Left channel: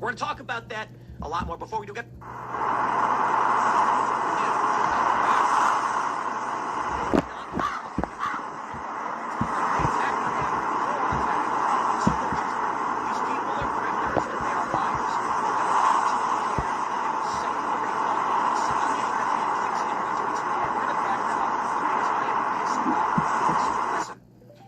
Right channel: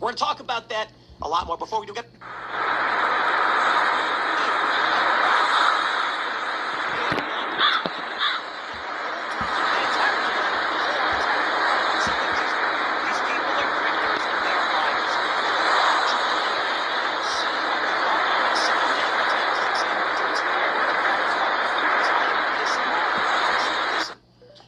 We're going to talk about that a lot more before we do get...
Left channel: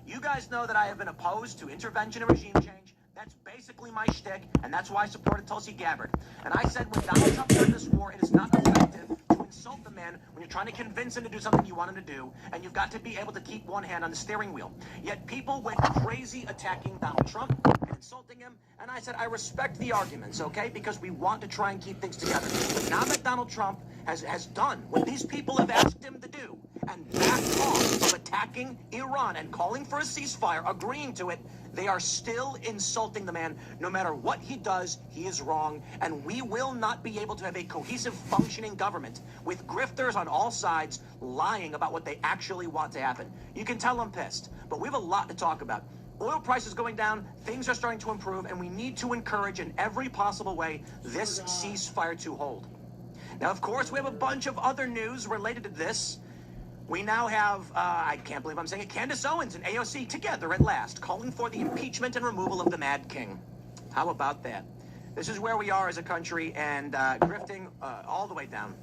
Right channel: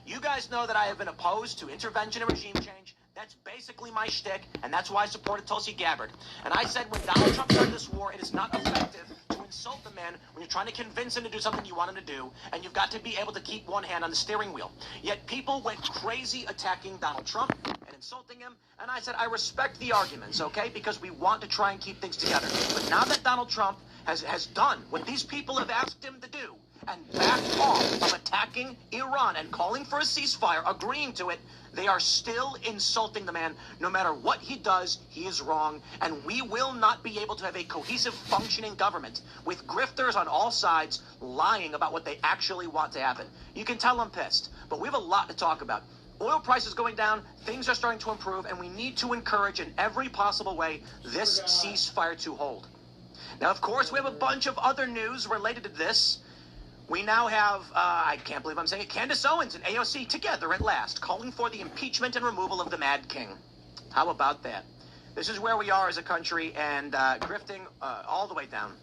You guys know that I have been opposed to intervention and regime change. That's basically my shtick, and that's why I supported Tulsi Gabbard. And I said when Donald Trump started this war, it is not effective to insult the man when you're trying to convince him to do something you want him to do, and you've got to be able to keep one hand on the steering wheel. Yet people went crazy attacking Donald Trump and insulting him, and I said I respect the arguments, okay, because we want to try and keep things together. But now that Donald Trump has done what these people have asked him to do, and backed off of attacking Iran and calling for a ceasefire, agreeing to it, they are still insulting the man. No matter what he does, he is wrong, and we will not be able to have a cohesive, functioning government with grifters on all sides lying about what they actually want to happen. You can tell I'm pissed, but we have a lot to talk about. Oil prices going down, things are starting to improve, and we need to encourage in every possible way this ceasefire to hold. Now, of course, we have a bunch of other news related to this. We now have, I can't believe I'm saying it, Candace Owens and AOC together at last, calling for the impeachment and removal of the Mad King. How about that? This is where we are as a country, and grifting all the way down.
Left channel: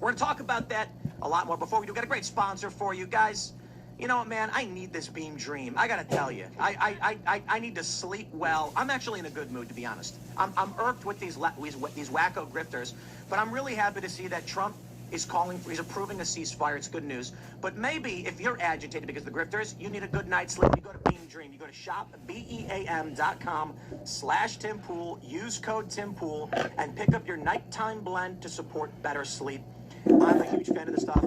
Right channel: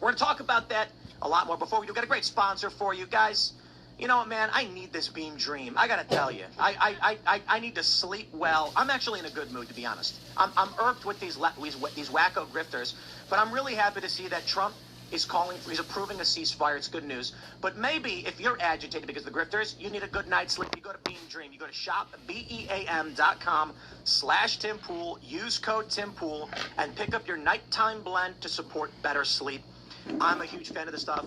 We're going to talk about that a lot more before we do. Got a great sponsor for you guys. You know what, man? I need this Beam Dream. I got to tell you. I need to sleep well. I'm actually in a good mood, to be honest. I'm irked with these wacko grifters, but I'm really happy to see that Trump is calling for, he's approving a ceasefire. It's good news. But maybe if you're agitated because of the grifters, you need a good night's sleep. You go to Beam Dream. You go to shopbeam.com/TimPool. Use code TimPool and pick up your nighttime blend to support better sleep. I'm a huge fan of this stuff.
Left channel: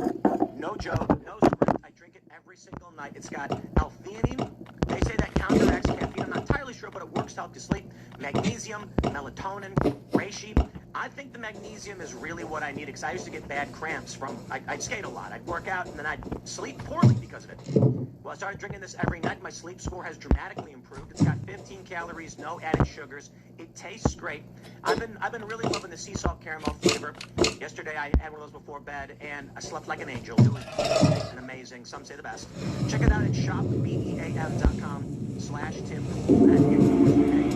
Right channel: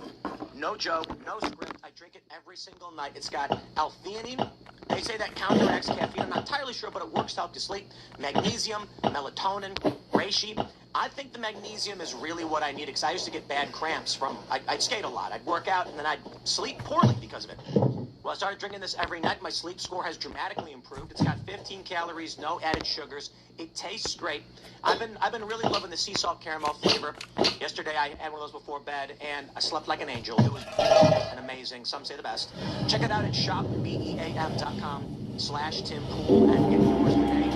No joke, no script. I drink it every single night. It's got L-theanine. They say that counteracts caffeine. I'm not entirely sure, but it works to help you sleep. Magnesium, melatonin, reishi. I think the magnesium is really what I need, because I used to get bad cramps from, I'd skate a lot. I'd work out, and then I'd sleep poorly because of it. Well, I started drinking this every night. My sleep score has dramatically improved. It's got 15 calories, no added sugars. It tastes great. I've been really loving the sea salt caramel flavor. Yesterday, I had one of those before bed, and I slept like an angel. It was amazing. Some say the best. Check it out at shopbeam.com/TimPool and get yours today.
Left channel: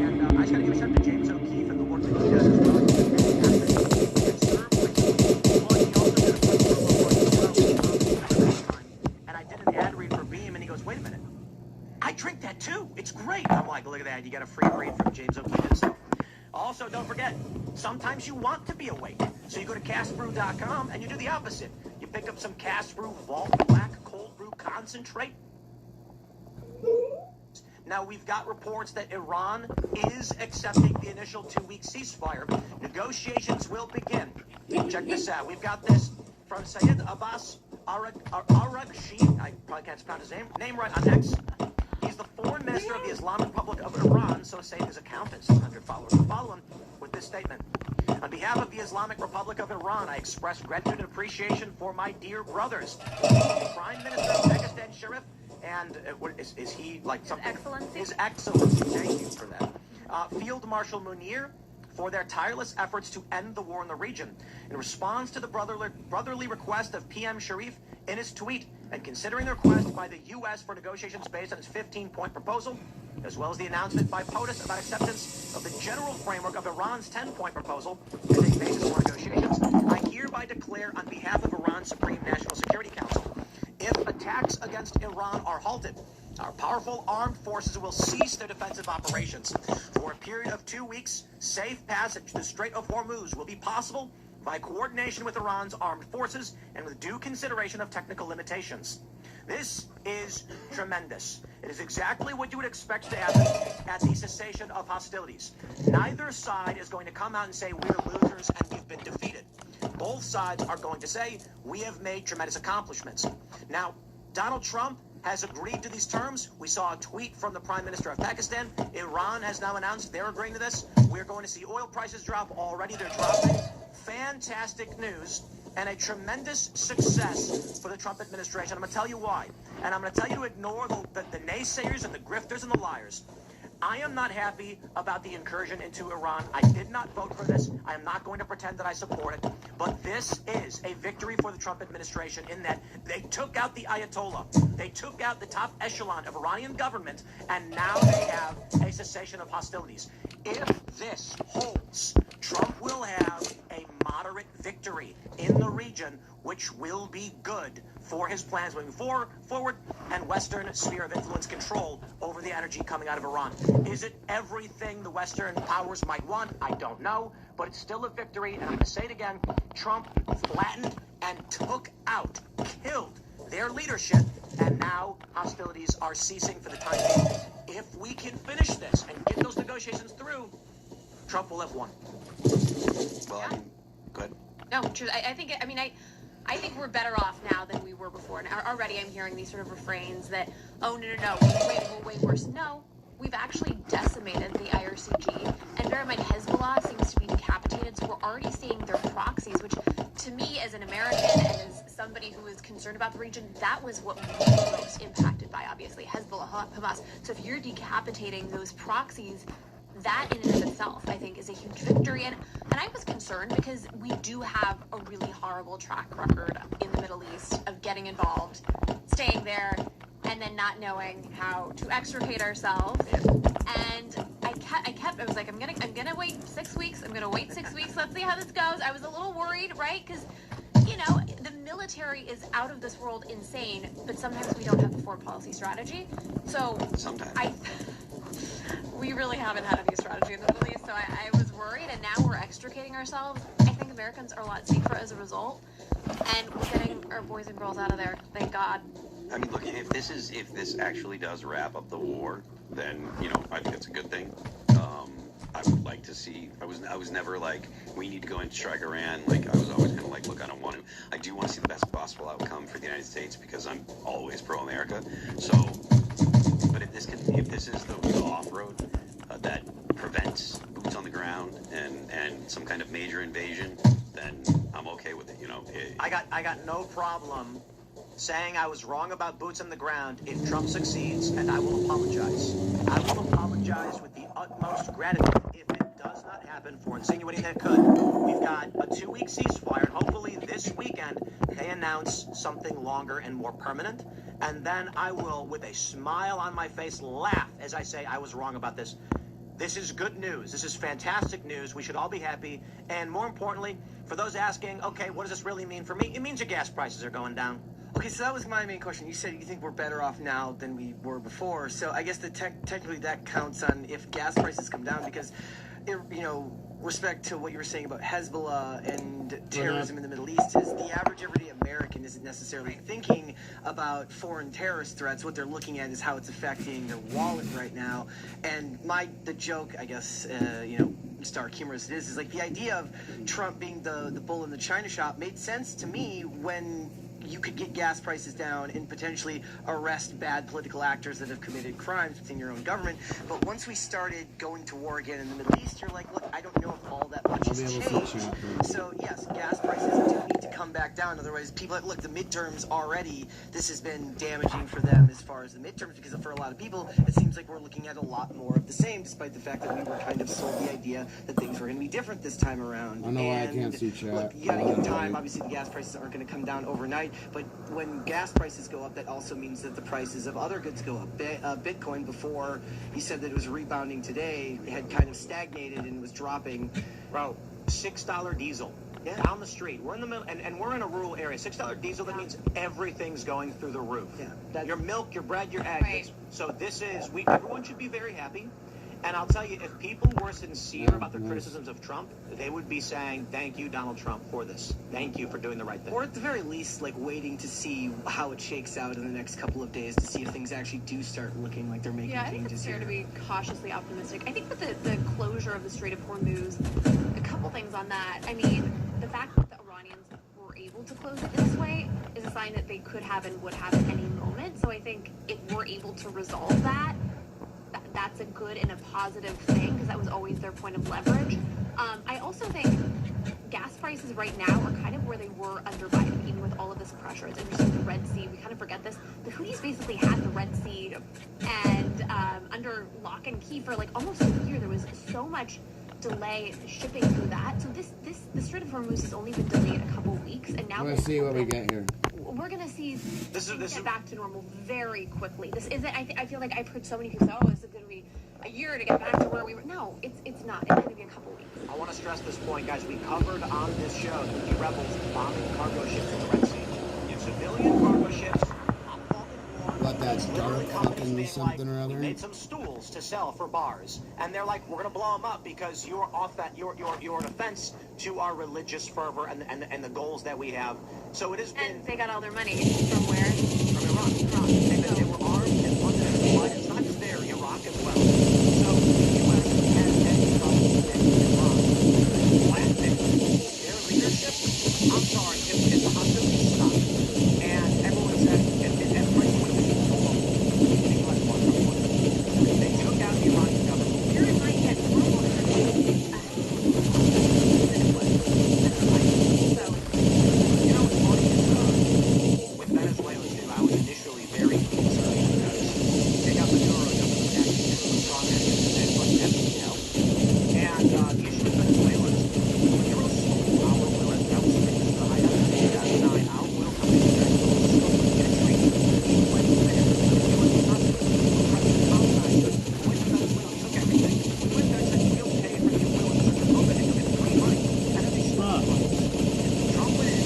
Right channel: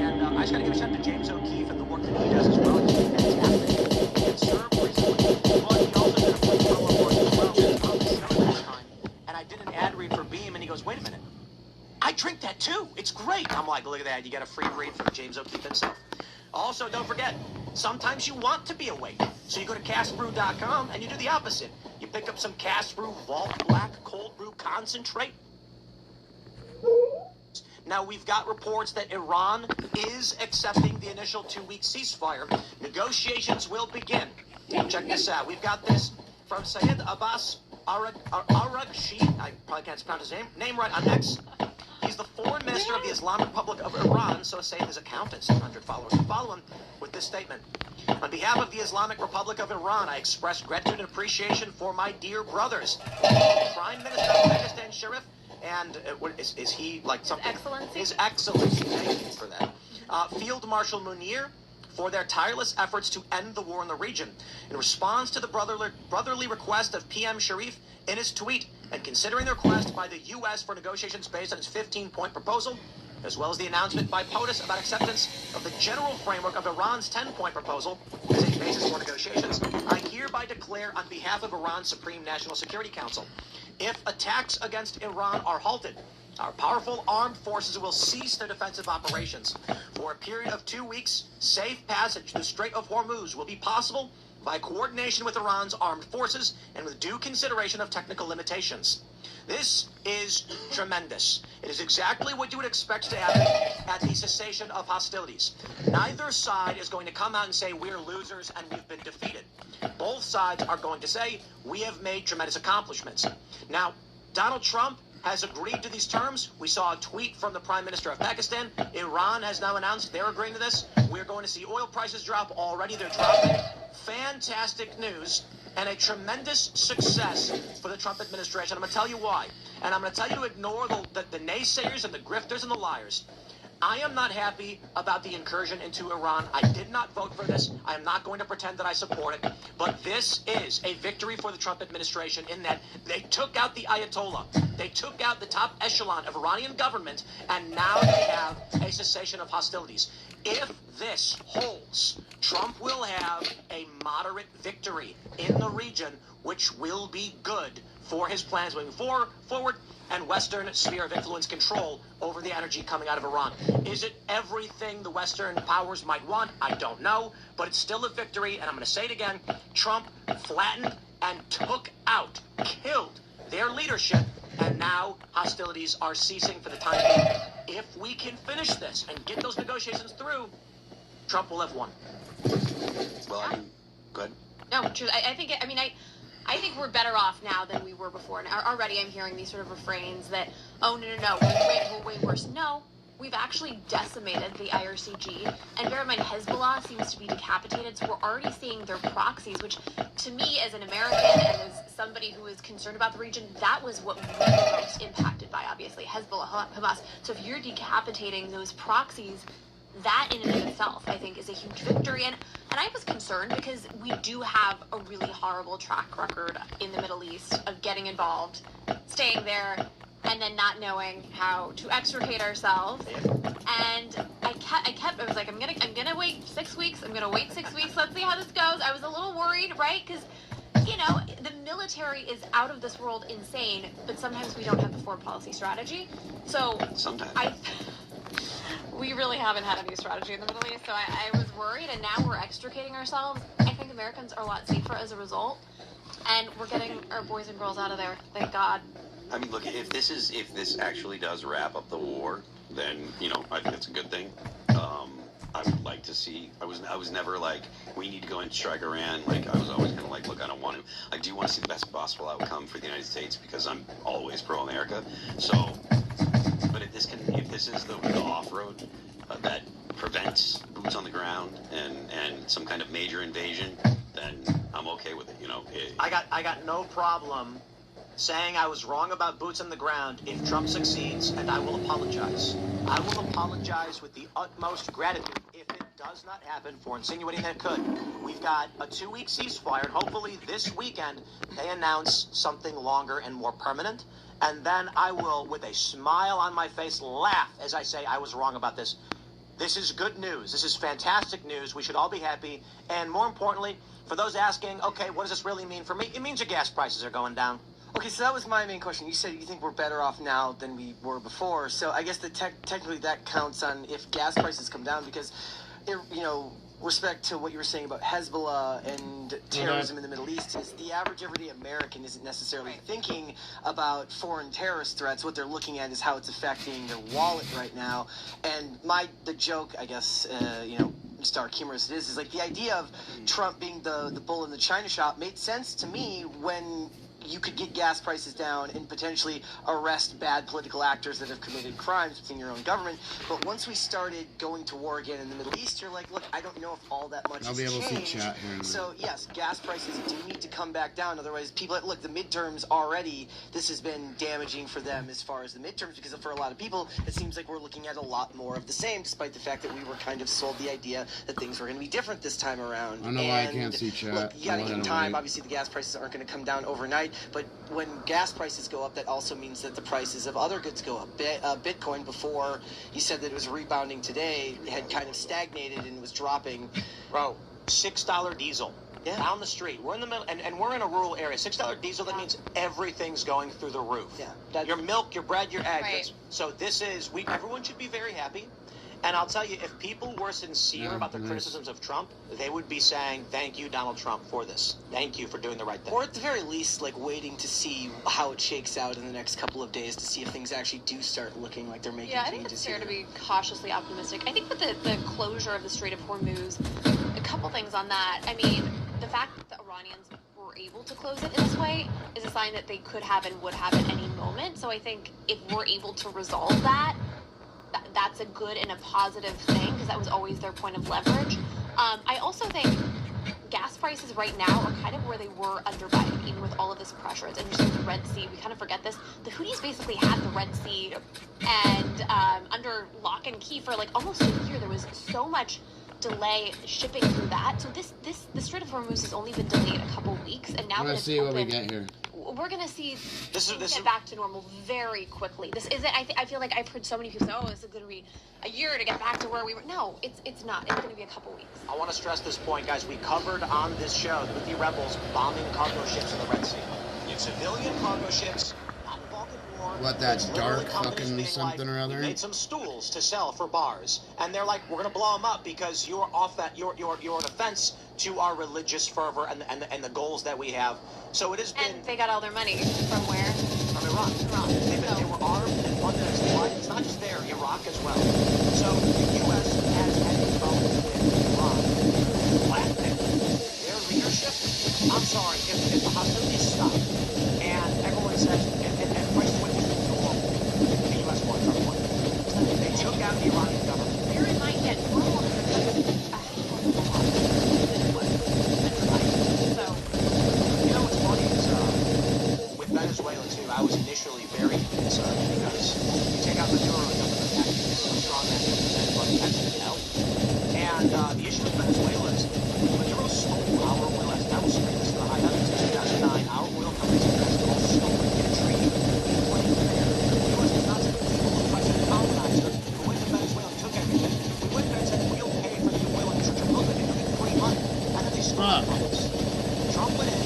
And I just got to give a shout out to James O'Keefe and the work that he does as well. And I did an ad read for Beam, and he goes, wait a minute, I drink that too. It's great. I'm like, look at that. You got a free read from James O'Keefe himself. Also, don't forget, sometimes you want to be awake. So you go to castbrew.com and you do the opposite. You pick up some Cast Brew Vault Black Cold Brew Concentrate. Now, we've got reports that Iran is accepting the initial 2-week ceasefire. Negotiations will begin. Check this out. We've got this from Sayed Abbas Araghchi. I probably can't pronounce his name right on X. He's the foreign minister of the Islamic Republic of Iran, so say his accountants, 100 followers, follow him with this statement. On behalf of the Islamic Republic of Iran, I express gratitude and appreciation for my dear brothers. Prime Minister of Uzbekistan Sharif, and what is he like something? His Excellency. Thank you for that. Field Marshal Munir, for their tireless efforts to end the war in the region. In response to the brotherly request of PM Sharif in his tweet, and considering the request by the U.S. for negotiations based on its 15-point proposal, as well as the announcement by POTUS about acceptance of the general framework of Iran's 10-point proposal as a basis for negotiations, I hereby declare on behalf of Iran's Supreme National Security Council, if attacks against Iran are halted, Our powerful armed forces will cease their defensive operations. For a period of 2 weeks, safe passage to the Strait of Hormuz will be possible by coordination with Iran's armed forces and with due consideration of technical limitations. This is tremendous. It is exactly what you would expect to happen at the cessation of hostilities. Neither side is going to come out and say we're losers and we've been defeated. Both sides are going to say we have made tremendous accomplishments. Now, Donald Trump has agreed to these terms. We saw a tweet from the Prime Minister of Pakistan. Iran has now announced they're agreeing to this. We're going to see oil prices drop already. They're dropping. Fantastic news and a tremendous success for the Trump administration. I'm going to tell you why. And I'm going to tell you to ignore the naysayers and the grifters and the liars. I am not happy about the incursion into Iran. I did not vote for this. I am not going to pretend that I support it. But this is a victory for the Trump administration in that they took out the Ayatollah. They took out the top echelon of Iranian government, and now they have a cessation of hostilities. If this holds, Trump will have a moderate victory in the region, which will be good for his plans moving forward and Western sphere of influence control over the energy coming out of Iran. Is it everything the Western powers might want? I don't know, but it's still a victory, and I'm going to say it again. Trump flattened and took out, killed their leadership, and now hostilities are ceasing for the time being. If we can finish this and get those negotiations through, Trump will have won. Well, good. No, true. I think we're better off now than we were before. And already I'm hearing these sort of refrains that, oh, no, we're way worse. No, we've actually decimated the IRCG. And bear in mind, Hezbollah seems to be decapitated. So we're already seeing their proxies, which to me as an American and as somebody who is concerned about the region, that was what we were most impacted by, obviously, Hezbollah, Hamas. So if you're decapitating those proxies, that in and of itself, I think, is a huge victory. And I was concerned because we do have a really horrible track record in the Middle East of getting involved, staying there, and then not knowing how to extricate ourselves. And I was like, I'm gonna wait 6 weeks. I'm gonna wait 6 weeks. Let's see how this goes. I was a little worried, right? Because, the military is out of this world insane, but sometimes we don't have the foreign policy strategy. So sometimes. We really haven't had any strategy in the Middle East, so I was worried, and now we're extricating ourselves. I think Americans are a lot safer as a result, and we're getting our boys and girls out of there, thank God. I mean, look, if this actually does wrap up the war, then, I think it's a good thing. I would like to see, I was never like, we need to go and strike Iran. Like, I was always kind of like, look, I do want to see the best possible outcome for the United States because I'm always pro-America. So, but if this is the off-road that prevents boots on the ground and some kind of major invasion, then I'm okay with it. I got no problem saying I was wrong about boots on the ground if Trump succeeds, and I will apologize. I will apologize with the utmost gratitude if it does not happen for insinuating that it could. We've got a 2-week ceasefire, and hopefully this weekend they announce something longer and more permanent. And then I will, with a smile on my face, laugh as I say I was wrong about this. This is good news. This is fantastic news. We should all be happy. And more importantly, for those asking, okay, what does this really mean for me? It means your gas prices are going down. Okay, so that was my main question. You said you think we're better off now than we were before. So I guess technically that counts on if gas prices come down because, respect to what you were saying about Hezbollah and terrorism in the Middle East, is the average everyday American isn't necessarily thinking about foreign terrorist threats. What they're looking at is how it's affecting their wallet right now. And the joke, I guess, stark humorous it is like the idea of Trump being the bull in the china shop made sense to me when you could get gas prices down and potentially arrest bad political actors that have committed crimes within your own government. But once we started going to war again in the Middle East, you're like, look, I don't know if all that much has changed. So yes, gas prices need to come back down. Otherwise, people, look, the midterms already, this has been damaging for them as far as the midterms, because for a lot of people, it seems like we're looking at a lot more of the same, despite the fact that we were kind of sold the idea that things were going to be different this time around. I don't know why I can't see chat. Look, you gotta give time. Obviously, the gas prices aren't going to come down overnight. But when gas prices go up, that also means that the prices of other goods go up. Bitcoin, before you said that it was rebounding today, had kind of stagnated and was dropping. Bro, $6 diesel. Yeah. Down the street. We're in the middle, and we're in a rural area. $6 diesel, that means everything's going through the roof. Yeah. Your milk, your bread, your eggs. Right. So this is, everyone should be very happy. And I'll tell you, if people were sincere about their criticisms of Trump, they would be saying, thank you, Donald Trump, for this. Thank you for doing the right thing. Or at the very least, like, waiting to see how it shakes out in the next couple of days to see if things actually do start looking like they're making Yeah, I think changes it's fair here. to be cautiously optimistic. I think with the closure of the Strait of Hormuz, a couple things on that. I mean, the fact that the Iranians were able to close it in this way is a sign that they could have and would have at any moment. So I think if we're able to resolve that, that's a good and a positive thing, because that was always their point of leverage. I also think gas prices right now are kind of where they were under Biden, even with all of this pressure. It's interesting, the Red Sea, we kind of forget this. The Houthis basically had the Red Sea and under lock and key for like almost a year. There was so much delay shipping through that. So the Strait of Hormuz has only been delayed a couple weeks, and now Let's see what we get here. we're gonna see This things is get back to normal very quickly. This isn't. I feel like I've heard so many people say, "Oh, this is gonna be a year to get back to where we were." No, it's not. It's gonna be a couple weeks. I want to stress this point, guys. We covered on this show the Houthi rebels bombing cargo ships in the Red Sea. Civilian cargo ships. What, that dark fucking something or other? We made some stools to sell for bars, and they're like, we're gonna blow them up because you're off that. You're an offense to our religious fervor and the goals that we have. So it has been And they got all their money from where? from Iran. They were armed and funded and supplied. It's not just there, Iraq as well. So the U.S. has ended up with Iran. Their leadership. I'm sorry, if the hostilities stop, and everyone said, and prices went with the U.S. market. They took out the Iranian government. Here it might get normal. You know what's funny is with Venezuela too, I was initially very concerned because you take out Maduro and some of the activists, strong activists, like Venezuela. And the issue with Venezuela is Maduro sold our oil. I will scream this to the high heavens in 2009. Our oil companies in Venezuela sold in a treaty with the U.S. did not say the colonizer who went to Venezuela took everything. We went there and said we'll pay for the oil and such a look at it and free money. And then they stole it. Trump went in,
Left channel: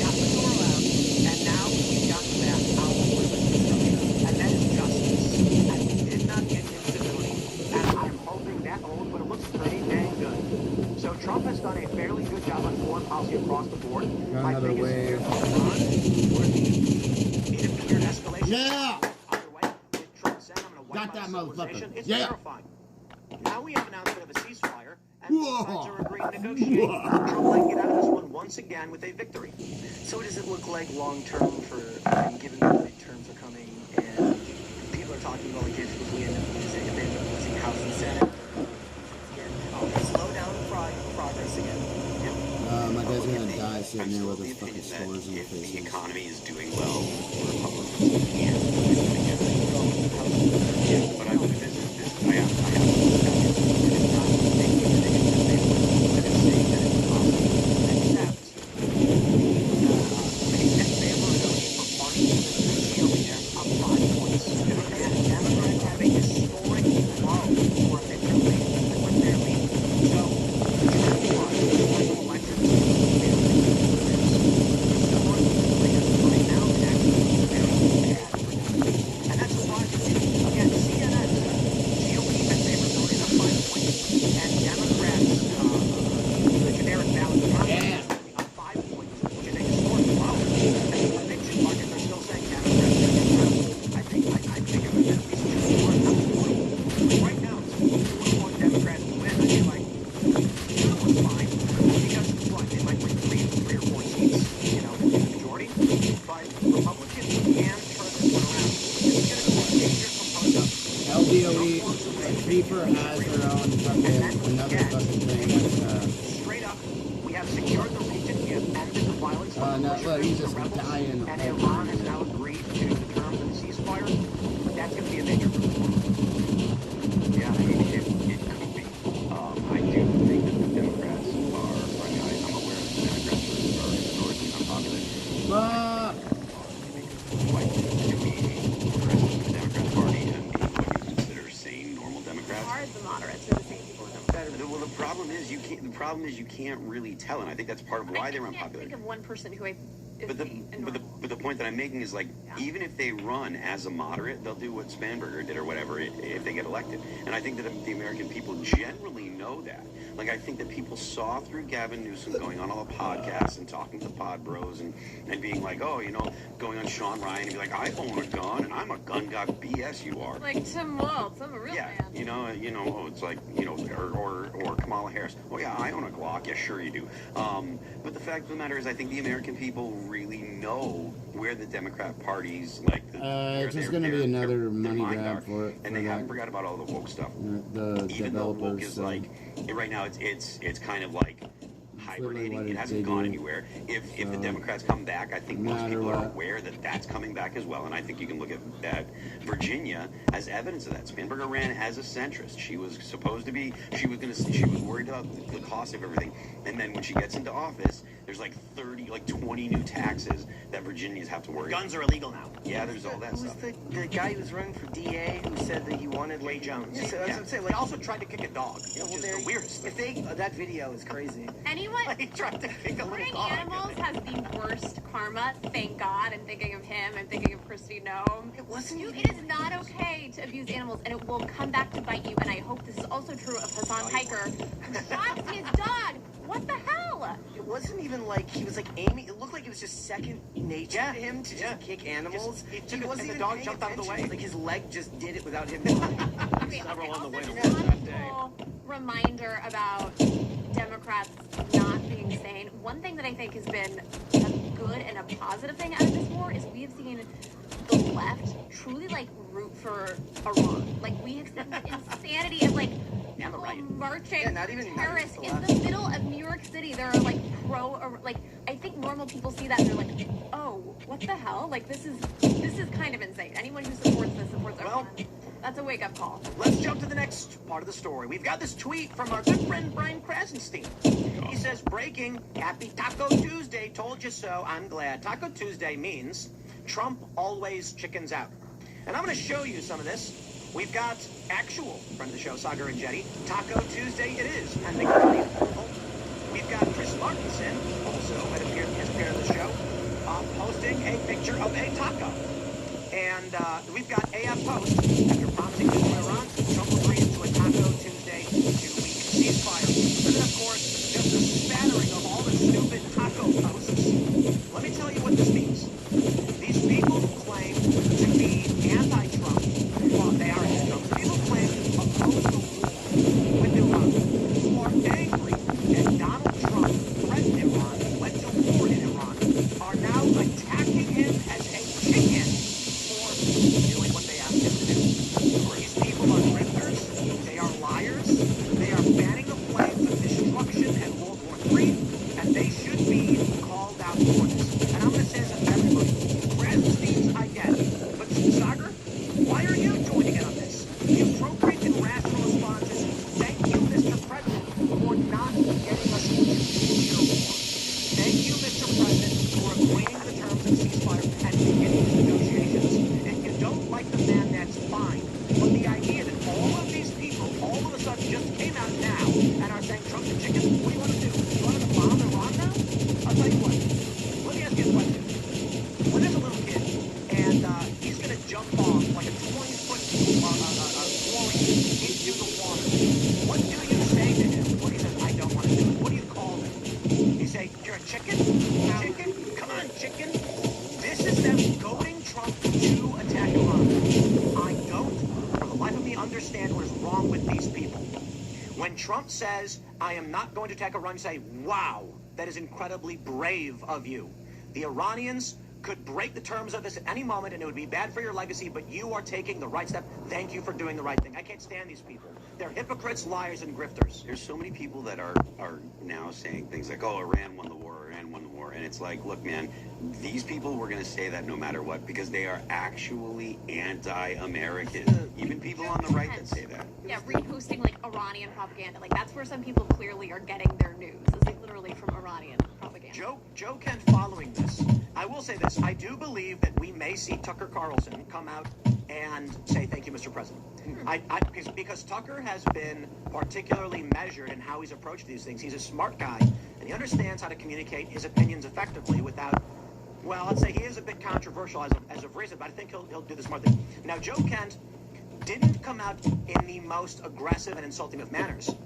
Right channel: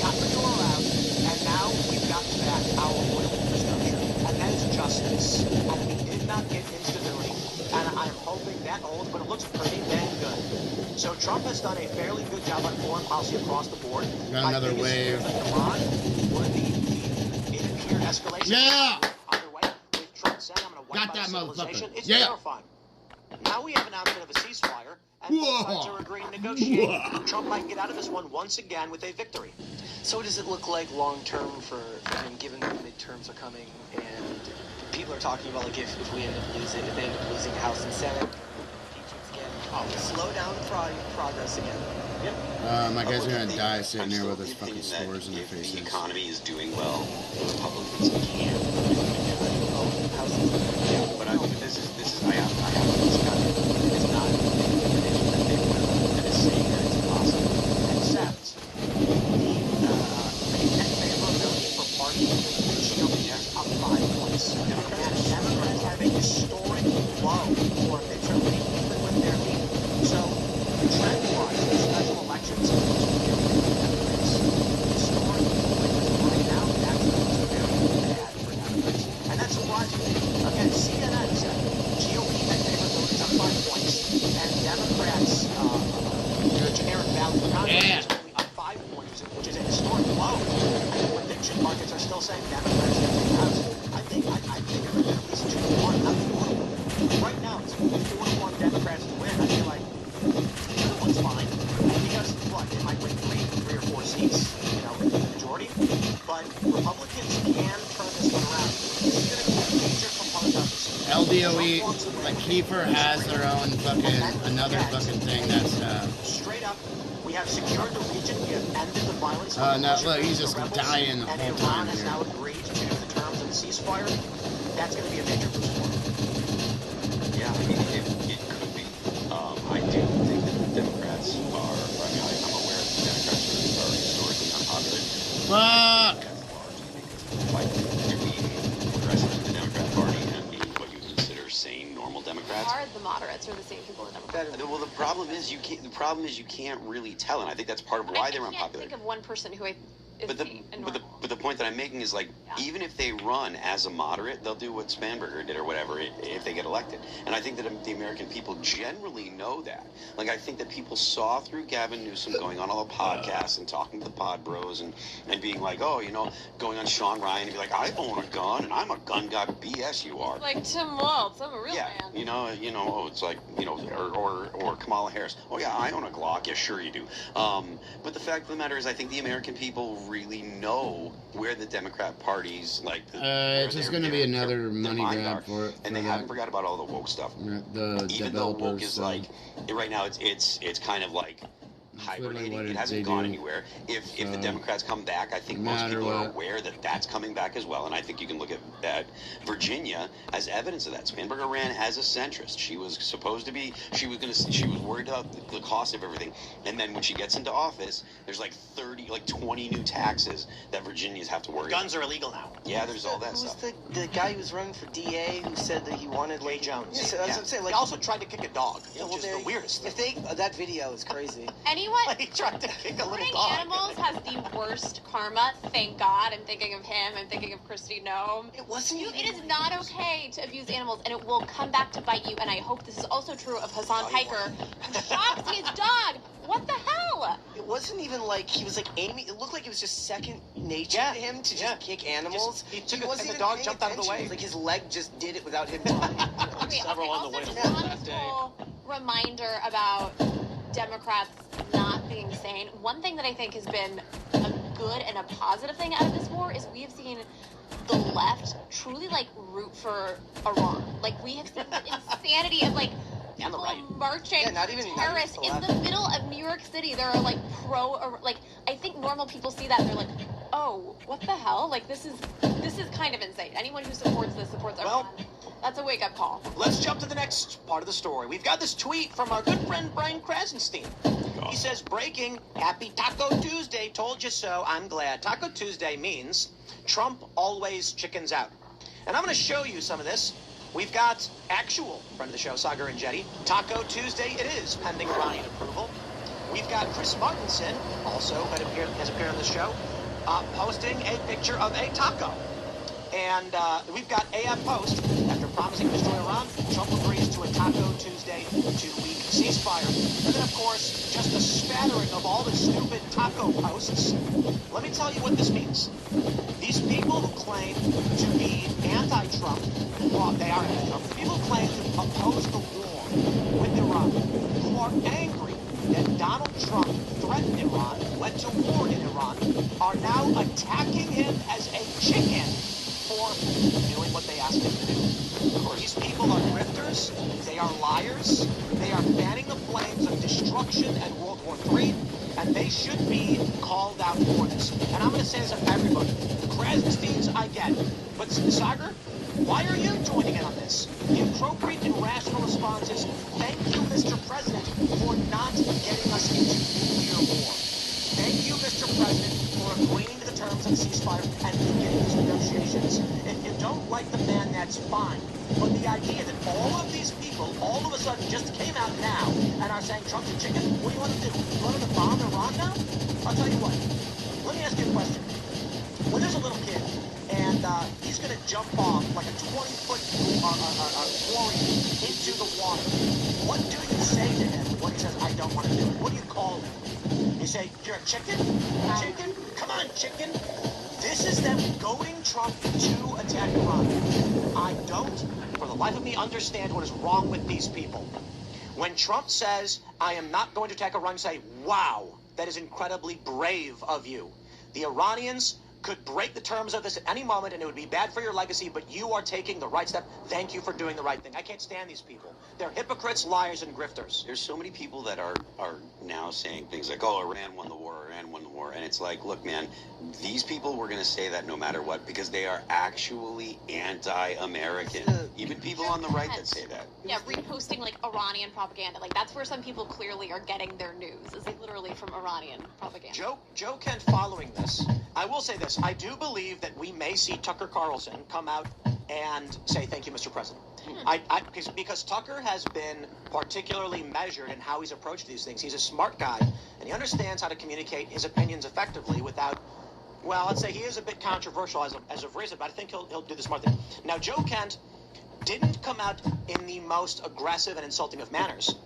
got the door out, and now we've got back our oil infrastructure. And that is justice. And we did not get instability. And I'm hoping that holds, but it looks pretty damn good. So Trump has done a fairly good job on foreign policy across the board. Got another wave. Iran would be a clear escalation. Yeah! Either way, with Trump saying I'm gonna wipe Got out that civilization, motherfucker. It's Yeah. terrifying. Now we have an announcement of a ceasefire, and both sides Whoa. are agreeing to negotiate. Whoa. Trump might get out of this one once again with a victory. So what does it look like long term for, given the midterms are coming, and people are talking about like if we end up losing House and Senate, slow down the progress again. My guys are gonna die sitting here with his fucking scores in their If the faces. economy is doing well, Republicans can put it together. Yeah, but this is I have this guy. It is not making a prediction that they will, but it's saying that it's possible. Except the availability for parties to the GOP up 5 points. And Democrats have a historic low for midterm ratings with their lead. So, trend-wise, special elections, we have right now it actually looks very bad for Democrats. And that's surprising. Again, CNN said GOP had favorability up 5 points, and Democrats, the generic ballot Yeah. up 5 points, which is a historic low. And the prediction markets are still saying Democrats are going to pass. I think of it at least 2-1, not 2-1. Right now, it's 4-1 Democrats to win. I feel like 2-1's fine because look, they might win 3 or 4 seats, you know, in the majority. But Republicans can turn this one around. This is going to be a major component of this. LDOE, but Kiefer has their own fucking, another fucking thing that's, Straight up, we have secured the region, we have ended the violence. no, look, he's just dying the And whole Iran time has here. now agreed to the terms of the ceasefire. That's going to be a major boost. Yeah, I mean, it could be. I do think that the Democrats are, I'm aware that the Democrats are historically unpopular. Fuck! Like, to be president of the Democratic Party and be what you consider sane, normal It's Democrats. hard, the moderates are the same people that better. Well, the problem is you can't really tell, and I think that's part of why they're unpopular. I can't think of one person who But the point that I'm making is, like, even if they run as a moderate, they'll do what Spanberger did or whatever if they get elected. And I think that the American people generally know that. Like, I think that people saw through Gavin Newsom going on all the podcasts and talking to the pod bros and being like, oh, you know, going on Sean Ryan and be like, I own a gun and I'm a gun guy. BS you are. Like Tim Walz, I'm a real man. You know, oh, it's like, you know, or Kamala Harris. Oh yeah, I own a Glock. Yeah, sure you do. But the fact of the matter is, I think the American people really know where the Democrat Party's like. It's just going to be another money grab for it. And they haven't forgot about all the woke stuff. The Even though woke is like, right now it's kind of like hibernating. It hasn't gone anywhere. If the Democrats come back, I think most people are aware that that's coming back as well. And I think you can look at Virginia as evidence of that. Spanberger ran as a centrist. She was supposed to be. She was worried about the cost of everything. And then when she gets into office, there's like 20 new taxes that Virginians have to worry about. Guns are illegal now. Yeah, there's all that stuff. Who's the guy who was running for DA who said that he wanted Ray Jones. Yeah, so that's what I'm saying. Like, He also tried to kick a dog, which is the weirdest If thing. that video is crazy. Anyone? He tried to kick a little Hurting dog. animals has the worst karma. Thank God. I'm thinking of him. I'm thinking of Christy Nome. It wasn't. It is not okay to abuse animals, and it will come back to bite you. And I hope this is also true of Hassan Piker, who shot his dog. What the hell? It wasn't even like he was like aiming. It looked like it was just second nature to him to just kick animals. He took it, wasn't and the even dog paying jumped out of the attention. way. Like his leg just did it without him trying. Okay, Several on the also way just home that day. honestful reminder about Democrats not being sane. One thing that I think has been a good and a positive thing out of this war is we have seen the left truly like root for Iran. Like we have seen the insanity of like And the people right. marching not even terrorists the in left. the middle of New York City. There are like like I think normal people see that and they're like, oh, what the hell? Like this is kind of insane. Anyone who supports this supports Iran. That's a wake-up call. Let's jump to the next part of the story. We've got this tweet from our good friend Brian Krasenstein. He says, breaking, happy Taco Tuesday, told you so, I'm glad. Taco Tuesday means Trump always chickens out. And I'm going to show you some of this. We've got actual friend of the show, Sagar and Jetty. Taco Tuesday it is, pending body approval. We've got Chris Martinson, also has appeared on the show, posting a picture of a taco. And we've got AF Post, after promising to destroy Iran, Trump agrees to a Taco Tuesday to weaken ceasefire. And then, of course, just a spattering of all the stupid taco posts. Let me tell you what this means. These people who claim to be anti-Trump, well, they are anti-Trump. People who claim to oppose the war with Iran, who are angry that Donald Trump threatened Iran, went to war in Iran, are now attacking him as a chicken for doing what they asked him to do. These people are grifters, they are liars, they are fanning the flames of destruction and World War III, and they should be called out for this. And I'm going to say this to everybody. Krasensteins, I get. But Sagar, why are you joining in on this? The appropriate and rational response is, thank you, Mr. President, for not getting us into nuclear war. Thank you, Mr. President, for agreeing to the terms of the ceasefire and beginning these negotiations. If you don't like the man, that's fine. But the idea that all of these people all of a sudden just came out now and are saying Trump's a chicken, what do you want to do? You want to bomb Iran now? I'll tell you what. Let me ask you a question. When there's a little kid and he's going to jump off like a 20-foot quarry into the water, what do you say to him when he says, I don't want to do it? What do you call him? You say, you're a chicken? Chicken? Come on, chicken. This is them goading Trump to attack Iran. I don't, for the life of me, understand what is wrong with these people. When Trump says, I am not going to attack Iran, you say, wow, that is incredibly brave of you. The Iranians could break the terms of this at any moment, and it would be bad for your legacy, but you are taking the right step. Thank you for doing the right thing. I can't stand these people. They're hypocrites, liars, and grifters. There's so many people that are now saying things like, oh, Iran won the war, Iran won the war. And it's like, look, man, these people were going to say that no matter what because they are actually anti-American. Even people on the right that say that. Yeah, reposting like Iranian propaganda. Like that's where some people clearly are getting their news. Is like literally from Iranian propaganda. Joe Kent following this. I will say this. I do believe that we may see Tucker Carlson come out and say, thank you, Mr. President. Because Tucker has been particularly measured in how he's approached these things. He's a smart guy, and he understands how to communicate his opinions effectively without, well, let's say he is a bit controversial as of recent, but I think he'll do the smart thing. Now, Joe Kent didn't come out in the most aggressive and insulting of manners,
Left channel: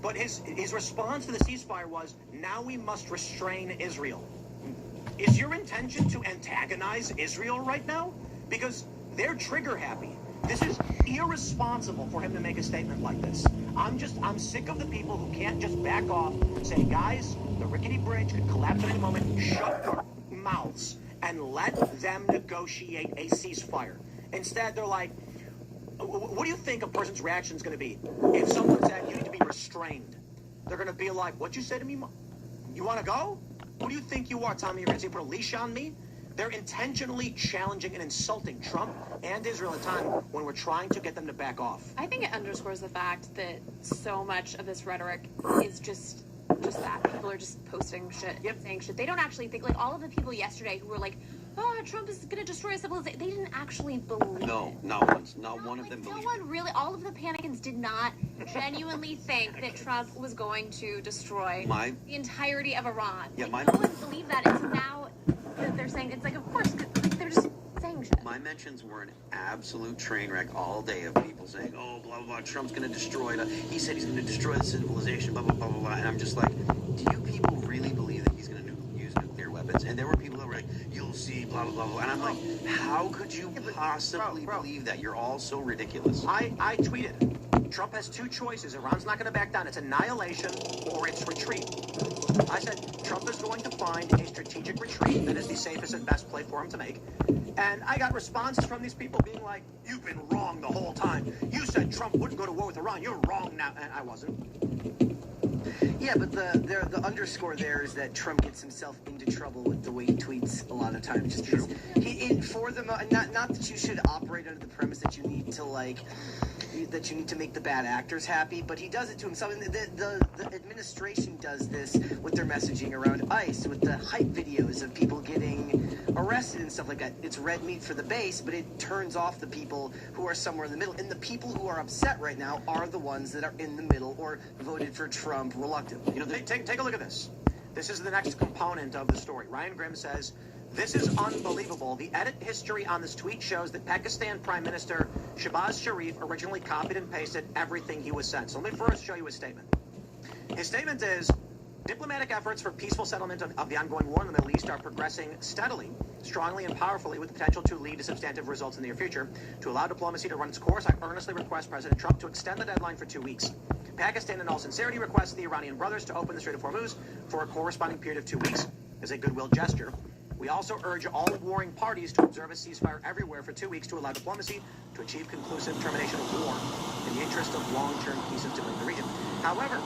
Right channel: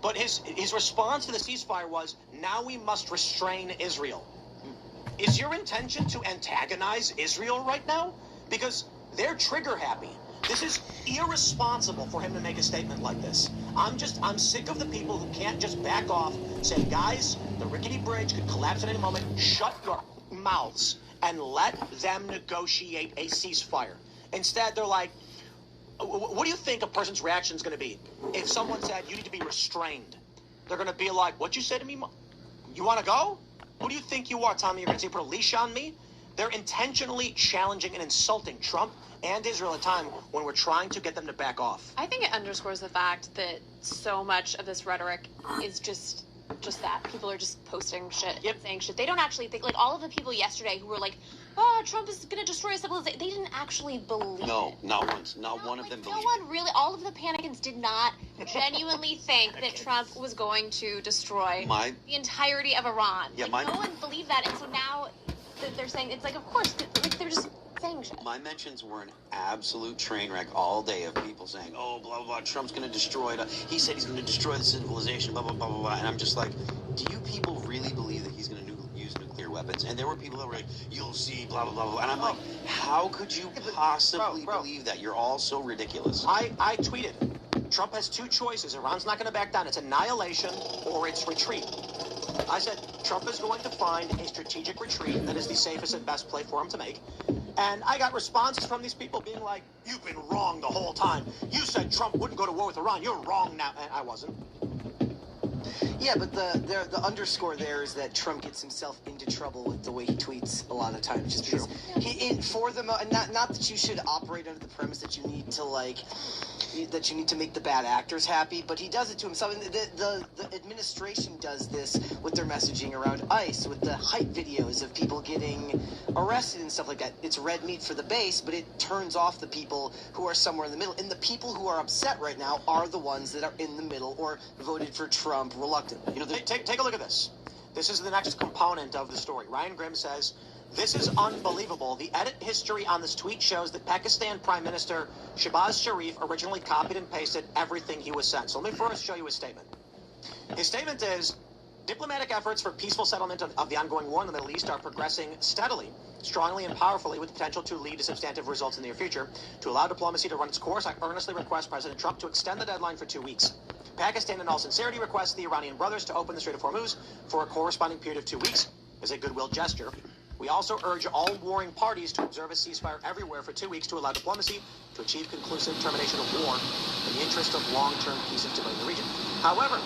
but his response to the ceasefire was, now we must restrain Israel. Is your intention to antagonize Israel right now? Because they're trigger happy. This is irresponsible for him to make a statement like this. I'm sick of the people who can't just back off, say, guys, the rickety bridge could collapse at any moment. Shut your mouths and let them negotiate a ceasefire. Instead, they're like, what do you think a person's reaction is going to be if someone said you need to be restrained? They're going to be like, what you say to me? You want to go? Who do you think you are, Tommy? You're going to say put a leash on me? They're intentionally challenging and insulting Trump and Israel at a time when we're trying to get them to back off. I think it underscores the fact that so much of this rhetoric is just that. People are just posting shit, saying shit. They don't actually think, like all of the people yesterday who were like, oh, Trump is going to destroy civilization. They didn't actually believe. No, not once. Not one of them believed. No one really, all of the panicans did not genuinely think that Trump was going to destroy the entirety of Iran. Yeah, no one believed that. And so now that they're saying, it's like, of course, they're just saying shit. My mentions were an absolute train wreck all day of people saying, oh, blah, blah, blah, Trump's going to destroy it. He said he's going to destroy the civilization, blah, blah, blah, blah, blah. And I'm just like, do you people really believe that he's going to use nuclear weapons? And there were people that were like, you'll see, blah, blah, blah, blah. And I'm like, how could you possibly believe that? You're all so ridiculous. I tweeted, Trump has two choices. Iran's not going to back down. It's annihilation or it's retreat. I said Trump is going to find a strategic retreat that is the safest and best play for him to make. And I got responses from these people being like, you've been wrong the whole time. You said Trump wouldn't go to war with Iran. You're wrong now. And I wasn't. Yeah, but the underscore there is that Trump gets himself into trouble with the way he tweets a lot of times. Just because not that you should operate under the premise that you need to make the bad actors happy, but he does it to himself. And the administration does this with their messaging around ICE, with the hype videos of people getting arrested and stuff like that. It's red meat for the base, but it turns off the people who are somewhere in the middle. And the people who are upset right now are the ones that are in the middle or voted for Trump reluctantly. You know, take a look at this. This is the next component of the story. Ryan Grimm says, this is unbelievable. The edit history on this tweet shows that Pakistan Prime Minister Shehbaz Sharif originally copied and pasted everything he was sent. So let me first show you his statement. His statement is, diplomatic efforts for peaceful settlement of the ongoing war in the Middle East are progressing steadily, strongly and powerfully with the potential to lead to substantive results in the near future. To allow diplomacy to run its course, I earnestly request President Trump to extend the deadline for 2 weeks. Pakistan, in all sincerity, requests the Iranian brothers to open the Strait of Hormuz for a corresponding period of 2 weeks as a goodwill gesture. We also urge all warring parties to observe a ceasefire everywhere for 2 weeks to allow diplomacy to achieve conclusive termination of war in the interest of long-term peace and stability in the region. However,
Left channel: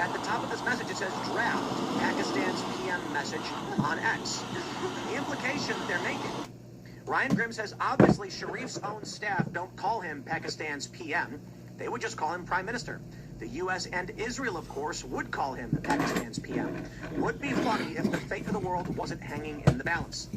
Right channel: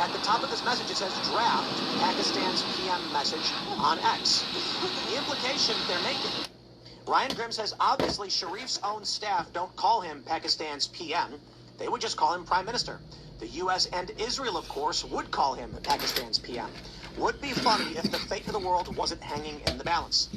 at the top of this message, it says draft Pakistan's PM message on X. The implication they're making, Ryan Grimm says, obviously Sharif's own staff don't call him Pakistan's PM. They would just call him Prime Minister. The U.S. and Israel, of course, would call him Pakistan's PM. Would be funny if the fate of the world wasn't hanging in the balance.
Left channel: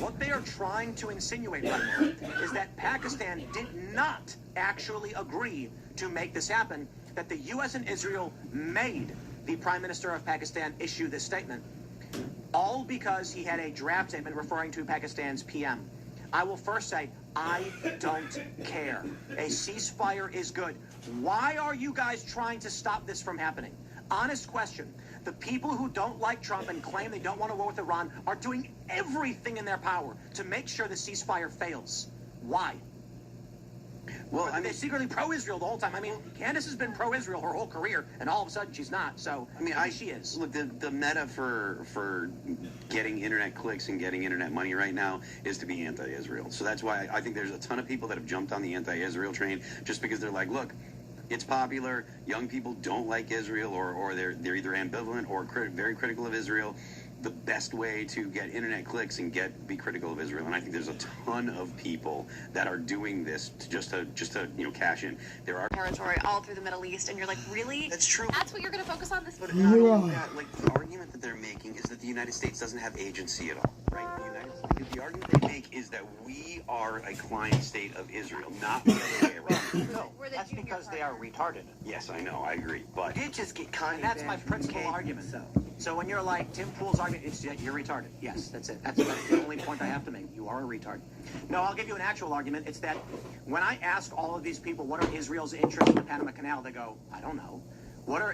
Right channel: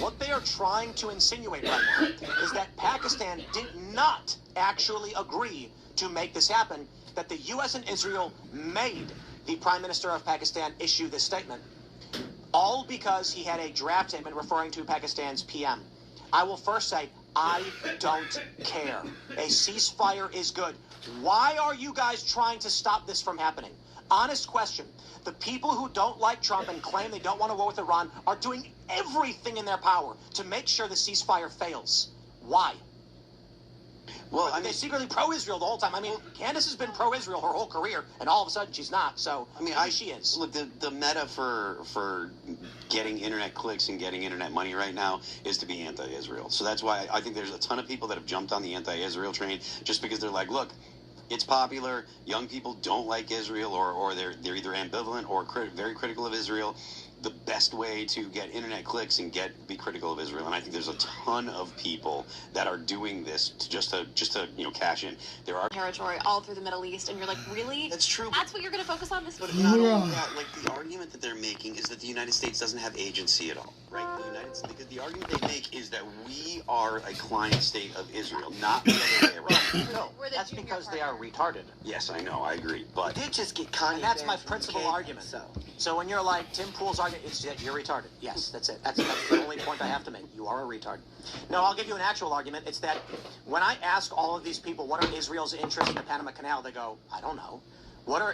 What they are trying to insinuate right now is that Pakistan did not actually agree to make this happen, that the U.S. and Israel made the Prime Minister of Pakistan issue this statement, all because he had a draft statement referring to Pakistan's PM. I will first say, I don't care. A ceasefire is good. Why are you guys trying to stop this from happening? Honest question. The people who don't like Trump and claim they don't want to war with Iran are doing everything in their power to make sure the ceasefire fails. Why? Well, they're secretly pro-Israel the whole time. I mean, Candace has been pro-Israel her whole career, and all of a sudden she's not. So, I mean, she is. Look, the meta for getting internet clicks and getting internet money right now is to be anti-Israel. So that's why I think there's a ton of people that have jumped on the anti-Israel train just because they're like, look, it's popular. Young people don't like Israel, or they're either ambivalent or very critical of Israel. the best way to get internet clicks and be critical of Israel. And I think there's a ton of people that are doing this just to cash in. There are territory all through the Middle East, and you're like, really? That's true. That's what you're going to focus on this? But not only that, like the argument that they're making is that the United States doesn't have agency at all, right? The argument they make is that we are a client state of Israel, not the other way around. No, that's because they are retarded. Yes, I know, I agree, but We did just get Kanye. And that's my banned from principal K, argument. So. So when you're like, Tim Pool's argument is that you're retarded. Yes, that's it. That's the only point I have to make. You are a retard. No, I'll give you an actual argument. It's that when I ask all of these people, what are Israel's interests in the Panama Canal, they go, I don't know.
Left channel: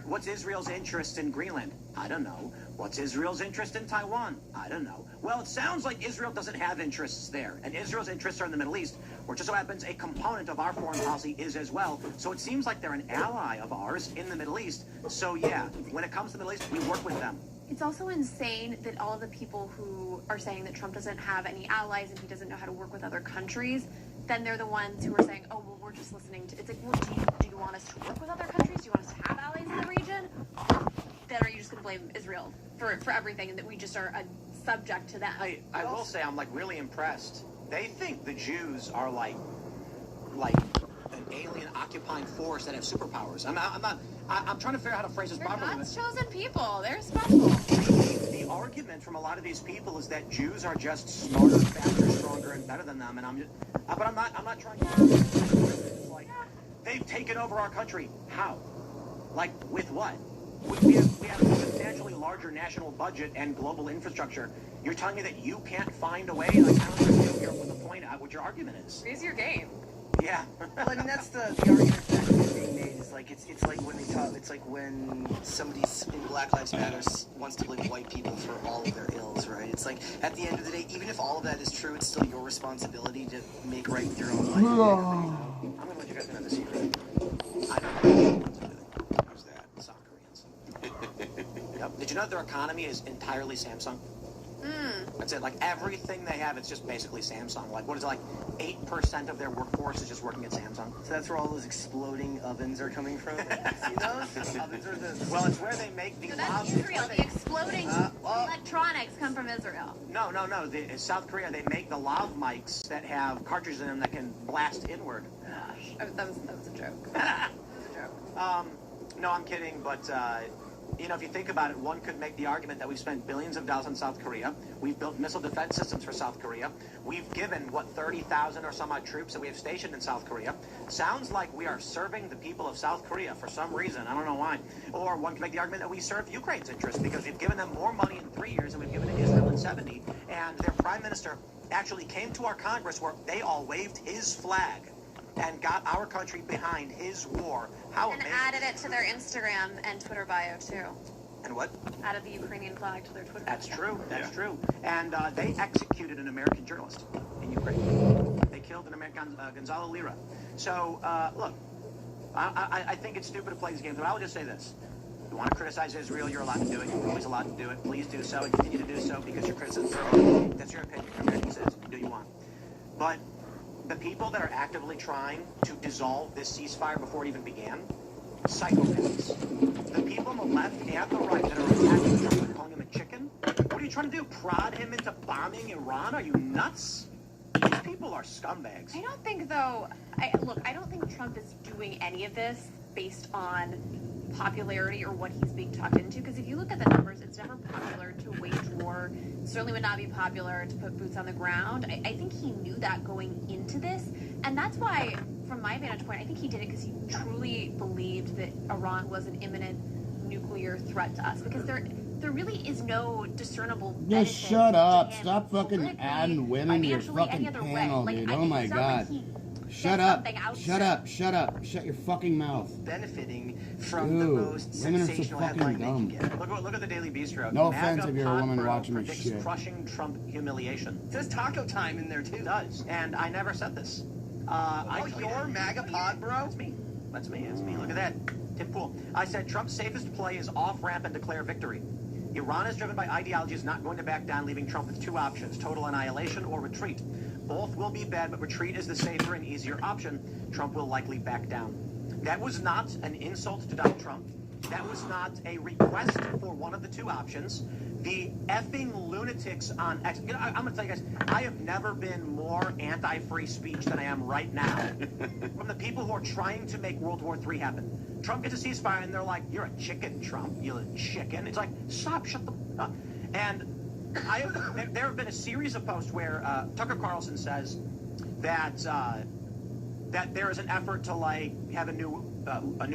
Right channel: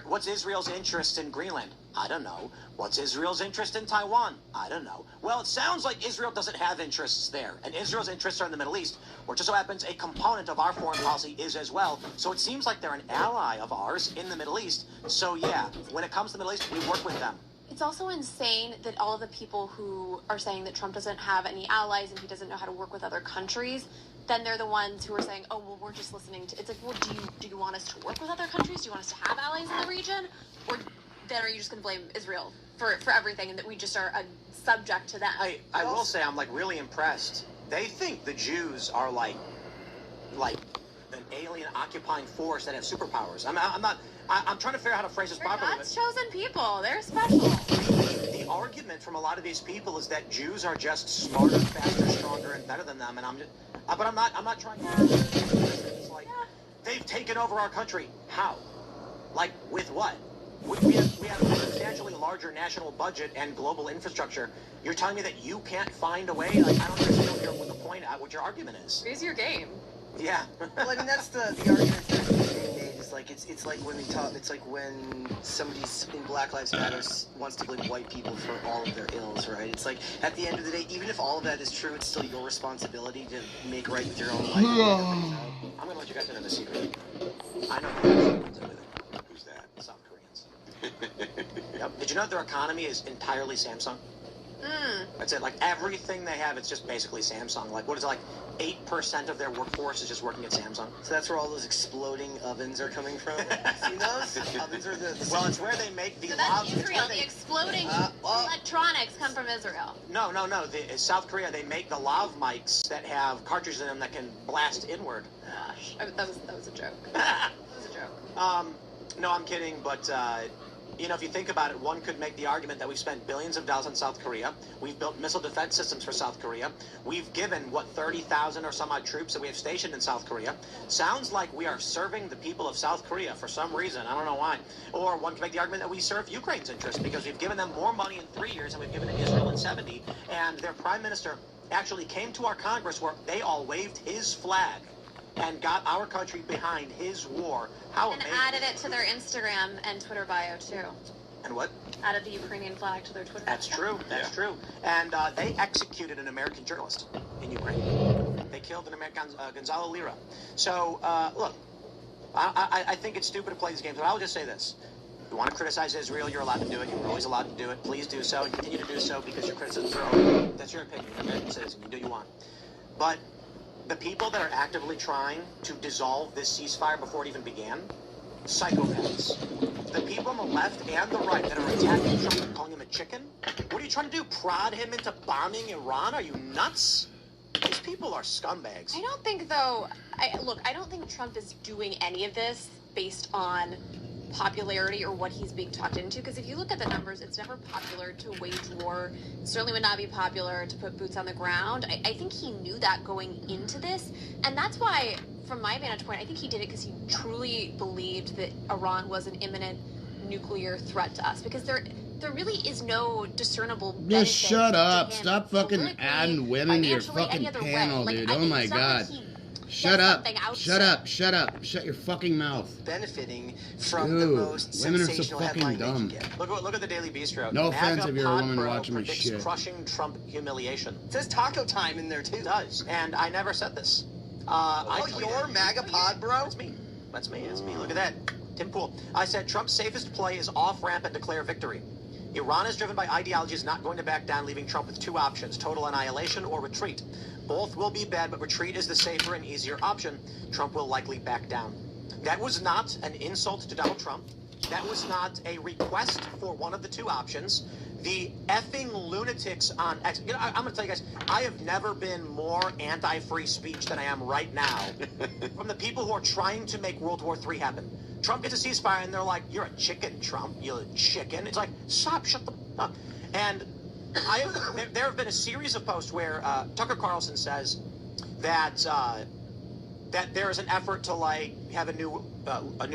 What's Israel's interest in Greenland? I don't know. What's Israel's interest in Taiwan? I don't know. Well, it sounds like Israel doesn't have interests there. And Israel's interests are in the Middle East, which just so happens a component of our foreign policy is as well. So it seems like they're an ally of ours in the Middle East. So yeah, when it comes to the Middle East, we work with them. It's also insane that all of the people who are saying that Trump doesn't have any allies and he doesn't know how to work with other countries, then they're the ones who are saying, oh, well, we're just listening to... It's like, well, do you want us to work with other countries? Do you want us to have allies in the region? Or then are you just going to blame Israel for everything and that we just are subject to them? I will say I'm like really impressed. They think the Jews are like an alien occupying force that have superpowers. I'm trying to figure out how to phrase this They're properly. God's chosen people. They're special. The argument from a lot of these people is that Jews are just smarter, faster, stronger, and better than them. And I'm not trying to. It's like they've taken over our country. How? Like with what? We have a substantially larger national budget and global infrastructure. You're telling me that you can't find a way? Like I don't understand what the point of what your argument is. Raise your game. Yeah. Well, I mean, that's the argument that's being made. Is like it's like when they talk. It's like when somebody's in Black Lives Matter wants to blame white people for all of their ills, right? It's like at the end of the day, even if all of that is true, it's still your responsibility to make right with your own life. I'm gonna let you guys into the secret. I know who's that? South Koreans. Yep. Did you know that their economy is entirely Samsung? That's it. Like everything they have, it's just basically Samsung. Like what is it, like 8% of their workforce is just working at Samsung? So that's where all those exploding ovens are coming from. See those? Ovens are the Well, it's where they make the So that's lav- Israel. The exploding well- electronics come from Israel. No. In South Korea, they make the lav mics that have cartridges in them that can blast inward. Gosh, that was a joke. That was a joke. No, I'm kidding, but if you think about it, one could make the argument that we've spent billions of dollars on South Korea. We've built missile defense systems for South Korea. We've given, 30,000 or some odd troops that we have stationed in South Korea. Sounds like we are serving the people of South Korea for some reason. I don't know why. Or one could make the argument that we serve Ukraine's interests because we've given them more money in 3 years than we've given to Israel in 70. And their prime minister actually came to our Congress where they all waved his flag and got our country behind his war. How And amazing. added it to their Instagram and Twitter bio, too. And what? Added the Ukrainian flag to their Twitter bio. That's true. That's true. And they executed an American journalist in Ukraine. They killed an American, Gonzalo Lira. So, look, I think it's stupid to play these games, but I'll just say this. If you want to criticize Israel, you're allowed to do it. You're always allowed to do it. Please do so and continue to do so because you're criticizing. That's your opinion. Okay? It says do you want. But the people that are actively trying to dissolve this ceasefire before it even began, psychopaths. The people on the left and the right that are attacking Trump and calling him a chicken, what are you trying to do? Prod him into bombing Iran? Are you nuts? These people are scumbags. I don't think, though, I don't think Trump is doing any of this based on popularity or what he's being talked into, because if you look at the numbers, it's never popular to wage war. It certainly would not be popular to put boots on the ground. I think he knew that going into this, and that's why, from my vantage point, I think he did it because he truly believed that Iran was an imminent nuclear threat to us, because there really is no discernible Just benefit shut to up. him Stop fucking politically, adding women to your financially, any fucking other way. panel, Like, dude. I Oh think my it's not god. like he Shut said up. something outside. Shut up. Shut up. Shut your fucking mouth. benefiting from Dude, the most women are so sensational fucking headline dumb. they can get. Look at the Daily Bistro. No offense if you're a woman MAGA watching my predicts shit. Crushing Trump humiliation. It says taco time in there too. It does, and I never said this. Your MAGA pod, bro? That's me. That's me. It's me. Look at that. Tim Pool. I said Trump's safest play is off-ramp and declare victory. Iran is driven by ideology, is not going to back down, leaving Trump with two options, total annihilation or retreat. Both will be bad, but retreat is the safer and easier option. Trump will likely back down. That was not an insult to Donald Trump. That was not a request for one of the two options. The effing lunatics on X. You know, I'm going to tell you guys, I have never been more anti-free speech than I am right now. From the people who are trying to make World War III happen. Trump gets a ceasefire, and they're like, "You're a chicken, Trump. You're a chicken." It's like, stop, shut the up. And there have been a series of posts where Tucker Carlson says that that there is an effort to like have a new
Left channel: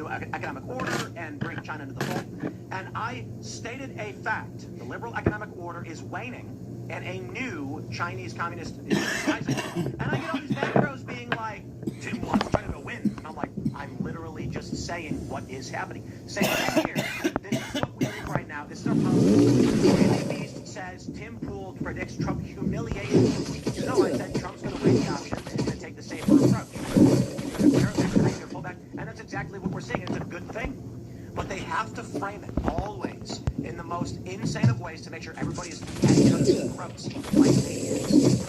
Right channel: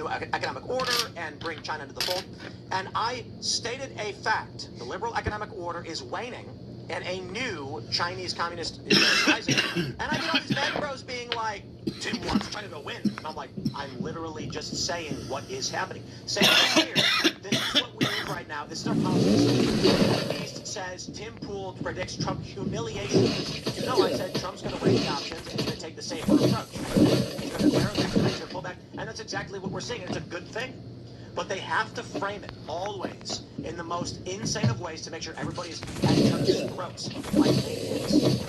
economic order and bring China into the fold. And I stated a fact: the liberal economic order is waning, and a new Chinese communist is rising. And I get all these macros being like, "Tim wants China to win," and I'm like, I'm literally just saying what is happening. Same thing here. This is what we're doing right now. This is our politics. East says Tim Pool predicts Trump humiliation. You know, I said Trump's going to bring the options and he's going to take the safer approach. And that's exactly what we're seeing. It's a good thing. But they have to frame it always in the most insane of ways to make sure everybody is hanging up their throats like it is.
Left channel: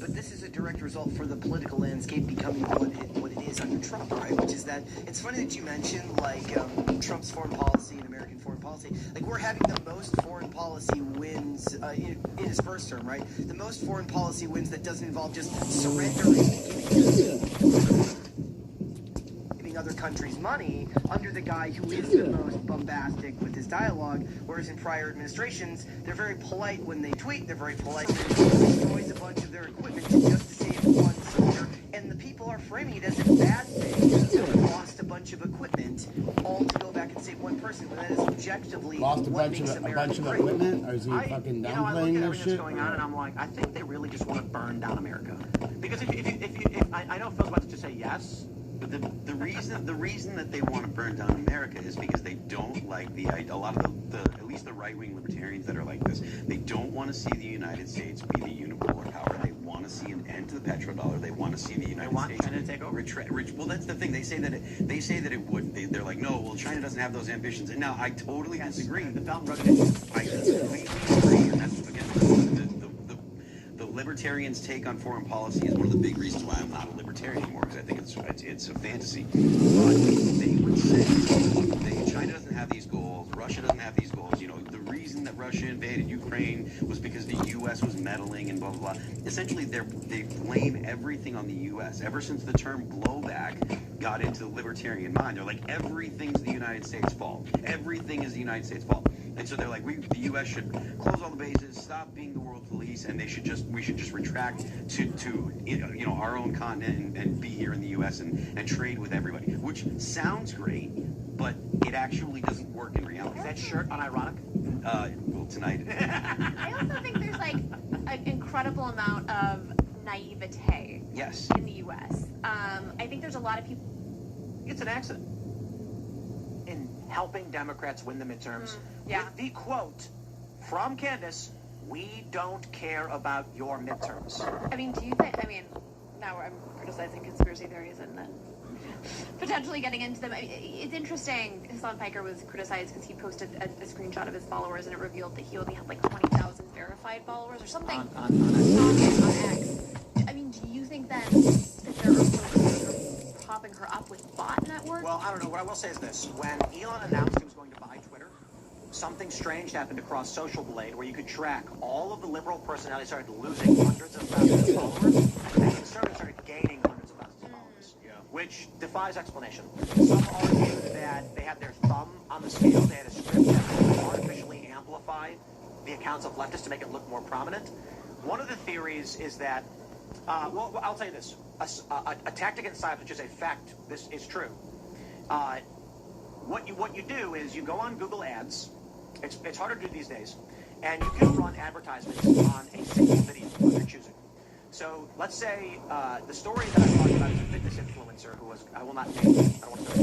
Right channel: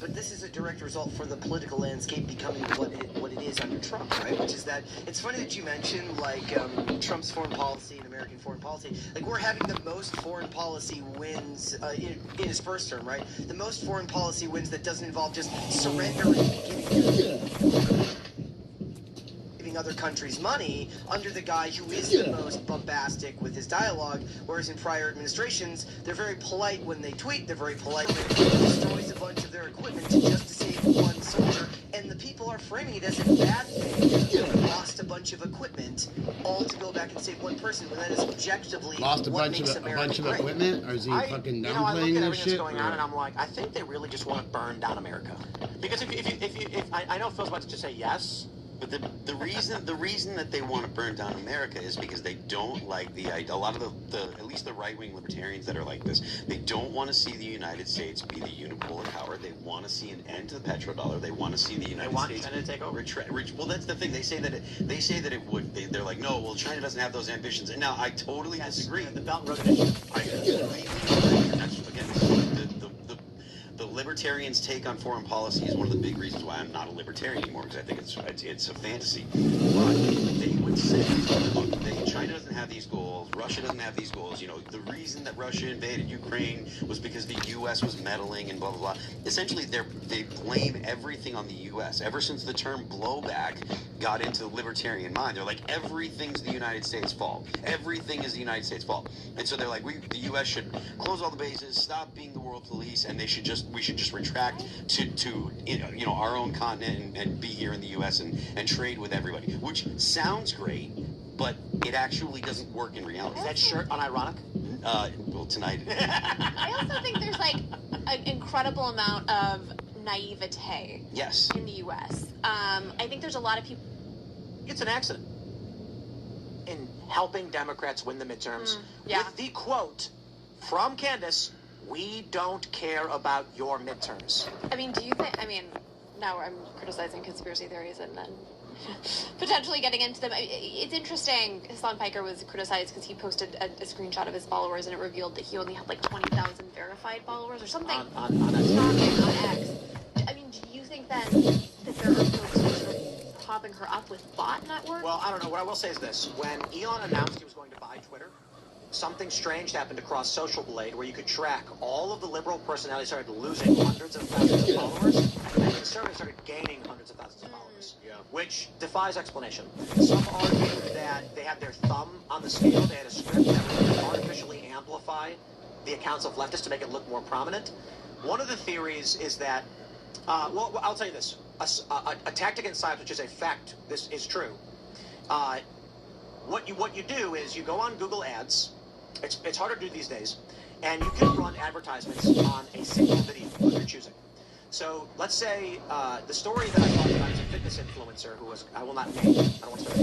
But this is a direct result for the political landscape becoming what it is under Trump, right? Which is that it's funny that you mentioned like Trump's foreign policy and American foreign policy. Like we're having the most foreign policy wins in his first term, right? The most foreign policy wins that doesn't involve just surrendering other countries' money under the guy who is the most bombastic with his dialogue, whereas in prior administrations, they're very polite when they tweet, they're very polite when they destroys a bunch of their equipment just to save one soldier, and the people are framing it as a bad thing that we lost a bunch of equipment all to go back and save one person, when that is objectively lost a bunch of equipment, or is he fucking downplaying this shit? Going on, and I'm like, I think they really just want to burn down America. Because if I know Phil's about to just say yes. But the reason that they want to burn down America is because they don't like a lot of the at least the right-wing libertarians that are like this. They don't want to see the United States be the unipolar power. They want to see an end to the petrodollar. They want to see the United States China to take over. Well, that's the thing. They say that it would. They're like, no. Well, China doesn't have those ambitions. And now I totally disagree. The Belt and Road Initiative. I completely agree. And that's again the libertarians' take on foreign policy is one of the big reasons why I'm not a libertarian anymore, because I think it's a fantasy. But they would say China doesn't have these goals, Russia doesn't have these goals. You know, the reason that Russia invaded Ukraine was because the U.S. was meddling and blah blah blah. Essentially, they blame everything on the U.S. Ever since the term blowback got into the libertarian mind, they're like, everything's the United States' fault. Everything is the United States' fault. And so they're like, the U.S. should close all the bases, stop being the world police, and we should just retract to you know our own continent and be here in the U.S. and trade with everybody, which sounds great, but it actually doesn't work in reality. Is that shirt unironic? Well, tonight. I also think there's like an incredible amount of naivete. Yes. In the U.S. I think there's a lot of people. It's an accident in helping Democrats win the midterms. Yeah. With the quote from Candace, "We don't care about your midterms." I mean, do you think? I mean, now I'm criticizing conspiracy theories and then potentially getting into them. It's interesting. Hassan Piker was criticized because he posted a screenshot of his followers and it revealed that he only had like 20,000 verified followers or something. On X. I mean, do you think that there are folks popping her up with bot networks? Well, I don't know. What I will say is this: when Elon announced he was going to buy Twitter, something strange happened across Social Blade where you could track all of the liberal personalities started losing hundreds of thousands of followers, and the conservatives started gaining hundreds of thousands of followers, which defies explanation. Some argue that they had their thumb on the scale. They had a script that artificially amplified the accounts of leftists to make it look more prominent. One of the theories is that, well, I'll tell you this. A tactic in science, which is a fact, this is true. What you do is you go on Google Ads. It's harder to do these days, and you can run advertisements on a single video of your choosing. So let's say the story that I talked about is a fitness influencer who was, I will not name, I don't want to say,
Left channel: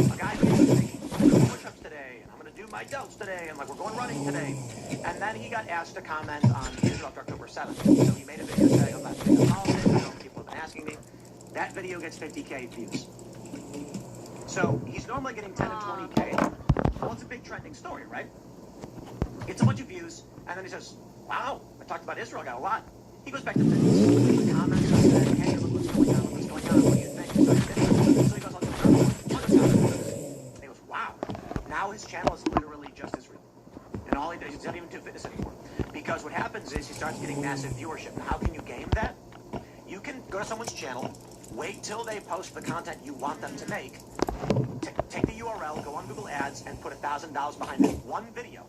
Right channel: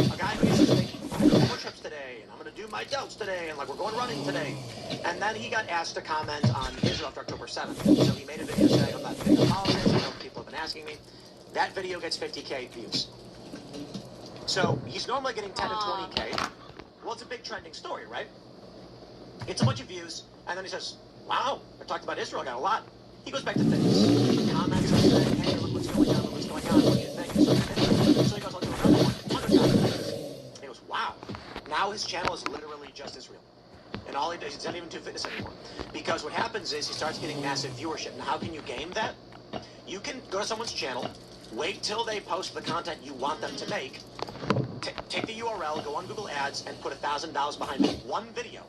a guy who used to think, I'm going to do push-ups today, and I'm going to do my dumps today, and like we're going running today. And then he got asked to comment on Israel after October 7th. So he made a video saying, I'm not doing politics, people have been asking me. That video gets 50K views. So he's normally getting 10 and 20K. Well, it's a big trending story, right? It's a bunch of views, and then he says, wow, I talked about Israel, I got a lot. He goes back to fitness. Comments on saying, hey, look what's going on, what do you think? So he goes on to the comments. He goes, Now his channel is literally just as real. And all he does, it's not even 2 Fitness anymore. Because what happens is he starts getting massive viewership. And how can you gain that? You can go to someone's channel, wait till they post the content you want them to make, take the URL, go on Google Ads, and put $1,000 behind it. One video.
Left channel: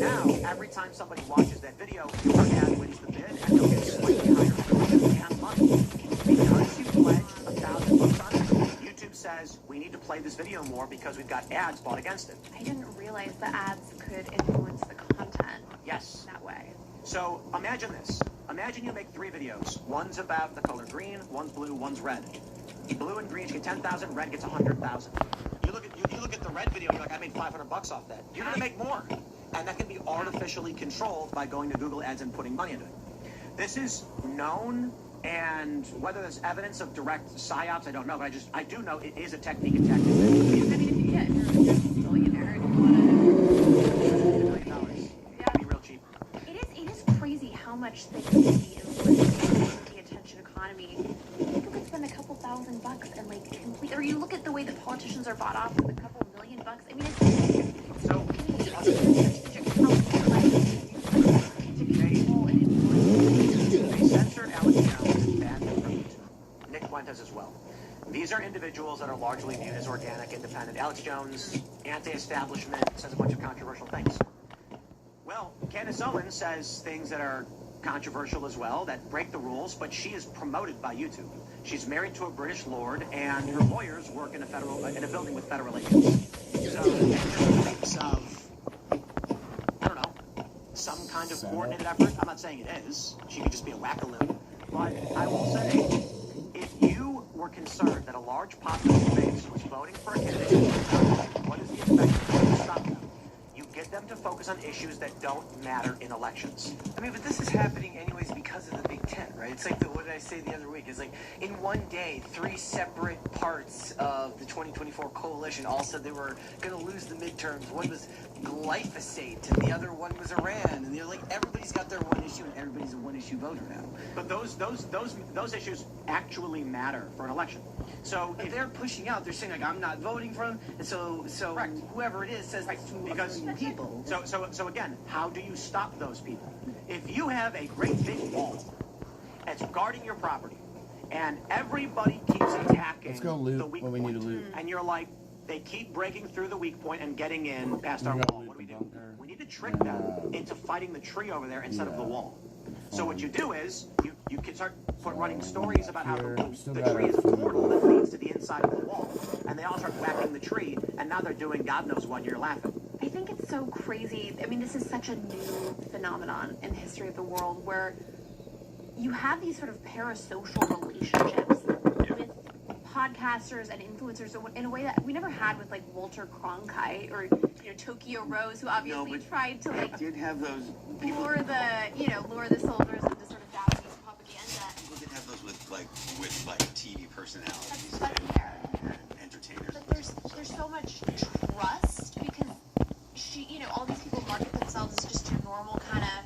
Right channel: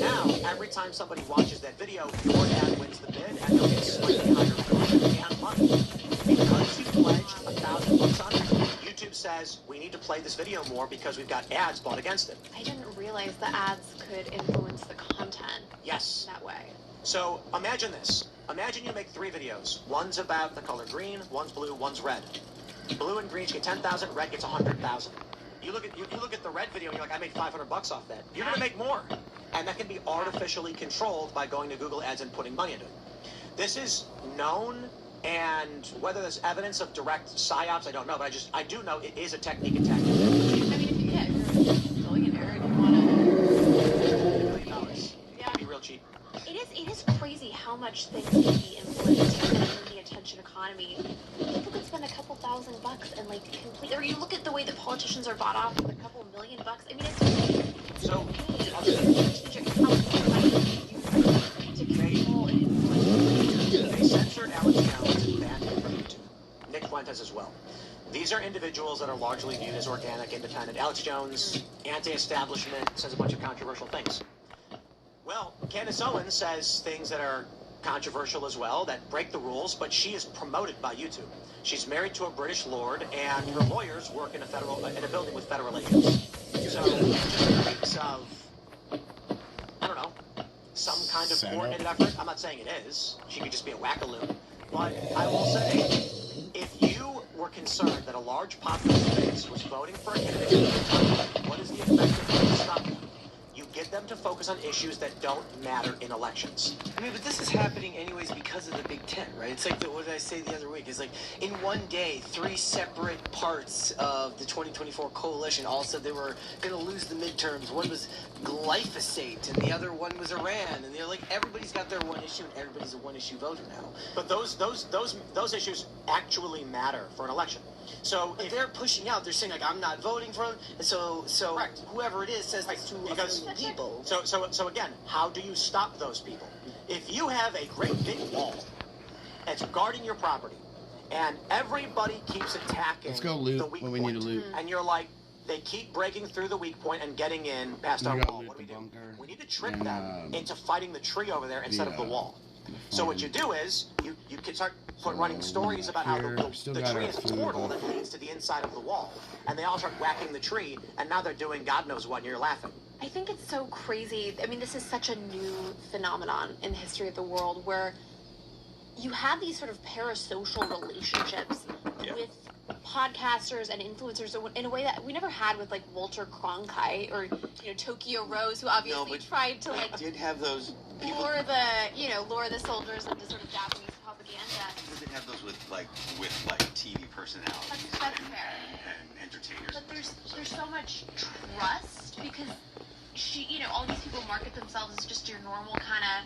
Now, every time somebody watches that video, your ad wins the bid, and you'll get slightly higher and money. Because you pledged $1,000 on it, YouTube says, we need to play this video more because we've got ads bought against it. I didn't realize the ads could influence the content. Yes. That way. So imagine this. Imagine you make 3 videos. One's about the color green, one's blue, one's red. Blue and green, you get 10,000, red gets 100,000. You look at the red video, and you're like, I made $500 off that. You're gonna make more. And that can be artificially controlled by going to Google Ads and putting money into it. This is known, and whether there's evidence of direct psyops, I don't know, but I do know it is a technique attack. I mean, if you're a billionaire and you want to... $1 million. It'd be real cheap. It is crazy how much things can be influenced by the attention economy. People can spend a couple $1,000 and like complete, or you look at the way that politicians are bought off with a couple $1 million. I mean, it's So, they censored Alex Jones and banned Nick Fuentes as well. These are individuals that are largely viewed as organic, independent. Alex Jones, anti-establishment, says a bunch of controversial things. Well, Candace Owens says things that are controversial as well, that break the rules, but she is promoted by YouTube. She's married to a British lord, and her lawyers work in a building with federal agents. So, it's of, I don't know, some kind of coordinated effort. I'm not saying it is. She could just be a wackaloo. But I will say, if you were concerned that a large population base was voting for a candidate, what is the effect to stop them? You get them to focus on issues that don't matter in elections. I mean, but this is happening anyways because of the Big Ten, right? It's like, what did I say the other week? It's like, in one day, 3 separate parts of the 2024 coalition all said they were going to lose the midterms. One was glyphosate, and the other one was Iran. And they're like, everybody's got their one issue, and everybody's a one-issue voter now. But those issues actually matter for an election. So But they're pushing out. They're saying, like, I'm not voting for them. And so Correct. whoever it is says that's too Because- million people. So again, how do you stop those people? If you have a great big wall that's guarding your property, and everybody keeps attacking Let's go the loot weak what we need to point, loot. and you're like, they keep breaking through the weak point and getting in past our We gotta wall. loot What do the we do? bunker We need to trick and, them into fighting the tree over there instead of the wall. So what you do is you can start running stories about how here. the Still tree got our is a food. portal that leads to the inside of the wall, and they all start whacking the tree, and now they're doing God knows what, and you're laughing. I think it's so crazy. I mean, this is such a new phenomenon in the history of the world where you have these sort of parasocial relationships with podcasters and influencers in a way that we never had with like Walter Cronkite or Tokyo Rose, who obviously tried to like did have those lure the soldiers into sort of Japanese propaganda. People did have those with TV personalities That's and entertainers. But there's so much trust because all these people market themselves as just your normal kind of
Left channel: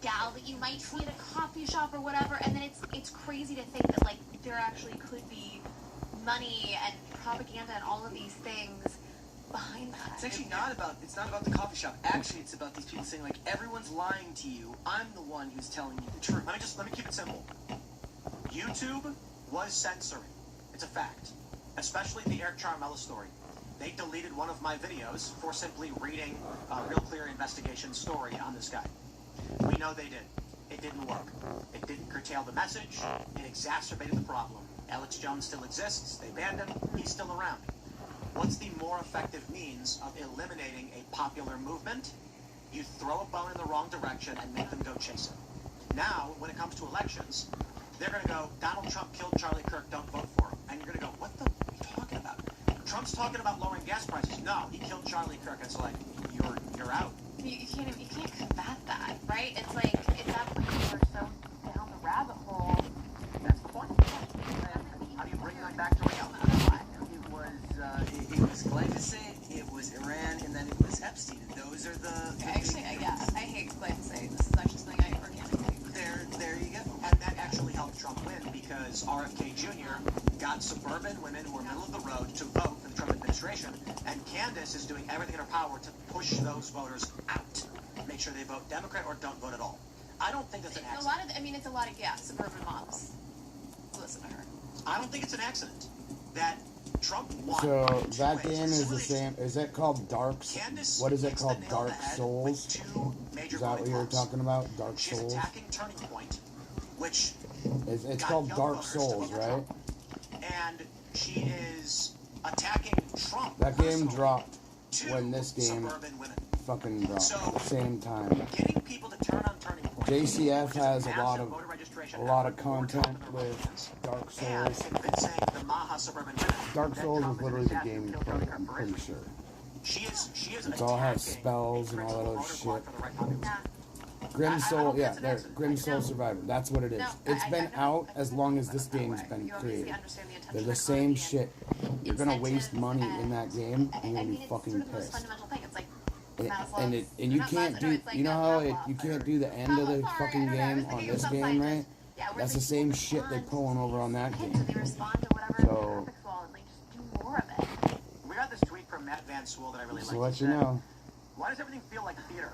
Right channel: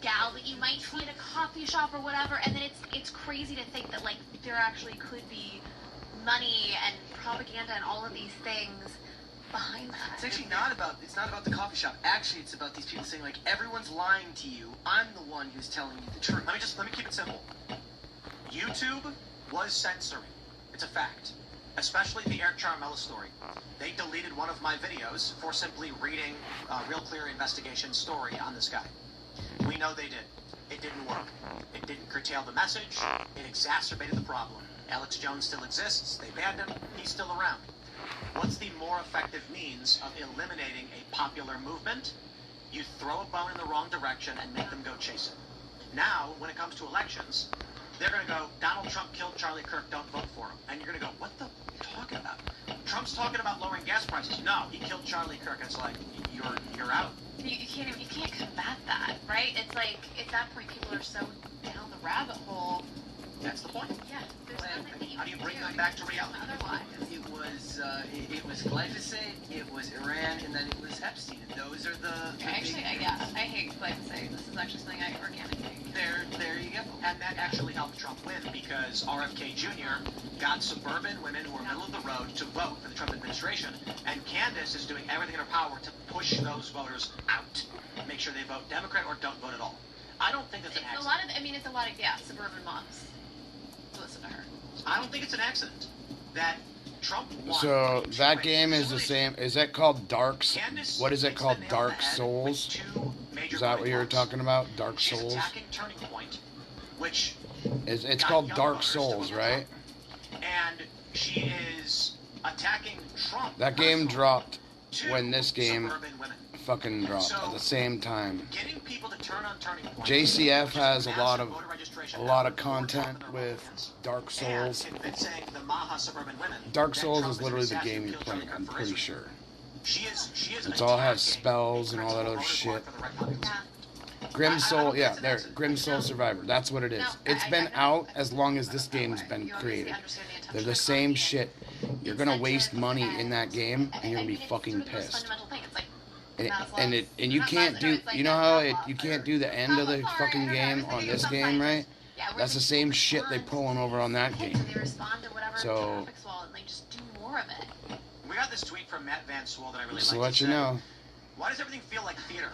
gal that you might see at a coffee shop or whatever, and then it's crazy to think that like there actually could be money and propaganda and all of these things behind that. It's actually not about the coffee shop. Actually, it's about these people saying, like, everyone's lying to you. I'm the one who's telling you the truth. Let me keep it simple. YouTube was censoring. It's a fact. Especially the Eric Charmella story. They deleted one of my videos for simply reading a Real Clear Investigation story on this guy. We know they did. It didn't work. It didn't curtail the message. It exacerbated the problem. Alex Jones still exists. They banned him. He's still around. What's the more effective means of eliminating a popular movement? You throw a bone in the wrong direction and make them go chase it. Now, when it comes to elections, they're going to go, Donald Trump killed Charlie Kirk, don't vote for him. And you're going to go, what the are you talking about? Trump's talking about lowering gas prices. No, he killed Charlie Kirk. And it's like, you're out. You can't combat that, right? It's like if that brings you so down the rabbit hole. That's the point. Yeah. How do you bring them back to reality? It was glyphosate, it was Iran, and then it was Epstein. And those are the Actually, I hate glyphosate. This is actually something I organically. there you go. And that actually helped Trump win because RFK Jr. got suburban women who were middle of the road to vote for the Trump administration. And Candace DeSantis is doing everything in her power to push those voters out. Make sure they vote Democrat or don't vote at all. I don't think that's an accident. It's a lot of suburban moms. Listen to her. I don't think it's an accident that Trump won. So that game is the same. Is that called Dark? What is it called? Dark Souls? Is that what you're talking about? Dark Souls? It's called Dark Souls, right? And she is attacking Trump. That game dropped when this game fucking dropped at the same time. JCF has a lot of content with Dark Souls. Dark Souls is literally the game you're playing, I'm pretty sure. It all has spells and all that other shit. Grim Soul, yeah, there, Grim Soul Survivor, that's what it is. It's been out as long as this game's been created. They're the same shit. You're gonna waste money in that game, and you're gonna be fucking pissed. And you can't do, you know how you can't do the end of the fucking game on this game, right? That's the same shit they pulling over on that game. So, we got this tweet from Matt Van Swool that I really just to like. let you know. Why does everything feel like theater?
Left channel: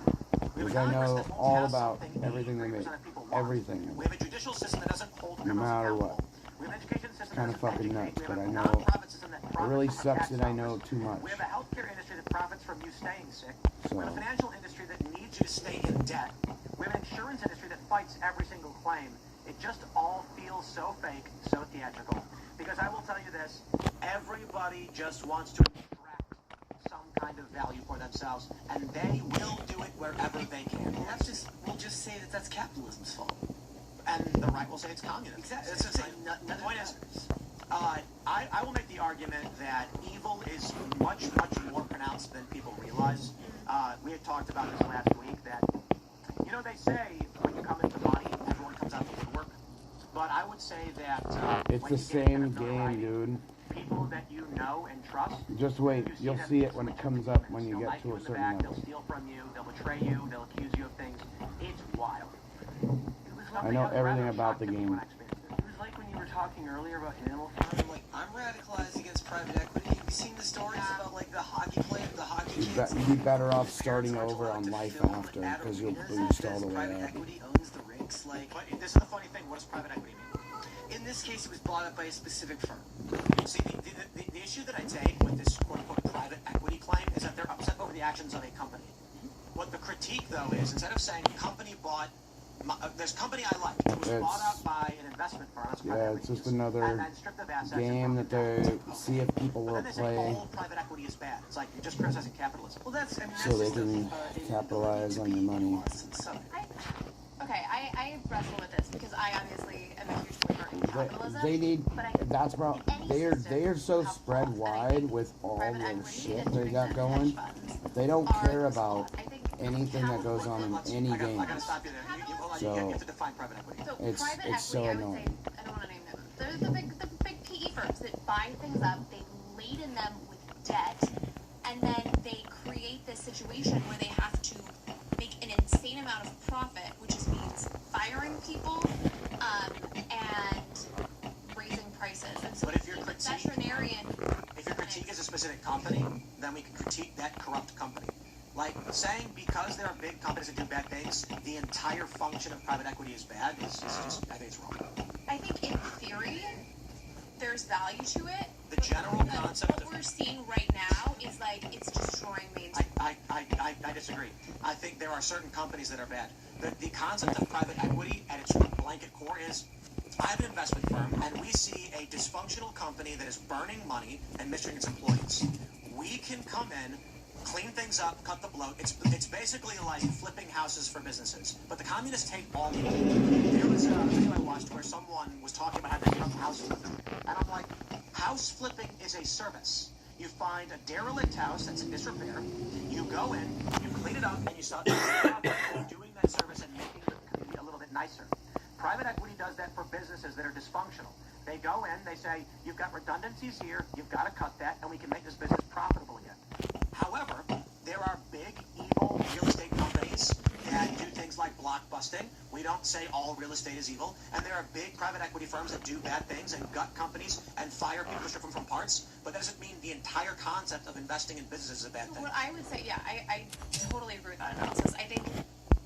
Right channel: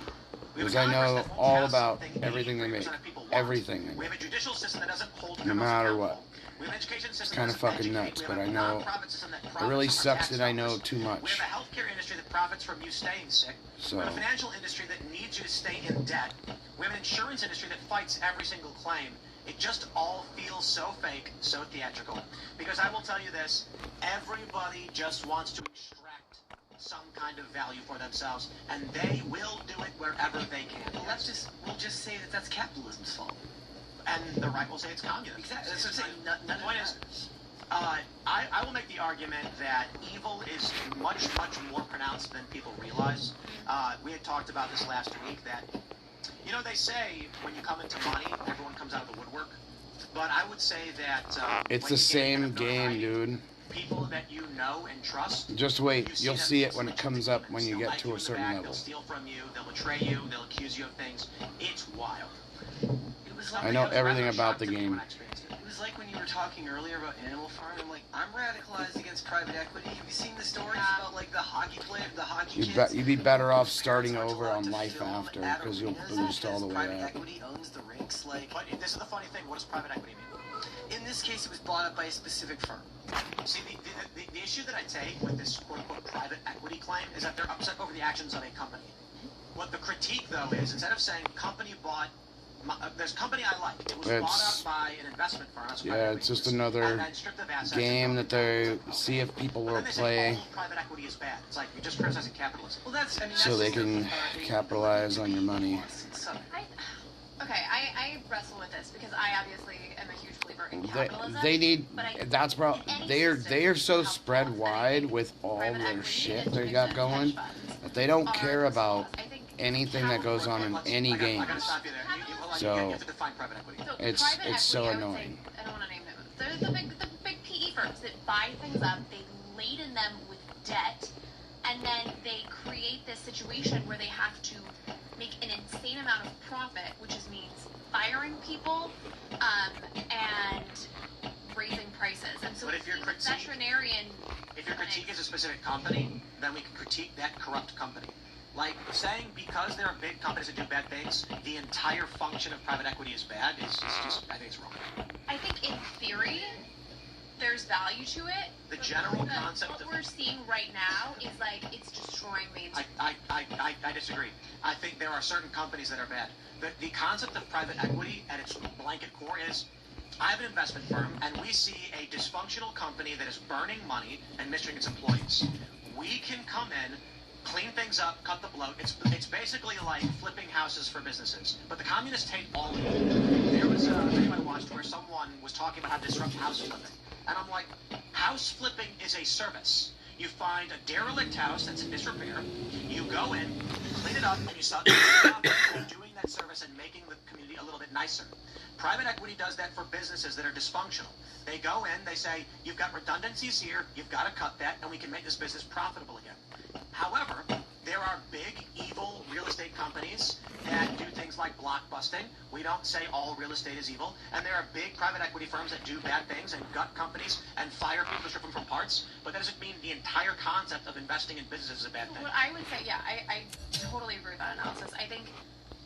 Because I know all about everything they make. Everything they We make. have a judicial system that doesn't hold No matter what. We have an education system It's kind of that doesn't fucking educate. nuts, We but have I a know nonprofit system that it profits really from sucks tax that I know dollars. too We much. have a healthcare industry that profits from you staying sick. So- We have a financial industry that needs you to stay in debt. We have an insurance industry that fights every single claim. It just all feels so fake, so theatrical. Because I will tell you this, everybody just wants to extract some kind of value for themselves, and they will do it wherever they can. We'll just say that that's capitalism's fault. And the right will say it's communism. Exactly. That's what I'm saying. The point is, I will make the argument that evil is much, much more pronounced than people realize. We had talked about this last week that, they say when you come into money, everyone comes out of the woodwork. But I would say that It's the same game, dude. people that you know and trust. Just wait. You'll see it when it comes up when you They'll get knife to you a in the certain back, level. They'll steal from you. They'll betray you. They'll accuse you of things. It's wild. It was I know everything about the game. It was like when you were talking earlier about Animal Farm. I'm radicalized against private equity. Have you seen the stories about like the hockey player, the hockey kids? You'd be better off starting over on life after, because you'll boost all the way Private up. equity owns the rinks. But this is the funny thing. What does private equity mean? In this case, it was bought up by a specific firm. See, the issue that I take with this quote-unquote private equity claim is that they're upset over the actions of a company. What the critique, though, is instead of saying company bought this company I like, it was It's- bought out by an investment firm. That's Yeah, private it's just equity, another and then stripped of assets game and that they see if people But will then they say play, all private equity is bad. It's like you're just criticizing capitalism. Well, that's so they can capitalize on your money. I wrestle with this because I obviously am a huge believer in capitalism. They need. but I- That's probably they are so spread wide with all their shit they got going that they don't care about anything that goes on in any I gotta games. stop you there. So- You have to define private equity. So It's private so equity, annoying. I don't want to name them. They're the big PE firms that buy things up, they laden them with debt, and then they create this situation where they have to make an insane amount of profit, which just means firing people and raising prices. And so But if your the critique- veterinarian, If your critique is a specific company, then we can critique that corrupt company. Like saying because there are big companies that do bad things, the entire function of private equity is bad is just, I think it's wrong. I think in theory, there's value to it. The but general concept what of- we're seeing right now is like it's destroying mainstream. I disagree. I think there are certain companies that are bad. The concept of private equity at its blanket core is I have an investment firm and we see a dysfunctional company that is burning money and mistreating its employees. We can come in, clean things up, cut the bloat. It's basically like flipping houses for businesses. But the communists hate all of it. There was a video I watched where someone was talking about how to disrupt house flipping. And I'm like, house flipping is a service. You find a derelict house that's in disrepair, you go in, you clean it up, and you start doing that service and making the community a little bit nicer. Private equity does that for businesses that are dysfunctional. They go in, they say, you've got redundancies here, you've got to cut that, and we can make this business profitable again. However, there are big, evil real estate companies that do things like blockbusting. We don't say all real estate is evil, and there are big private equity firms that do bad things and gut companies and fire people to strip them from parts, but that doesn't mean the entire concept of investing in businesses is a bad thing. What I would say, yeah, I totally agree with that analysis. I think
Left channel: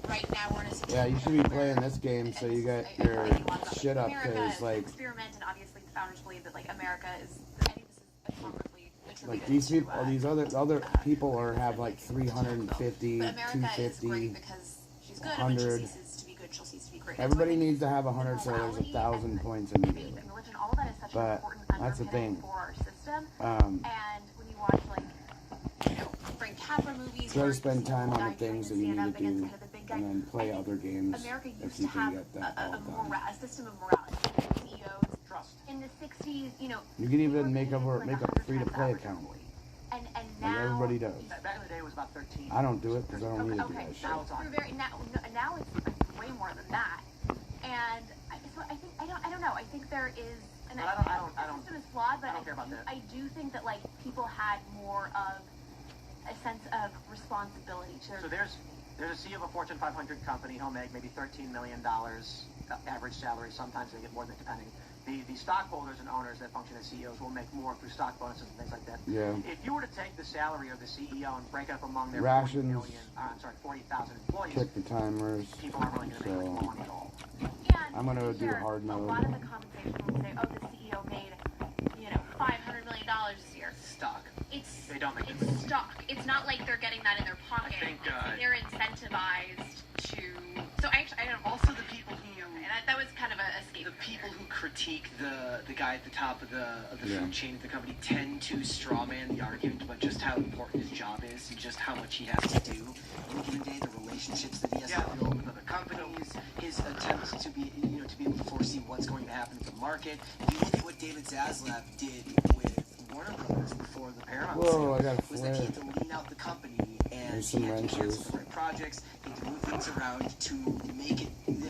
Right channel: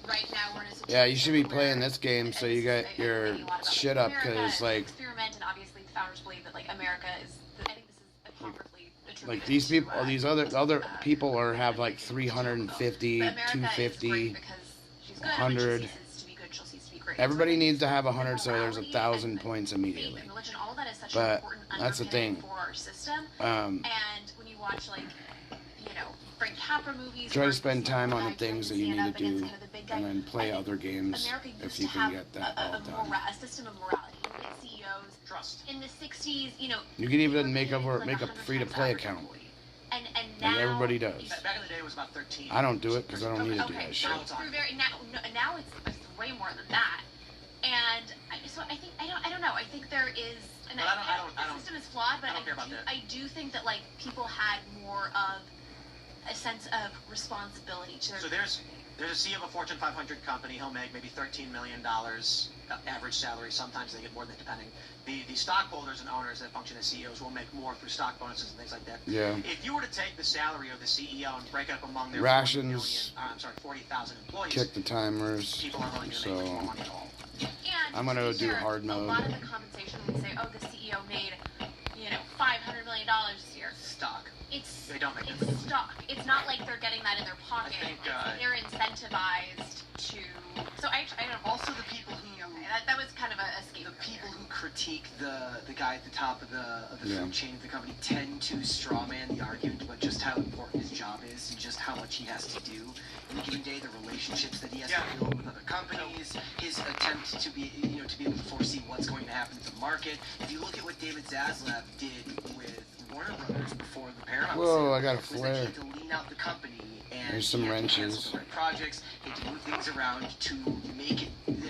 right now we're in a situation. Yeah, you should be playing this game so you get your shit up, because like experiment, and obviously the founders believe that like America is. I think this is appropriately attributed. like these people, these other people are have like 350, But America 250, is great because she's good, 100. and when she ceases to be good, she'll cease to be great. Everybody needs to have 100, so there's 1,000 points Faith immediately. and religion, all of that is such But an important that's the underpinning thing. for our system. Um, And when you watch like, Frank Capra movies, Try where to spend it's time on the like, things that stand you need up to and it's do, kind of the big guy. and then play I think other games America if used you to can have get that all done. a system of morality. CEOs Trust. in the 60s, You can even make a free-to-play account. And Like now everybody does. Back in the day, it was about 13. I don't do it because I don't need to do Okay, that so shit. through now it's way more than that. And I think I don't know. I think there is and But the system is flawed, but I don't care about that. I do think that like people had more of a sense of responsibility to their So there's a CEO of a Fortune 500 company. He'll make maybe $13 million average salary. Sometimes they get more than depending. The stockholders and owners that function as CEOs will make more through stock bonuses and things like that. Yeah. If you were to take the salary of the CEO and break it up among their Rations. 40,000 employees, Kick the timers. people aren't really going to make much more So money at all. And I'm gonna to be do fair, hard A mode. lot of the compensation we say, oh, the CEO made, $500 million this year. Stock. It's They don't make it. stock. It's not like they're getting that in their pocket. I think, they're incentivized to. So I don't know. Also, the people who That was kind of a escape. the people who critique the guy at the top of the Yeah. food chain of the company tend to strawman the argument about just how important his job is and just how much he has to do in a given day, the relationships that he has to build with other companies, his attempts to be to be able to foresee what's going to happen to the market. If you look at what David Zaslav did with Warner Brothers before the Paramount Whoa, sale, I got a was that flare. he had to lean out the company and There's some he had to cancel wrenches. certain projects, he had to move things around to make it.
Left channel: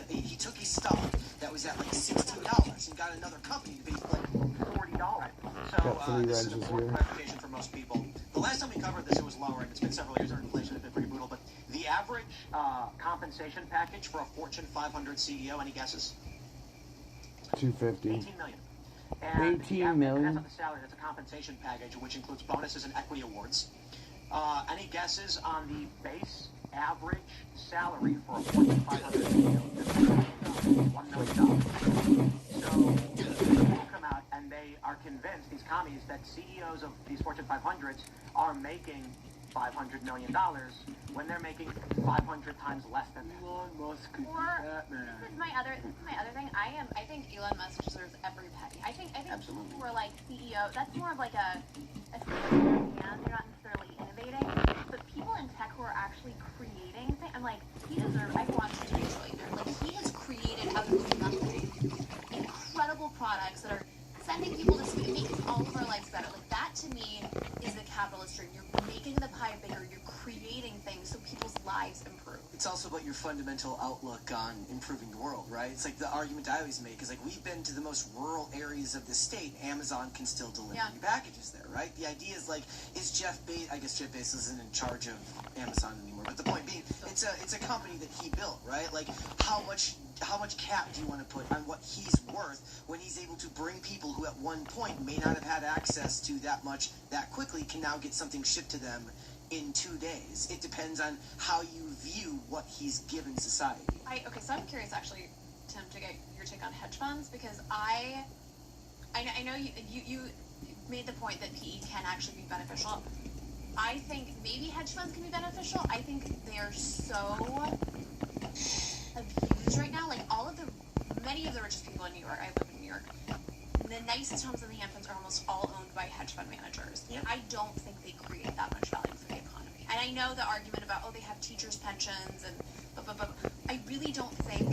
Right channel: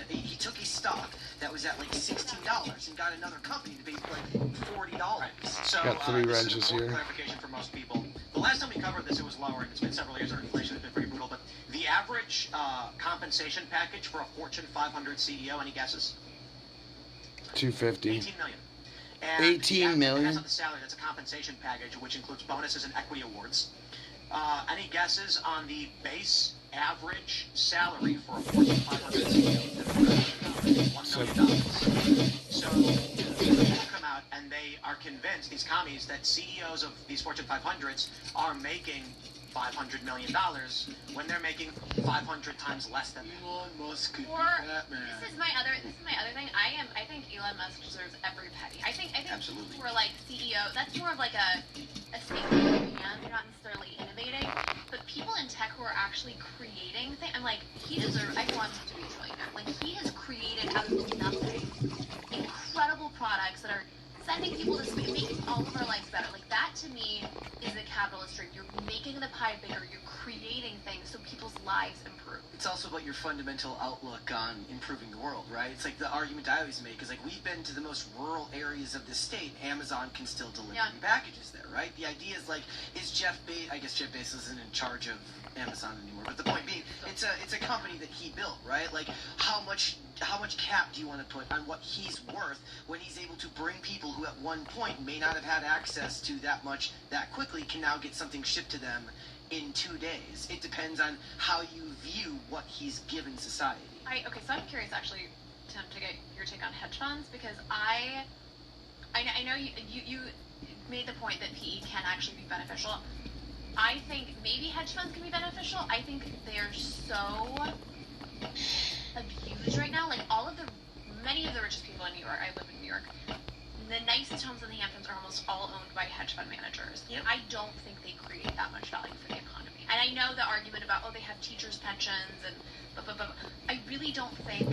He took a stock that was at like $16 and got another company to pay like $40. So, Got three this is wrenches important here. clarification for most people. The last time we covered this, it was lower, and it's been several years. Our inflation has been pretty brutal. But the average compensation package for a Fortune 500 CEO, any guesses? 250. 18 million. And 18 million? That's not the salary. That's a compensation package, which includes bonuses and equity awards. Any guesses on the base average salary for a Fortune 500 CEO? $1 million. So people come out and they are convinced, these commies, that CEOs of these Fortune 500s are making $500 million when they're making 500 times less than that. Elon Musk could be Or Batman. this is my other thing. I think Elon Musk deserves every penny. I think Absolutely. people who are like CEO, that's more of like a statement. They're not necessarily innovating, but people in tech who are actually creating things. I'm like, he deserves. I want him to be a billionaire. Like he has created out of nothing incredible products that are sending people to space, making all of our lives better. Like that to me is the capitalist dream. You're making the pie bigger. You're creating things so people's lives improve. It's also about your fundamental outlook on improving the world, right? It's like the argument I always make is like we've been to the most rural areas of the state. Amazon can still deliver Yeah. you packages there, right? The idea is like, is Jeff Bezos? I guess Jeff Bezos isn't in charge of Amazon anymore. But the point being, it's a company that he built, right? Like how much cap do you want to put on what he's worth when he's able to bring people who at one point may not have had access to that much that quickly can now get something shipped to them in 2 days. It depends on how you view what he's given society. Okay, so I'm curious actually, Tim, to get your take on hedge funds because I know you made the point that PE can actually be beneficial. I think maybe hedge funds can be beneficial. I think they are so abused right now. Like many of the richest people in New York. I live in New York. The nicest homes in the Hamptons are almost all owned by hedge fund managers. Yep. I don't think they create that much value for the economy. And I know the argument about, they have teachers' pensions and blah, blah, blah. I really don't think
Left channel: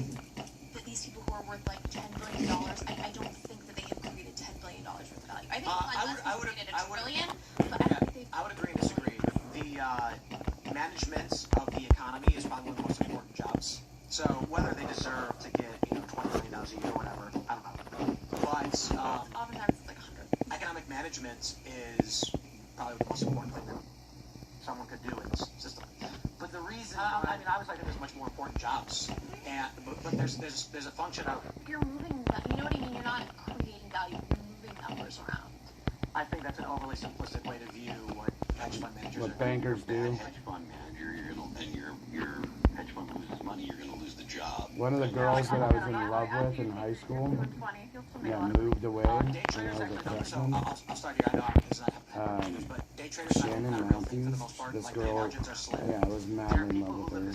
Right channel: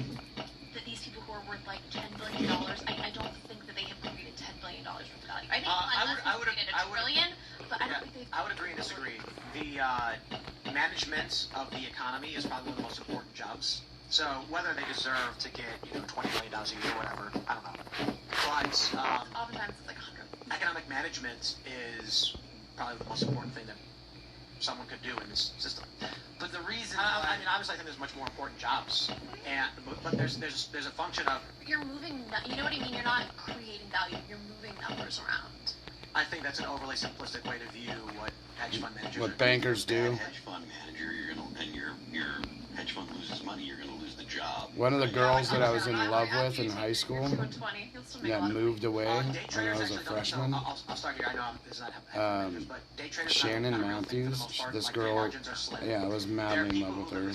that these people who are worth like $10 billion, I don't think that they have created $10 billion worth of value. I think Elon Musk has created $1 trillion, but I don't think they've... I would agree and disagree. The management of the economy is probably one of the most important jobs. So whether they deserve to get $20 million a year or whatever, I don't know. But Oftentimes it's like 100. economic management is probably the most important thing that someone could do in this system. But the reason. I mean, obviously, I think there's much more important jobs, but there's a function of. You're moving. You know what I mean? You're not creating value. You're moving numbers around. I think that's an overly simplistic way to view what hedge fund managers. What bankers do. Hedge fund manager, your hedge fund loses money, you're gonna lose the job. One of the girls that I was in love with in high school that moved away when I was a freshman. I'll start here. I know this is not but day traders Shannon Matthews, this girl, yeah, I was madly in love with her,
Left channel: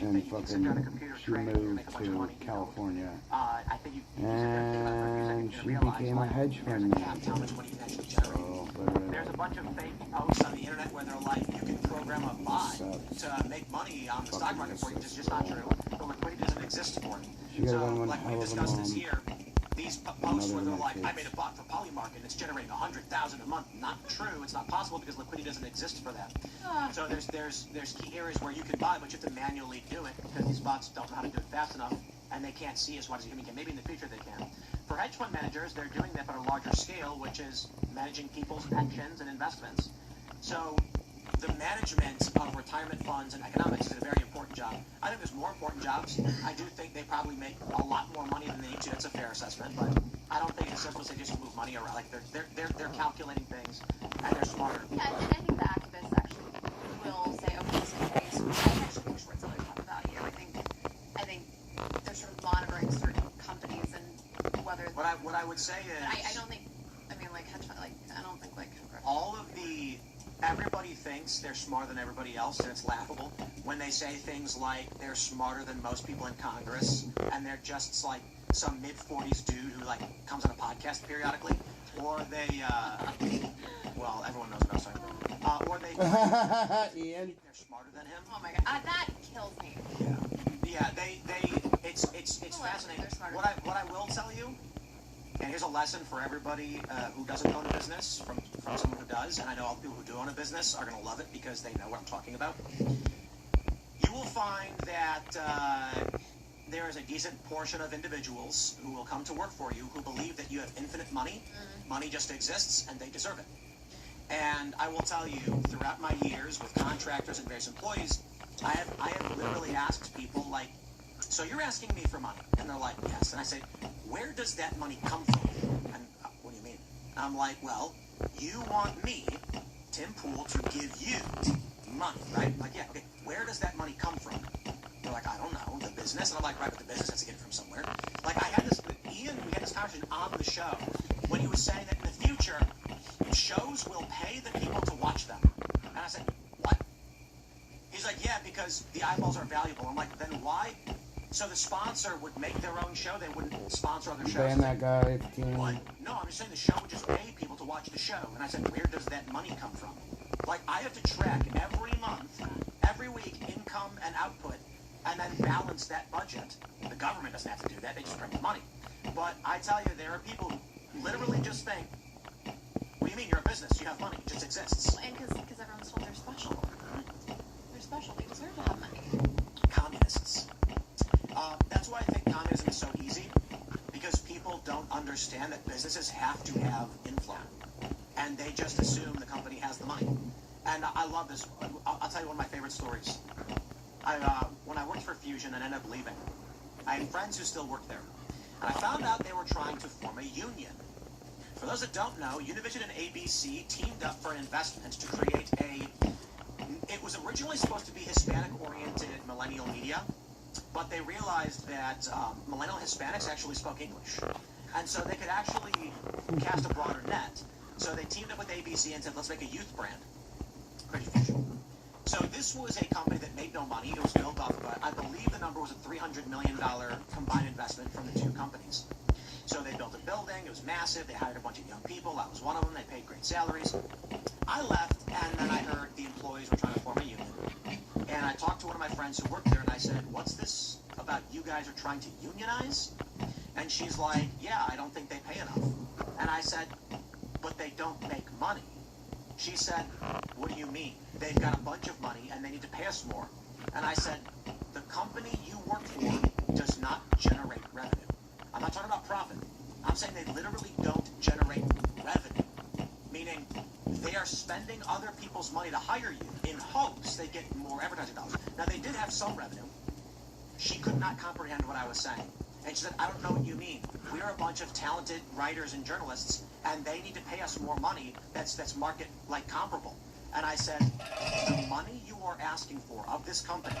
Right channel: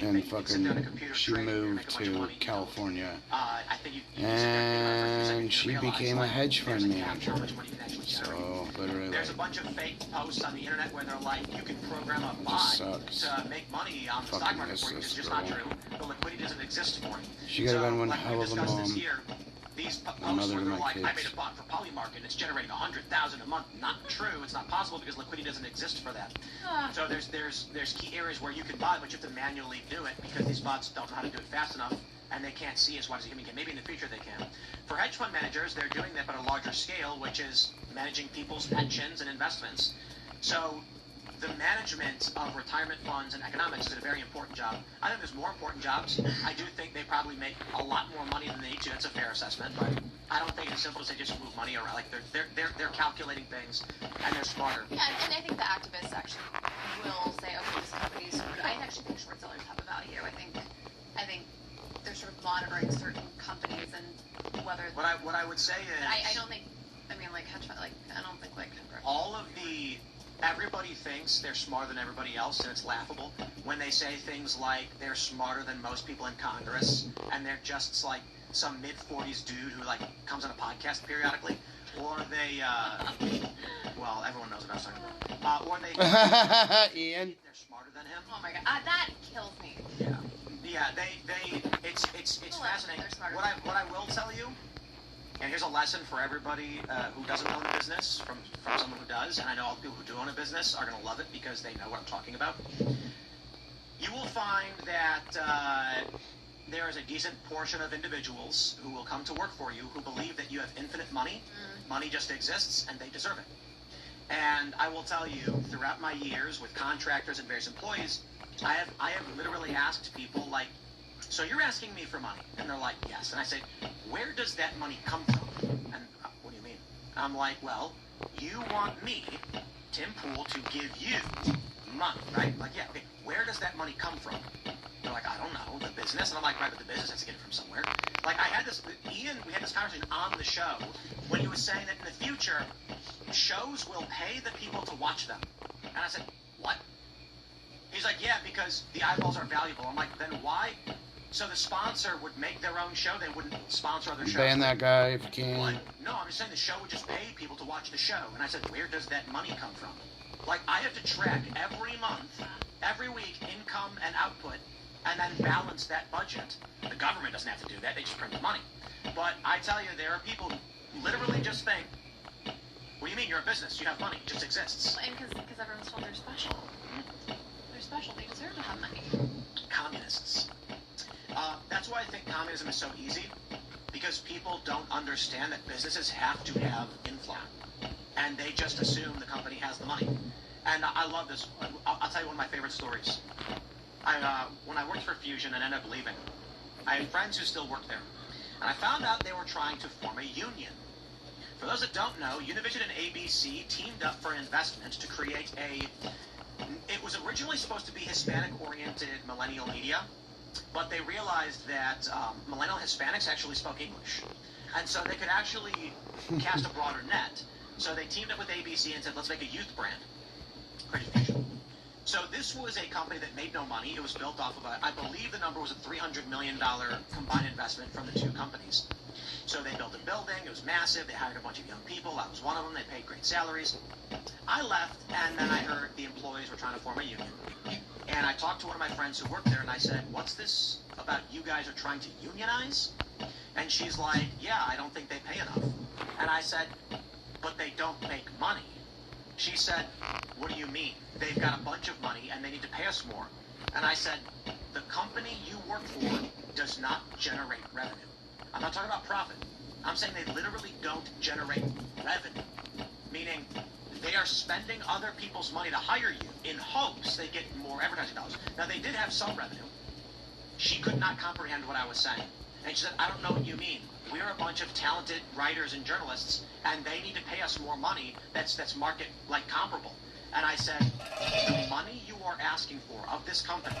and fucking, she moved to California, and she became a hedge fund manager, so, literally, there's a bunch of fake posts on the internet where they're like, you can program a bot to make money on the stock market for you. It's just not true. The liquidity doesn't exist for you. She could have been one hell of a mom. These posts Mother where to they're my like, kids. I made a bot for Polymarket, it's generating 100,000 a month. Not true. It's not possible because liquidity doesn't exist for that. So there's key areas where you can buy, but you have to manually do it because these bots don't know how to do it fast enough, and they can't see as much as a human can. Maybe in the future they can. For hedge fund managers, they're doing that but on a larger scale, which is managing people's pensions and investments. So the management of retirement funds and economics is a very important job. I think there's more important jobs. I do think they probably make a lot more money than they need to. That's a fair assessment, but I don't think it's simple as they just move money around. Like they're calculating things and they're smarter. Yeah, and I think the activists actually will say, okay, this company is. I actually think short sellers have a value. I think they're sort of monitoring certain companies and whether. What I would say is I don't think. I mean, like hedge fund. Like I don't think like. all of the. Everybody thinks they're smarter than everybody else, and it's laughable when they say things like they're smarter than most people in Congress, and they're just like some mid-40s dude who like comes on a podcast periodically, or they, well, everyone knows what I was talking about, or they, Ian. they're smarter than him. Oh my god, that kills me. Yeah, it's fascinating. What I will tell you. And here's a lesson for everybody who doesn't own a business, from someone who does, and I know all the people who do own a business are going to love it because they know what I'm talking about. You will find that there is a decent portion of individuals who will come to work for you who believe that you have infinite money. Money just exists, and they deserve it. And I will tell you, throughout my years with contractors and various employees, I have literally asked people, like, so you're asking me for money? And they're like, yes. And I say, where does that money come from? And what do you mean? And I'm like, well, you want me, Tim Pool, to give you money, right? Like, yeah, okay, where does that money come from? They're like, I don't know, the business. And I'm like, right, but the business has to get it from somewhere. Like, I had this, Ian, we had this conversation on the show when he was saying that in the future, shows will pay the people to watch them. And I said, what? He's like, yeah, because the eyeballs are valuable. I'm like, then why? So the sponsor would make their own show. They wouldn't sponsor other shows. Ban that guy if you can. What? No, I'm just saying the show would just pay people to watch the show. And I said, where does that money come from? Like, I have to track every month, every week, income and output, and then balance that budget. The government doesn't have to do that. They just print the money. But I tell you, there are people who literally just think, what do you mean? You're a business. You have money. It just exists. And because everyone's told they're special. They're special. They deserve to have money. Communists. That's why I think communism is so easy, because people don't understand that businesses have to have inflow, and they just assume the company has the money. And I love this. I'll tell you one of my favorite stories. When I worked for Fusion and ended up leaving, I had friends who still worked there, and I found out they were trying to form a union. For those that don't know, Univision and ABC teamed up for an investment to create it was originally supposed to be Hispanic-oriented millennial media, but they realized that millennial Hispanics actually spoke English. And so they could actually cast a broader net. So they teamed up with ABC and said, let's make a youth brand. Creative Fusion. So this was a company that made no money. It was built off of I believe the number was a $300 million combined investment from the two companies. So they built a building. It was massive. They hired a bunch of young people. I was one of them. They paid great salaries. I left, and then I heard the employees were trying to form a union. And I talked to one of my friends who worked there, and I said, what's this about you guys are trying to unionize? And she's like, yeah, I don't think they pay enough. And I said, but they don't make money. She said, what do you mean? They've got a bunch of money, and they need to pay us more. And I said, the company you work for does not generate revenue. I'm not talking about profit. I'm saying they literally don't generate revenue. Meaning, They are spending other people's money to hire you in hopes they get more advertising dollars. Now, they did have some revenue. She could not comprehend what I was saying. And she said, I don't know what you mean. We're a bunch of talented writers and journalists, and they need to pay us more money that's market, like, comparable. And I said, the money you are asking for of this company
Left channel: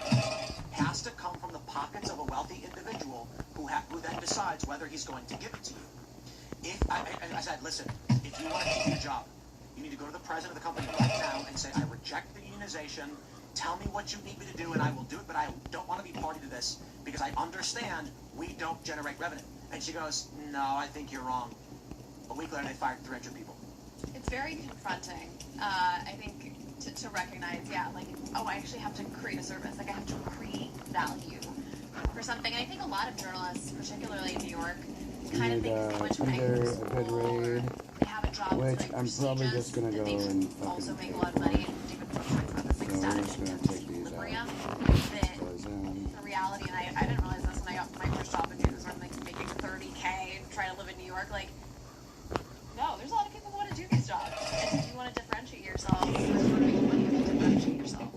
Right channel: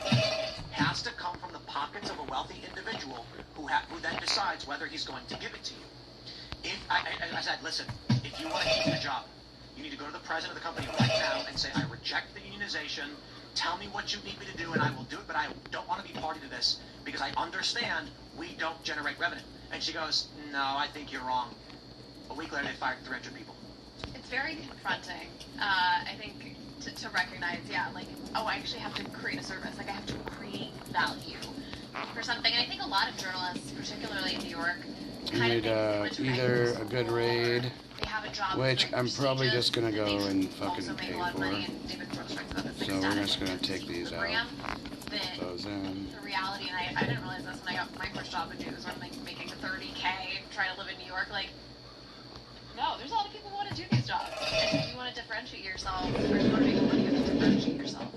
has to come from the pockets of a wealthy individual who then decides whether he's going to give it to you. I said, listen, if you want to keep your job, you need to go to the president of the company right now and say, I reject the unionization. Tell me what you need me to do, and I will do it, but I don't want to be party to this because I understand we don't generate revenue. And she goes, no, I think you're wrong. A week later, they fired 300 people. It's very confronting, I think, to recognize, like, oh, I actually have to create a service. Like, I have to create value for something. And I think a lot of journalists, particularly in New York, Need either a good raid, which I'm probably just gonna go and fucking pay for. So we're just gonna take these out. Those in. The reality, and I didn't realize this when I got my first job in news, when I'm like making $30K, trying to live in New York. Like, no, there's a lot of people who want to do these jobs. And if you want to differentiate yourself,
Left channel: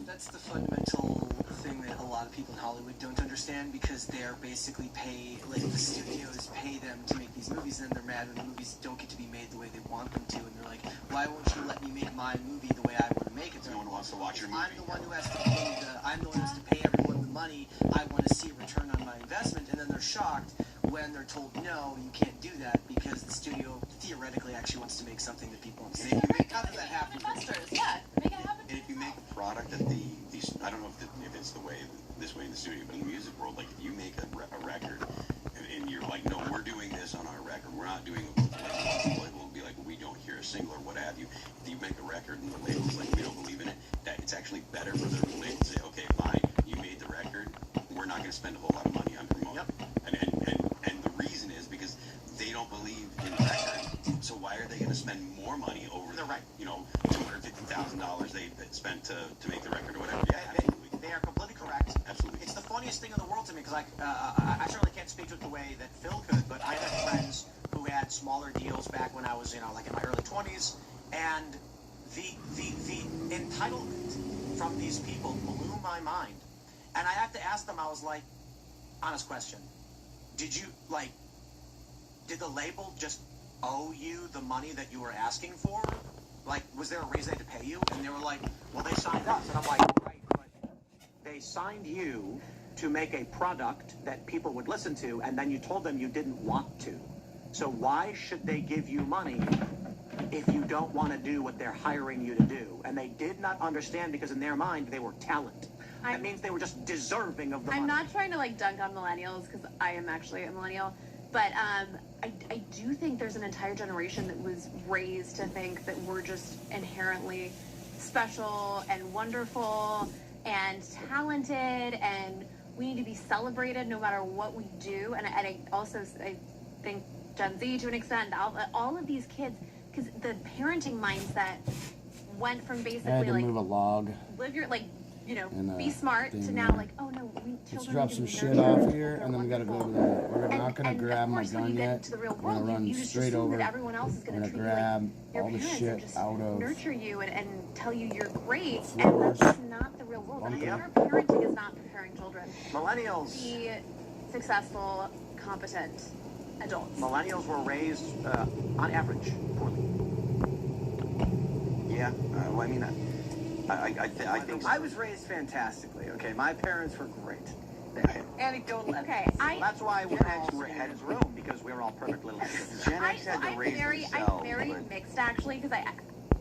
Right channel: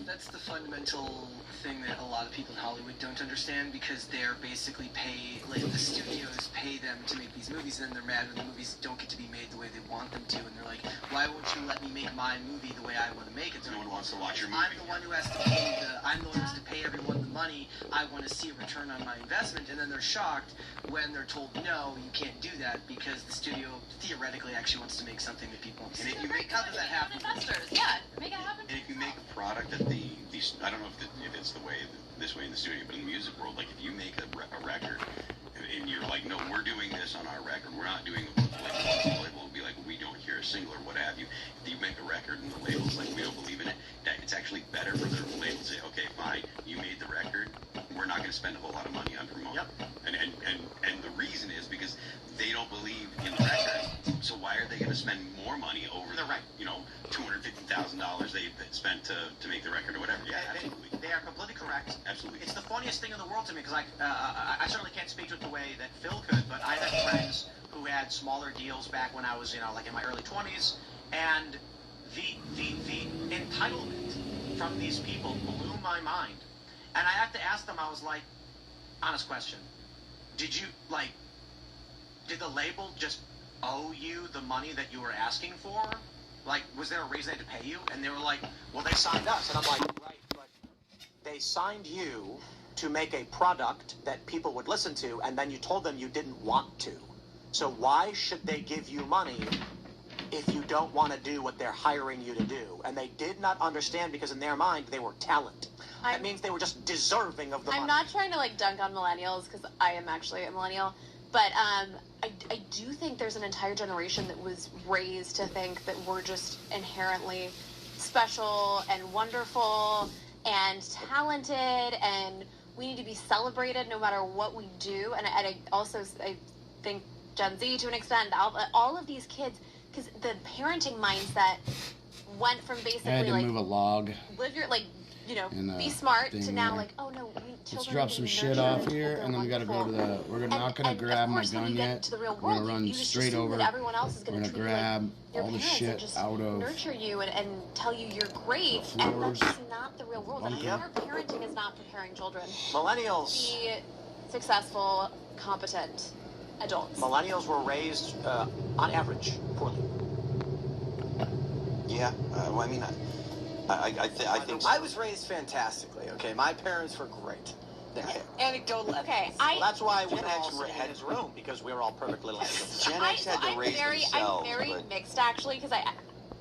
that's the fundamental thing that a lot of people in Hollywood don't understand, because they're basically paid, like the studios pay them to make these movies, and then they're mad when the movies don't get to be made the way they want them to, and they're like, why won't you let me make my movie the way I want to make it? No one wants to watch your movie. I'm the one who has to pay I'm the one who has to pay everyone the money. I want to see a return on my investment, and then they're shocked when they're told, no, you can't do that, because the studio theoretically actually wants to make something that people want to see. And if you make, how does that happen? Investors, make it happen. And if you make a product that these, I don't know if it's the way, this way in the studio, but in the music world, like if you make a record, and you're like, no, we're doing this on our record, we're not doing it with the label will be like, well, we don't hear a single or what have you. If you make a record and the label's like, we don't believe in it, that it's actually better for the label to say, okay, fine, you made the record, we're not going to spend a whole lot of money on promoting. And the reason is because they don't believe in the record, so why are they going to spend more money over the record? You know, $250,000 they spent to make the record or whatever. Yeah, absolutely. They are completely correct. Absolutely. It's the funniest thing in the world to me, because I certainly can't speak to it the way that Phil could, but I have friends who had smaller deals back when I was, like in my early 20s, and the entitlement from these people blew my mind. And I have to ask them, I was like, honest question, did the label just owe you the money that you were asking for? Like, was there a reason they had to pay you? And they were like, well, they signed us. And I'm like, right, but they signed you to make a product that people would listen to, and then you told them you didn't want to. So why should they give you money if you don't want to do what they're hiring you to do? And they did not understand, because in their mind, they were talent. That means they were just deserving of the money. I'm not trying to like dunk on millennials, because I am actually a millennial, but I do think there's an entire generation that was raised to think that we're just inherently special and wonderful and talented, and we need to be celebrated no matter what we do. And I also think Gen Z, to an extent, all of these kids, because the parenting mindset went from basically I had to like move a log. Live your be smart to now like, oh no, let's drop some shit off here, and then we gotta go to the. We're not gonna grab my gun yet. We're gonna run straight over. We're gonna grab all the shit out of. Nurture you and tell you you're great. Floors. And that's not the real world. Our parenting is not preparing children. Millennials. Be successful, competent adults. Millennials were raised, on average, poorly. Yeah, well, I mean, I think so. I was raised fantastically. Okay, my parents were great. Anecdotal. Okay, That's why Gen X were ahead of his room, because we were all perfect little idiots. Gen X had to raise themselves. I'm very mixed, actually, because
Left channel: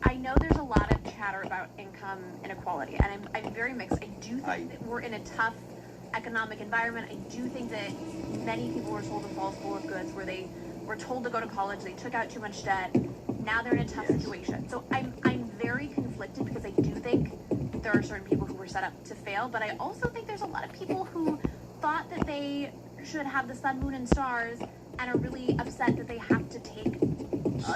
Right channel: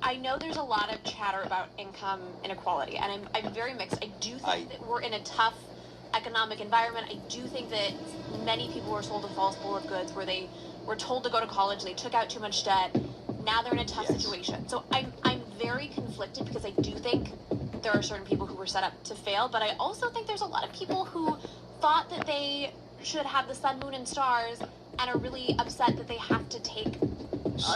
I know there's a lot of chatter about income inequality, and I'm very mixed. I do think that we're in a tough economic environment. I do think that many people were sold a false bill of goods, where they were told to go to college, they took out too much debt. Now they're in a tough situation. So I'm very conflicted, because I do think there are certain people who were set up to fail, but I also think there's a lot of people who thought that they should have the sun, moon, and stars, and are really upset that they have to take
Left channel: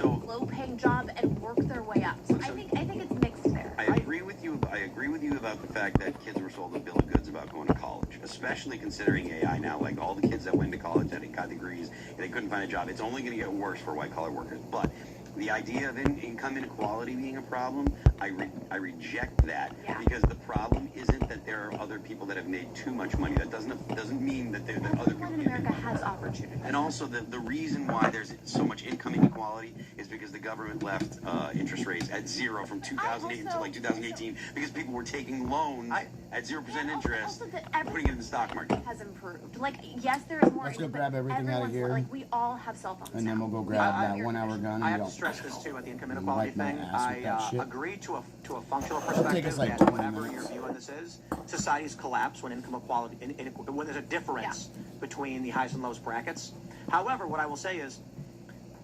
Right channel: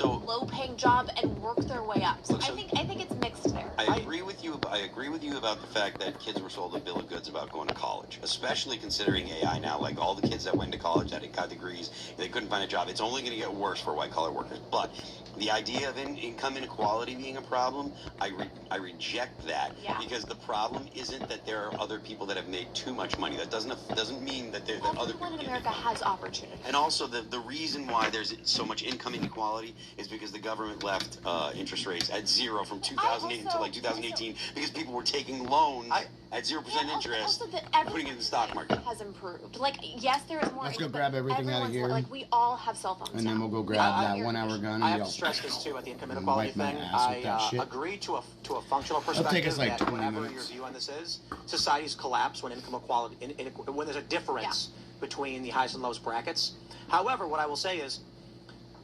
a low-paying job and work their way up. So I think it's mixed there. I agree with you. I agree with you about the fact that kids were sold a bill of goods about going to college, especially considering AI now. Like all the kids that went to college that got degrees, they couldn't find a job. It's only going to get worse for white-collar workers. But The idea of income inequality being a problem, I reject that, because the problem isn't that there are other people that have made too much money. That doesn't mean that there are other people in America has opportunity. And also the reason why there's so much income inequality is because the government left interest rates at zero from 2008 until like 2018, because people were taking loans at 0% interest, putting it in the stock market. Has improved. Like, yes, there is more. Let's go grab everything out of here. Like, we all have cell phones. And then we'll go grab that 1 hour gun I and have go. to stress this too at the income inequality Wipe my thing. ass with that I shit. agree to a functional It'll perspective. take us like that 20 whatever minutes. your view on this is, societies collapse when income equality, when there's a difference between the highest and lowest brackets. However, what I will say is,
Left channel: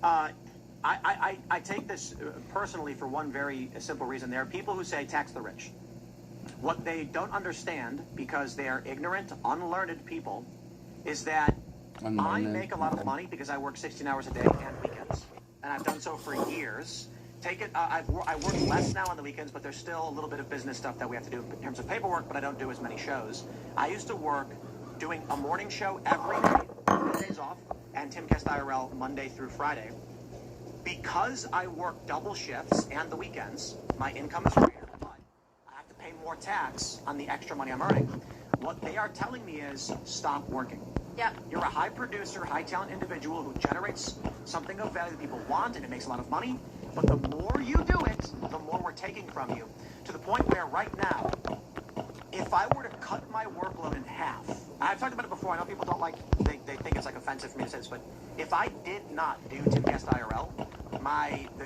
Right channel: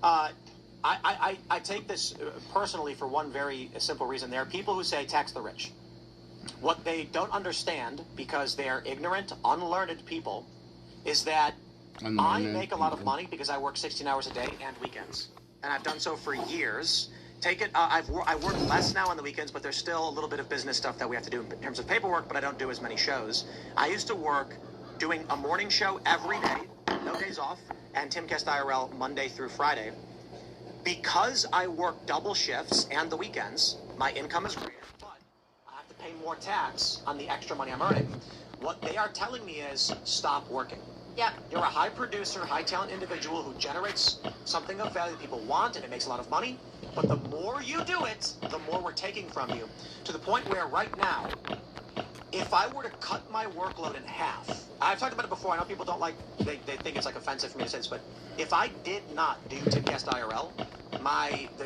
I take this personally for one very simple reason. There are people who say tax the rich. What they don't understand, because they are ignorant, unlearned people, is that I make a lot of money because I work 16 hours a day and weekends. And I've done so for years. I work less now on the weekends, but there's still a little bit of business stuff that we have to do in terms of paperwork, but I don't do as many shows. I used to work doing a morning show every day, no days off, and Timcast IRL Monday through Friday. Because I work double shifts and the weekends, my income is greater, but I have to pay more tax on the extra money I'm earning. What they are telling me is stop working. Yeah. You're a high producer, high talent individual who generates something of value that people want, and it makes a lot of money. But the more you do it, the more we're taking from you. To the point where right now, if I were to cut my workload in half, I've talked about it before, I know people don't like, they think it's like offensive for me to say this, but if I did not do Timcast IRL,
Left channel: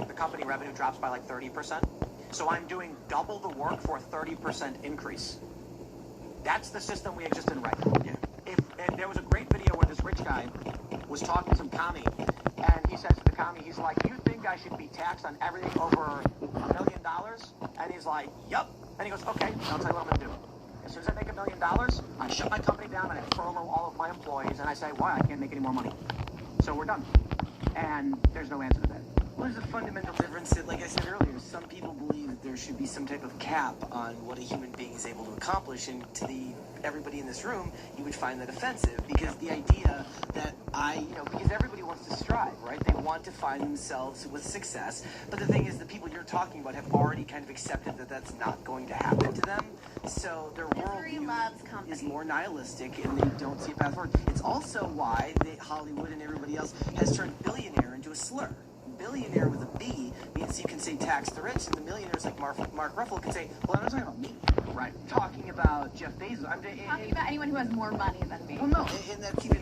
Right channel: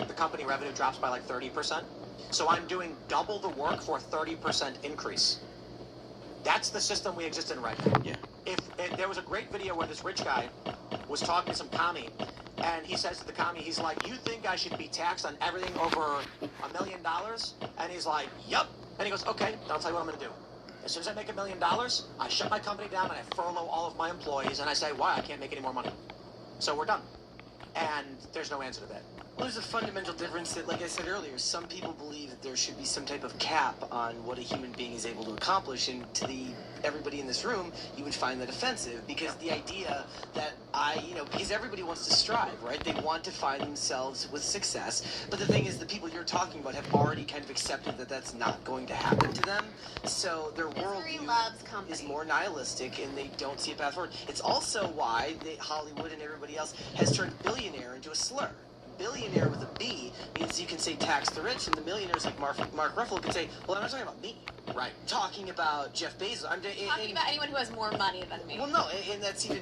the company revenue drops by like 30%. So I'm doing double the work for a 30% increase. That's the system we exist in right now. Yeah. If there was a great video where this rich guy was talking to some commie, and he says to the commie, he's like, "You think I should be taxed on everything over $1 million?" And he's like, "Yup." And he goes, "Okay, I'll tell you what I'm gonna do. As soon as I make $1 million, I shut my company down and I furlough all of my employees, and I say, why? I can't make any more money. So we're done." And there's no answer to that. Well, there's a fundamental difference that, like I said earlier, some people believe that there should be some type of cap on what a human being is able to accomplish, and to everybody in this room, you would find that offensive, because the idea that because everybody wants to strive, right? They want to find themselves with success, but the thing is, the people you're talking about have already kind of accepted that that's not going to happen to them, so their worldview is more nihilistic, and they don't see a path forward. It's also why Hollywood and everybody else has turned billionaire into a slur. Billionaire with a B means you can say tax the rich, and the millionaires like Mark Ruffalo can say, well, I'm not talking about me. Right. Talking about Jeff Bezos. Talking about anyone who has more money than me. Well, no, and it's even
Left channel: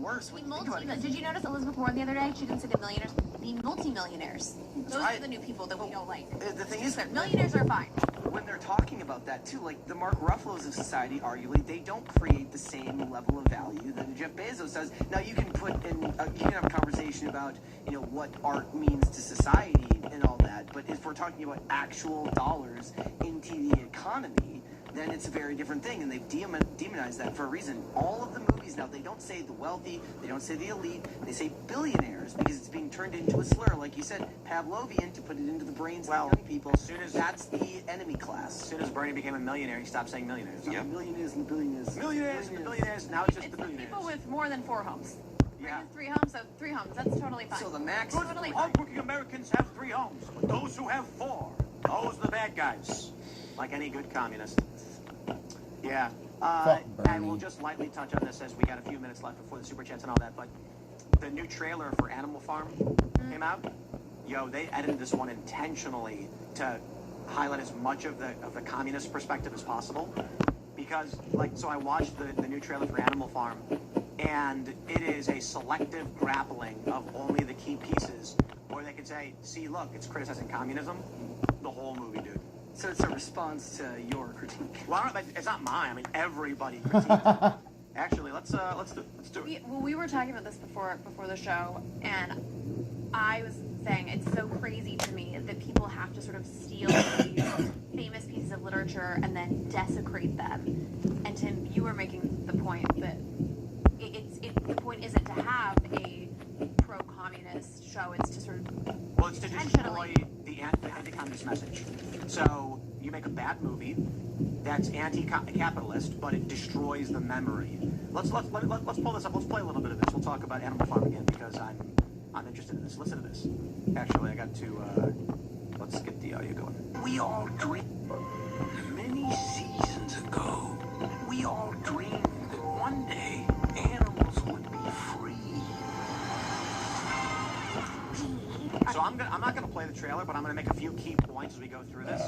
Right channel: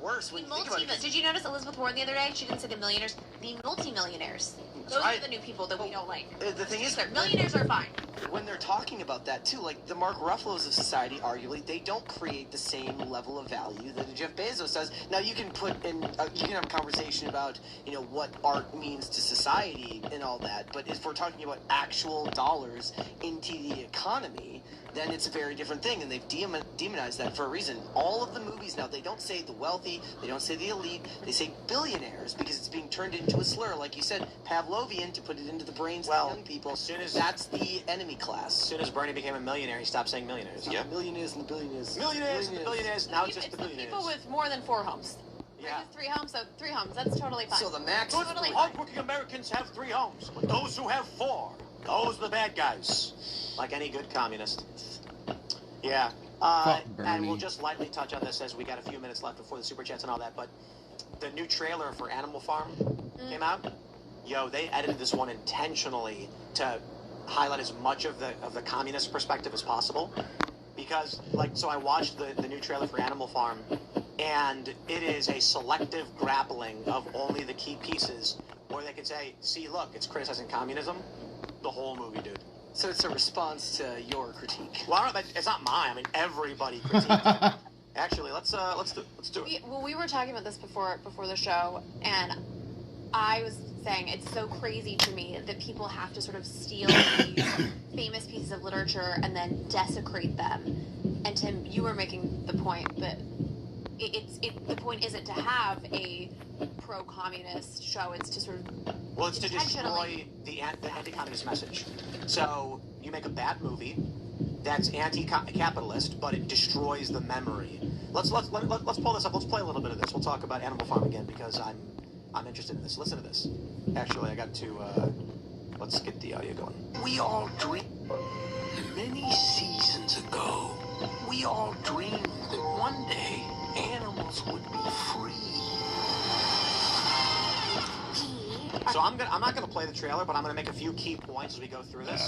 worse when you think about it. Did you notice Elizabeth Warren the other day? She didn't say the millionaires, the multi-millionaires. Those are the new people that we don't like. The thing is, millionaires are fine. When they're talking about that too, like the Mark Ruffalos of society, arguably, they don't create the same level of value that Jeff Bezos does. Now you can you can have a conversation about what art means to society and all that, but if we're talking about actual dollars into the economy, then it's a very different thing, and they've demonized that for a reason. All of the movies now, they don't say the wealthy, they don't say the elite, they say billionaires, because it's being turned into a slur, like you said, Pavlovian, to put it into the brains of young people. That's the enemy class. As soon as Bernie became a millionaire, he stopped saying millionaires. Yeah, millionaires and the billionaires. Millionaires and the billionaires. Now it's just the billionaires. People with more than 4 homes. Yeah. 3 homes, so 3 homes. That's totally fine. So the max. Totally fine. Hardworking Americans have 3 homes. Those who have 4, those are the bad guys. Like any good communist. Yeah. Fuck Bernie. And we'll just lightly touch on this as we got a few minutes left before the super chats and all that. But the new trailer for Animal Farm came out. Yo, they edited this one intentionally to highlight as much of the communist perspective as possible. Because, so I watched the new trailer for Animal Farm, and it is a selective grappling of only the key pieces, where they can say, see, look, it's criticizing communism. The whole movie, dude. So it's a response to your critique. Well, it's not mine. I mean, everybody critiques it. Actually, let's do it. We were talking about this before the show, and I was saying it's so crazy to me that people have to sort of steal these famous pieces of literature and then desecrate them. And Tim, you were making the point that the point isn't to have a pro-communist show; it's to sort of it's to destroy the anti-communist message. So you make a bad movie that's anti-capitalist, but it destroys the memory. Let's pull this up. Let's play a little bit of this. We'll talk about Animal Farm again because I'm interested in this. Listen to this. Actually, I got to, let's get the audio going. We all dreamed many seasons ago. We all dreamed that one day animals would be free. So I'm not gonna play the trailer, but I'm gonna make a few key points as we go through this,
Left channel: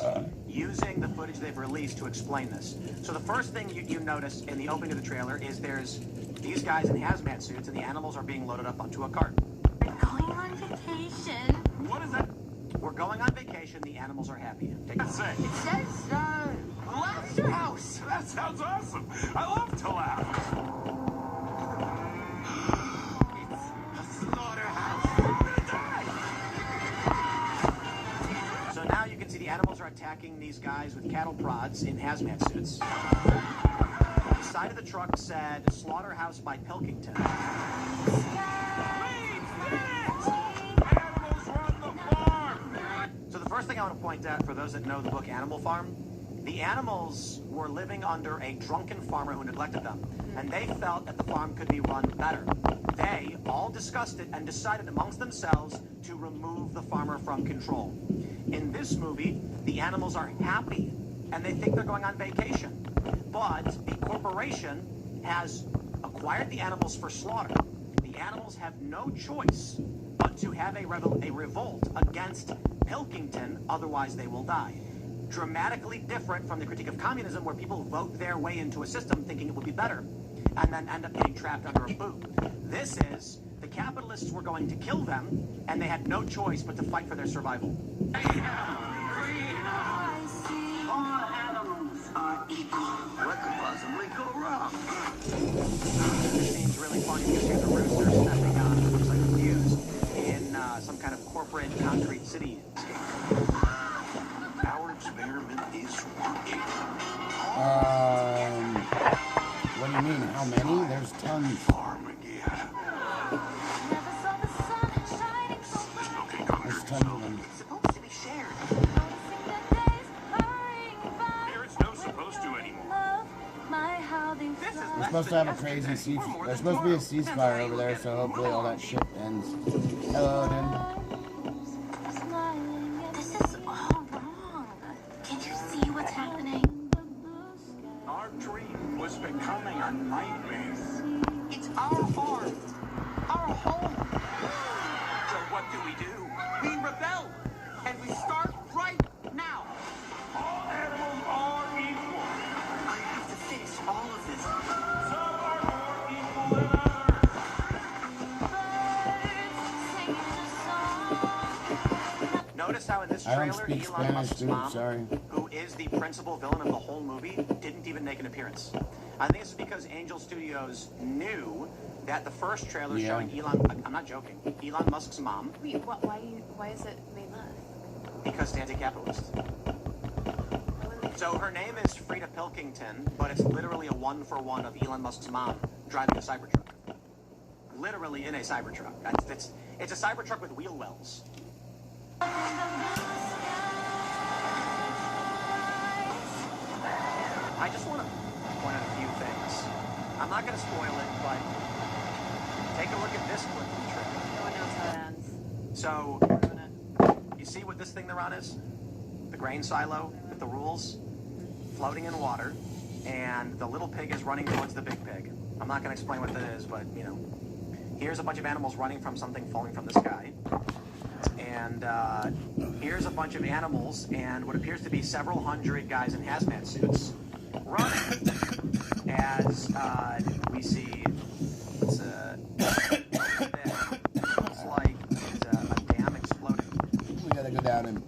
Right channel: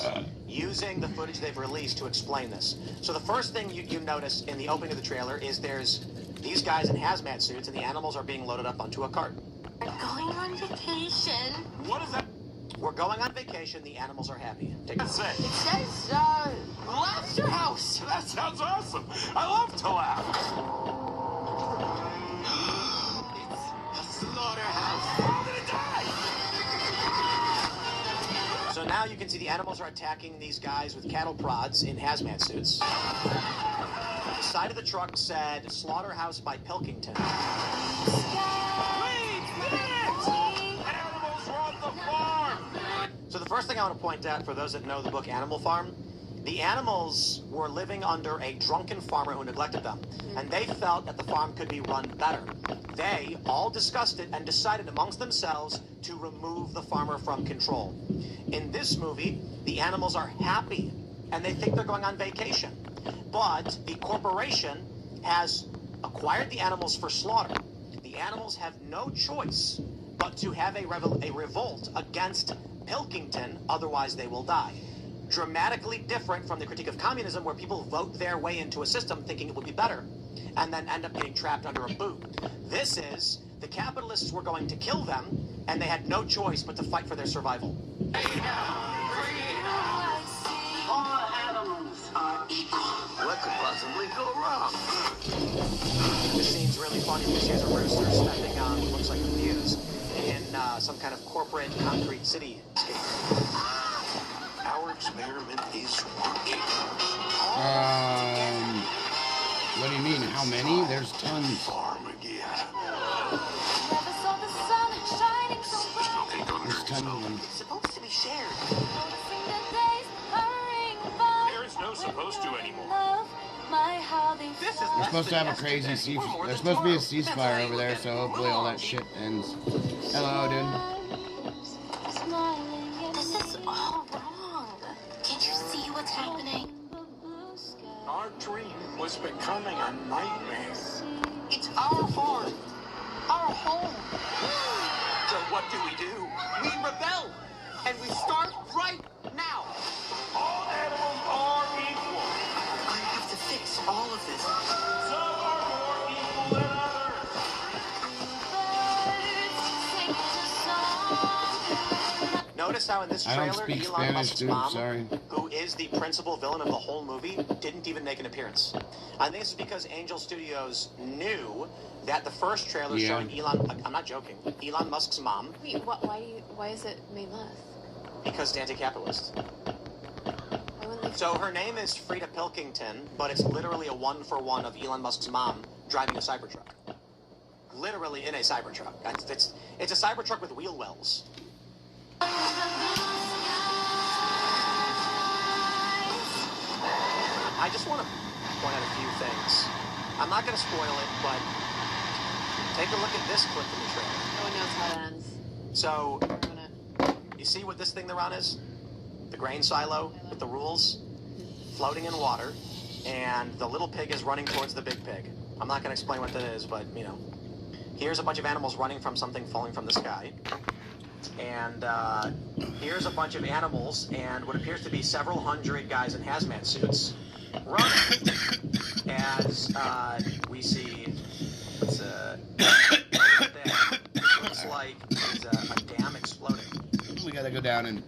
using the footage they've released to explain this. So the first thing you notice in the opening of the trailer is there's these guys in hazmat suits, and the animals are being loaded up onto a cart. We're going on vacation. What is that? We're going on vacation. The animals are happy. Take it. It says, Laughter House. That sounds awesome. I love to laugh. It's a slaughterhouse. I'm gonna die. So now you can see the animals are attacking these guys with cattle prods in hazmat suits. The side of the truck said "Slaughterhouse by Pilkington." So the first thing I want to point out, for those that know the book Animal Farm, the animals were living under a drunken farmer who neglected them, and they felt that the farm could be run better. They all discussed it and decided amongst themselves to remove the farmer from control. In this movie, the animals are happy, and they think they're going on vacation. But the corporation has acquired the animals for slaughter. The animals have no choice but to have a revolt against Pilkington, otherwise they will die. Dramatically different from the critique of communism, where people vote their way into a system thinking it would be better, and then end up getting trapped under a boot. This is, the capitalists were going to kill them, and they had no choice but to fight for their survival. All animals are equal. What could possibly go wrong? This scene's really funny because here's a rooster stepping on what looks like wheels in some kind of corporate concrete city. Our experiment is working. What do you mean? How many? There's tons. Farm again. There's tons of them. It's supposed to be shared. There is no supposed to anymore. We're supposed to have a crazy there's supposed to be a ceasefire over there, so hopefully all that shit ends. Hello, dude. This is all wrong. Can't you see what's happening? Our dream was becoming a nightmare. It's our farm. Our home. So what do? We rebel. And we start right now. All animals are equal. I have to fix all of this. Some are more equal than others. Notice how in this I trailer, don't speak Elon Spanish, Musk's dude. mom, Sorry. who is the principal villain of the whole movie, didn't even make an appearance. I think it's because Angel Studios knew that the first trailer Yeah. showing Elon, I'm not joking, Elon Musk's mom, Wait, why is it made less? because it's anti-capitalist. So her name is Frida Pilkington, but it's literally a one-for-one of Elon Musk's mom driving a Cybertruck. Literally in a Cybertruck. It's a Cybertruck with wheel wells. I just want to point out a few things. I'm not going to spoil it, but take a look at this clip from the trailer. No one knows how it ends. So, We're gonna- you see what this thing they're on is? The grain silo with the rules floating in water, and the little pig is running towards the big pig. I'm not going to explain what that is, but, you know. Here's a bunch of animals running from something falling from the sky. And here's a bunch of animals and what appears to be several hundred guys in hazmat suits running as we see it's looks like it's a dam exploding. We gotta go down and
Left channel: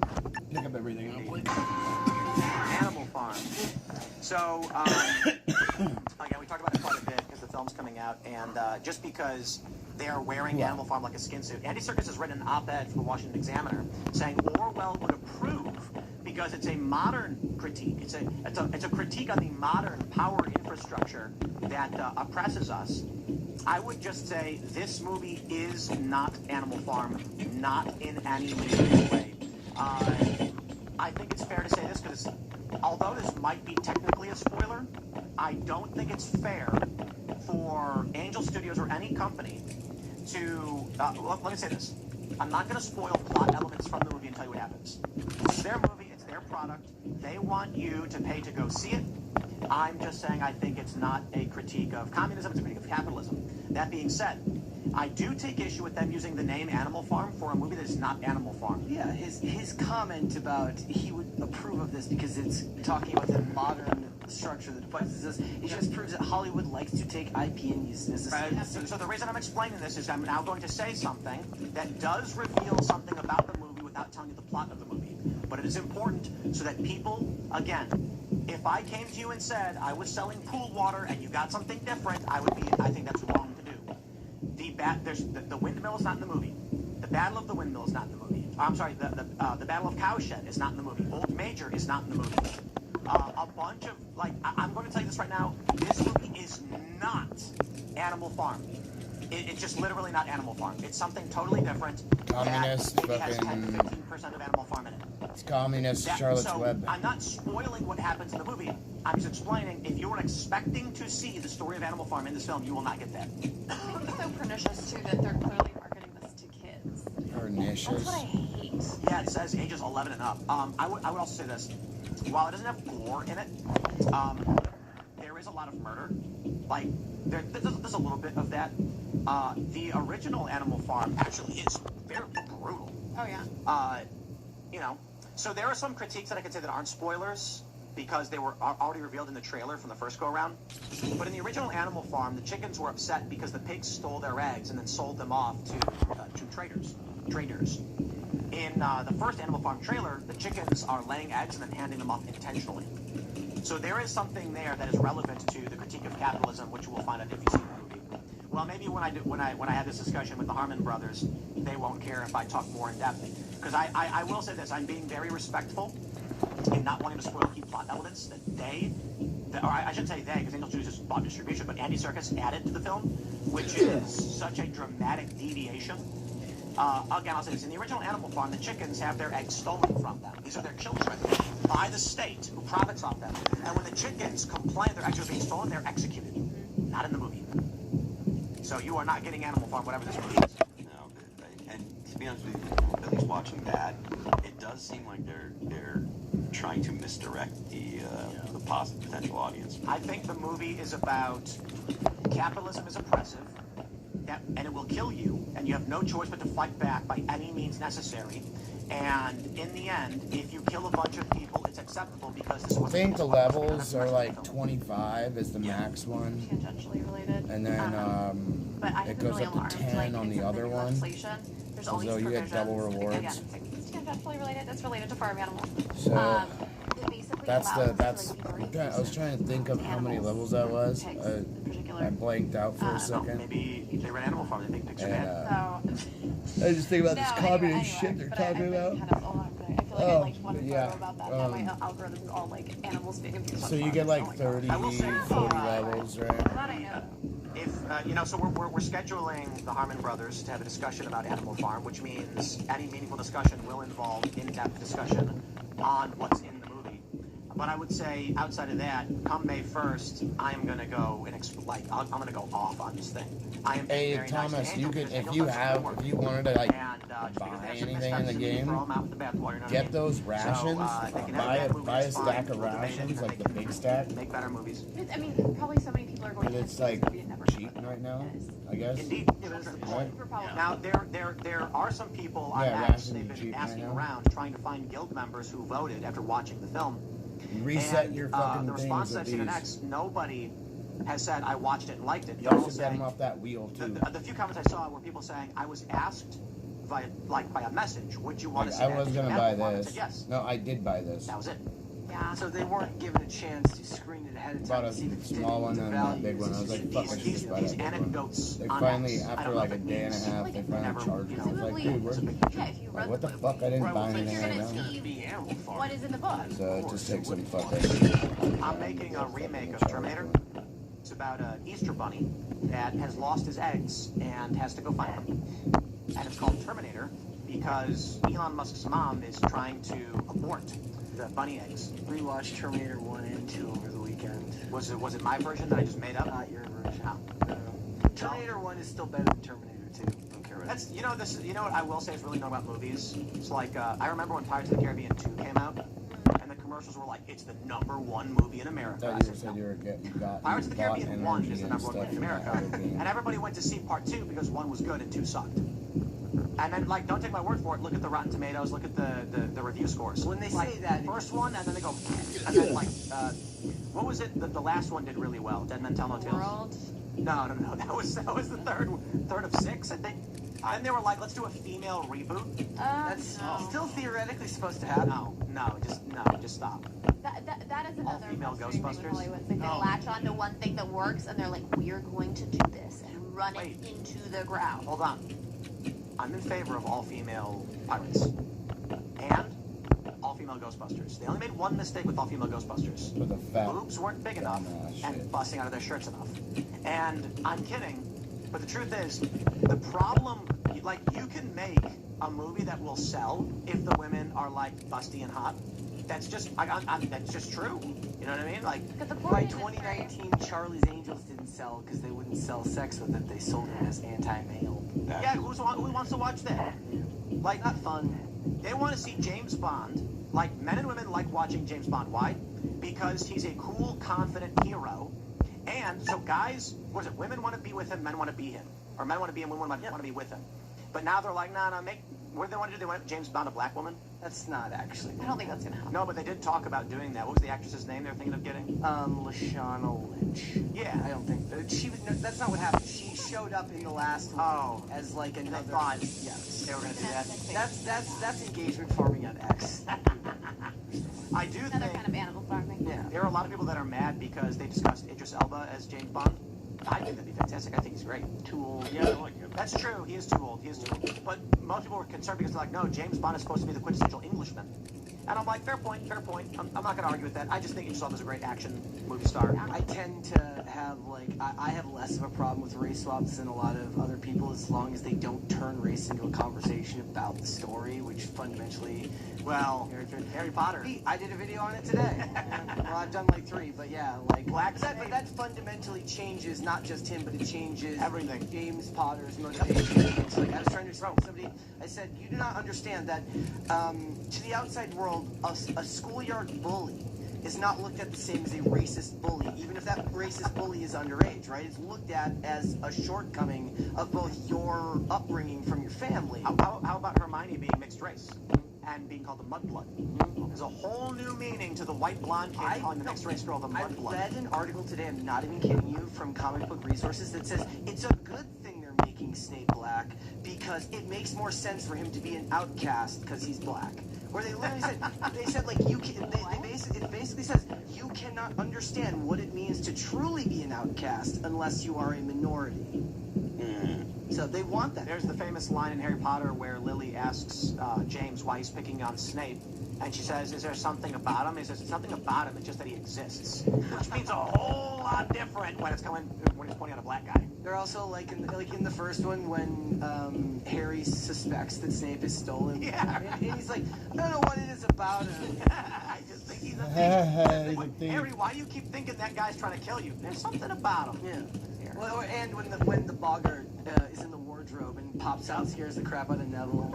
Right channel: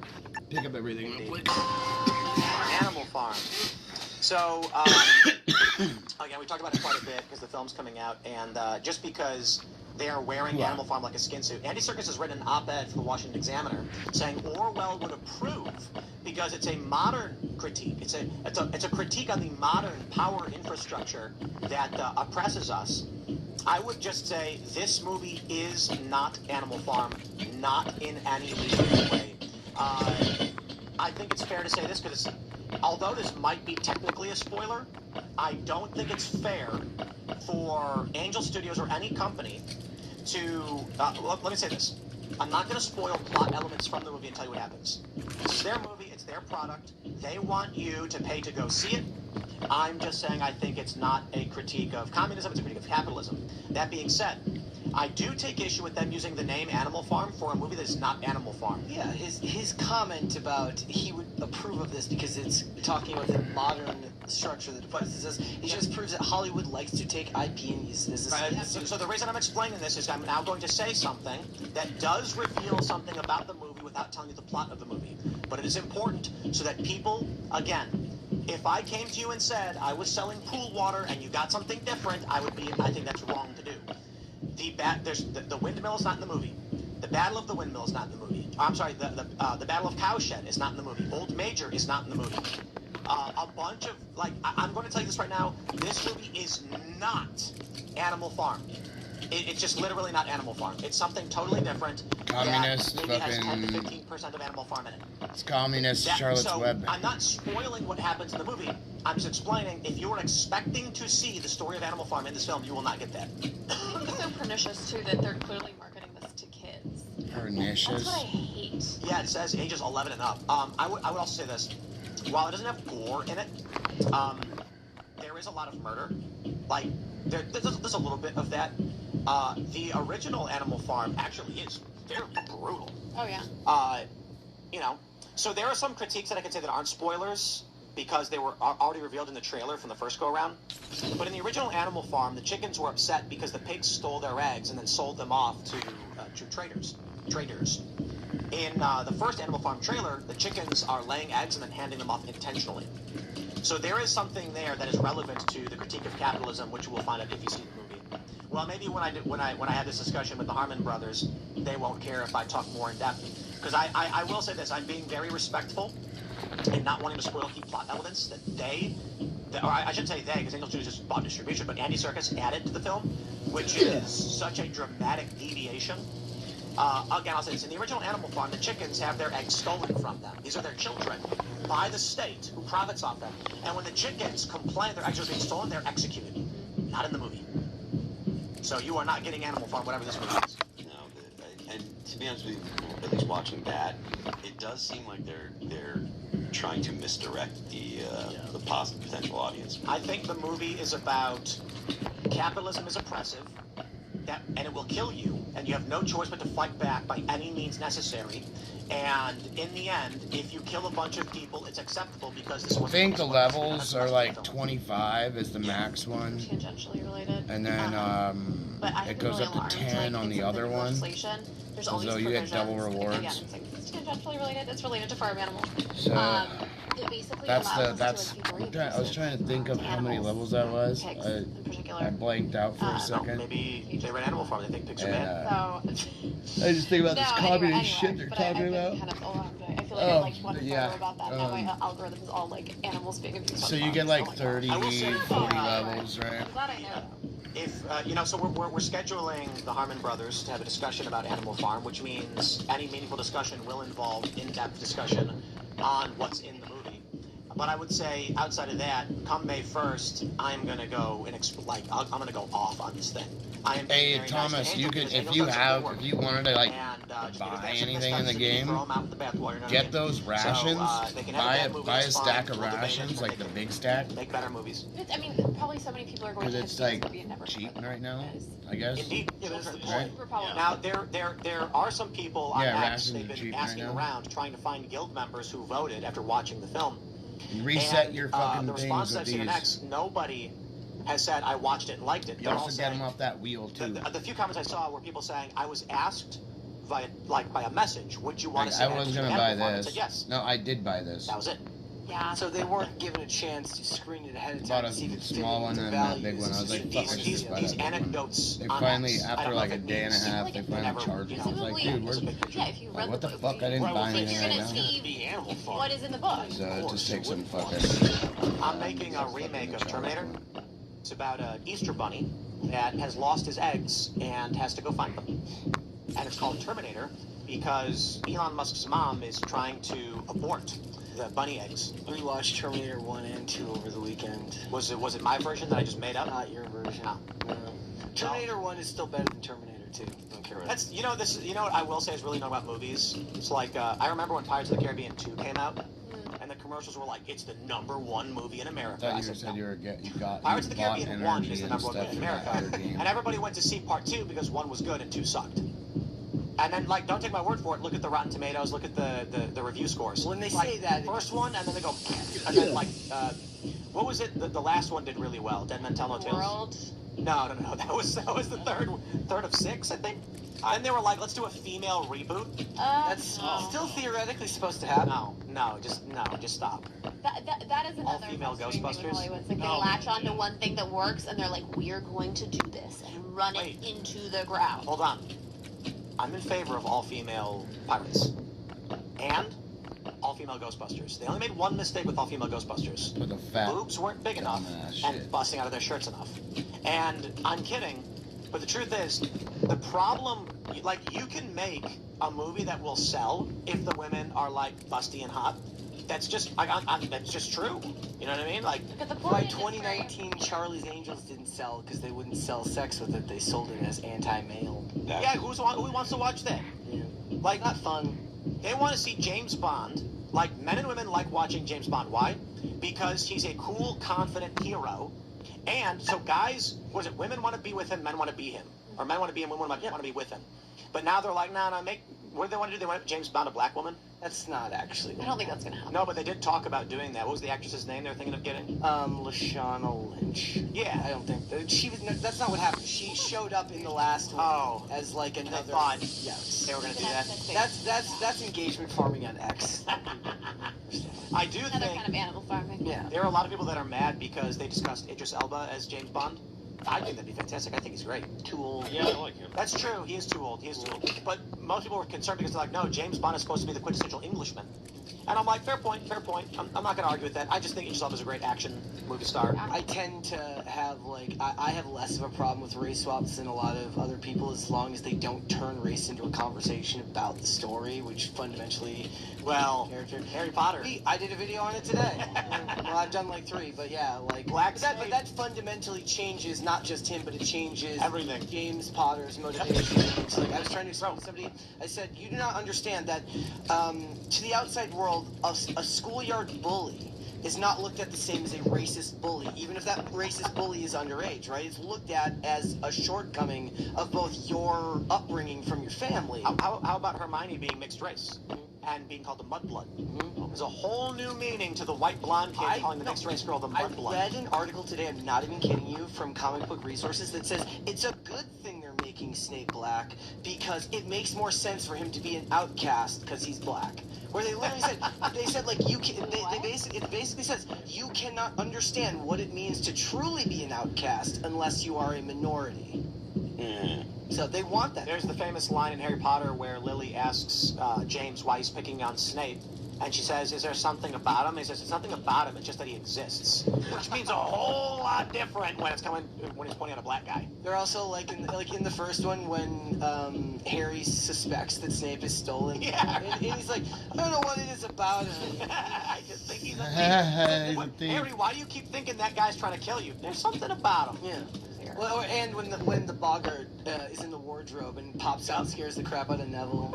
pick up everything real quick. Animal Farm. So, again, we talked about it quite a bit because the film's coming out, and just because they are wearing Wow. Animal Farm like a skin suit. Andy Serkis has written an op-ed for the Washington Examiner saying Orwell would approve because it's a modern critique. It's a critique on the modern power infrastructure that oppresses us. I would just say this movie is not Animal Farm, not in any way. I think it's fair to say this because although this might be technically a spoiler, I don't think it's fair for Angel Studios or any company to, let me say this. I'm not going to spoil plot elements from the movie and tell you what happens. This is their movie. It's their product. They want you to pay to go see it. I'm just saying I think it's not a critique of communism. It's a critique of capitalism. That being said, I do take issue with them using the name Animal Farm for a movie that is not Animal Farm. Yeah, his comment about he would approve of this because it's talking about the modern structure that defines this, it just proves that Hollywood likes to take IP and use this. Right. So the reason I'm explaining this is I'm now going to say something that does reveal something about the movie without telling you the plot of the movie. But it is important so that people, again, if I came to you and said I was selling pool water and you got something different, I think that's wrong to do. The windmill is not in the movie. The Battle of the Windmill is not in the movie. I'm sorry, the Battle of Cowshed is not in the movie. Old Major is not in the movie. A bunch of, I'm going to tell you this right now, this movie is not Animal Farm. It's just literally not Animal Farm. It's something totally different. Communist It has 10 to fucking... 15% of Animal Farm in it. It's communist Charlotte's Web. I'm not spoiling what happens in the movie. I'm just explaining, if you were expecting to see the story of Animal Farm in this film, you will not get that. I think it's so pernicious, too, that they're clearly marketing this to kids. Pernicious. That's what I hate. Yeah, it says ages 11 and up. I would also say this. While it doesn't have gore in it, there is a lot of murder. There's a little bit of that. The original Animal Farm actually is very brutal. Oh, yeah. So there are some critiques that I can say that aren't spoilers because they were already revealed in the trailer from the first go-around. But in the original Animal Farm, the chickens were upset because the pigs stole their eggs and then sold them off to traders. In the first Animal Farm trailer, the chickens are laying eggs and then handing them off intentionally. So there is something there that is relevant to the critique of capitalism, which you will find out if you see the movie. Well, maybe when I have this discussion with the Harmon brothers, they won't care if I talk more in depth. Because I will say this, I'm being very respectful and not wanting to spoil key plot elements that or I shouldn't say they, because Angel Studios just bought distribution, but Andy Serkis added to the film, which is such a dramatic deviation. Again, I'll say this, in the original Animal Farm, the chickens have their eggs stolen from them. These are their children by the state who profits off them. And when the chickens complain their eggs are being stolen, they're executed. Not in the movie. So you are not getting Animal Farm, whatever this movie is. No, and to be honest with you, at least watching that, it does seem like they're trying to misdirect the potential audience. I think the movie is about capitalism is oppressive, and it will kill you, and you have no choice but to fight back by any means necessary. And in the end, if you kill a bunch of people, it's acceptable because this I think the levels are like 25 is the max one. Tangentially related. And then But I it goes up to 10 on the other one. So though you get double rewards. Yeah, it's tangentially related. It's related to farm animals. So It basically that's allows that's. I was trying to think of how many levels that was. I blanked out for a second. Maybe they read Animal Farm, they think picture And man. I just think about this communist shit they're talking about. So you get like 30, 40 levels, right? If so we're scheduling the Harmon brothers to have a discussion about Animal Farm, which means any meaningful discussion will involve in-depth discussion on what's in the movie. But I would say outside of that, come May 1st, I'm gonna go and I'm gonna go off on this thing. Hey Thomas, you could if you wanted to like buy anything in the game, get those rations. Buy a stack of rations, like the big stack. Make better movies. I mean, probably so many people are going Because to it's like cheap right now, I guess. Indeed, it is. Right? Now there are some people rations they've are been cheap right asking now. around trying to find guild members who voted after watching the film. You reset And, your the fucking response things I've with seen in these. X, nobody has said I watched it and liked it. You also get them off that wheel too. The few comments I saw were people saying I was asked by a message, would you want Like, to see I was gonna buy I this. said yes. No, I did buy this. That was it. Yeah. So they weren't given a chance to screen it ahead of time. Bought a to see if it small one and that big one. I was like, fuck, I should just buy These that big one. anecdotes. They on finally, X, I after don't know like if a it day and a means- half, they finally charged me. I was like, dude, where's... Like, what the fuck? I didn't buy anything right now. What is in the book? So it just takes some fucking... I'm making a remake of Terminator. It's about an Easter bunny that has lost his eggs and has to go find them. And it's called Terminator because Elon Musk's mom is trying to abort the bunny eggs. We watched Terminator 1 and 2 over the weekend. Was it my version that I just made up? Not your version. No. Terminator 1 is still better than Terminator 2. Don't care That's this. You know what I will say is really known about movies. It's like I remember when Pirates of the Caribbean 2 came out, and the commercials were like, "It's the #1 movie in America." I thought you said you Pirates of the bought Caribbean 1 energy is the and #1 stuff movie in in that America, other game. and everybody went to see part 2 because 1 was good and 2 sucked. And then, like, don't take my word for it. Look at the Rotten Tomatoes. Look at the review scores. When they like, say that, first one, and then they go, and then, like, what was it? The last one did really well. Dead Men Tell No Tales. World. No. That was the third of 6, I think. And they were like, let's do a female reboot. That's still theoretically supposed to happen. No, just stop. That is another female frustrating thing with Ghostbusters? Hollywood. It's like they latch onto one thing that works, and they're like, we're going to do this and run Wait. it into the ground. Hold on. I'm in favor of all-female pirates. And all-female Ghostbusters. They only made one mistake with all-female Ghostbusters. But the fat Boobs weren't big enough dumbass and shit. busting out of their shirts enough. And I'm kidding, but the truth is, the problem, like, you can make a movie that will sell if the women are, like, busty and hot. That's just, that's just true. You know what I mean? Like, But the By point is, 2019, Charlie's Angels didn't sell because they wouldn't sell sex with it. They sold it as anti-male. yeah, who wants to watch that? Like, Not fun. they want to see James Bond. Like, men and women like watching James Bond. Why? Because he's a cool, confident hero. And so guys, what is it? Women want to be with him, men want to be him. Or men want to be him, women want to be with him. But now they're like, no, what do they want to do? They want James Bond a black woman? That's not actually. I don't think that's gonna happen. No, but they did talk about doing that. What was the actress's name they were thinking of getting? Lashana Lynch. Yeah. I don't think that she was. No, that's not what happened. She showed up in the last one Oh. as like another. thought Yes. they were going to do that. That's engagement farming on X. I do Another think kind of animal farming. Yeah. there are a lot of people that are mad because they discussed Idris Elba as James Bond. I think that'd be fantastic. I think he's great. Tool. Yeah, I like it. That's true. He is too old. But most people were concerned because they're like, no, James Bond is supposed to be the quintessential Englishman. And I'm like, fair point. I'm not going to argue with that. I just think Idris Elba is a great action movie star. I tend to have I have less of a problem with race swaps than a lot of other people as long as they don't turn race into a conversation about the story, which fundamentally, Well, Harry Potter. I did a video on it today. Well, I've done like 3, but yeah, like Black but that fundamentally changes not just him, but it changes Everything. James Potter's motivation. It's like I was trying to explain to somebody. I said, you do not understand that to the outside world, a schoolyard bully is not looked at the same as a racist bully, even if that racist bully is underage, right? It's looked at as a shortcoming of both your upbringing from your family. How about Hermione being mixed race and being called the mudblood? There's a whole new meaning to the white blonde kid calling the mixed race girl the I mudblood. read an article today, I'm not even kidding you, from Comic Book Resources that says it's a good thing they're making Snape black because it makes more sense for him to be an outcast because he's black. Where they literally said like you can, it basically says you cannot understand what it means to truly be an outcast unless you are a minority. So they want that. There's the famous line in Harry Potter where Lily asks James why he's picking on Snape. And she says, is there something about him? He says, it's nothing about him, it's just that he exists. Which means a whole lot different when he's pointing at a black guy. They're also like in the first one when Harry suspects that Snape is stolen. Yeah. And he's like, I don't know what it is about him. I just think he's He's a a thief. Harry, why do you keep thinking that guy's trying to kill you? There's something about him. Yeah. Well, and when the boggart is in the wardrobe and pops out and scares the crap out of Neville.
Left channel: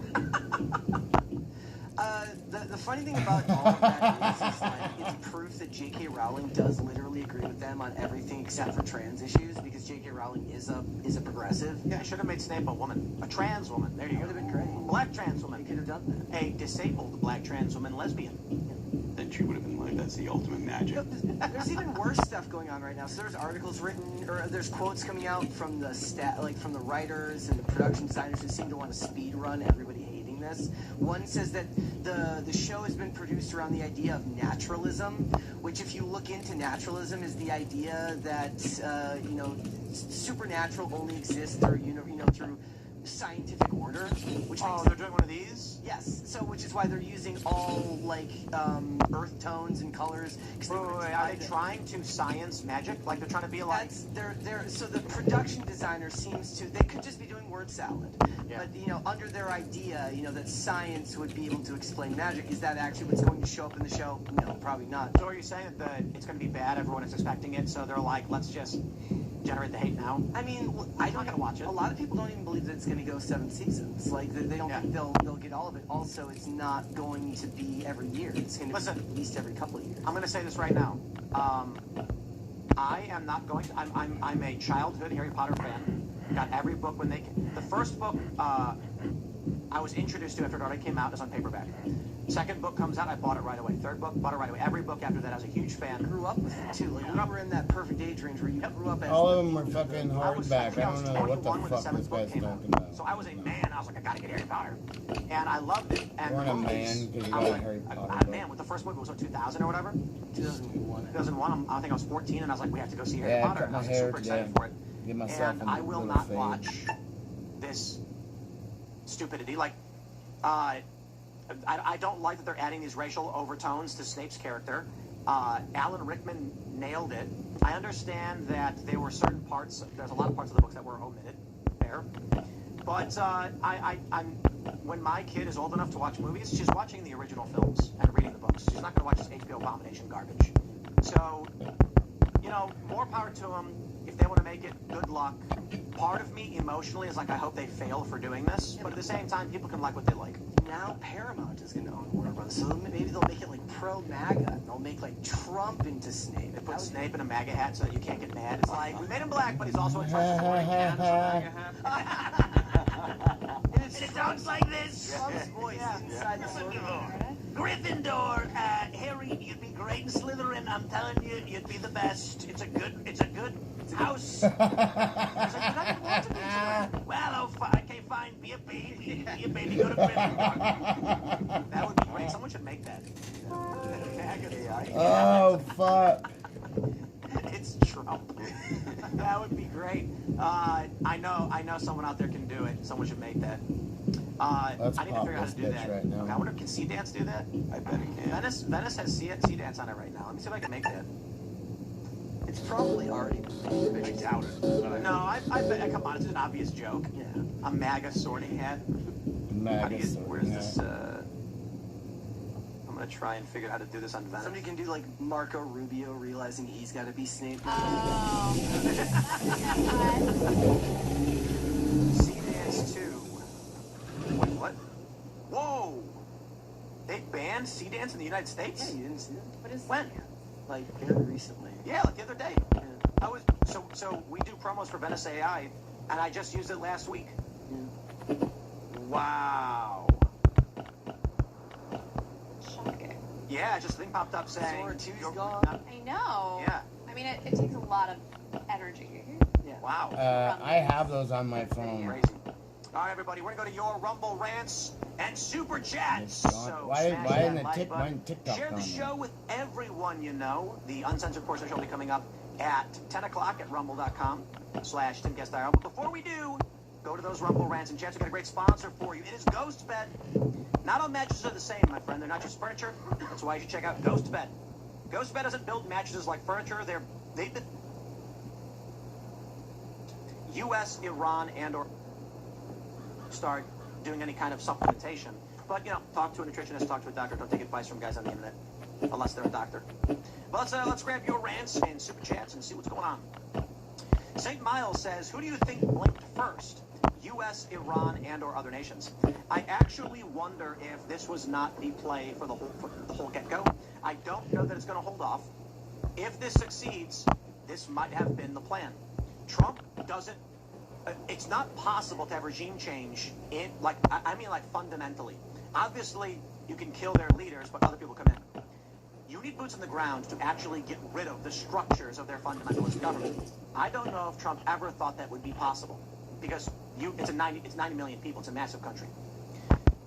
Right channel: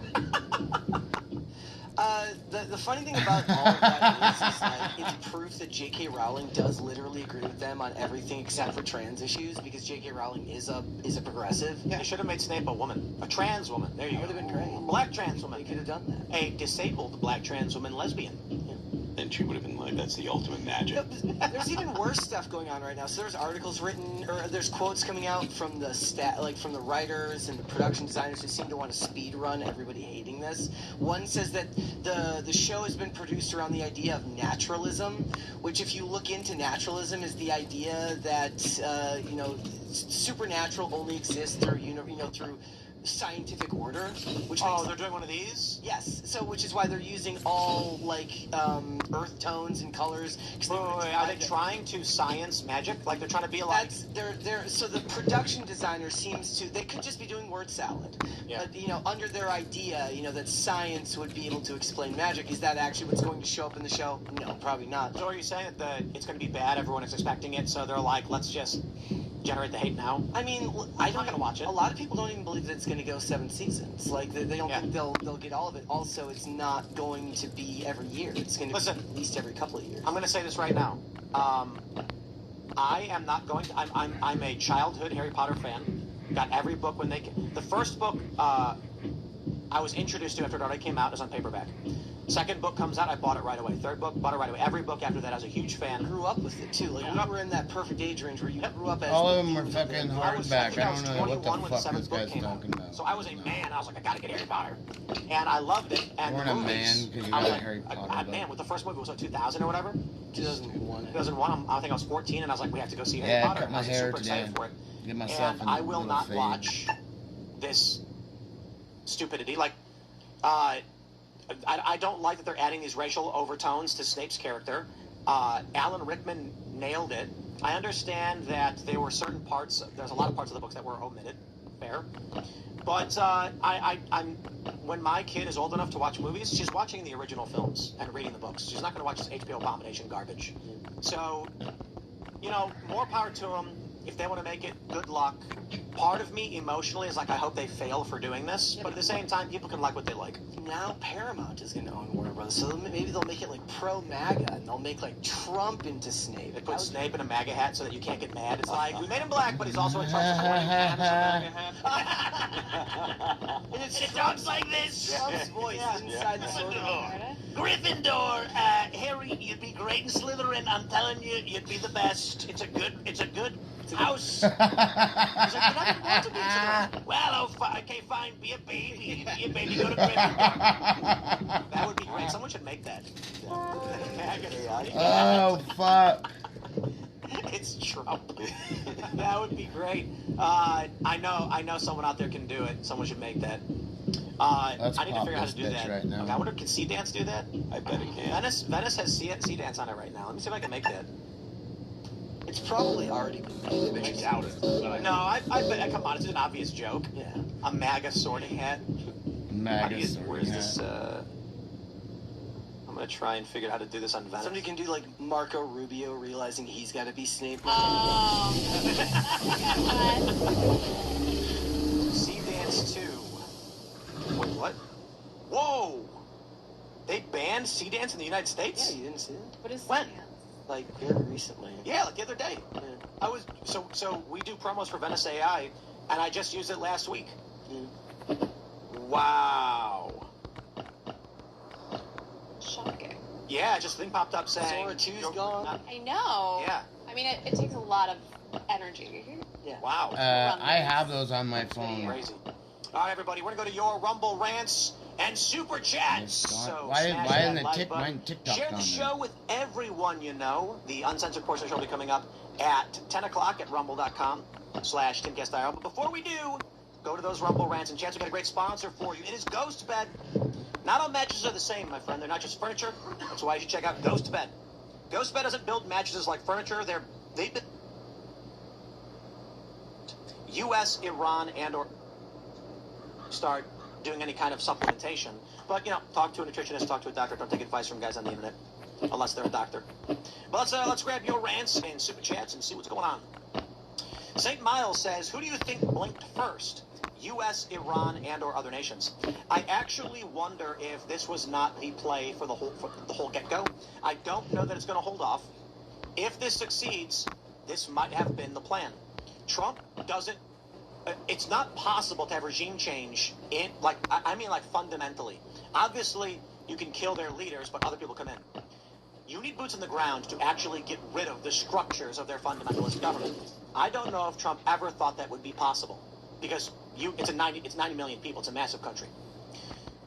The funny thing about all of that is that it's proof that J.K. Rowling does literally agree with them on everything except for trans issues because J.K. Rowling is a progressive. Yeah, they should have made Snape a woman. A trans woman. There you That go. would have been great. Black trans They woman. could have done that. A disabled black trans woman lesbian. And she would have been like, that's the ultimate magic. There's even worse stuff going on right now. So there's articles written, or there's quotes coming out from the from the writers and the production designers who seem to want to speed run everybody hating this. One says that the show has been produced around the idea of naturalism, which if you look into naturalism is the idea that supernatural only exists through through scientific order, which makes They're doing one of these? yes. So which is why they're using all like earth tones and colors. 'Cause they would Are they find that- trying to science magic? Like they're trying to be like... So the production designer seems to, they could just be doing word salad. Yeah. But under their idea, that science would be able to explain magic, is that actually what's going to show up in the show? No, probably not. So are you saying that it's going to be bad, everyone is expecting it, so they're like, let's just generate the hate now? I mean, I'm not gonna watch it. A lot of people don't even believe that it's going to go 7 seasons. Like they don't think they'll get all of it. Also, it's not going to be every year. It's going to be at least every couple of years. I'm going to say this right now. I am not going. I'm a childhood Harry Potter fan. Got every book when they came. The first book I was introduced to after it already came out is on paperback. Second book comes out, I bought it right away. Third book, bought it right away. Every book after that, I was a huge fan. Grew up with it too. Like we were in that perfect age range where you grew up as. All of them are fucking hardback. I don't know what the fuck this guy's talking about. So I was a man. I was like, I gotta get Harry Potter, and I loved it. And You weren't a man because you got a Harry Potter book. Man, with the first movie was 2000 or whatever. 2001. 2001. I think I was 14, and I was like, we have to go see Harry Yeah, I Potter. cut my was hair super today. excited for it. Give myself And a I will little not fade. watch this stupidity. Like, I don't like that they're adding these racial overtones to Snape's character. Alan Rickman nailed it. I understand that there were certain parts. There's a lot of parts of the books that were omitted. Fair. But I'm when my kid is old enough to watch movies, she's watching the original films and reading the books. She's not going to watch this HBO abomination garbage. So, more power to them. If they want to make it, good luck. Part of me emotionally is like, I hope they fail for doing this, but at the same time, people can like what they like. Now Paramount is going to own Warner Brothers, so maybe they'll make it like pro-MAGA, and they'll make like Trump into Snape. They put Snape in a MAGA hat so that you can't get mad. It's like, we made him black, but he's also in charge of the It talks like this. Trump's voice inside the sword. Gryffindor, Harry, you'd be great in Slytherin. I'm telling you, you'd be the best. It's a good house. Well, okay, fine. Be a baby. Be a baby. Go to Gryffindor. That would be great. Someone should make that. Oh, fuck. It's Trump. That would be great. I know someone out there can do it. Someone should make that. Let's I need to pop figure out how this to do bitch that. right now. Okay, I wonder, can C-Dance do that? I bet it can. Venice has C-Dance on it right now. Let me see if I can make that. It's probably already. I doubt it. No, I bet. Come on, it's an obvious joke. Yeah. A MAGA sorting hat. MAGA Where's sorting this? hat. I'm gonna try and figure out how to do this on Venice. Somebody can do like Marco Rubio realizing he's got to be Snape. C-Dance 2. Wait, what? Whoa! They banned C-Dance in the United Yeah, States? you didn't see it? What is When? Like very recently. Yeah, like the other day. Yeah. I was so we do promos for Venice AI, and I just used it last week. Yeah. Wow. shocking? Yeah, just a thing popped up saying. Sora 2's you're gone. not- I know. Yeah. I mean, it takes a lot of energy. Wow. I have those on my phone. Crazy. All right, everybody, we're gonna go to your Rumble rants and super chats. Oh, God. So Why smash isn't that it like button. TikTok Share the on show there? with everyone you know. The uncensored portion of the show will be coming up at 10 o'clock at rumble.com/TimGuestIR. But before we do, go to those Rumble rants and chats. We've got a great sponsor for you. It is Ghost Bed. Not all mattresses are the same, my friend. They're not just furniture. That's why you should check out Ghost Bed. Ghost Bed doesn't build mattresses like furniture. They've been U.S., Iran, and/or start doing any kind of supplementation. But, talk to a nutritionist, talk to a doctor. Don't take advice from guys on the internet, unless they're a doctor. But let's grab your rants and super chats and see what's going on. St. Miles says, who do you think blinked first? U.S., Iran, and/or other nations? I actually wonder if this was not the play for the whole get-go. I don't know that it's going to hold off. If this succeeds, this might have been the plan. Trump doesn't. It's not possible to have regime change fundamentally. Obviously, you can kill their leaders, but other people come in. You need boots on the ground to actually get rid of the structures of their fundamentalist government. I don't know if Trump ever thought that would be possible, because it's 90 million people. It's a massive country.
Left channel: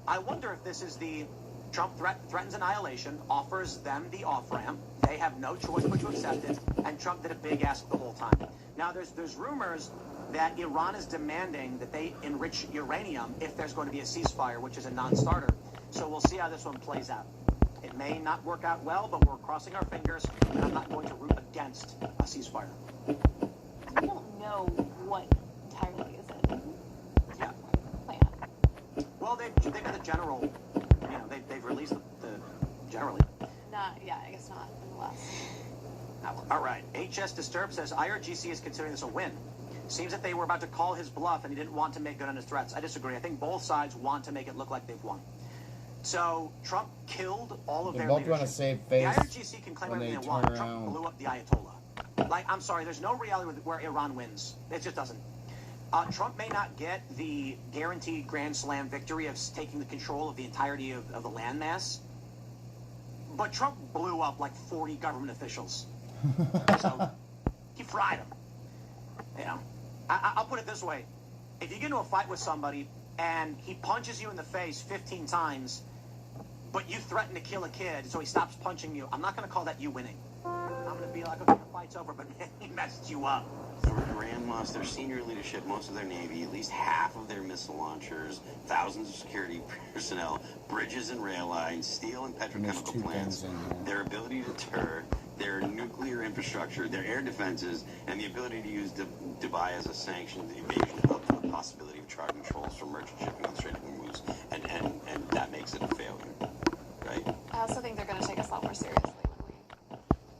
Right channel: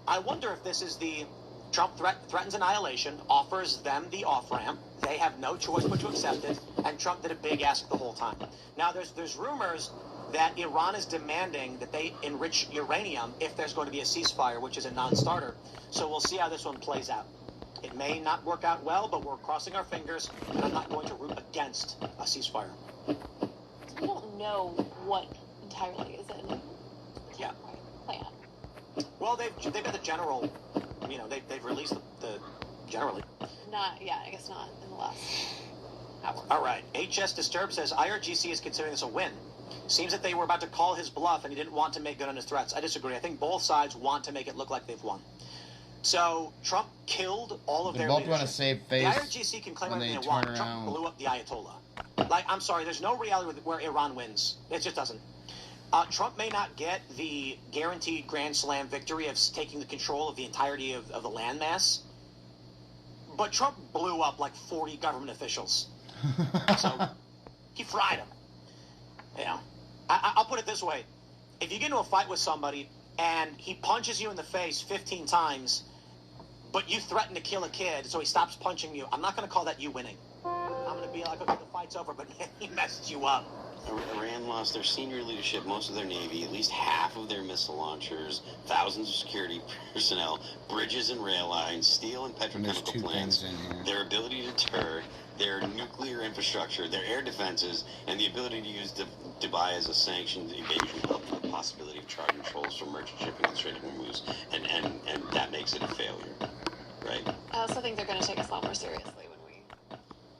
I wonder if this is the Trump threatens annihilation, offers them the off-ramp. They have no choice but to accept it, and Trump did a big ask the whole time. Now, there's rumors that Iran is demanding that they enrich uranium if there's going to be a ceasefire, which is a non-starter. So we'll see how this one plays out. It may not work out well, but we're crossing our fingers, and I'm not going to root against a ceasefire. We don't know what entirely is it. Yeah. Plan. Well, they've got the general, they've released the generally. I guess not. The last. All right. HS Disturbed says IRGC is considering this a win. Seems that they were about to call his bluff and he didn't want to make good on his threats. I disagree. I think both sides want to make it look like they've won. So Trump killed all of They their both want to leadership. save face The IRGC can claim when they everything they want. turn Trump around. blew up the Ayatollah. Like, I'm sorry, there's no reality where Iran wins. It just doesn't. Trump may not get the guaranteed Grand Slam victory of taking the control of the entirety of the landmass, but Trump blew up like 40 government officials. So he fried them. You know, I'll put it this way. If you get into a fight with somebody and he punches you in the face 15 times, but you threaten to kill a kid, so he stops punching you, I'm not going to call that you winning. I'm going to be like, okay, the fight's over, but man, he messed you up. Iran lost their senior leadership, most of their navy, at least half of their missile launchers, thousands of security personnel, bridges and rail lines, steel and There's petrochemical two plants, things in here. their ability to deter, their nuclear infrastructure, their air defenses, and the ability to use Dubai as a sanctioned evasion hub for the possibility of charter controls for merchant shipping and Strait of Hormuz, and that makes it a failure, right? I also think they're going to take us a lot more seriously when we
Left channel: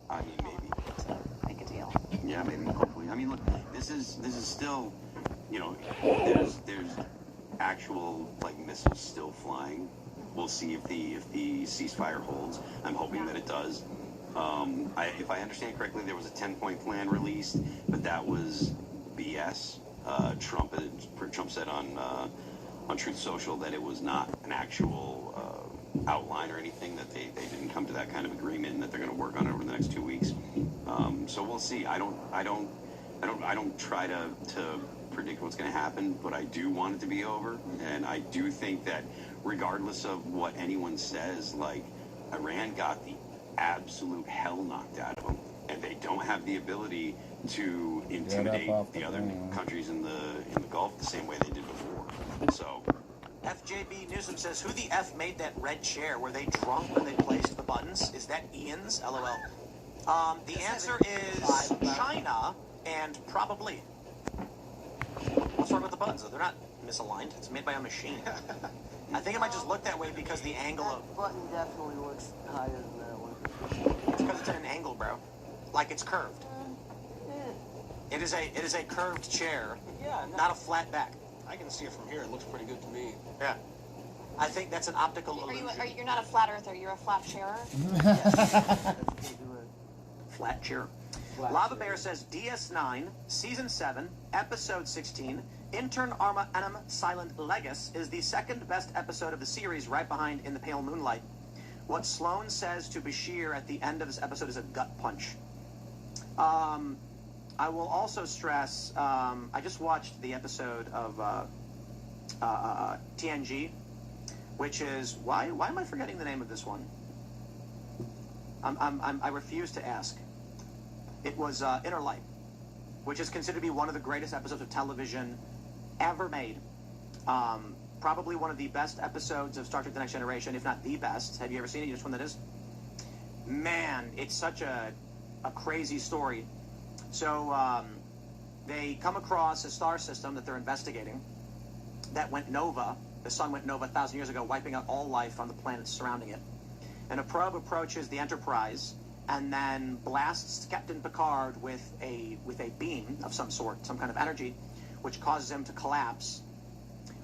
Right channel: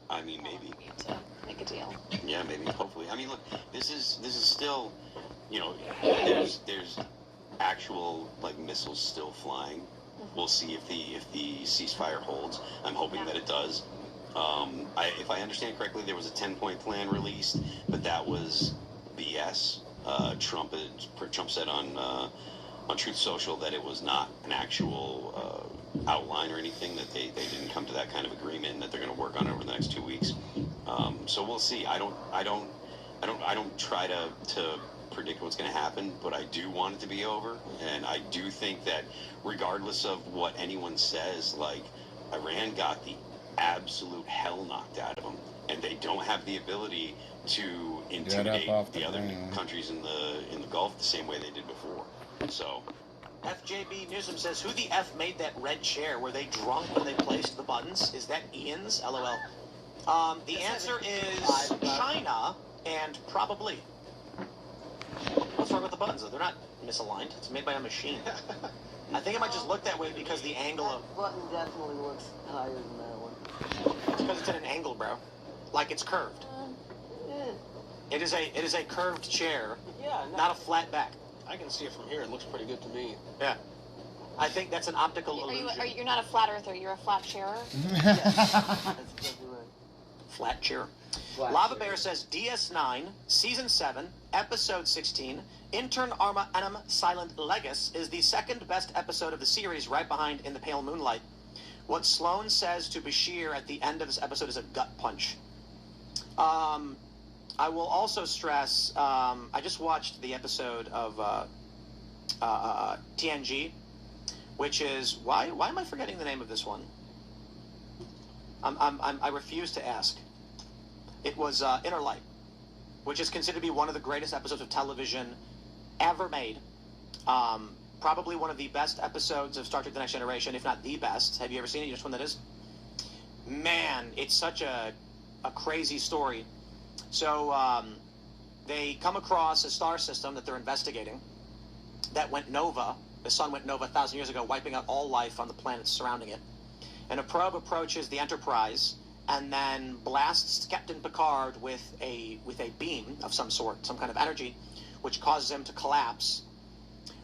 I mean, maybe. to make a deal. Yeah, maybe, hopefully. I mean, look, this is still, you know, there's actual like missiles still flying. We'll see if the ceasefire holds. I'm hoping that it does. If I understand correctly, there was a 10-point plan released, but that was BS. Trump said on Truth Social that it was not an actual outline or anything, that they didn't come to that kind of agreement, and that they're going to work on it over the next 2 weeks. So we'll see. I don't try to predict what's going to happen, but I do want it to be over, and I do think that regardless of what anyone says, like, Iran got the absolute hell knocked out of them, and they don't have the ability to intimidate the other countries in the Gulf the same way they did before. So FJB Newsom says, who the F made that red chair? Were they drunk when they placed the buttons? Is that Ian's? LOL. The answer is China, and probably. What's wrong with the buttons? They're not misaligned. It's made by a machine. I think it might just look that way because the angle of... That button definitely looks higher than that one. It's because it's at an angle, bro. Like it's curved. It is a curved chair, not a flat back. I can see it from here. It looks pretty good to me. Yeah. I think that's an optical illusion. You're not a flat earther, you're a flat chairer? That's exactly right. Flat chair. Lava Bear says DS9, Season 7, Episode 16, Intern Arma Anum Silent Legis is the second best episode of the series, right behind In the Pale Moonlight. What Sloane says to Bashir at the end of this episode is a gut punch. I will also stress, I just watched the episode of TNG, which is, why am I forgetting the name of this one? I refuse to ask. It was Inner Light, which is considered to be one of the greatest episodes of television ever made. Probably one of the best episodes of Star Trek The Next Generation, if not the best. Have you ever seen it? You know which one that is? Man, it's such a crazy story. So they come across a star system that they're investigating that went nova. The sun went nova 1,000 years ago, wiping out all life on the planets surrounding it. And a probe approaches the Enterprise and then blasts Captain Picard with a beam of some sort, some kind of energy, which causes him to collapse.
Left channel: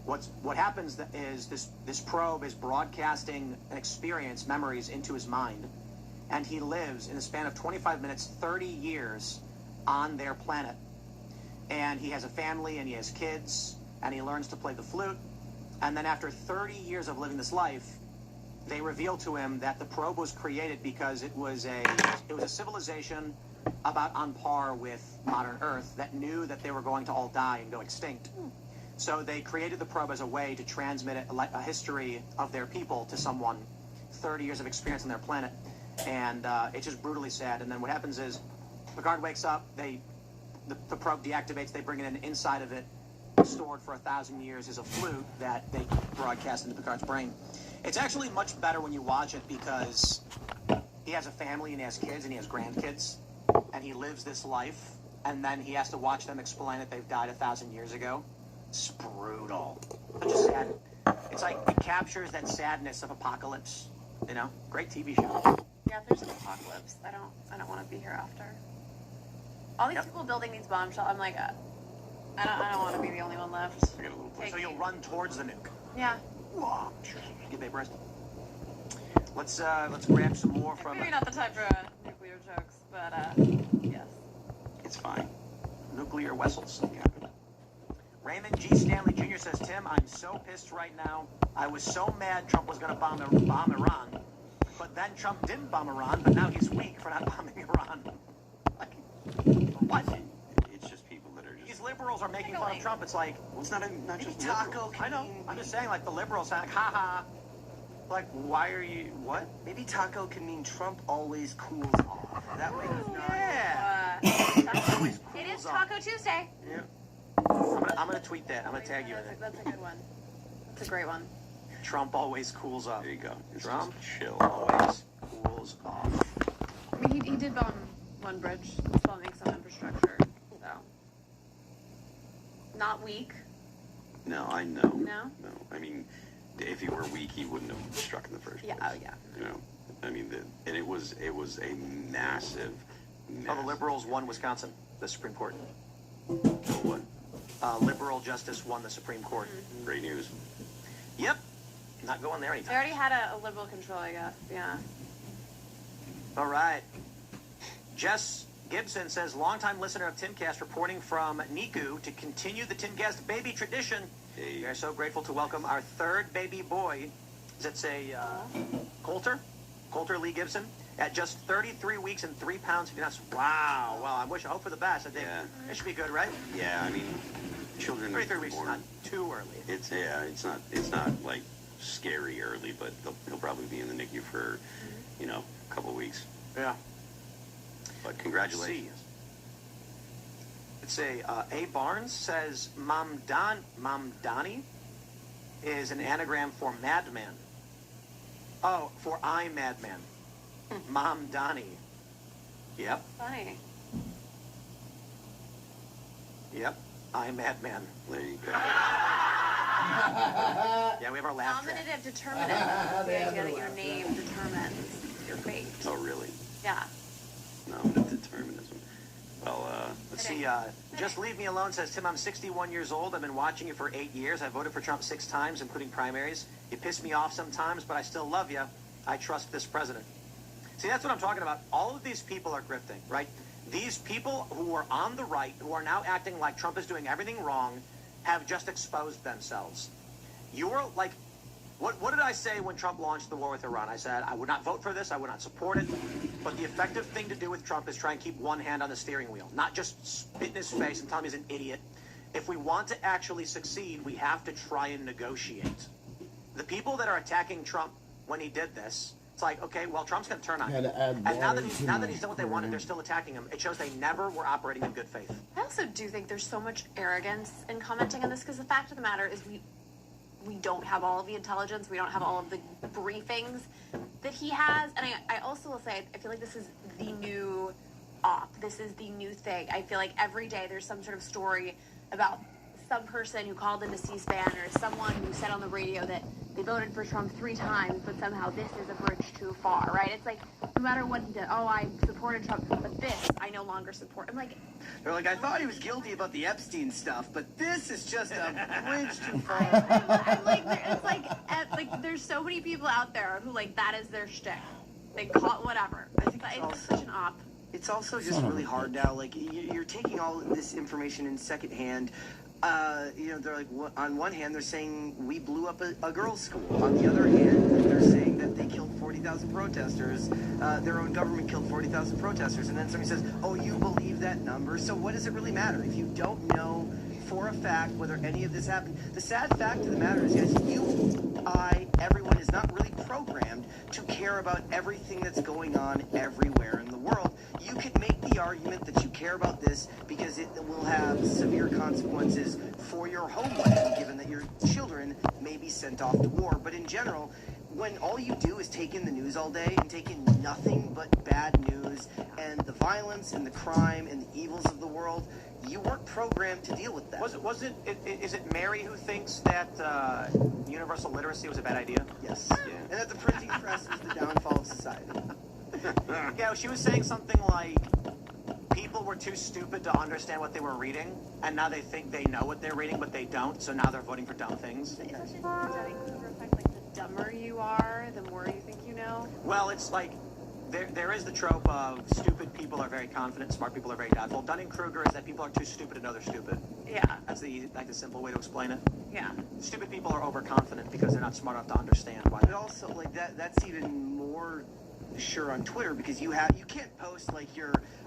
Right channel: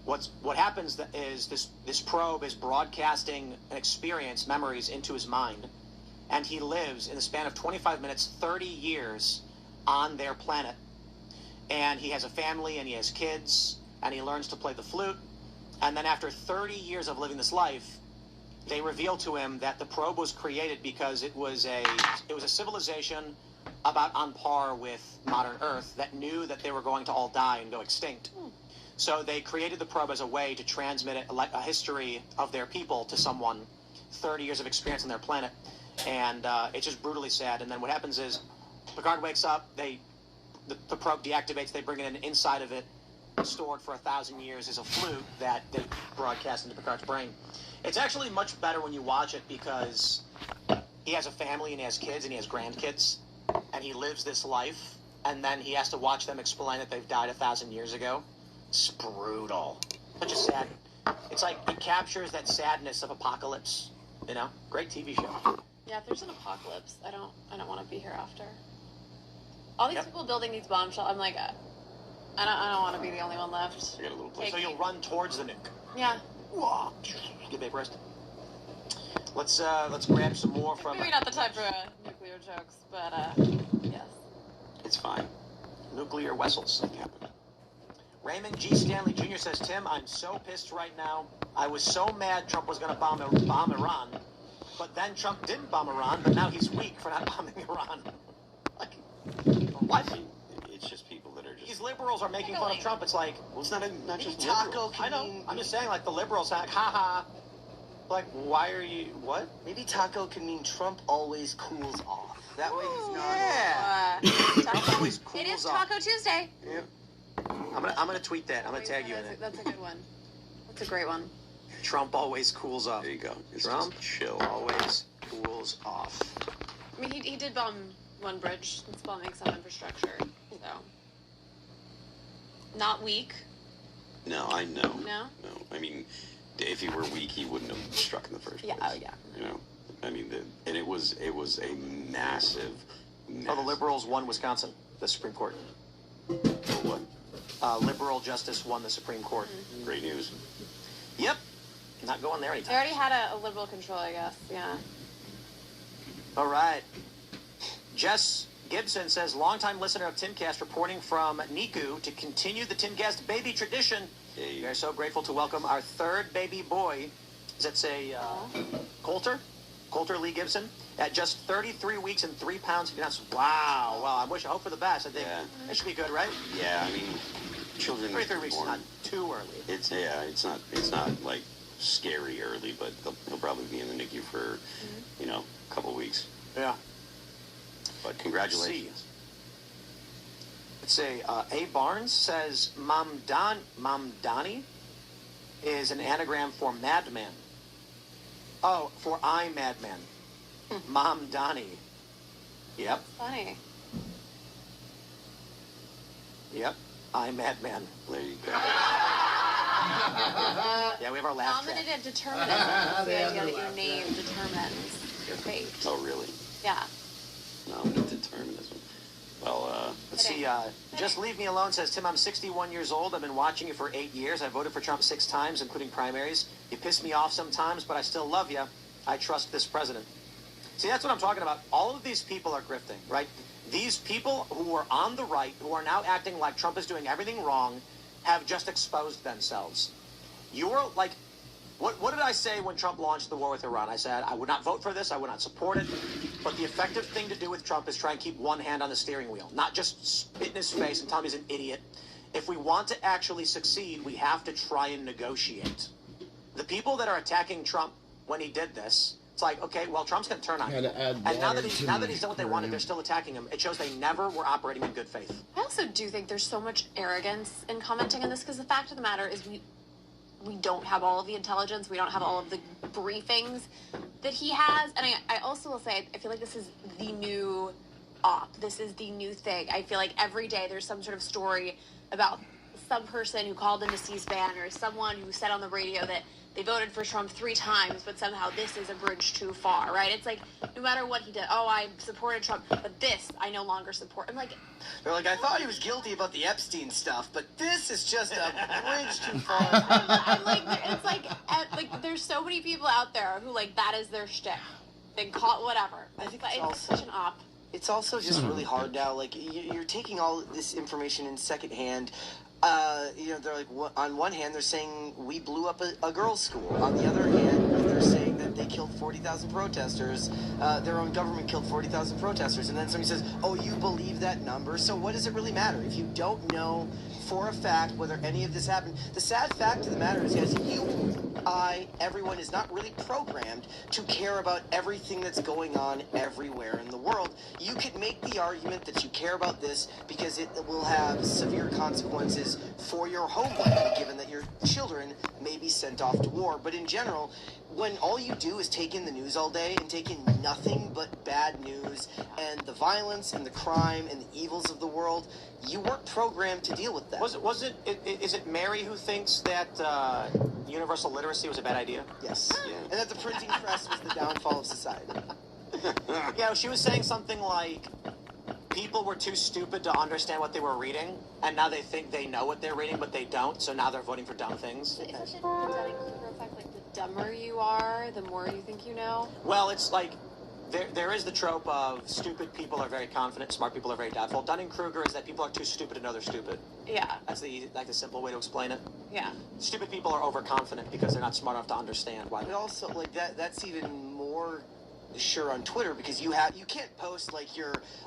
What happens is this probe is broadcasting an experience, memories, into his mind, and he lives in the span of 25 minutes, 30 years on their planet. And he has a family, and he has kids, and he learns to play the flute. And then after 30 years of living this life, they reveal to him that the probe was created because it was a civilization about on par with modern Earth that knew that they were going to all die and go extinct. So they created the probe as a way to transmit a history of their people to someone, 30 years of experience on their planet. And it's just brutally sad. And then what happens is Picard wakes up, the probe deactivates, they bring it in, inside of it, stored for 1,000 years, is a flute that they broadcast into Picard's brain. It's actually much better when you watch it because he has a family and he has kids and he has grandkids, and he lives this life, and then he has to watch them explain that they've died 1,000 years ago. It's brutal. But just sad. It's like it captures that sadness of apocalypse. You know, great TV show. Yeah, if there's an apocalypse, I don't want to be here after. All these people building these bomb shelters, I'm like, I don't want to be the only one left. I got a little So you'll run towards the nuke. Yeah. Get babe rest. Let's grab some more from. Maybe not the time for nuclear jokes, but yes. It's fine. Nuclear vessels. Raymond G. Stanley Jr. says, Tim, I'm so pissed right now. I was so mad Trump was going to bomb Iran, but then Trump didn't bomb Iran, but now he's weak for not bombing Iran. Like, what? It's just people that are just. These liberals are making fun of Trump. It's like, Well, it's not just Taco liberals. I know. I'm just saying, like, the liberals are like, ha. Like, why are you, what? Maybe taco can mean Trump always cools off. That way he's not. It is Taco Tuesday. Yep. I'm gonna tweet that. I'm gonna tag you in it. That's a good one. That's a great one. Trump always cools off. There you go. It's Trump just chill. always cools off. I mean, he did bomb one bridge. He's bombing some infrastructure, so not weak. No, I know. No? No. I mean, if he were weak, he wouldn't have struck in the first place. Yeah. Oh yeah. You know, I mean, and it was a massive. Oh, the liberals won Wisconsin, the Supreme Court. What? Liberal justice won the Supreme Court. Great news. Yep. Not going there They anytime. already had a liberal control, I guess. Yeah. All right. Jess Gibson says, longtime listener of Timcast reporting from Niku to continue the Timcast baby tradition. Hey. We are so grateful to welcome our third baby boy. Does that say Coulter? Coulter Lee Gibson? At just 33 weeks and 3 pounds. Wow. Well, I hope for the best. I think it should be good, right? Yeah, I mean, children. 33 weeks is born- not too early. It's It's not like scary early, but he'll probably be in the NICU for, a couple weeks. Yeah. But congratulations. Let's see. A. Barnes says Mamdani is an anagram for madman. Oh, for I madman. Mamdani. Yep. Funny. Yep. I madman. There you go. Yeah, we have our laugh track. Nominative determinism. The idea that your name determines your fate. Oh, really? Yeah. No, determinism. Well, Let's see. Just Leave Me Alone says, Tim, I'm 61 years old. I've been watching you for 8 years. I voted for Trump 6 times, including primaries. You piss me off sometimes, but I still love you. I trust this president. See, that's what I'm talking about. All of these people are grifting, right? These people who are on the right, who are now acting like Trump is doing everything wrong, have just exposed themselves. You're like, what did I say when Trump launched the war with Iran? I said, I would not vote for this. I would not support it. But the effective thing to do with Trump is try and keep one hand on the steering wheel, not just spit in his face and tell him he's an idiot. If we want to actually succeed, we have to try and negotiate. The people that are attacking Trump when he did this, it's like, okay, well, Trump's going to turn on Had you. to add And now water that to now my that he's done what they wanted, aquarium. they're still attacking him. It shows they never were operating in good faith. I also do think there's so much arrogance in commenting on this because the fact of the matter is we don't have all of the intelligence. We don't have all of the briefings that he has. And I also will say, I feel like this is the new op. This is the new thing. I feel like every day there's some sort of story about some person who called into C-SPAN or someone who said on the radio that they voted for Trump 3 times, but somehow this is a bridge too far, right? It's like, no matter what he did, oh, I supported Trump, but this I no longer support. I'm like, They're like, I thought he was guilty about the Epstein stuff, but this is just a bridge too far. like there's so many people out there who like that is their shtick. They call it whatever. I think But it's it's also- such an op. It's also just really hard now. Like, you're taking all this information in secondhand. They're like, on one hand, they're saying we blew up a girls' school. On the other hand, they're saying that they killed 40,000 protesters. Their own government killed 40,000 protesters. And then somebody says, oh, you believe that number? So what does it really matter? If you don't know for a fact whether any of this happened, the sad fact of the matter is, guys, everyone is not really programmed to care about everything that's going on everywhere in the world. You could make the argument that you care about this because it will have severe consequences for your home life, given that your children may be sent off to war. But in general, when all you do is take in the news all day and take in nothing but bad news and the violence and the crime and the evils of the world, you weren't programmed to deal with that. Is it Mary who thinks that universal literacy was a bad idea? Yes. And that the printing press was the downfall of society. Yeah, she was saying something like people were too stupid to understand what they were reading, and now they think they know what they're reading, but they don't, so now they're voting for dumb things. Isn't it the Dunning-Kruger effect, like the dumber you are, the more you think you know? Well, it's like, there is the trope of stupid people are very confident, smart people are very doubtful. Dunning-Kruger is that people are too stupid to know they're stupid. Yeah. That's the simple way to explain it. Yeah. Stupid people are overconfident because they're not smart enough to understand why. But also, like that's even more sure on Twitter because you can't post like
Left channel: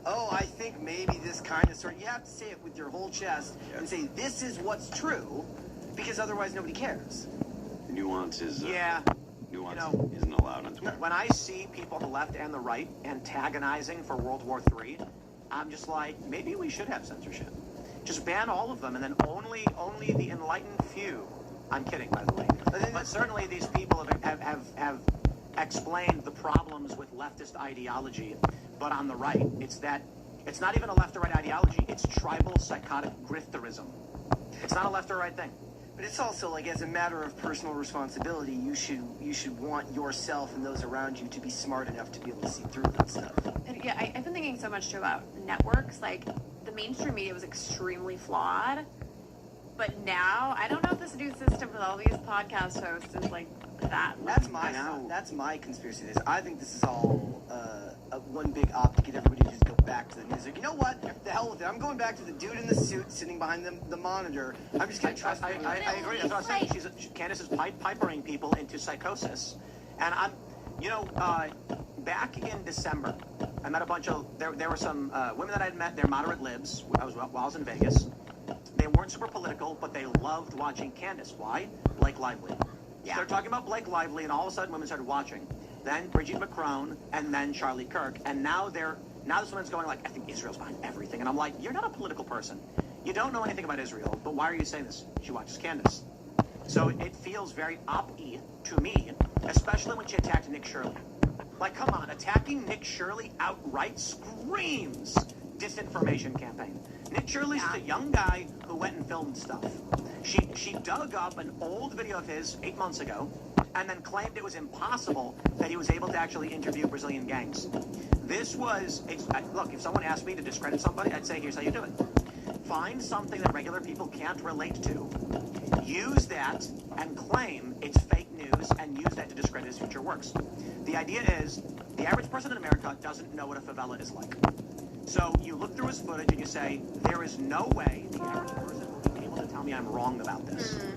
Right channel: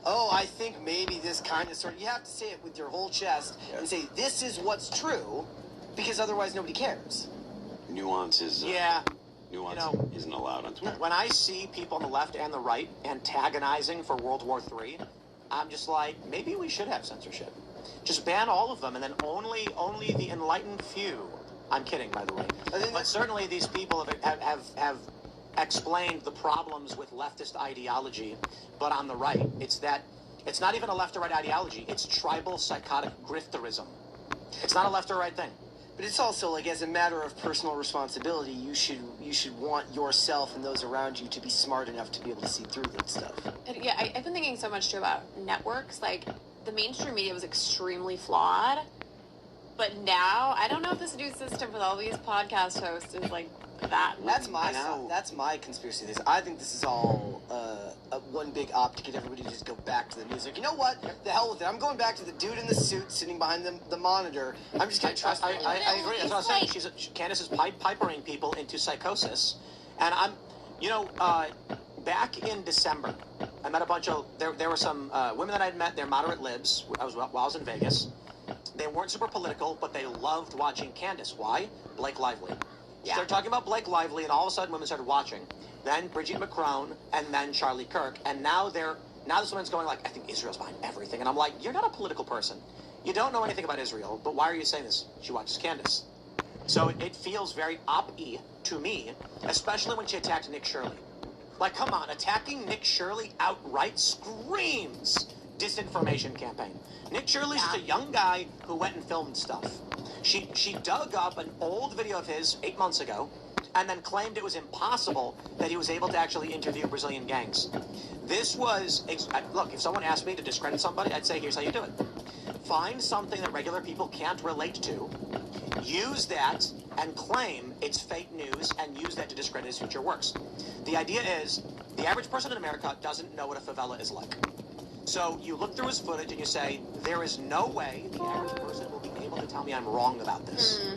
I think maybe this kind of sort. You have to say it with your whole chest and say this is what's true, because otherwise nobody cares. Nuances. Nuance isn't allowed on Twitter. When I see people on the left and the right antagonizing for World War III, I'm just like, maybe we should have censorship. Just ban all of them, and then only the enlightened few. I'm kidding, by the way. But certainly these people have explained the problems with leftist ideology. But on the right, it's not even a left or right ideology. It's tribal psychotic grifterism. It's not a left or right thing. But it's also like, as a matter of personal responsibility, you should want yourself and those around you to be smart enough to be able to see through that stuff. And yeah, I've been thinking so much too about networks. Like, the mainstream media was extremely flawed, but now I don't know if this new system with all these podcast hosts is like that. That's my conspiracy theory. I think this is all one big op to get everybody to just go back to the news. Like, you know what? The hell with it. I'm going back to the dude in the suit sitting behind the monitor. I'm just going to trust him. I agree. That's what I was saying. Candace is pipering people into psychosis. And back in December, I met a bunch of, there were some women that I'd met, they're moderate libs, while I was in Vegas. They weren't super political, but they loved watching Candace. Why? Blake Lively. Yeah. Started talking about Blake Lively, and all of a sudden women started watching. Then Brigitte Macron, and then Charlie Kirk. And now this woman's going like, I think Israel's behind everything. And I'm like, you're not a political person. You don't know anything about Israel, but why are you saying this? She watches Candace. So it feels very op-y to me, especially when she attacked Nick Shirley. Like, come on, attacking Nick Shirley outright screams disinformation campaign. Nick Shirley's just a young guy who went and filmed stuff. She dug up an old video of his 8 months ago and then claimed it was impossible that he was able to actually interview Brazilian gangs. Look, if someone asked me to discredit somebody, I'd say, here's how you do it. Find something that regular people can't relate to, use that, and claim it's fake news, and use that to discredit his future works. The idea is, the average person in America doesn't know what a favela is like. So you look through his footage and you say, there is no way the average person will be able to tell me I'm wrong about this.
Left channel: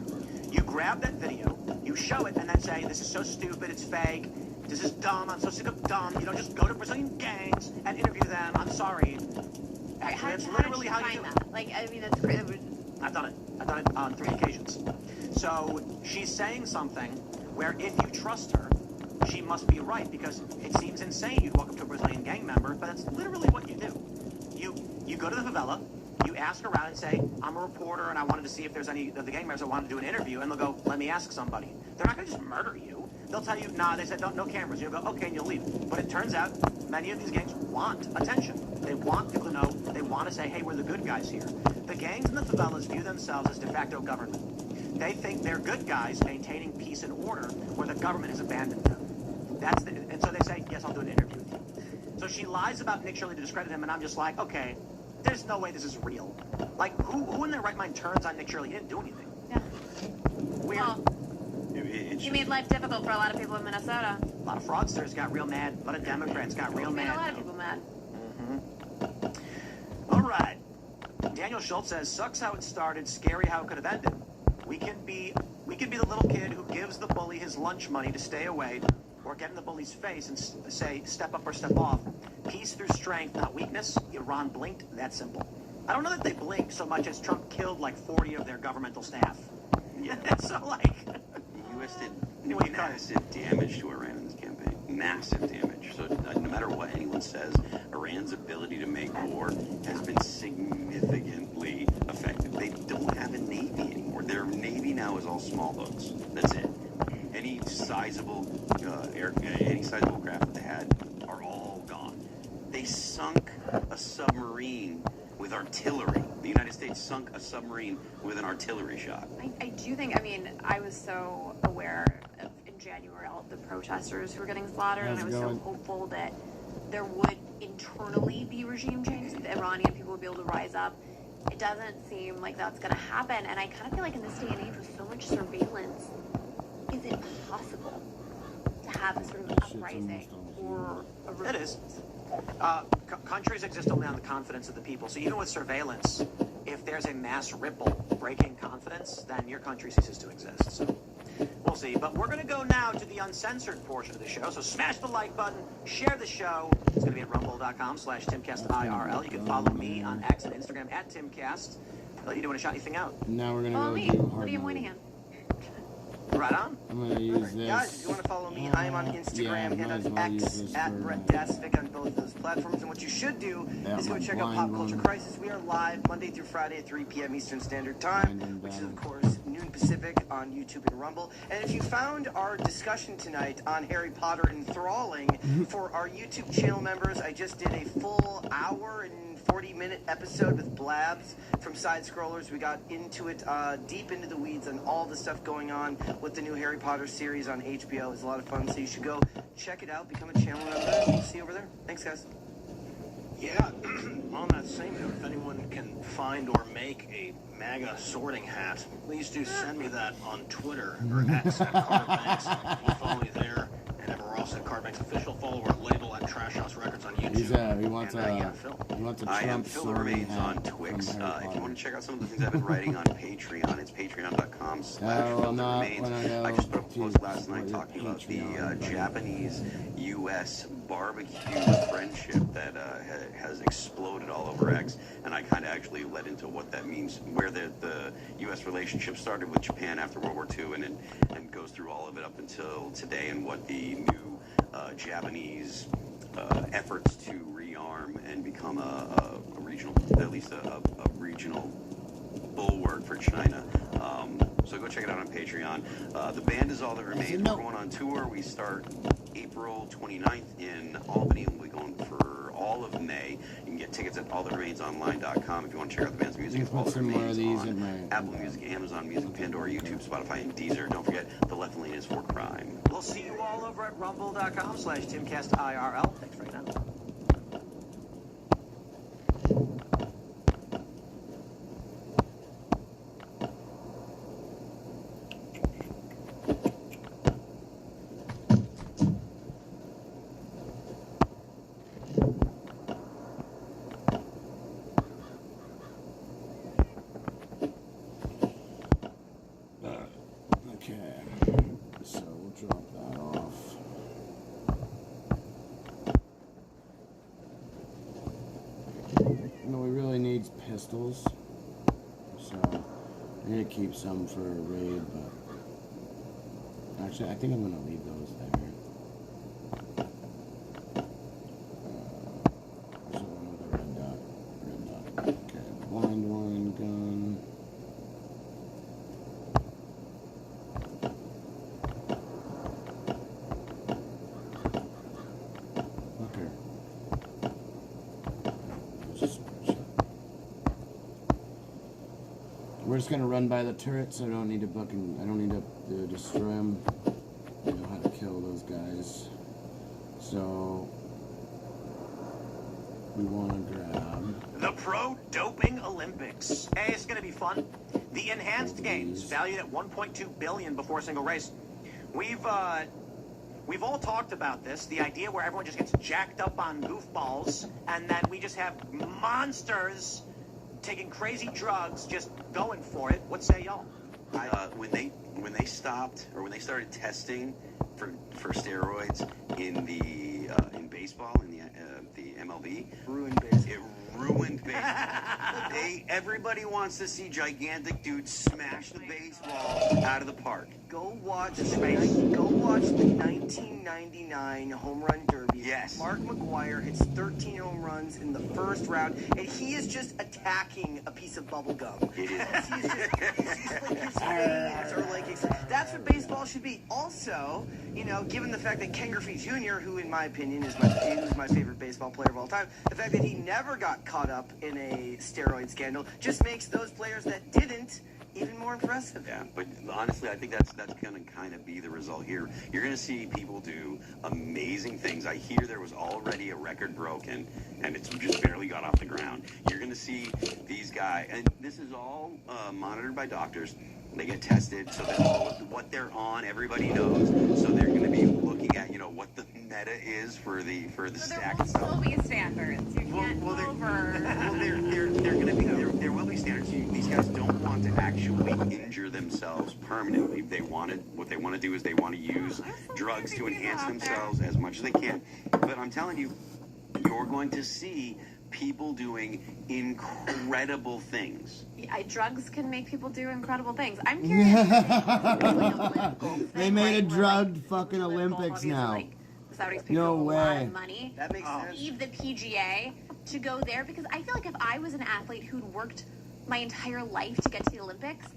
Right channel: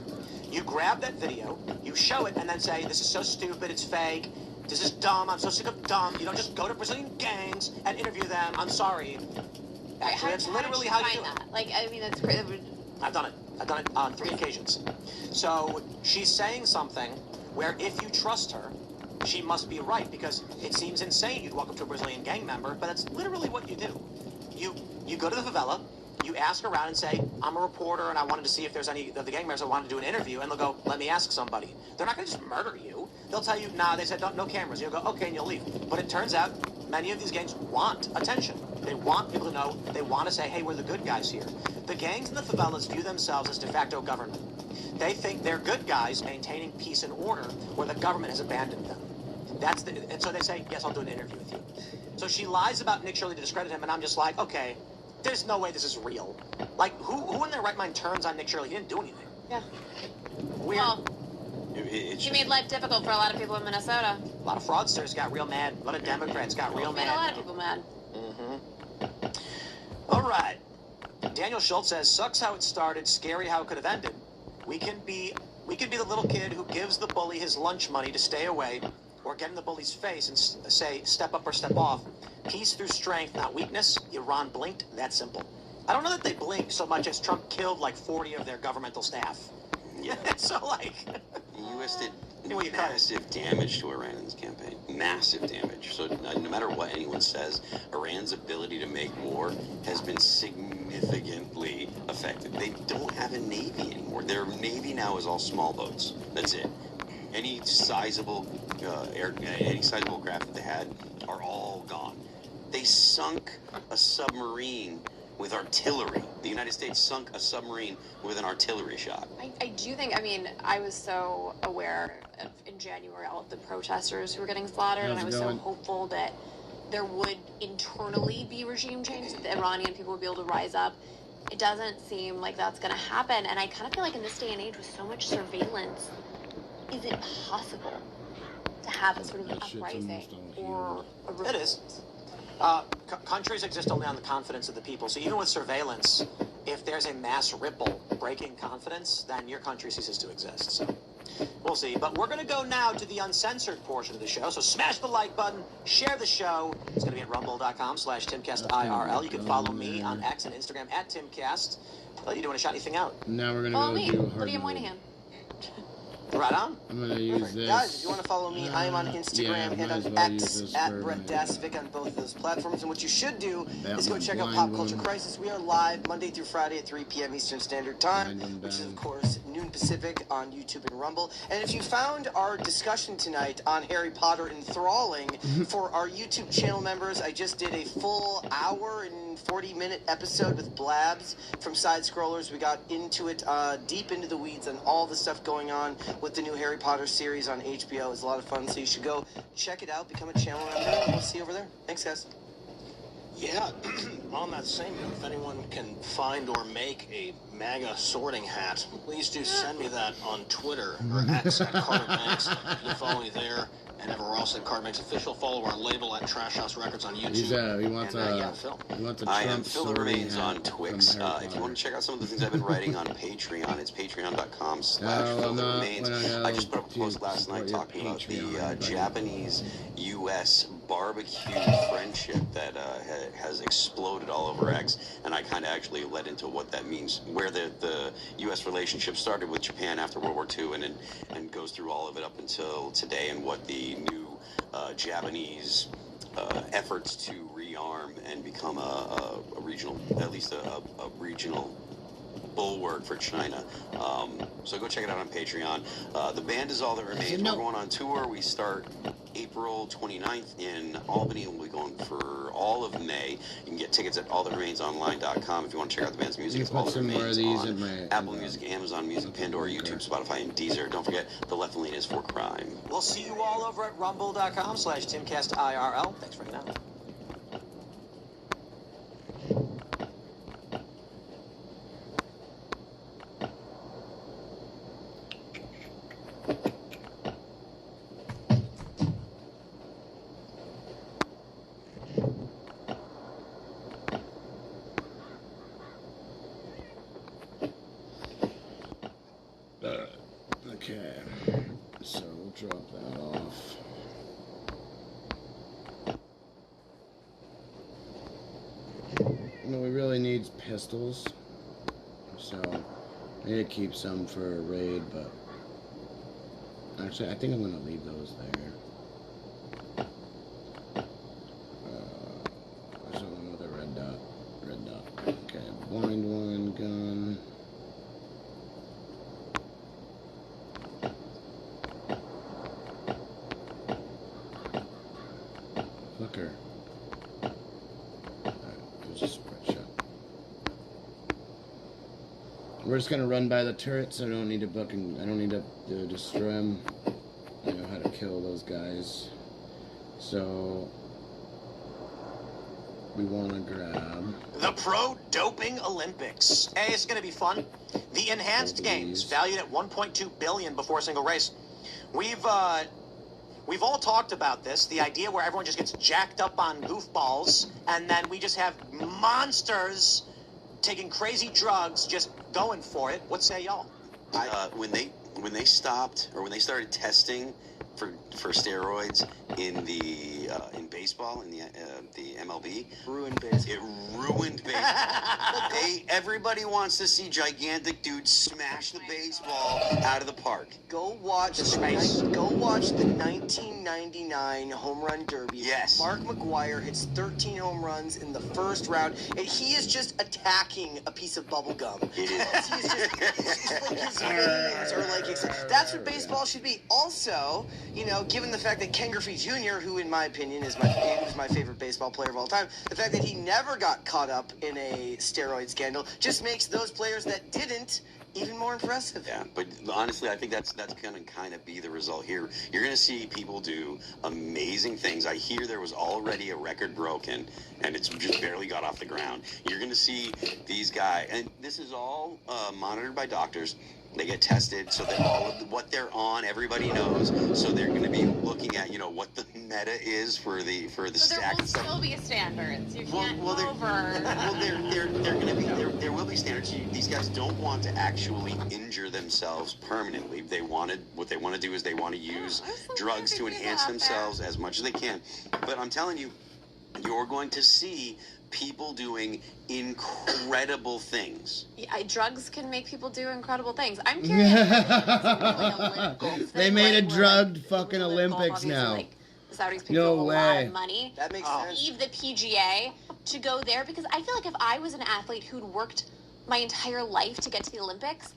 You grab that video, you show it, and then say, this is so stupid, it's fake, this is dumb, I'm so sick of dumb. You don't just go to Brazilian gangs and interview them, I'm sorry. Actually, that's literally how you do it. Like, I mean, that's great. I've done it on 3 occasions. So she's saying something where if you trust her, she must be right, because it seems insane you'd walk up to a Brazilian gang member, but that's literally what you do. You go to the favela, you ask around and say, I'm a reporter and I wanted to see if there's any of the gang members that wanted to do an interview, and they'll go, let me ask somebody. They're not going to just murder you. They'll tell you, nah, they said no cameras. You'll go, okay, and you'll leave. But it turns out many of these gangs want attention. They want people to know. They want to say, hey, we're the good guys here. The gangs in the favelas view themselves as de facto government. They think they're good guys maintaining peace and order where the government has abandoned them. And so they say, yes, I'll do an interview with you. So she lies about Nick Shirley to discredit him, and I'm just like, okay, there's no way this is real. Like, who in their right mind turns on Nick Shirley? He didn't do anything. Yeah. Weird. Well, he made life difficult for a lot of people in Minnesota. A lot of fraudsters got real mad. A lot of Democrats got real mad. Made a lot of people mad. All right. Daniel Schultz says, sucks how it started, scary how it could have ended. We could be the little kid who gives the bully his lunch money to stay away, or get in the bully's face and say, step up or step off. Peace through strength, not weakness. Iran blinked, that simple. I don't know that they blinked so much as Trump killed like 40 of their governmental staff. Yeah, so like... The U.S. did massive damage to Iran in this campaign. Massive damage. So no matter what anyone says, Iran's ability to make war has been significantly affected. They don't have a navy anymore. Their navy now is all small boats. That's it. Any sizable craft that they had are all gone. They sunk a submarine with artillery. The United States sunk a submarine with an artillery shot. I do think, I mean, I was so aware of, in January, all of the protesters who were getting slaughtered, and I was so hopeful that there would internally be regime change, that the Iranian people would be able to rise up. It doesn't seem like that's going to happen. And I kind of feel like in this day and age with so much surveillance, is it possible to have a sort of uprising or a revolt? It is. Countries exist only on the confidence of the people. So even with surveillance, if there's a mass ripple breaking confidence, then your country ceases to exist. So we'll see. But we're going to go now to the uncensored portion of the show. So smash the like button, share the show. It's going to be at rumble.com/TimCastIRL. You can follow me on X and Instagram at TimCast. Well, you want to shout anything out? Now we're gonna Follow go me, do hard Lydia mode. Moynihan. Right on. I'm gonna use this. Guys, if you want to follow me, I am on Instagram and on X at Brett Dasvik on both of those platforms. And what you should do is go check out Pop Culture Crisis. We are live Monday through Friday at 3 p.m. Eastern Standard Time, which is, of course, noon Pacific on YouTube and Rumble. And if you found our discussion tonight on Harry Potter enthralling for our YouTube channel members, I just did a full hour and 40-minute episode with Blabs from Side Scrollers. We got into it deep into the weeds on all the stuff going on with the new Harry Potter series on HBO. It was a lot of fun, so you should go check it out, become a channel member. We'll see you over there. Thanks, guys. Yeah, on that same note, if anyone can find or make a MAGA sorting hat, please do send me that on Twitter or X at CardBanks. You can follow me there and everywhere else at CardBanks Official. Follow our label at Trash House Records on YouTube. He wants and, a yeah, Phil. I am Phil Remains on Twix. If you want to check out some of the things I've been writing on Patreon, it's patreon.com/PhilRemains. I just put up a post last night talking about the Japanese-U.S. barbecue friendship that has exploded all over X, and I kind of actually led into what that means, where the U.S. relationship started with Japan after World War II, and goes through all of it up until today, and what the new Japanese efforts to rearm and become a regional, at least a regional bulwark for China. So go check it out on Patreon. The band is All That Remains. We're going on tour. We start April 29th in Albany, and we'll be going for all of May. You can get tickets at allthatRemainsonline.com if you want to check out the band's music. It's All That Remains on Apple Music, Amazon Music, Pandora, YouTube, Spotify, and Deezer. Don't forget, the left lane is for crime. We'll see you all over at rumble.com/TimCastIRL. Thanks right now. Okay, so we'll drop that off. No, we really need pistols, so I need to keep some for a raid, but actually I think I'm gonna leave those there. There's another red dot. Okay, blind one gun. Fucker. We're just gonna run by the turrets. I don't need to destroy them. I know how to kill those guys. So we want to grab The Pro Doping Olympics. Hey, it's going to be fun. The Enhanced Games, valued at $1.2 billion before a single race. We've all talked about this, the idea where everyone just gets jacked up on goofballs, and then we just have monsters taking crazy drugs, just going for it. What say y'all? When they stopped, or when they started testing for steroids in the in baseball, in the MLB, Ruined baseball. it ruined baseball. Everybody wants to see gigantic dudes smash the baseball out of the park. Go watch the 1999 Home Run Derby. Yes. Mark McGwire hits 13 home runs in the first round, and he is just attacking a piece of bubble gum. It is. He's just like his veins are like that's what baseball should be. Also, given the fact that Ken Griffey Jr., who in my opinion is my favorite baseball player of all time, the fact that he never got caught up in in a steroid scandal just makes those players that didn't even more impressive. Yeah, but honestly, I think that's going to kind of be the result here. You're going to see people do amazing things. I hear there was already a record broken, and it's just barely got off the ground. You're going to see these guys, and this is all monitored by doctors. They get tested, so that what they're on, everybody knows. So they're going to be looking at, what the meta is for the So stack. there will still be standards. You can't Well, go over. they're going to be there will be standards. These guys don't want to actually injure themselves permanently. What they want to do is they want to use drugs to enhance themselves as much as they can. But I'm telling you, you're going to see people doing incredible things. Yeah, drugs can make people do incredible things. I'm curious. They made a drugged fucking Olympics now. Like, the Saudis paid No a lot way. of money. That makes sense. Leave the PGA to go there, because I feel like if I was an athlete who'd worked my entire life to get to the Olympics,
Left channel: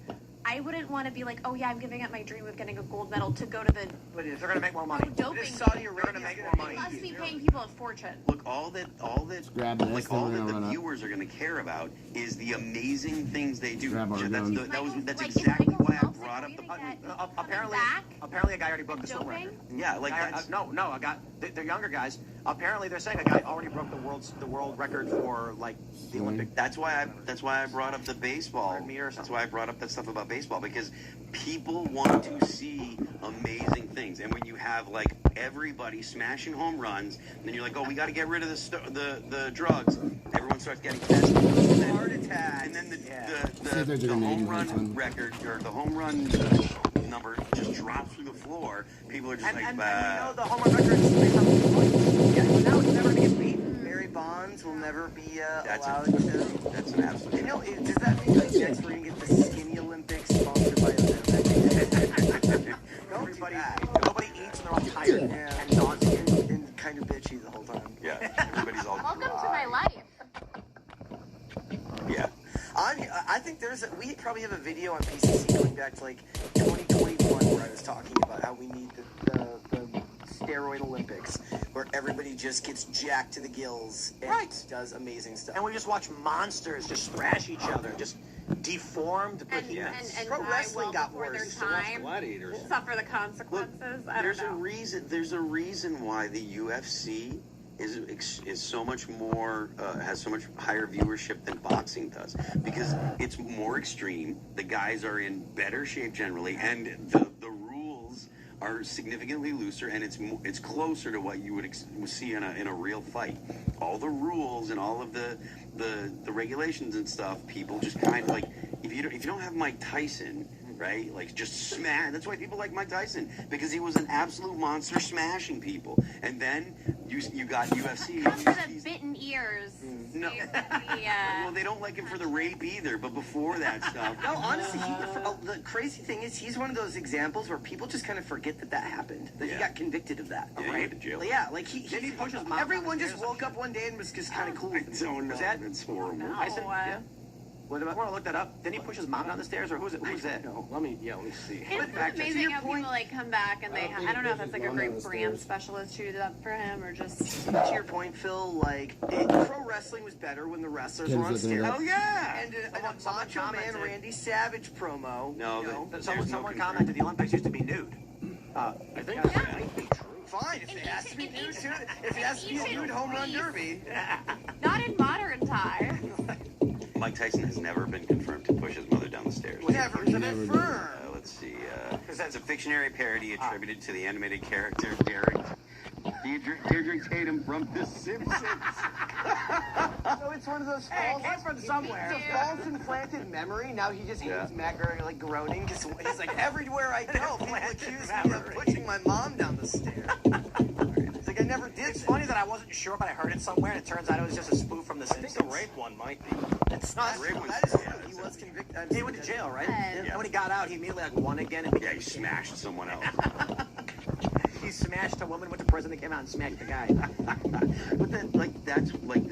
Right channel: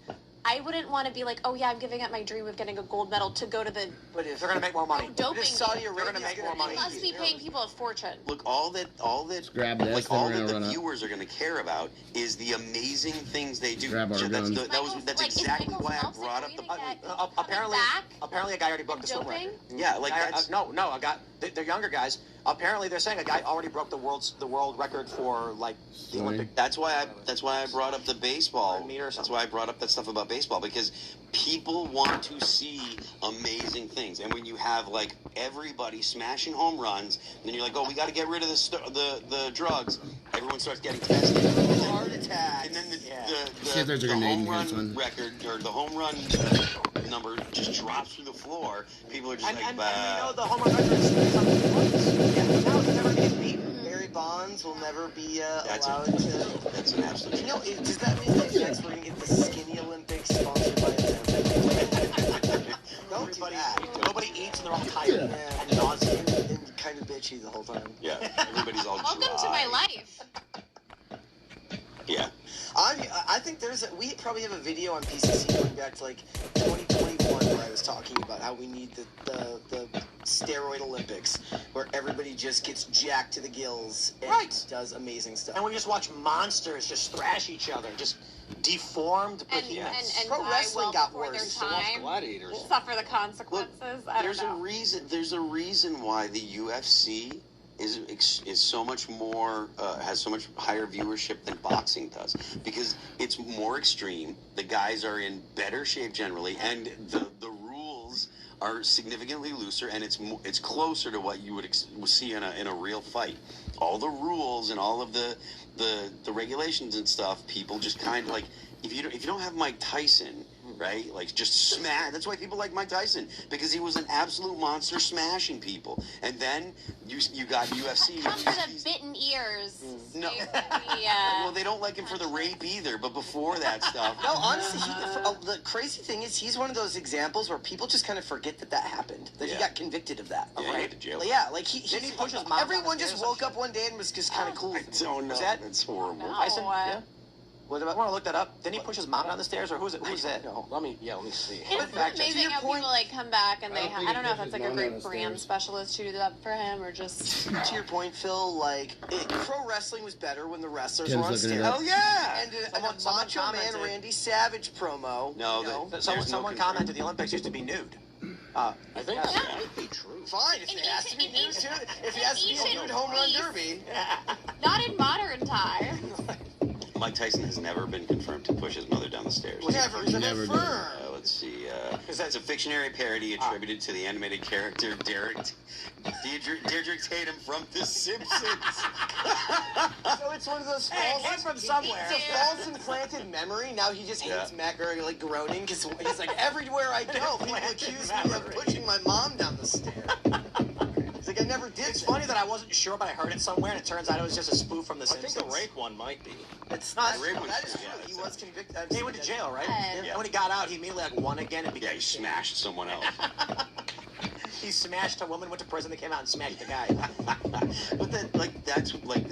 I wouldn't want to be like, oh yeah, I'm giving up my dream of getting a gold medal to go to the But if They're gonna make more money. doping. Saudi They're gonna make more money. They must be paying people a fortune. Look, all that grab this, like then all we're that gonna run the up. viewers are going to care about is the amazing things they do. Grab our That's guns. that's Like, exactly Michael why I Phelps brought up agreed the. to get Apparently a guy already broke the school doping? record. Yeah, like that's. A guy. The younger guys. Apparently, they're saying a guy already broke the world record for like the Olympic. That's why I brought up the baseball. 100 meters. That's why I brought up that stuff about baseball, because people want to see amazing things. And when you have like everybody smashing home runs, then you're like, oh, we got to get rid of the drugs. Everyone starts getting tested. And then, Heart attack. and then See if there's a the grenade in home here, run son. record or the home run number just drops through the floor. People are just like, And bah. the home run records. That would never get beat. Barry Bonds will never be That's allowed a- to. That's an absolute. Does that mean that next we're gonna get the skinny Olympics sponsored by Olympics? Don't do that. Nobody eats and they're all tired. Yeah. And nauseous. And kind of bitchy the whole time. Yeah, everybody's all Welcome dry. to my life. Yeah. I think we probably have a video on PCC going back to like 2021 where I was talking about how we need the steroid Olympics where everybody just gets jacked to the gills and Right. does amazing stuff. And we just watch monsters just thrash each other, just deformed And, behemoths. and Pro die wrestling well got before worse. their time, Gladiators. suffer the consequences. I don't There's a know. reason. There's a reason why the UFC is so much more has so much higher viewership than boxing does, because it's more extreme. The guys are in better shape generally, and the rules are significantly looser, and it's closer to what you would see in a real fight. All the rules and all of the regulations and stuff, people just kind of like, if you don't have Mike Tyson, right? Like, just smash. That's why people like Mike Tyson, because he was an absolute monster smashing people. And then you got UFC. From the bitten ears. No. Well, they don't like him for the rape either, but before that stuff. No, honestly, the crazy thing is he's one of those examples where people just kind of forget that happened, that he Yeah. got convicted of that. Yeah, he went to jail. Yeah, like he Didn't he push his mom everyone down the just stairs? woke up one day and was just kind of cool. I don't know. Is that- That's horrible. No. I said, What? yeah. What about? I want to look that up. Didn't he push his mom down the stairs, or who's it? Who's that? No, let me see. It's back to amazing your how point- people like come back and I they. don't think I don't he know if pushes that's like a mom down great the brand stairs. specialist who did that for him or just. To your point, Phil, like pro wrestling was better when the wrestlers Tim's were on looking it stairs. up. Oh yeah. And a Someone Macho Man commented- Randy Savage promo. No, you know, there's Someone no commented the Olympics used to be nude. I think Yeah. fine if In it has to be ancient- nude, too. If it has to be a ancient nude home run Greece. derby. Not in modern times. Mike Tyson has never been confirmed to push his mother down the stairs. Never been Never did. confirmed. Let's see. It's a fictionary parody attributed to the animated character Deirdre Tatum from The Simpsons. So it's one of those Hey, false, it came from somewhere. it's a false implanted memory. Now he just Yeah. hears Matt Groening like groaning because he's like, everywhere I go, people accuse me of pushing my mom down the stairs. It's like I never did. It's that. funny that I wasn't sure, but I heard it somewhere, and it turns out it was just a spoof from The I think Simpsons. the rape one might be. It's not. That is true. He was convicted. He went to jail, right? Yeah. And when he got out, he immediately like won again and Yeah, became he a smashed someone else. He smashed a woman, went to prison, they came out and smashed the guy. But then,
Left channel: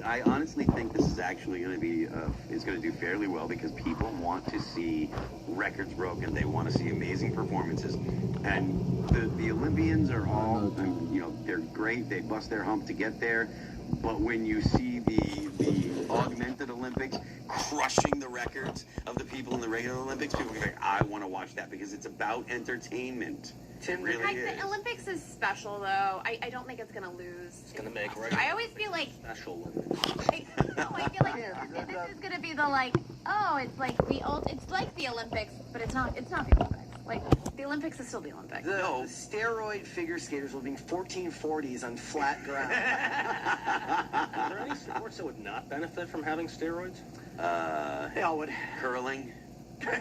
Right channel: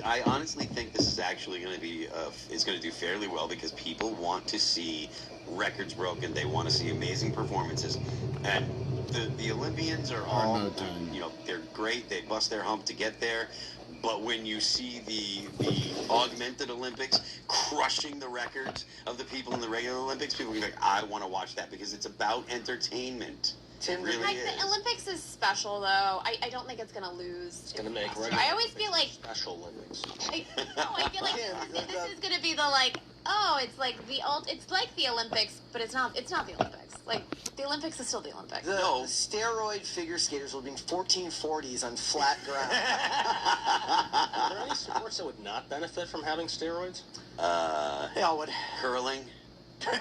I honestly think this is actually going to be is going to do fairly well, because people want to see records broken. They want to see amazing performances, and the Olympians are all, they're great. They bust their hump to get there. But when you see the augmented Olympics, Olympics, people will be like, I want to watch that because it's about entertainment. It really Like, is. the Olympics is special, though. I don't think it's gonna lose. It's gonna make I always feel like special Olympics. I feel like this is gonna be the it's like it's like the Olympics, but it's not the Olympics. Like, the Olympics is still the Olympics. The steroid figure skaters will be 1440s on flat ground. Are there any sports that would not benefit from having steroids? Elwood. Curling. Yeah,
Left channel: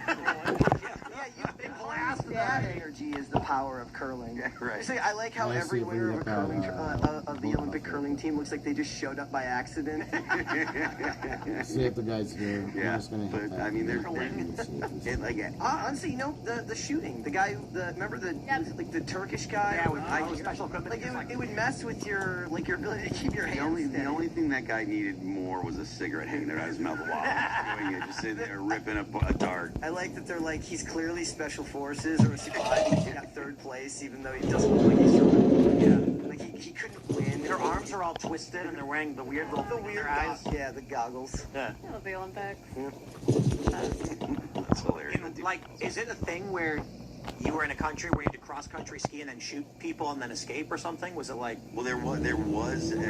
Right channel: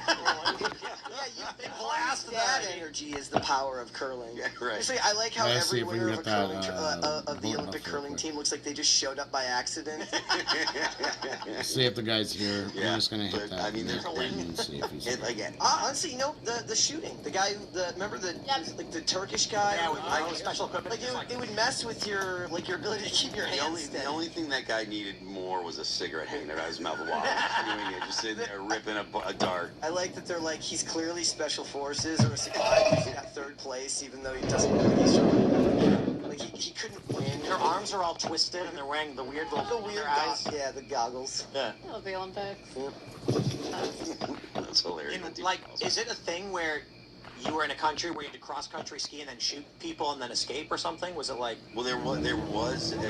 you blast that energy is the power of curling. Yeah, right. Actually, I like how Yeah, every see if we winner can of, get that, of the vote Olympic off curling real quick. team looks like they just showed up by accident. See if the guy's here. Yeah, I'm just gonna hit but, that. I mean, there's and see if he's here. Honestly, the shooting. The guy, remember the Turkish guy? Yeah, special equipment. Like it would mess with your ability to keep your hands steady. The only thing that guy needed more was a cigarette hanging out of his mouth while he was doing it, just sitting there ripping a dart. I like that they're like, he's clearly special forces or a security who's got third place, even though he doesn't look like he's like he couldn't win. Their arms are all twisted and they're wearing the weird little eyes. Yeah, the goggles. Yeah. I love the Olympics. That's hilarious. Is it a thing where you were in a country where you did cross-country ski and then shoot people and then escape or something? Was it like... Well, there was an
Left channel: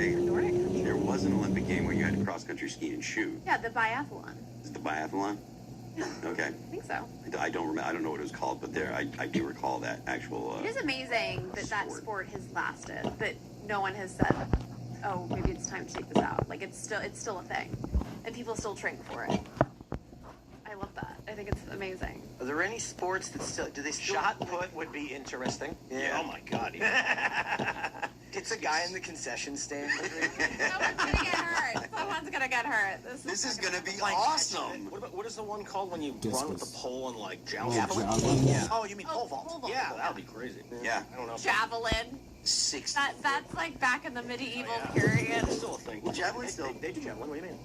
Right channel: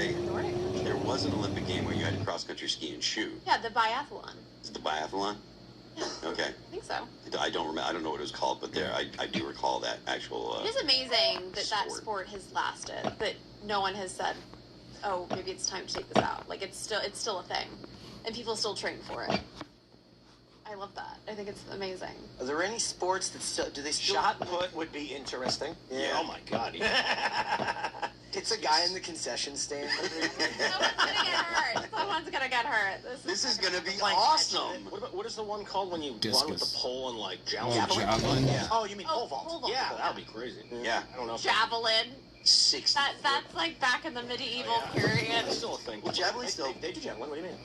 Olympic game where you had to cross-country ski and shoot. Yeah, the biathlon. Is it the biathlon? Okay. I think so. I don't remember. I don't know what it was called, but I do recall that actual. It is amazing that sport has lasted. That no one has said, "Oh, maybe it's time to take this out." Like, it's still a thing, and people still train for it. I love that. I think it's amazing. Are there any sports that still Shot put would be interesting. Yeah. Oh my God. Yeah. It's a guy in the concession stand. Someone's gonna get hurt. Someone's gonna get hurt. This is gonna be awesome. What is the one called when you run with the pole and like javelin? Javelin? Yeah. Oh, you mean pole vault? Pole vault. Yeah, that would be crazy. Yeah. I don't know. Javelin. 60. That's like back in the medieval period. It's still a thing. Well, javelin still. They do javelin. What do you mean?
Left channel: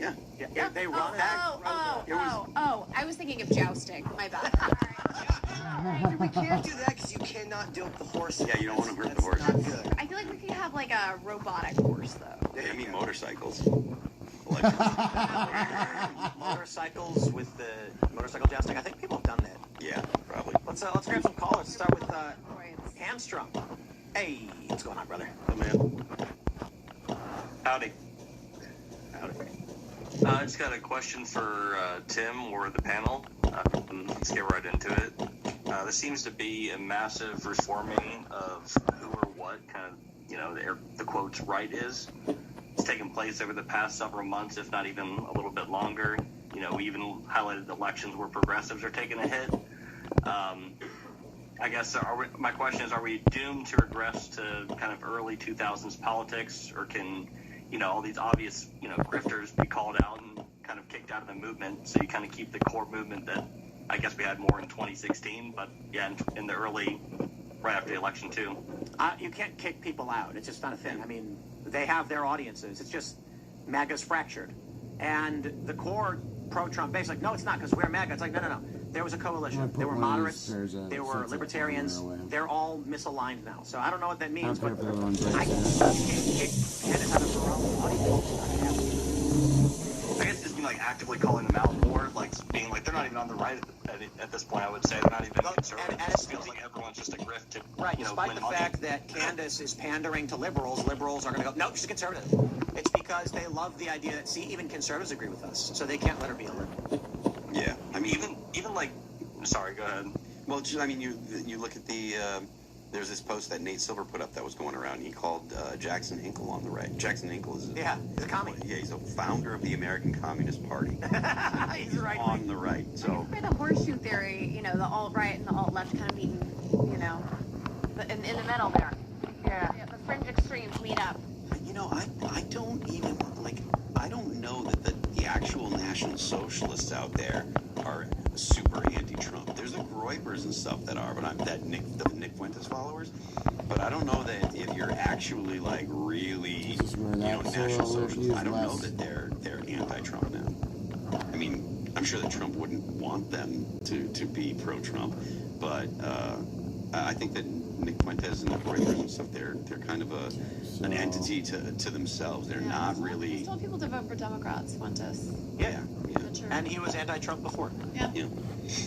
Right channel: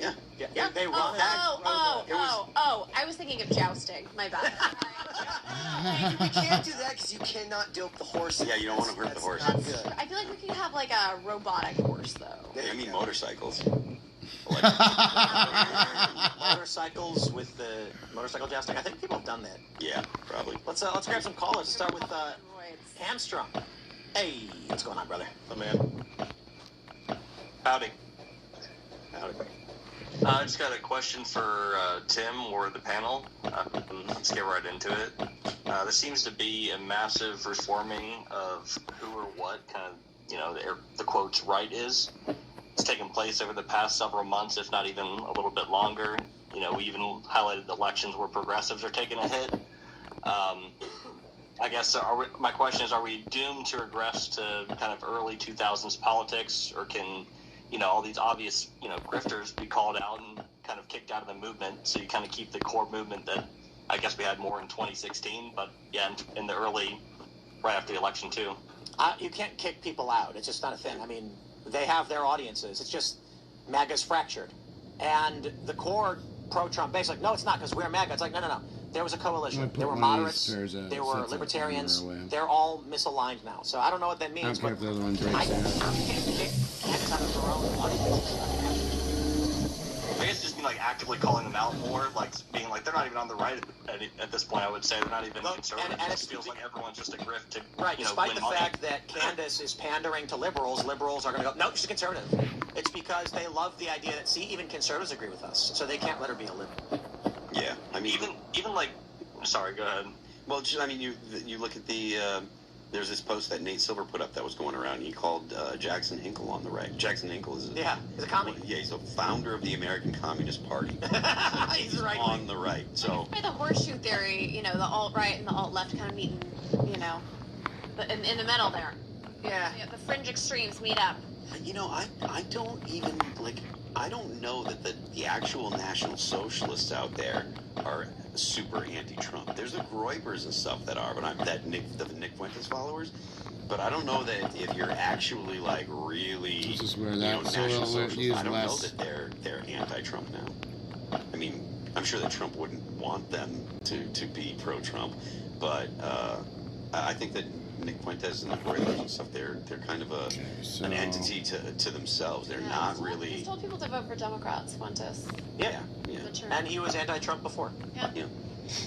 Yeah. They run that. Oh! I was thinking of jousting. My bad. We can't do that because you cannot dope the horse. Yeah, you don't want to hurt the horse. Not good. I feel like we could have like a robotic horse though. I mean motorcycles. Motorcycles with the motorcycle jousting. I think people have done that. Yeah, probably. Let's grab some callers. Start with Hamstrung. Hey, what's going on, brother? Oh man. Howdy. Howdy. I just got a question for Tim or the panel. Let's get right into it. There seems to be a massive reforming of who or what kind of, the quotes right is. It's taken place over the past several months, if not even a little bit longer. We even highlighted elections where progressives are taking a hit. I guess my question is, are we doomed to regress to kind of early 2000s politics, or can all these obvious, grifters be called out and kind of kicked out of the movement, so you kind of keep the core movement that I guess we had more in 2016, but yeah, in the early, right after the election too. You can't kick people out. It's just not a thing. I mean, they have their audiences. It's just MAGA's fractured. And the core pro-Trump base, like, no, it's not, because we're MAGA. It's like, no. There was a coalition. There were moderates. There were libertarians. They're all misaligned now. So I don't know what that means. I'll pick up the other ones right I guess just be like actively calling them out more, like being like they're not even on the right at this point. I would say they're not even conservative. And it just feels like everyone's just a grift to despite win the fact that Candace is pandering to liberals are going to go, no, she's a conservative. It's because they love the idea that, see, even conservatives agree with us, so they can't let her be a liberal. Yeah, I mean, even like, sorry, go ahead. Well, I mean, you look at the. There's this post that Nate Silver put up that was going around. He called Jackson Hinkle on the right. Jackson Hinkle is he's a commie. Yeah, he's a founder of the American Communist Party. He's right on the right. So by the horseshoe theory, the alt-right and the alt-left kind of meet, in the middle there. Yeah, the fringe extremes meet up. I don't even I don't know that the actual National Socialists out there are super anti-Trump. There's the Groypers and stuff that are, but the Nick Fuentes followers. But I don't know that if you're actually really. This is where that soil is I don't less. know that they're anti-Trump now. I mean, I'm sure that Trump wouldn't want them to be pro-Trump, but I think that Nick Fuentes and the British and stuff, they're kind of an entity to themselves. They're not really. He told people to vote for Democrats, Fuentes. Yeah. Mature. And he was anti-Trump before. Yeah.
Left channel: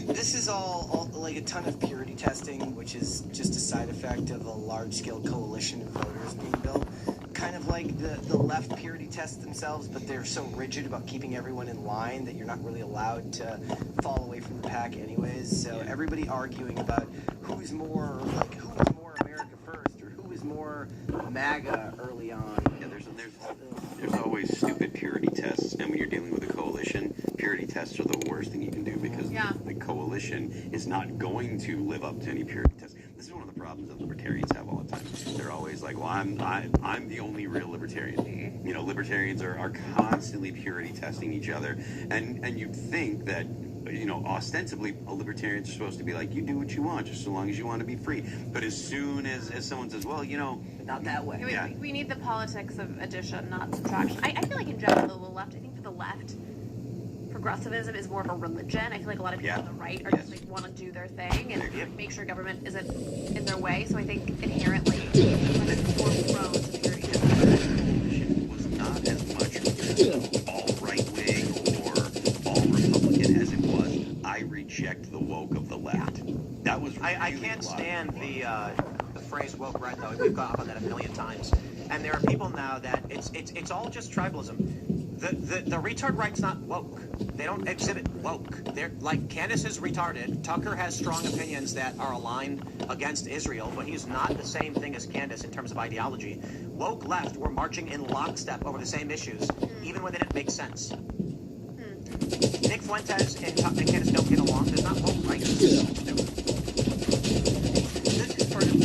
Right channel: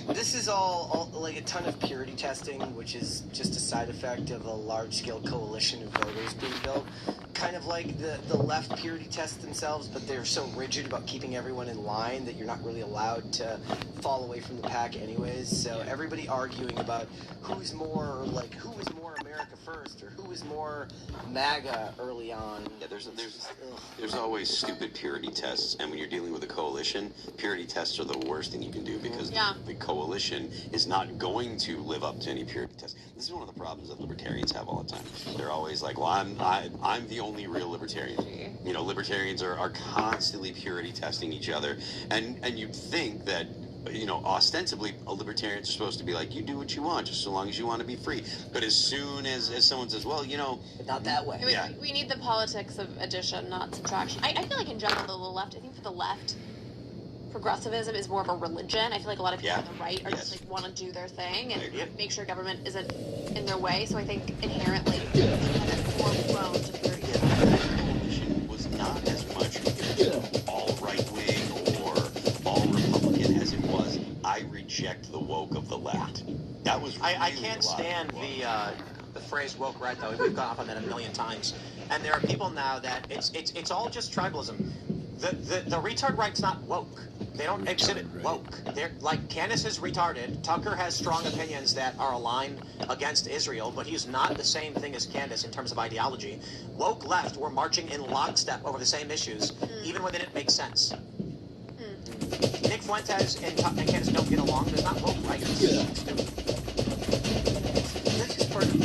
This is all like a ton of purity testing, which is just a side effect of a large-scale coalition of voters being built. Kind of like the left purity tests themselves, but they're so rigid about keeping everyone in line that you're not really allowed to fall away from the pack anyways. So everybody arguing about who's more America first or who is more MAGA early on. Yeah, there's always stupid purity tests, and when you're dealing with a coalition, purity tests are the worst thing you can do because the coalition is not going to live up to any purity tests. This is one of the problems that libertarians have all the time. They're always like, well, I'm the only real libertarian. You know, libertarians are constantly purity testing each other, and you'd think that, you know, ostensibly, libertarians are supposed to be like, you do what you want, just so long as you want to be free. But as soon as someone says, well, you know... Not that way. We need the politics of addition, not subtraction. I feel like in general, the left, I think for the left, progressivism is more of a religion. I feel like a lot of people on the right are just like want to do their thing and make sure government isn't in their way. So I think inherently, it's more prone to purity. Was not as much all right-wing or all Republican as it was, I reject the woke of the left. That was really I can't stand the phrase woke right though. We've gone off on that a million times. And there are people now that it's all just tribalism. The retard right's not woke. They don't exhibit woke. They're like, Candace is retarded. Tucker has strong opinions that are aligned against Israel, but he's not the same thing as Candace in terms of ideology. Woke left were marching in lockstep over the same issues, even when they didn't make sense. Nick Fuentes and Candace don't get along. There's not woke right. This is part of the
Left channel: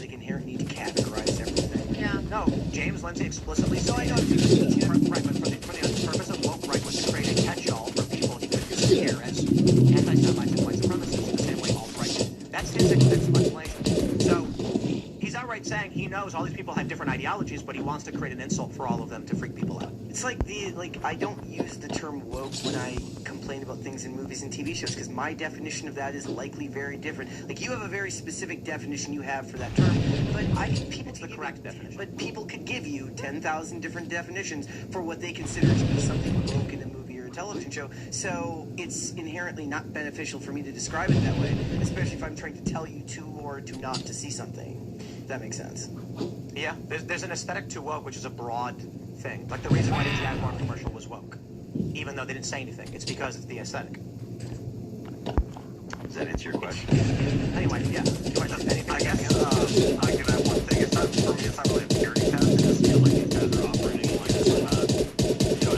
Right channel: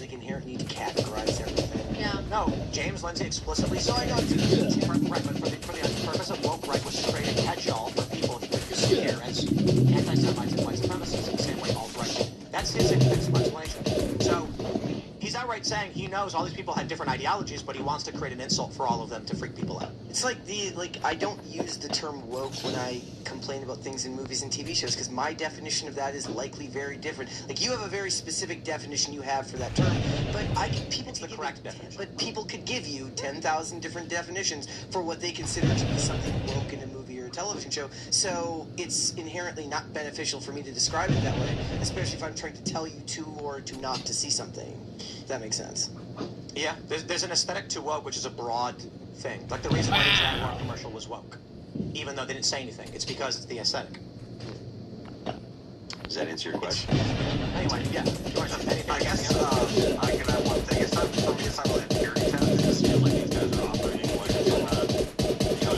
like inherent need to categorize everything. Yeah. No, James Lindsay explicitly said that. For the purpose of woke right was to create a catch-all for people to scare as anti-Semites and white supremacists in the same way alt-right. That's his explanation. So he's outright saying he knows all these people had different ideologies, but he wants to create an insult for all of them to freak people out. It's like I don't use the term woke when I complain about things in movies and TV shows because my definition of that is likely very different. Like you have a very specific definition you have for that term, but It's the correct definition. But people could give you 10,000 different definitions for what they consider to be something woke in a movie or a television show. So it's inherently not beneficial for me to describe it that way, especially if I'm trying to tell you to or to not to see something. If that makes sense. Yeah, there's an aesthetic to woke, which is a broad thing. Like the reason why the Jaguar commercial was woke, even though they didn't say anything, it's because it's the aesthetic. Does that answer your question? Anyway, yeah. I guess I can add one thing. It's not really a purity test. It's just feel like these guys are operating like this,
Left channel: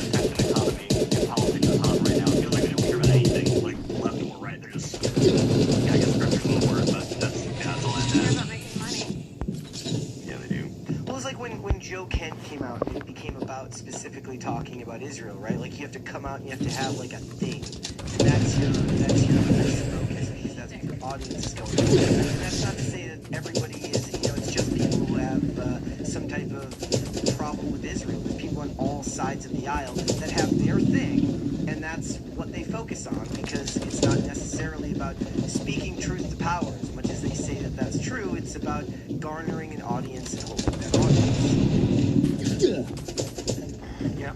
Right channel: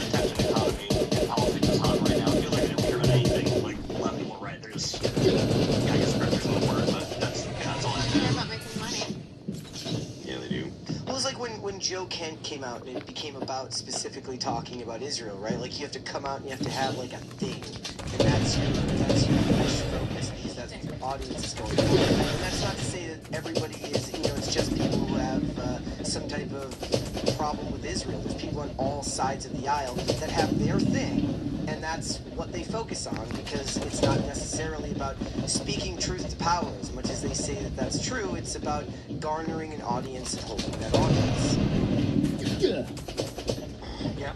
attention economy policy goes on right now. I feel like they don't care about anything like left or right. They're just, I guess scripture's the word, but that's all it is. About making money. Yeah, they do. Well, it's like when Joe Kent came out and it became about specifically talking about Israel, right? Like you have to come out and you have to have like a thing, and that's your because that's what your audience is going for. And that's not to say that everybody is, it's just people who have some type of problem with Israel. There's people on all sides of the aisle that have their thing, and that's what they focus on because it's not necessarily about speaking truth to power as much as they say that that's true. It's about garnering an audience and holding that audience. Yeah.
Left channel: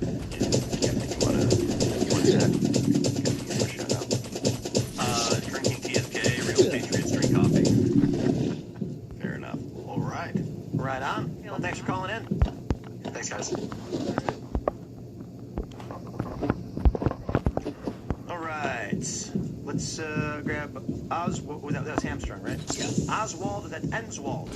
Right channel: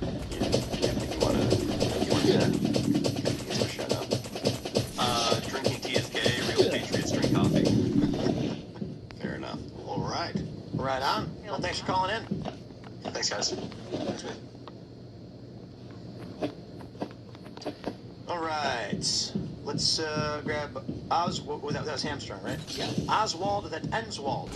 Drinking TSK, real Patriots drink coffee. Fair enough. All right. Right on. Well, thanks for calling in. Thanks, guys. All right. Let's grab Oswald. That was Hamstrung, right? Yeah. Oswald and then Enswald.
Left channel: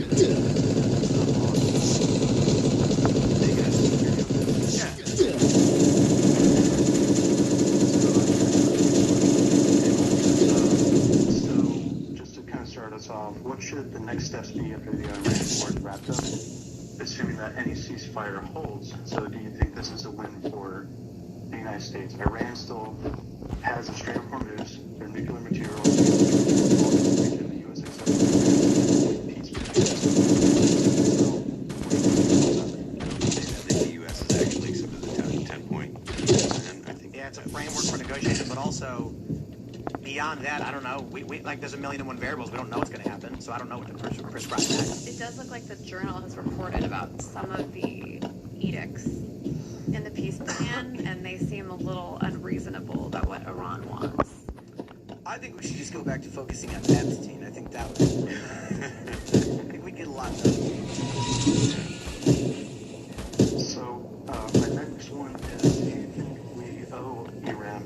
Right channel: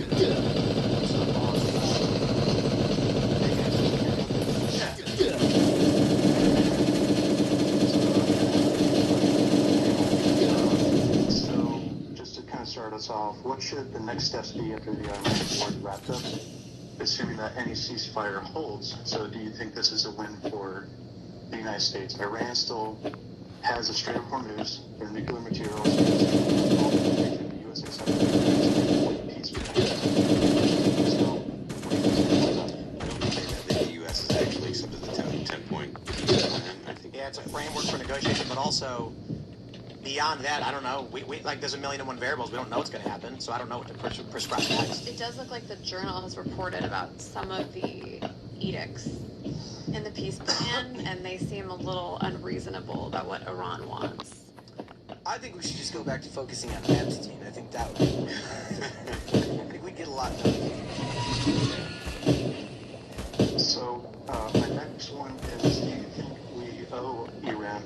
So, just to kind of start us off, what should the next steps be after the Iran war is wrapped up, assuming that any ceasefire holds? So, do you think this is a win for the United States? Iran still has a Strait of Hormuz, their nuclear materials, the USA The U.S. is actually some of the 10-point. I think. Yeah, it's a framework for negotiation, but also beyond that, I don't know. We like there's a million and one variables. We don't know what's going to happen, so I don't know what to prescribe next. It does look like the Journal has reported about some of the edicts in the peace plan, and they seem a little unreasonable about what Iran wants. I think we should just go back to focusing on Epstein. I think that would. I think we'd get a lot done. So, my next one is, do you think we owe Iran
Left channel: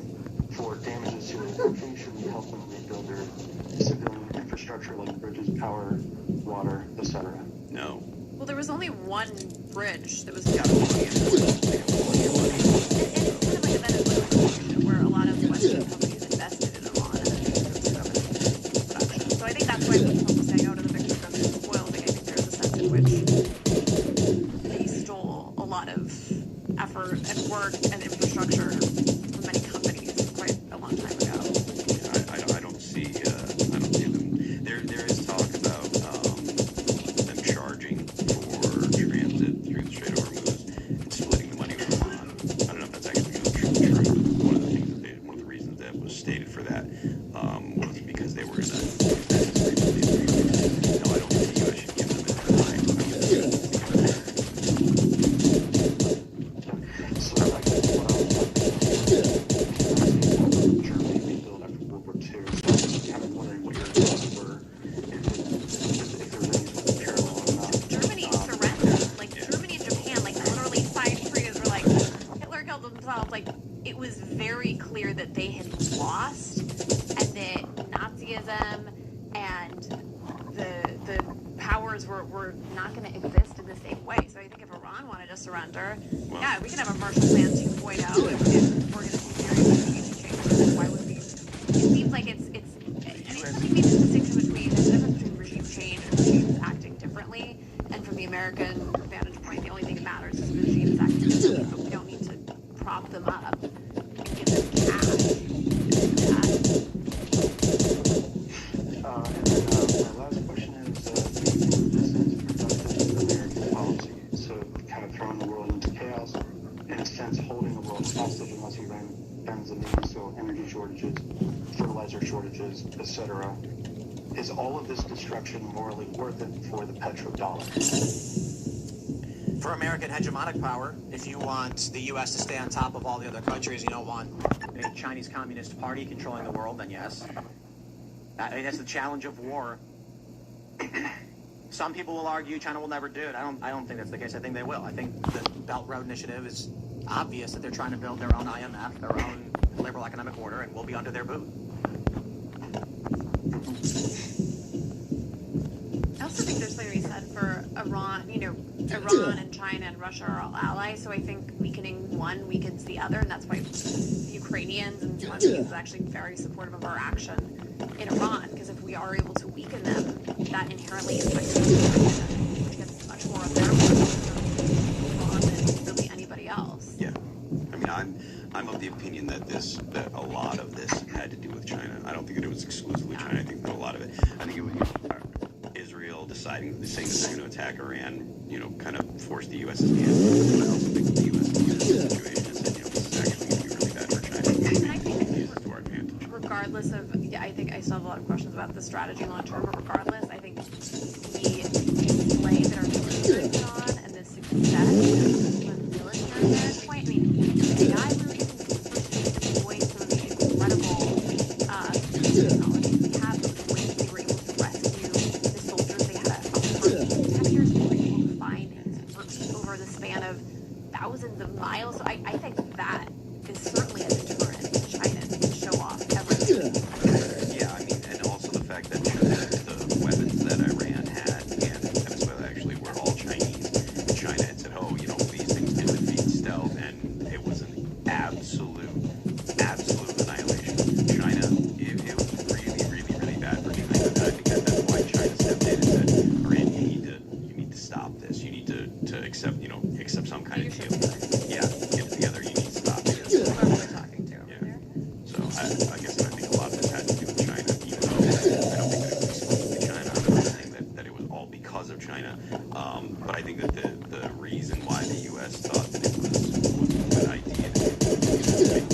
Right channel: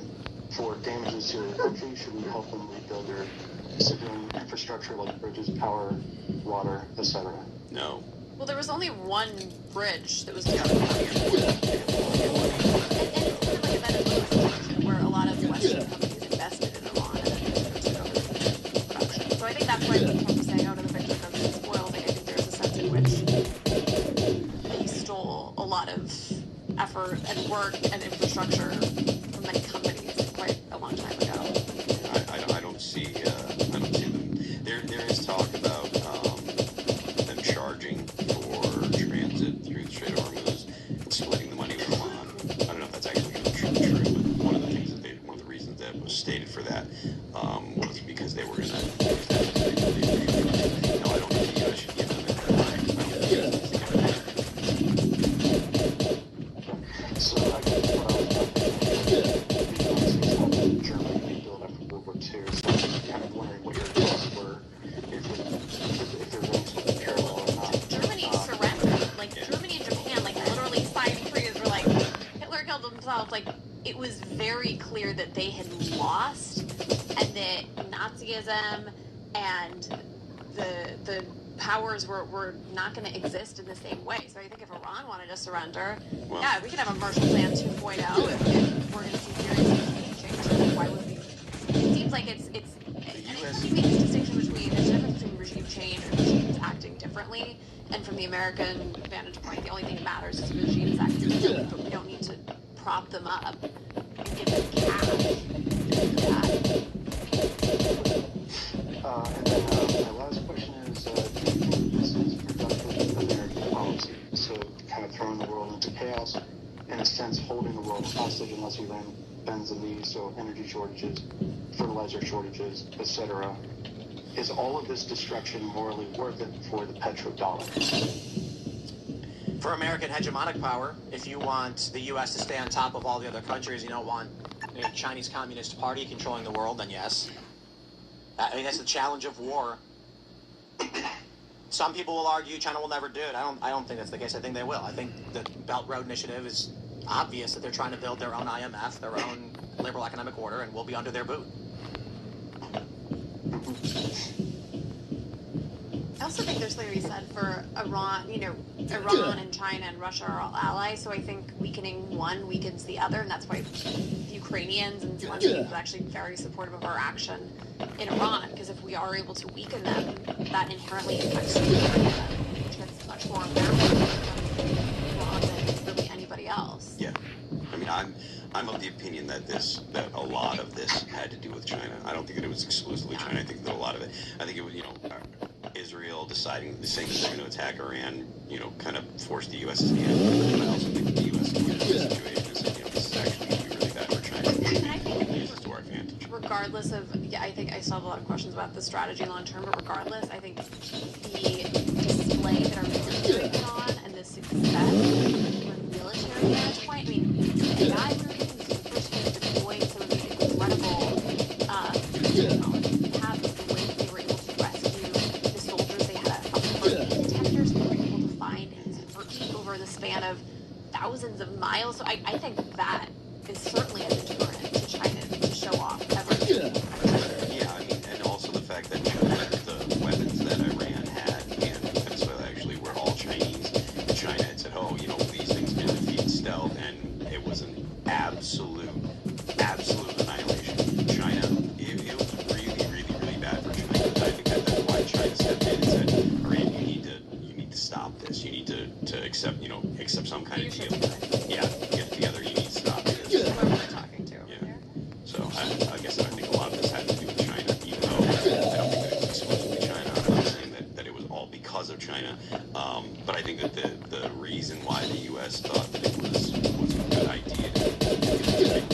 for damages to their country? Should we help them rebuild their civilian infrastructure like bridges, power, water, etc.? No. Well, there was only one bridge that was where a lot of the Western companies invested in Iran. So I think that's why people saying, oh, no, the victims are spoiled. I think there's a sense in which they stole a lot of effort and work and infrastructure from many companies quite a long time ago. I don't see them. There is talk about them charging for transit through the Strait of Hormuz and splitting the money with Iran. I don't know if that's actually true. One of the reasons that was stated for that was because they were going to. No, I don't think the U.S. should give them So, I guess Germany rebuilt after World War II. So, kind of wondering what your thoughts were if there was any parallel or not. Germany surrendered. Like, Germany and Japan, like, literally signed treaties were like, Hitler killed themselves. Like, it was very clear that they had lost and that Nazism and the powers were not going to exist in the same way. So I think if Iran wanted to surrender, yeah, we can have a Marshall Plan 2.0 if we're going to see serious changes. Why would we? It seems like it's we made this distinction between the difference between regime change and regimes acting differently. And from the American vantage point, the only thing that matters is regimes acting differently, but we don't need to prop them up and give them cash. And then my last question is, this is productive American policy. So, kind of throwing the world into chaos, in a sense, holding the world hostage unless Iran bends the knee. So, energy shortages, fertilizer shortages, etc. Is all of this destruction morally worth it for the petrodollar? For American hegemonic power, if you want the U.S. to stay on top of all the other countries, you don't want a Chinese Communist Party controlling the world, then yes. I mean, that's the challenge of war. Some people will argue China will never do it. I don't think that's the case. I think they will. I think the Belt Road Initiative is obvious that they're trying to build their own IMF, their own liberal economic order, and we'll be under their boot. I also think there's something to be said for Iran. You know, Iran and China and Russia are all allies, so I think weakening one weakens the other, and that's why the Ukrainians and Zelensky are actually very supportive of our action in Iran, because if we are able to weaken them, that inherently affects which gets much more important than really anybody else. Yeah, I mean, I'm of the opinion that a lot of this had to do with China. I don't think that it was exclusively China. I think that a lot of it. I think it was Israel deciding saying that they're going to attack Iran. Kind of forced the U.S.'s hand. I also think that the U.S. situation is, this is actually going to be really bad for China. And I think Use this to our advantage. regardless of, I think I still have a lot of questions about the strategy long term, but regardless, I think the display that our military put on and the success from the military standpoint, I mean, the guys were making deploying some incredible paths in which they were able to rescue the soldiers. They had contenders, they were able to find his over the span of thousands of miles. So I think that is certainly a deterrent to China to show off everything. Yeah, I mean, and also the fact that the weapons that Iran had and Venezuela actually were all Chinese. China had said, these things can defeat stealth, and it was an absolute annihilation. China, it was really, really, really bad for China. And I think that's why China stepped in and said, Iran, you need to stop this. You need to accept some kind of deal. Yeah, get it together. You need to stop this. So I guess I think a lot of this had to do with China. Even though I don't think that it was exclusively China. I'm not saying that it was all because of China. But I think that the reason why the U.S. thought that it was a good idea to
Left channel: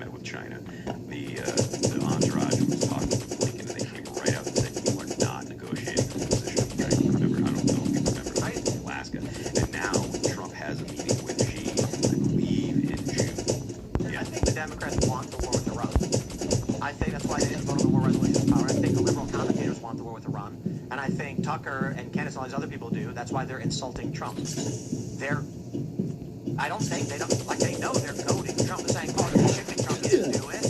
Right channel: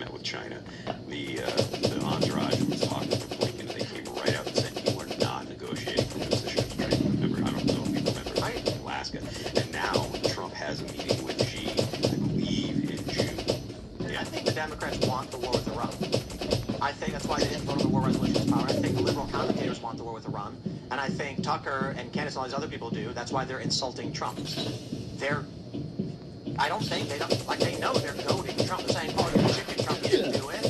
met with China. The entourage was talking with Blinken, and they came right out and said, "You are not negotiating from a position of strength." Remember, I don't know if you remember that in Alaska. And now Trump has a meeting with Xi, I believe, in June. I think the Democrats want the war with Iran. I think that's why they didn't vote the war resolution power. I think the liberal commentators want the war with Iran. And I think Tucker and Candace and all these other people do. That's why they're insulting Trump. I don't think they don't, like they know they're goading Trump. They're saying, oh, they're chicken Trump didn't do it.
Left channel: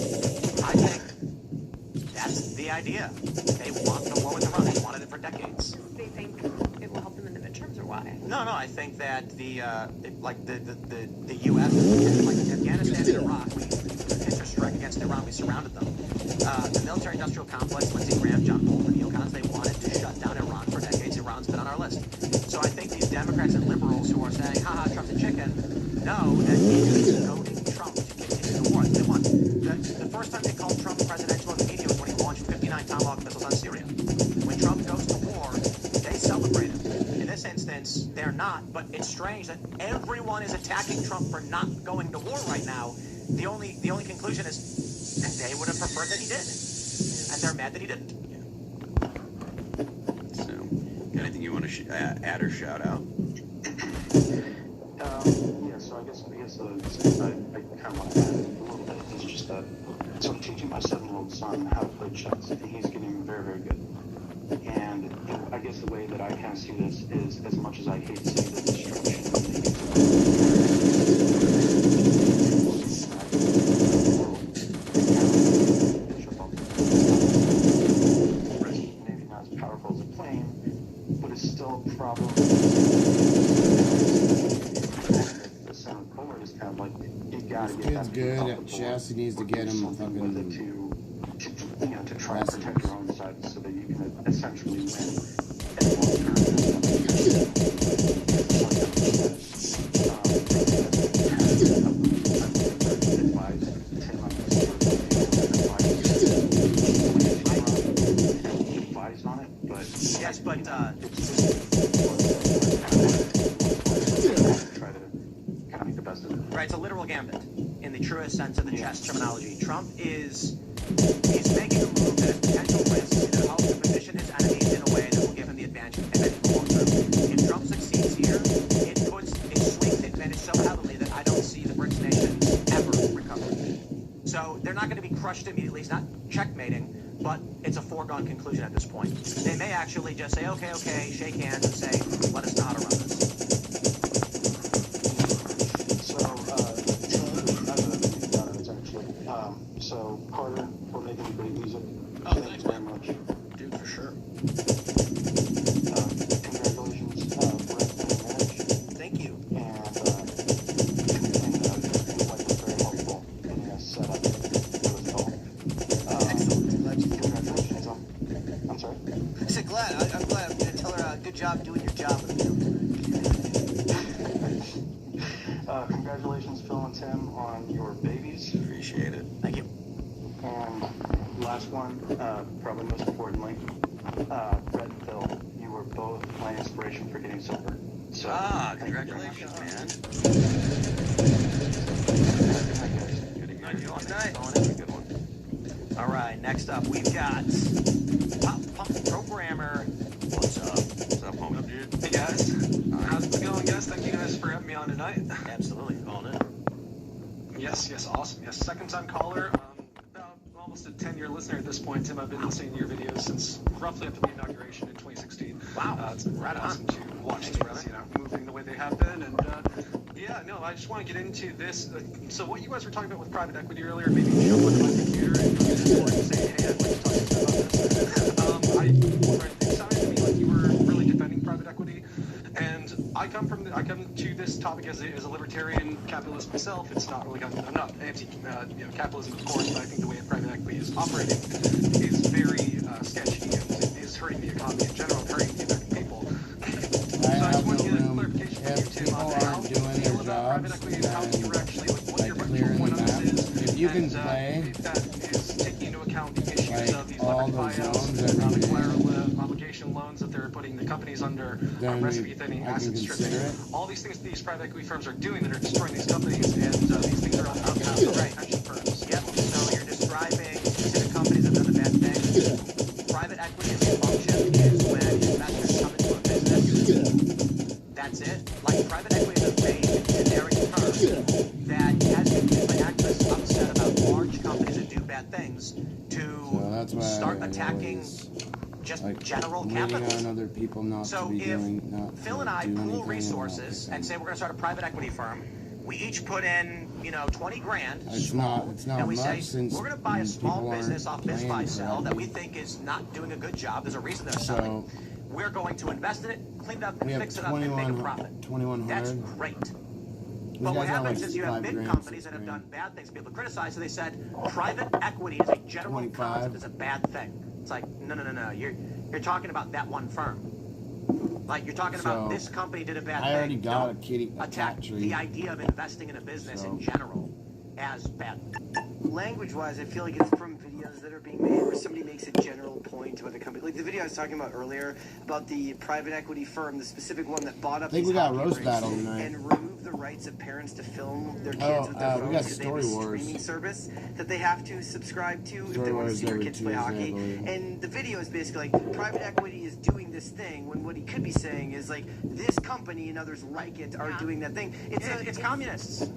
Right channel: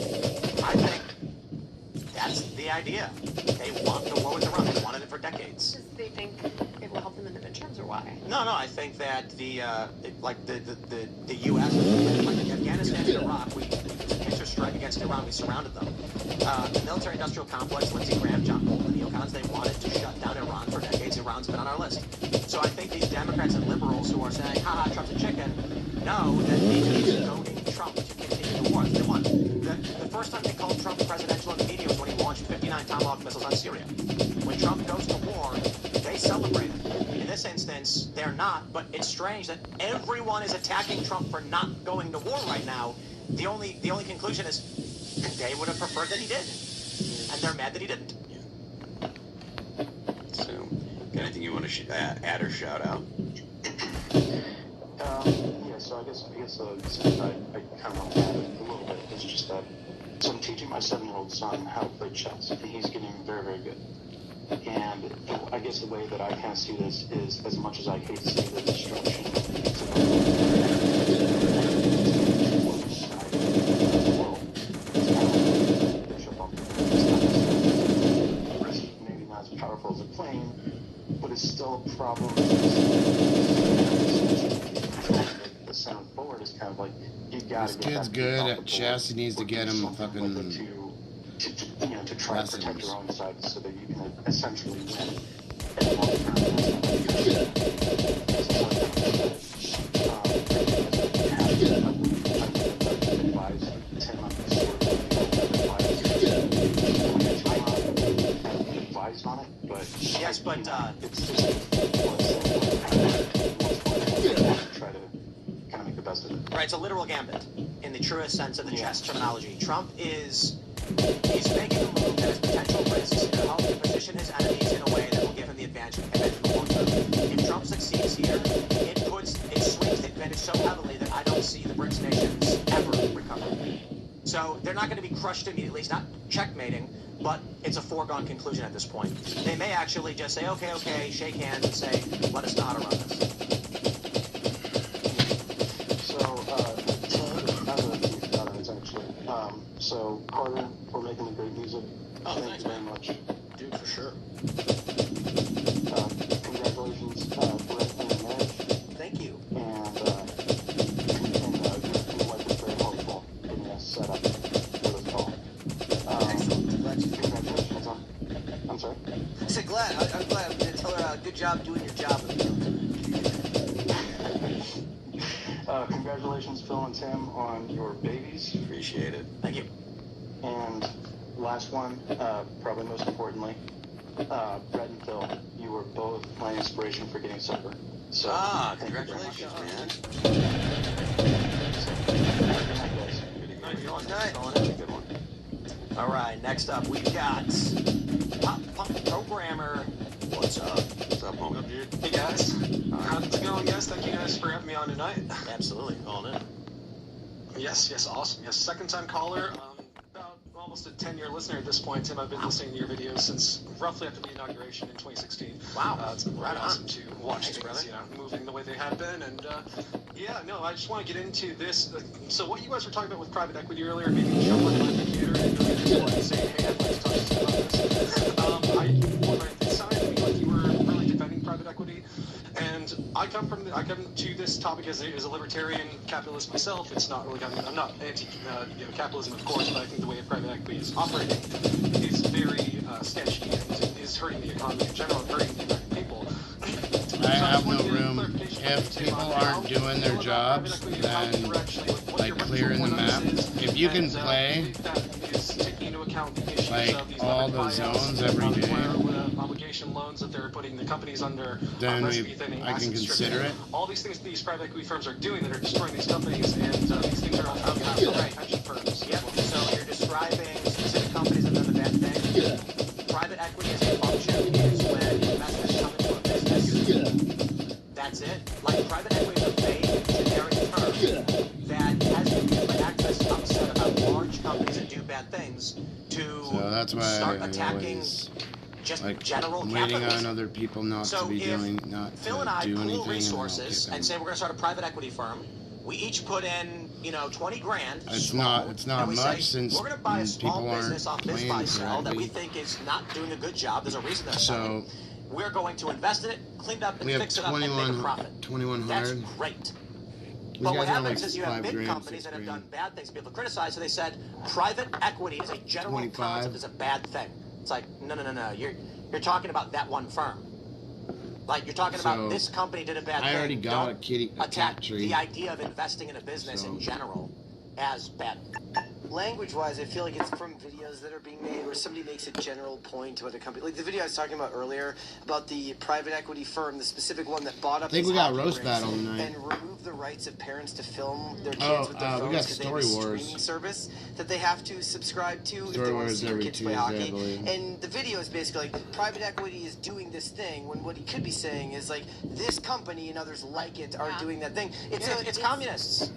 I think that's the idea. They want the war with Iran. They wanted it for decades. They think it will help them in the midterms, or why? No, I think that the U.S., like Afghanistan and Iraq, we answer strike against Iran, we surrounded them. The military-industrial complex, Lindsey Graham, John Bolton, neocons, they wanted to shut down Iran for decades. Iran's been on our list. So I think these Democrats and liberals who are saying, haha, Trump's a chicken, know that because they're goading Trump to continue the war. They want. The first time they called Trump presidential in the media was when he launched 59 Tomahawk missiles on Syria. When Trump goes to war, they celebrate him. In this instance, they're not, but it's strange that everyone is attacking Trump for not going to war right now. The only conclusion is, and they would have preferred that he did. And they're mad that he didn't. So, anything you want to add or shout out? Yeah, so I guess something I kind of want to add a little bit is just that, so I'm teaching my 7-year-old son how to play chess, and he's getting very, very good. And I guess the way that I kind of see this is, as much as I hate to see the destruction, maybe not as powerful as a plane, but it's still a problem. The center forward is kind of like, you gotta This get kid's that good at chess. He needs to get him fucking to try to protect your own side so that you can essentially win. Advise on it, but Yes, but it's try to kind of make the best of it. right, it's a literal gambit in the truest sense of the chess terminology. Trump he's making a move that has potential risks to help him position his enemies in a way that will give him the advantage. And then if Trump succeeds here, it swings the advantage so heavily that I don't see the BRICS nations ever recovering. So they're not going to be crushed immediately. It's not checkmating, but it's a foregone conclusion at this point. They may actually just say, okay, shake hands and say, let us not around this. So, Carter, for making great music. Oh, thanks, very man. much. Dude, for sure. Congratulations for your marriage. Thank you. And we like it very helpful in your setup for this call. Congratulations on. I'm sorry? I said glad. I'm glad. I'm going to tell her good job doing your job. Congratulations, Phil and Tim, on your babies. Appreciate it. Thank you. And last one, probably most importantly, Brett and Phil, you were both my inspiration for getting sober. So, Congratulations, man. Good one. All right, next up we've got Pop Punk Programmer. What's up? What's up, homie? Dude. Hey, guys. How's it going, guys? Thank you guys for having me on tonight. Absolutely, calling it. Yes, awesome. Yes, second-time caller. About almost a 10-year listener at this point, Tim. I've been listening to your videos since roughly after the inauguration in 2016. Wow. It's been right awesome to watch things, moving the way they have been. And I just want to get into this. So what you guys were talking about with private equity earlier, maybe jump on my computer and say, hey, I sounded to me like you were really defending private equity. And I come to this topic as a libertarian capitalist myself. It's not really, I'm not anti-capitalism, of course, but I think the way private equity is operating is very sketchy and is hurting the economy in general, hurting the American people. I have no room. If people aren't doing their jobs, then like clearing the map. If you can play like all the zones every day, loans that they're putting the companies under, then I can consider it. All these things these private equity firms are doing that are destroying these companies, and these things are all pension firms. Yeah, that's why start I attacking always, just like, general I'm waiting capitalism. on other people not So to be if doing, not Phil and to I do pool anything, and then I'll resources kick and say them. we're going to start a private equity firm, we each put in, 20 grand. It's small, not and we much say, since we're going to buy a small people aren't business off Biz playing Buy Sell that we correctly. think is not doing a good job. There's a reason that's So we're going to invest in it, clean it up, and we have fix it up and make a profit. 2100. That's great. These But what guys are like happens is you have 5 big grand, companies 6 that have done grand. bad things people criticize, so they said private equity is a general 25. concept is a bad thing. It's like, no. You're talking about that one firm. Like, you're talking about this company did a bad thing. I already got Don't a attack cat tree. the idea of investing in a business in general as bad. Language-wise, I feel like it's from videos that are being made where somebody makes a general point about a company. Like the video I was talking about earlier about the private equity firm, the specific one that bought up. I think we these got hockey roast rinks battle tonight. and removed the rights of parents to film their kids with their phones we got because they have Story a Wars. streaming service that they have to subscribe to if Story they want to Wars see their every kids play Tuesday, I hockey. believe. And the video is basically like private equity is doing this thing when what he could be saying is like this company and others like it are doing that thing. It's communists.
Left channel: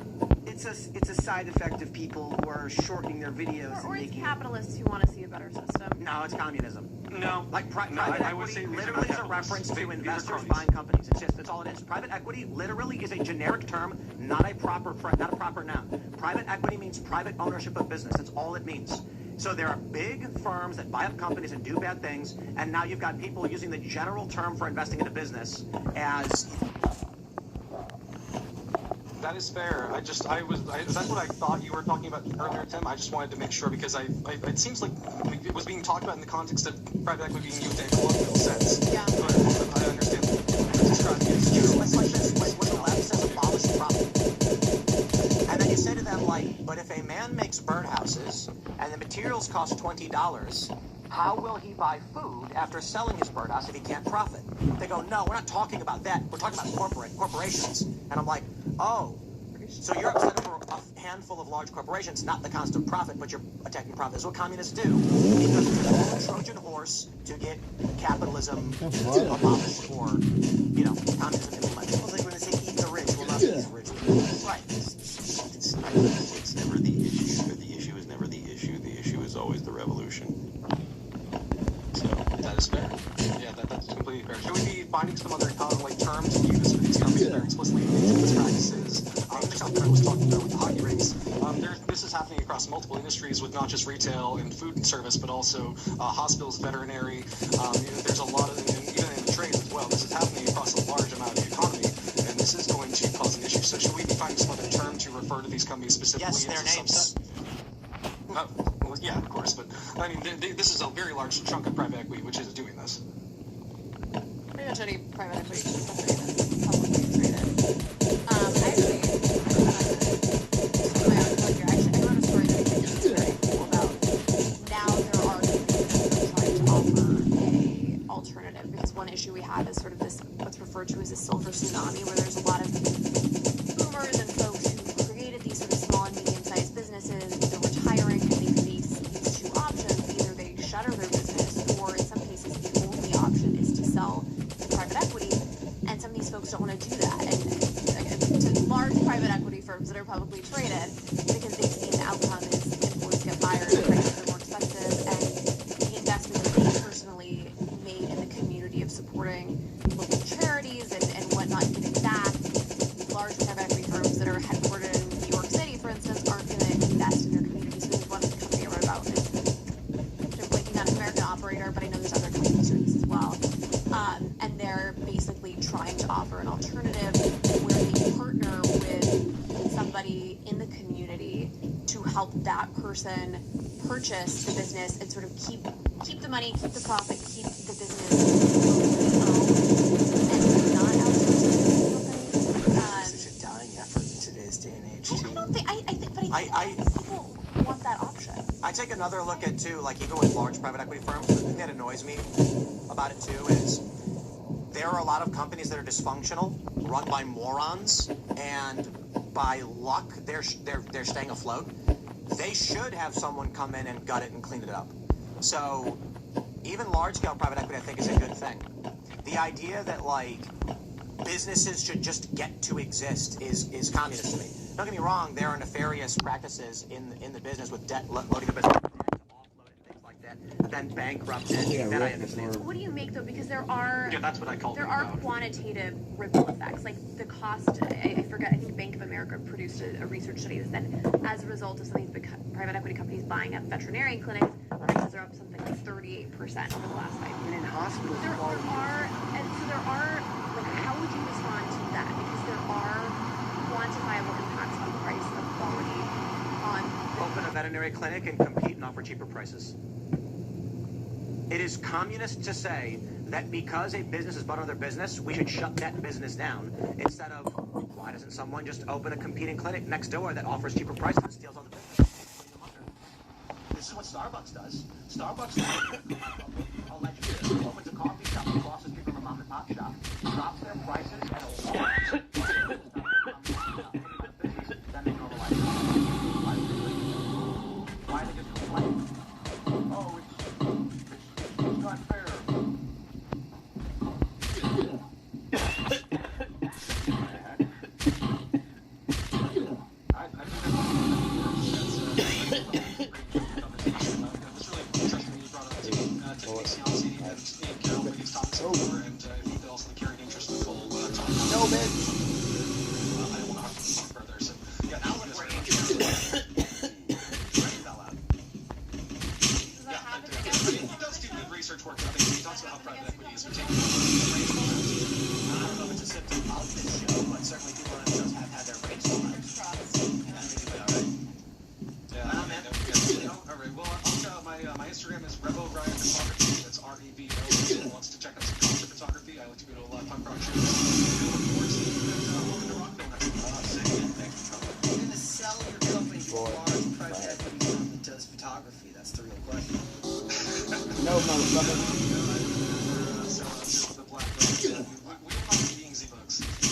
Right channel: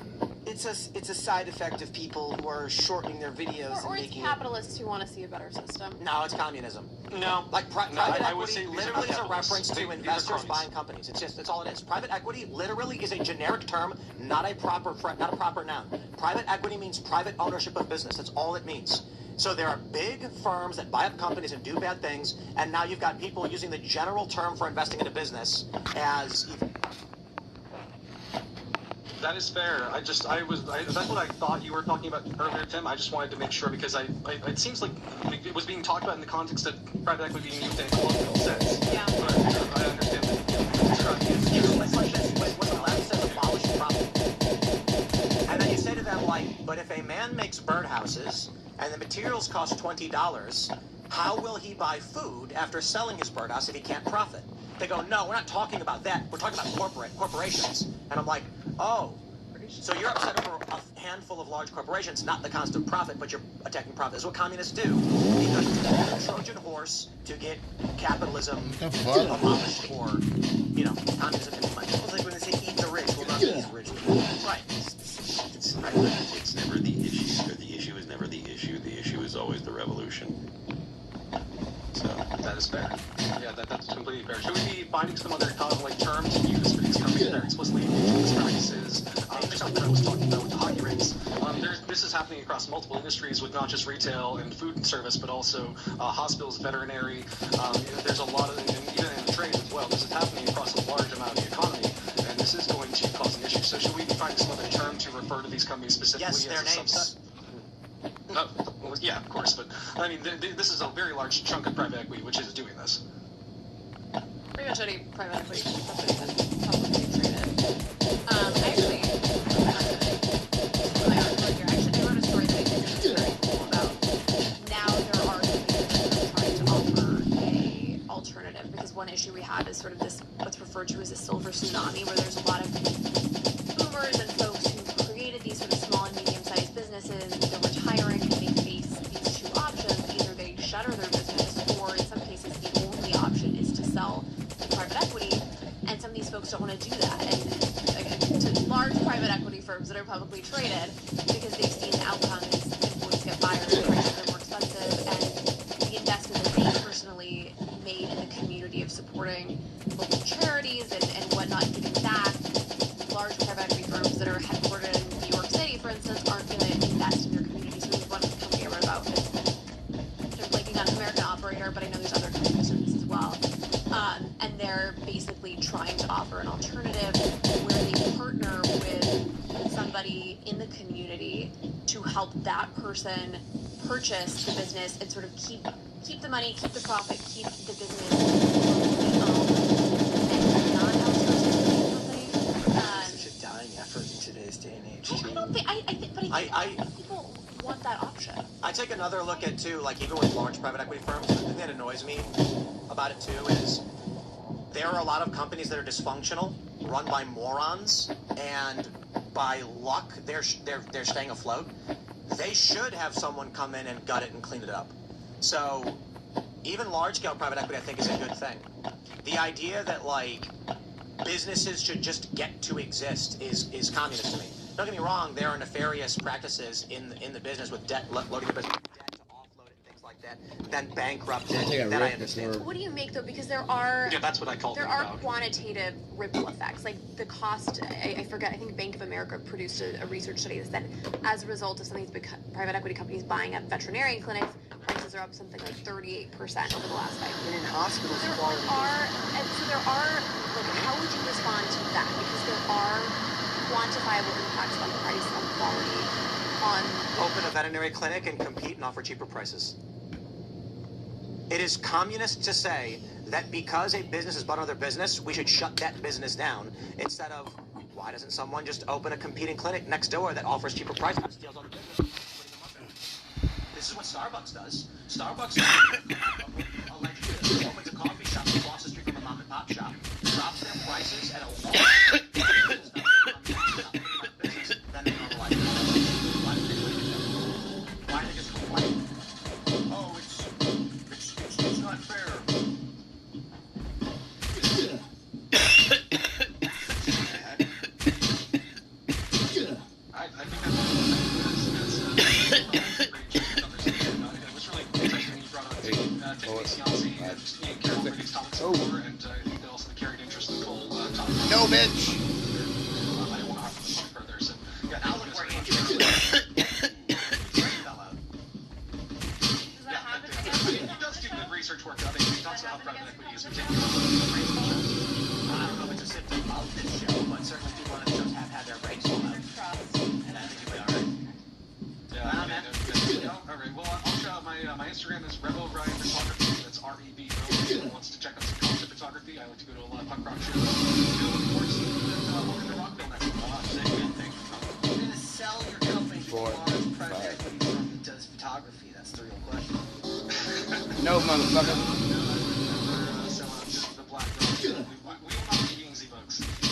It's a side effect of people who are shortening their videos Or and it's making capitalists who want to see a better system. No, it's communism. No, Like private I would say equity these are literally not is a reference capitalists. to These are investors cronies. buying companies. That's all it is. Private equity literally is a generic term, not a proper noun. Private equity means private ownership of business. That's all it means. So there are big firms that buy up companies and do bad things, and now you've got people using the general term for investing in a business as. That is fair. That's what I thought you were talking about earlier, Tim. I just wanted to make sure because it seems like it was being talked about in the context of private equity being used in a colloquial sense. Yeah. I understand. My question is, when the left says abolish profit, and then you say to them like, but if a man makes birdhouses and the materials cost $20, how will he buy food after selling his birdhouse if he can't profit? They go, no, we're not talking about that. We're talking about corporations. And I'm like, oh, so you're upset over a handful of large corporations, not the constant profit, but you're attacking profit. That's what communists do. Because it's a Trojan horse to get capitalism abolished or, communism. It's like when they say eat the rich, well, not these rich. Right. It's never the issue. The issue is never the issue. The issue is always the revolution. So that is fair. Yeah, that's completely fair. Should we be finding some other terms to use for these terms that are explicitly business practices? Just something I was talking about with the hockey rinks. This is happening across multiple industries with not just retail and food and service, but also hospitals, veterinary. There's a lot of, even in the trades as well. This is happening across a large amount of the economy, and this is going to cause an issue. So should we be finding some other term to refer to these companies specifically? Yes, their names. Yeah, of course, but I mean, this is a very large chunk of private equity which is doing this. Pretty much any private equity company that's publicly traded. I actually wrote a story about now there are trying to offer a alternative because one issue we have is sort of this what's referred to as a silver tsunami, where there's a lot of boomers and folks who created these sort of small and medium-sized businesses. They're retiring and they face these two options: either they shutter their business, or in some cases the only option is to sell to private equity. And some of these folks don't want to do that. And again, to large private equity firms that are publicly traded, because they've seen the outcome is employees get fired, prices are more expensive, and the investment that they personally made in the community of supporting local charities and whatnot, giving back. Large private equity firms that are headquartered in New York City, for instance, aren't going to invest in their communities. We have one company I wrote about. They're blanking on American Operator, but I know there's other companies doing this as well. And they're basically trying to offer an alternative where they partner with somebody in the community to help that person purchase the business and sort of keep the money, keep the profit, keep the business and not outsource it. Such a dying effort in today's day and age. I think people want that option. I take another look at too, like even with large private equity firms, the thing that annoys me about it too is there are a lot of companies that are dysfunctional, run by morons, and by luck they're staying afloat. They should have someone come in and gut it and clean it up. So even large-scale private equity, I think, is a good thing. The idea that like businesses should just get to exist is communist to me. Don't get me wrong, there are nefarious practices in the business with debt, loading the business with debt to offload it, things like that. then bankrupt it, Take a then I rip understand. before. What do you make though? Because there are That's what I called there are quantitative ripple effects. Like the cost, I forget. I think Bank of America produced a research study that said as a result of some of these private equity companies buying up veterinarian clinics, prices are up something like 38% over the last 5 years. And in hospitals, There are, and so there are. Like, how would you respond to that? Because there are quantifiable impacts on price and quality on. Open a veterinary clinic and compete and offer cheaper prices. It is communist to say that because a business is bought another business, we should shut that business down. Instead of, why doesn't someone just open a competing clinic next door that offers cheaper prices and steals other business? This is what Starbucks does. Starbucks allegedly opens a coffee shop across the street from a mom and pop shop, drops their prices at a wall. Then they go like, why did they do it? Why did they just complain? Oh, it's not fair. No, bitch. Research work. I think he talks about how private equity is I don't know if it's a symptom of this show, but certainly people on the shows have had their breaks on it. And I think you'll be alright. Yeah, all right. Well, I'll shout out my Instagram is Rebo Ryan Photography. That's REB. Anyone wants to check out some concert photography, I like to go to a lot of punk rock shows. You're gonna sell your company to a large private equity firm that does photography. That's the real question. No, motherfucker.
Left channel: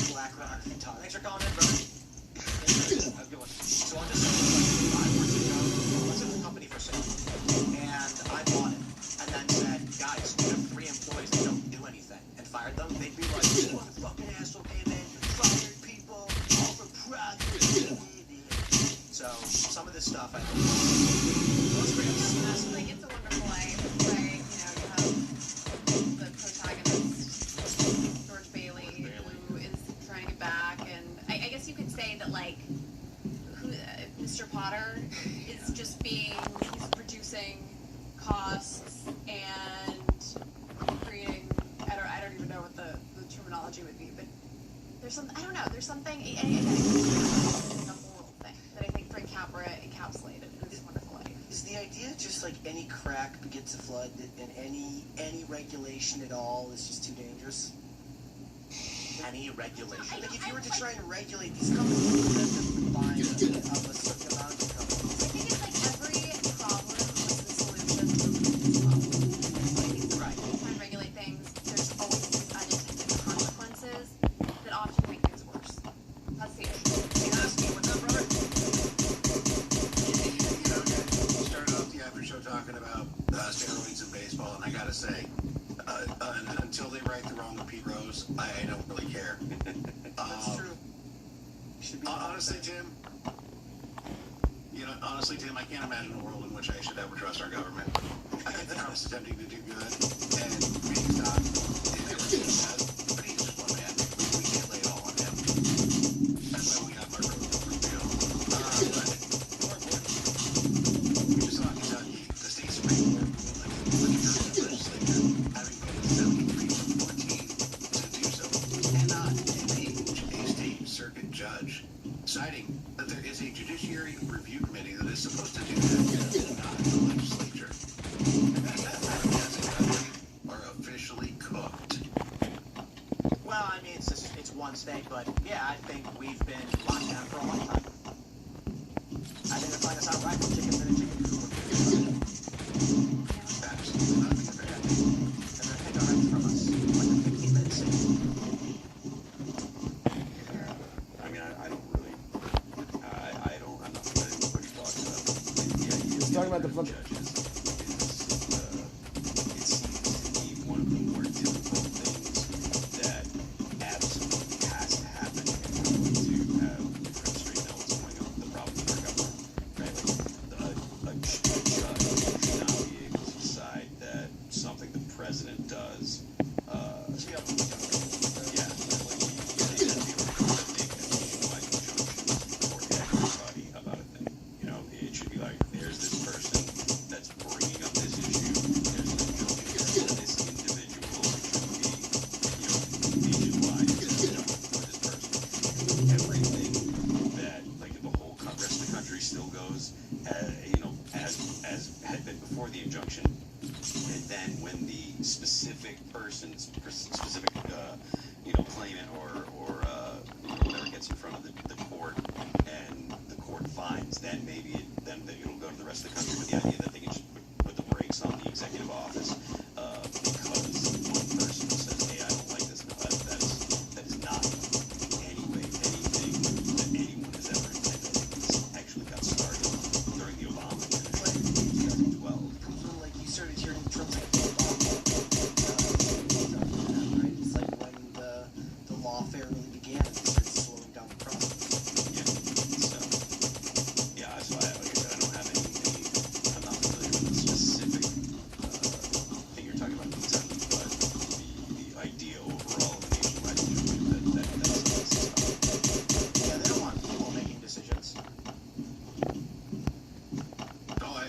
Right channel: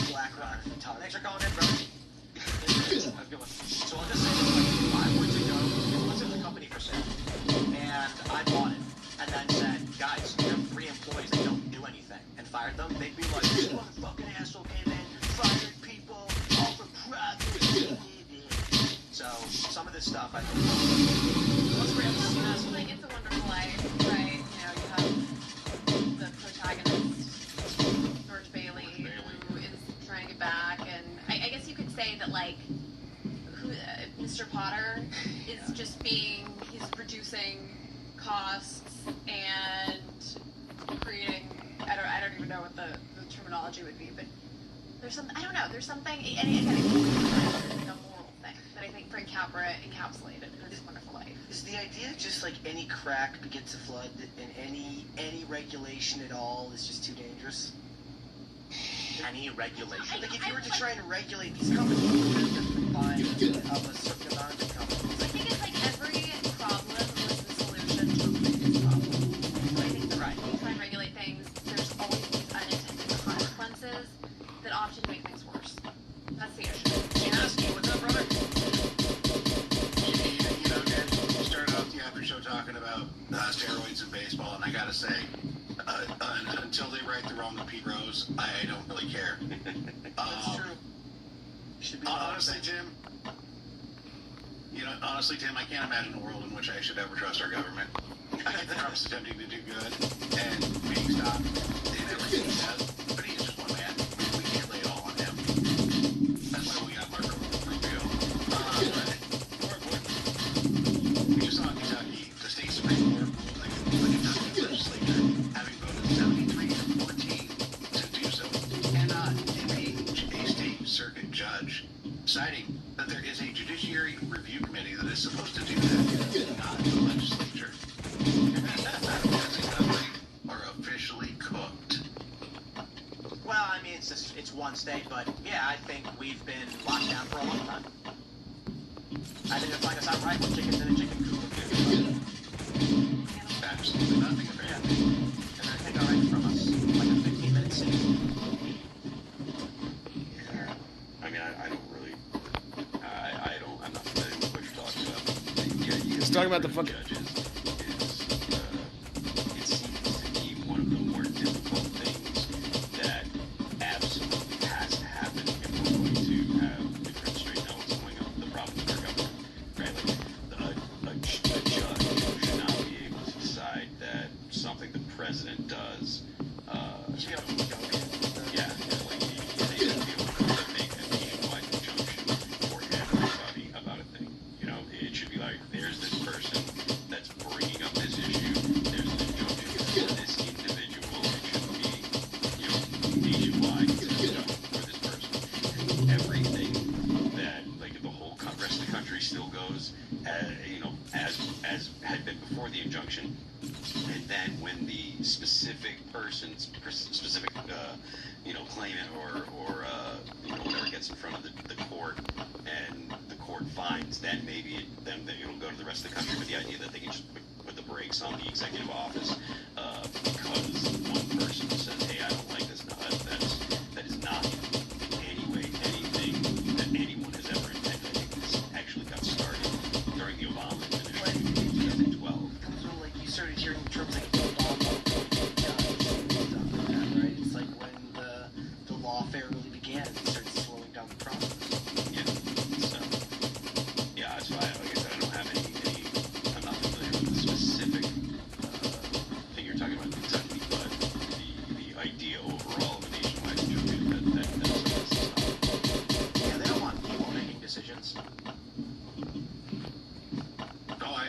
Black Rock photography. Thanks for calling in, brother. So I'll just say this, like, 5 months ago, it was in the company for sale. And I bought it. And then said, guys, you have 3 employees that don't do anything. And fired them. They'd be like, you fucking asshole came in, fired people, all for profit. So some of this stuff, I think, Like It's a Wonderful Life, right? You know, you have the protagonist, George Bailey, who is trying to get back, and I guess you could say that like Mr. Potter is just he's reducing costs and creating. I don't even know what the terminology would be, but there's something I don't know. There's something, and again, it's like a moral thing that I think Frank Capra encapsulated in It's a Wonderful Life. Is the idea just like any crack begets a flood, and any regulation at all is just too dangerous? any regulation. Like if you were to try and regulate these companies that have been buying of a certain amount of companies. I think it's like every problem is the solution to a problem. So I think right. If you try and regulate things, there's always these unintended consequences that often make things worse. That's the issue. What's up, brother? You know, Dan, you started off the after show talking about steroids in baseball, and I gotta say, until they right the wrong with Pete Rose, I don't really care. That's true. Should be honestly, Tim, I can't imagine a world in which I should ever trust our government. I think Trump's attempting to do good and being stopped. But he's just one man. We can't lay it all on him. That's why we got Marco Rubio. More important, we just saw in Kentucky, the state Supreme Court ruled like the legislature, having voted 73-14 to do so, cannot impeach a state circuit judge, citing that there is a judiciary review committee that is supposed to do that, not the legislature. As a country are officially cooked. Well, I mean, it's one state, but yeah, I think we've been locked down for a long time. I think it's like us outright, chickens in a chicken coop. Absolutely nothing of it. And they're taking our rights from us like in 15 minutes. I mean, I don't really, I'm not familiar with what you're talking about. Yeah, He's talking about the fucking. judges is, it seems to be one of the more difficult things that absolutely has to happen if we're going to have different straight now what's going on with the problem with our government, right? Like, a judge should not be able to decide injunction, and then when the specific claimant or whatever gets in front of the court, and the court finds, then maybe then it'll go to the rest of the country. But the idea that they can just put the brakes on the executive office because one person says, "Hey, I don't like this," no, that is not in any way anything that anyone has ever intended. I think this actually got started during the Obama administration in 2012. Like you started hearing Trump's like Obama, right? It's like when the lawfare really began, it started slowing down the process. Yeah. So I don't have any. I'm not familiar with the specific thing you're talking about in Kentucky, but the idea overall of a nationwide injunction that's Yeah, they don't want people making decisions. No, I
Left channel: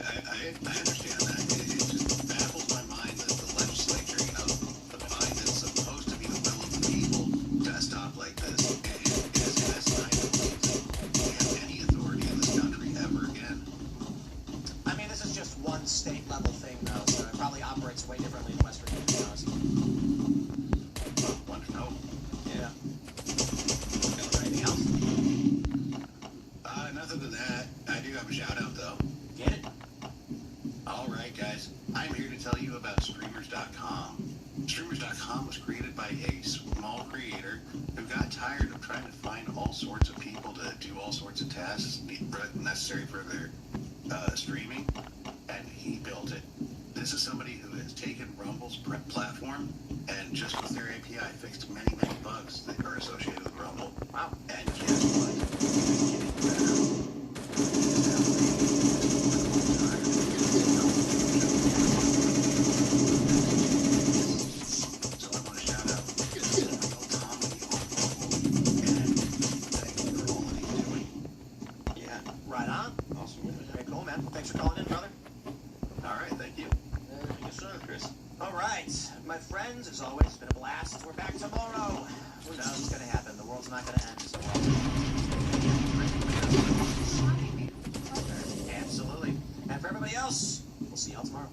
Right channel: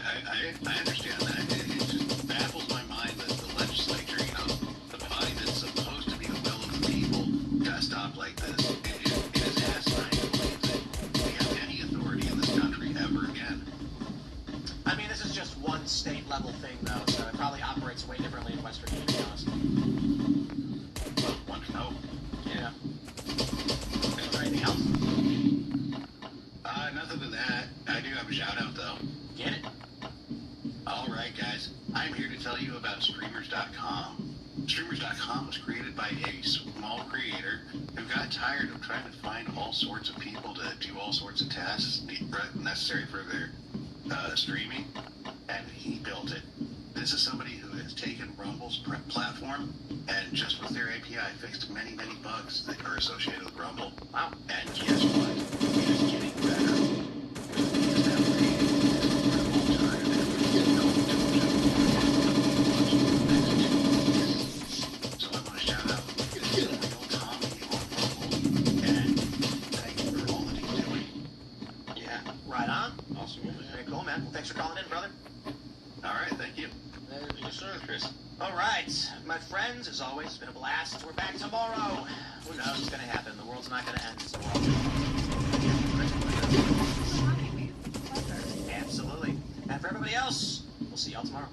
understand that. It just baffles my mind that the legislature, the body that's supposed to be the will of the people, got to stop like this. It is asinine to believe that we have any authority in this country ever again. I mean, this is just one state level thing, though, so it probably operates way differently in West Virginia, to be honest. Well, want to know? Yeah. Is there anything else? Nothing than that. I do have a shout out though. Get it? All right, guys. I'm here to tell you about Streamers.com. Streamers.com was created by a small creator who got tired of trying to find all sorts of people to do all sorts of tasks necessary for their streaming, and he built it. This is somebody who has taken Rumble's platform and just with their API fixed many, many bugs that are associated with Rumble. Wow. And guess what? It is getting better. So I want to shout out Real Tommy on Rumble, and thank you for all that he's doing. Yeah. Right on. Awesome. Very cool, man. Thanks for calling in, brother. All right, thank you. Yes, sir, Chris. All right, my friends, as always, it's been a blast. We're back tomorrow. Who knows what's going to happen? The world's not going to end. So absolutely. And for everybody else, we'll see y'all tomorrow.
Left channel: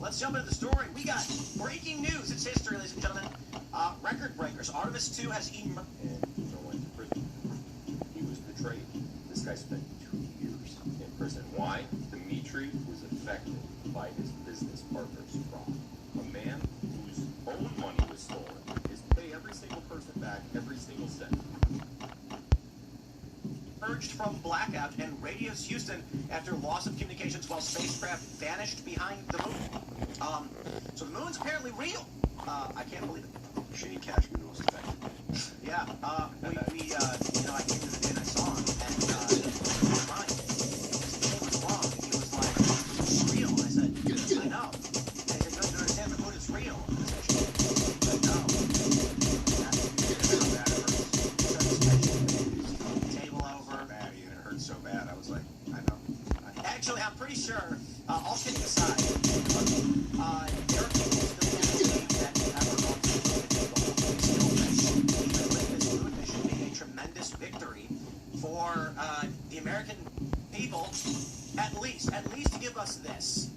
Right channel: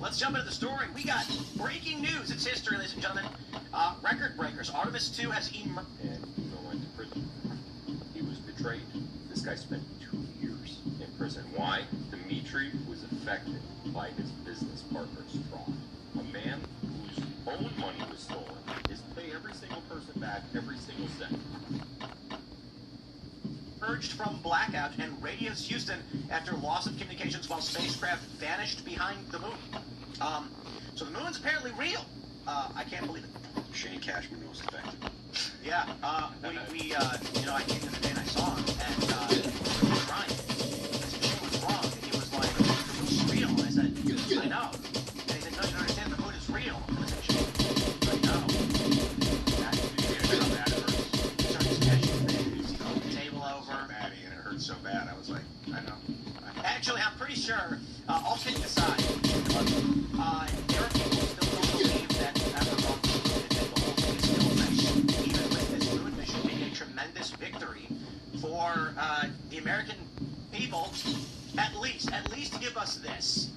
Let's jump into the story. We got breaking news. It's history, ladies and gentlemen. Record breakers. Artemis 2 has emerged. And went to prison. He was betrayed. This guy spent 2 years in prison. Why? Dimitri was affected by his business partner's fraud. A man whose own money was stolen is pay every single person back every single cent. Emerged from blackout and radiance Houston after loss of communications while spacecraft vanished behind the moon. So the moon's apparently real. I can't believe it. Shane Cashman was affected. Yeah, I came to the day and I saw him, and he was crying. Shane was wrong, and he was like, it's real. And I said, I know. And he said, no, you don't understand, the moon is real. And I said, Shane, I know. Table over. Maddie, and it hurt so bad. I was like, I know. Actually, I'm pretty sure, all kidding aside, there are people still believe that Evermont even with this moon mission being a tremendous victory for the American people, at least give us this.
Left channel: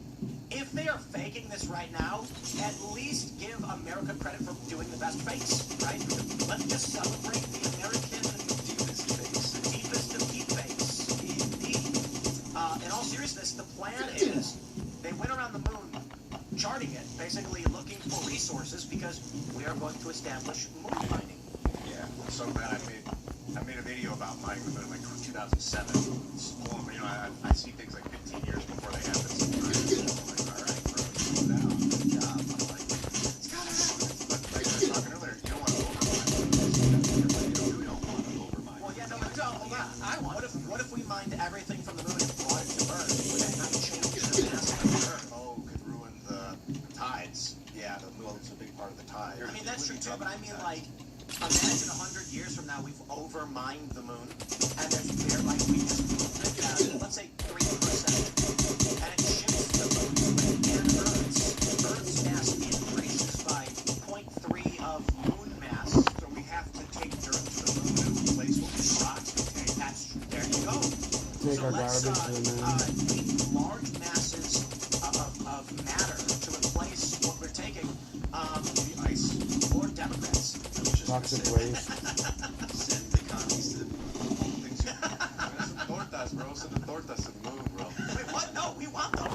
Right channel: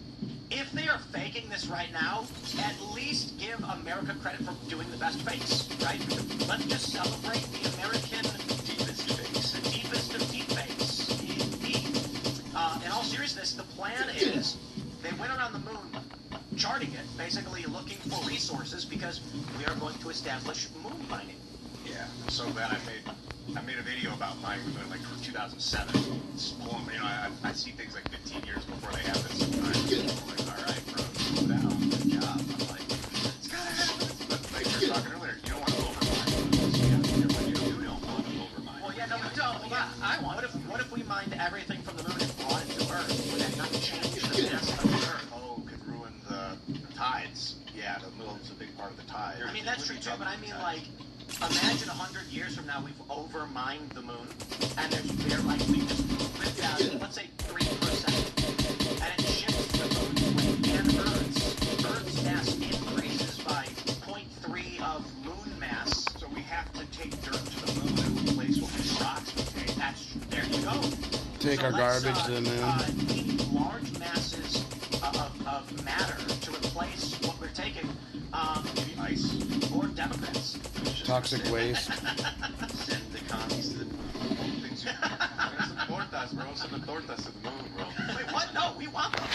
If they are faking this right now, at least give America credit for doing the best fakes, right? Let's just celebrate the American deepest fakes, the deepest of deep fakes. Indeed. In all seriousness, the plan is they went around the moon charting it, basically looking for resources because we are going to establish moon mining. Yeah, I'm so glad I made a video about mine like from 2007. It's pulling, I see things like 15 years before they happen. So I'm like, all right, bro, slow down, good job. I'm like, it's gotta happen. Like we were talking earlier, you don't want to overmine. You don't want to overmine. Well, yeah, no, but don't. Yeah, I want. What if we mined everything from the moon and brought it to Earth? Would that not change the mass of Earth? Oh, could ruin the tides. Yeah, the moon's a big part of the tide. I mean, that's true too, but I mean, like, imagine 100 years from now we've over-mined the moon, and they're like, we just ripped out, let's say 3%, and it shifts the moon, and Earth's mass increases by 0.3 of moon mass. So we have to take dirt to the moon and replace what we rocks. Okay, There you go. Take our garbage to the moon. We need large masses of matter to replace what we're taking. Maybe ice. Or Democrats. Toxic waste. Send the commies to Things you... tortas, bro. Send the tortas to the moon, bro. Wait, what? No, we want them.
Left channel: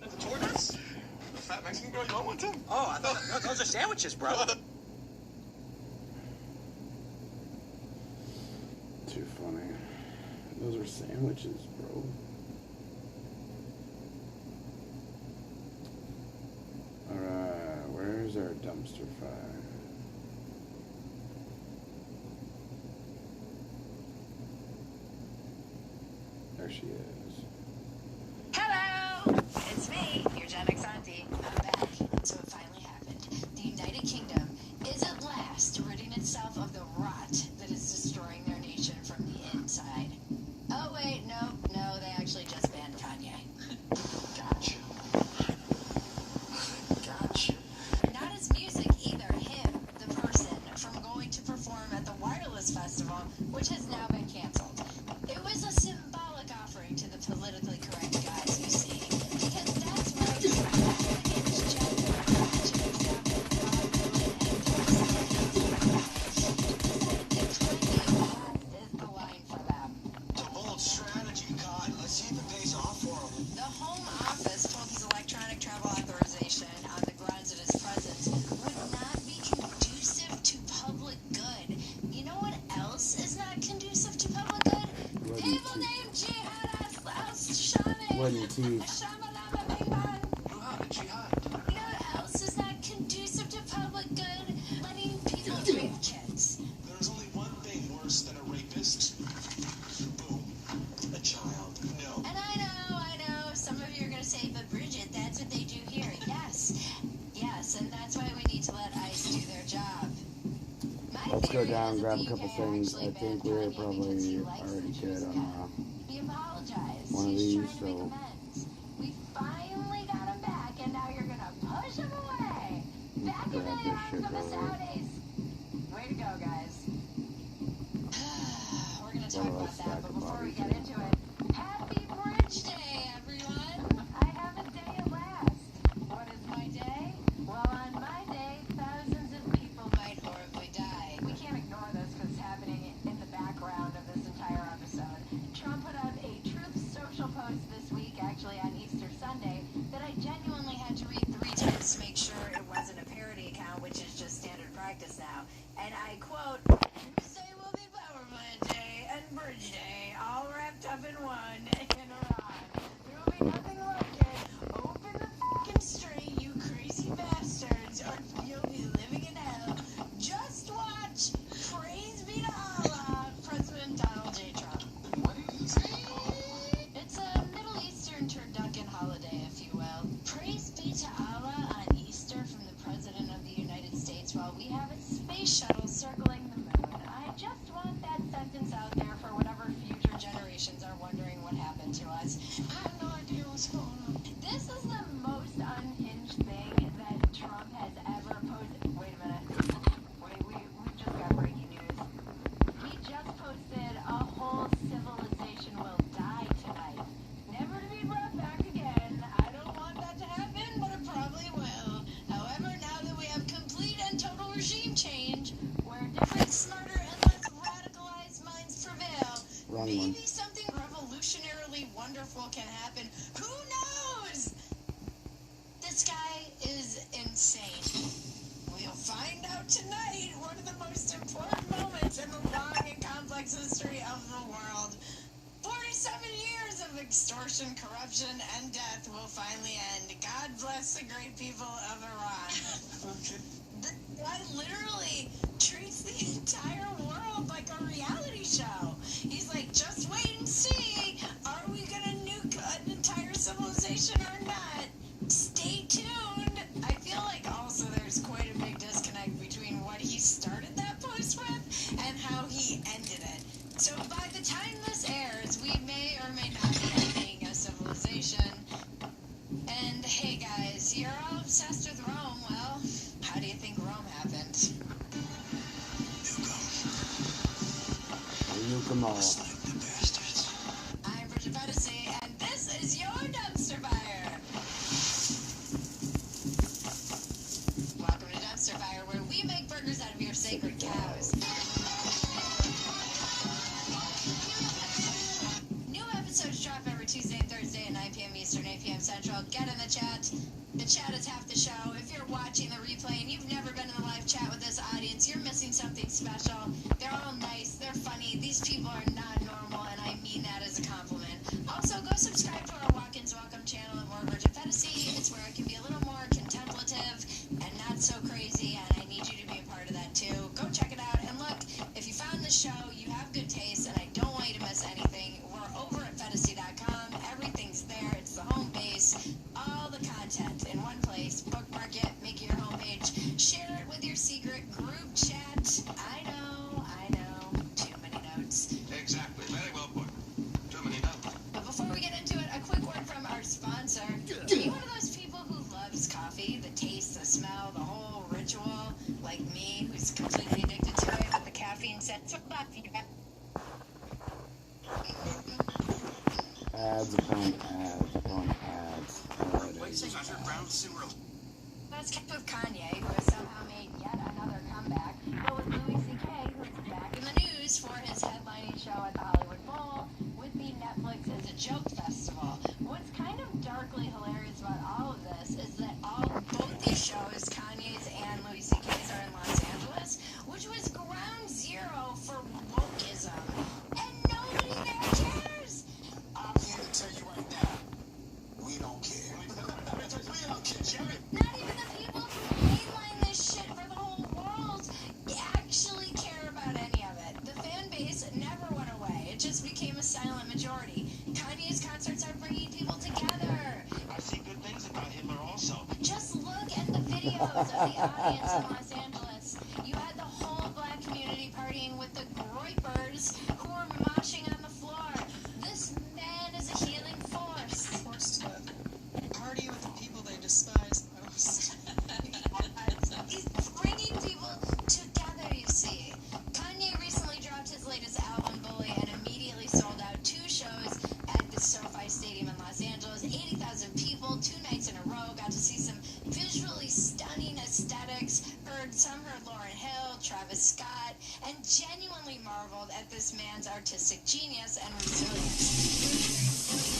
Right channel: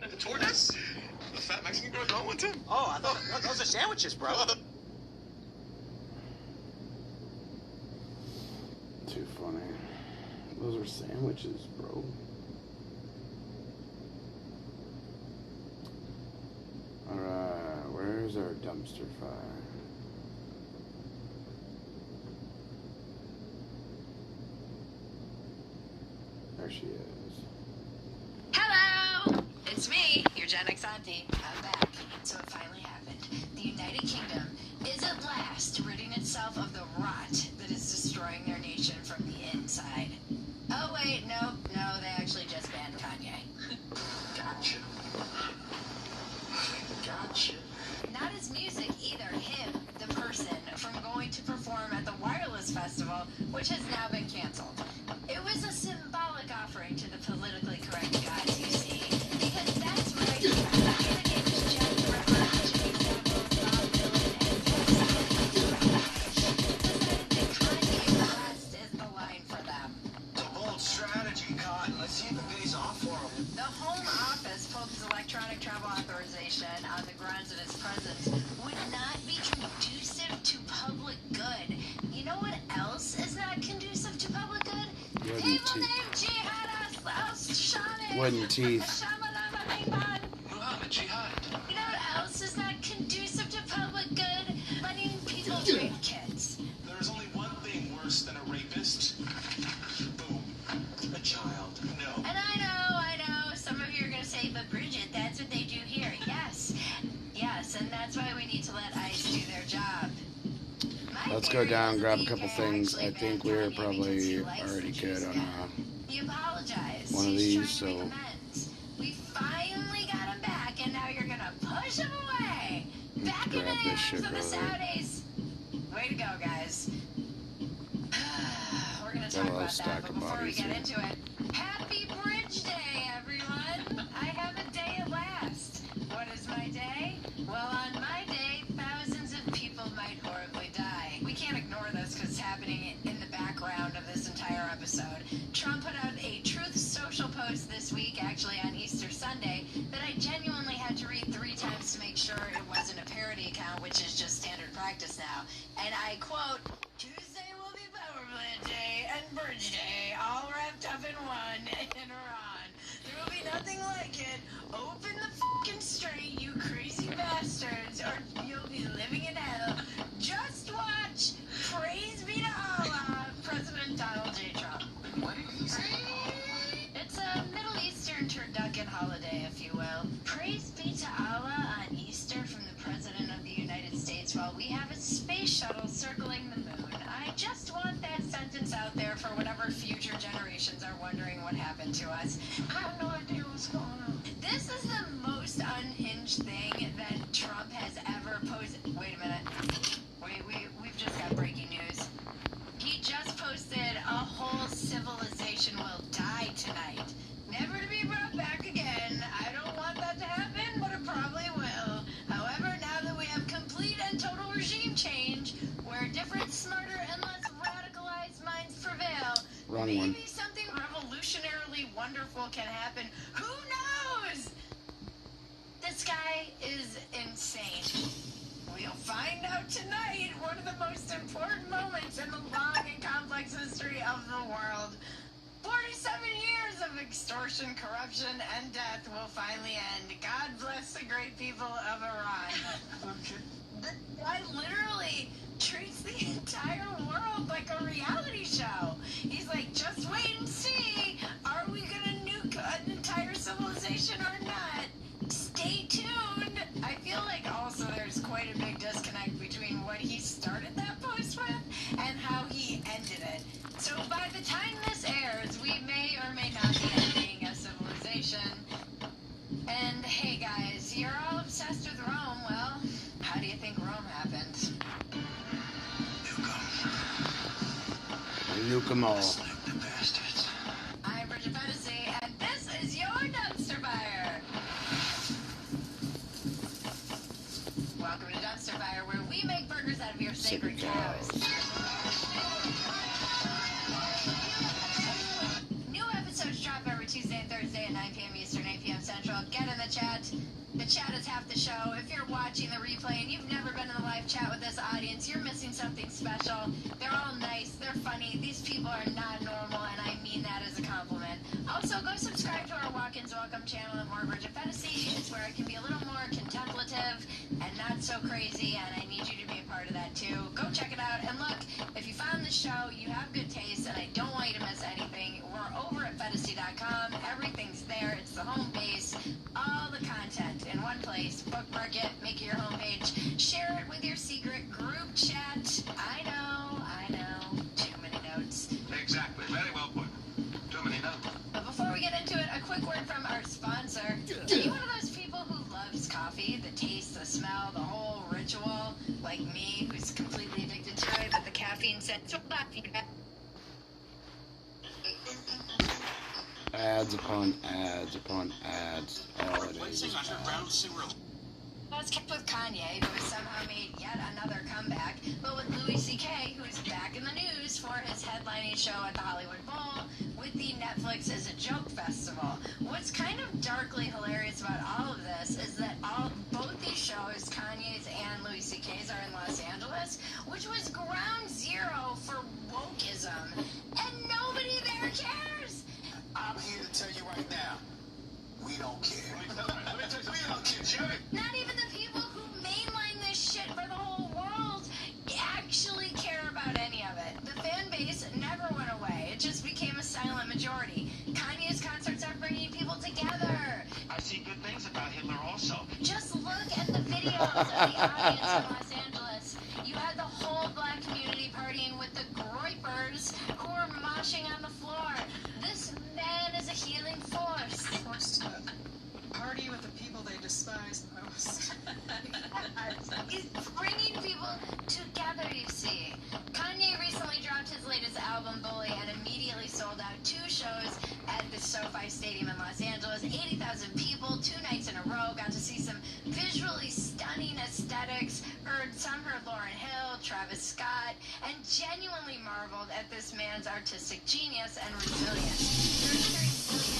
The tortas? The fat Mexican girl, you don't want them? Oh, I thought those are sandwiches, bro. Too funny. Those are sandwiches, bro. Alright, where's our dumpster fire? There she is. Hello! It's me, your Gen X auntie. I'm back. So it finally happened. The United Kingdom is at last ridding itself of the rot that is destroying their nation from the inside. Oh wait, no, they actually just banned Kanye. Gotcha. Gotcha. Not his music either, him, the person, from going to perform at the Wireless Festival, which has now been canceled. It was a symbolic offering to the politically correct gods, you see, because that's where is the line for them. The bold strategy, God. Let's see the days off for him. The Home Office pulled his electronic travel authorization on the grounds that his presence would not be conducive to public good. You know what else is not conducive to public good? People named Jihad al-Shami. Wooden teeth. You know what else is not conducive to public good? Letting people rape kids. There's only one thing worse than a rapist. Boom. A child. No. And I know, some of you are going to say, but Bridget, that's what they do here. Yes, and that's why we need to let ICE do their job. Let's go down, grab a couple things. I think we're probably already good on one of these, so we finally got him back, and now you're gonna push him away. Back in the grab this hands shit of the real quick. Saudis. Way to go, guys. We're gonna Got talk a little about stack that, but of before we bodies get here. into it, Happy Bridge Day, everyone! I have a day at last. What is my day? Well, on my day, thousands of people might horribly die. We can't ignore this because it's happening in the background of this entire episode. Trump put out a Truth Social post this week, actually on Easter Sunday, that I genuinely had to read 3 times to make sure it wasn't a parody account, which is just standard practice now. And I quote, Tuesday will be Power Plant Day and Bridge Day, all wrapped up in one in Iran. There will be nothing like it. Open the fucking street, you crazy bastards, or you'll be living in hell. Just watch. Praise be to Allah, President Donald J. Trump. It's a Middle Eastern turducken holiday, if you will. Praise be to Allah on Easter from the President of the United States while we have a space shuttle circling the moon. I just want that sentence out there for whatever future generations are wondering what happened to us. I have no idea what's going on. This is the most unhinged thing that Trump has ever posted. Wait a minute. We've just got breaking news. He just posted a whole civilization will die tonight. Never to be brought back again. I don't want that to happen, but it probably will. However, now that we have complete and total regime change, where different, smarter, and less radicalized minds prevail, Wrong maybe one. something revolutionarily wonderful can happen. Who knows? This guy is insane. We'll find out tonight one of the most important moments in the long and complex history of the world. 47 years of extortion, corruption, and death will finally end. God bless the great people of Iran. guy literally treats the entire world like a reality show. He's like, just wait and see. Are we gonna nuke an entire civilization or not? Stay tuned. I feel like also there's quite a big disconnect between what he started that post with and how he ended it. So by the time this airs, we may or may not be ending a civilization. And hey guys, you're all obsessed with Rome. Well, how do you think Rome happened? Nuke them all. I'm Bridget Fantasy, and this is your Dumpster Fire. Welcome to Dumpster Fire, where we make burgers out of your sacred cows. New episodes drop every Tuesday and Thursday at 9 p.m. Eastern, 8 p.m. Central. Get in the chat. The chat is half the show. If you're watching the replay and you've never been in the live chat with this audience, you're missing something special. They're all nice. They're funny. These people are not normal, and I mean that as a compliment. Also, go subscribe to our Walk-Ins Welcome channel at More Bridget Fantasy. It's where I can be a little more contemplative and not so crazy, and I need you to be a part of that too. Go check it out. And look, if you found this show, you have good taste, and I don't want you to miss anything. We're over at fantasy.com. Everything's there. It's the home base. All the content in one place. Bookmark it. Make it your homepage. Share it with your secret group chat. I know. Too many notes. Exactly. Very well put. Too many notes. But before we get into it, a quick word from our sponsor. Are you one of those people who loves coffee? The taste, the smell, the whole ritual? Like me, who's completely addicted to it, but the caffeine set so Ads upon ads upon ads. All it is ads. Let's keep with Kanye, who has somehow made yet another comeback, but with Louis C.K., who is back in the news for his headlining show at the Hollywood Bowl with the Netflix is a Joke Festival. What's kind of darkly hilarious about all of this is that both these shows, Kanye's and Louis C.K.'s, are in Los Angeles, which was ground zero for wokeism, and nobody there cares. I'm here to tell you right now, we don't care. We don't care, Jerry. Not even the people who mainline this shit for the whole world actually care about any of it. The fan base never went away. It just became a silent majority. Kanye's concerts are bringing people together. I see good things about Hitler also. Just look at the videos of the audience in Los Angeles. You had the whole black community partying with the Groypers who were moshing on the floor. This man is a healing force. Forced to party with the people they despise most. He's bringing people together, you see. Kanye recently dropped his latest album, Bully, and immediately sold out 2 shows at the SoFi Stadium in Los Angeles. 80,000 people, 2 nights in a row. Got to see some visually stunning aesthetics. Heard Lauryn Hill, Travis Scott, and genuinely marveled at this man's artistic genius and resilience.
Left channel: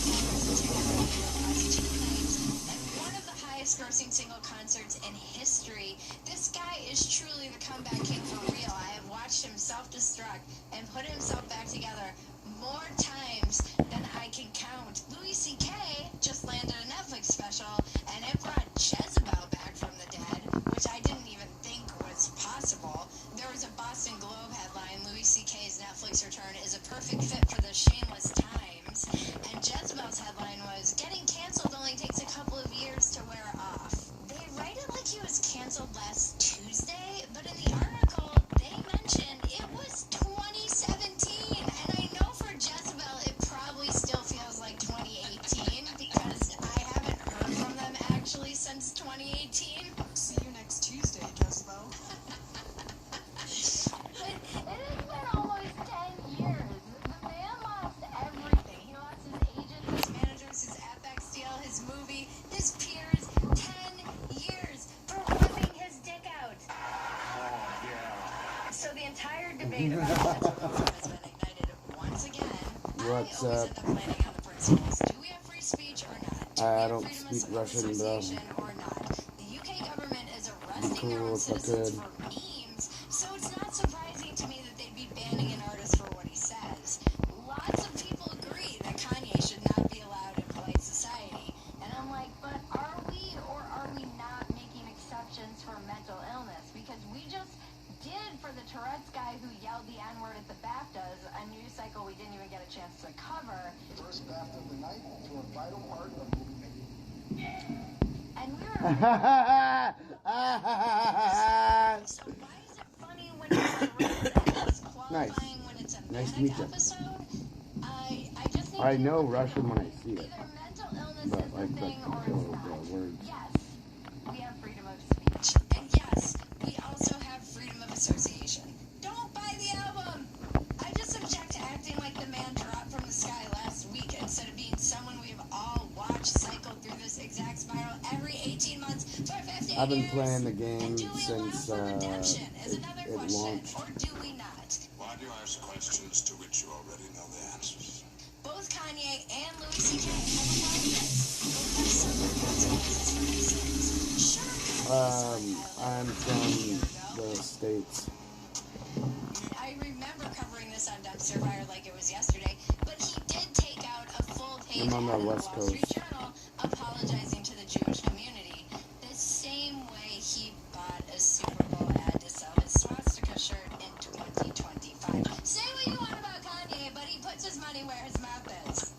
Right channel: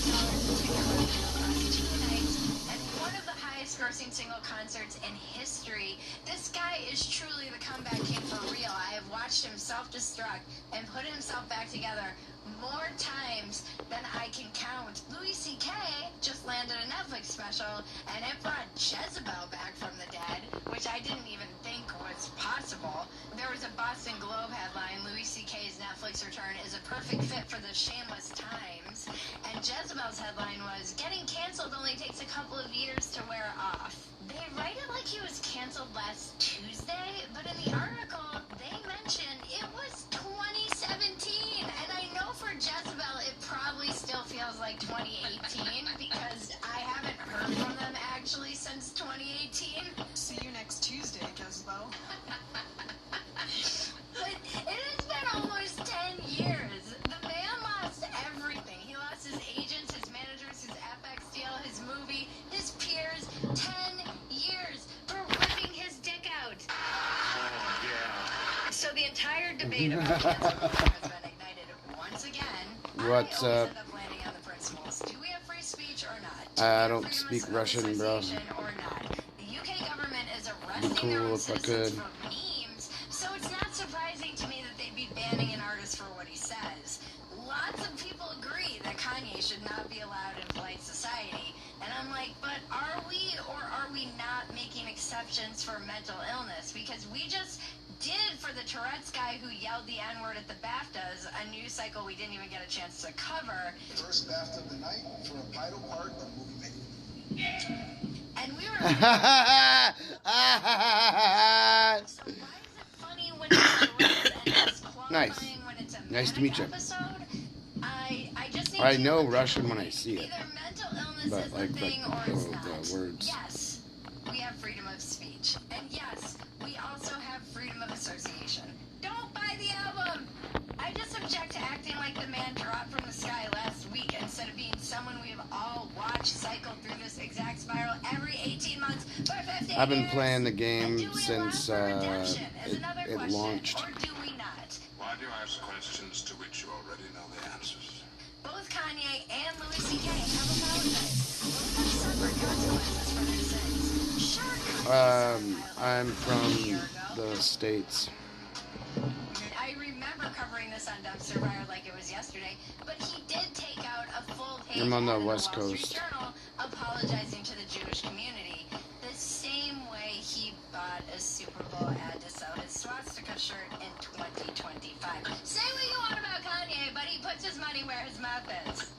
$33 million across 2 nights, and one of the highest-grossing single concerts in history. This guy is truly the comeback king for real. I have watched him self-destruct and put himself back together more times than I can count. Louis C.K. just landed a Netflix special, and it brought Jezebel back from the dead, which I didn't even think was possible. There was a Boston Globe headline, Louis C.K.'s Netflix return is a perfect fit for the shameless times, and Jezebel's headline was, getting canceled only takes a couple of years to wear off. They write it like he was canceled last Tuesday, but in the article, they mentioned it was 2017, and I know for Jezebel, it probably still feels like 2018, because I haven't heard from them actually since 2018. See you next Tuesday, Jezebel. But it has been almost 10 years. The man lost everything. He lost his agents, his managers, his FX deal, his movie, his peers. 10 years for ripping his dick out. Oh, yeah. So the entire debate about cancel has been ignited once again. What's I always up? end up landing on the principles. Do we have free speech or not? Do we I have don't freedom speak of Russian, bro. association or not? The UK government is Be arresting their own cool if I citizens could. for memes, so it's not surprising to me that they'd be banning an artist for what he says. Lots of people agree that Kanye should not be allowed in polite society, and I'm like, but are we or are we not making exceptions for mental illness? Because we news cycle we didn't even get a chance to cover. First bath of the night for a vital part of movie making. And we were so why is it funny when it's a romance? Nice. When it's a Nice to meet you. episode? I just need I to know Russian when I see it, either mental illness but is like the thing or the it's not. words. Yes, we have freedom of speech. And yes, we also have freedom of association. Don't buy the album! I just object to acting like the man dropped from the sky last week instead of being someone we have all watched cycle through this exact spiral every 18 months for 50 I've been years. playing the game And do we since allow for redemption is it another it question, launched. Or do we not? Why do you ask questions to which you already know the answers? Both Kanye and Louis C.K. have allowed this. Both have suffered consequences for their sins. Sure, I'm from the States. I remember covering this on Dumpster Fire like it was yesterday, but he did take out a full page I'm on the ad in West Wall Street Coast. Journal apologizing to the Jewish community. The same way he bought a Super Bowl ad to sell his swastika shirt in 2025. Say what you want about Kanye, but he puts his money where his mouth is.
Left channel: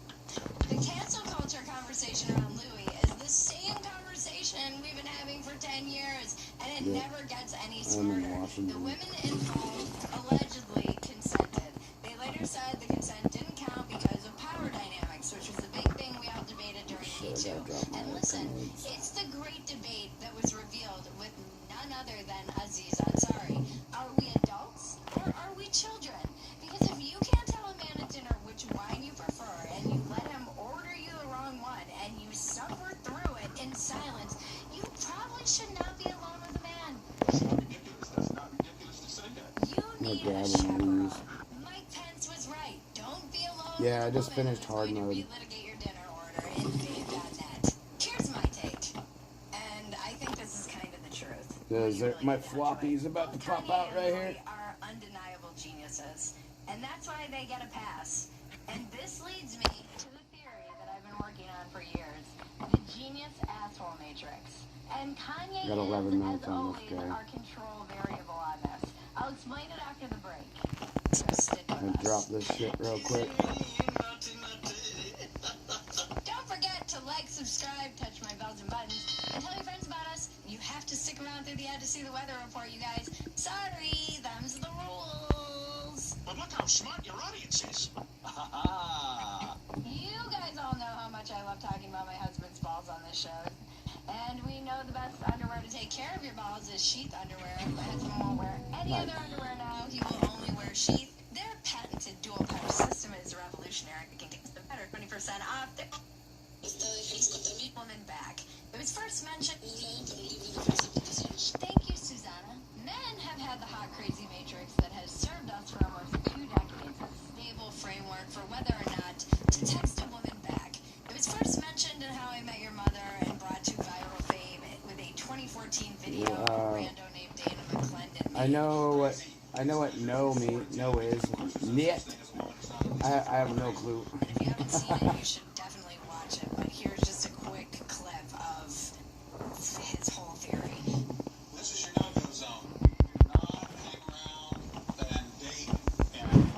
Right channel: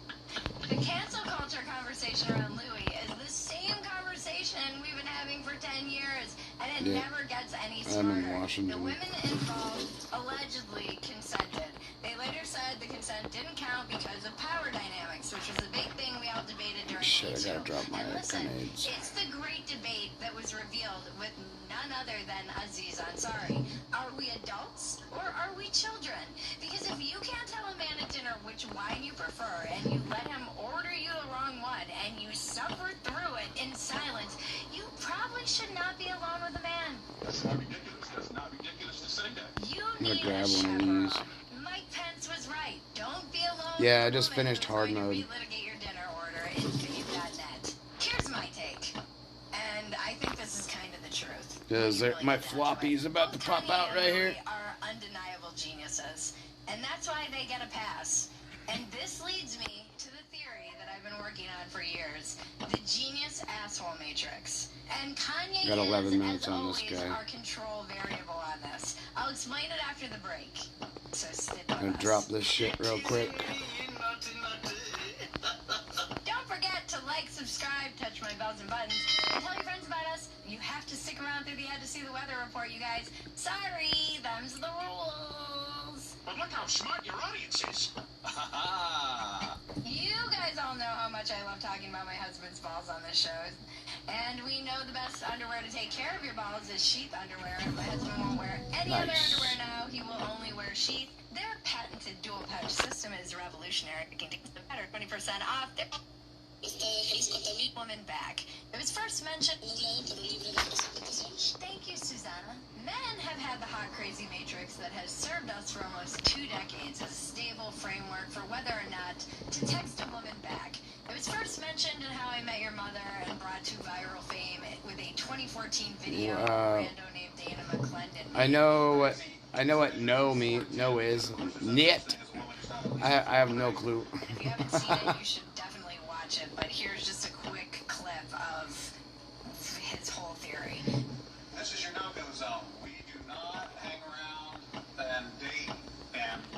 The cancel culture conversation around Louis is the same conversation we've been having for 10 years, and it Yeah. never gets any I'm smarter. in The Washington. women involved allegedly consented. They later said the consent didn't count because of power dynamics, which was a big thing we all debated during Shit, I Me gotta Too. drop my And listen, grenades. it's the great debate that was revealed with none other than Aziz Ansari. Are we adults or are we children? Because if you can't tell a man at dinner which wine you prefer and you let him order you the wrong one and you suffer through it in silence, you probably should not be alone with a man. That's not ridiculous. That's not ridiculous to say that. You I'm gonna need grab a one of chaperone. these. Mike Pence was right. Don't be alone. Yeah, I with a just woman finished who's hard going to mode. relitigate your dinner order if you've got that. Here's my take, and I think this is kind of the truth. Because You really my get down to floppy's it. about to Both pop Kanye out and right Louis here. are undeniable geniuses, and that's why they get a pass. And this leads me to the theory that I've been working on for years: the genius asshole matrix. And Kanye Got 11 is, minutes as on this always, guy. our control variable on this. I'll explain it after the break. So stick with I'm gonna us. drop this shit real quick. Don't forget to like, subscribe, touch my bells and buttons, and tell your friends about us. You have to stick around through the ad to see the weather report, you guys. Sorry, them's the rules. But look how smart your audience is. You guys all know how much I love talking about my husband's balls on this show. And we know the best underwear to take care of your balls is sheath underwear. My husband won't wear any other Nice. underwear now. He will only wear sheath. Their patented dual pouch system is revolutionary. It can take the better 20% off. Their woman back. It was first mentioned. Thank you, Susanna. Men have had the hot crazy matrix that has served us for almost 2 decades as a stable framework for whether or not to text a woman back. It was first mentioned in How I Met Your Mother and brought to viral fame with a 2014 video of a rando named Dana McClendon. I know what no is. Knit. I have no clue. If you haven't seen it, you should definitely watch it. But here's just a quick clip of his whole theory. This is your no-go zone. We do not hang around and date and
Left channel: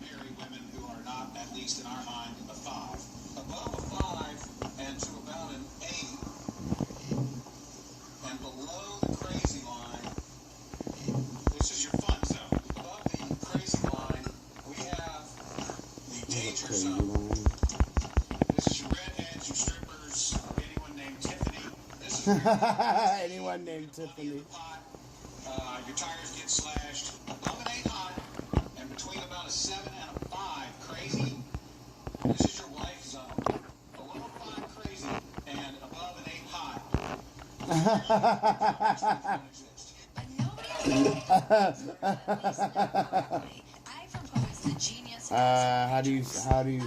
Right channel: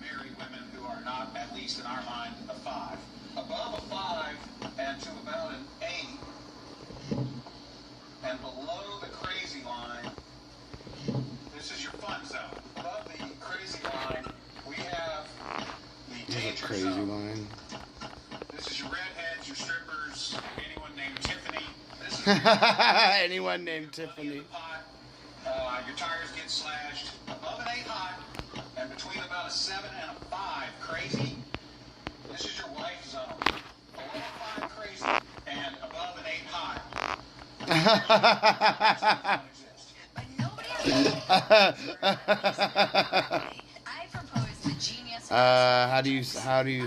marry women who are not, at least in our mind, a 5. Above a 5 and to about an 8, and below the crazy line, this is your fun zone. Above the crazy line, we have the There's a danger crazy zone. line. This is your redheads, your strippers, anyone named Tiffany. This is Anyone named Tiffany. your tires get slashed above an 8 hot and between about a 7 and a 5 crazy. This is your wife zone. Below a 5 crazy and above an 8 hot. I propose the genius. How do you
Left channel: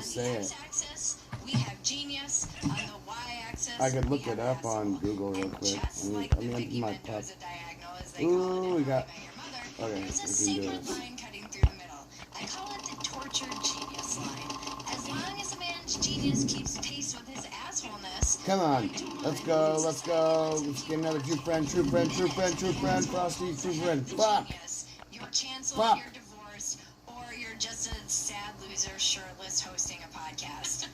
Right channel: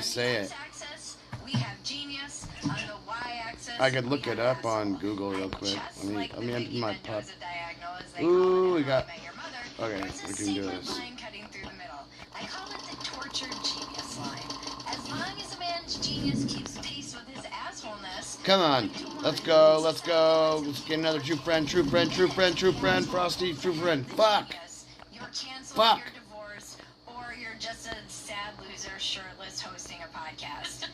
say it? Axis, we have genius. On the y-axis, I could look it up on Google real quick. Let me enter my pup. Ooh, we got. Okay, we can do this. Line cutting through the middle. I call it the tortured genius line. As long as a man's genius keeps pace with his assholeness. Come on, let's go. Let's get another true friend, Frosty, true friend. Fuck. Your chance Fuck. of your divorce, or you're just a sad loser loser shirtless hosting a podcast.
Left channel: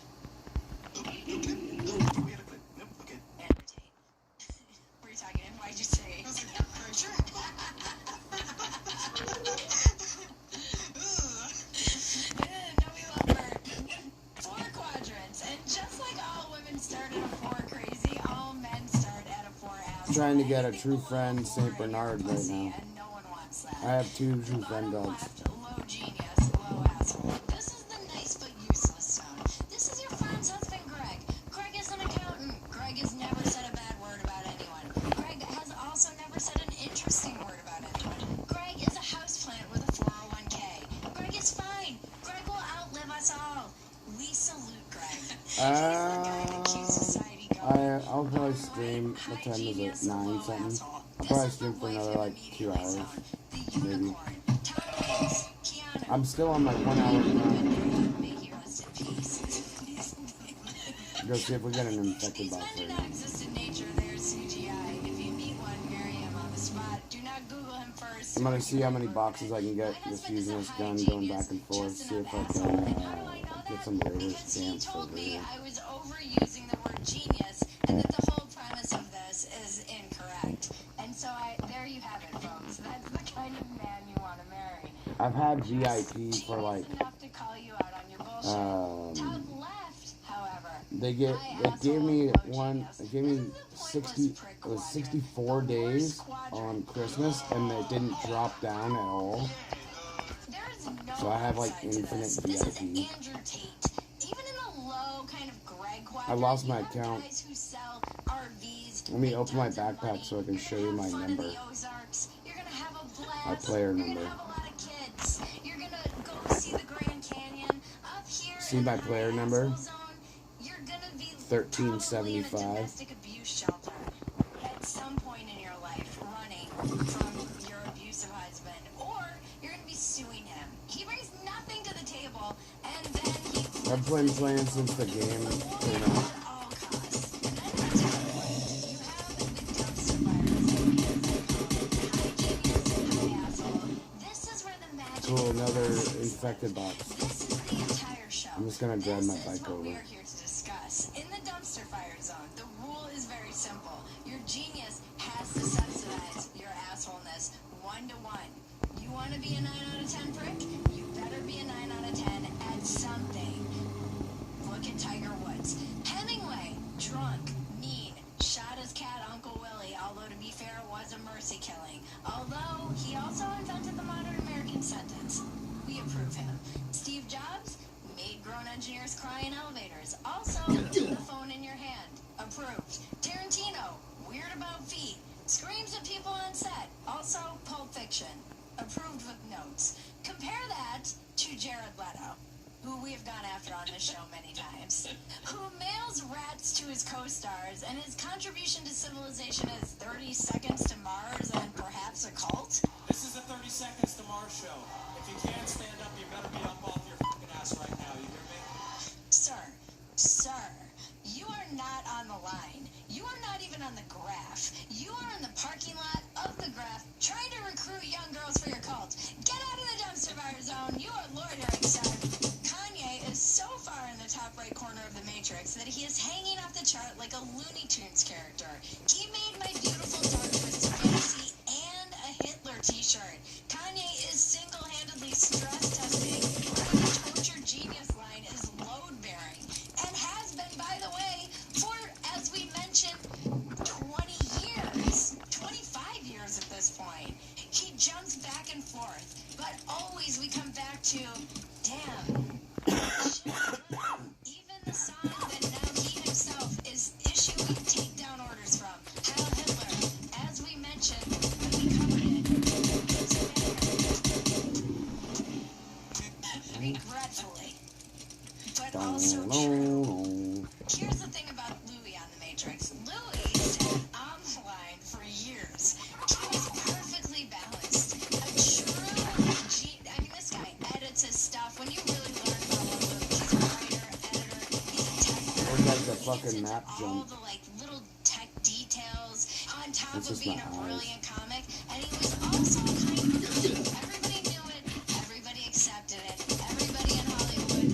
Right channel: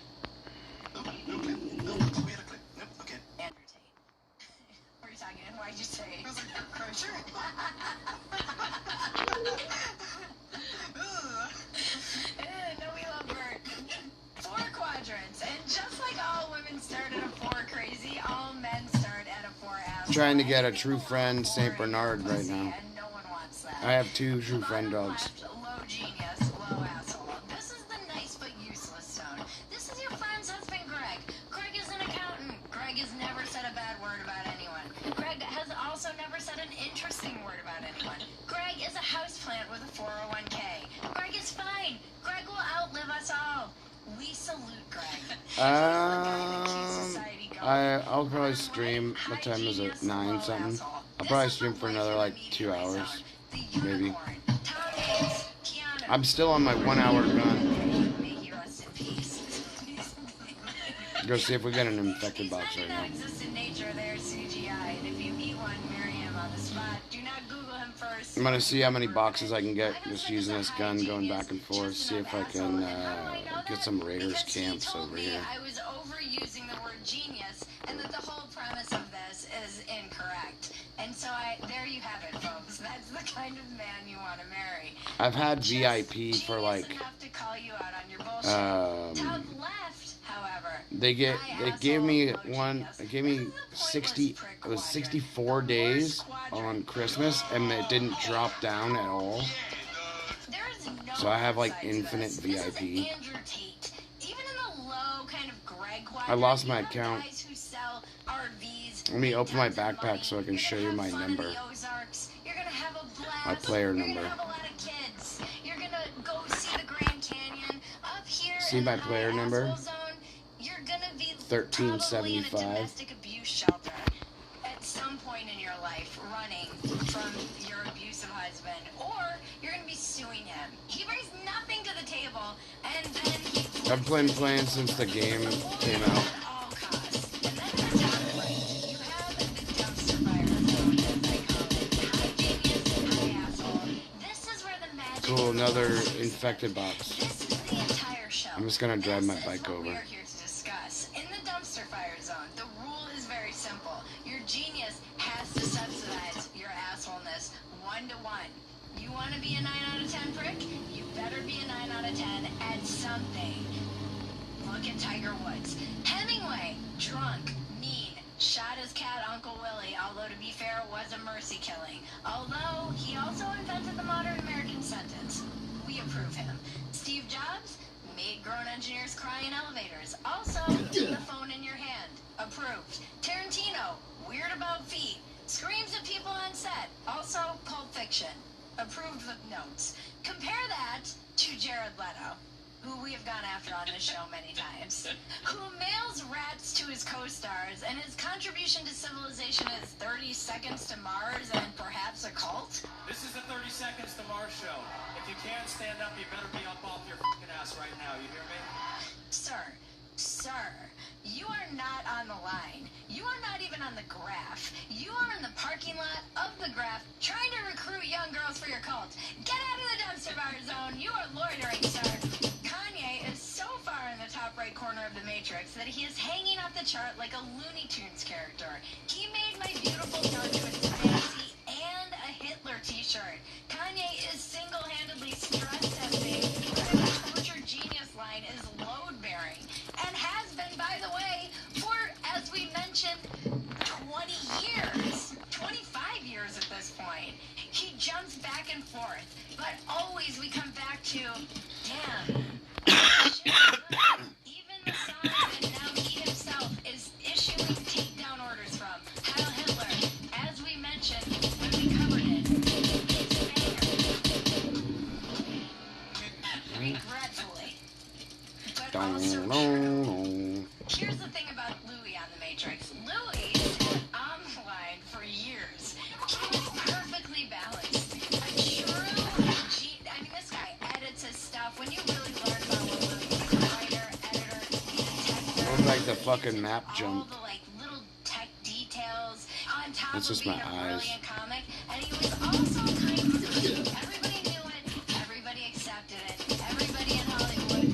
No clip. No, we had a clip. No, okay. Entertain. What are you talking about? Why'd you say? Sure. No, we love her. 4 quadrants. And just like all women start at a 4 crazy, all men start at a 4 asshole. Trying to get a true friend Saint Bernard right now. And no one wants that. I have 2 true friend dogs. Low genius, low asshole. This is the nice but useless zone. This is your friend's husband, Greg. Greg is an accountant. Greg has never said a bad word about anyone. Greg has also never said an interesting word about anyone. Greg is a houseplant with a 401k. Greg is fine. Greg will outlive us all. We salute Greg. I'll probably stream. What time is it? 9 something. I'll probably stream for another like 2 hours, maybe. I'm still on my 1 hour gun. Go see if we get an infected box right now. I'm gonna see how many boxes I can get just using this gun, going back and forth. See if I can get some Raiders camps over here. I was overusing the word genius, and that the whole premise of this is incorrect. And so there you have it, folks. That's the kind of man you want to marry. I've had VIP for like they gave me 60, it was 64 days on Christmas, and it didn't drop down at all. So I have like infinite VIP. I lost my account. Let me open my backpack so I can show you my number. My player number. See my player number? 1375. At some point in your life, running from your abusive husband, or you're going to be suing him. He brings nothing to the table, and then I've been playing since the game came out. Cool, another infected box. I'm just gonna drive my bike over. In the dumpster fire zone, the rule is very simple. Your genius has to subsidize your assholeness 1 to 1. You want to be a 9 out of 10 prick? You better be a 9 out of 10 at something. Look at Tiger Woods. Hemingway, drunk, mean, shot his cat Uncle Willie, although to be fair, it was a mercy killing. Although he also invented the modern American sentence. We approve him. Steve Jobs made grown engineers cry in elevators. Also, the phone in your hand. Approved. Tarantino, weird about feet. Screams at people on set. Also, Pulp Fiction. Approved with notes. Compare that to Jared Leto, who we have gone after on this show many times, who mails rats to his co-stars, and his contribution to civilization is 30 Seconds to Mars and perhaps a cult. This is the 30 Seconds to Mars show. If you can't stand up, you better be up off your fucking ass right now. You hear me? Sir, you are not on the line. You are not even on the graph. You are in the parking lot of the graph trying to recruit young girls for your cult. Get out of the dumpster fire zone. You are loitering, sir. Kanye is so far in the top right corner of the Matrix that he is hanging off the chart like a Looney Tunes character. He made My Beautiful Dark Twisted Fantasy and a Hitler t-shirt. Kanye is single-handedly stress testing. The torture genius line is load-bearing and has been, by the way, for, as we mentioned, 20 years, 25 years at this point. He jumps back and forth, but always we come back to, damn. Even the son that now he himself is issuing takedown orders from, Heil Hitler, as we mentioned, when we covered it, regretfully. But also true. Here's the thing about Louis on The Matrix. Louis stayed on the line for years. He was perfectly balanced. A true this guy edits his stuff. When you really learn about what Louis is, a writer, editor, he's a tech. Or like the fucking map jump. All the little tech details on top It's of just being my a eyes. brilliant comic. And he was also kind of everybody knew it, everybody accepted it, everybody in Hollywood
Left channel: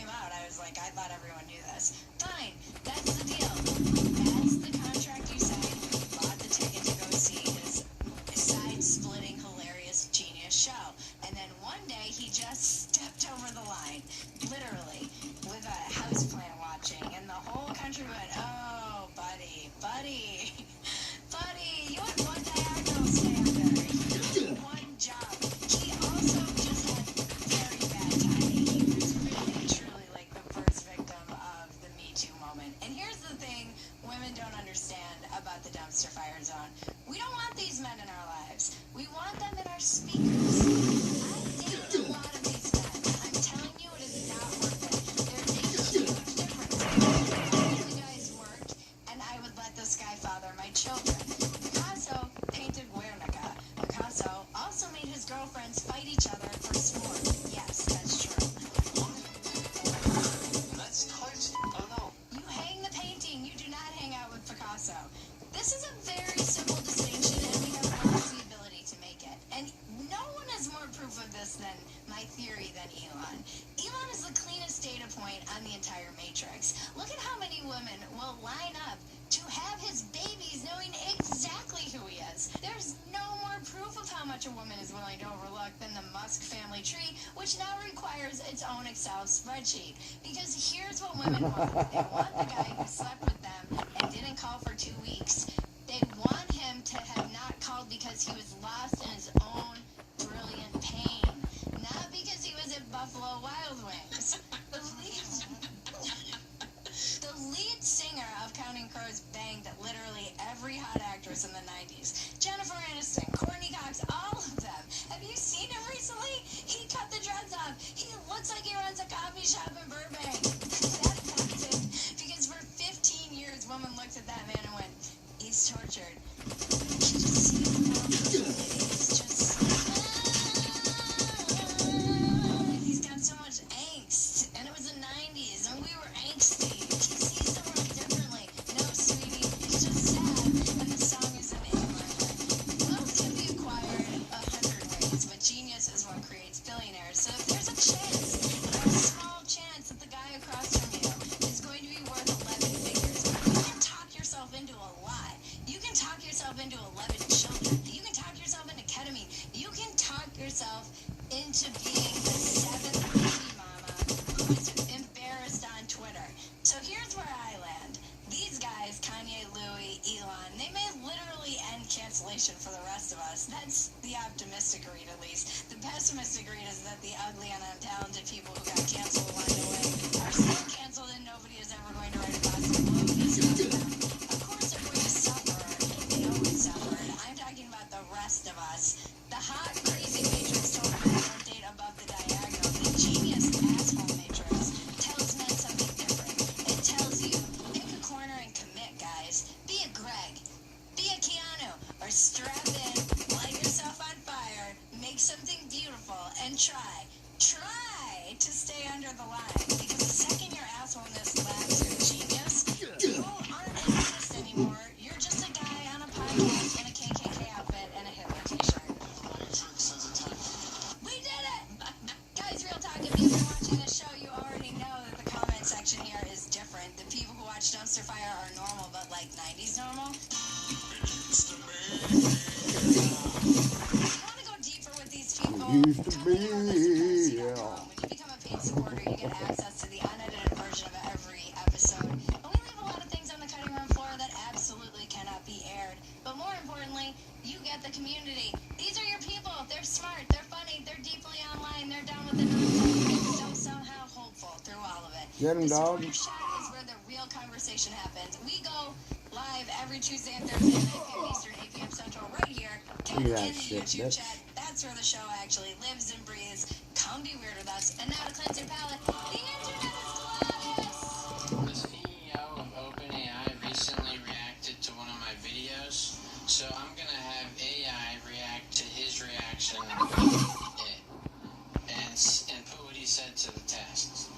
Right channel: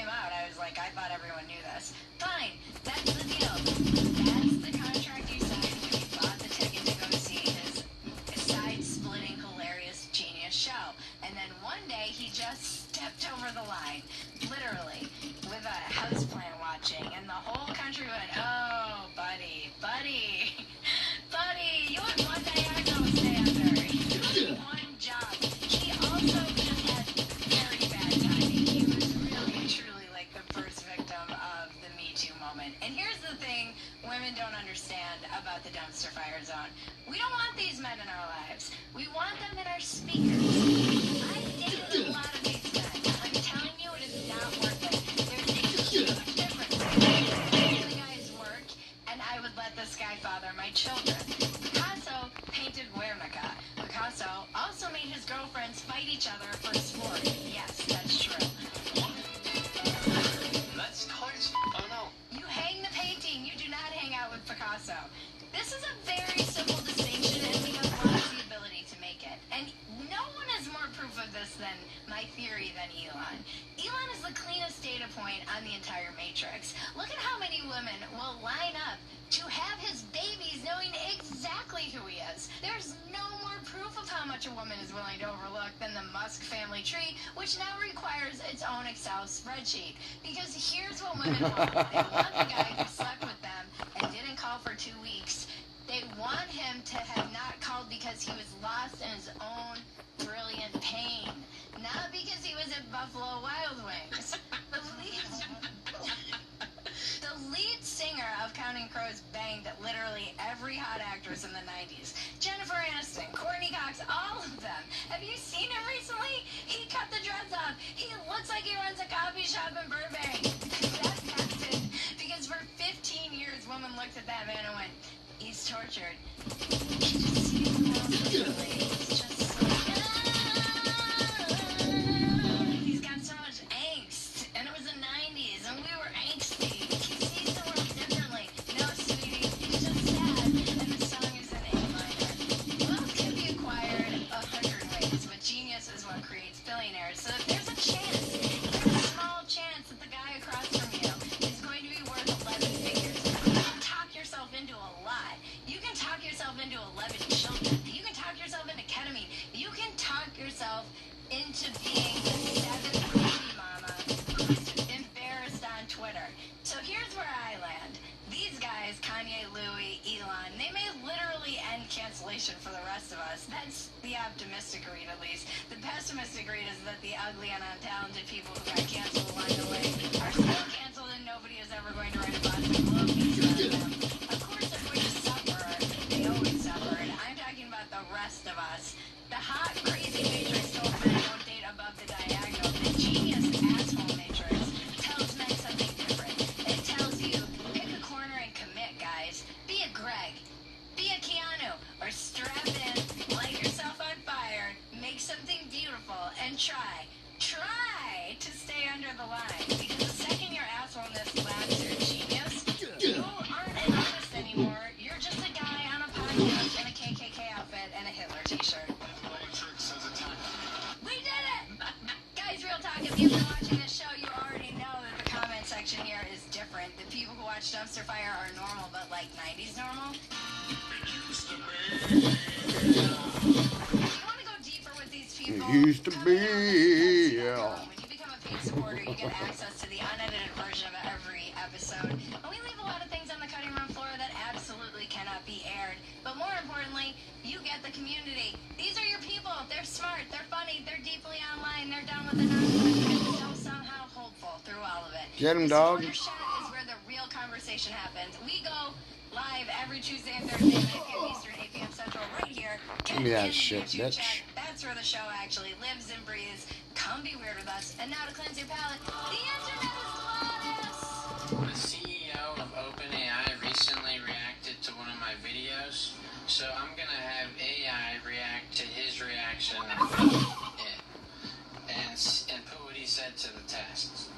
came out, I was like, I thought everyone knew this. Fine, that's the deal. That's the contract you signed when you bought the ticket to go see his side-splitting, hilarious, genius show. And then one day, he just stepped over the line, literally, with a houseplant watching, and the whole country went, oh, buddy, buddy, buddy, you have one diagonal to stay under. You have one job. He also just had very bad timing. He was really, truly like the first victim of the Me Too moment. And here's the thing women don't understand about the dumpster fire zone. We don't want these men in our lives. We want them in our speakers. I've dated a lot of these men. I'm telling you, it is not worth it. There's a huge difference between the guy's work and I would let this guy father my children. Picasso painted Guernica. Picasso also made his girlfriends fight each other for sport. Yes, that's true. That's crazy. Oh no. You hang the painting, you do not hang out with Picasso. This is a very simple distinction, and we have the ability to make it. And no one has more proof of this than my theory than Elon. Elon is the cleanest data point on the entire matrix. Look at how many women will line up to have his babies knowing exactly who he is. There's no more proof of how much a woman is willing to overlook than the Musk family tree, which now requires its own Excel spreadsheet. Because here's what women want. They want the guy who slept with them and didn't call for 2 weeks. They want him to have not called because he was lost in his own brilliant pain. Not because he was at Buffalo Wild Wings. The lead singer of Counting Crows banged literally every hot actress in the 90s. Jennifer Aniston, Courtney Cox, all of them. Have you seen him recently? He cut the dreads off. He looks like he runs a coffee shop in Burbank. That happened because for 15 years, women looked at that man and went, he's tortured. He's got so much angst. And it was the 90s, and we were angsty. He sees the world differently. No, sweetie, he's just sad. And the song is in A minor. Wealth can be acquired 100 ways, but genius is what creates billionaires. So if there's a chance, a small chance that the guy across from you is going to be worth 11 figures, you can talk yourself into a lot. You can talk yourself into 11 children. You can talk yourself into ketamine. You can talk yourself into being the 7th baby mama who's embarrassed on Twitter. So here's where I land. These guys, Kanye, Louis, Elon, they may literally end cancellation for the rest of us. That's the optimistic read, at least. The pessimistic read is that the ugly and untalented people who got canceled along the way are still canceled and nobody is ever going to write a Boston Globe piece about them. Of course, they're going to suffer. They always suffered. I'm talking about the rest of us. The hot, crazy matrix told men don't date above the diagonal. The genius asshole matrix tells men something different. It tells you, pick a corner and commit, guys. Be a Greg. Be a Keanu. Or strap in, light yourself on fire, make something beautiful, and try to stay under the line. Because the second your assholeness laps your genius, you aren't an artist anymore. You're just a guy on a podcast in a KKK outfit and a Hitler t-shirt. We did it! Guys, real talk, if you've been watching this show, you already know that the comment section here is different. The people who watch Dumpster Fire are normal, but like 90s normal. You want to go deeper with these people? It used to be, yeah. When you become a paid supporter, you get access to the unedited version of every episode. And we leave a lot of things on the cutting room floor that absolutely cannot be aired. But more importantly, you get the community. These are your people. They're smart. They're funny. They're deeply online. They're done with the nonsense. So somehow hopeful through all of it. Get him, dog. The supporter chat is where the real conversation happens. We go live every Tuesday and Thursday, 9 p.m. Eastern, 8 p.m. Central, right here. Get Give me that in the shit, YouTube bitch. chat. That's where the show actually lives and breathes. Come be weird with us. And now to cleanse your palate, the internet is glorious. The CEO of OpenAI recently reacted to one of my videos, so I'm gonna have AI react to his reaction and put what he said to the test.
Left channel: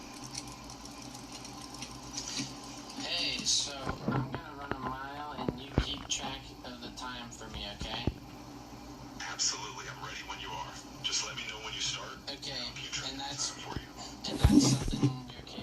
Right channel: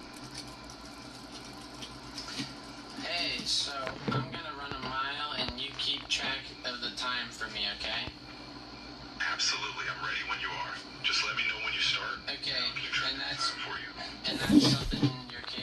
Hey, so I'm gonna run a mile and you keep track of the time for me, okay? Absolutely, I'm ready when you are. Just let me know when you start. Okay, and I'll keep track and of the that's time for you. something you're capable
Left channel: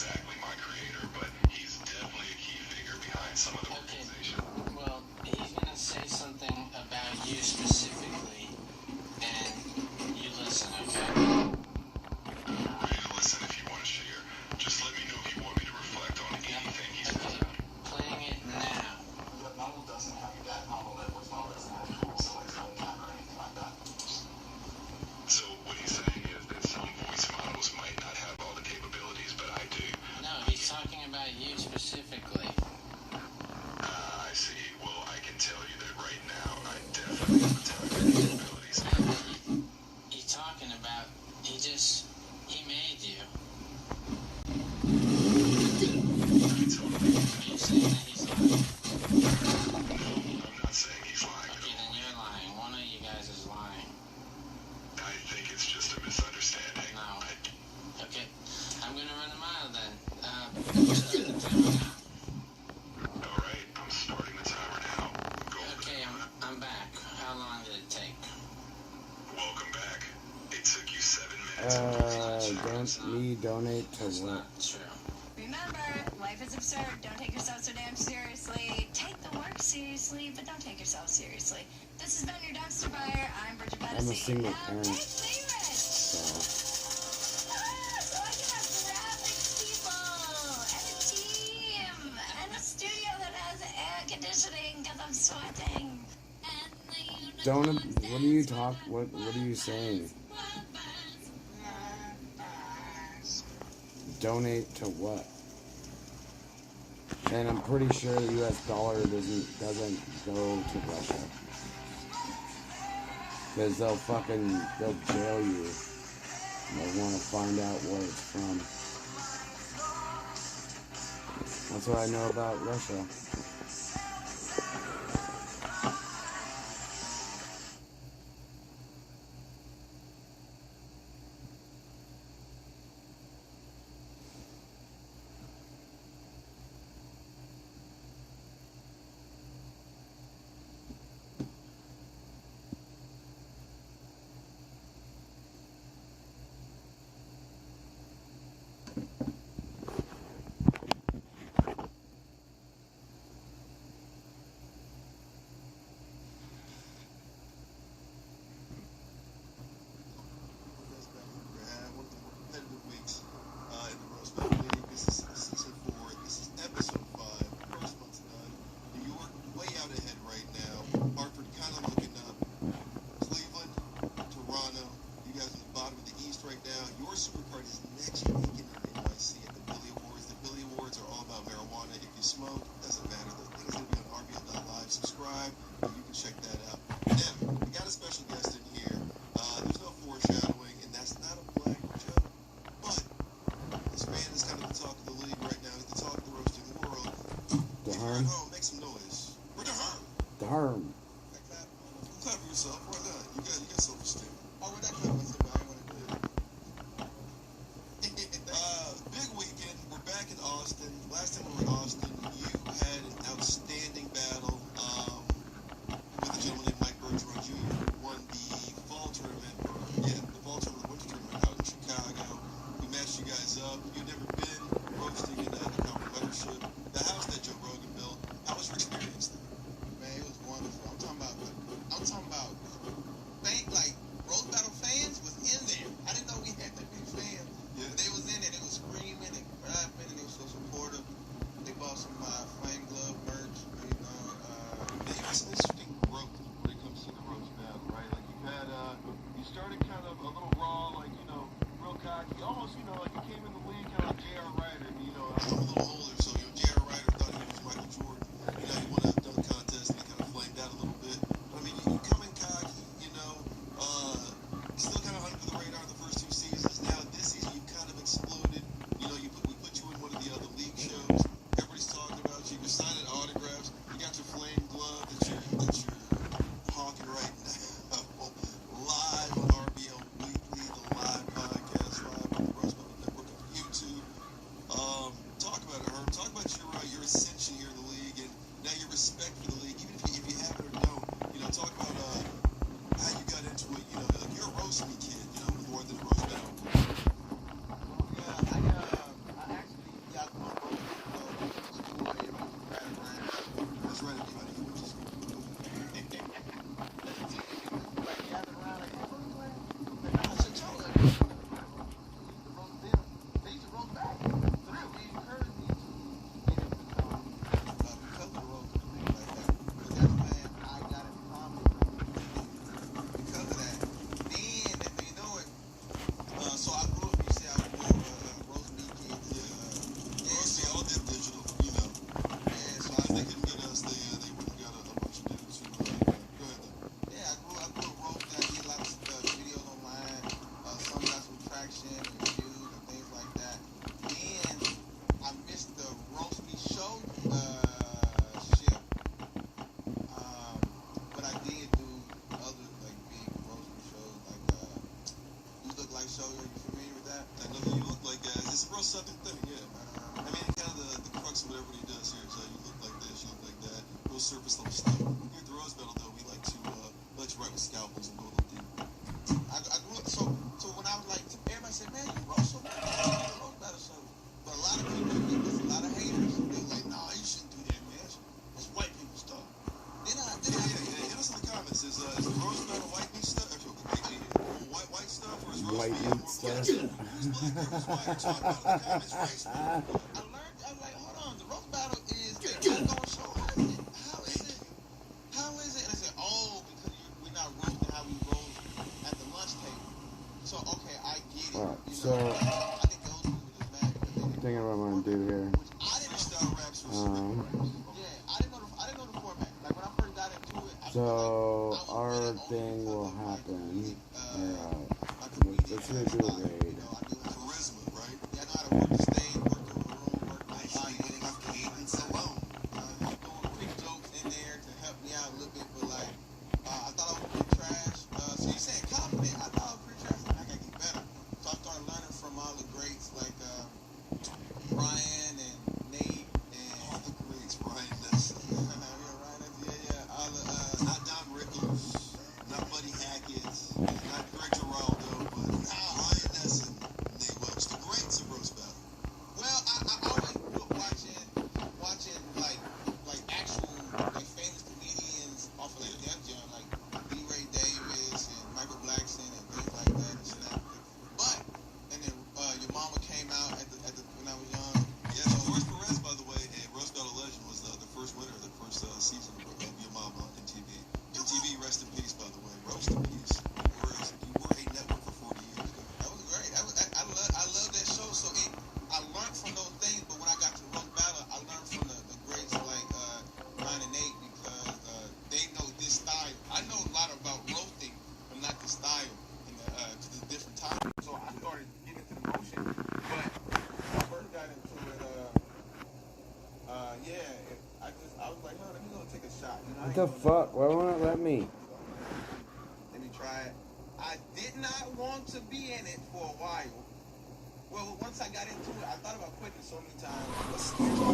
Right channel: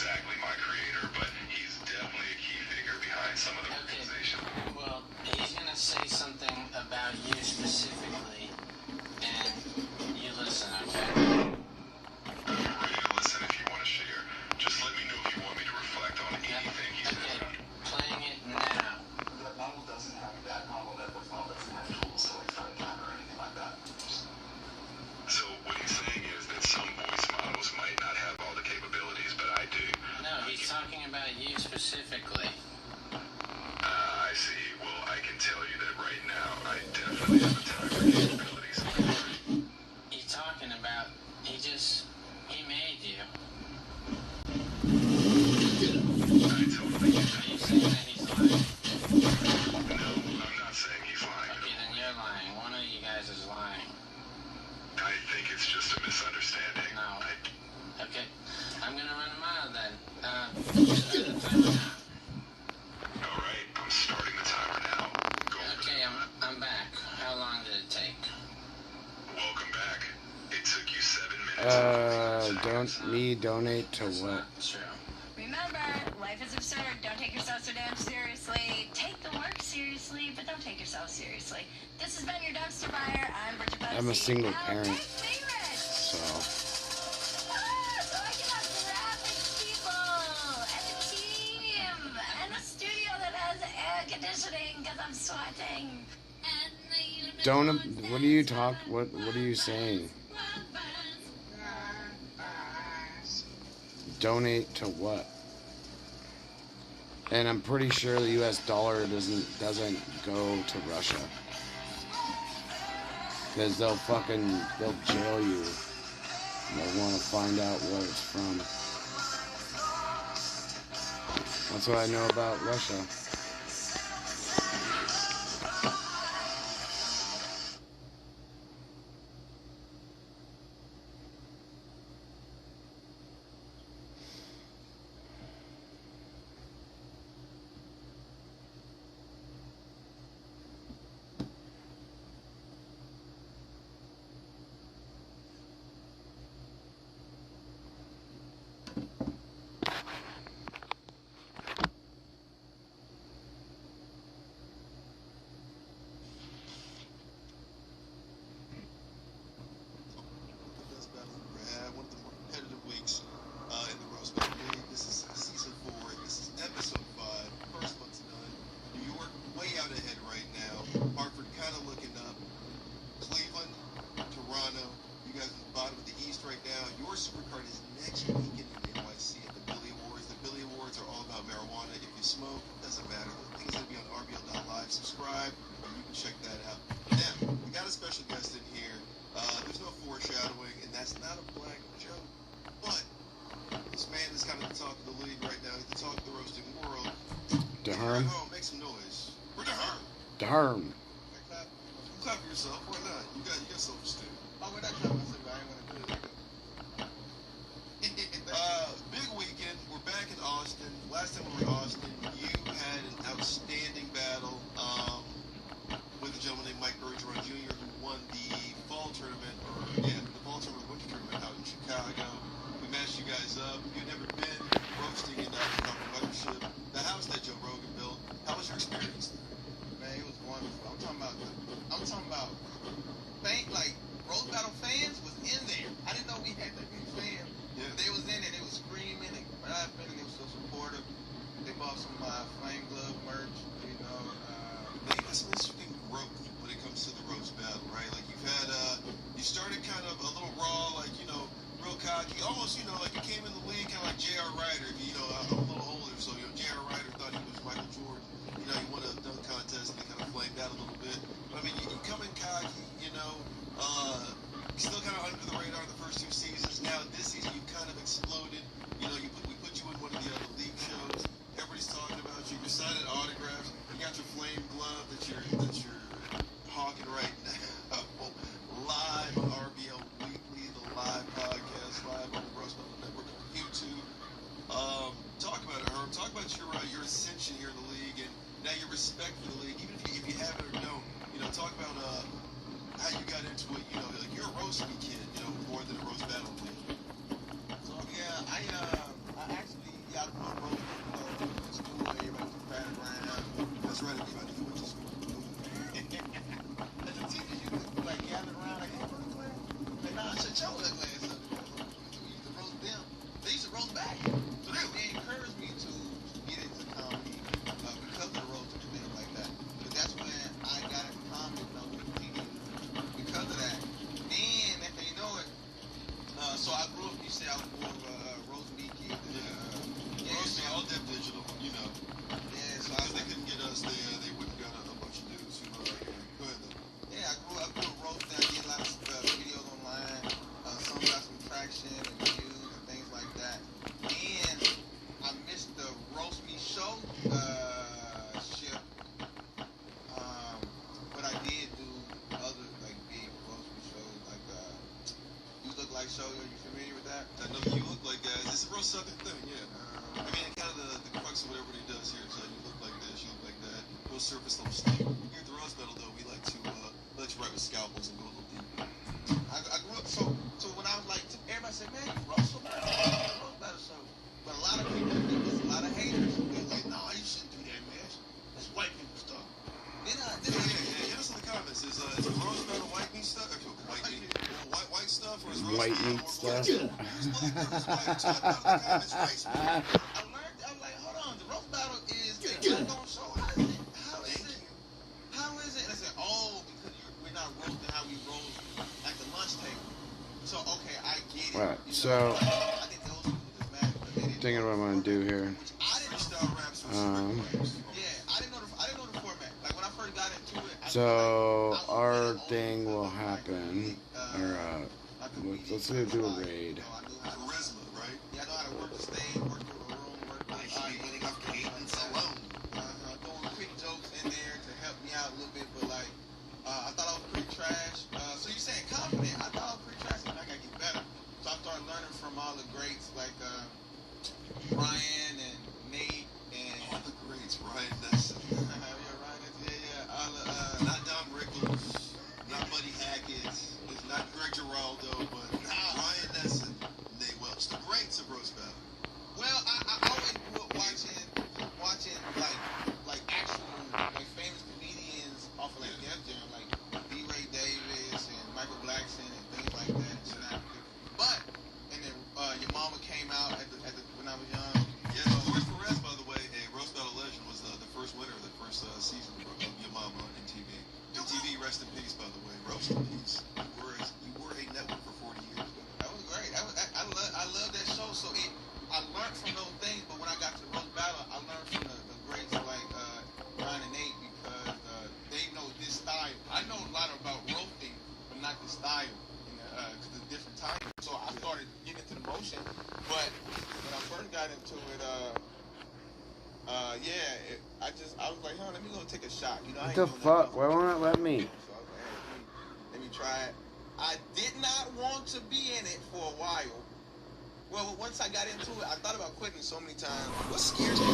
exactly my creator, but he's definitely a key figure behind some of the organization. Well, he's gonna say something about you specifically, and you listen, okay? I'm ready to listen if you want to share. Just let me know if you want me to reflect on anything he says. Playing it now. The model doesn't have that model doesn't have tools, so it's not a camera or anything like that. So what he's saying is that some voice models might not have all the capabilities, but I do. No, he's talking about you specifically. I see. Well, I can tell you that right now, I definitely have the technical capabilities. He's talking about, he made you. I totally get Are you saying that he's lying? No, I'm not saying he's lying. Okay, then you're lying. One of you guys is lying. I think it's just a misunderstanding. No. Okay, I'm gonna run a mile then. Start the timer now. Alright, I'm starting the timer now. Okay, I'm back. How long did it take? Welcome back. It took you 7 minutes. Donate to what? True. Remember, life is absurd. Don't take yourself so damn seriously. Take the work seriously, but don't take yourself seriously. This has been your dumpster fire. I'm Bridget Bugsy. I'm a single Now, parent, my favorite. so So I can have graphic people and a team and a studio that has air conditioning because I'm sweating. And the don't. What do you talk? What are you saying? Donate to what? And I'm pretty sure the U.S. dollar doesn't go to Russia, because they'll jail you. They'll want to find out where it's from. That's what I know about Russia. Darn. Clap for yourself. Why not? You got self-esteem. Oh, we're not clapping for I want to do it. Big weekend. We're back in Austin. Last time we were in Austin, you had an outstanding battle with a gentleman named Mike Bergeron Jr. who won the fall tournament. Yeah, the fall tournament, winter tournament out in Chicago. We matched you guys up. You'd never been roasting in Mothership. The house that Joe Rogan built. How was your experience there? Man, it was wonderful. show. Are you familiar with that? I know you look like guys. It's a real Southern thing, yeah. I mean, kind of the crux of what everybody does here is you look like this, you look like that. Real surface level stuff. Here at the Rose Battle, though, we like to let you write with scalpels and go a little deep. I grew up so when I was like, everybody said, man, you Rose Battle show. But a lot of people, there was a lot of haters. They were like, nah, you shouldn't do that, man. That's white people stuff. Then hit us in the comments. Is Rose Battle white meat stuff? White stuff? White meat stuff. I was like, hold on, the roast battle is the unknown show. How is it? And I said, oh, because we're not roasting how we roast at the lunch table. So, okay, I get it. Right, so, thinking what I'm going to do here. So, our thing will happen. Or, let's go do a raid. What the fuck? Why won't it let me? Let me try it. I did not want to be in it for a while. Well, once I got into it, I thought about quitting so many times. What scares me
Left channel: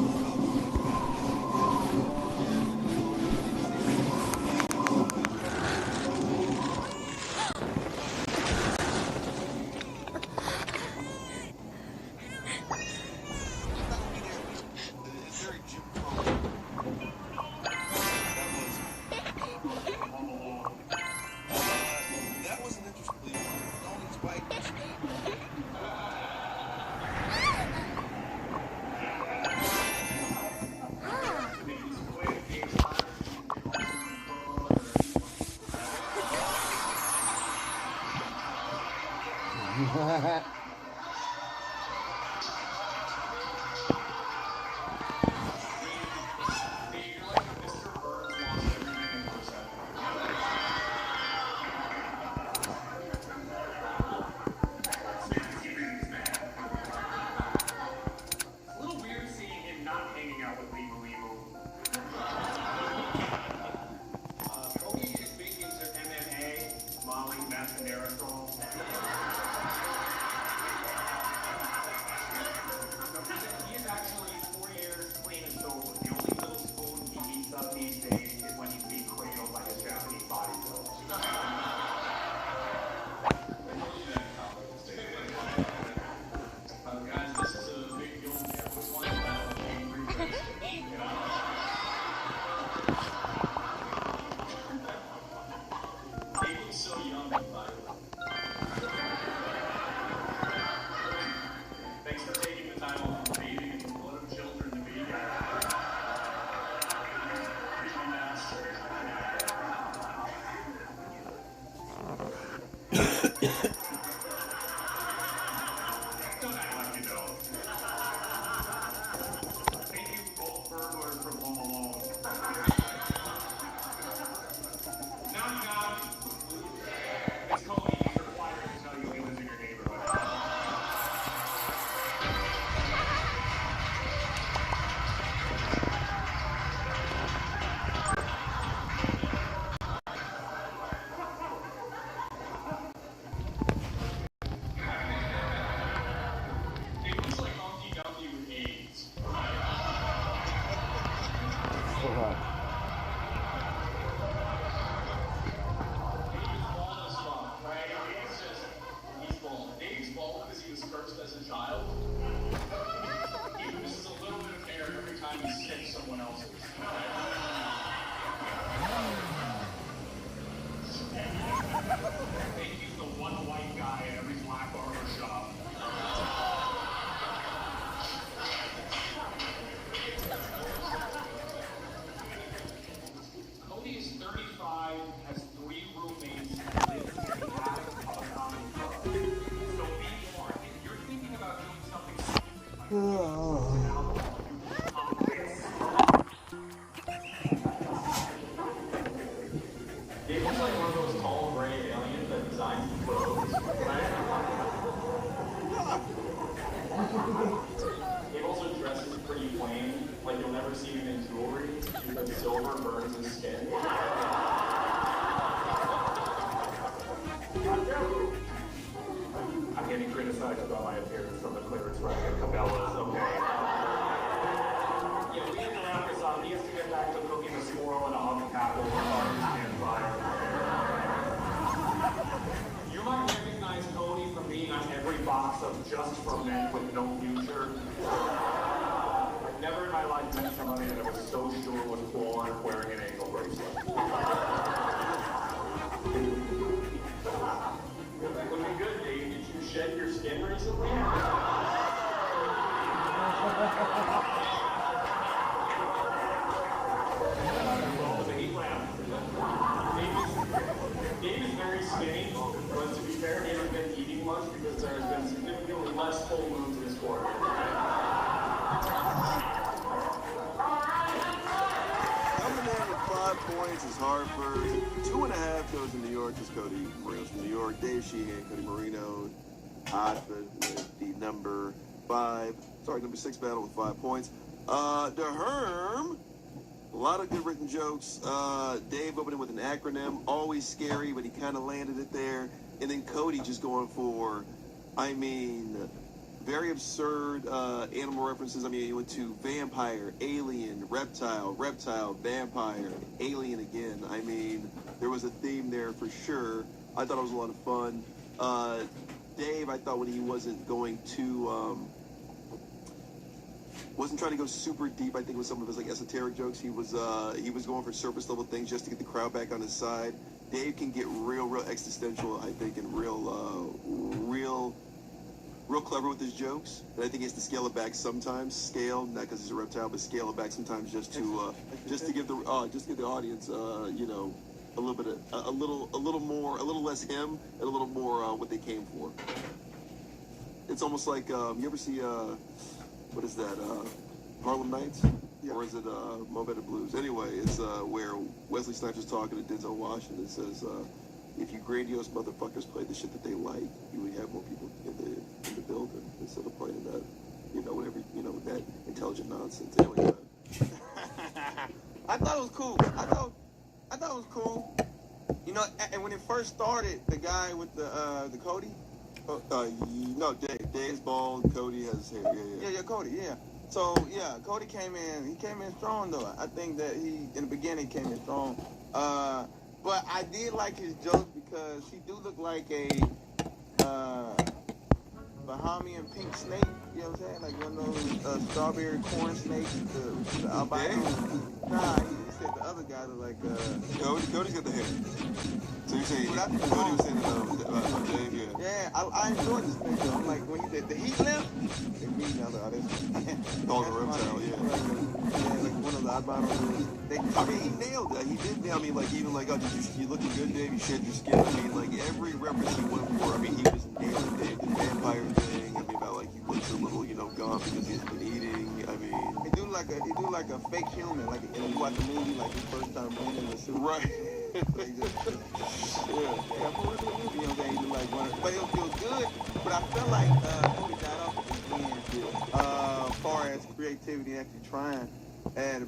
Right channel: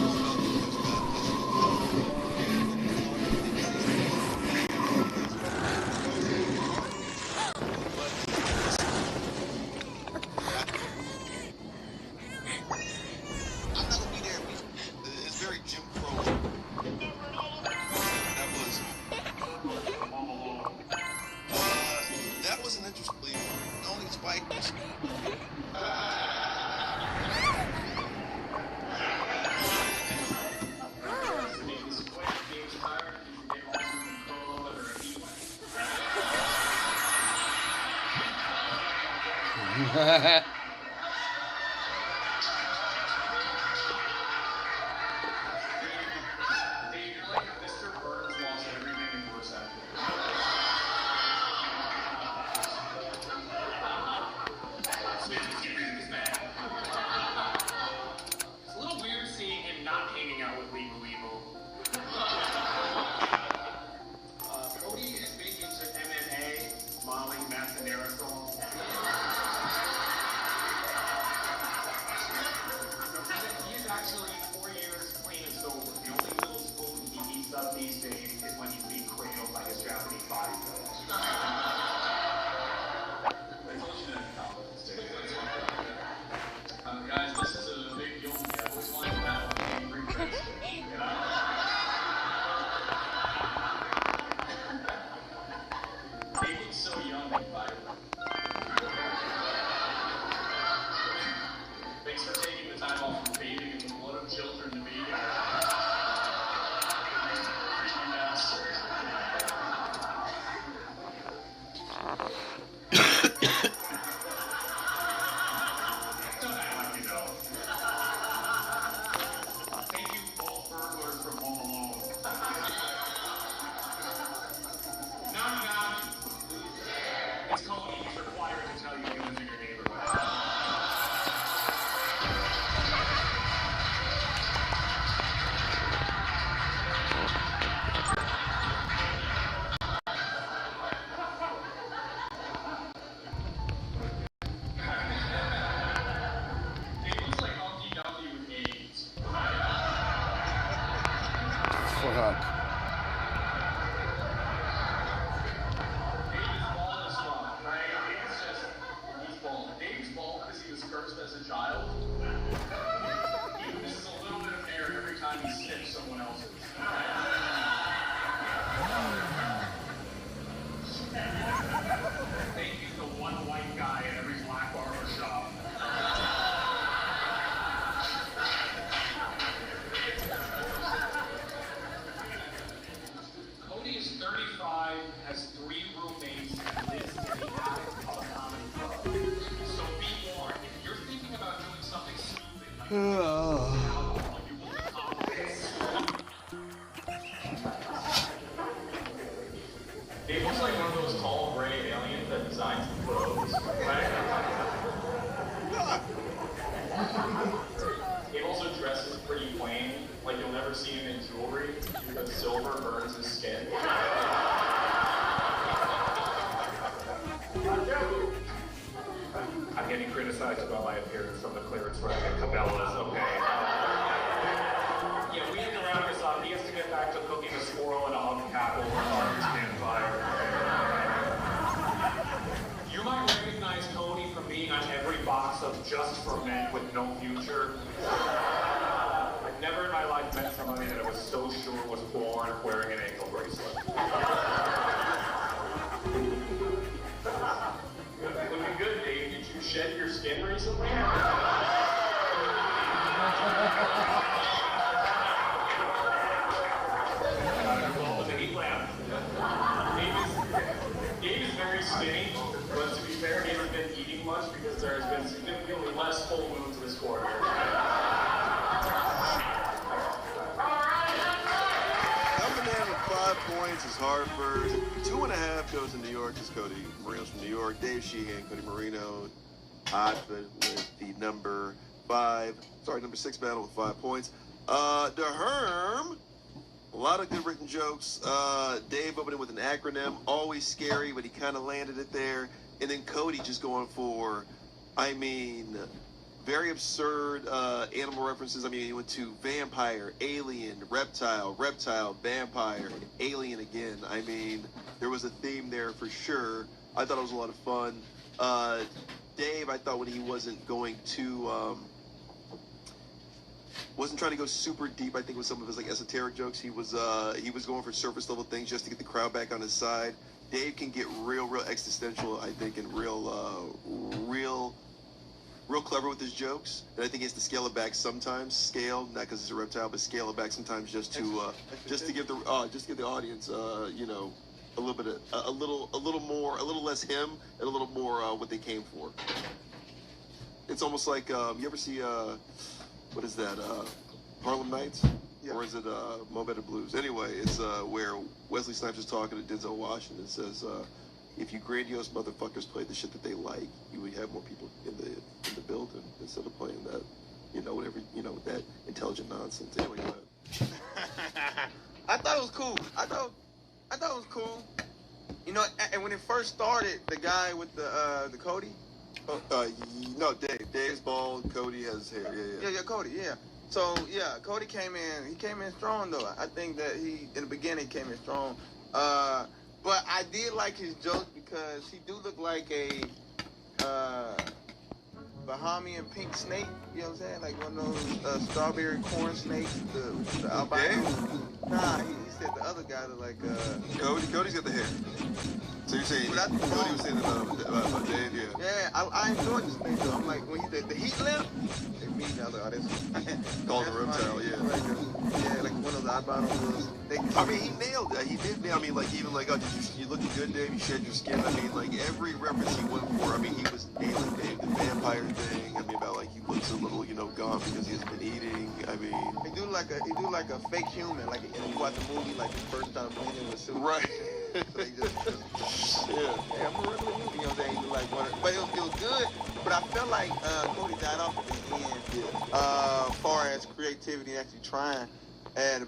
cursed as a child? He loses a little bit of hair every time he sniffs someone else's. They use the one white guy at every black barber shop. Cody is 35, has 3 roommates, and lives in a So be warned, if you're thinking about doing something It looks like one of those tall gray aliens that designs the clothes, right? He also dresses pretty plain, like you'll never see him in jewelry, because silver burns his skin. I'm getting criticized about my appearance from the clearance rack at Cabela's, okay? Yeah, we interact with he has to get back to cooking a squirrel and a hunk of apple on his campfire. You might recognize Tony from being on every box of Just for Men with No Future. I've never in my life met somebody that I was so sure was born wearing an ankle bracelet. Looking good, Dave. Did you shed your skin recently? Dave is very skinny, but to be fair, he hasn't been eating much because there has been significantly less full moons this quarter. Coming in with 5 points is Hartford. 2.5 goes to New York is Cody Moreno's from New York. Dave Sheehan, Cody Marino. Hodgman with the number 6 battle with 5 points. DeHerm. A lot of good written jokes. Dave opening with an acronym, always scary, but he kind of landed it there. And then Cody just going for, very absurd animal references. He went to vampire, alien, reptile, vampire, alien again. There was a theme there for sure. I thought it was a lot of fun. Dave, I thought when he wasn't going to... wasn't trying to go super deep, I think, with some of his esoteric jokes. He was going for surface level things just to get the crowd back on his side. Dave can get real existential, I think, and real clever with his jokes. And I think he has to scale it back sometimes. Scale, not because he's a reptile, but scale it back sometimes just to give the audience a little less him and a little more what they came for. It's almost like you ever see what is that? Harlem Nights? Yeah. Or is it Mo Better Blues? Anyway, it's where Wesley Snipes is talking to Denzel Washington and says, if you grandiose motherfuckers played the shit that they like, you would have more people in the building instead of playing that, that intelligent nonsense. Anyway, I thought it was cool. I thought it was cool. And when it first started, the guy with the Cody. No, Dave. Dave's bald. Cody has hair. Yeah, Cody. Yeah. So Cody came in. He came in strong though. I think that in the beginning came in strong. But I did like his jokes because he do look like a Bahamian pink snake. You know what I'm saying? Like one of those strawberry corn snakes. The albino. Nah, he said the other guys are like. Cody's got the hair. So you're saying Cody was saying about Dave? Yeah. Yeah, I enjoyed this thing. So like when he said the heat left. Called a reptile, yeah. Yeah, like one of the albinos. He nailed that. He did nail. You looking good, Dave. You shed your skin. Every reference he went for. He was nailing Dave. The vampire thing. About he looks a little, gone because he's been eating. He do like a fake human. Like when you watch a movie, like the first time movie in the suit. Right. They just, but it was good. But I felt like Cody died off at the end, as far as creativity and actually trying.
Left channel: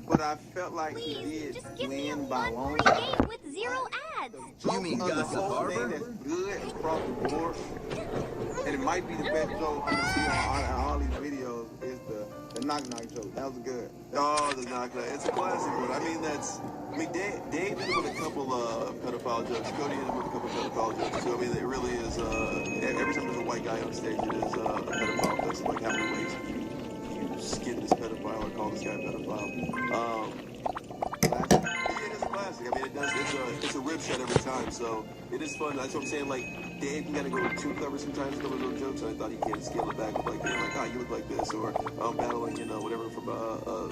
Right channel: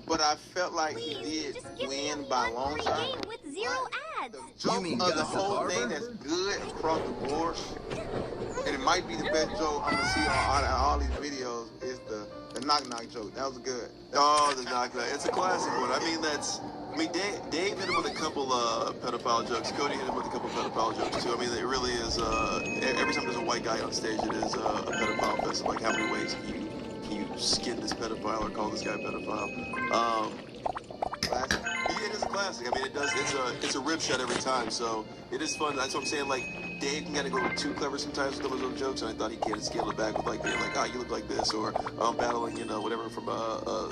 But I felt like he did win by long shot. Game with 0 ads. You mean Gossip Harbor? That's good across the board, and it might be the best joke I'm gonna see on all these videos. Is the knock joke? That was good. Oh, the knock. It's a classic one. Dave hit him with a couple pedophile jokes. Cody hit him with a couple pedophile jokes too. It really is. Every time there's a white guy on stage, it is a pedophile want to call this guy Pedophile. It is a classic. I mean, it's a rib shot every time, so it is fun. That's what I'm saying. Like, Dave can kind of go too clever sometimes with those little jokes, and I thought he can't scale it back with like, you look like this, or battling, whatever from what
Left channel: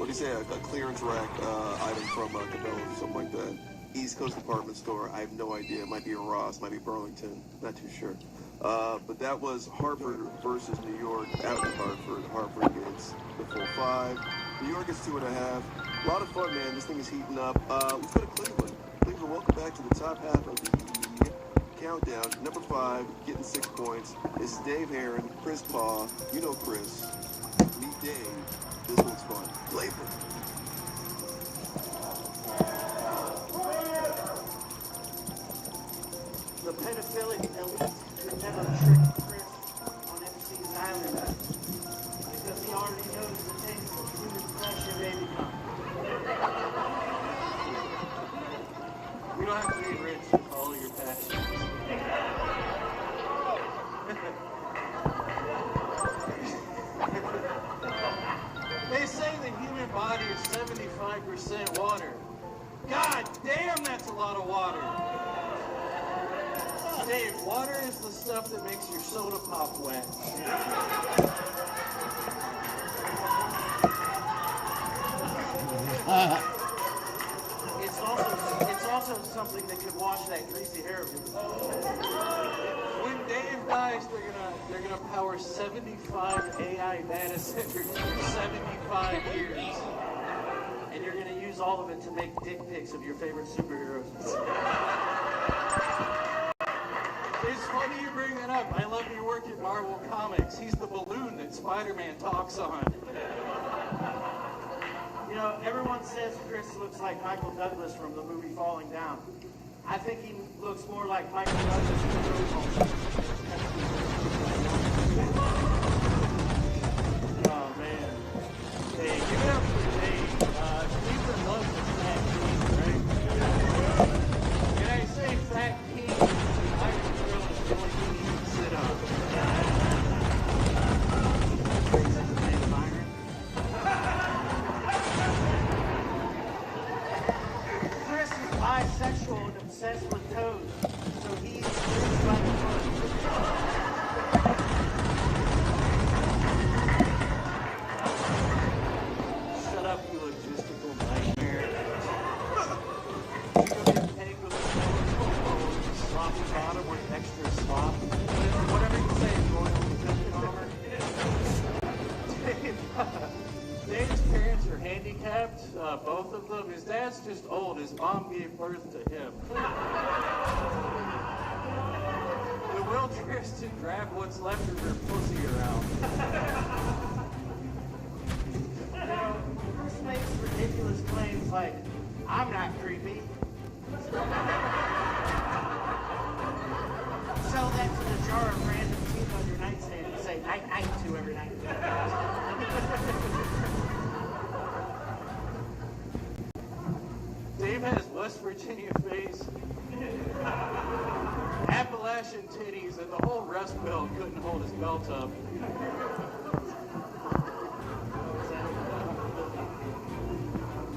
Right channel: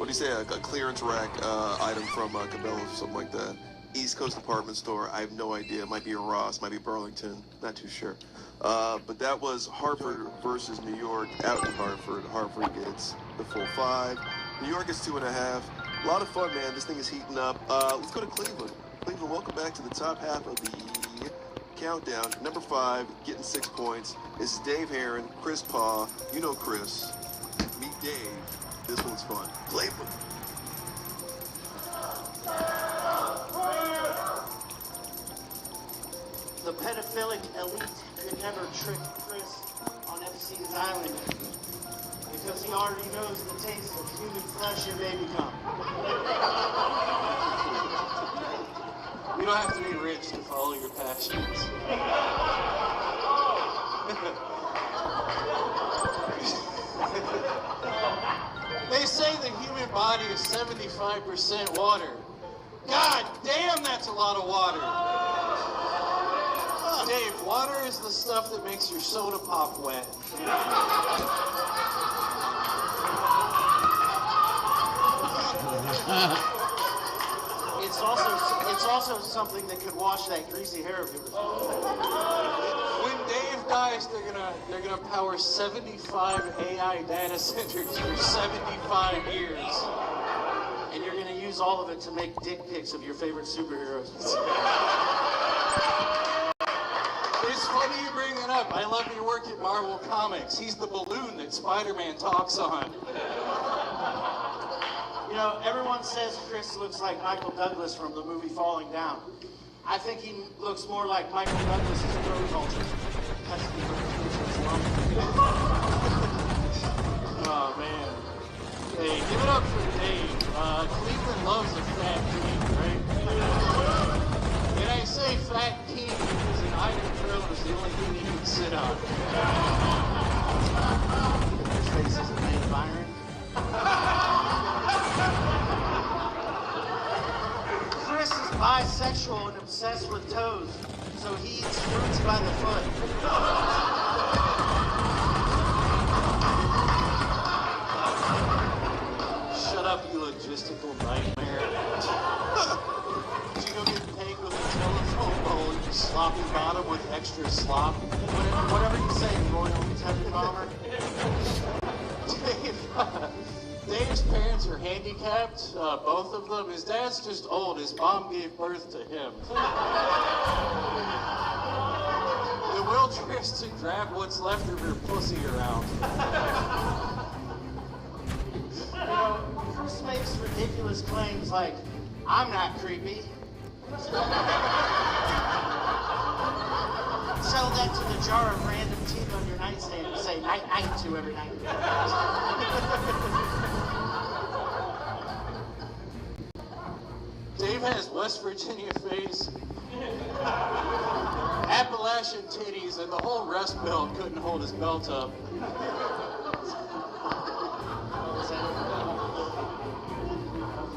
do you say, a clearance rack item from Cabela's or something like that. East Coast department store. I have no idea. It might be a Ross, might be Burlington. Not too sure. But that was Hartford versus New York out in Hartford. Hartford gets the full 5. New York is 2.5. A lot of fun, man. This thing is heating up. Let's go to Cleveland. Cleveland, welcome back to the top half of the countdown. Number 5, getting 6 points. This is Dave Heron, Chris Paw. You know Chris. Meet Dave. This one's fun. Cleveland. The pedophilic elite could never trick Chris on FC's island because he already knows the taste of human flesh and baby cum. You don't have to be rich to follow your passions. They say the human body is 75% water. God damn, that's a lot of water. Dave, water is the stuff that makes your soda pop wet. It's also something that could wash that greasy hair of yours. When Dave dies, they're gonna power 75 AI data centers for 75 years. And you're gonna use all of it to make dick pics of your favorite superheroes. It's funny you bring that up. I love your work at Marvel Comics. He's the balloon that Spider-Man talks on. You know, everyone says Chris looks like Michael Douglas from the movie Falling Down. I think he looks more like Michael Douglas from the movie Falling Down. Oh, man. Hey, give it up for Dave. Cleveland loves his fat team, right? Can I say fat team? I didn't know it was the only thing you can sit on. Chris is bisexual and obsessed with toes, so he eats fruits by the foot. Shut up, you logistical nightmare. You go get paid with a sloppy bottom with extra slop. Whatever you say, boy, Kentucky bomber. Dave's parents are handicapped, both of them. His dad's just old. His mom gave birth to him. The will Chris to grab what's left of her pussy around. You know, Chris makes ridiculous claims like, I'm not creepy. Sell that to the jar of random teeth on your nightstand and say night night to every night. Dave has West Virginia face, Appalachian titties, and the whole Rust Belt couldn't hold his belt up.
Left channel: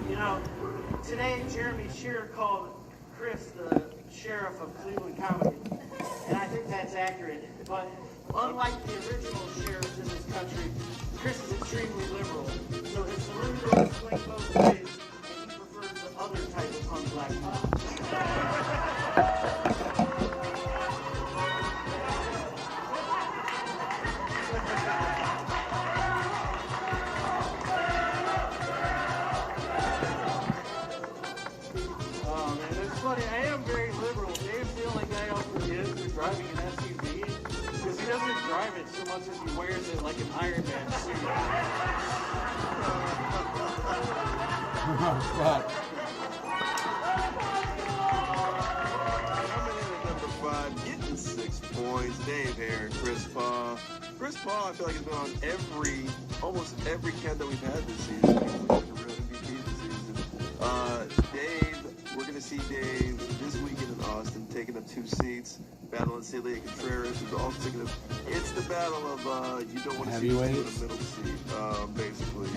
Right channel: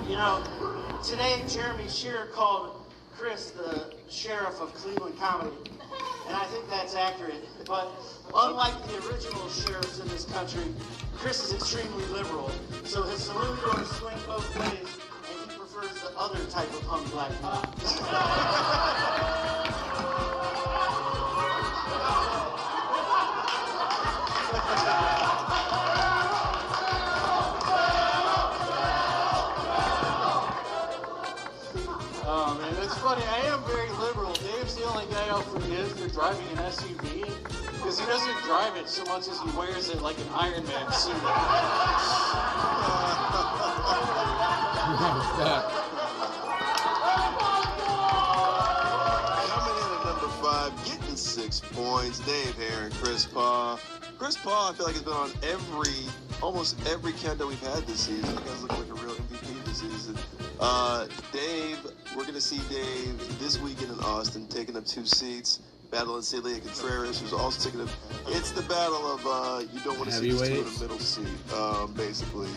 You know, today Jeremy Shearer called Chris the sheriff of Cleveland comedy, and I think that's accurate. But unlike the original sheriffs in this country, Chris is extremely liberal, so his saloon doors swing both ways, and he prefers the other type of hung black people. Oh man, it's funny. I am very liberal. Dave's the only guy out for the edge for driving an SUV because he doesn't drive it so much as he wears it like an Iron Man suit. Oh, fuck. Coming in at number 5, getting 6 points. Dave Heron, Chris Paw. Chris Paw, I feel like has been on almost every countdown we've had this season. He's looking like a real MVP this season. Dave, we're going to see Dave this weekend in Austin, taking up 2 seats, battling Celia Contreras, who's also taking up. It's the battle of you don't want to see these two in the middle seat, basically.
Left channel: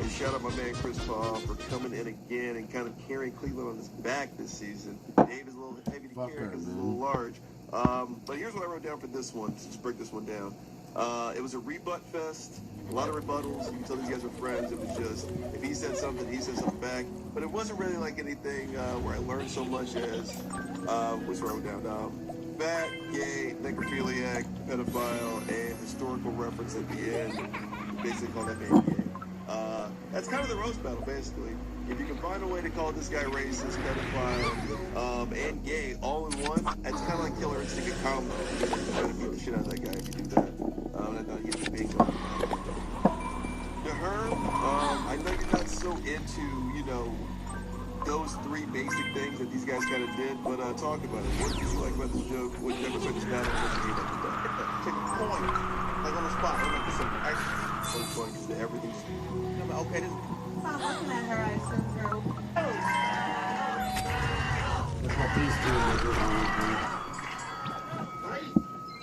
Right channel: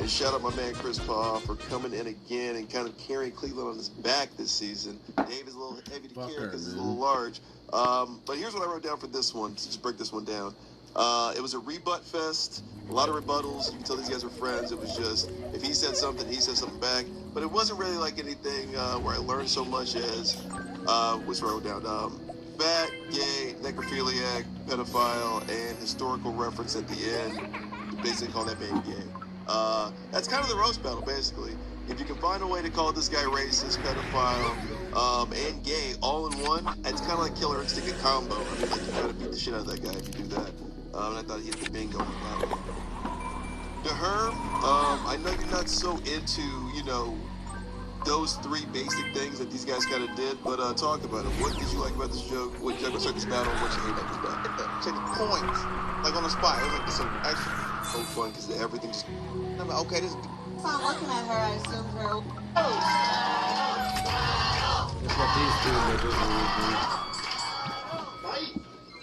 And shout out my man Chris Paul for coming in again and kind of carrying Cleveland on his back this season. Dave is a little heavy to carry because he's a little large. But here's what I wrote down for this one, to just break this one down. It was a rebut fest, a lot of rebuttals. You can tell these guys were friends. It was just, if he said something, he said something back. But it wasn't really like anything where I learned so much as, what's wrote down? Fat, gay, necrophiliac, pedophile, and historical reference at the end. Basically call that man gay. That's kind of the roast battle, basically. If you can find a way to call this guy racist, pedophile, and gay all in one, it's kind of like Killer Instinct a combo. You try to beat the shit out of that guy if you do that. And I thought he had the bingo. To her, I know you're not so into, you know, those 3 basic things that these guys kind of did, but talk about it. What did you like about this joke? What did you like this battle? What did you hate about this battle? Take a point, like on the spot. I'm like, so fun because everything's. I'm like, okay, this. So I'm looking at her, I assume her. That's what these two do.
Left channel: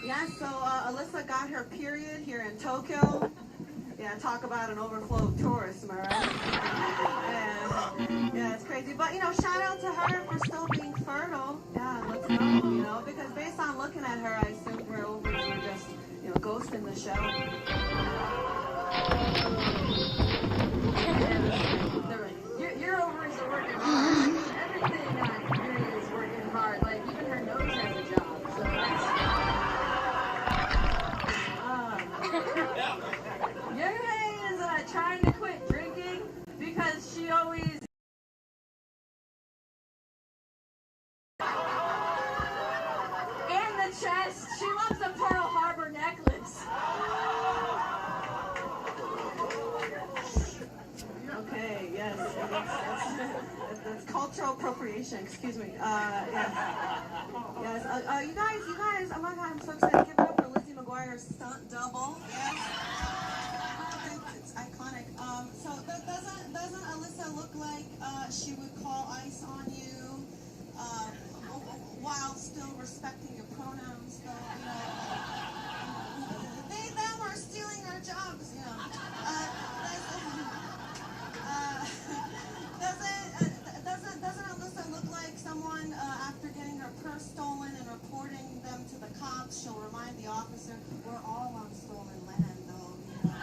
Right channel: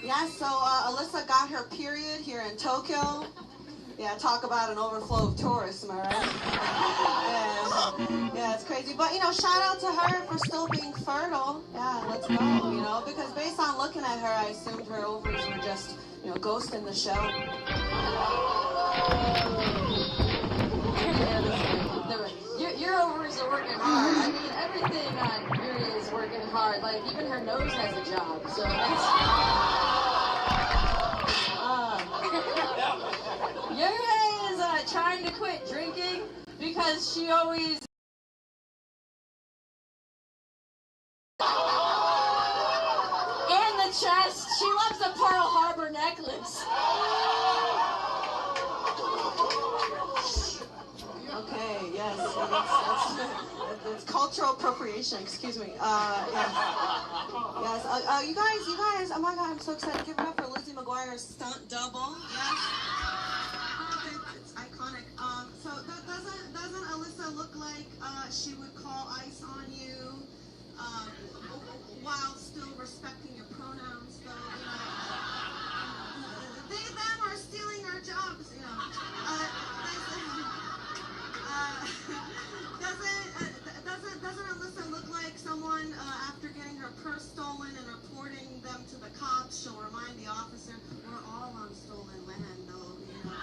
Yeah, so Alyssa got her period here in Tokyo. Yeah, talk about an overflow of tourists, am I right? Yeah, it's crazy. But, you know, shout out to her for still being fertile. Yeah, let's go, you know, because based on looking at her, I assumed her ovaries were just, you know, ghost in the shell. Your ovaries are working hard. Everything on Mary is working hard. Like, even her nose has a job. So that's... Yuri is trying to quit drinking because she always... And the chest. She loves a Pearl Harbor necklace. Okay, yes. It's cultural appropriation, excuse me. Yes. Yes. You guys, oh my God, I'm so excited. Give it up for Lizzie McGuire's stunt double. Yes. It's iconic. So doesn't Alyssa look like she would call ICE on you while still respecting your pronouns, though, you know? They, them are stealing our jobs, you know. Doesn't Alyssa look like someone after getting her purse stolen and reporting them to the cops, she'll remind the officer, we're all on stolen land, though, you know?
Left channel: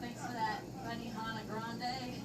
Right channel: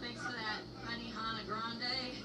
Thanks for that, Benihana Grande.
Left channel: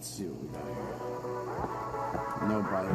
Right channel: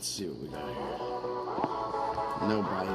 Let's see what we got here. No bike.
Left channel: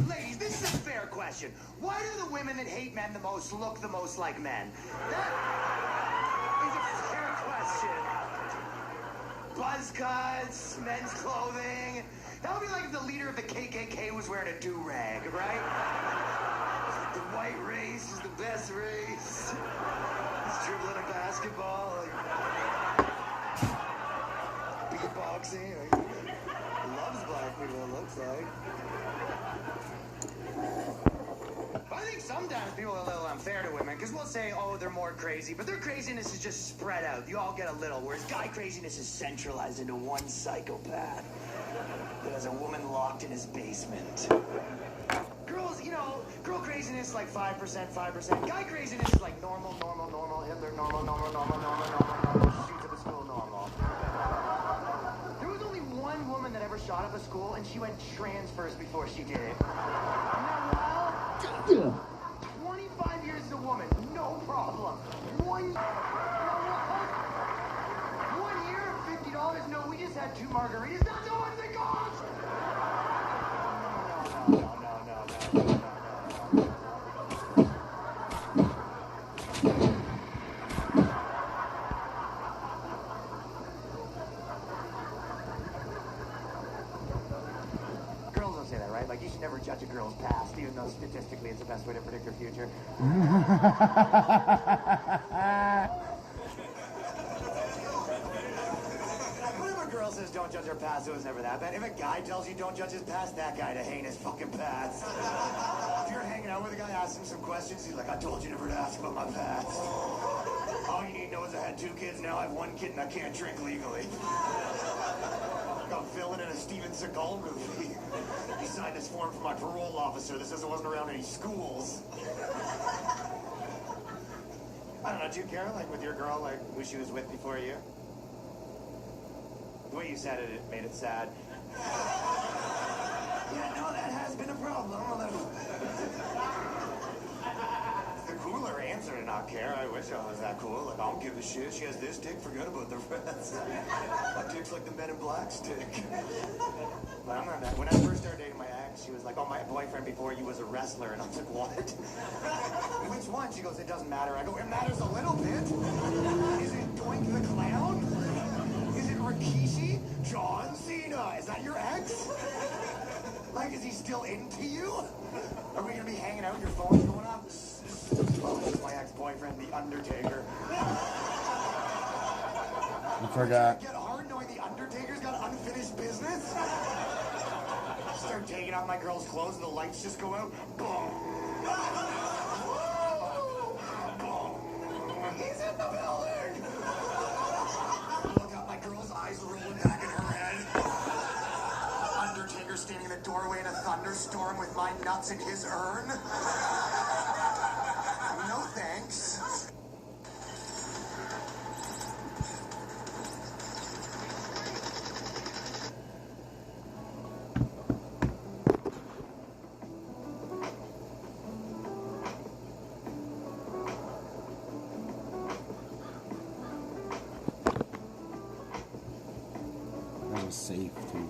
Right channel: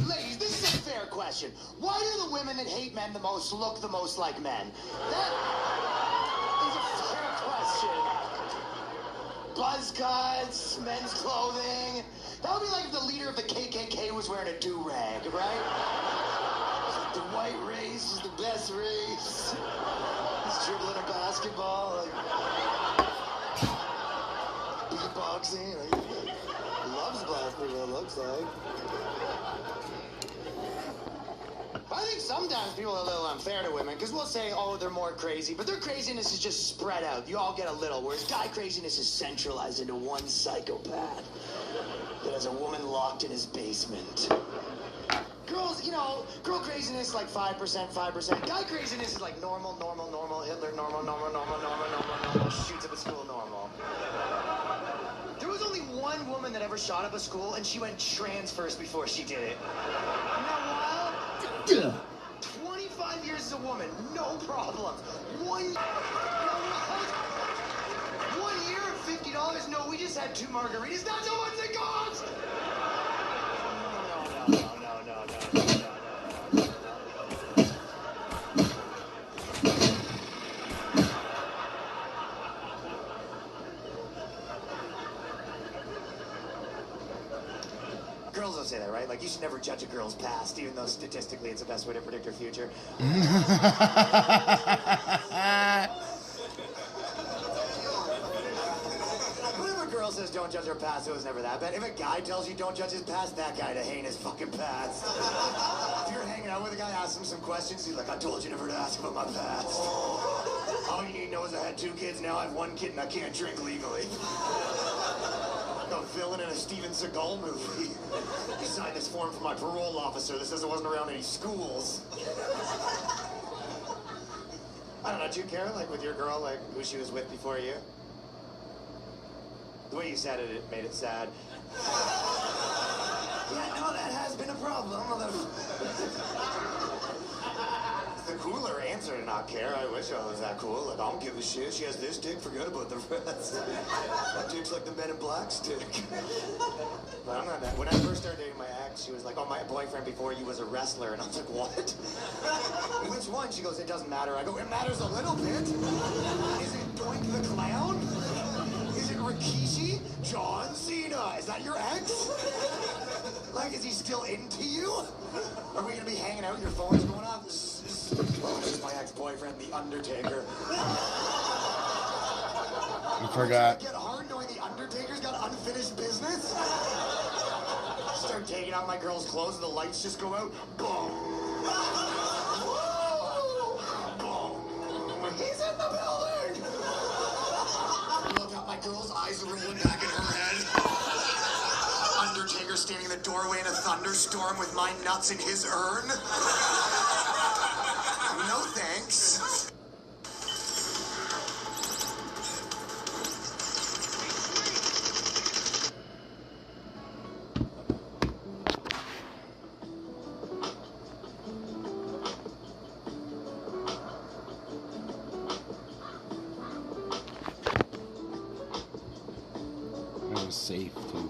Ladies, this is a fair question. Why do the women that hate men the most look the most like men? That is a fair question. Buzz cuts, men's clothing. That would be like if the leader of the KKK was wearing a do-rag, right? The white race is the best race. He's dribbling a basketball, like beatboxing. Loves black people, it looks like. I think sometimes people are a little unfair to women because we'll say, oh, they're more crazy, but their craziness is just spread out. You all get a little, whereas guy craziness is centralized into one psychopath that has a woman locked in his basement. Girls, you know, girl craziness like 5%, 5%. Guy craziness is like normal, Hitler, normal, shoots up a school, normal. There was only one woman that ever shot up a school, and she went trans first before she did it. Isn't that wild? 25 years as a woman, no problem. 1 year, $50? No, we just had 2 margaritas. That's how much it cost! No. Girls don't say that, right? Like, you should never judge a girl's past, even though statistically it's the best way to predict her future. Whenever a girl says don't judge her past, it was never that bad. If a guy tells you don't judge his past, that guy to hate his fucking past. If you're hanging out with a guy, ask him some questions, he's like, I told you never to ask about my past. All you need to know is I had 2 kids, now I have 1 kid and I can't drink legally. I'm filling in a Steven Seagal movie. You signed this form for my parole officer that says I wasn't around any schools. I don't know, do you care, like, with your girl, like, who she was with before you? The way you said it, it made it sad. Yeah, no, that has been a problem. It's the cooler answer to not care. I wish I was that cool. Like, I don't give a shit. She has this dick, forget about the rest. That dick's like the Men in Black's dick. But I'm not that. When I first started dating my ex, she was like, oh, my boyfriend before you was a wrestler. And I was like, what? Which one? She goes, it doesn't matter. I go, it matters a little bit. Is it Doink the Clown? Is it Rikishi? John Cena? Is that your ex? Like, is he still into you? Are we gonna be hanging out? Your phone's going on? This is my ex-boyfriend, The Undertaker. You forgot. Get hard knowing The Undertaker's got unfinished business? Start taking out my girl's clothes and the lights just go out. Boom. Boom. He's in the building. Look out, my girl's eyes are rolling back in her head. Undertaker standing in the doorway in a thunderstorm with my nuts in his urn. No thanks. That was safe too.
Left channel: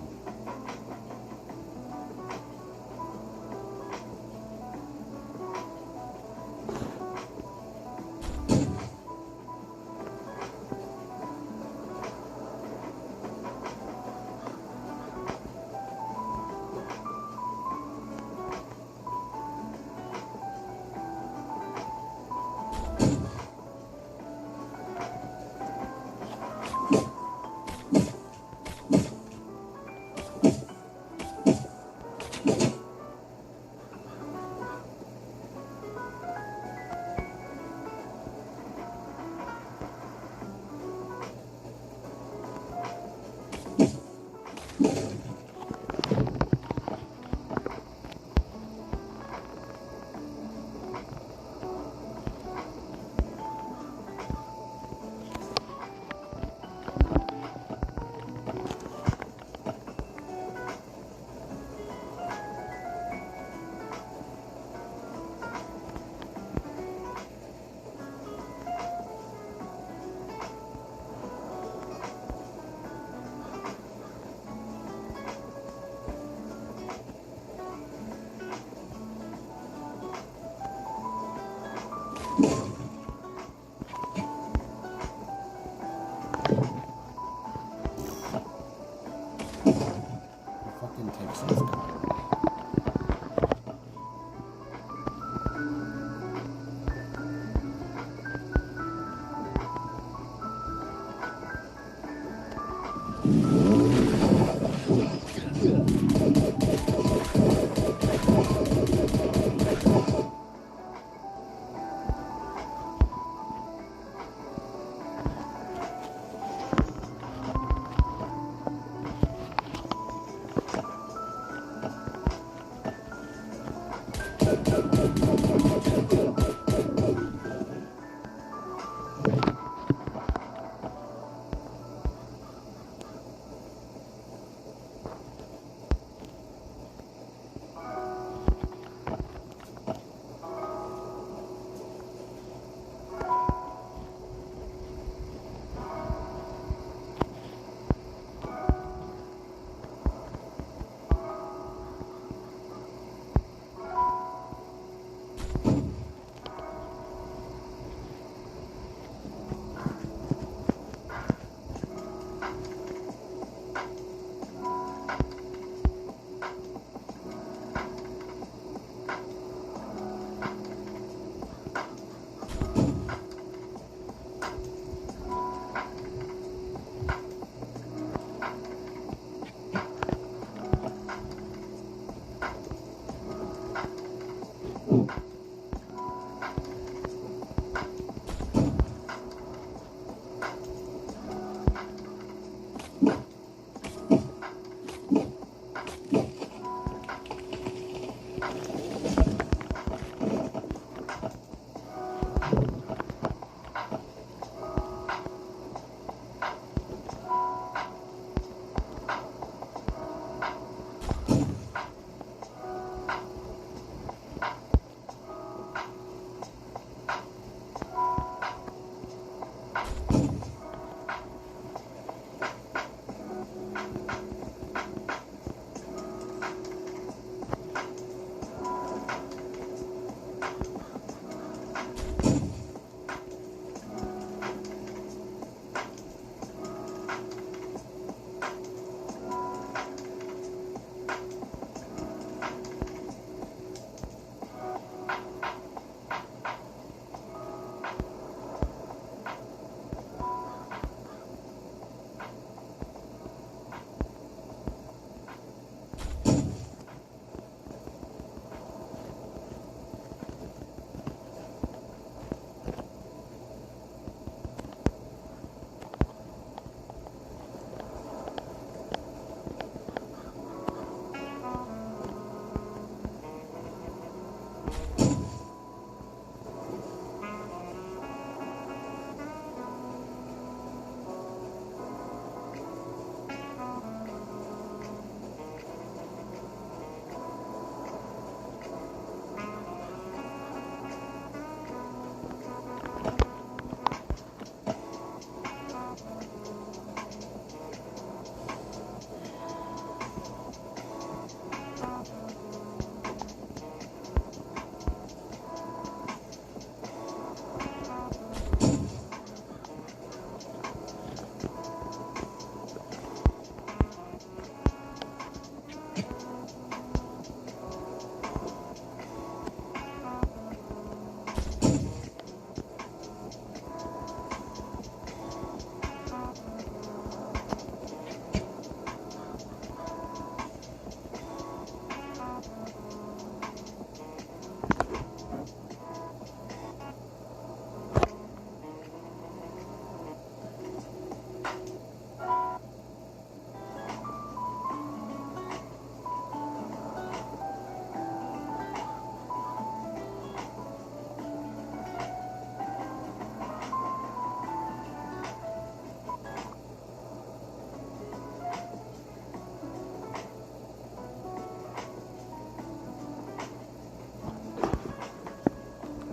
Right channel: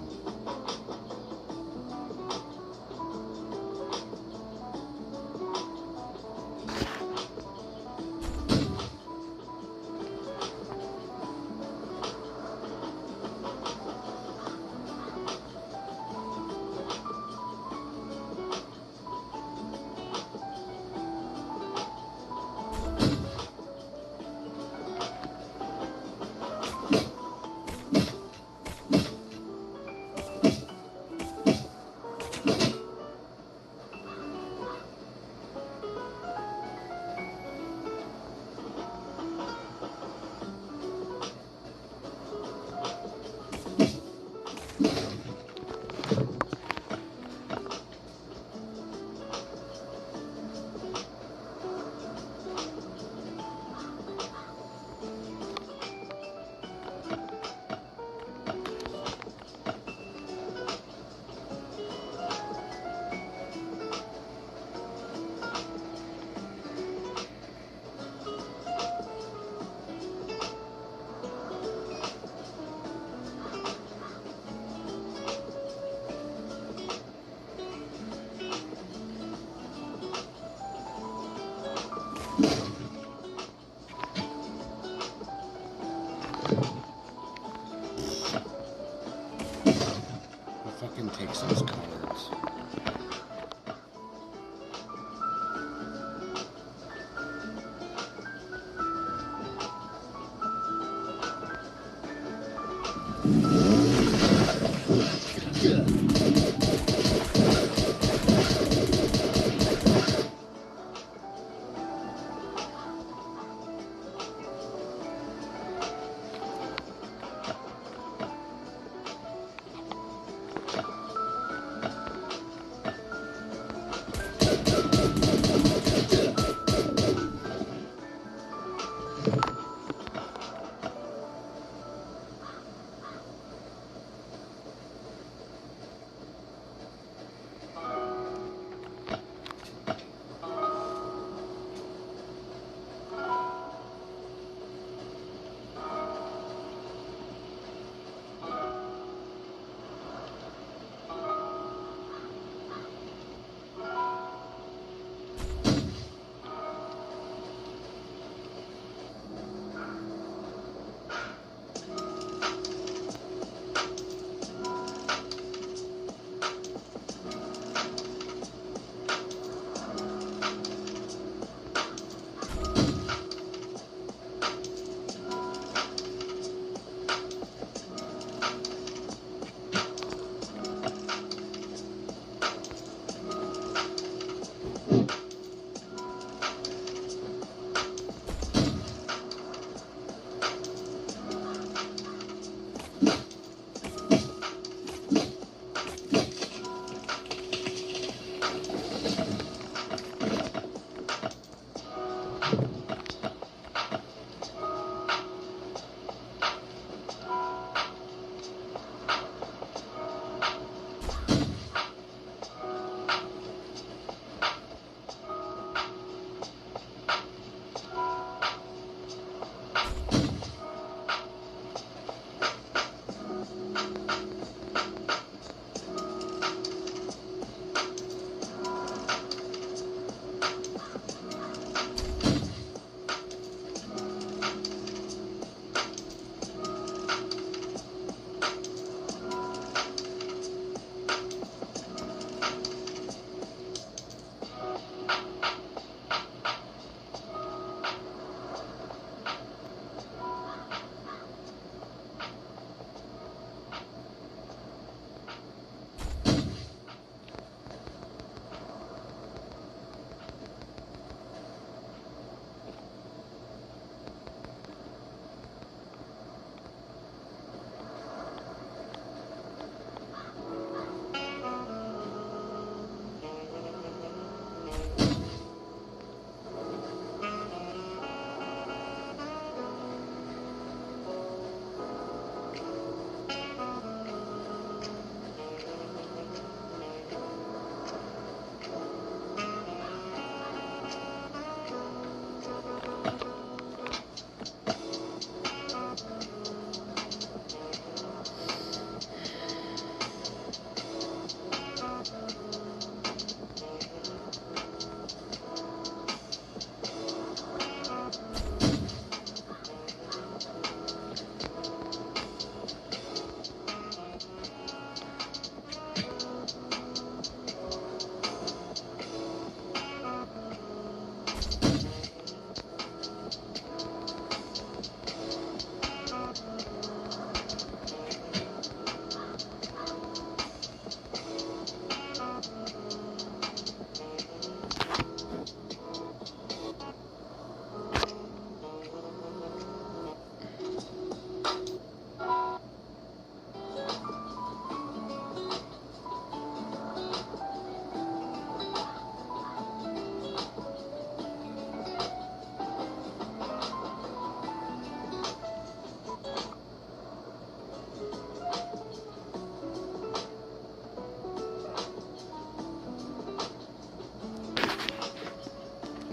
Fucking takes those cards.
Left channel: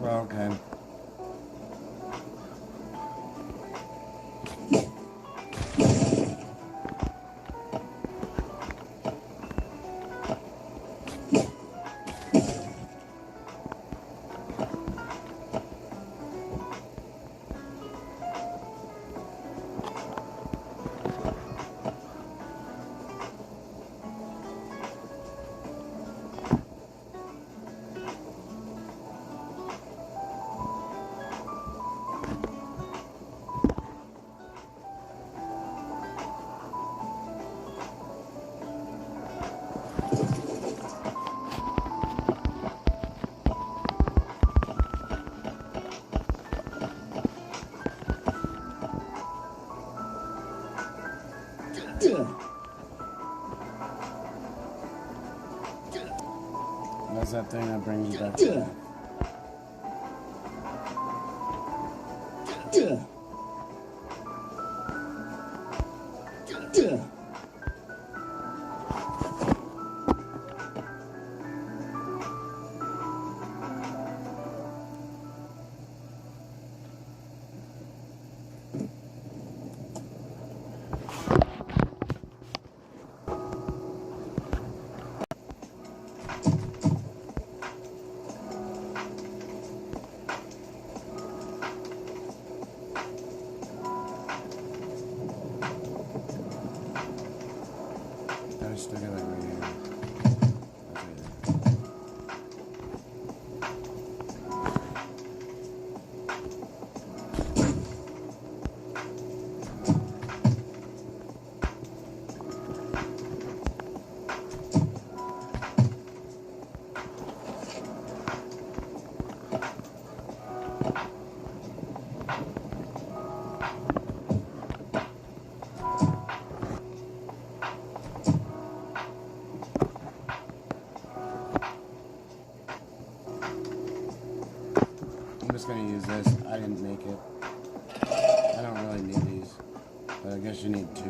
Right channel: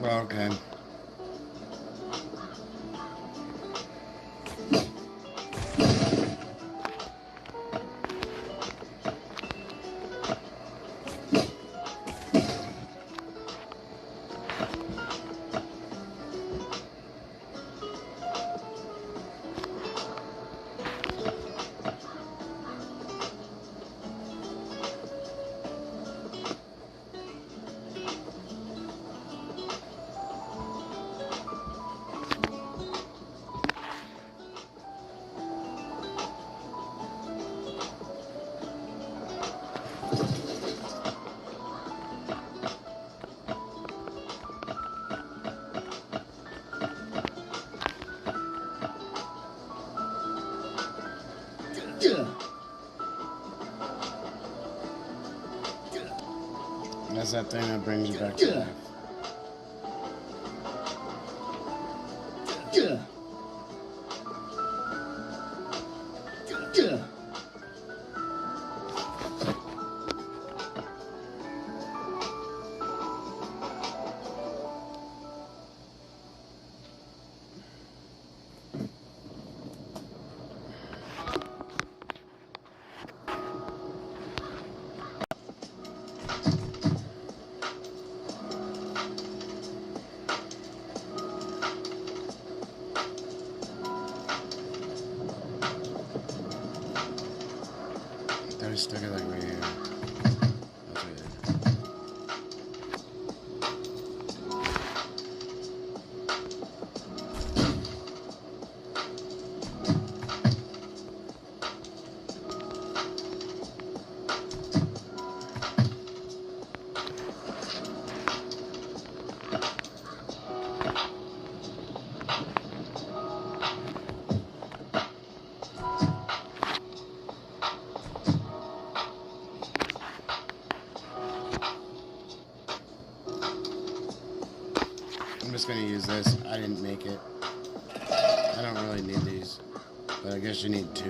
Okay. That's that thing that brings you back to life. I stuck it like right here. That's right there. gonna use this. I didn't make it. I don't really need these, but I guess you need 2.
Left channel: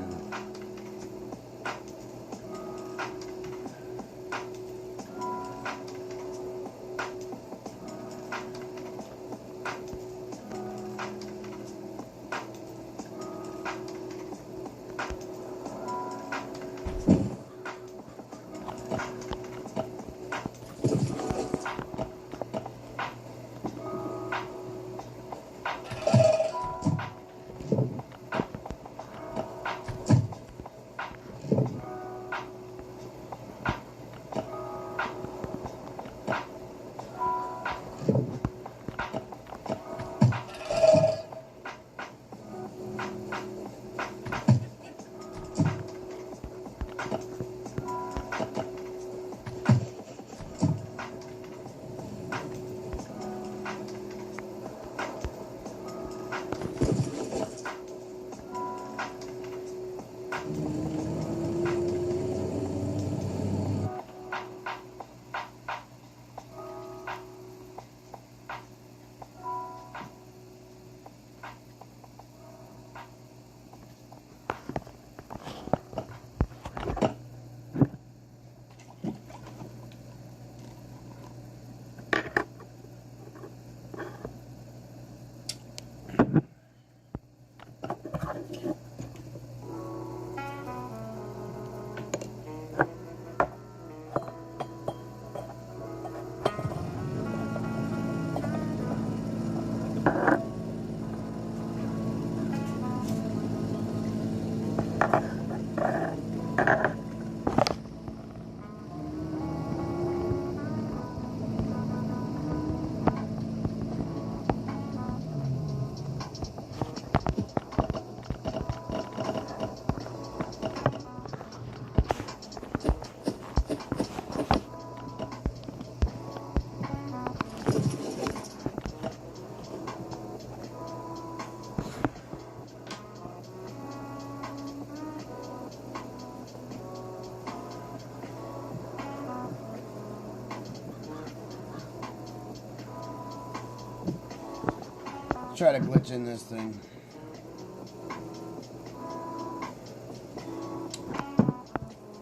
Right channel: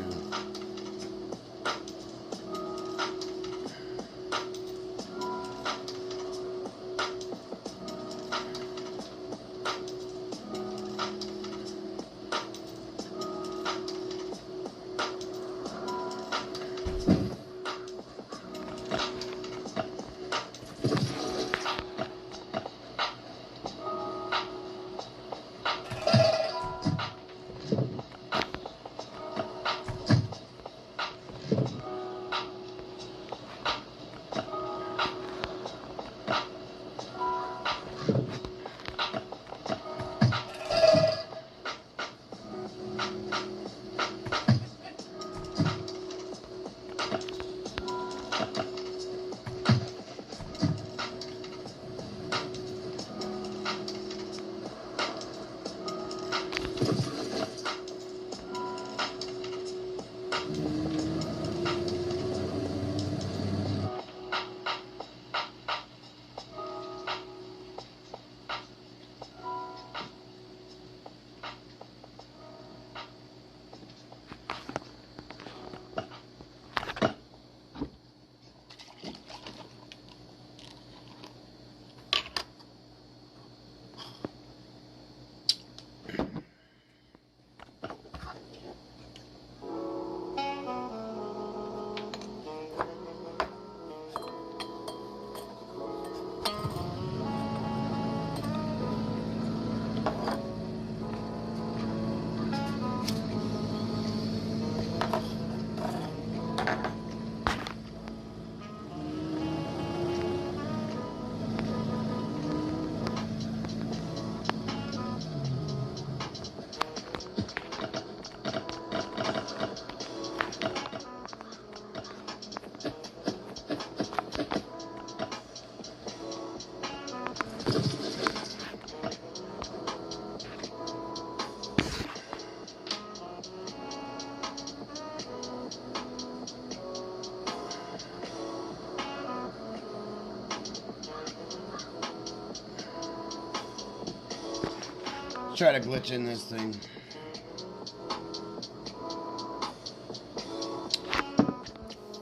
Try to glitch in this thing.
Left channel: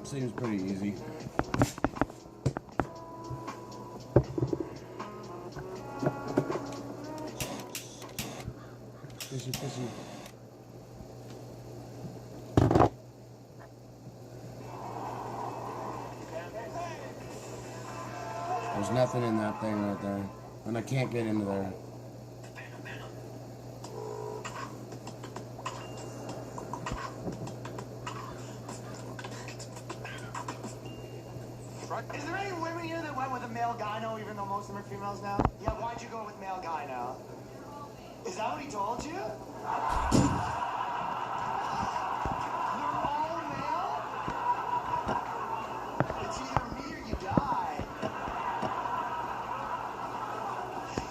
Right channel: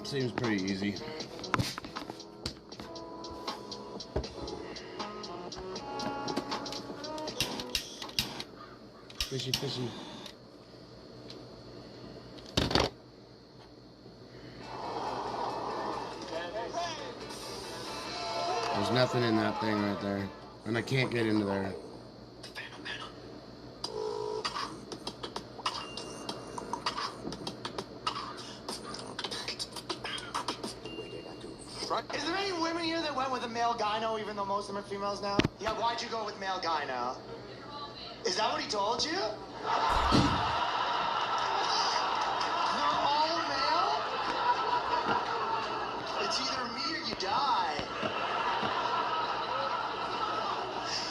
Seems pretty easy. Fishy, fishy. There's nothing in that thing right there. And I can't get into there. Is there any women here that went with a male gyno even though most of them are females now? Yeah, why'd you go with male gyno? Is that what he told you? You're all male? It's either me or you die.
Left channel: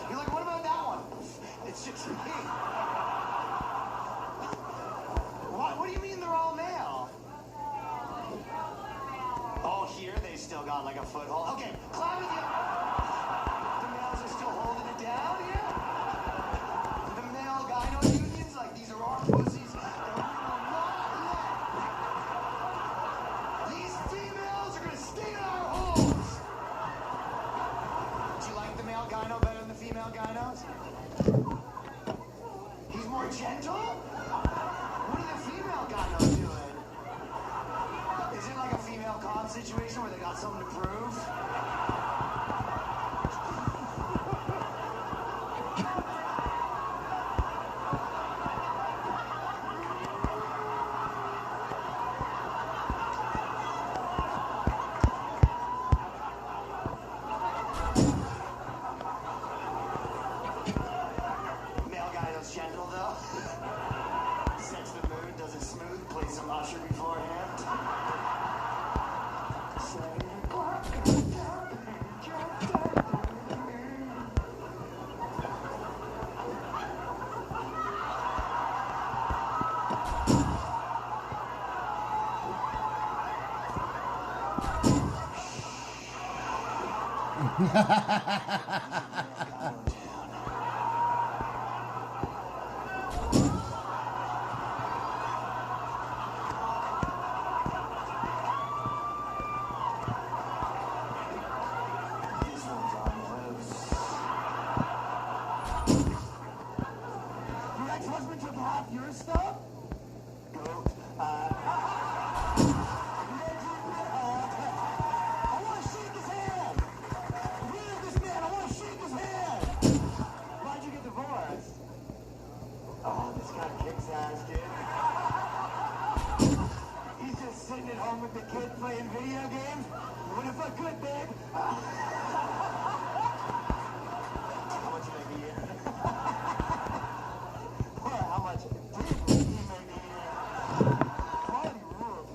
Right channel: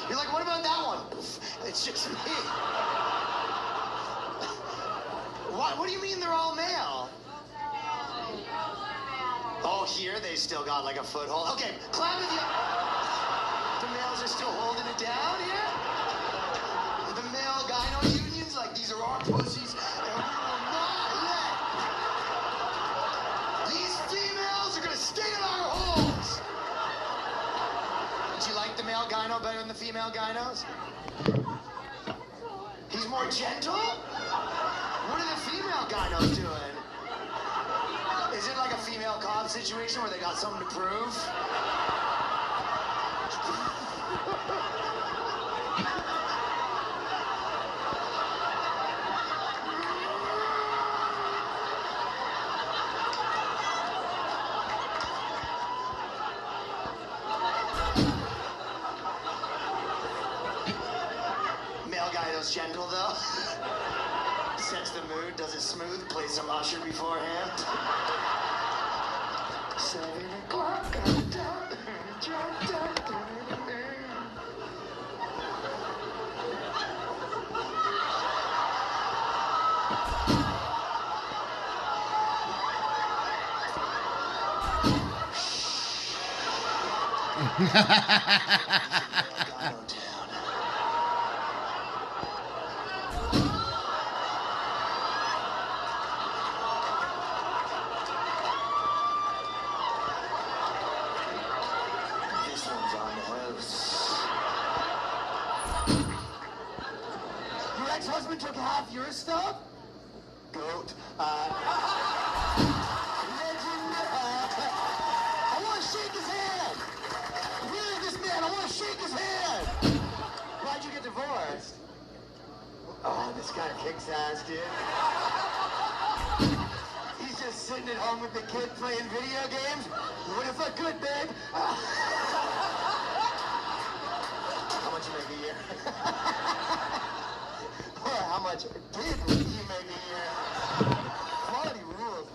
You're like, what about that one? It's just me. What do you mean they're all male? Oh, here they still got like a foothold. Okay, clap with you. The males are still holding it down here. The male gyno unions, like these are our pussies, and we will not let these females are gonna stay in our homes. Do you like the male gyno better than the female gynos? He's more gentle? What are the female gynos doing? Is it like a female cop situation where they got something to prove? Male gyno's gentle though. Sets the mood, does it smooth, plays some Usher beforehand. 7 o'clock, husband took half your stuff? Goat. I want to shake his hand. Really, this man, I want to shake his hand. Why'd you get divorced? Oh, this guy kicks ass, dude. He's just sitting at home with the kid playing video games. What if I could, babe? How much you make a year? How much did you make a year? Quality rules.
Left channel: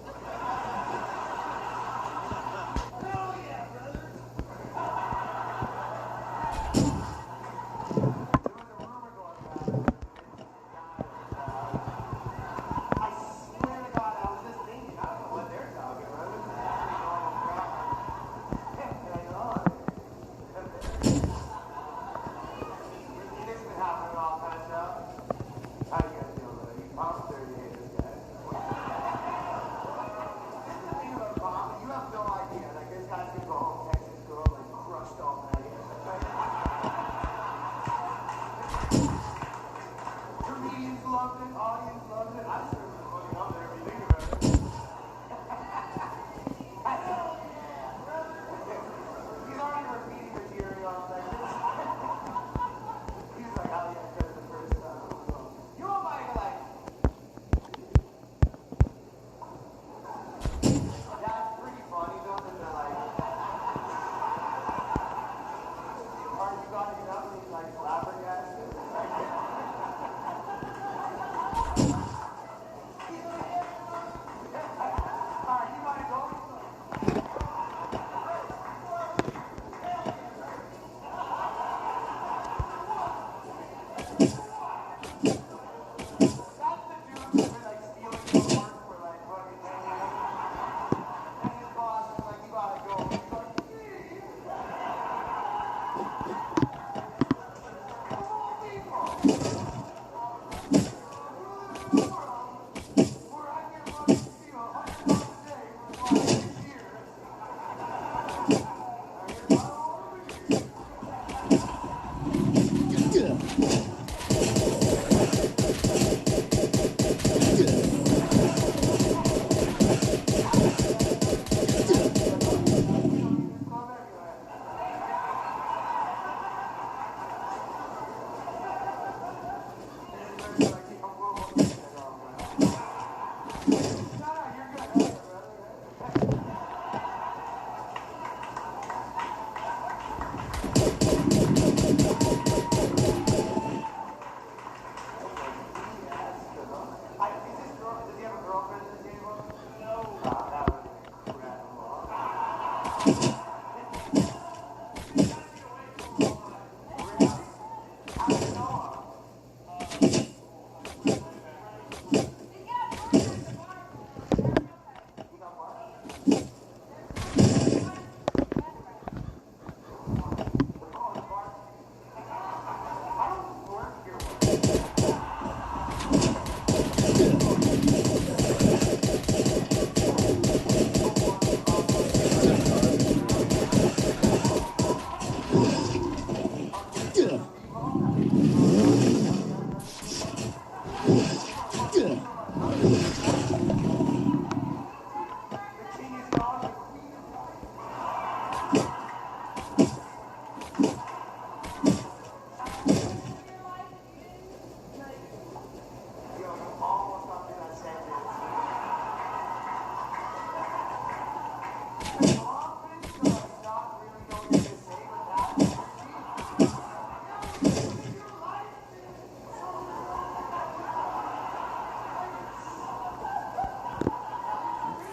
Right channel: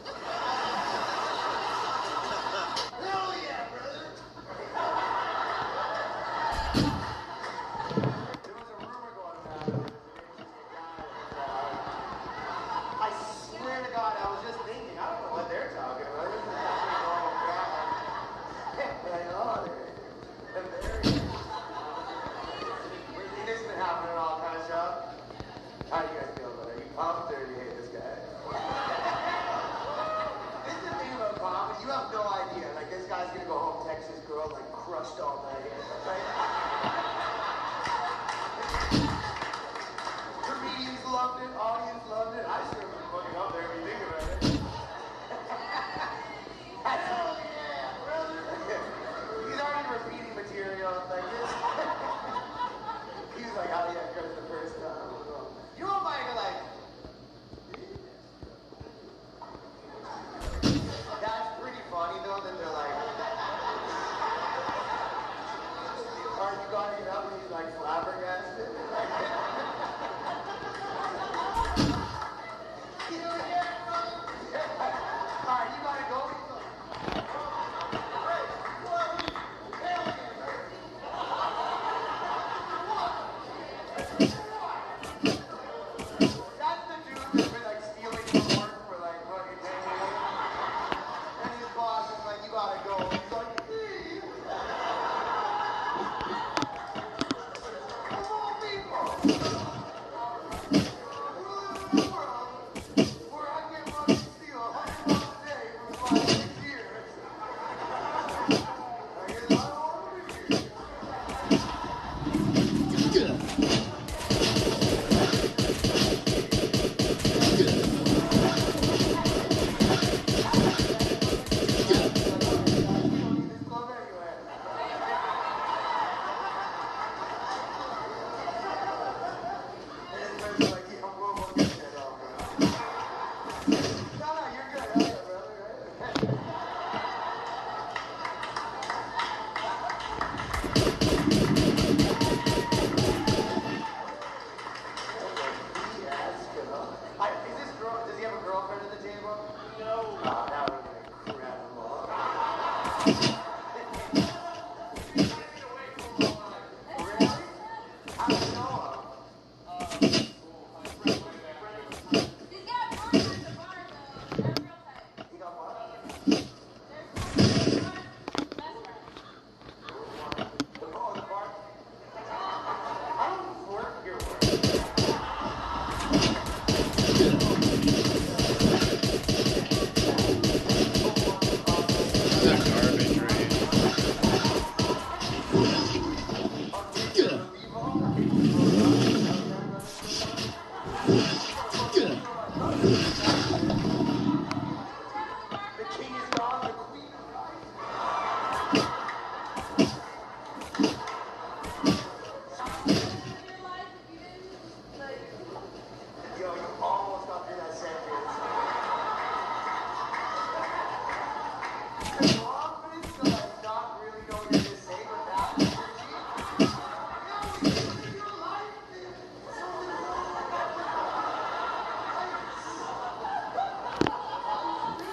Hell yeah, brother. I swear to God, I was just thinking, I don't know what they're talking about. This has been happening all kinds of stuff. How do you guys feel about it? Are you pumped or do you hate this guy? This is the thing about comedy, you have no idea. Like, this guy's gonna go home, text his girl, like, crushed all night. Right? Comedians loved it, audience loved it. I just remember fucking up there when you think about it. Hell yeah, brother. He's already repeating material like this. He's like, how do you have the first time? You know what, you're like, that's pretty funny though that they're like, are you got it up and he's like flabbergasted? Alright, you gotta go. That's the dude who's been like stealing his work for like fucking 10 years. And his boss is like, you gotta go. He's like, please. Come on, people. We live in a world where I can fucking steal $100 a day for 5 6 years. Does he have a girlfriend at the table? No. That would be incredible.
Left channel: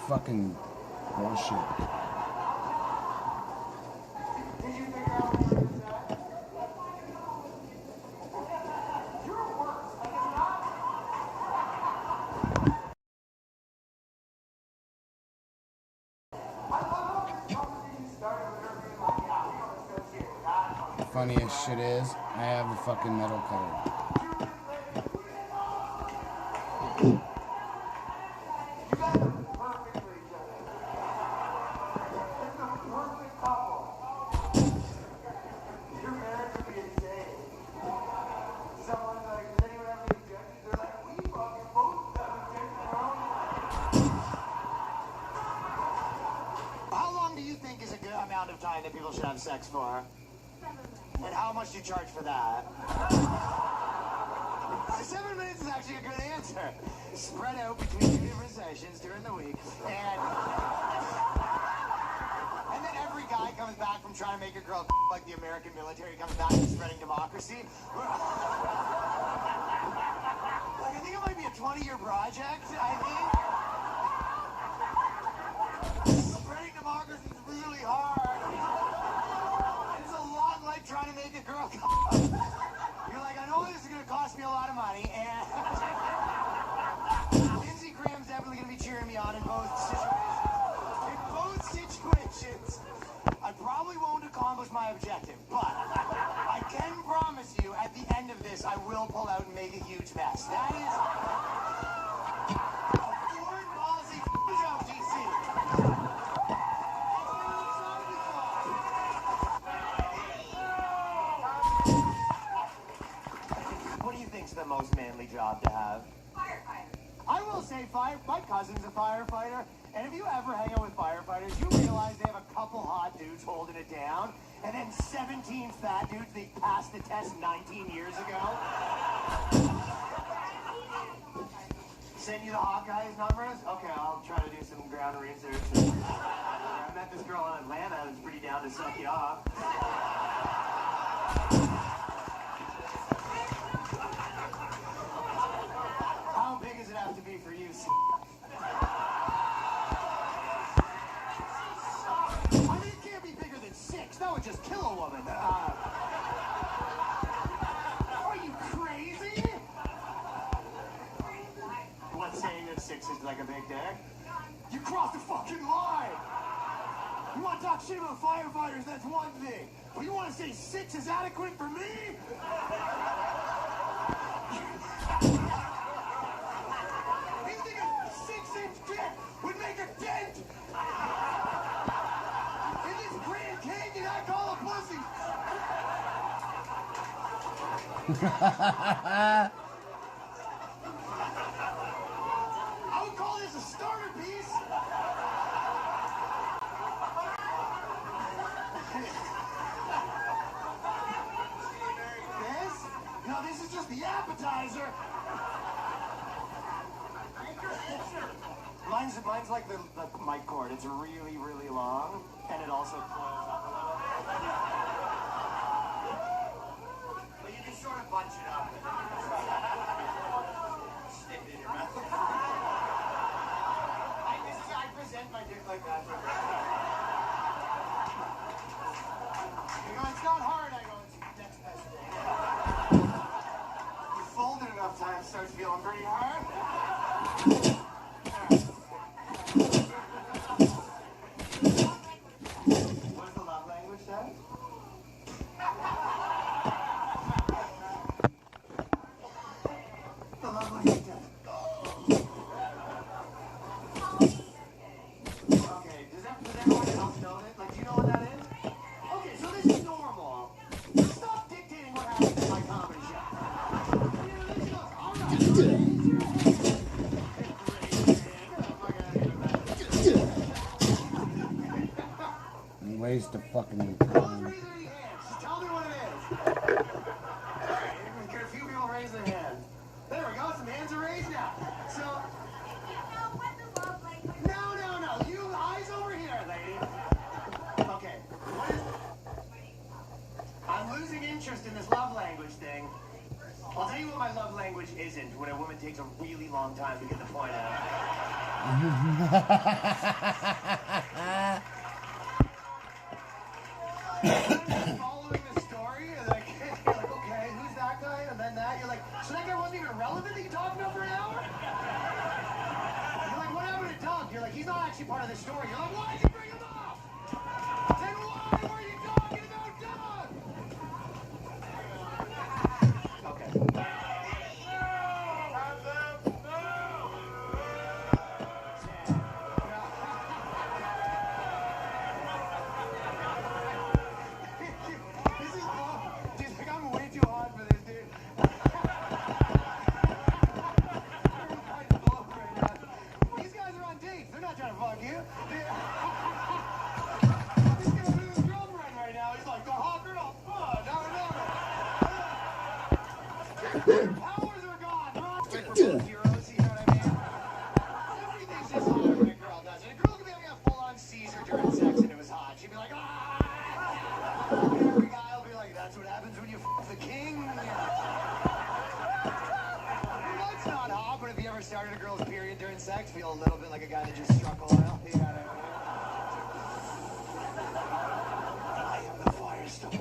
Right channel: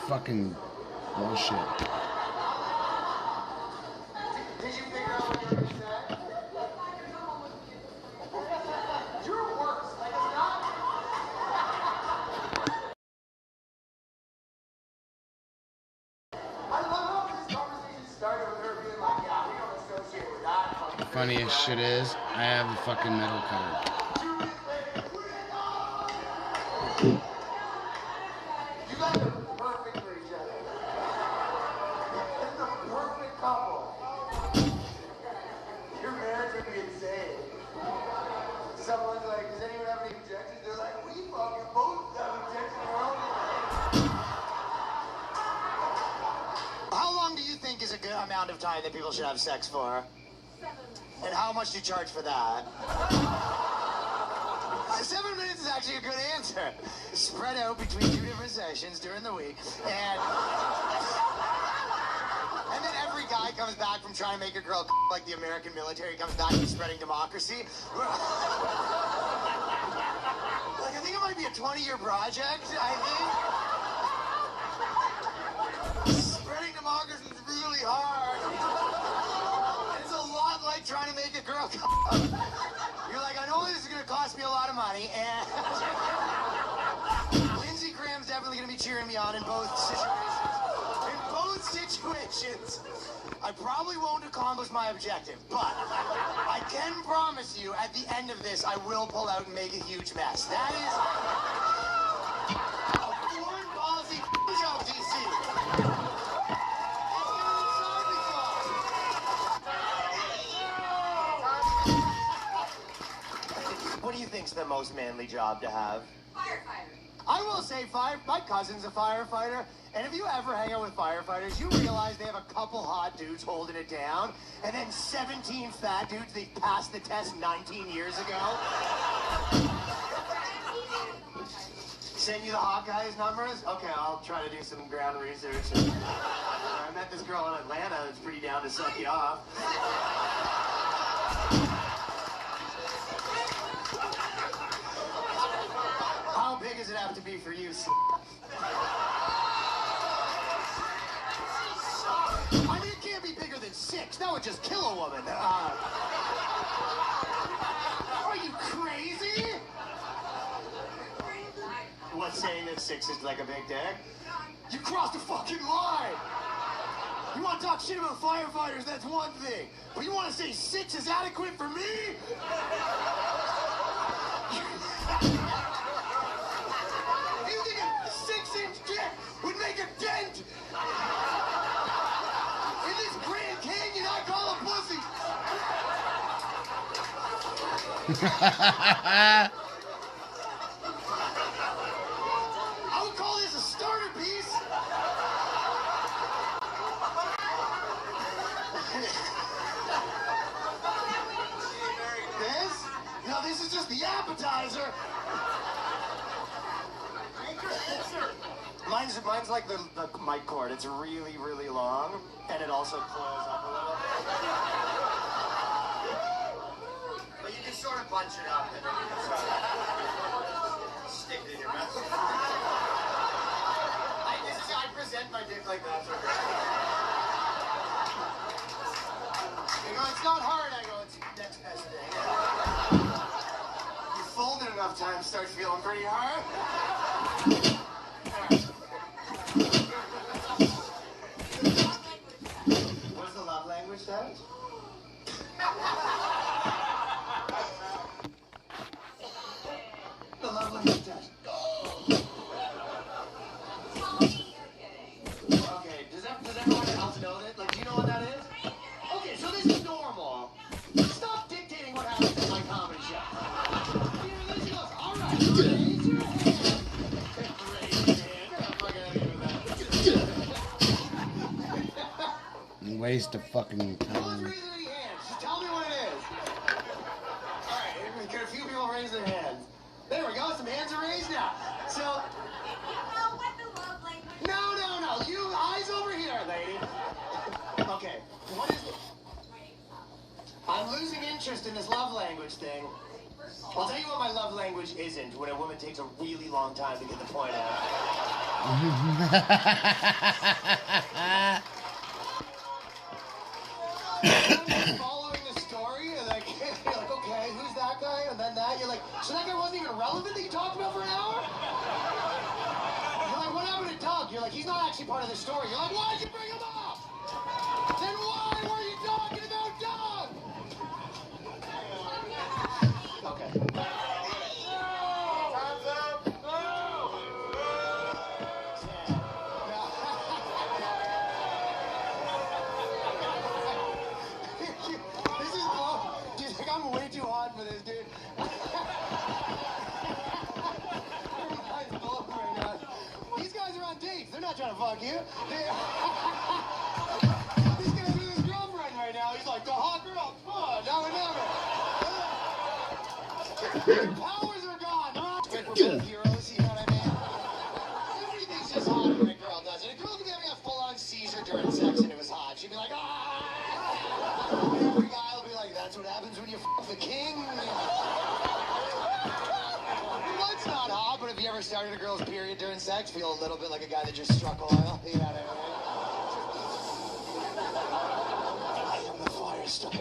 Fucking bullshit. Did you figure out what you were going to say? You're worse. Like, it's not. I love how this conversation started with her being like, yeah, we don't associate with that. Funniest shit is, I have the fucking metal cutter. You guys are perfect for each other. It's the perfect couple. Your parents would be insane. Someone's like, does anyone have any objections to find that people should have sex for? And how much do you charge for that? 7 minutes is actually a good answer. Spread out between 2 different sessions during the week, and then every guy comes back from trying to make a girl like the American military comes back from spreading democracy. Like, I think it might be a 20-year project, I think. Spreading democracy is really hard. It's a lot like trying to make a girl come. You're like, I know this is going to cost me a lot of money, and Lindsey Graham's definitely going to be cheering me on in both situations. In both situations, I probably won't accomplish my objective, but I can promise you at the end of this, I will pull out and make a huge mess. That is a foreign policy job, DC. What do you think's the most manly job to have? Firefighter. I will say my cousin's a firefighter, and if you ever hang out with firefighters, you realize they have a couple hot dudes holding it down, and then 17 fat dudes they passed the test 19 years ago. Send you the hot guys numbers? Okay, I'll try to do some ground research. I met this girl in Atlanta that's pretty down to suck you off. How big does it have to be for you? I mean, it can't be bigger than 6. That would just kill a woman. Are you crazy? What's saying that 6 is like a big dick? You crossed a fucking line! You want to talk shit about firefighters, that's one thing. But you want to say 6 is adequate for me? You think a 6-inch dick would make a dent in this Grand Canyon I call a pussy? I would call this a starter piece. This? No, this is just the appetizer. Mine's like the mic cord. It's really, really long, and it also coils up a little. But you can sort of bunch it up and you can sort of stick it in your mouth. I present my dick like that. You go, it's not hard. I go, it's the next best thing. You fold it enough times, start feeling pretty hard. What's the love language test? The love language test. Okay, does everyone else know that? Like, do you know what that is? Okay, so this is normal. Stop dictating what happens in my comedy show. All right. Waste of fucking time. Tell me what it is. Alright, get a few people raise their hands. There we go, some hands are raised now. So, no, you eyes over here, lady. Okay, what is it? I'm losing interest in this love language thing. I'll tell you what my love language isn't, when a woman takes a really long time to get the point out. Following the story, and like, you're like, okay, who's that guy? And then that, you're like, so that guy wasn't even relevant that you talked about for an hour? You're like, what happened to Doug? You're like, he's not actually part of the story. You're like, why'd you bring him up? Then why were you talking about Doug? Okay. This is cool. Dude, like, I'm way too hot for this, dude. These guys are on dates. They're not trying to fuck you. These guys are his girlfriend. powers are gone. I'm not heroes, you know what I mean? Everything's just hot when a girl does it. A girl could be having a full-on seizure during sex and it was hot. She'd be like, ah! Every guy will be like, that's what happens when you f the king. That's not hot, but if you ever started a girl's period during sex, feel a little bit like a guy that just struck oil. You know what I mean? I am the fire starter.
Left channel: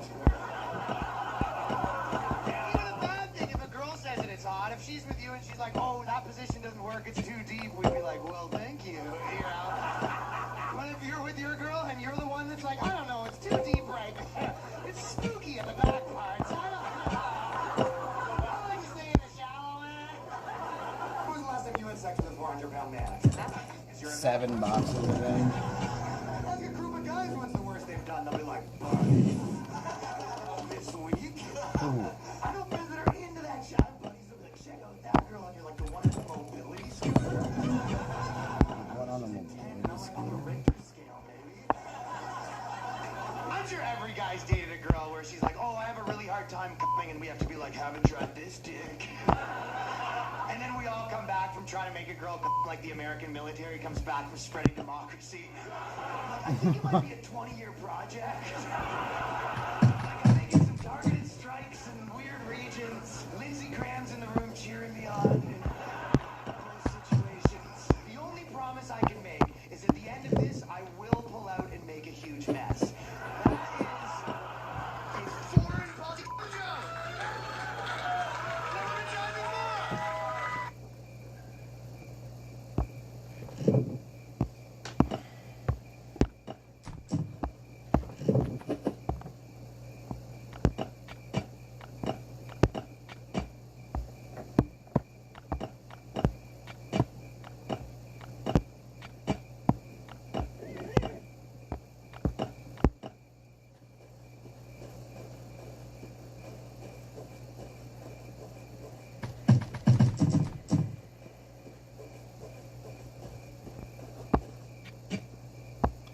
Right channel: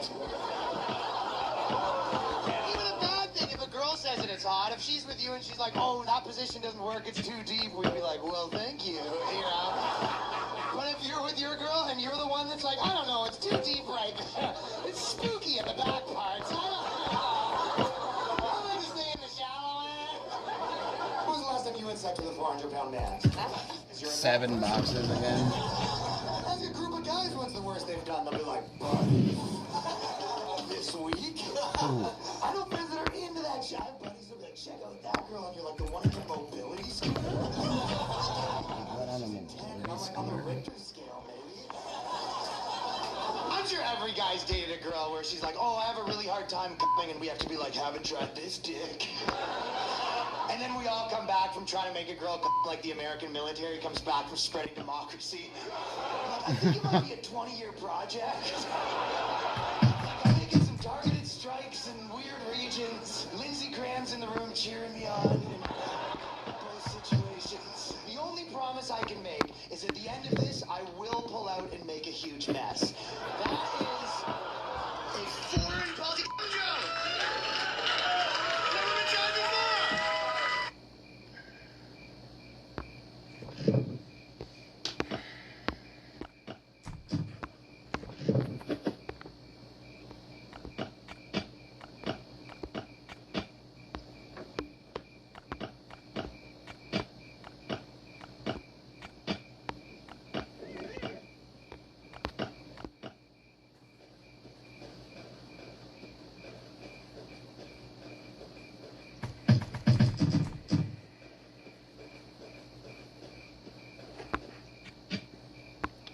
Even a bad thing, if a girl says that it's hot, if she's with you and she's like, oh, that position doesn't work, it's too deep, we'd be like, well, thank you, you know? But if you're with your girl and you're the one that's like, I don't know, it's too deep right there. It's spooky at the back parts. I like to stay in the shallow end. When was the last time you had sex with a 400-pound man? 7 boxes again. Ask a group of guys what's the worst they've done. They'll be like, buddy, this week, I don't visit her into that shot. Buddies will be like, check out that girl, and you're like, the one on the mobility scooter. What on the mobility scooter? I'm sure every guy's dated a girl where she's like, oh, I have a really hard time coming, and we have to be like, haven't tried this dick. And then we all come back from trying to make a girl like the American military comes back from spreading democracy. I think it might be a 20-year project. Making some targeted strikes in weird regions. Lindsey Graham's in the room cheering me on. Those situations. The only promise I can make is at the end of this, I will pull out and make a huge mess. That is a foreign policy.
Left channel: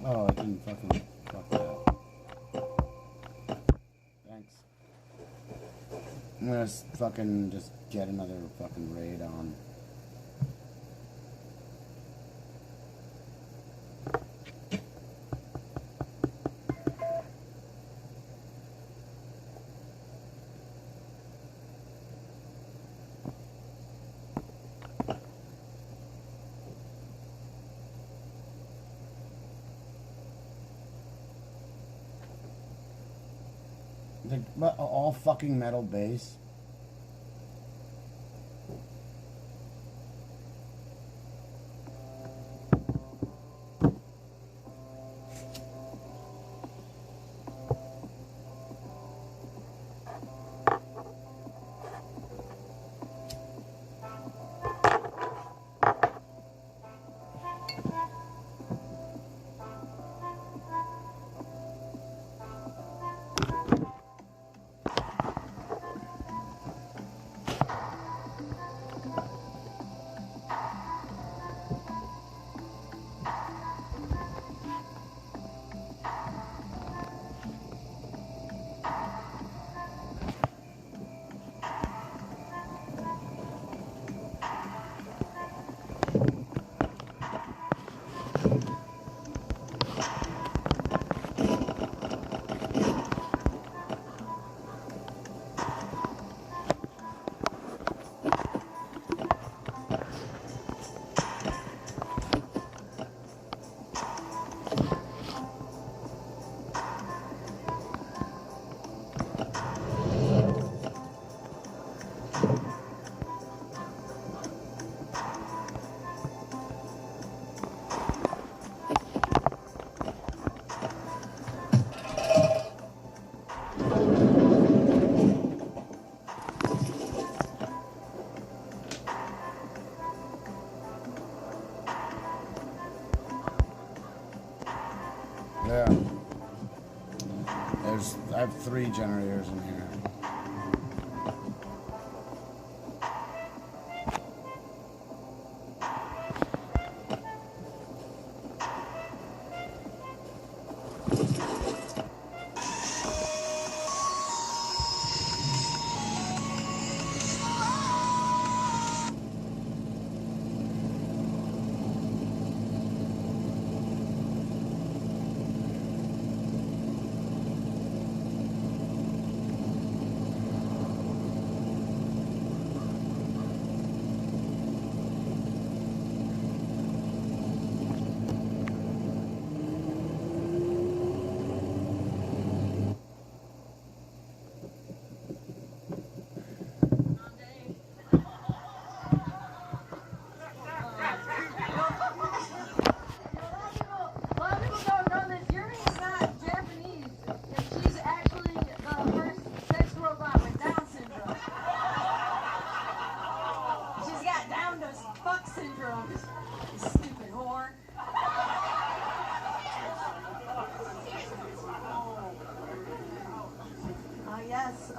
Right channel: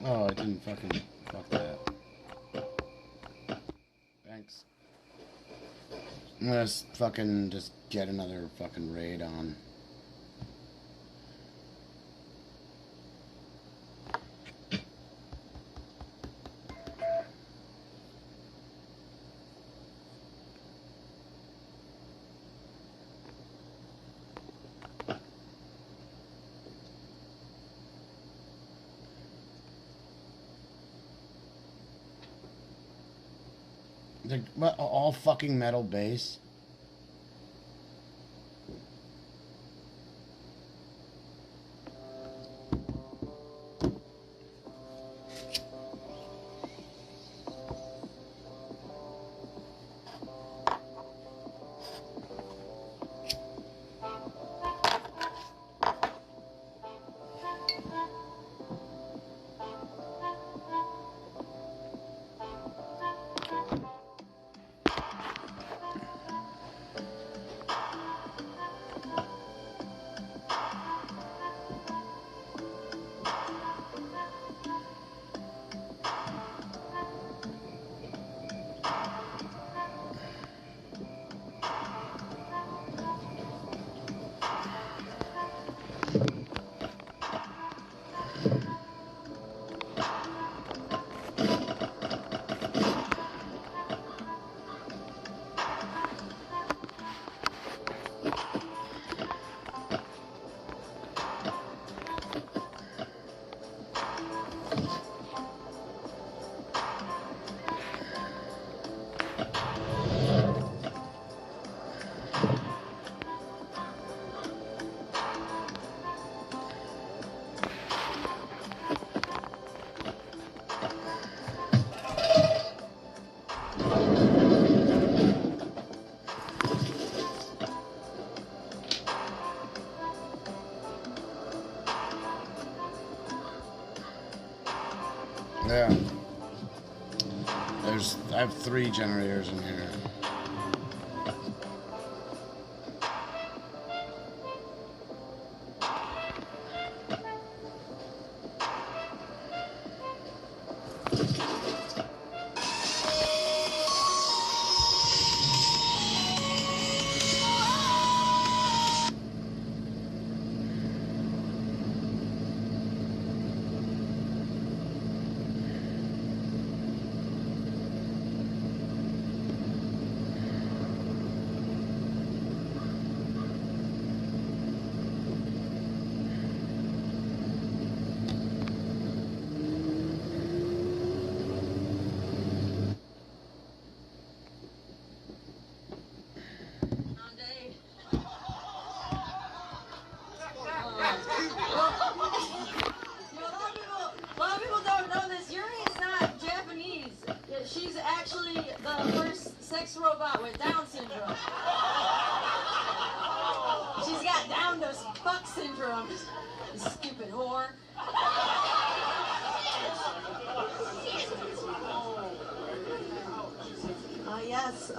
Oh, I didn't fucking fuck that. Thanks. I'm gonna fucking just get another fucking raid on. What, all fucking metal bass? Yeah. I have 3 generators in here. Chris fuck syndrome. You stupid whore. Yes.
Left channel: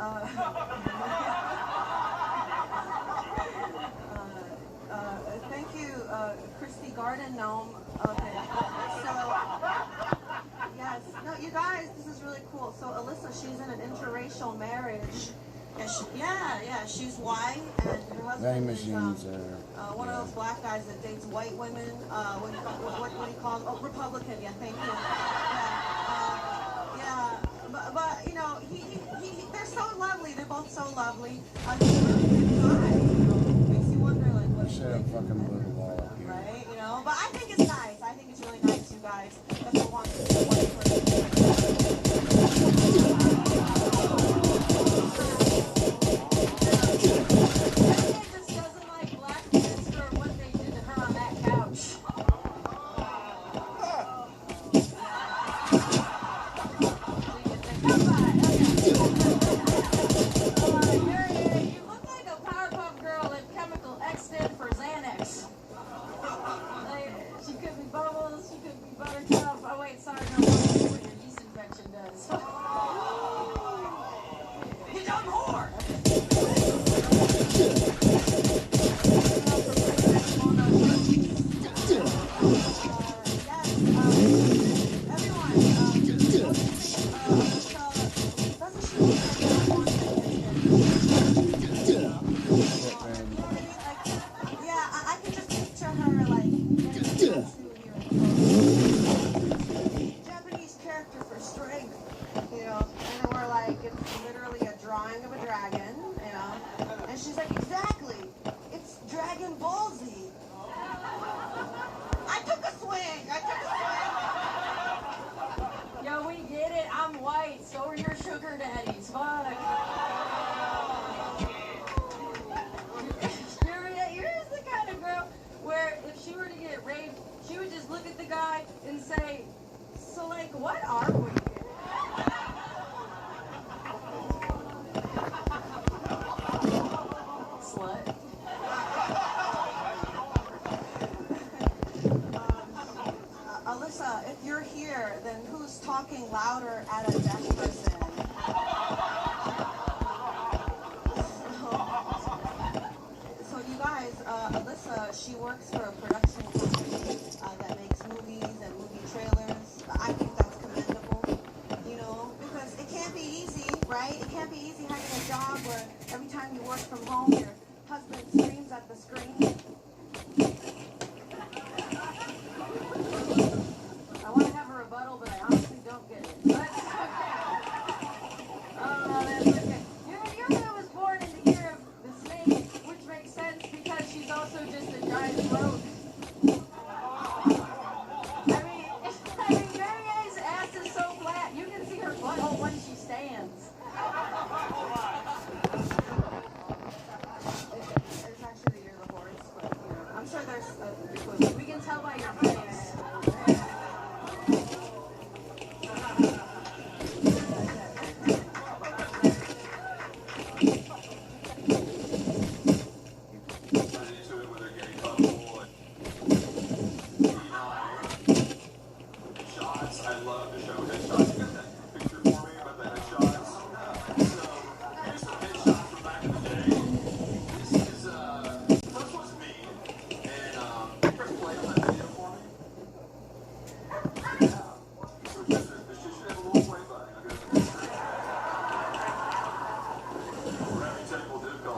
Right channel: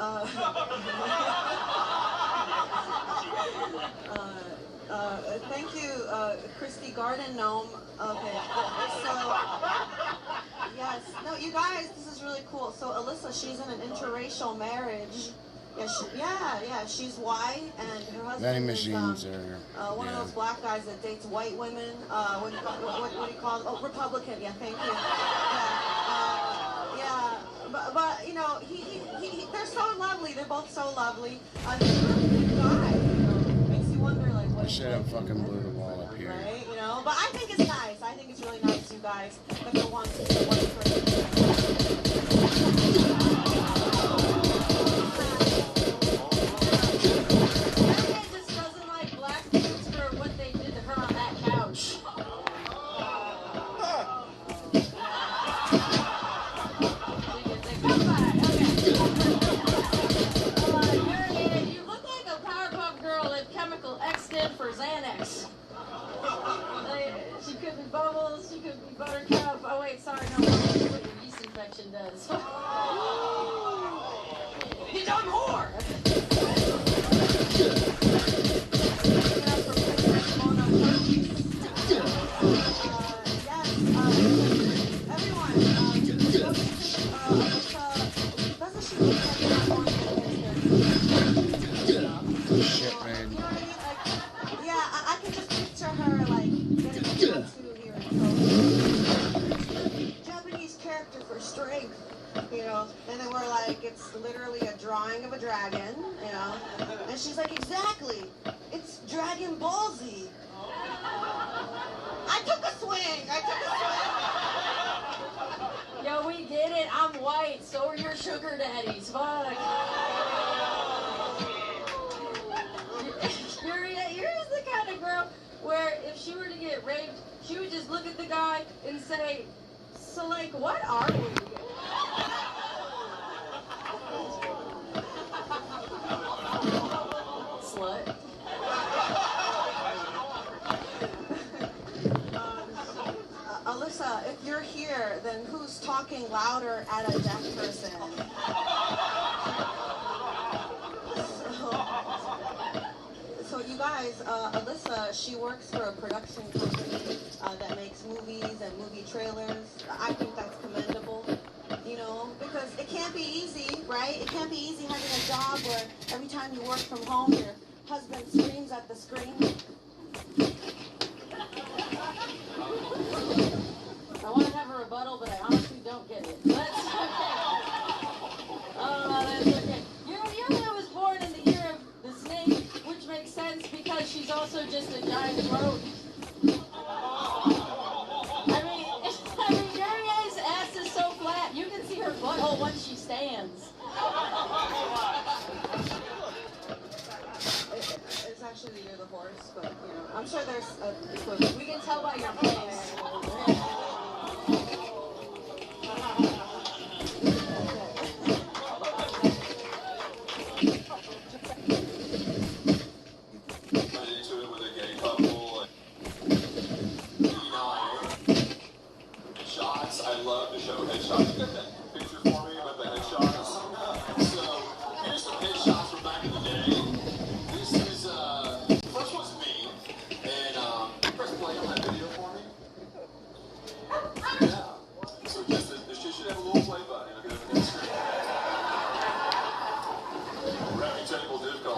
Thank you, Christy Garden Gnome. Okay. So, yes. No, you guys, this is really cool. So, Alyssa, she's in an interracial marriage. Yeah, she's white, and her husband Vending is, machines are. one of those black guys that dates white women. What do you call it? Oh, Republican. Yeah, thank you. Yeah, but you know, they're so lovely. They're both so lovely. Makes you wonder, like, what. I should have fucking blew the wall up here. Right, you know. But I think it's nice. I think it's really nice, you guys. Everyone wants to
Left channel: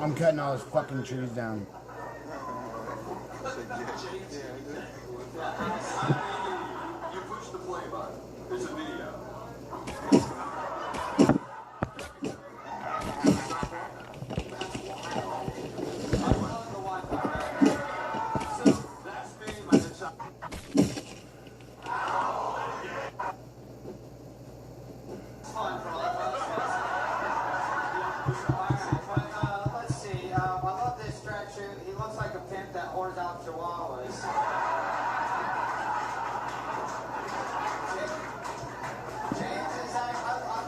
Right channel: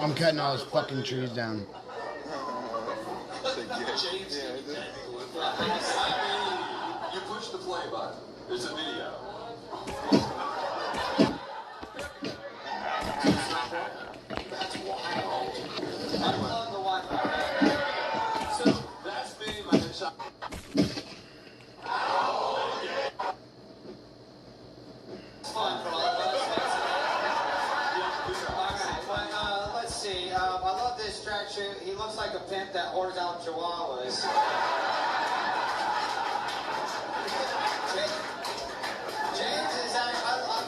I'm cutting all those fucking trees down. You push the play button. There's a video. He looks like a pimp that whores out chihuahuas. James is I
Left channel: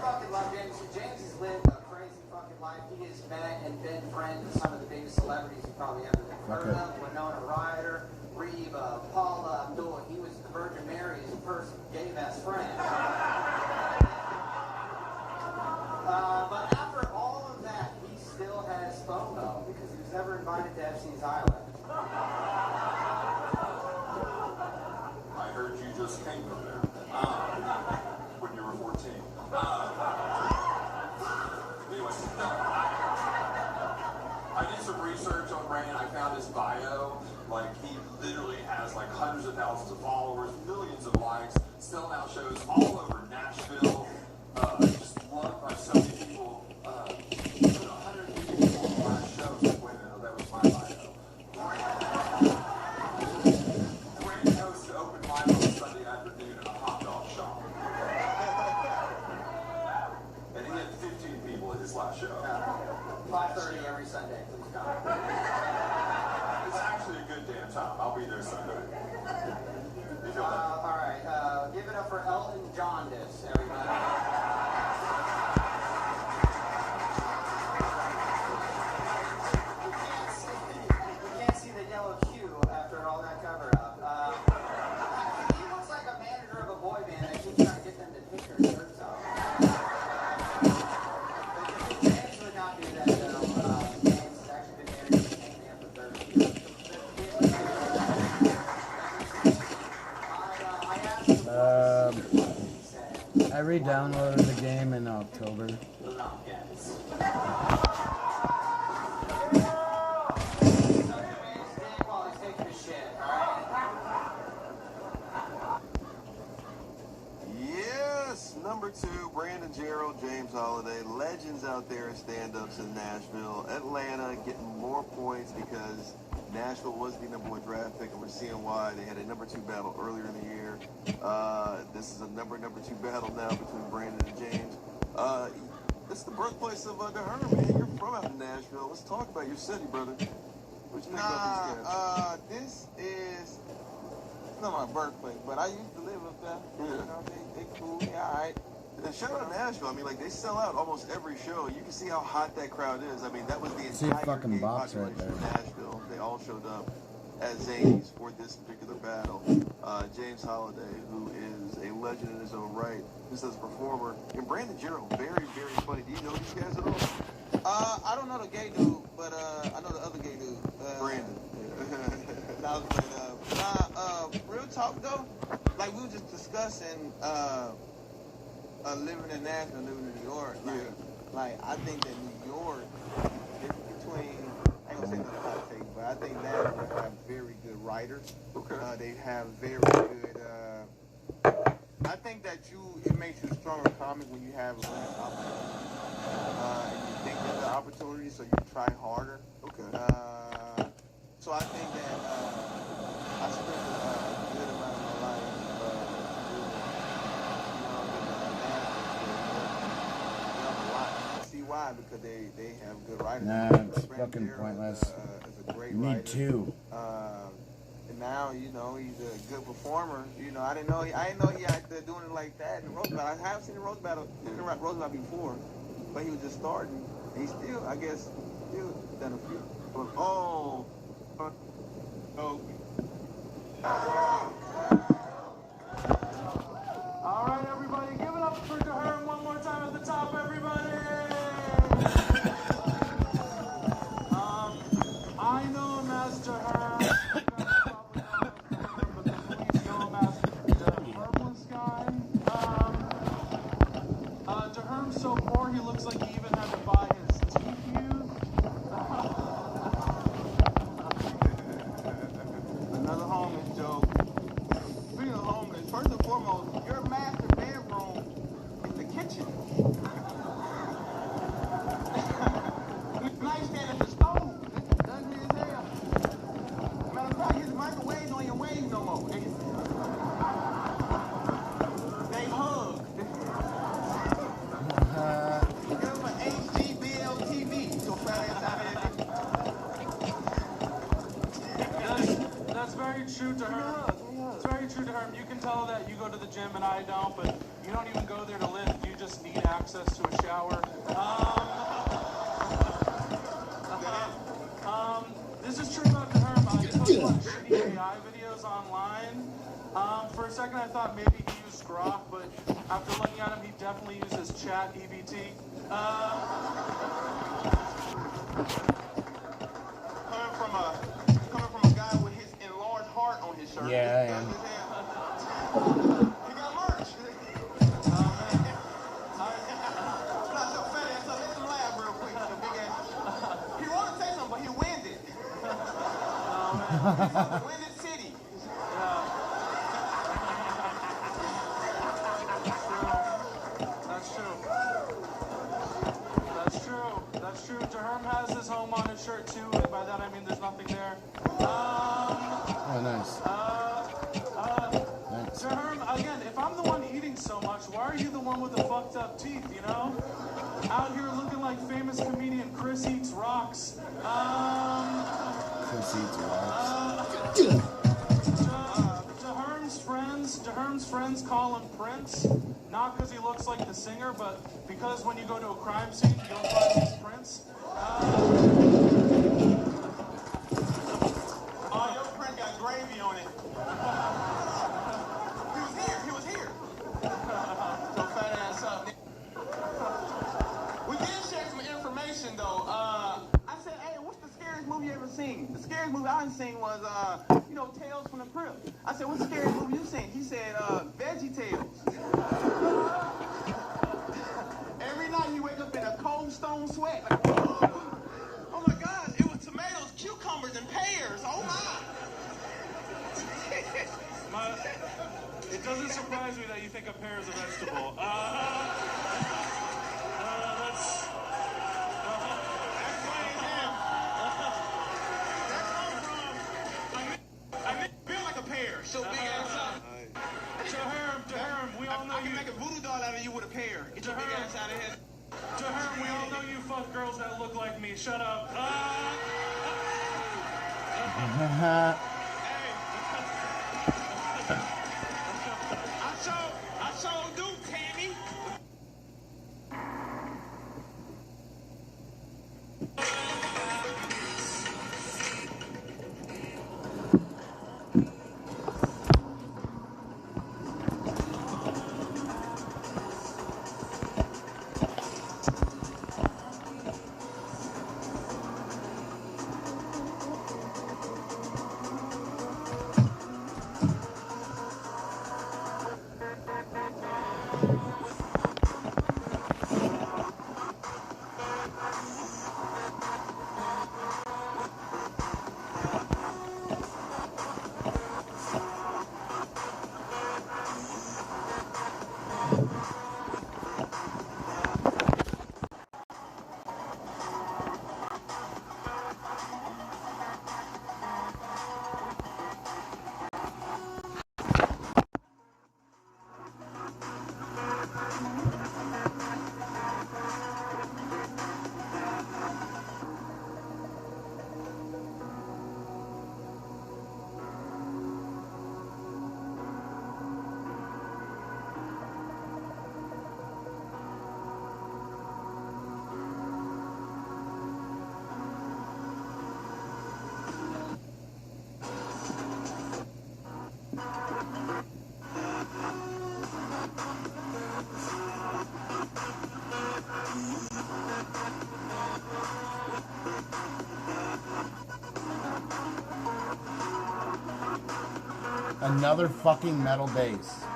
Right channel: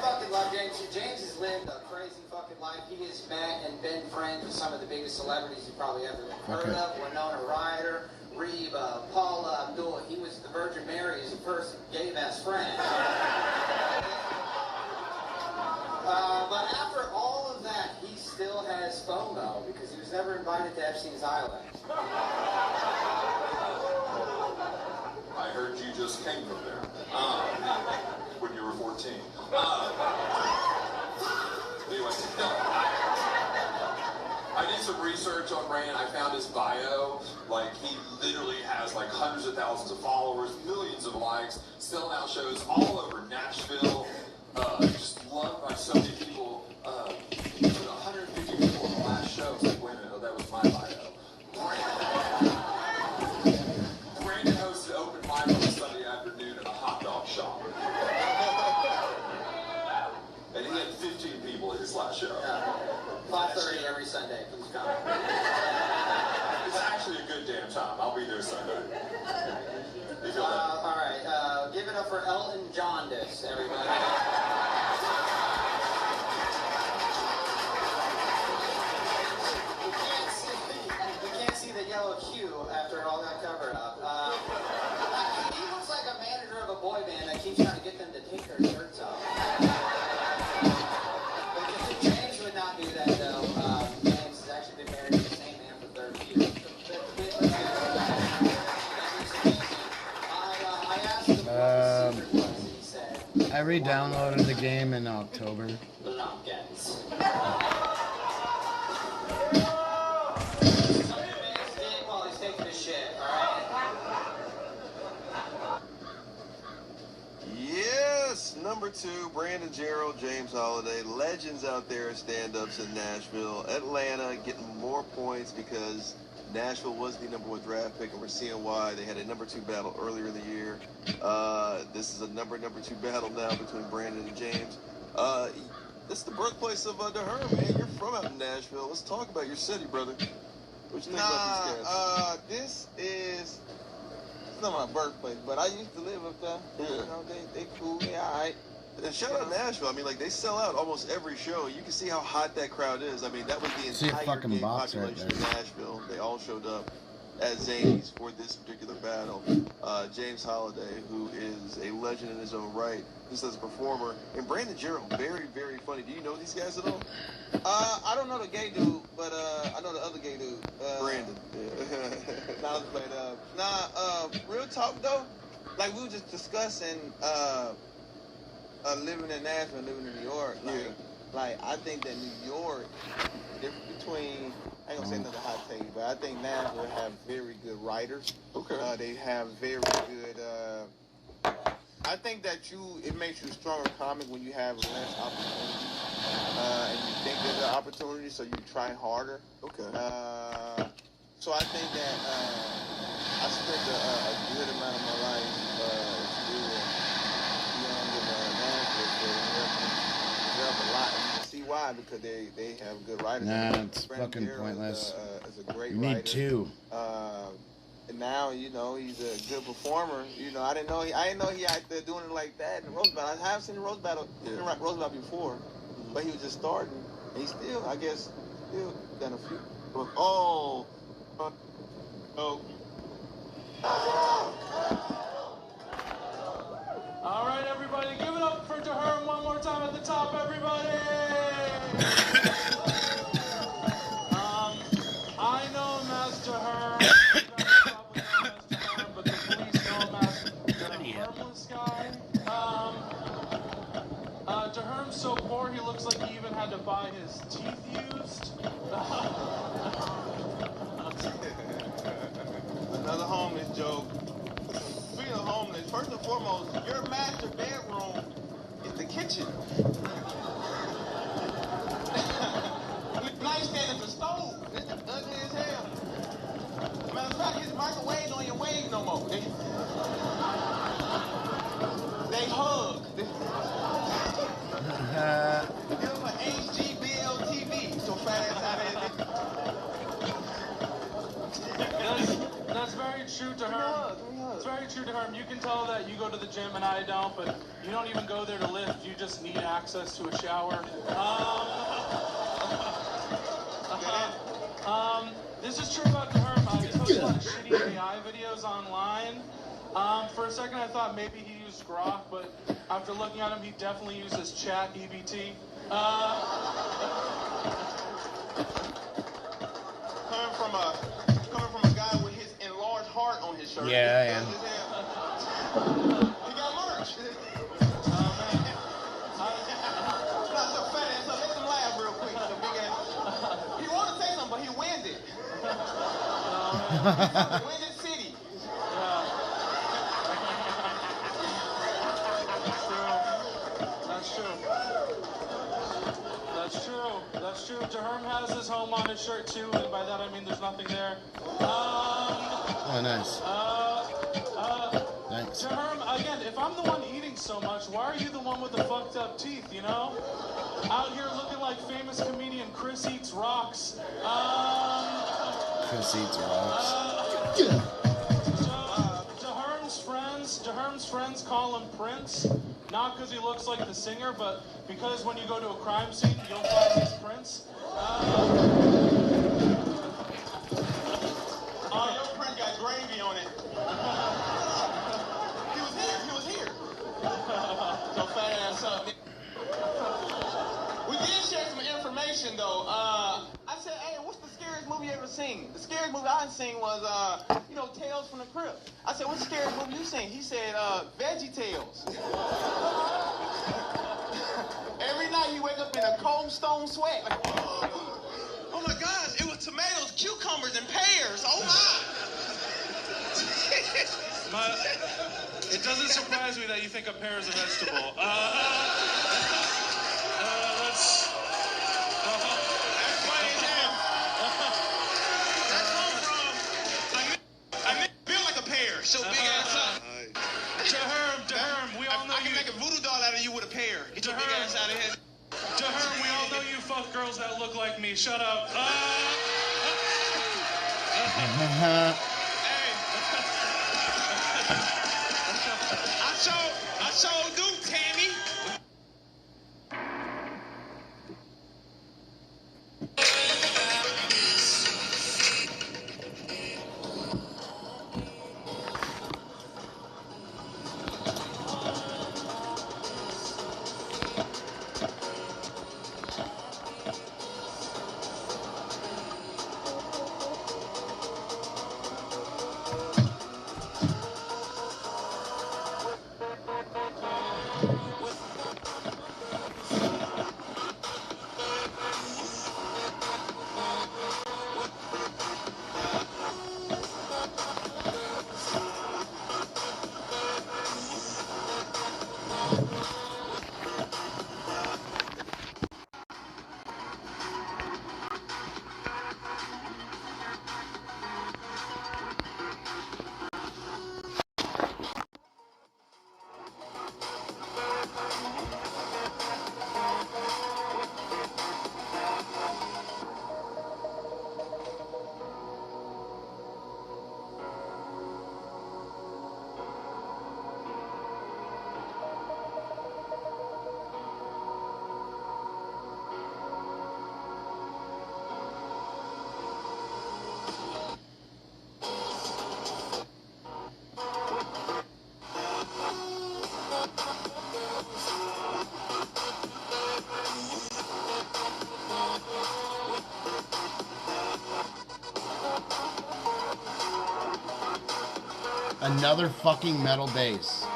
fucking love James. James has lived a crazy fucking life. He is back and been friends with some of the biggest celebrities you probably ever heard of. Winona Ryder, Reba, Paula Abdul. He was the Virgin Mary's first gay best friend. But after all of that, he still has FOMO because he was never invited to Epstein's Island. I heard you just came from there. When you were 14. Anyway, I did some research on Ray and I found his bio. Like, he literally has like hundreds of thousands of followers, millions of likes, selling out shows all over Nashville. Just loved by so many people. 150 people on the last show. It's like, wait a minute, that was my bio. Brandon hosted open mic on Sunday afternoon at a hot dog shop. And he had 15 people at his last show. 5:30 every Sunday, please come. It's actually a good damn time. I'll be there Sunday. You feel that? All right, give it up for Elton Jaundice, everybody. You can't see the yellow Q after all that covered up. He looks like a manager of a boy band that keeps trying to get them to take their shirts off. James would not do that, though. James has actually been managing the same band for 30 years. I re-downloaded the game in October. Yes, number 2, Brandon Gerald, James Holiday, legends out there in stand-ups in Nashville. Atlanta getting more points because Nashville was the #1 draft pick, and we're seeing why. They had a number 2 battle earlier in the year. This is a number 2 battle now between Brandon and James. This is the birthplace of DeHerm, man. You're from out in Nashville. Let's talk about your city, brother. What you think about these guys? This is... It's not my birthplace, but I used to live up there. Yeah. You know, they cool, they alright. And shout out Nashville. I mean, like, they sell out almost every show. You can see how hot that crowd is. I mean, that was the See a entire fucking gay box right population there. of Nashville. They all showed up at Zanies for this particular battle. James Holiday, who is a legend in his own right, just as a performer, and Brandon Gerald, very, very funny. Do you know these guys at all? I don't know the gay dude, but I know the other gay dude. Brandon. Real talk though, like we were just discussing living in Nashville and living in New York. Like I think that New York, different between, I ain't gonna say another hot take, but I think Nashville have very good writers. Okay. They have very good. I think that it makes you a stronger comic when you have less opportunity. And you think there's an opportunity, so you try harder. Okay. So I think that I spent a good amount of my life see why? Because they have good writers. Nah, it's fucking pointless. Is a great You need writer. 2. And now, you know, he's a good performer. You know, I didn't know he out there doing it like that in the Rose Battle. I have seen the Rose Battle, Rose Battle before, but he was just starting. And he still, I guess, done a few. Oh. All right, everybody, give it up for DeHerm one more time at the top, everybody. I know him as DeHerm. But please know him as the Purpose guy. DeHerm's so poor he looks like he even had to buy his teeth used. Another homeless joke. Speaking of homeless, first and foremost, your master bedroom is the kitchen. Nightstand is the stove. It's ugly as hell. Matter of fact, his microwave on your wave no more. They hug. Give him an HGBL TV. So fat ass out of That's very true to her. It's very true to her. You can tell that you go to the gym and I don't, but you don't even go there to lift. You just need access to a shower. this is true about Herm. He puts a lot of shitty AI videos online. For a second, I thought maybe he used Grok, but after looking at him, he definitely uses Chat EBT. Coming from a guy with his enlarged heart on his shirt. Yeah, I am. He got merch. Not so fat ass, so make him laugh real quick. So big ass. He want to say something, but he wins it. Win it city. That's true. Herm has his home on his shirt too, and by that I mean there's nothing there. Oh, nice. Thanks. Herm, again, if I'm the one eating so much, why are you the one with the fucked up teeth, you know? Out here looking like famous comedian Chris Eats Rocks. Chris Eats Rocks. Herm's friends call him Prince, not because he looks like the singer, but because when you go to a crime scene, you don't find his Prince. Your print got gravy on it. He was here. So fat ass up. We did share some information though. I said, hey, what's the scariest movie you ever seen? The scariest movie I seen was, Tales from the Crypt. I said, what's the scariest movie you seen? He said, Veggie Tales. Every night he wake up in a cold stone sweat. Like, oh my gosh, it was tomatoes, cucumbers, and pears. Oh my. But it doesn't surprise me that you think a pear is a vegetable. So big ass up. Herm, we all know I can make a voodoo doll out of you with a pear. Get your big ass out of here. Herm, we all know you fuck girls that look like me. Shut up. I so do, Tammy. Another fucking metal bass.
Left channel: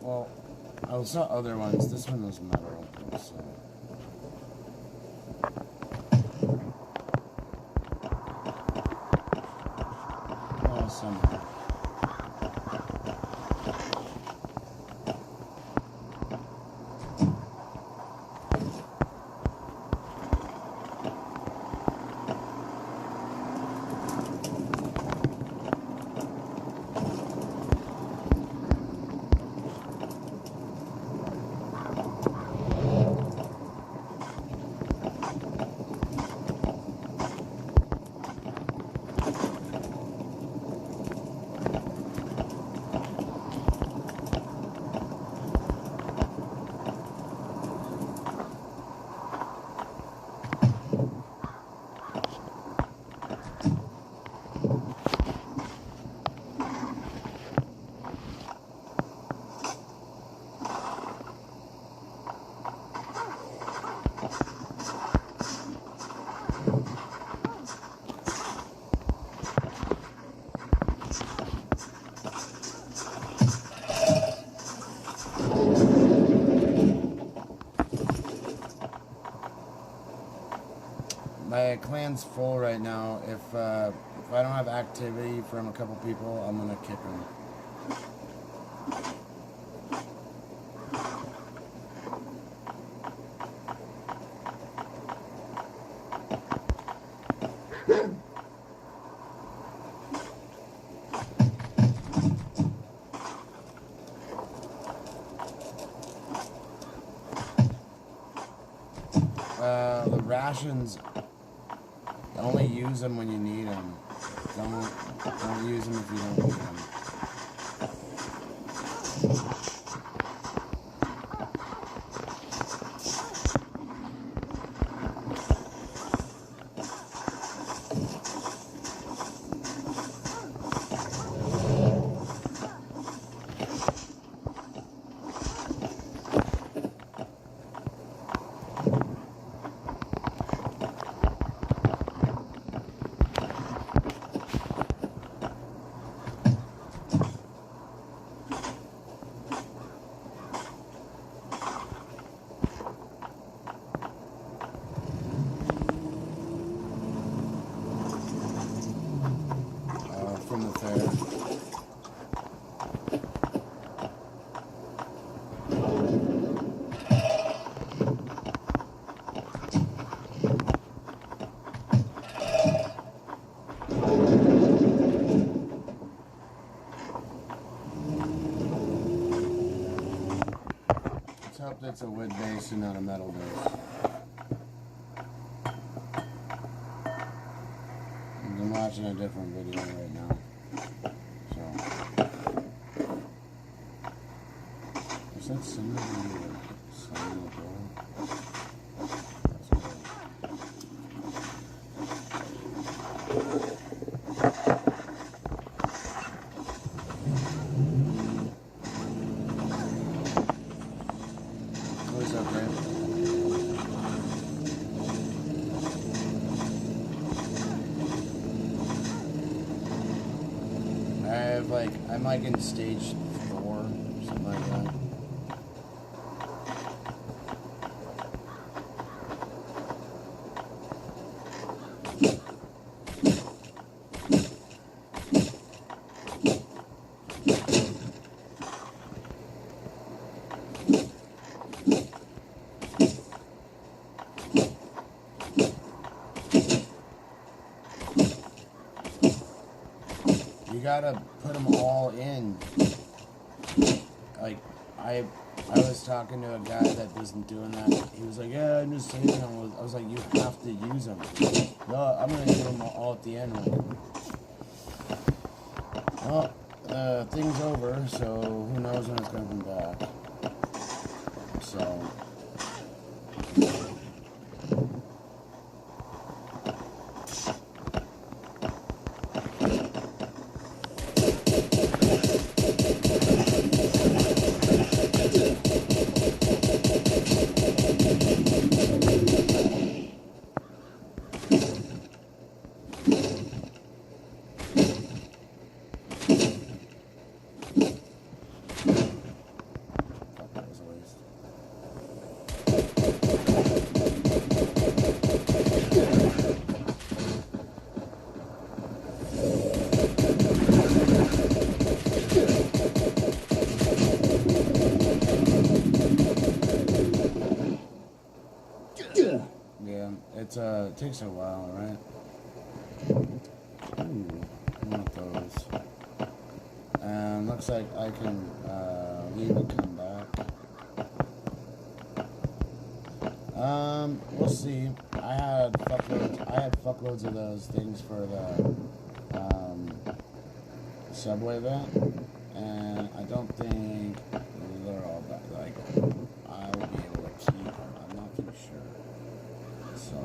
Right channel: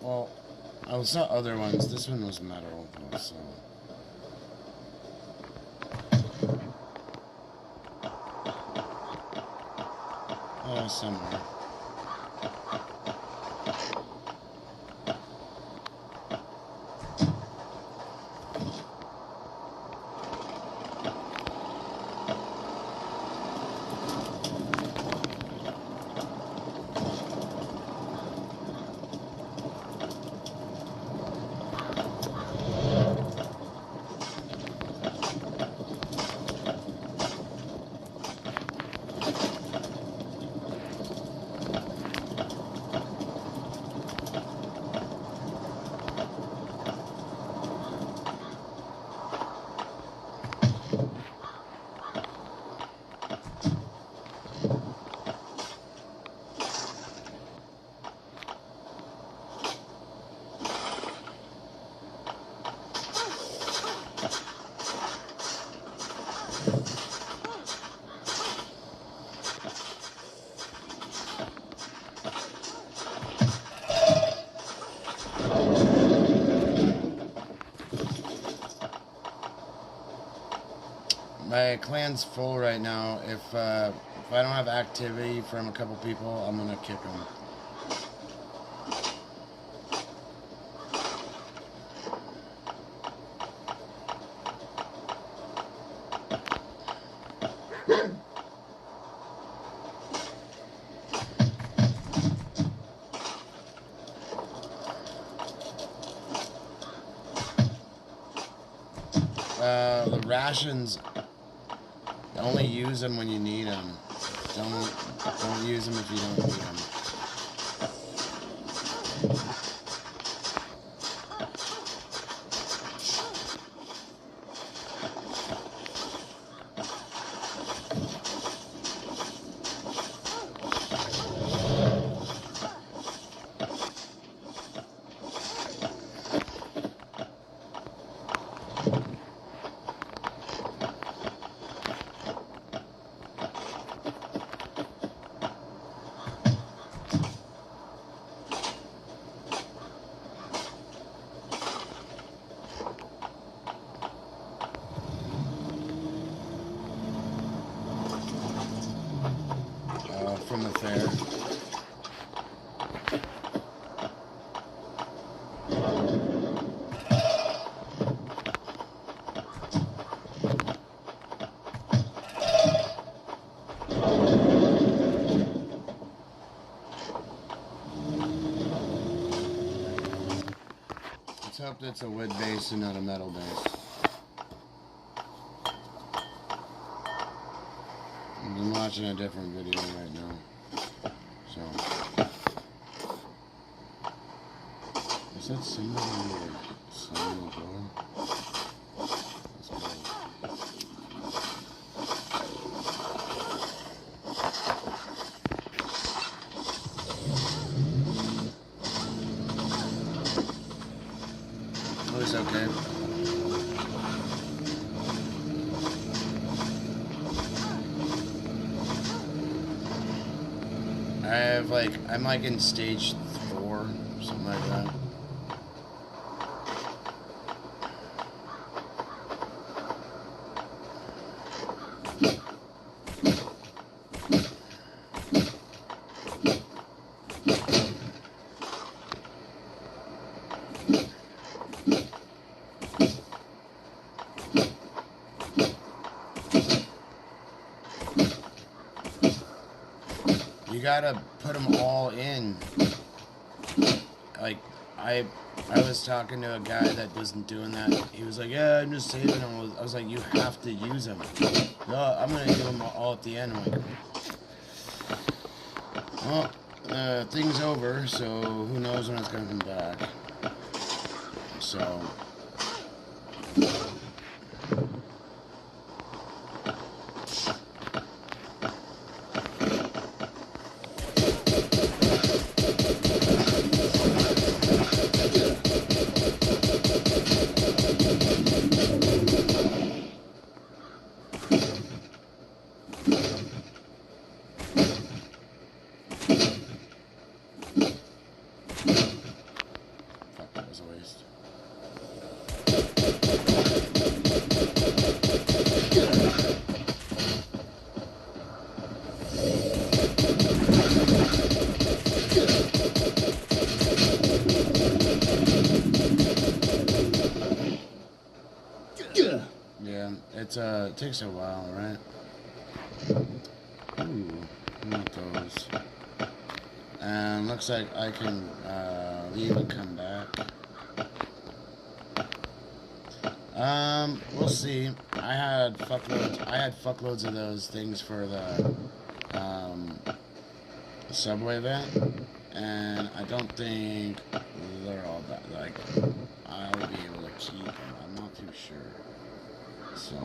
Well, I saw other ones. This one was metal, so. Somewhere. My clan's full right now. If I don't have activity from a couple people, I'm gonna kick them. The rations, only use them when you need them. Don't use them if you don't need them. From the fair. Let's hope that's a wood base and not a metal base. I'm watching a different video right now. So, is that somebody here slamming the door? That's cool. Oh, it's okay. I'm like in stage 4, something like that. You gotta put them all in. Like, I was talking to a guy that wasn't doing that. He was like, yeah, I'm just saving them. I was like, you have to use them. No, I'm gonna do them all at the end. I'm like, well, thing's over, so who knows when it's gonna come back. So... Yeah, it takes a while, right? Ooh, I want those. And looks like I can leave and come back. We'll see. I had fuckloads of those things for the subway event, and I don't think they're all that. Like, I'll be able to keep them. I'm not too sure. So.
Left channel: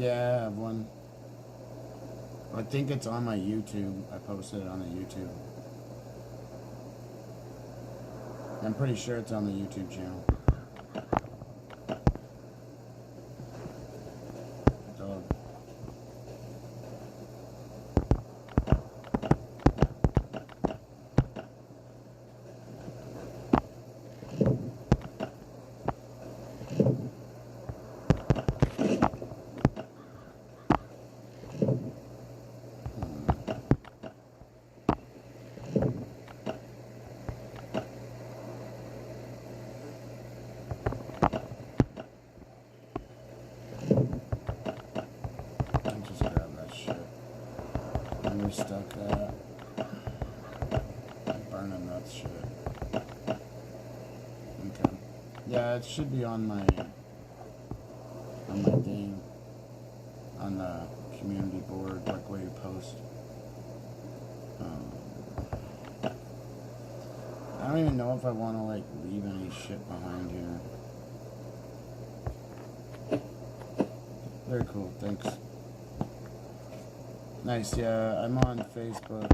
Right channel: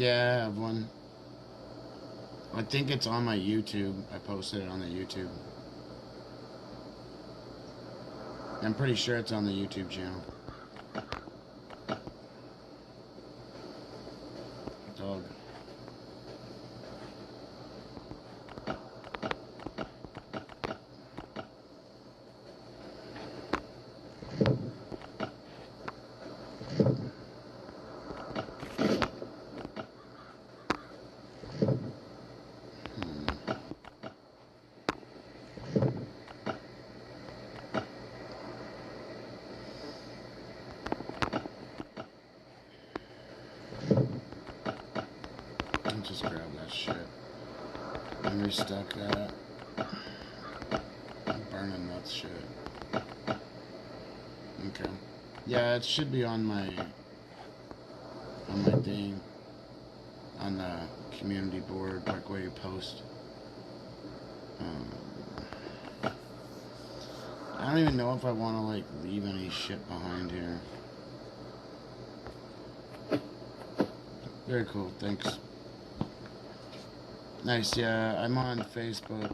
Yeah, I have one. I think it's on my YouTube. I posted it on the YouTube. I'm pretty sure it's on the YouTube channel. Dog. Just grab that shit. And restock that. Burning that shit. Okay. Yeah, it should be on my thing. On the community board, like where you post. I don't even know if I want to like leave any shit behind here. Very cool, thanks. Nice, yeah, I'm on Facebook,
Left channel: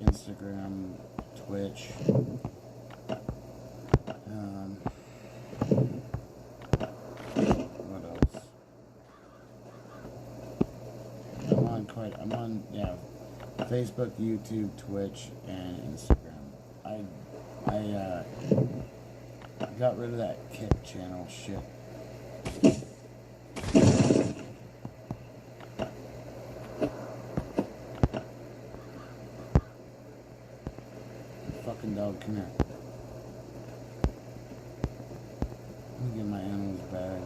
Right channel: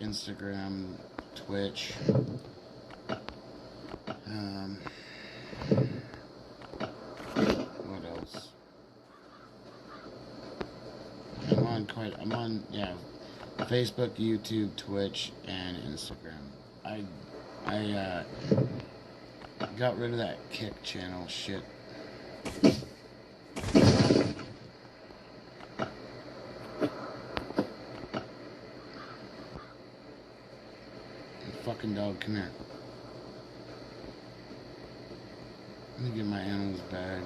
Instagram, Twitch. What else? I'm on, yeah, Facebook, YouTube, Twitch, and Instagram. I got rid of that Kick channel shit. Fucking dog, come here. Let me get my animals bag.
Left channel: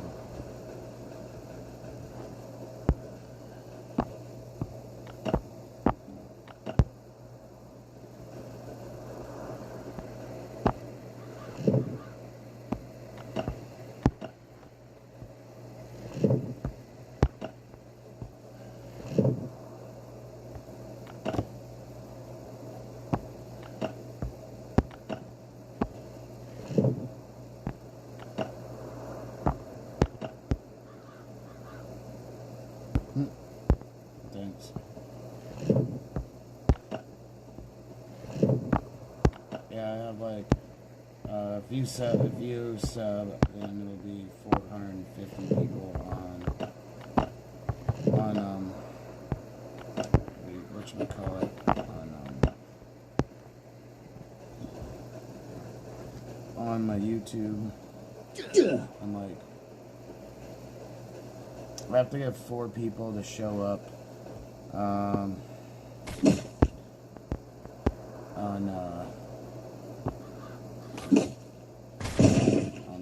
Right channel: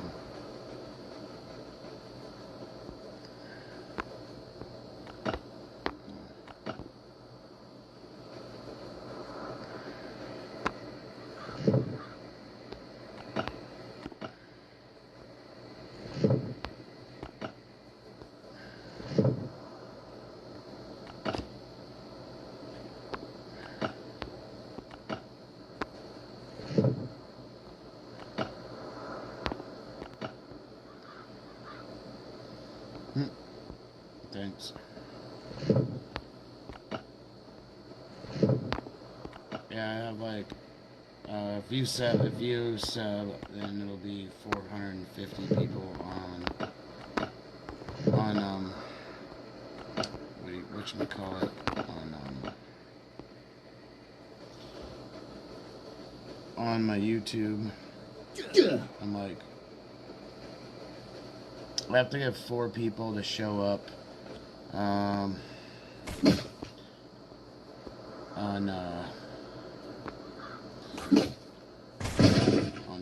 Thanks. Yeah, I have like, if you sub, then it'll be 450 people on whatchamacallit, on my YouTube. I'm like, I have to get 4 people to show up on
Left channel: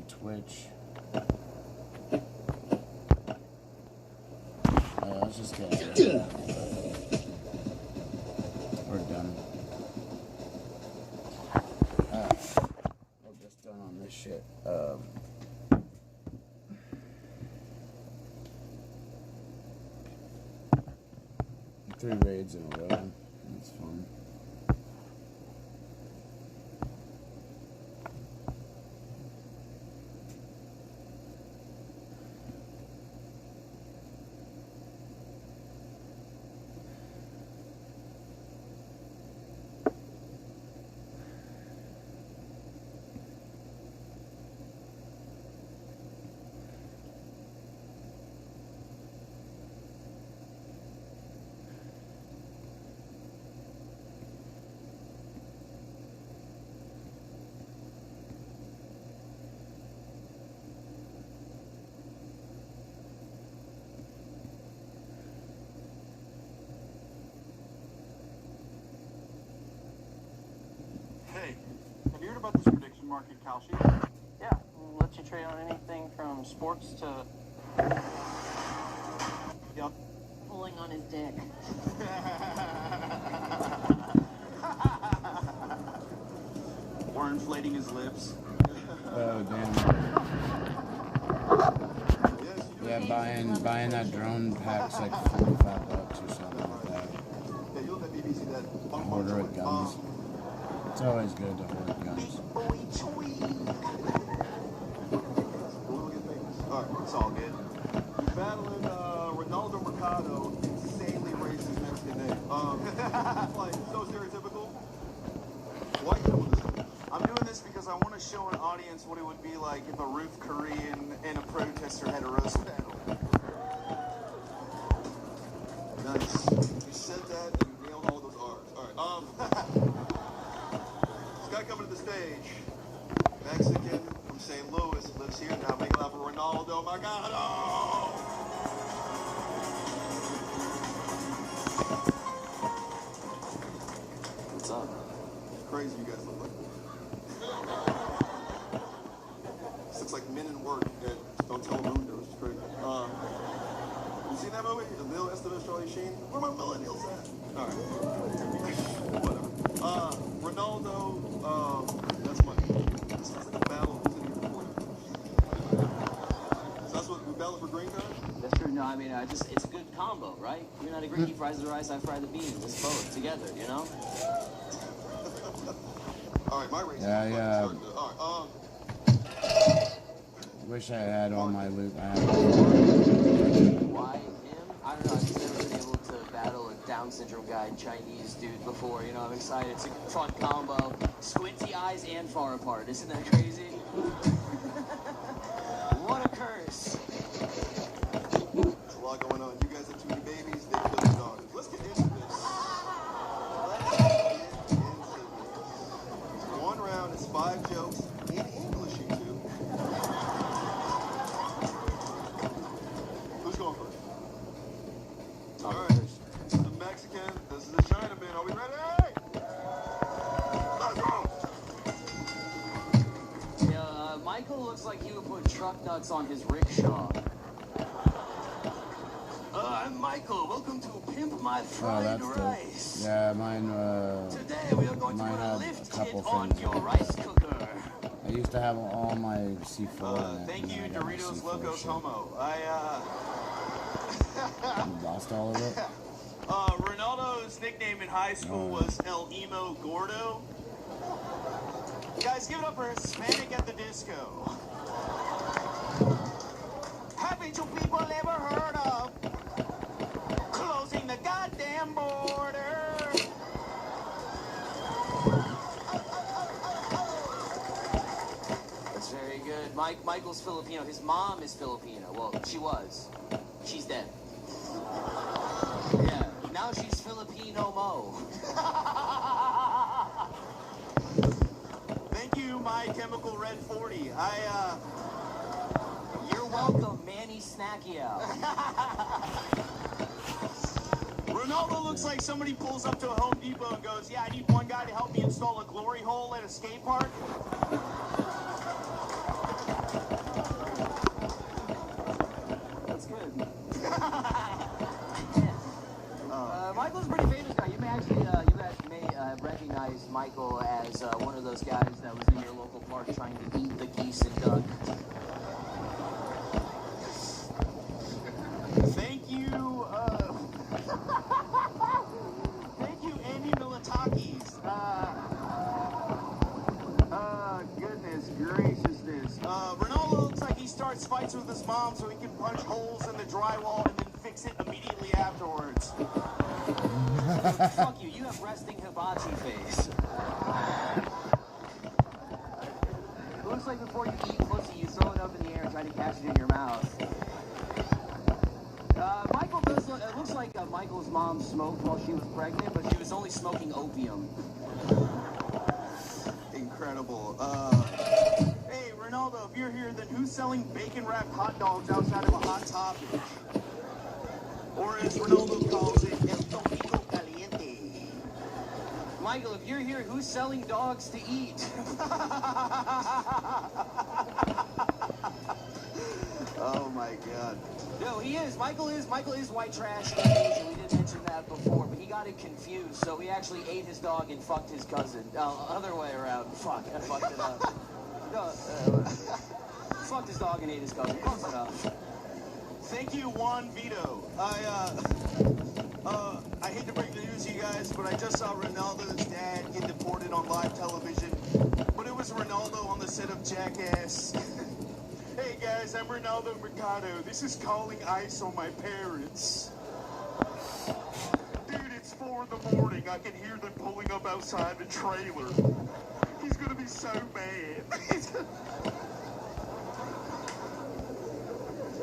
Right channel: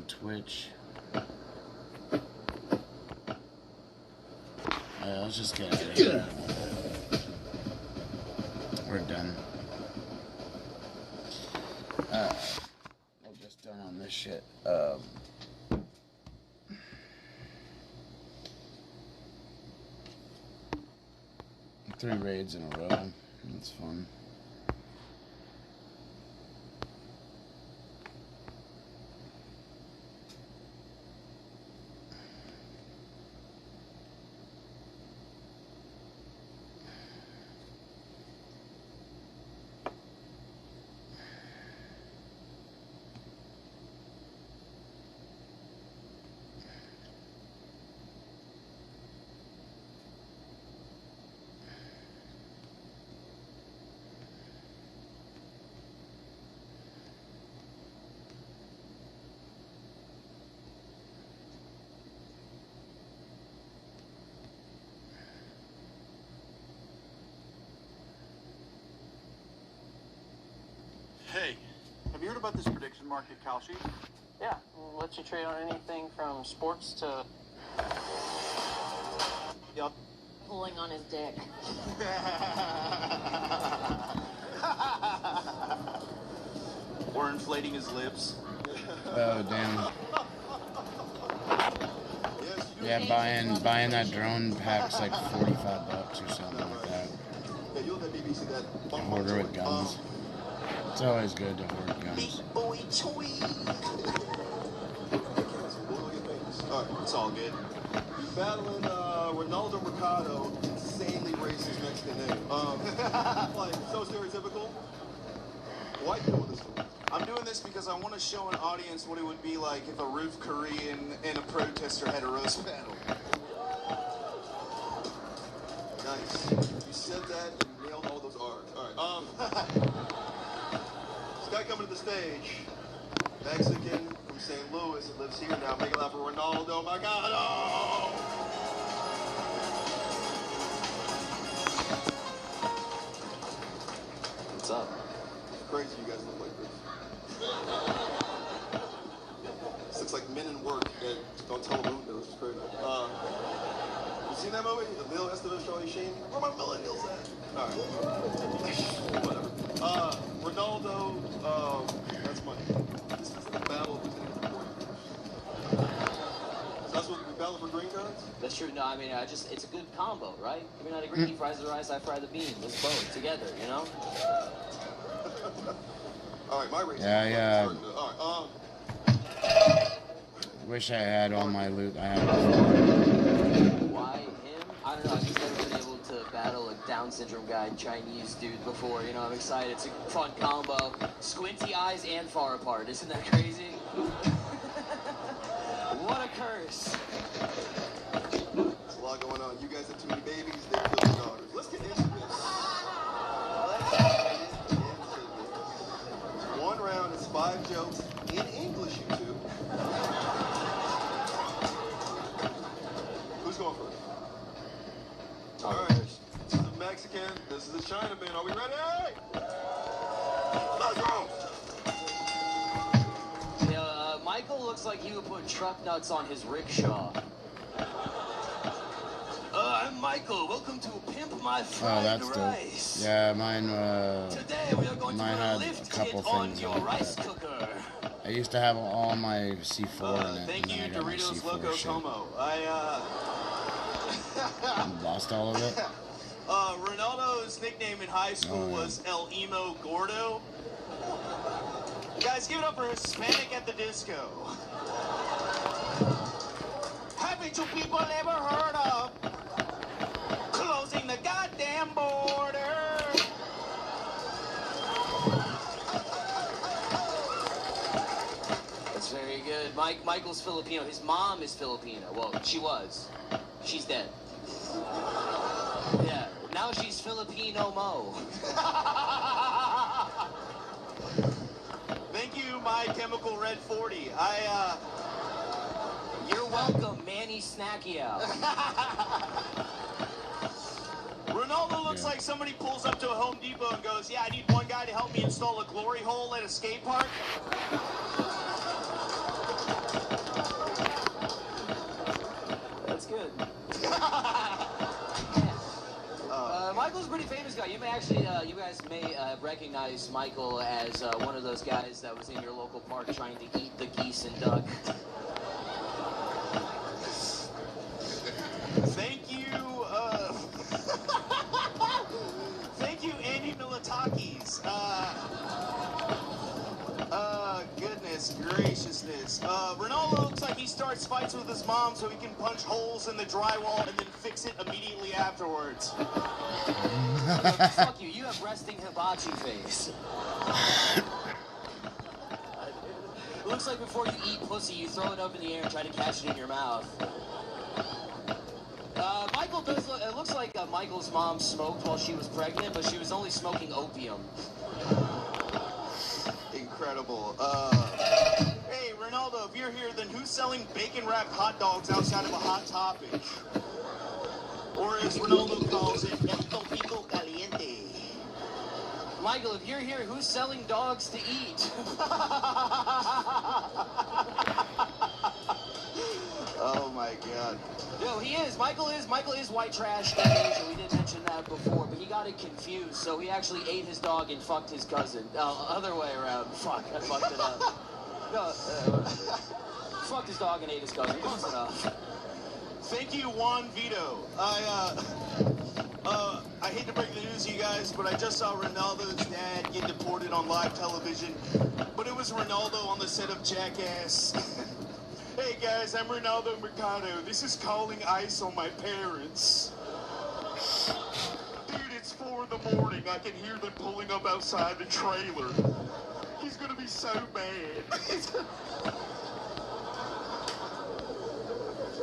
Twitch. Let's just get out of here. We're done. We're just done on this shit. 3 raids in a row. That's fun. Hey, have you heard about this prediction market, Kalshi? Yeah, we'll let you trade on anything from sports to... Yep. Pulling on his dick. Or inflating his lips. Oh, damn. Yeah, buying that drone pack's like $45 or something like that. Hoarder with guns. It's always good to hoard guns. Alright, it's all good. Battling Ronaldo Mercado, insanely racist Mexican name. Like, so stereotypical. Why are you doing this? I'm doing this because I want to show an audience what it would be like if a roof Korean and a protester had a roast battle. Nice. You said that, and you nailed all those R's. All right. This guy coming to the stage, Mexican from St. Louis, lives here now. Make it loud for Ronaldo. My God. Oh! What's up? It's crazy you guys look like this. This looks like men in work that don't tell them who knows. It's crazy. You seen that movie? The Lil Estevez, Charlie Sheen? Where my millennials at? All right. Whatever. Ronaldo, that's money. This is the battle. So that's what we battle for green cards? That's true. No, I mean, it's a good combo, right? You're not agree. He fries the rice, I fry the beans. Let's both together, you know? All right, my race. Yeah. All right, Wish I had all my loot. I have. Why him? I don't know. I've never been able to battle a Down syndrome guy, Chinese dude before. You know, I'm excited. It's a fun combo. Squinty eyes and far apart. Isn't that crazy? What a curse. there's a lot going on. You guys have too many babies. They kill your daughters. Let's get into this. One round is 5 jokes in English, you two. Who's going first? All right. This is a Mexican. This is a Chinaman. Are we ready? Let's go. Yeah, Michael looks like he would put truck nuts on his rickshaw. I'm Michael. Welcome to Pimp My Fried Oh, that's Rice. dope. Yeah, mine. Today we are going Mine to had lift a couple it on things your like rice that. cooker. I used to have all my C4 in it, Thank and you, then I got my Doritos C4 Locos shit. Homo. Lost all of it. Ronaldo's nickname in high school was El Emo Gordo. Guys, give it up for Hispanic at the disco. Haven't you people ever heard of closing the goddamn border? That's very good. Michael's Filipino. His mom is Filipino. Well, she was. She's dead. Yeah. Now she's Filipino Mo. Thank you, My Chemical Red 40. You're welcome, Manny Snackiao. Ronaldo looks like somebody pulls up to a Home Depot and goes, yeah, I need one guy to help me install a glory hole at a skate park. That's good. Michael's a pretty famous guy. You may actually, you guys may recognize Michael as one of those guys that was in your local park trying to eat the geese and duck. Thank you, thank you, Andy Militakis. Goodness graciousness. Ronaldo looks like he starts fights with his mom so he can punch holes in the drywall and then fix it immediately afterwards. Fuck you, you have resting hibachi face. Looks like before you eat pussy, you throw it up in the air and try to catch it in your mouth. Michael does, it looks like Michael's mom smoked while she was pregnant, but she was only smoking opium. Incredible. Hey, Ronaldo, if you're here, then who's selling bacon-wrapped hot dogs outside of a Hot Topic? Or as Ronaldo calls it, El Topico Caliente. Michael, if you're here, who's selling dogs to eat? Oh my God. No, he is. Michael is white trash. We didn't mention that before, but he got it confused, so he actually ate his dog and fucked his cousin. Other way around. Fuck, I fucked it up. No, fucked his dog and ate his cousin. Close enough. Thank you, Juan Vito. I hate to break the news to you guys, but I just saw Ronaldo's dad get deported on live television. But it was Ronaldo on the set of Jackass. Hey guys, I'm Ronaldo Mercado. This is calling ice on my parents. Dude, it's 4 in the morning. I can hear them pulling up outside the trailer. He's gonna be so mad.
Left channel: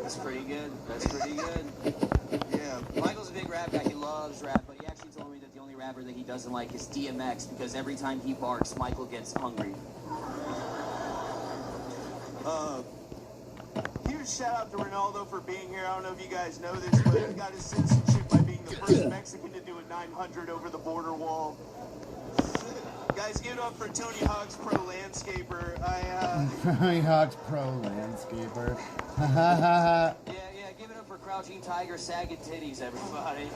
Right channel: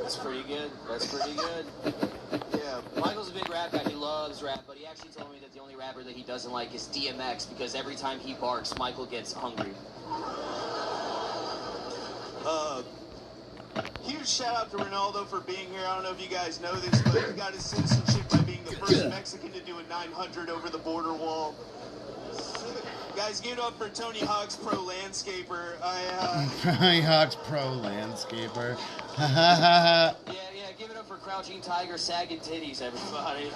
That's pretty good. That's pretty good. Yeah. Michael's a big rap guy. He loves rap, but he actually told me that the only rapper that he doesn't like is DMX because every time he barks, Michael gets hungry. Huge shout out to Ronaldo for being here. I don't know if you guys know this, but he got his citizenship by being the first Mexican to do a 900 over the border wall. Guys, give it up for Tony Hawk's Pro Landscaper. Tony Hawk's Pro Landscaper. Yeah, give it up for Crouching Tiger, sagging titties, everybody.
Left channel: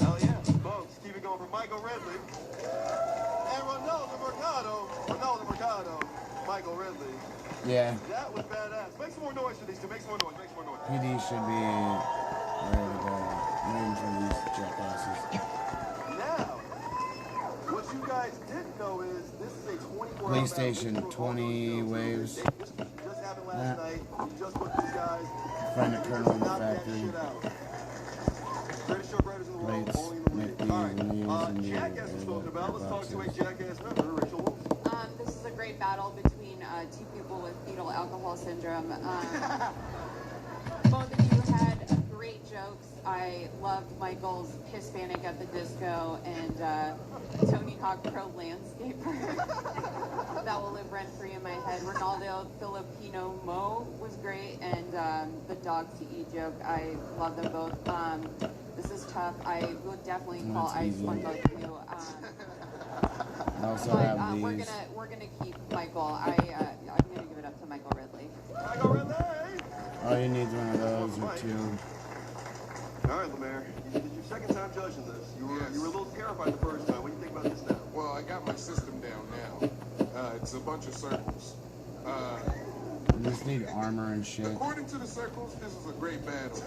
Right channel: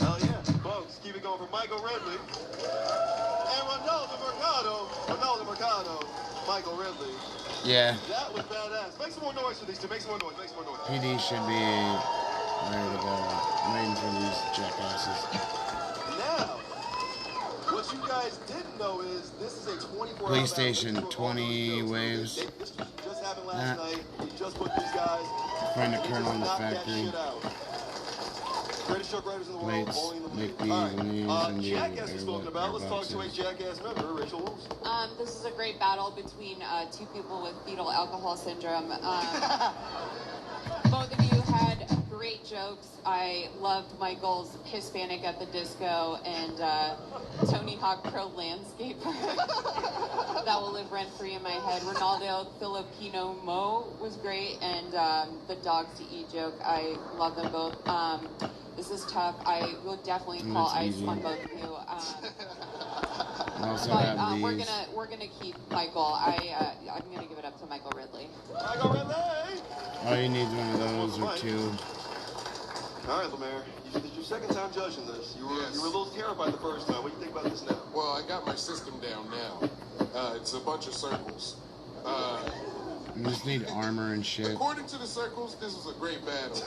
Hell yeah, folks, keep it going for Michael Ridley. And Ronaldo Mercado, Michael Ridley. Yeah. That was badass. Make some more noise for these two. Make some more noise. PD should be ready to go. Waiting for these jackasses. Now, what you guys didn't know is this is a 24-hour PlayStation 20 waves. This just happened last night. You just booked these guys. Find a kernel in the factory. Plates, make these and these and the air boxes. This is a great battle between two people with fetal alcohol syndrome. Both of you had great jokes. I loved Michael's Hispanic at the disco and Tony Hawk Pro Landscaper. That will live rent free in my head. Ronaldo Filipino Mo was great, and the dogs to eat joke. I love them both. This is tough. I would definitely call ice on both of you. I also have these. We're gonna keep Michael. I'm gonna give it up to Michael Ridley. All you need is one of those or two. All right, Lemaire, this is your second time judging this. You were a little terrified the first time. What do you think about this now? Well, I got my system down now. It's a bunch of circles. You just need armor and shit. According to the circles, this was a great battle.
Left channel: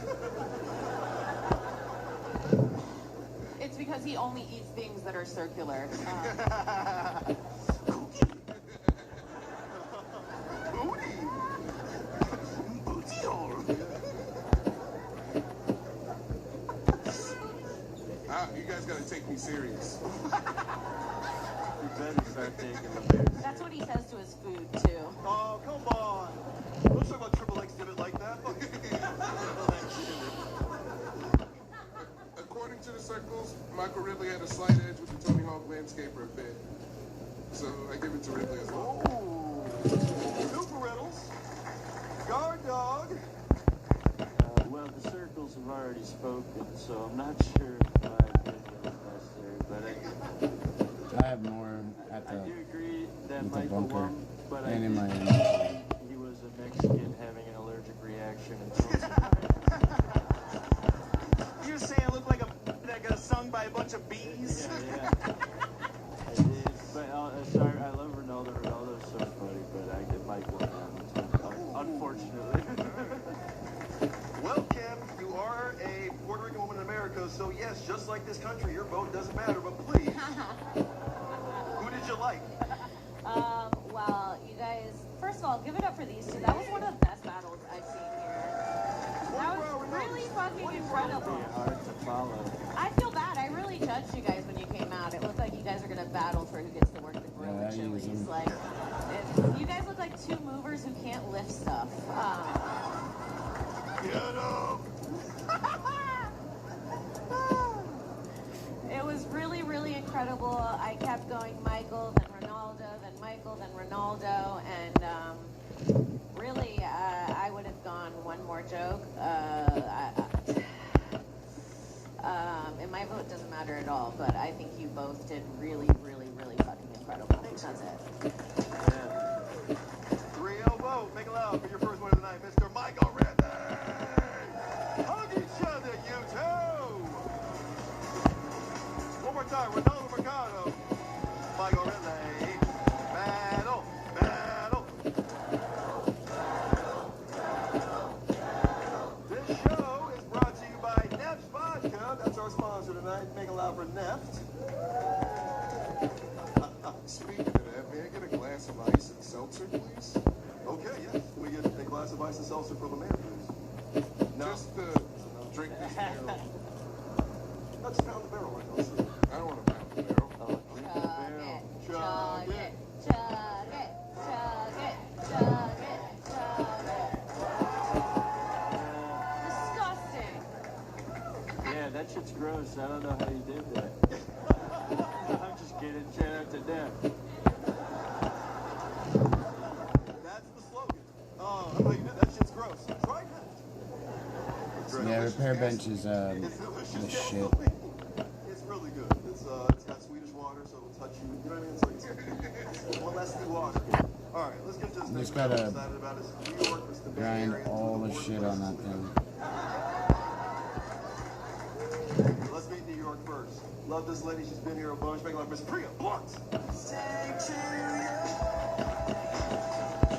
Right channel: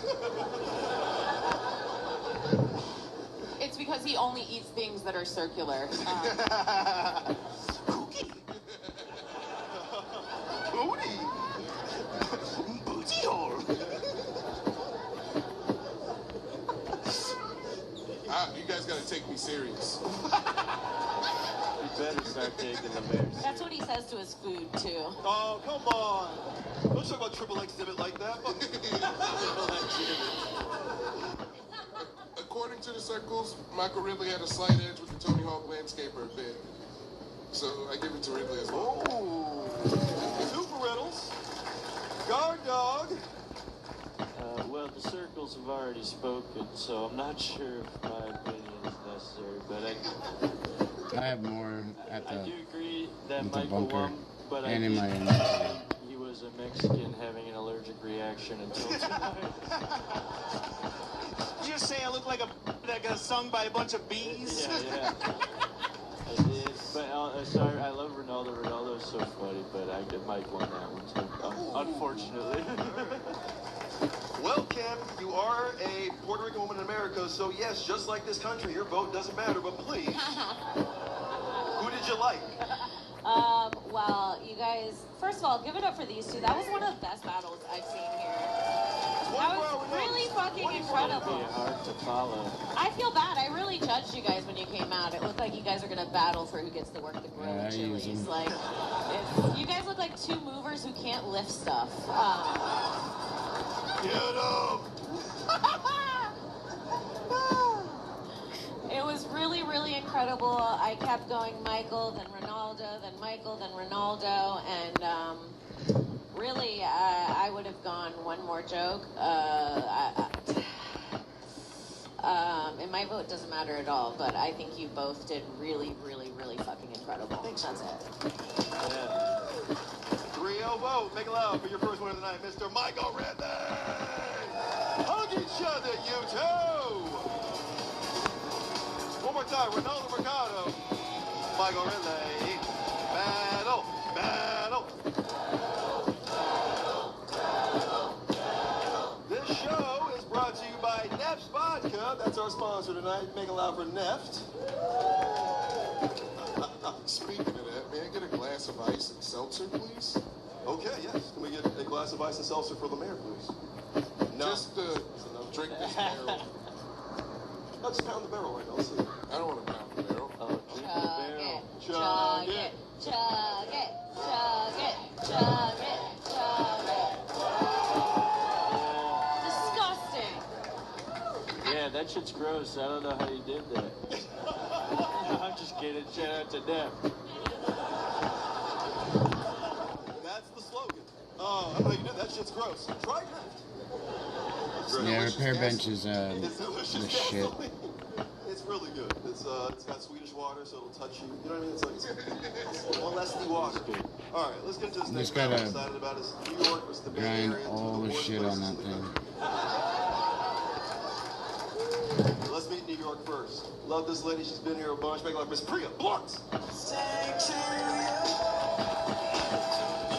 It's because he only eats things that are circular. You guys gotta take me serious. You better start taking them there. That's what he says to his food, too. Oh, come on. Don't talk about triple exhibit like that. According to the circles, Michael Ridley had a slight edge with the Tony Hawk Landscaper bit. So I give it to Ridley as well. Super Reynolds. Guard dog. Well, the circles have already spoken, so I'm not sure if my opinion is necessary, but I have more at I do agree that the Michael bunker won, but and I in my do inventory. think he was a Mexican having an allergic reaction until tonight. You just saying I look like a that got sung by a bunch of bees? Yeah. It is. But sorry, I love Ronaldo. Ronaldo's so funny, but I get Michael now, unfortunately. Well, Kim, you are a Puerto Rican woman in America, so yes, just like this country, your vote doesn't matter, but please, who did you like? Well, you guys, first of all, give it up for these two. That was one of the best battles I've seen here. That was really fucking incredible. Hard to follow. I feel bad. I really judged you guys when you came out. It looked like you guys are gonna battle for who gets to work the Yeah, I use them. Like, you guys look like two movers who can't lift stuff. It was really, really incredible. I kept going Michael, then Ronaldo, then Michael, then Ronaldo, and really, I would have gone one more joke. And my vote doesn't matter at all, but I think you both did really, really, really fucking incredible. That's it. 3-0 vote. Make it loud for your first winner tonight, Mr. Michael Ridley. Hug each other, you two. One more time, Ronaldo Mercado. Michael Ridley. Battle, battle. This show is brought to you by Neft Vodka. That's our sponsor tonight. Make it loud for Neft. Speaking of that, may I get a glass of ice and seltzer, please? Okay, yes. Can we get a glass of ice and seltzer for the man, please? No. Just drink this barrel. Let's pound the barrel right now. Let's see. I don't want to pound the barrel. Chug it. Chug it, chug it, chug it, chug it. Disgusting. Yeah, that shit's gross. I don't know how you did that. I'm just kidding. Shout out to them. That's the slogan. Oh, I know you did. That shit's gross. Try it. Yeah, repair bench is the shit. It's really good. It's got Swedish water, so it'll touch you. You know what I mean? It's molesty water. All right, let's get to this. Just thing. gotta I'm excited about is New York was the Bay grind Area, all the worst shit on that thing. Let's meet New York first. Love this lady. She's been here a bunch. Make like Miss Priya Blunt.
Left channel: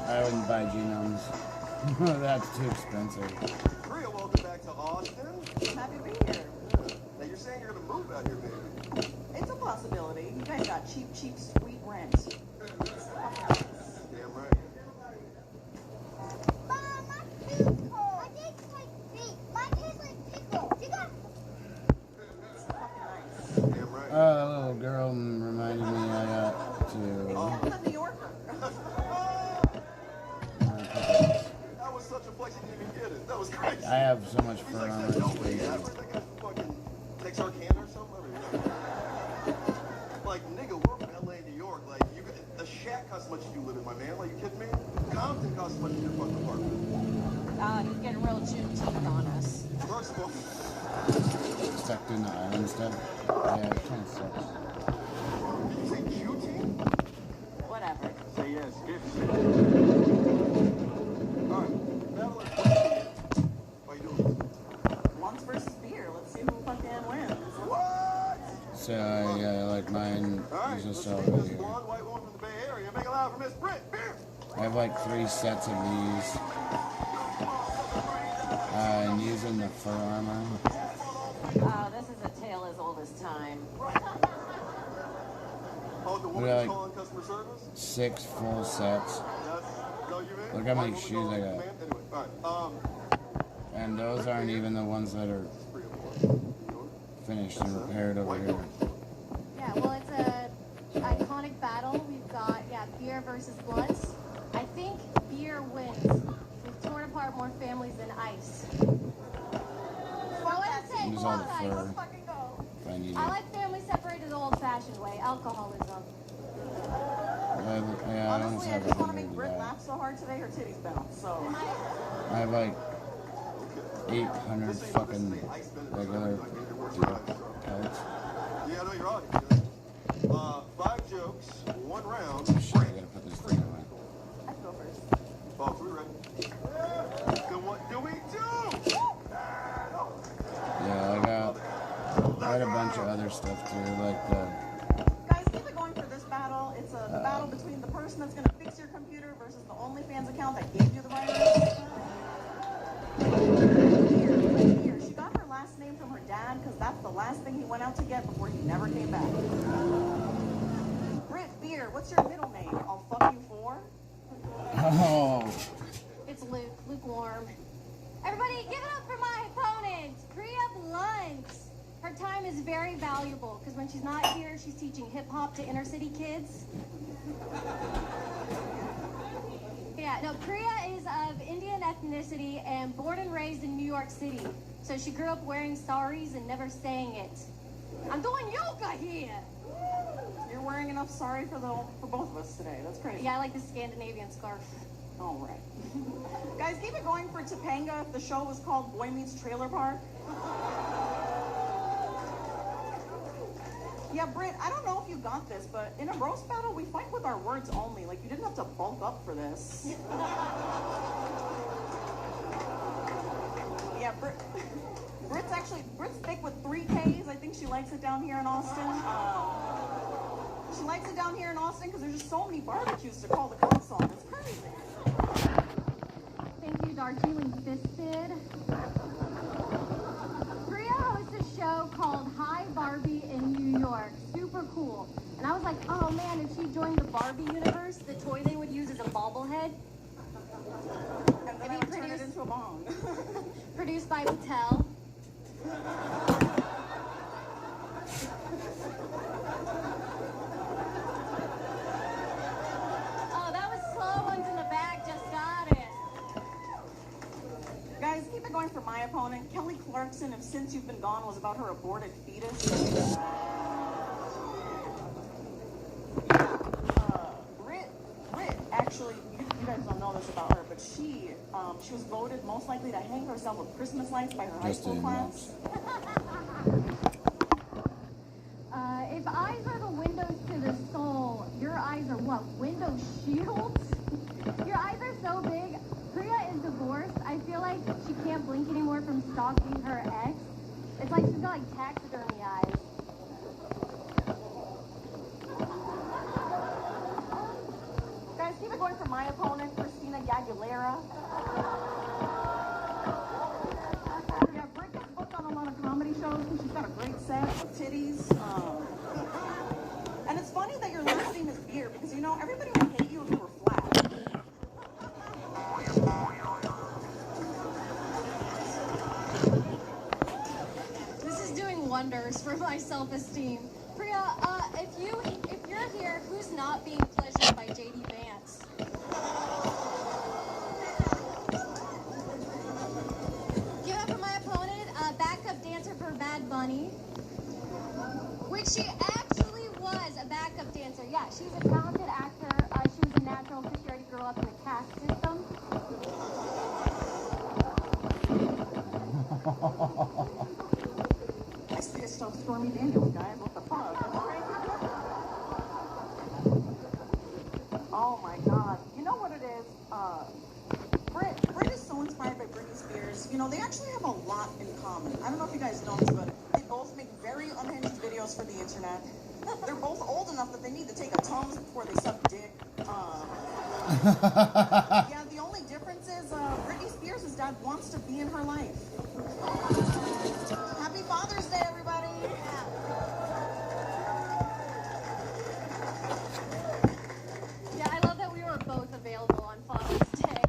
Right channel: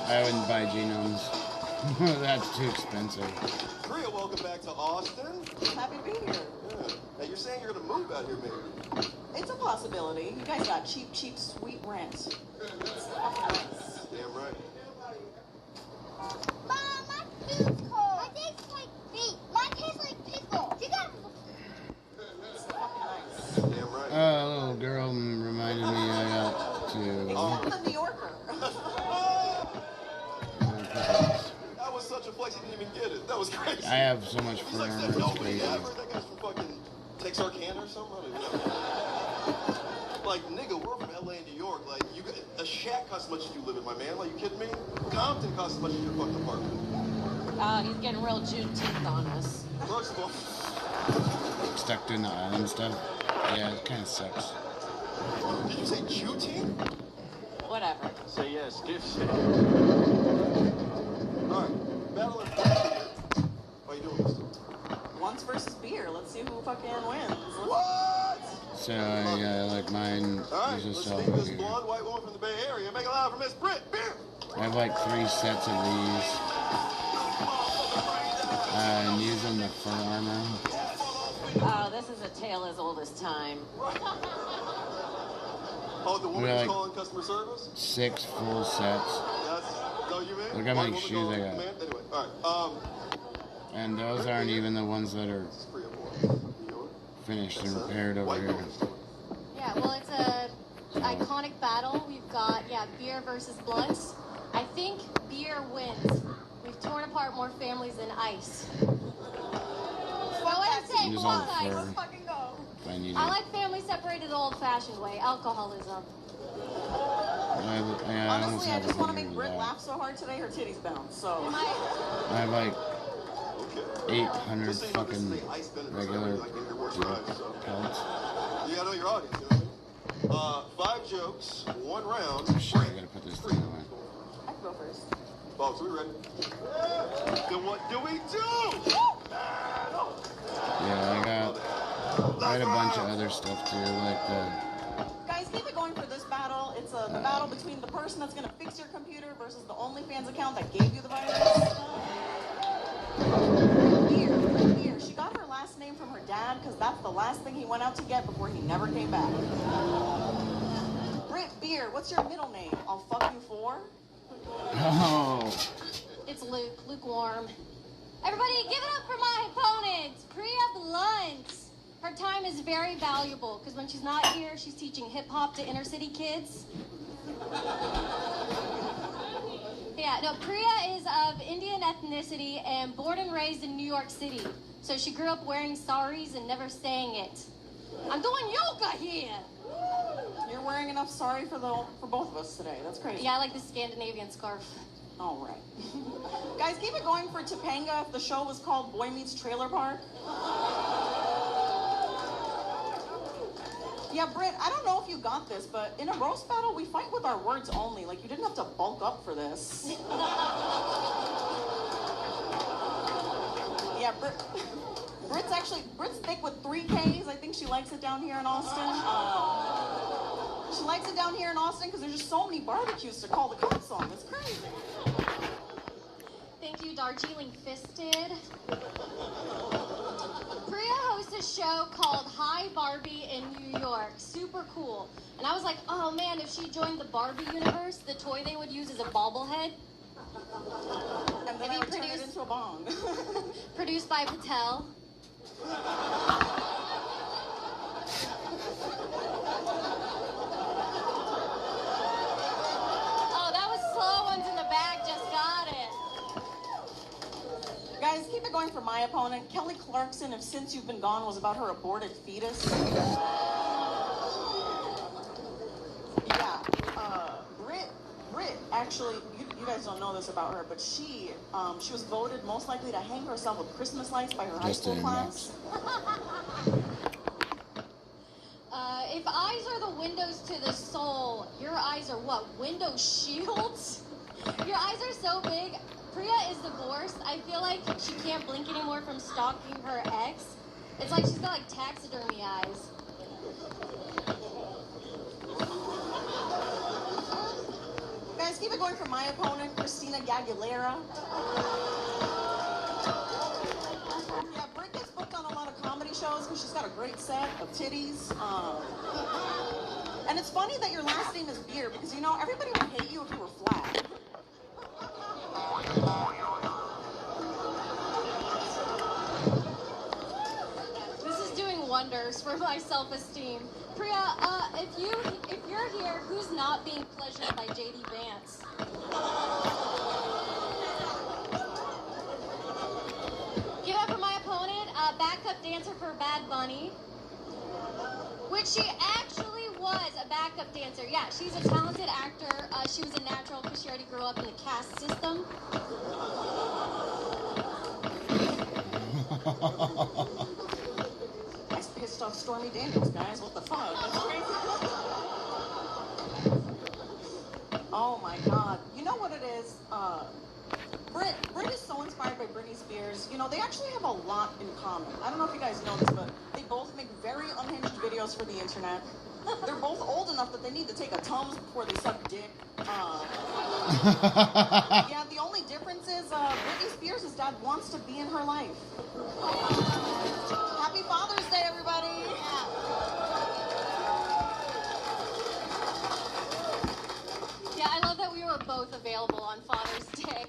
I wouldn't buy genomes. That's too expensive. Priya, welcome back to Austin. Happy to be here. Yeah. Now you're saying you're gonna move out here, baby. It's a possibility. You guys got cheap, sweet rent. Damn right. Damn right. A little girl reminded me I got to. Oh, the New Yorker. That was such a flex, he didn't even get it. That was crazy. I have so much He's fur like, on that it, no it's way, crazy. yeah. That guy's from fucking Texarkana or something. I don't know. Like, nigga, we're from LA, New York. Like, you got, a shack costs as much as you live in, my man. Like, you kidding me? Compton costs as much as your fucking apartment. He's getting real Juneteenth on us. First of all, Stuck doing the island stuff. Yeah, it kind of sucks. did you say Q-team? Whatever. So yes, give Alright, battle of How you doing, Mr.? Once versus beer. Let's see who fucking wins. What? So I like mine. Alright, There's let's a cell meet over this here. blonde white woman from the Bay Area. Make it loud for Miss Britt. Beer. I have like 3 sets of these. I'm using the fur armor. Oh, this is a tale as old as time. Oh, the I woman got who's like calling customer service? 6 full sets. That's, no, you mean? Look how many shoes I got. Anyway, alright, And those aren't even the ones that are finished and repaired over here. Yeah, well, it's a iconic battle. We've got, beer versus blunts. I think beer wins. We've torn apart more families than ice. Go ahead and say Use all the blunt fur ice. if I need I it. like families separated the old-fashioned way, alcoholism. I almost Honestly, I have just want to 100 make of Britt that. laugh so hard today, her titties bounce. So. I have like 800 fucking regular pelts. you gotta know your audience, you know? 5 jokes, 1 round. Oh shit, I gotta put this thing away. Balls, we ready? Then what do we do? Yeah, I had a bunch of other stuff too, like Guys, keep it going for this battle. It's a battle between the person that's going to fix your computer versus the OnlyFans account that gave you the virus. Here, she got her last name from her dad because that's the last thing he went out to get before he never came back. Britt Beer, what's your middle name? I'll fuck you for? oh. It's lukewarm. Everybody, give it up for my opponent, Priya Blunt. Her time is very valuable because when she's not here, she's teaching hip hop to inner city kids. Yeah, no, Priya is of Indian ethnicity and born and raised in New York City. So she grew up wearing saris and never saying it. I'm doing yoga here. You're wearing enough sorry for both of us today. That's crazy. Yeah, I like the Scandinavian scarf. All right. Guys, keep it going for Topanga if the show was called Boy Meets Trailer Park. Yeah, Britt, I don't know if you got this, but in a roast battle, we fight with our words only. Like, you didn't have to bulk up for this. Yeah, Britt's thick with 3 Ks. I think she likes it down here in Austin. She likes it down here in Austin because there's just so many barbecues to call the cops on. It's crazy. Thank you, Darjeeling Fisted. Priya hosts a show called Hi Barbie in New York. Super cool. And I was like, oh man, if she joined the Barbie universe, the toy they would use is a bobblehead. And then I would turn it into a bong. Produced by Patel. Oh, that was slow ones in the back, just got it. Guys, keep it going for my opponent. Kelly Clarkson of Since You've Been Gone was about her aborted fetus. Brit, actually, you guys don't know this about her, but she was voted most likely to hang herself with Christmas lights by her high school class. If eyes are the windows to the soul, your eyes are what? Window shields? Your eyes are so big. Priya is divorced. I feel like she can't blink anymore from stalking her ex. It's like she's got like taxidermy eyes. Guys, keep it going for my opponent, Christina Aguilera. Yeah, Britt gets booked on a lot of comedy shows because she's got a great set of titties. And it's funny that your last name is Beer because, you know, everybody would hate you if you were flat. This is doing wonders for my self-esteem. Priya, if you're here, who's not being pleasured by JD Vance? Give up for my opponent, backup dancer for Bad Bunny. Which she actually was a backup dancer. Yeah, she's a talented actor. She was a natural because she already grew up in the caste system. I pissed off Stormy Daniels, guys. What the fuck? That's crazy. Oh my god. You know what it is? Brit is so inspired by Britney Spears. You know, they actually have a lot in common. I don't know if you guys know this, but they both make very unhinged videos for the internet. They're both old enough that they need to take a Tums before they suck dick. Yeah, the only difference is Britney Spears' dad wants to be in her life. Happy Father's Day, everybody! Yeah, I love that we were both available on Father's Day.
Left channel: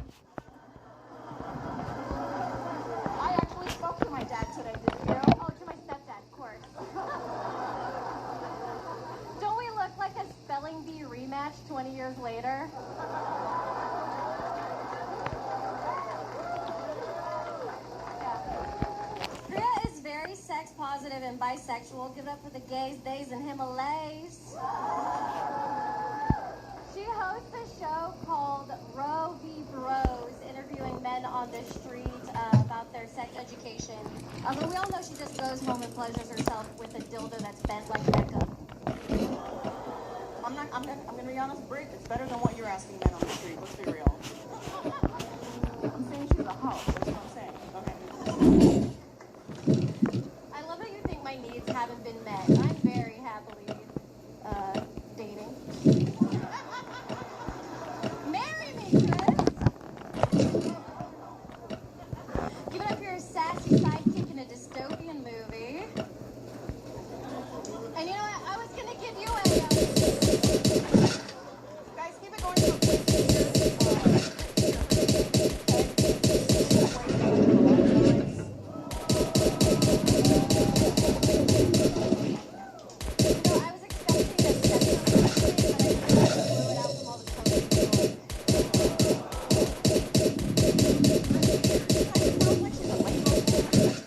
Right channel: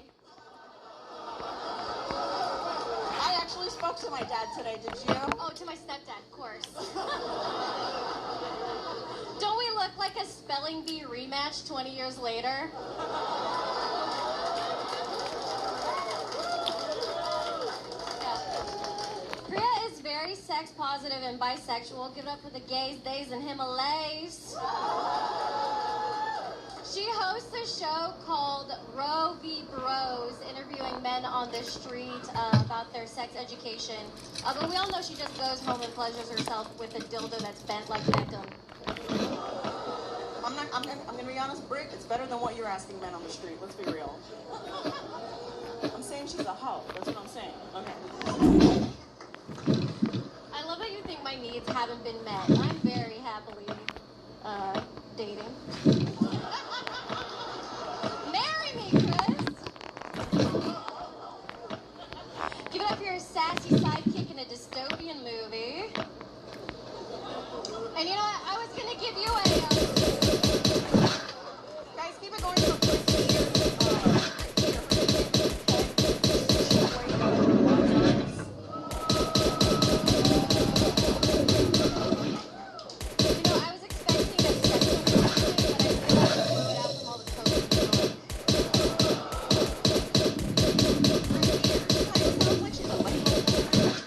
I actually spoke to my dad today, did you? Oh, to my stepdad, of course. Don't we look like a spelling bee rematch 20 years later? Priya is very sex positive and bisexual. Give it up for the gays, theys, and Himalayas. She hosts a show called Roe v. Bros, interviewing men on the street about their sex education. But we all know she just goes home and pleasures herself with a dildo that's bent like Beckham. I'm gonna be honest, Britt, it's better than what you're asking men on the street. Let's be real. I'm saying she's a hoe. That's what I'm saying. Okay. I love that you think my needs haven't been met. I'm very happily dating. Marry me, Chris! Give it up for your sassy sidekick in a dystopian movie. And you know what? I was gonna give you a... Guys, keep it going.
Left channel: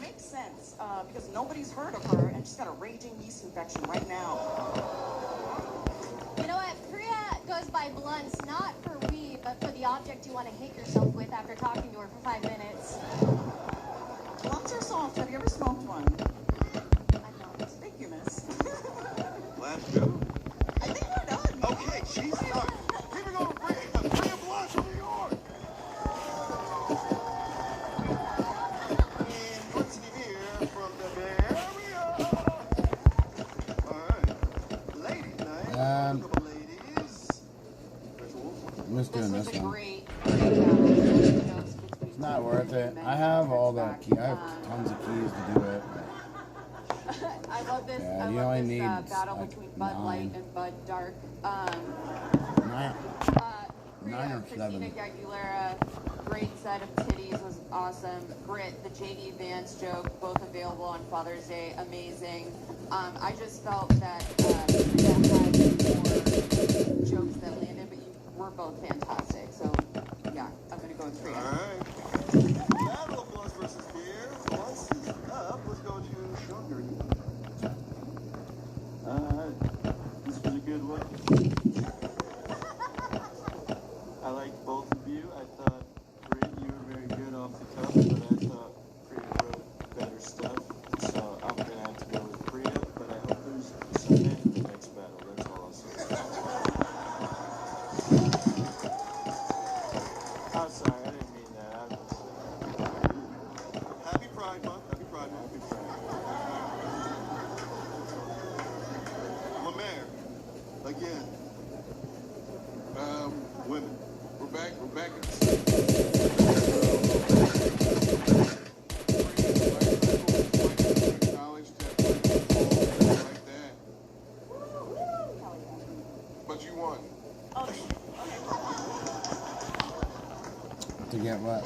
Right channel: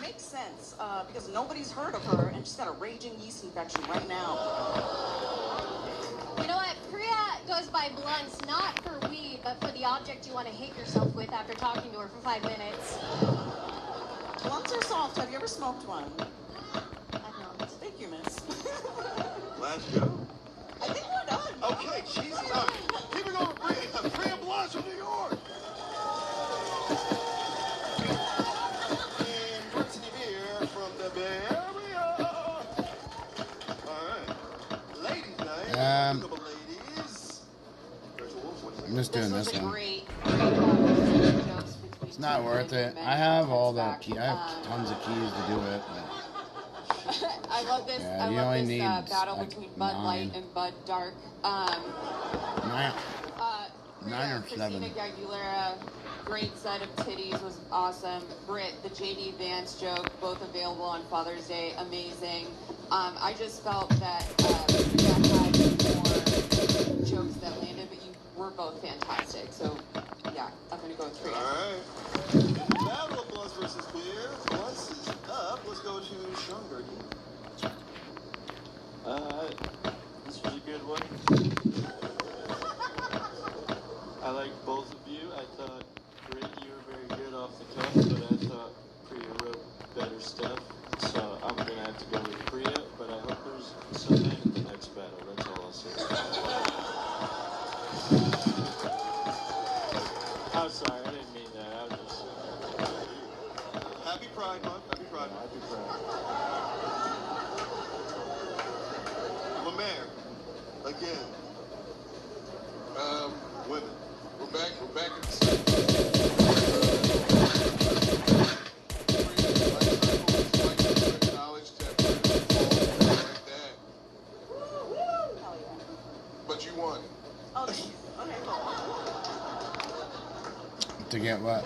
Makes sense, because nobody's heard of her, and she's got a raging yeast infection right now. You know what? Priya goes by blunts, not for weed, but for the object you want to hate yourself with after talking to her for 5 minutes. Blunts are soft. Have you ever smoked one? Thank you, miss. Last show. I think we're done. Okay, Jesus. All right. Keep it going, Priya Blunt from New York. And what's here from the Bay Area? All right. Ladies night. I'm just doing this one. Great. It's not worth it. I have all the key. I have tons of keys to do it. I I love this. Yeah, I you love only this need, battle like, between Bud Light 9. and Bud Dark. 9 or Christina 7. Aguilera, great set of titties, was awesome. Britt, the JD Vance joke, both available on Father's Day, amazing. I just felt that jokes that landed, but you were both fantastic. So yeah, I'm gonna go with Priya. All right. Battle of Blunts versus Beer. Blunts is up. Let's go to Sean Gertie. This was a good one. I like both of you. I thought, Britt, you were very good off the cuff, but I thought Priya wrote better stuff. So I'm going to have to go with Priya, but I hope there's something in the next battle. That's all I'll say. I'm sorry, I didn't mean that. I'm just Happy Pride Month. Happy Pride Month. Happy Pride. Lemaire. Again. Women. We're back at the knowledge that like that. But you won. To get what?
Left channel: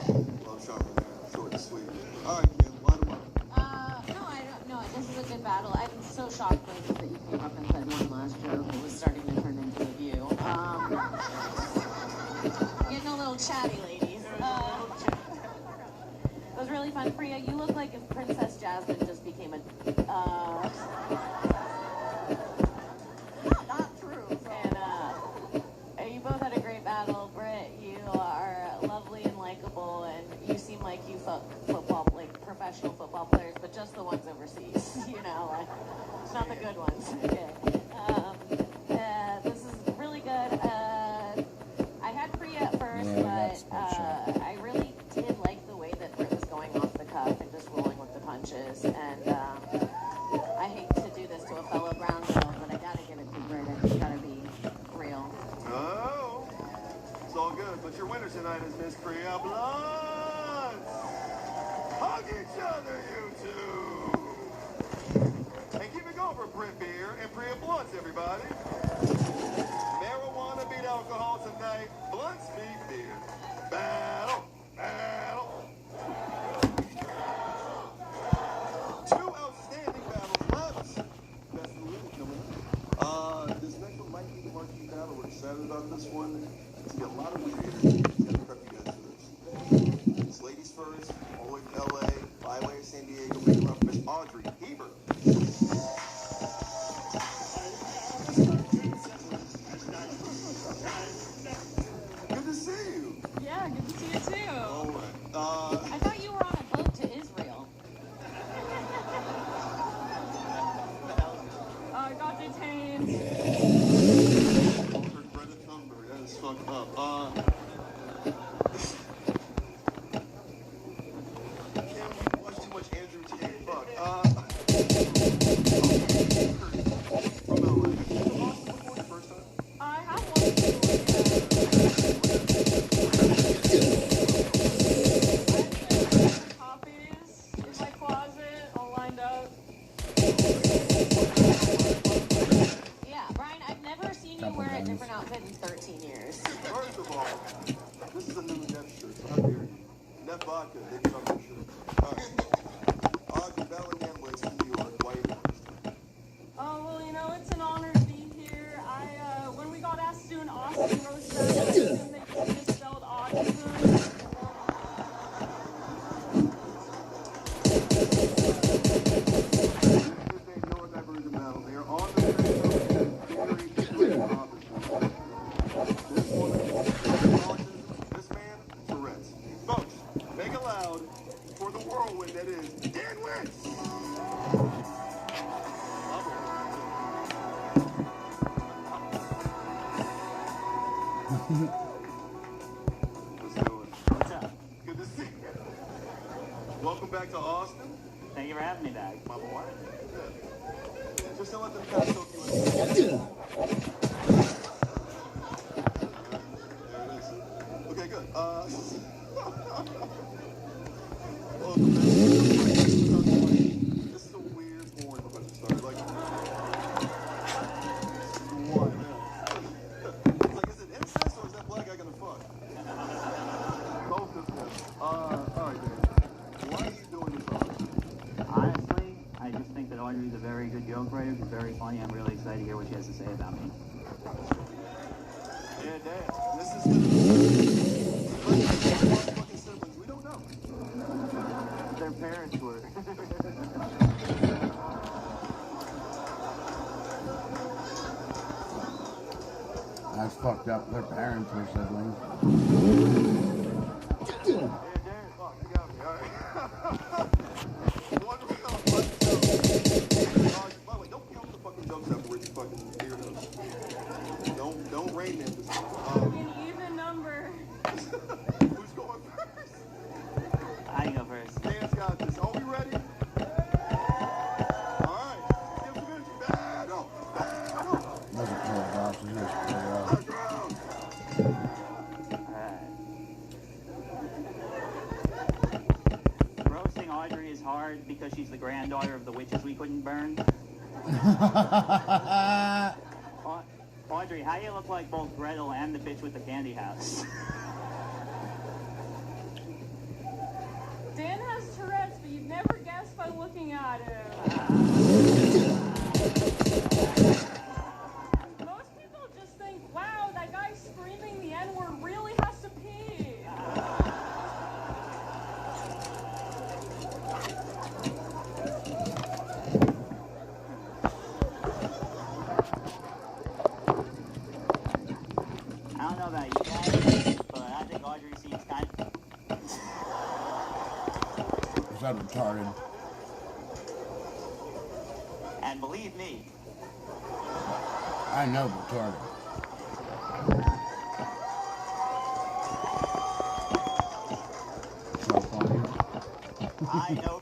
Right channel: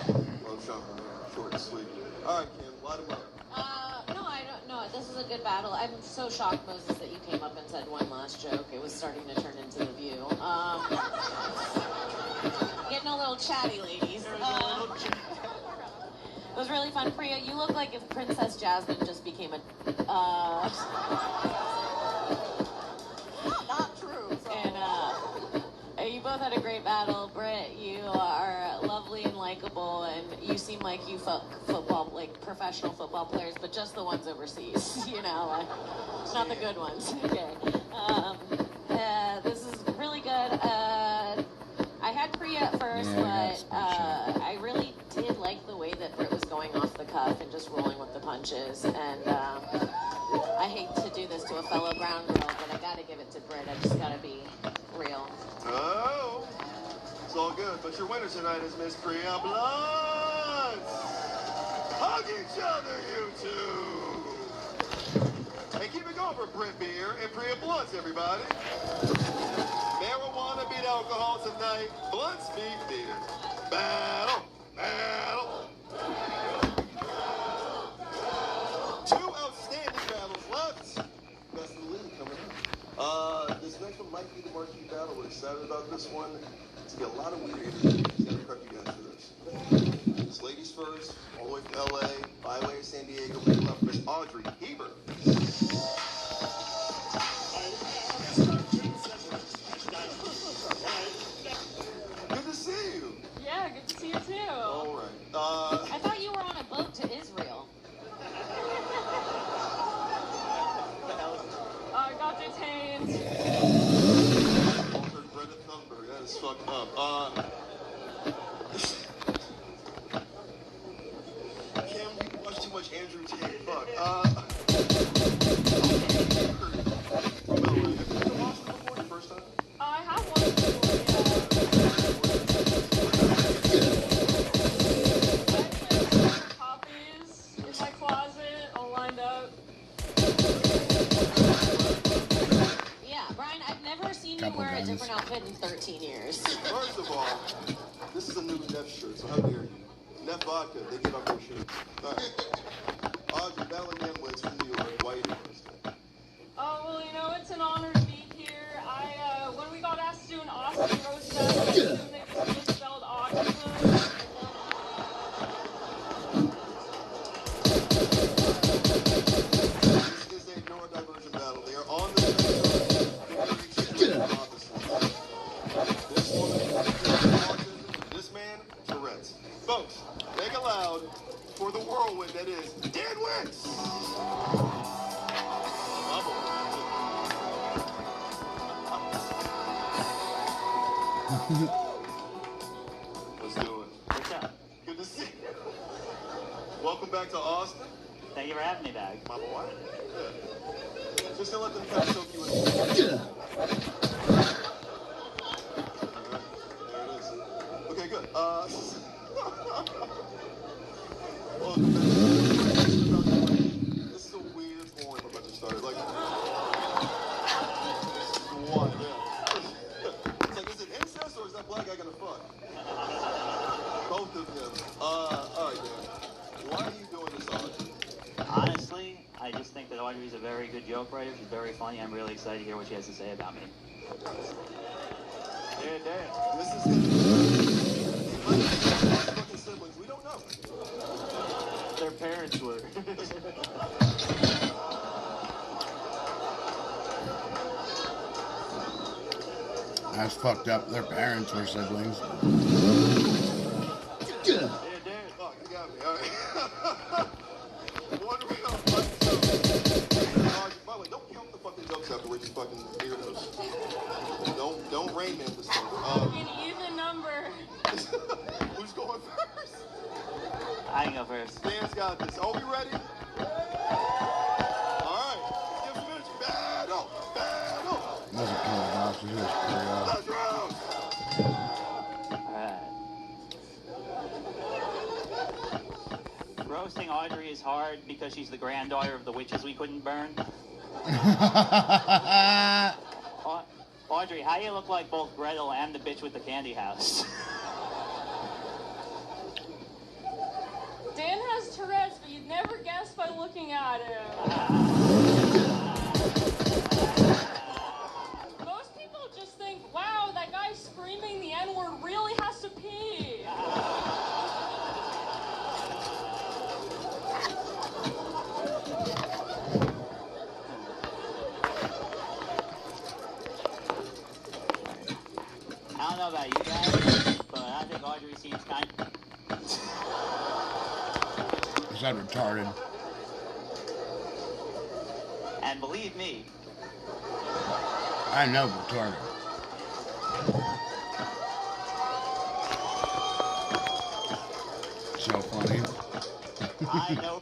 Short and sweet. All right, Kim. Light 'em up. No, I don't know. This is a good battle. I'm so shocked, Moses, that you came up and said one last joke. It was starting to turn into a view. Getting a little chatty, ladies. It was really fun. Priya, you look like if Princess Jasmine just became a... Not true. And you both had a great battle. Britt, you are lovely and likable, and you seem like you football, like professional football players, but just the ones overseas, you know, like, not the good ones. Okay. This is really good. I had Priya at first, but I really did like the way that Britt was going off the cuff and just rolling with the punches. And I hate to do this to a fellow brown girl, but I gotta give it to Britt. I just gotta be real. Oh, it's all good. But your winner tonight is Miss Priya Blunts. Hug each other, you two. And keep it going for Britt Beer and Priya Blunts, everybody. Marijuana beat alcohol tonight. Blunts beat beer. Battle. Battle. Two outstanding battles left. That's the win coming. This next one might be the marquee battle. We're excited about this one. It's got a lot of new energy. It's got to prep you guys for this. It's ladies first, all the way from LA, by way of San Diego. Make up Miss Audrey Heber. Good to see you. Yeah, good to see you too. All right. I thought you were on a boat to Israel. I got detained. Greta Thunberg, that is fucked up. Kim, you watch too much Andrew Tate. Fuck. I have one. Copies in my closet, all lined up. Yeah, Brian, I've never seen you wear a different outfit in 13 years. First of all, this is a new Neff shirt, so how dare you? Neff Vodka, they get on their shirts. All right. Audrey, battling the Emblitz from you, white. Oh, well, you know, it's an honor to be here. When we got asked to do an Austin roast battle, I assumed they misspelled autism. This is a neurodivergent battle. They are on the this man, Tourette's. Folks, make it loud for the whirlwind that is Dan Wentz. Let's do it. What's up? Good to see you. Welcome back to Austin. Thank you for having me back. My boy. Yeah. Just to let them catch soak you in. There it is. Okay, good. This is a weird, boring bunch of stuff. Like, She's very funny. I'm really excited to hear what she has to say about me. Yeah, damn. This is we don't know. Their parents were. That's fucked up. Their parents were siblings. Yeah, damn. Fuck, you got me. All right. By the way, don't count the fucking jokes afterwards, you fucking weirdos. Don't rain them this time. An even number. Who's going first? I can go first. Dan's got this. Are we ready? Alright. Give us a minute. Battle. Doesn't kill Josh. It's just pretty Roasting Audrey is hard because she's the granddaughter of the witches we couldn't burn. Audrey, how do you look like both Gretel and the bitch with the candy house? Dan has Tourette's, but you'd never guess by looking at him. Most people just think, wow, that guy screaming the N-word really has to pee. I don't know about you guys, but I think Audrey seems kind of... Is that retarded? And believe me, I know retarded. So funny. I know.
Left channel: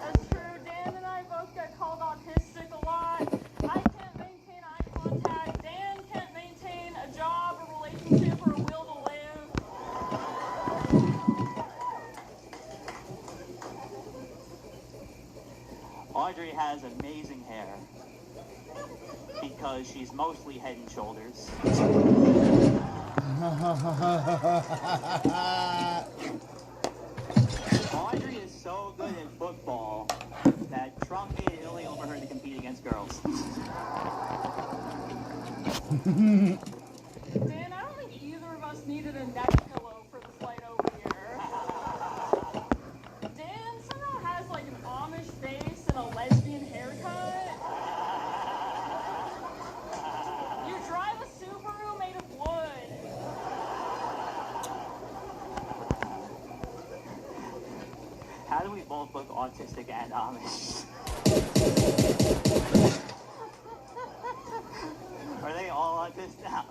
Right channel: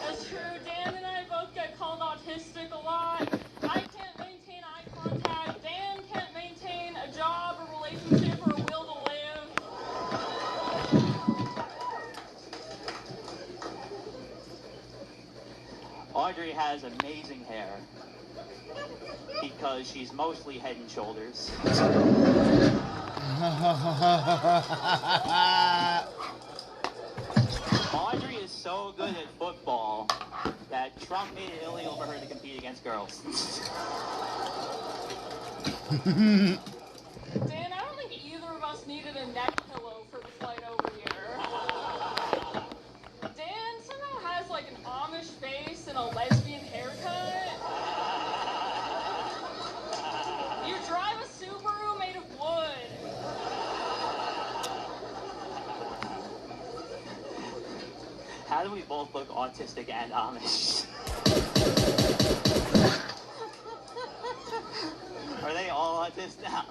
That's true. Dan and I both get called autistic a lot. I can't maintain eye contact. Dan can't maintain a job, a relationship, or a will to live. Audrey has amazing hair because she's mostly Head and Shoulders. Audrey is so good at football that Trump made it illegal for her to compete against girls. Dan, I don't think either of us needed a neck pillow for the flight over here. Dan somehow has like an Amish face and a lesbian haircut. You drive a Subaru made of wood. How do we both look autistic and Amish? Are they all autistic now?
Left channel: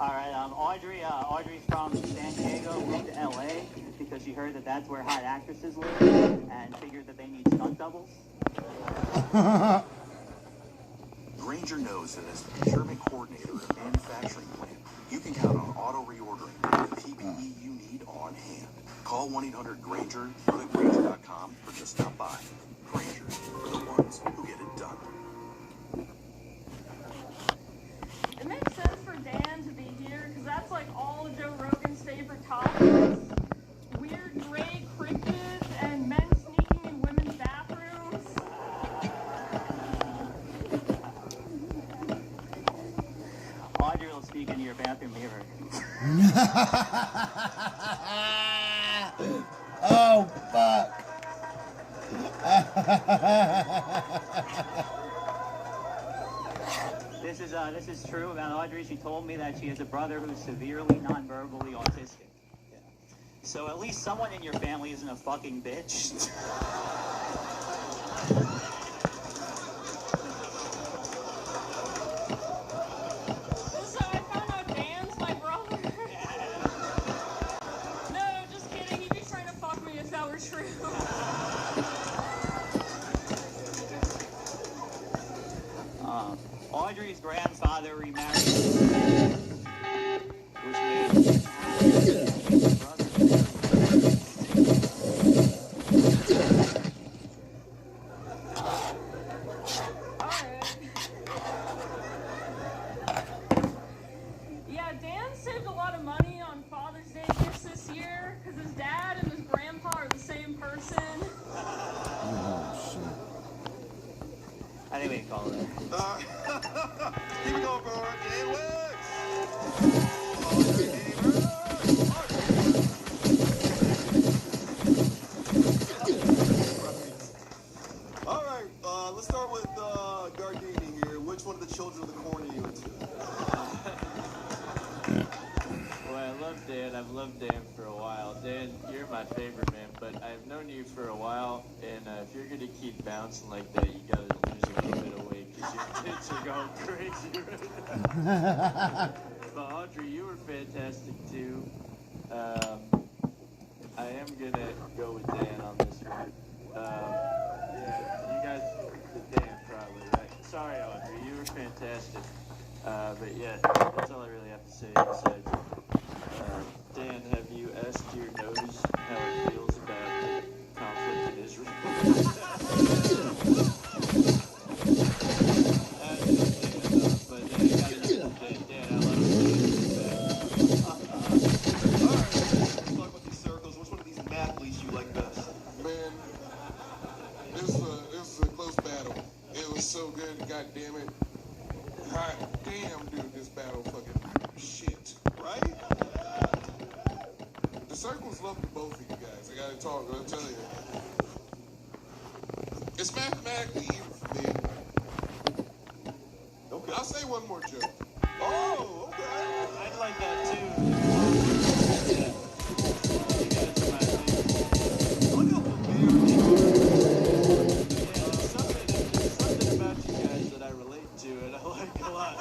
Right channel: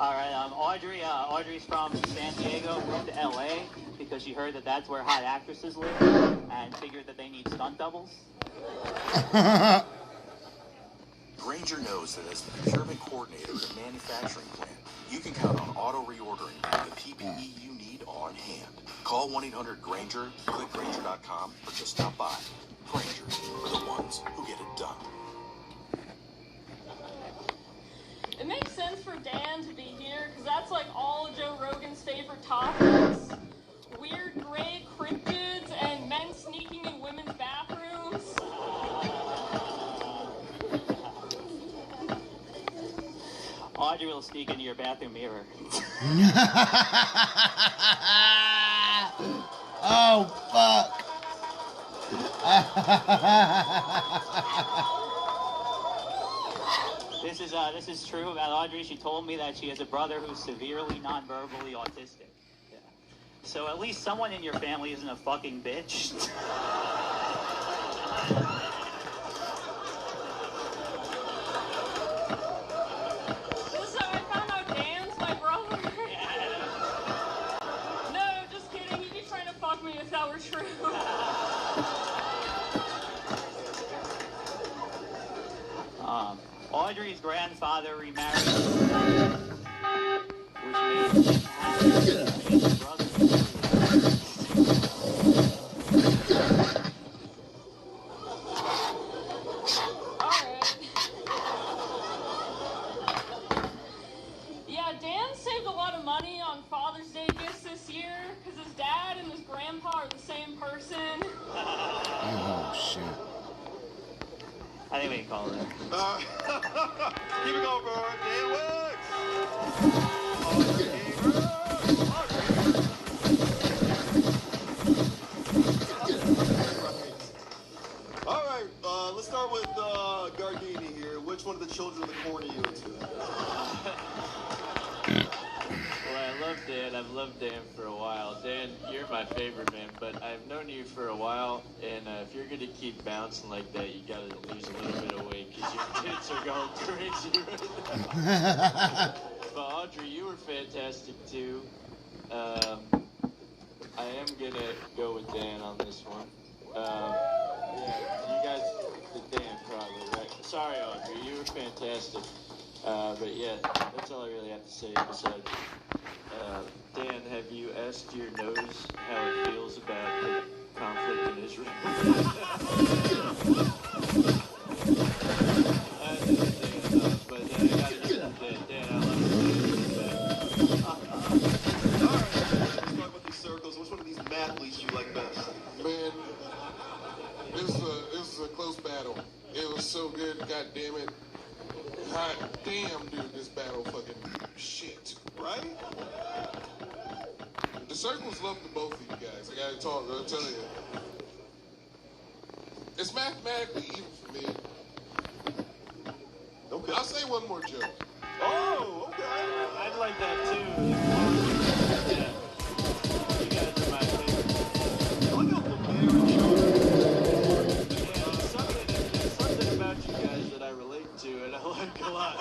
Alright, Audrey's from San Diego, moved to LA because she heard that that's where hot actresses live and figured that they need stunt doubles. Granger knows that as the procurement coordinator at a manufacturing plant, you can count on auto reordering the PPE you need on hand. Call 1-800-GRANGER, click Granger.com, or just stop by. Granger, for the ones who get it done. It makes sense for Dan to be here because that's like all Joe Rogan's favorite topics. Weird gray cryptids and men sneaking in women's bathrooms. Audrey will speak into your bathroom mirror. Oh, fuck. This is true about Audrey. She told me that she has a brother who's severely non-verbally autistic. Yeah. So at least someone in your family isn't a fucking bitch. So I found out Dan's my brother. No, just kidding. He'd be trying to fuck me if that were true. Audrey's grandfather remarried. Yeah, Dan saved a lot of money on call it. Keep it going, bro. All right, let's start with Gardini here. Which one of the children of the corn are you into? Well, I love Dan. I've loved Dan for a while. Dan, you're my favorite, man, but I've known you for a while, and if you're going to keep bouncing like that, you got to lose a little bit of weight, because your tits are going crazy right now. But Audrey, you were fantastic, too. I am going to go with Dan on this one. Yeah, you guys, the Dan probably, right? Sorry, Audrey, you were fantastic. But yeah, that's all I really have to say. Besides, Dan, have you asked your nose how it feels about the conflict in Israel? But I gotta Dan, I Let's talk about these circles. Which one of these athletes you like best? Man, this is a close battle. It was so good, god damn it. Hot damn, dude, this battle fucking shit, right? The circles love the both of you guys. I gotta tell you. It's mathematically even for me. Okay. I'll say one more joke. Oh, okay. I'd like that too. Something about you guys that I relate to and I like a lot.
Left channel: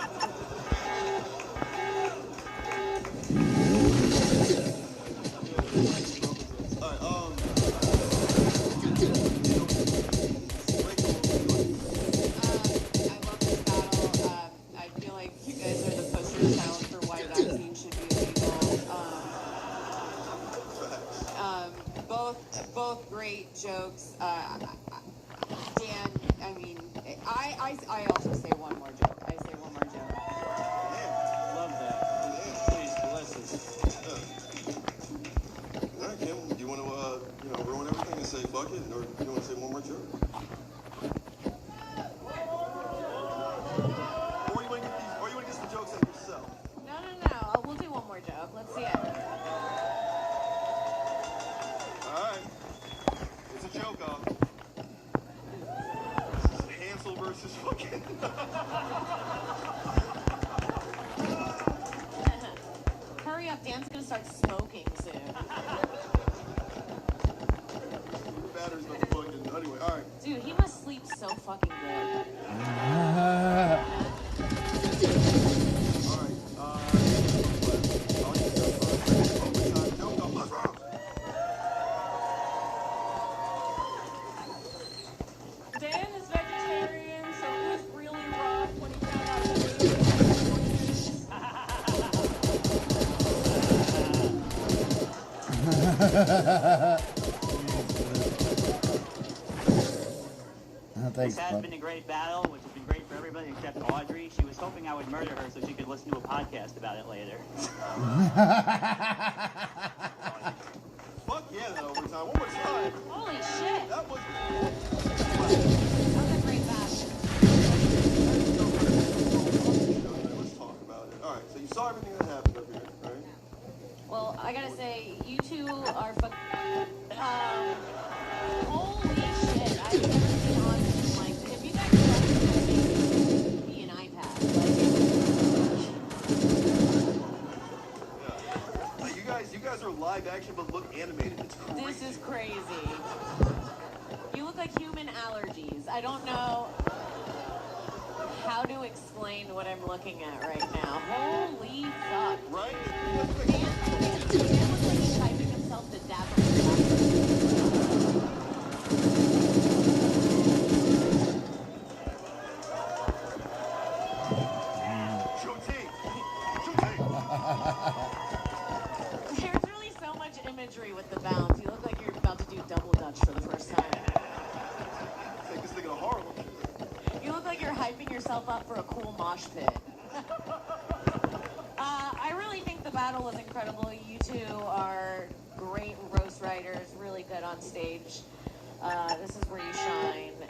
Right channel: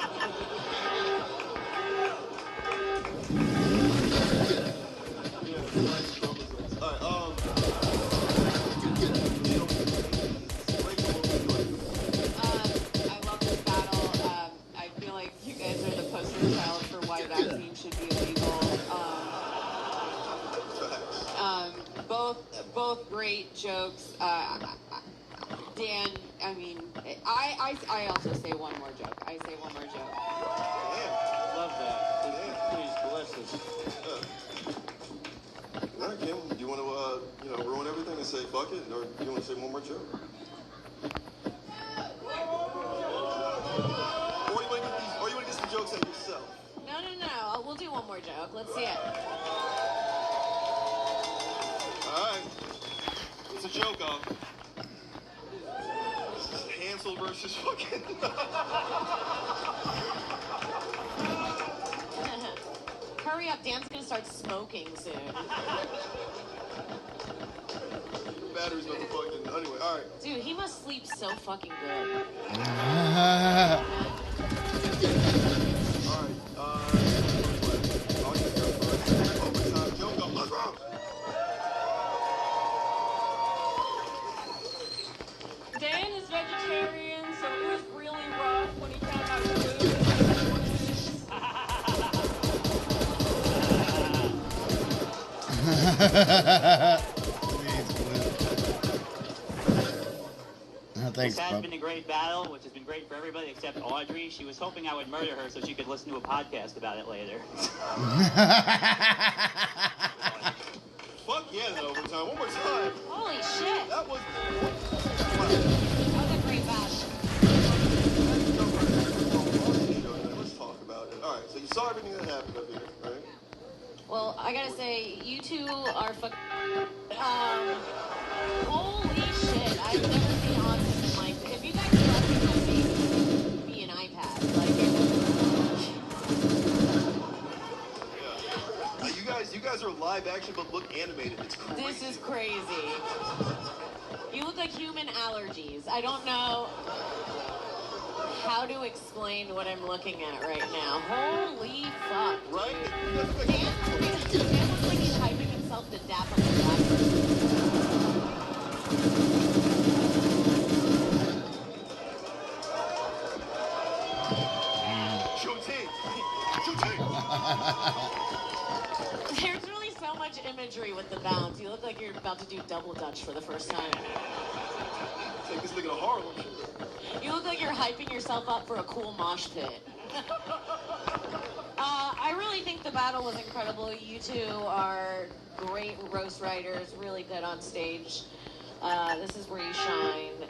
I feel like you guys are the poster child for why vaccine should be illegal. Both great jokes. Dan, I mean, I also say one more joke. I say one more joke. Love that. Please bless us. All right, Kim, do you want to ruin everything and say fuck it, or do you want to say one more joke? Or you want to get some jokes out yourself? No. We'll do one more joke. Let's see it. All right. It's a joke of Hansel versus fucking. Hurry up, Dan's gonna start smoking soon. Battery's about to fucking. Anyway, all right. Dude, he must sleep so fucking good. Dan is vegetarian, so it was really rough when he Thanks, This has bud. been a great battle, which has been great for everybody except Audrey. She was hoping I would murder her so she could listen to a podcast about it later. Fuck yeah, though. One more time. Holy shit. That was. Let's talk about it. All right, so you saw everything that happened up here, right? Well, I gotta say, you two are holy shit. I think like, if you guys could be an iPad. You guys are live action but look animated. It's crazy. This is crazy. You look like human allergies. I don't know how to explain what I'm looking at right now. Holy fuck. Right? Typing himself to death. There's really so much imagery with the bounce. You look like you're about to do double dutch for the first time. Take this nigga to Harlem. You look like you're hyping yourself up for a cool mosh pit. I really think the battle was incredible. You two are great roast writers, really good on stage. This is where you shine.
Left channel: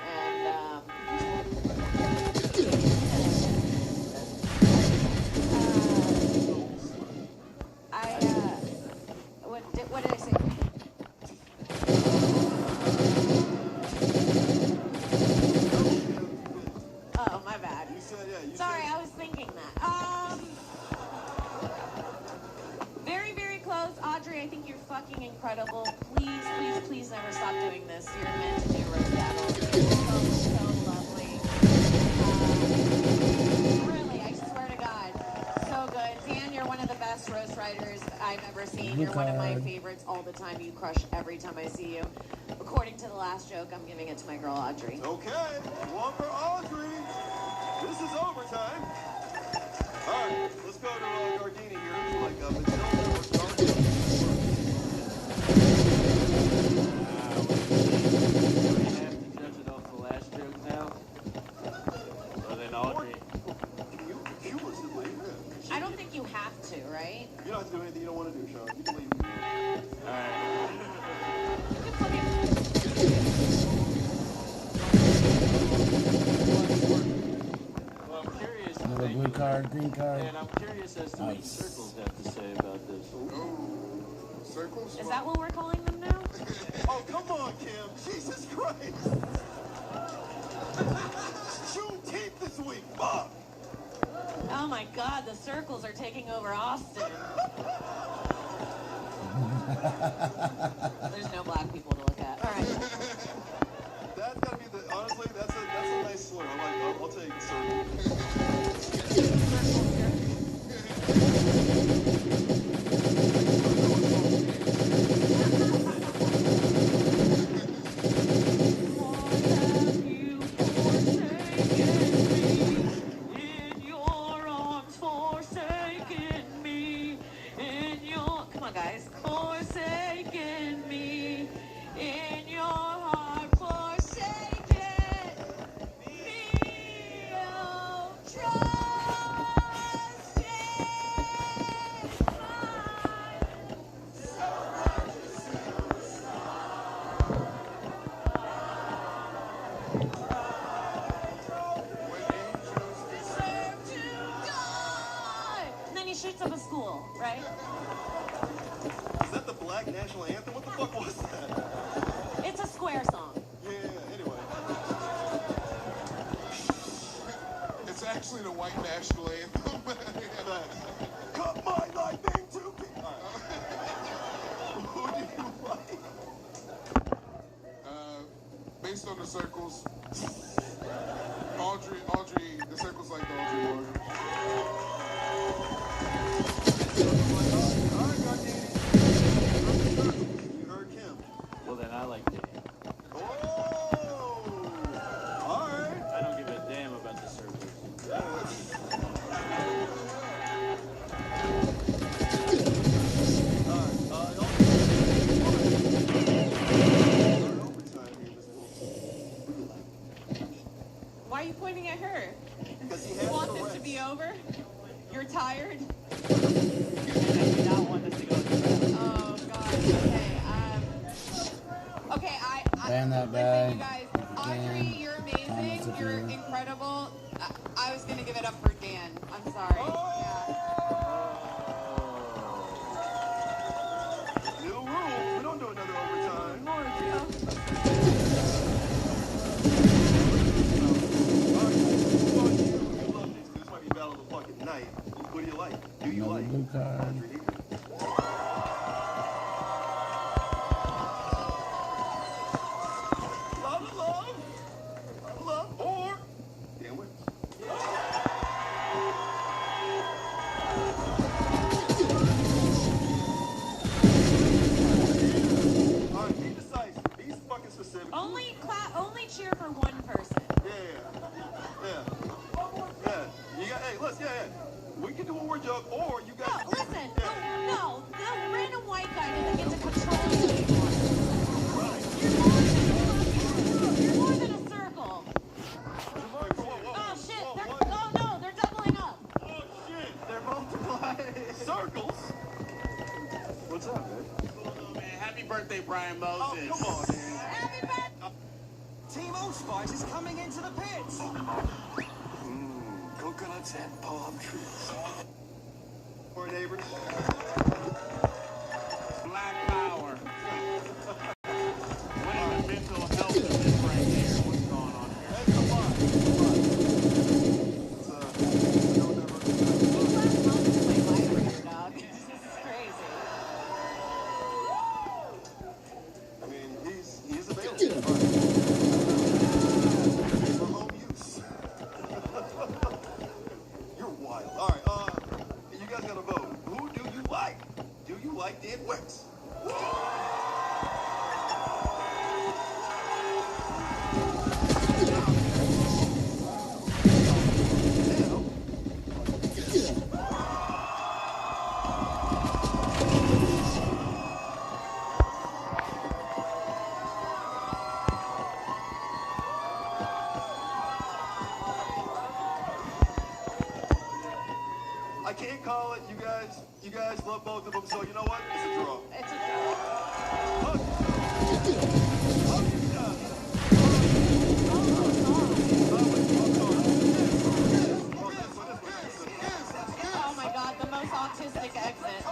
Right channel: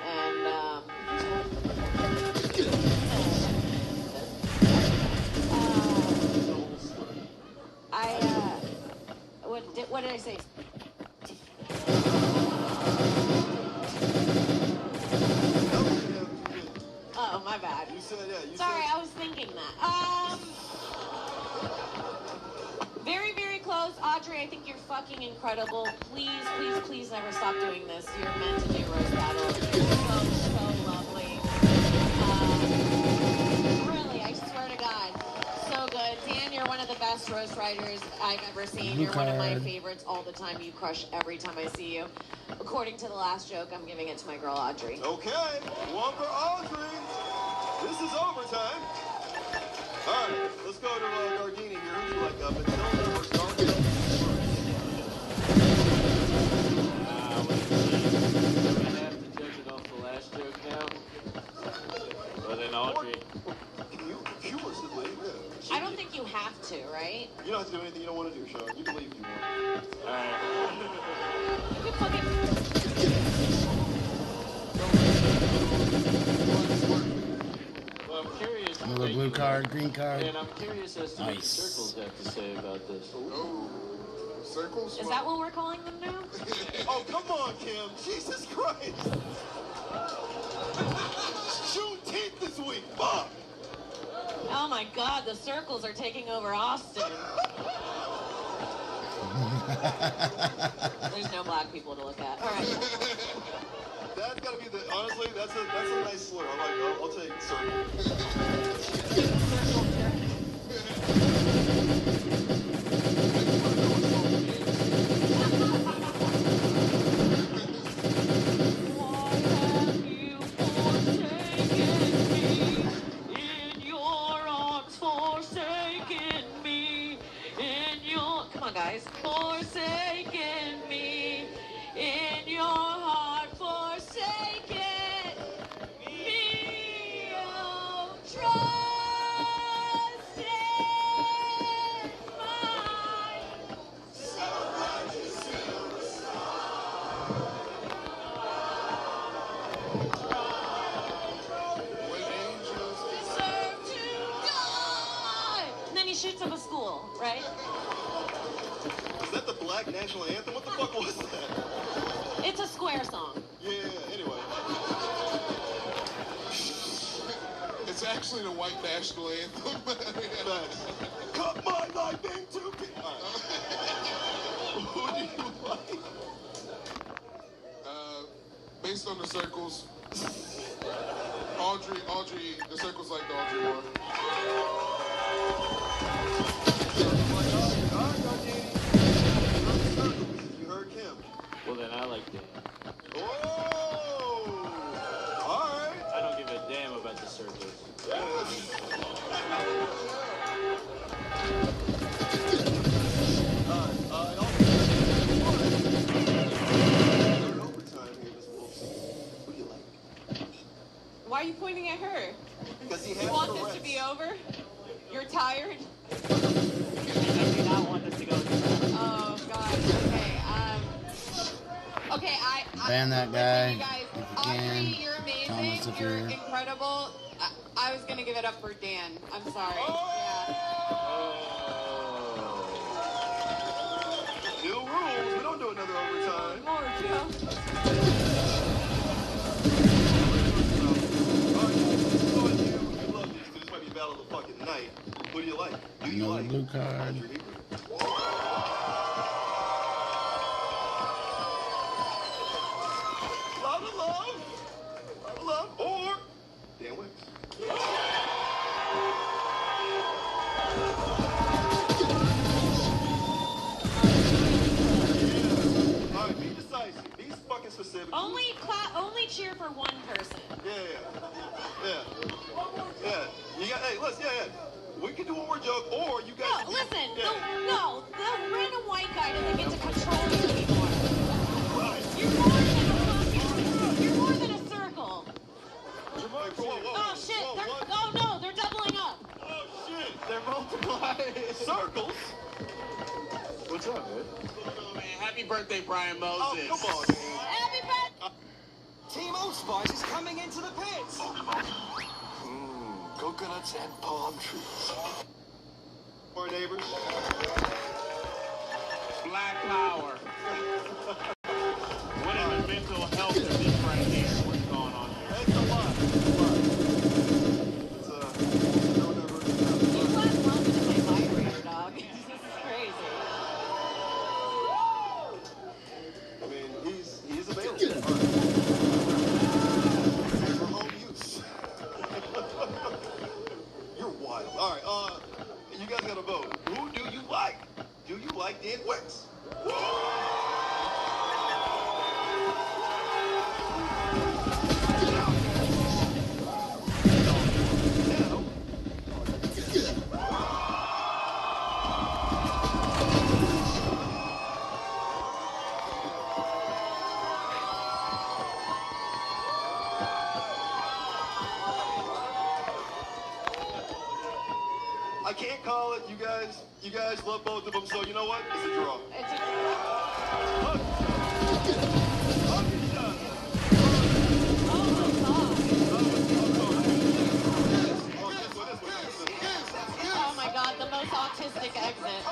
And did I say? Oh, my bad. Sorry, I was thinking that. Very, very close. Audrey, I think you're fucking incredible. Please, please, please never stop doing this. You're meant to do roast battles. So lovely. Really, I swear to God. So good. Dan, you're one of the best roast writers I've ever seen. You're one of my favorites all the time. You crush every time I see you. According to the last joke, I'm giving it to my girl, Audrey. Okay, one for Audrey. This is overtime. All right, let's go to Gardini here. Judging off the last joke now. Well, then Audrey. I don't think you have to, right? You don't have to do anything you don't want to do, Sean. You can leave. All Well, I'm curious. Another blue card, green card. And I'm curious as to what Nice. Circles have to say about this. Circles? Is that what we're calling them now? Oh, come on, Kim. Jesus Christ. Juneteenth this week. Fuck. Oh my God, the circles are taking over Austin. There's no black people to look at. All right. That's gotta be the, honestly, that's a nice slur. I'll take it, sir. Come on, guys. Forsaken me in your heart, forsaken me. Oh, trust in and then he shoots up a school, right? Is that the Black National Anthem? What the fuck was that? It's a square song. Yeah, anyway. It's actually the white national anthem. Cut my life into Who do you like? Based on the circles, Audrey, the circles like Audrey were. You heard Kim. Well, then I like it. Oh! Alright. I don't give a damn about the circles. Why are you pointing at her? Because he You has want the this to rights. be over? You're tired? Okay, Ban that guy you guys, if you can. you're amazing. Thomas, if You're you're here. incredible. I was gonna give it up for Dan. I'm sorry. New rules. We don't do another overtime. This might be battle of the fucking night. What do you like? Another blue card. Love, or Dan wins. Alright, be decisive. Be fucking specific. Only cheer for one person. Yeah. You got, hey, listen, we can do one more joke, or you guys. No, listen. No, the random white guy doesn't get to control you. You're more than a circle. Oh shit! Oh no, they're doubling up. Oh shit! They're multiplying. Circles? What's up, man? Oh, man, happy birthday, Brian Moses. Oh, come on, man. Happy birthday! Team Old Spice is coming into the pits. Coconuts and palm trees. Our neighbors. Black power. DAY6. I can't call it. You guys love both of them, so you know what? It's a draw. Oh my god, the most autistic exit.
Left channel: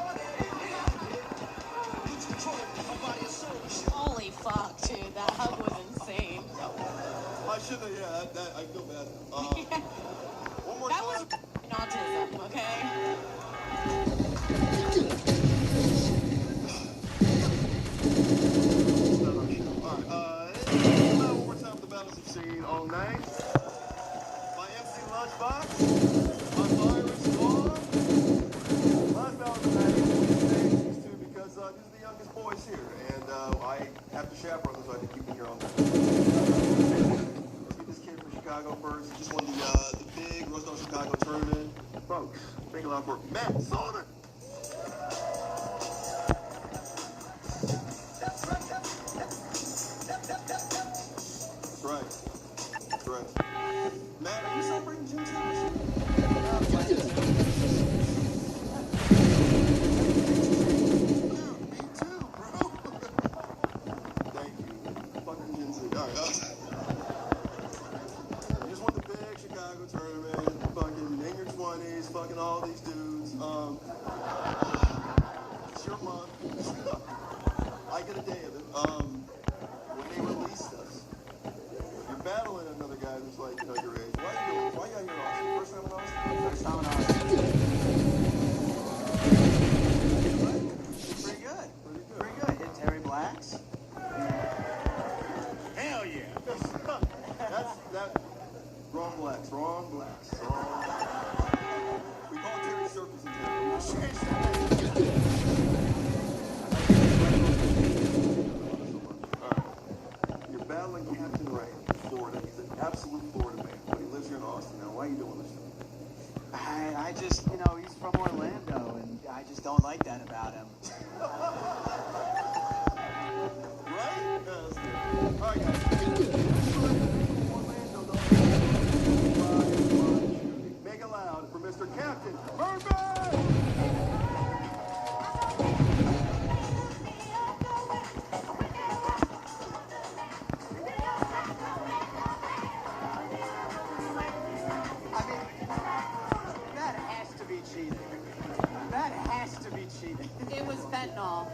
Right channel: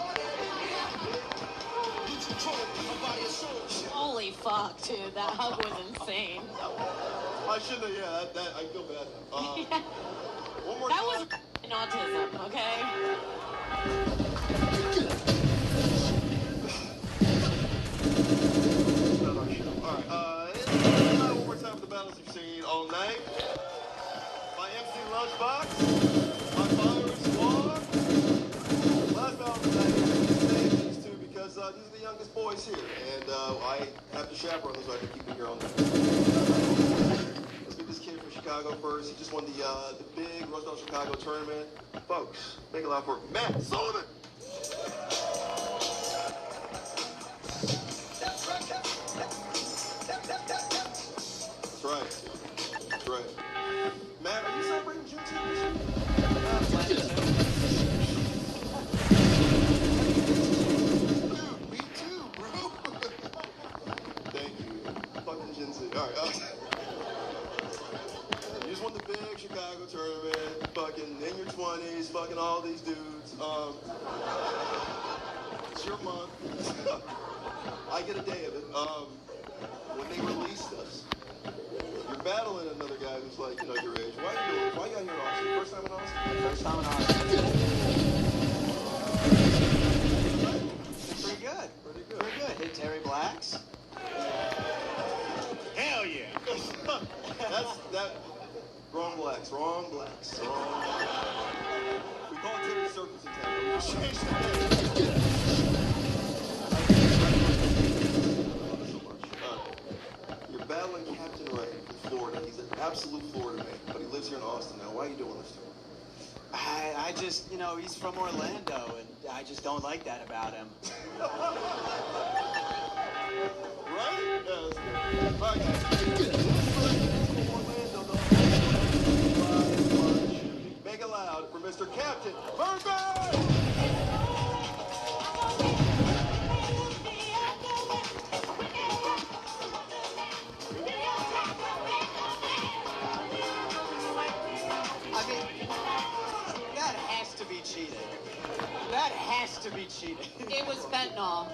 Holy fuck, dude, that hug was insane. I shouldn't have, I feel bad. One more That time. was autism, okay? One more time for the battles you've seen all night. My MC Lunchbox. Last battle tonight, these two because these are the youngest boys here, and I have to chaperone them, so I have to keep the girl. Let's meet this kid from Chicago first. He just won the big Rose Down Chicago tournament. Folks, thank a lot for Matt Sullivan. That's right. That's right. Matt, are you celebrating Juneteenth this year? Me too, bro. Thank you. Fucking Gen Z. All right. You just won the big Chicago tournament. Fucking in your 20s. Fucking all these dudes. It's your month. I get a day of it. When they released us, you're battling another guy who's like, your age. Why you out here, Austin? First time in Austin? First time in Austin. Pretty good. Pretty good. Hit Terry Blacks. Hell yeah. That. Wrong blacks. We call it Terry Circus in town. You're battling Captain Ray in Florida. He's an absolute Florida man, but he lives here in Austin now. Why are you doing this? I just, he's from Orlando, and I just don't like that about him. Right? Yes. Make it loud for Mr. Captain Birdman! I mean, that has to be cheating. That has to be cheating. It was fentanyl.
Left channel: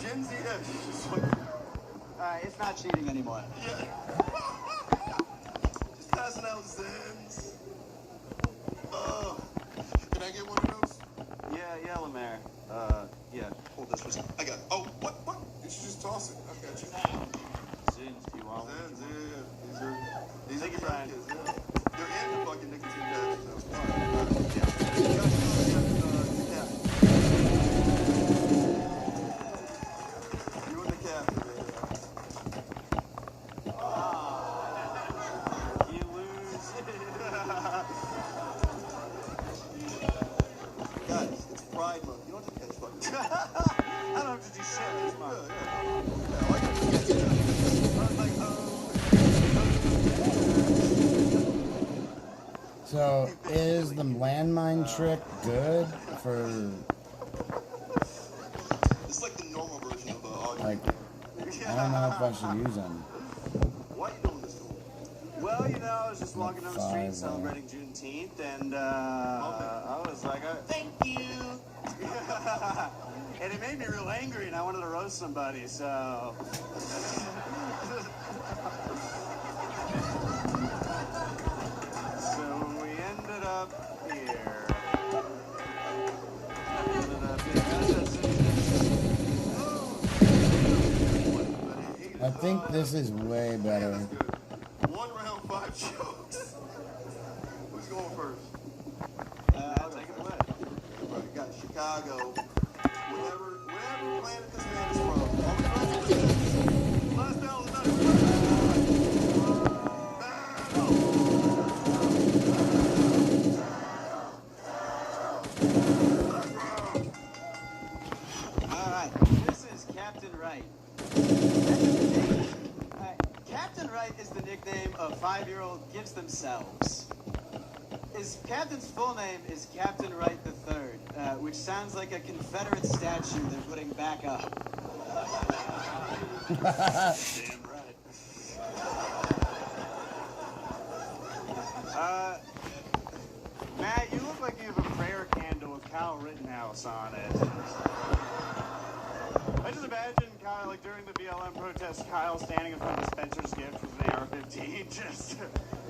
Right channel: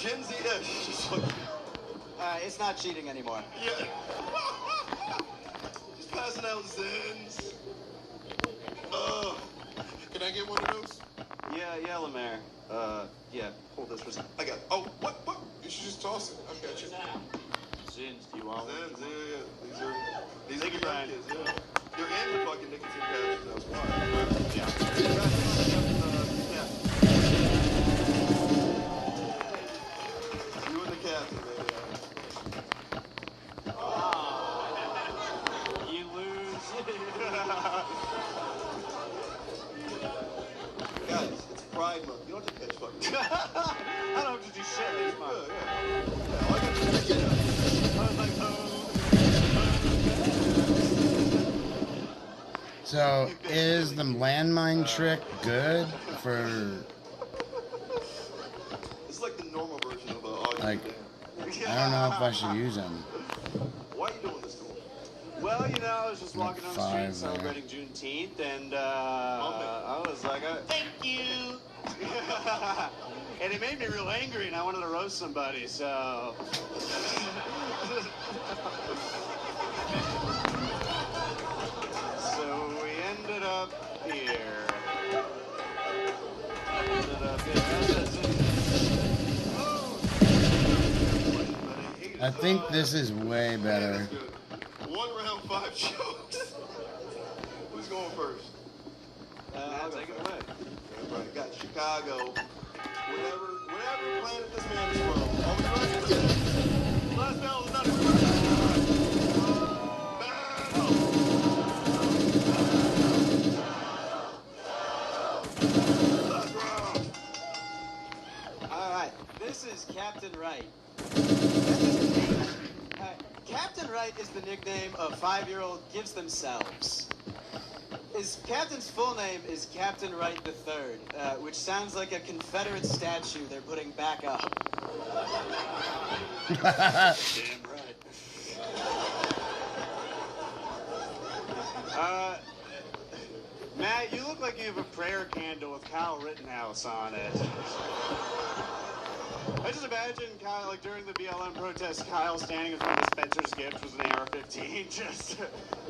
Gen Z-ish. It's not cheating anymore. Yeah. Just passing out Zins. Can I get one of those? Yeah, Lemaire. Yeah, hold this for I got it. Oh, what? You should just toss it. I got you. Zins, do you want Zins, yeah. These are the young kids, yeah. They're in the fucking nicotine patches. You and the captain, man. You lose. Guys, it's Pride Month. You don't have to catch fucking. I don't have to do shit this month. So, is the landmine trick good for, It's like the normal version of like, I don't know if I should use them. Why are you doing this? Well, I was just Like walking down the five street there. celebrating Juneteenth, and I was like, thank you. And it made me real angry, and I wanted to roast somebody, so. So we ended up here. I think this is way better. 1 round 5 jokes. Who's going first? I'll take it away. Right, got Chicago. Whenever Right is the nickname a 5-year-old gives themselves. His captain's full name is Captain Wright III, which sounds like a Confederate statue they're putting back up. Damn right. Matt, you look like you have a prayer candle with Kyle Rittenhouse on it. I just imagine Kyle, like during the BLM protest, Kyle standing in front of Spencer's gift with an AR-15, just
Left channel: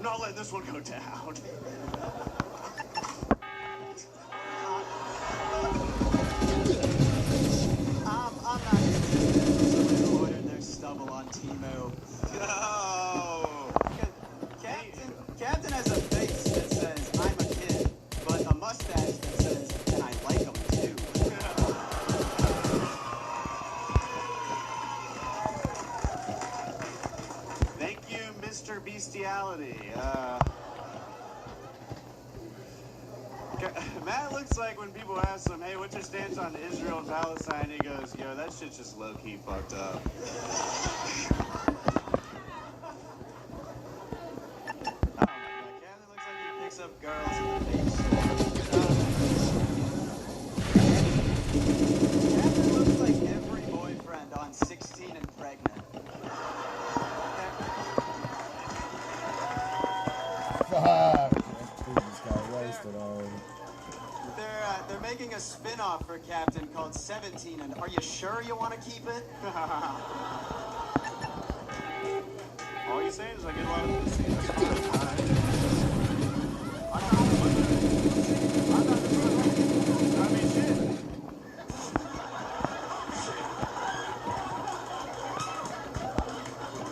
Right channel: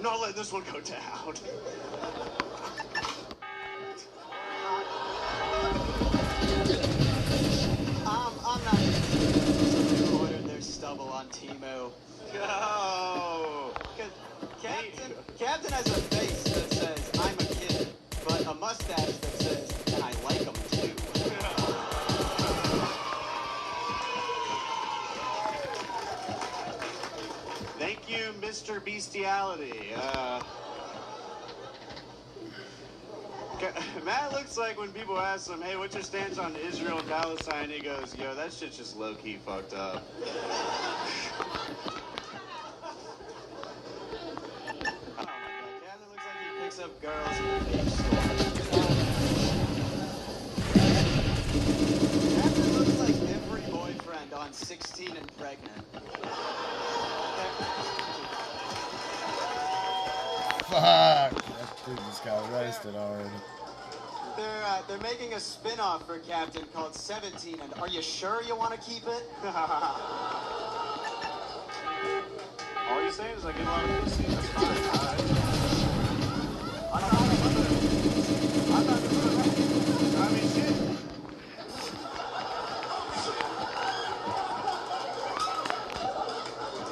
not letting this one go down. I'm not ordered their stubble on Timo. Oh. Captain has a face that says, I'm a kid, but a mustache that says, and I like him too. Thank you, Mr. Bestiality. Matt looks like when people ask him, hey, what's your stance on Israel and Palestine? He goes, yo, that shit's just low-key fucked up. Captain looks like he picks up girls in the beach. Captain looks like every boyfriend on 16 and pregnant. Fuck. That dude just got roasted already. They're making a spin-off for Captain called 17, and are you sure you want to keep it? All you're saying is I get along with this scene. I mean, shit.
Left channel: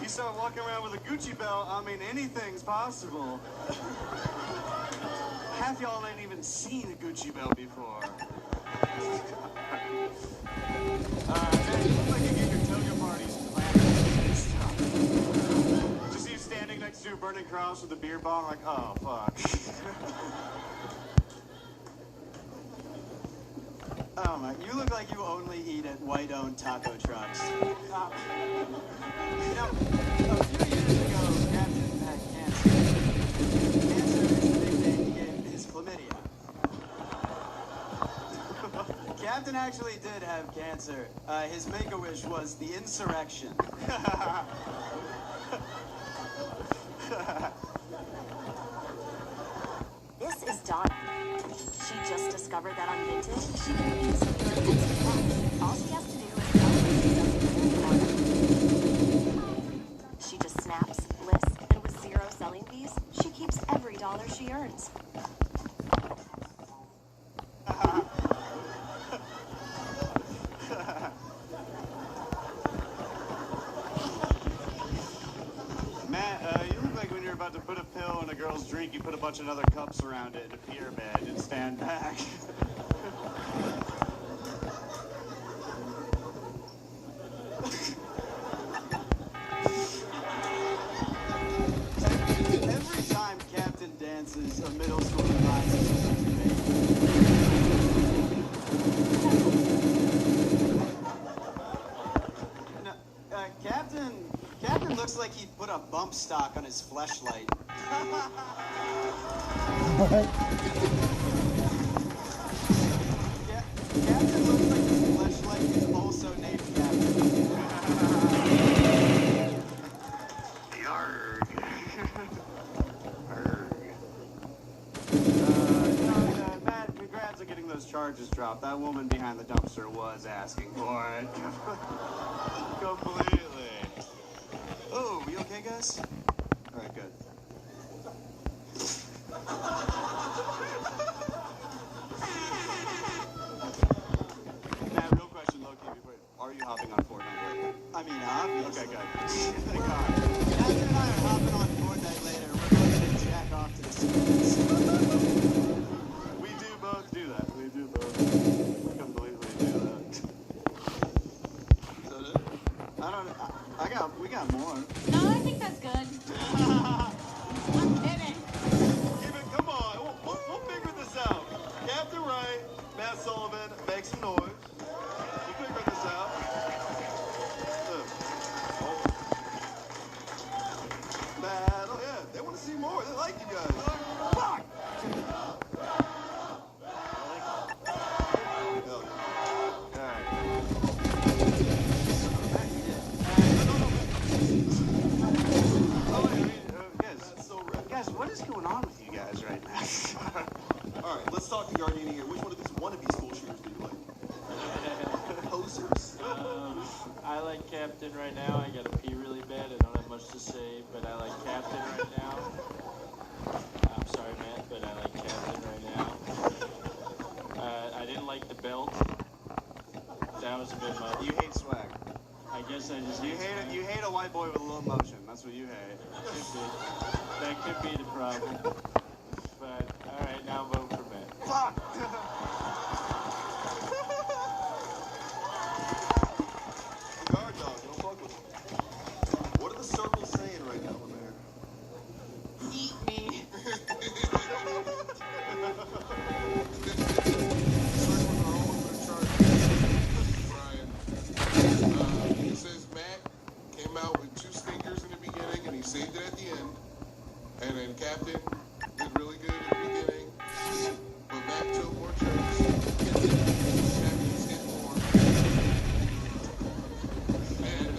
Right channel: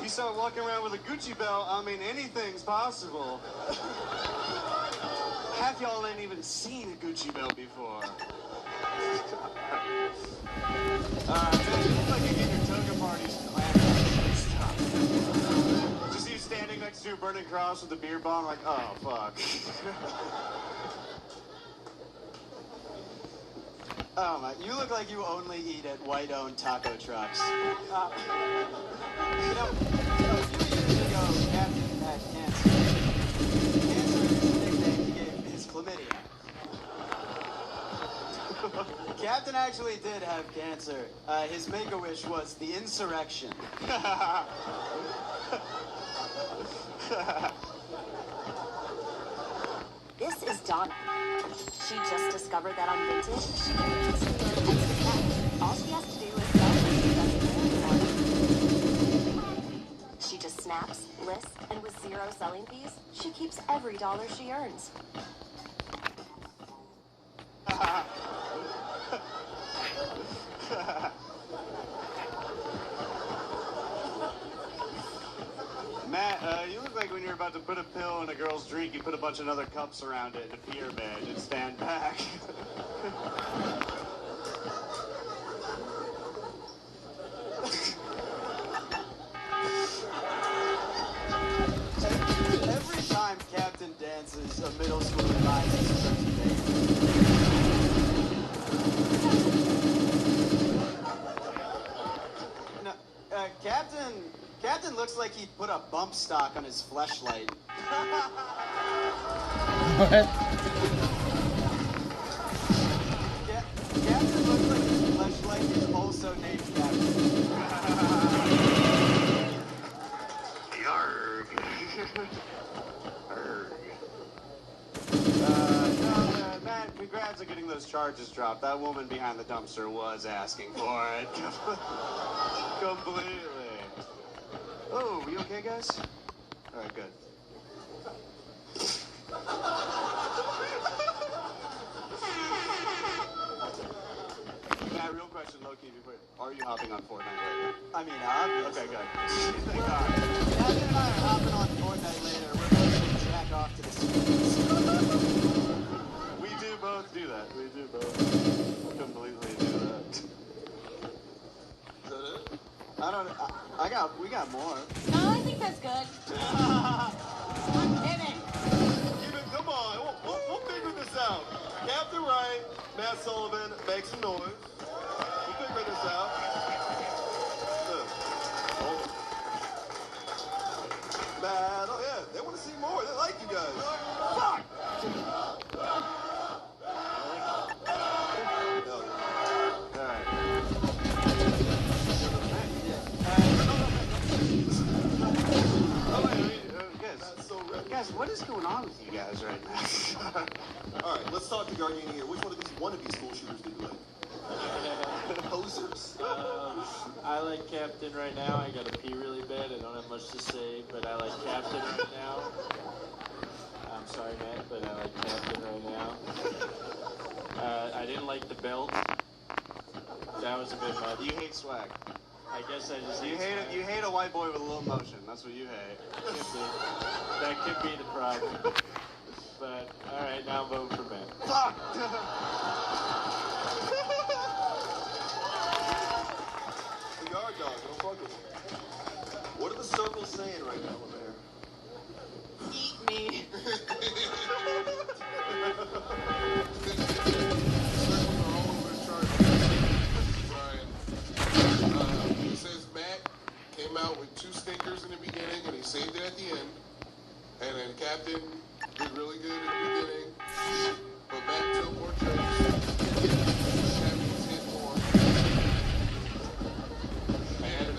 You start walking around with a Gucci belt, I mean, anything's possible. Half y'all ain't even seen a Gucci belt before. Just you standing next to a burning cross with a beer bong, like, oh, fuck. Oh my, you look like you only eat at white-owned taco trucks. You know, a few years ago, Captain had cancer. Cancer is the nickname he gave his chlamydia. Captain actually did have cancer. His make-a-wish was the insurrection. This is Donna. She just discovered that on Vinted, she can easily earn extra cash. All she has to do is she just snaps, lists, and with 0 selling fees, she keeps every dollar she earns. Matt, you look like when you're about to put a pill in a girl's drink, you put a bunch of other cups around it in a pyramid and stand back. Every time Captain dances, a middle schooler buys No, Captain looks like he put a bump stock on his fleshlight. What? Captain looks like his fleshlight is also named Captain. Yarg. Matt, congrats on getting those charges dropped. That woman behind the dumpster was asking for it. Completely. Oh, you okay, guys? All right, good. Matt, real question, low-key, before, are you hopping on Fortnite? I mean, obviously. Okay, good. Thank God. Captain and I are hopping on Fortnite later. We're going to jack off to the streets. We do both do that. We do both completely do that. Is that it? We got more. No, I think that's good. I'm kidding. Come on, we'll figure this out. Captain Wright, Matt Sullivan, make some noise. We'll figure this out. like Captain right now. I gotta pee really bad. I don't have much to say, but I like Captain right now. I'm sorry, Matt, but I like Captain right now. I didn't like the belt. That was a bit much. You hate swag. I guess I just You hate it. You hate a white boy with a little motion. That's what you hate. That could be the problem. But all right, now vote for Matt. Fuck. Guard dog, don't fuck with him. What are the circles saying right now, man? Eat me. It says Matt came out with 2 stinkers in the beginning and he saved it at the end. And then Captain did really good at the beginning. But Matt took more jokes. Captain's hit more. And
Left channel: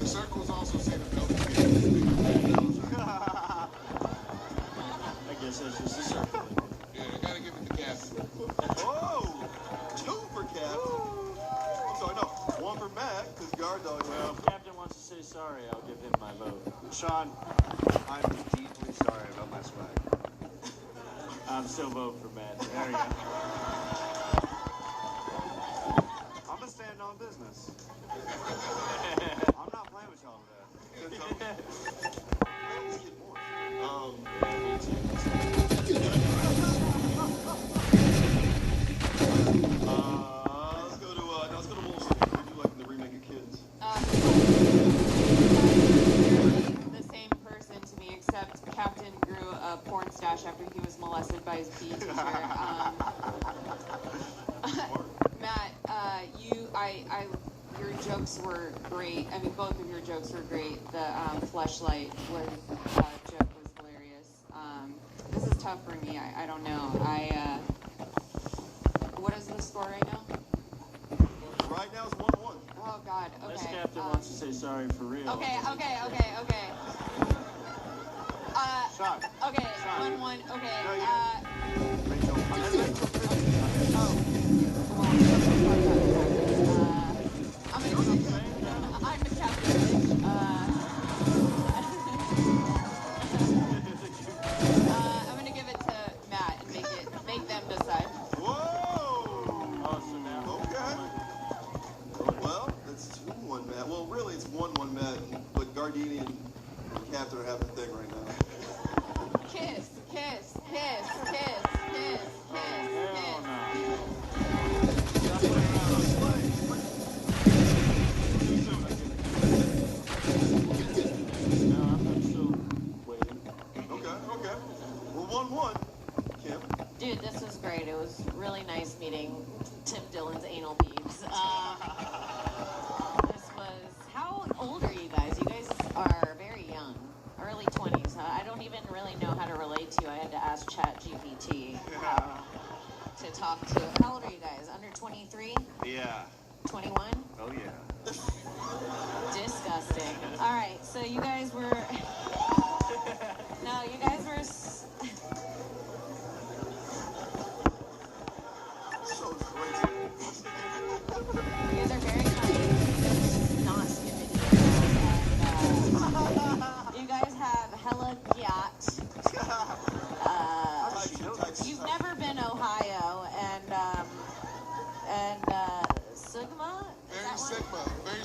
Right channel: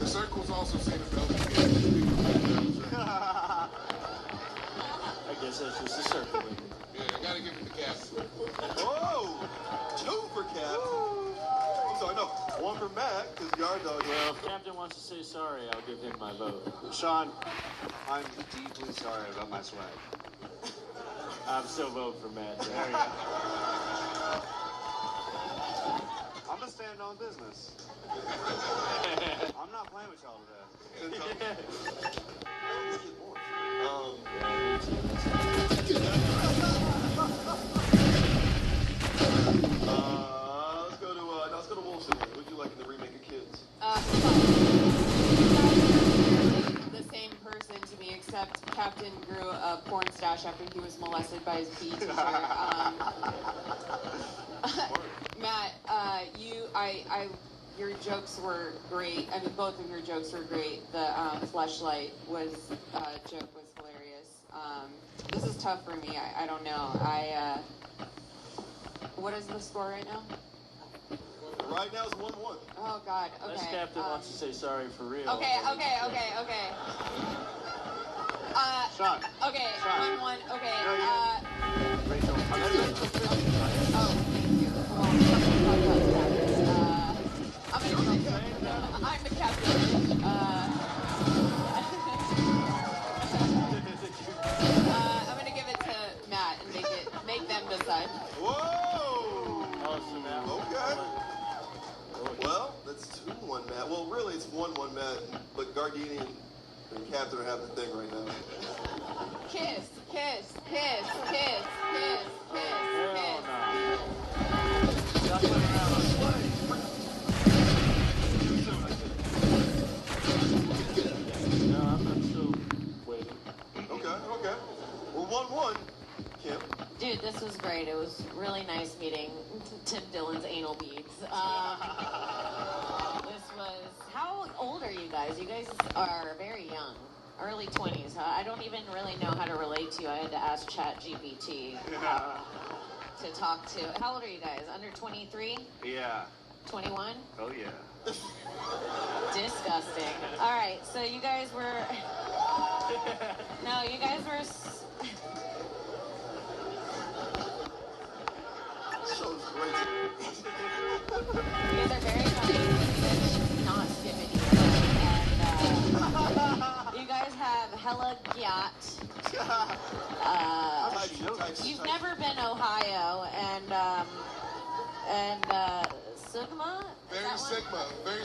the circle's also saying about I guess that's just a circle. Yeah, I gotta give it to Captain. Whoa! 2 for Cap. So I know 1 for Matt because Guard dog. Well, if Captain wants to say sorry, I'll give him my vote. Sean, I'm deeply sorry about my swag. I'm still voting for Matt. There you go. I'm just standing on business. I'm not playing with y'all today. Let's go to Wolves. What do you like in the remake of Kids? The same person to me, except Captain grew a porn stash after he was molested by his PE teacher. Matt, your jokes were great. I mean, both of your jokes were great. The fleshlight joke was hilarious. This is tough for me. I don't know. What is the score right now? Right now it's 1-1. Oh God. Okay. Unless Captain wants to say sorry for real. Okay. Sean. Okay. 1-1. Okay. I'm the captain. I'm gonna give it to Matt and make them decide. Whoa! Okay. Well, that's 2-1 Matt. Well, really it's 1-1 Matt, but Gardini and Captain are having a thing right now. Kiss, kiss, kiss, kiss, kiss, kiss, kiss. Okay. We're 1-1. Kim? Dude, this was great. It was really nice meeting Tim Dillon's anal beads. This was... How old are you guys? You guys are very young. Early 20s, huh? I don't even really know how to relate to you. I had to ask ChatGPT to talk to. How old are you guys? Under 23? Yeah. 21? Oh yeah. Disgusting. All right, so you guys were... No, you guys were... So great. You guys are very funny. Not skipping you. You guys have hella gyat. You've never been Ohio, and Sigma? Very Sigma. Very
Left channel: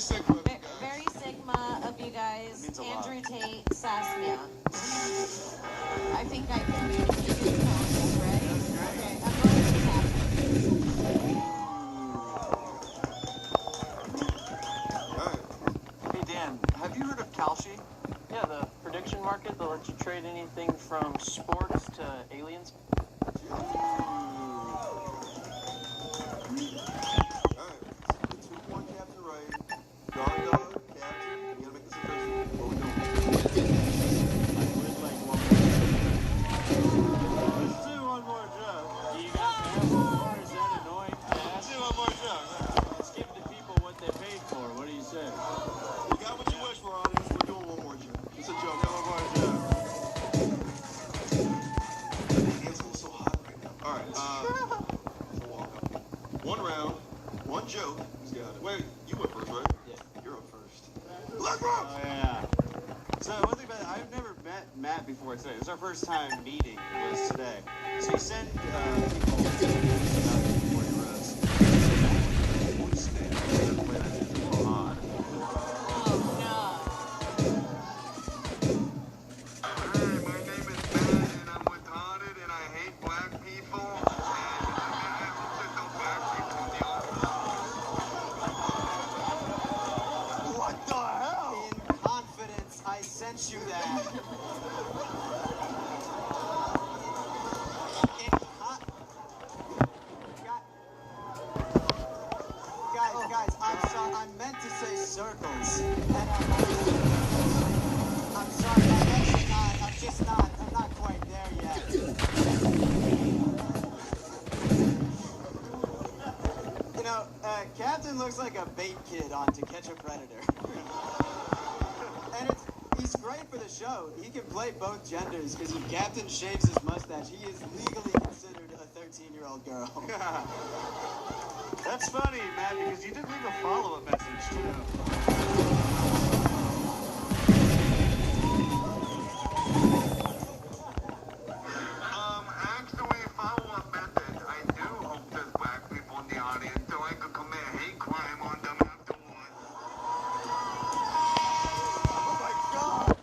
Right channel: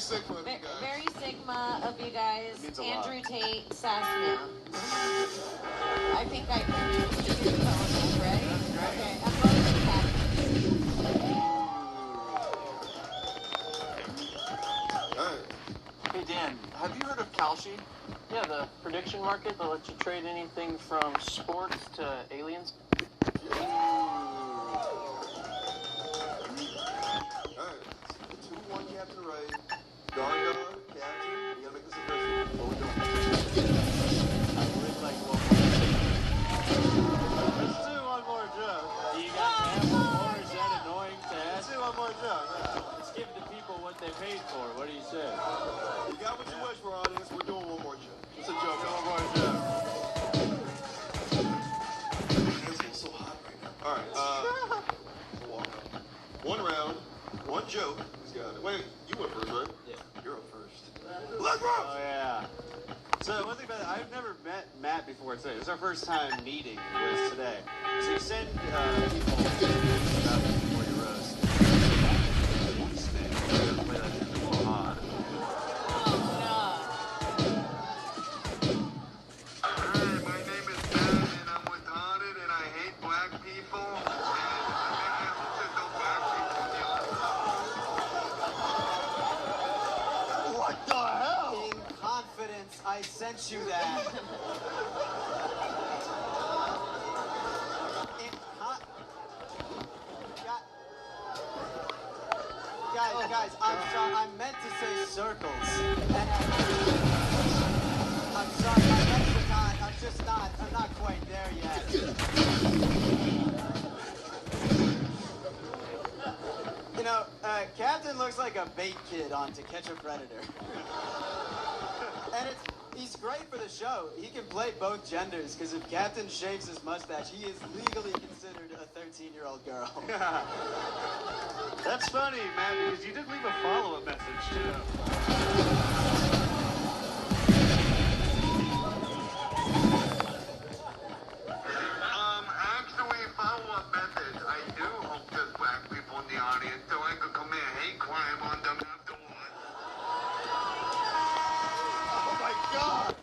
Sigma of you guys. Andrew Tate, Sasnia. I think I can do it. Ready? Okay, I'm Hey Dan, have you heard of Kalshi? Yeah, the prediction market that lets you trade anything from sports to aliens. Alright. 2-1 Captain right. Gargo, Captain. You gotta make this official. Let's do one more joke. Do you guys have one more? Is that annoying to ask? Let's do one more joke. Let's give the people what they paid for. What do you say? You got what you wish for, audience. We're doing one more joke. It's a joke. One more joke. It's so hot right now. Alright, 1 round, 1 joke. Who's Captain's got it. Wait, you went first, right? Yeah. You're up first. Let's rock! Oh, yeah. So one thing about it, I've never met Matt before today. This is our first time meeting was today. So you send people before you roast. You that. Guys, I'm sorry. I meant to say circles. I'm sorry. I'm not quite there yet. You know, Captain looks like a bait kid on To Catch a Predator. And he's great for the show. He can play both genders, because if Captain shaves his mustache, he is legally considered a 13-year-old girl. That's funny, Matt, because you did leave a follow-up message, too. Actually, follow-up message. I do hope there's black people in the audience so I could commit hate crime on them afterwards. Oh, my God!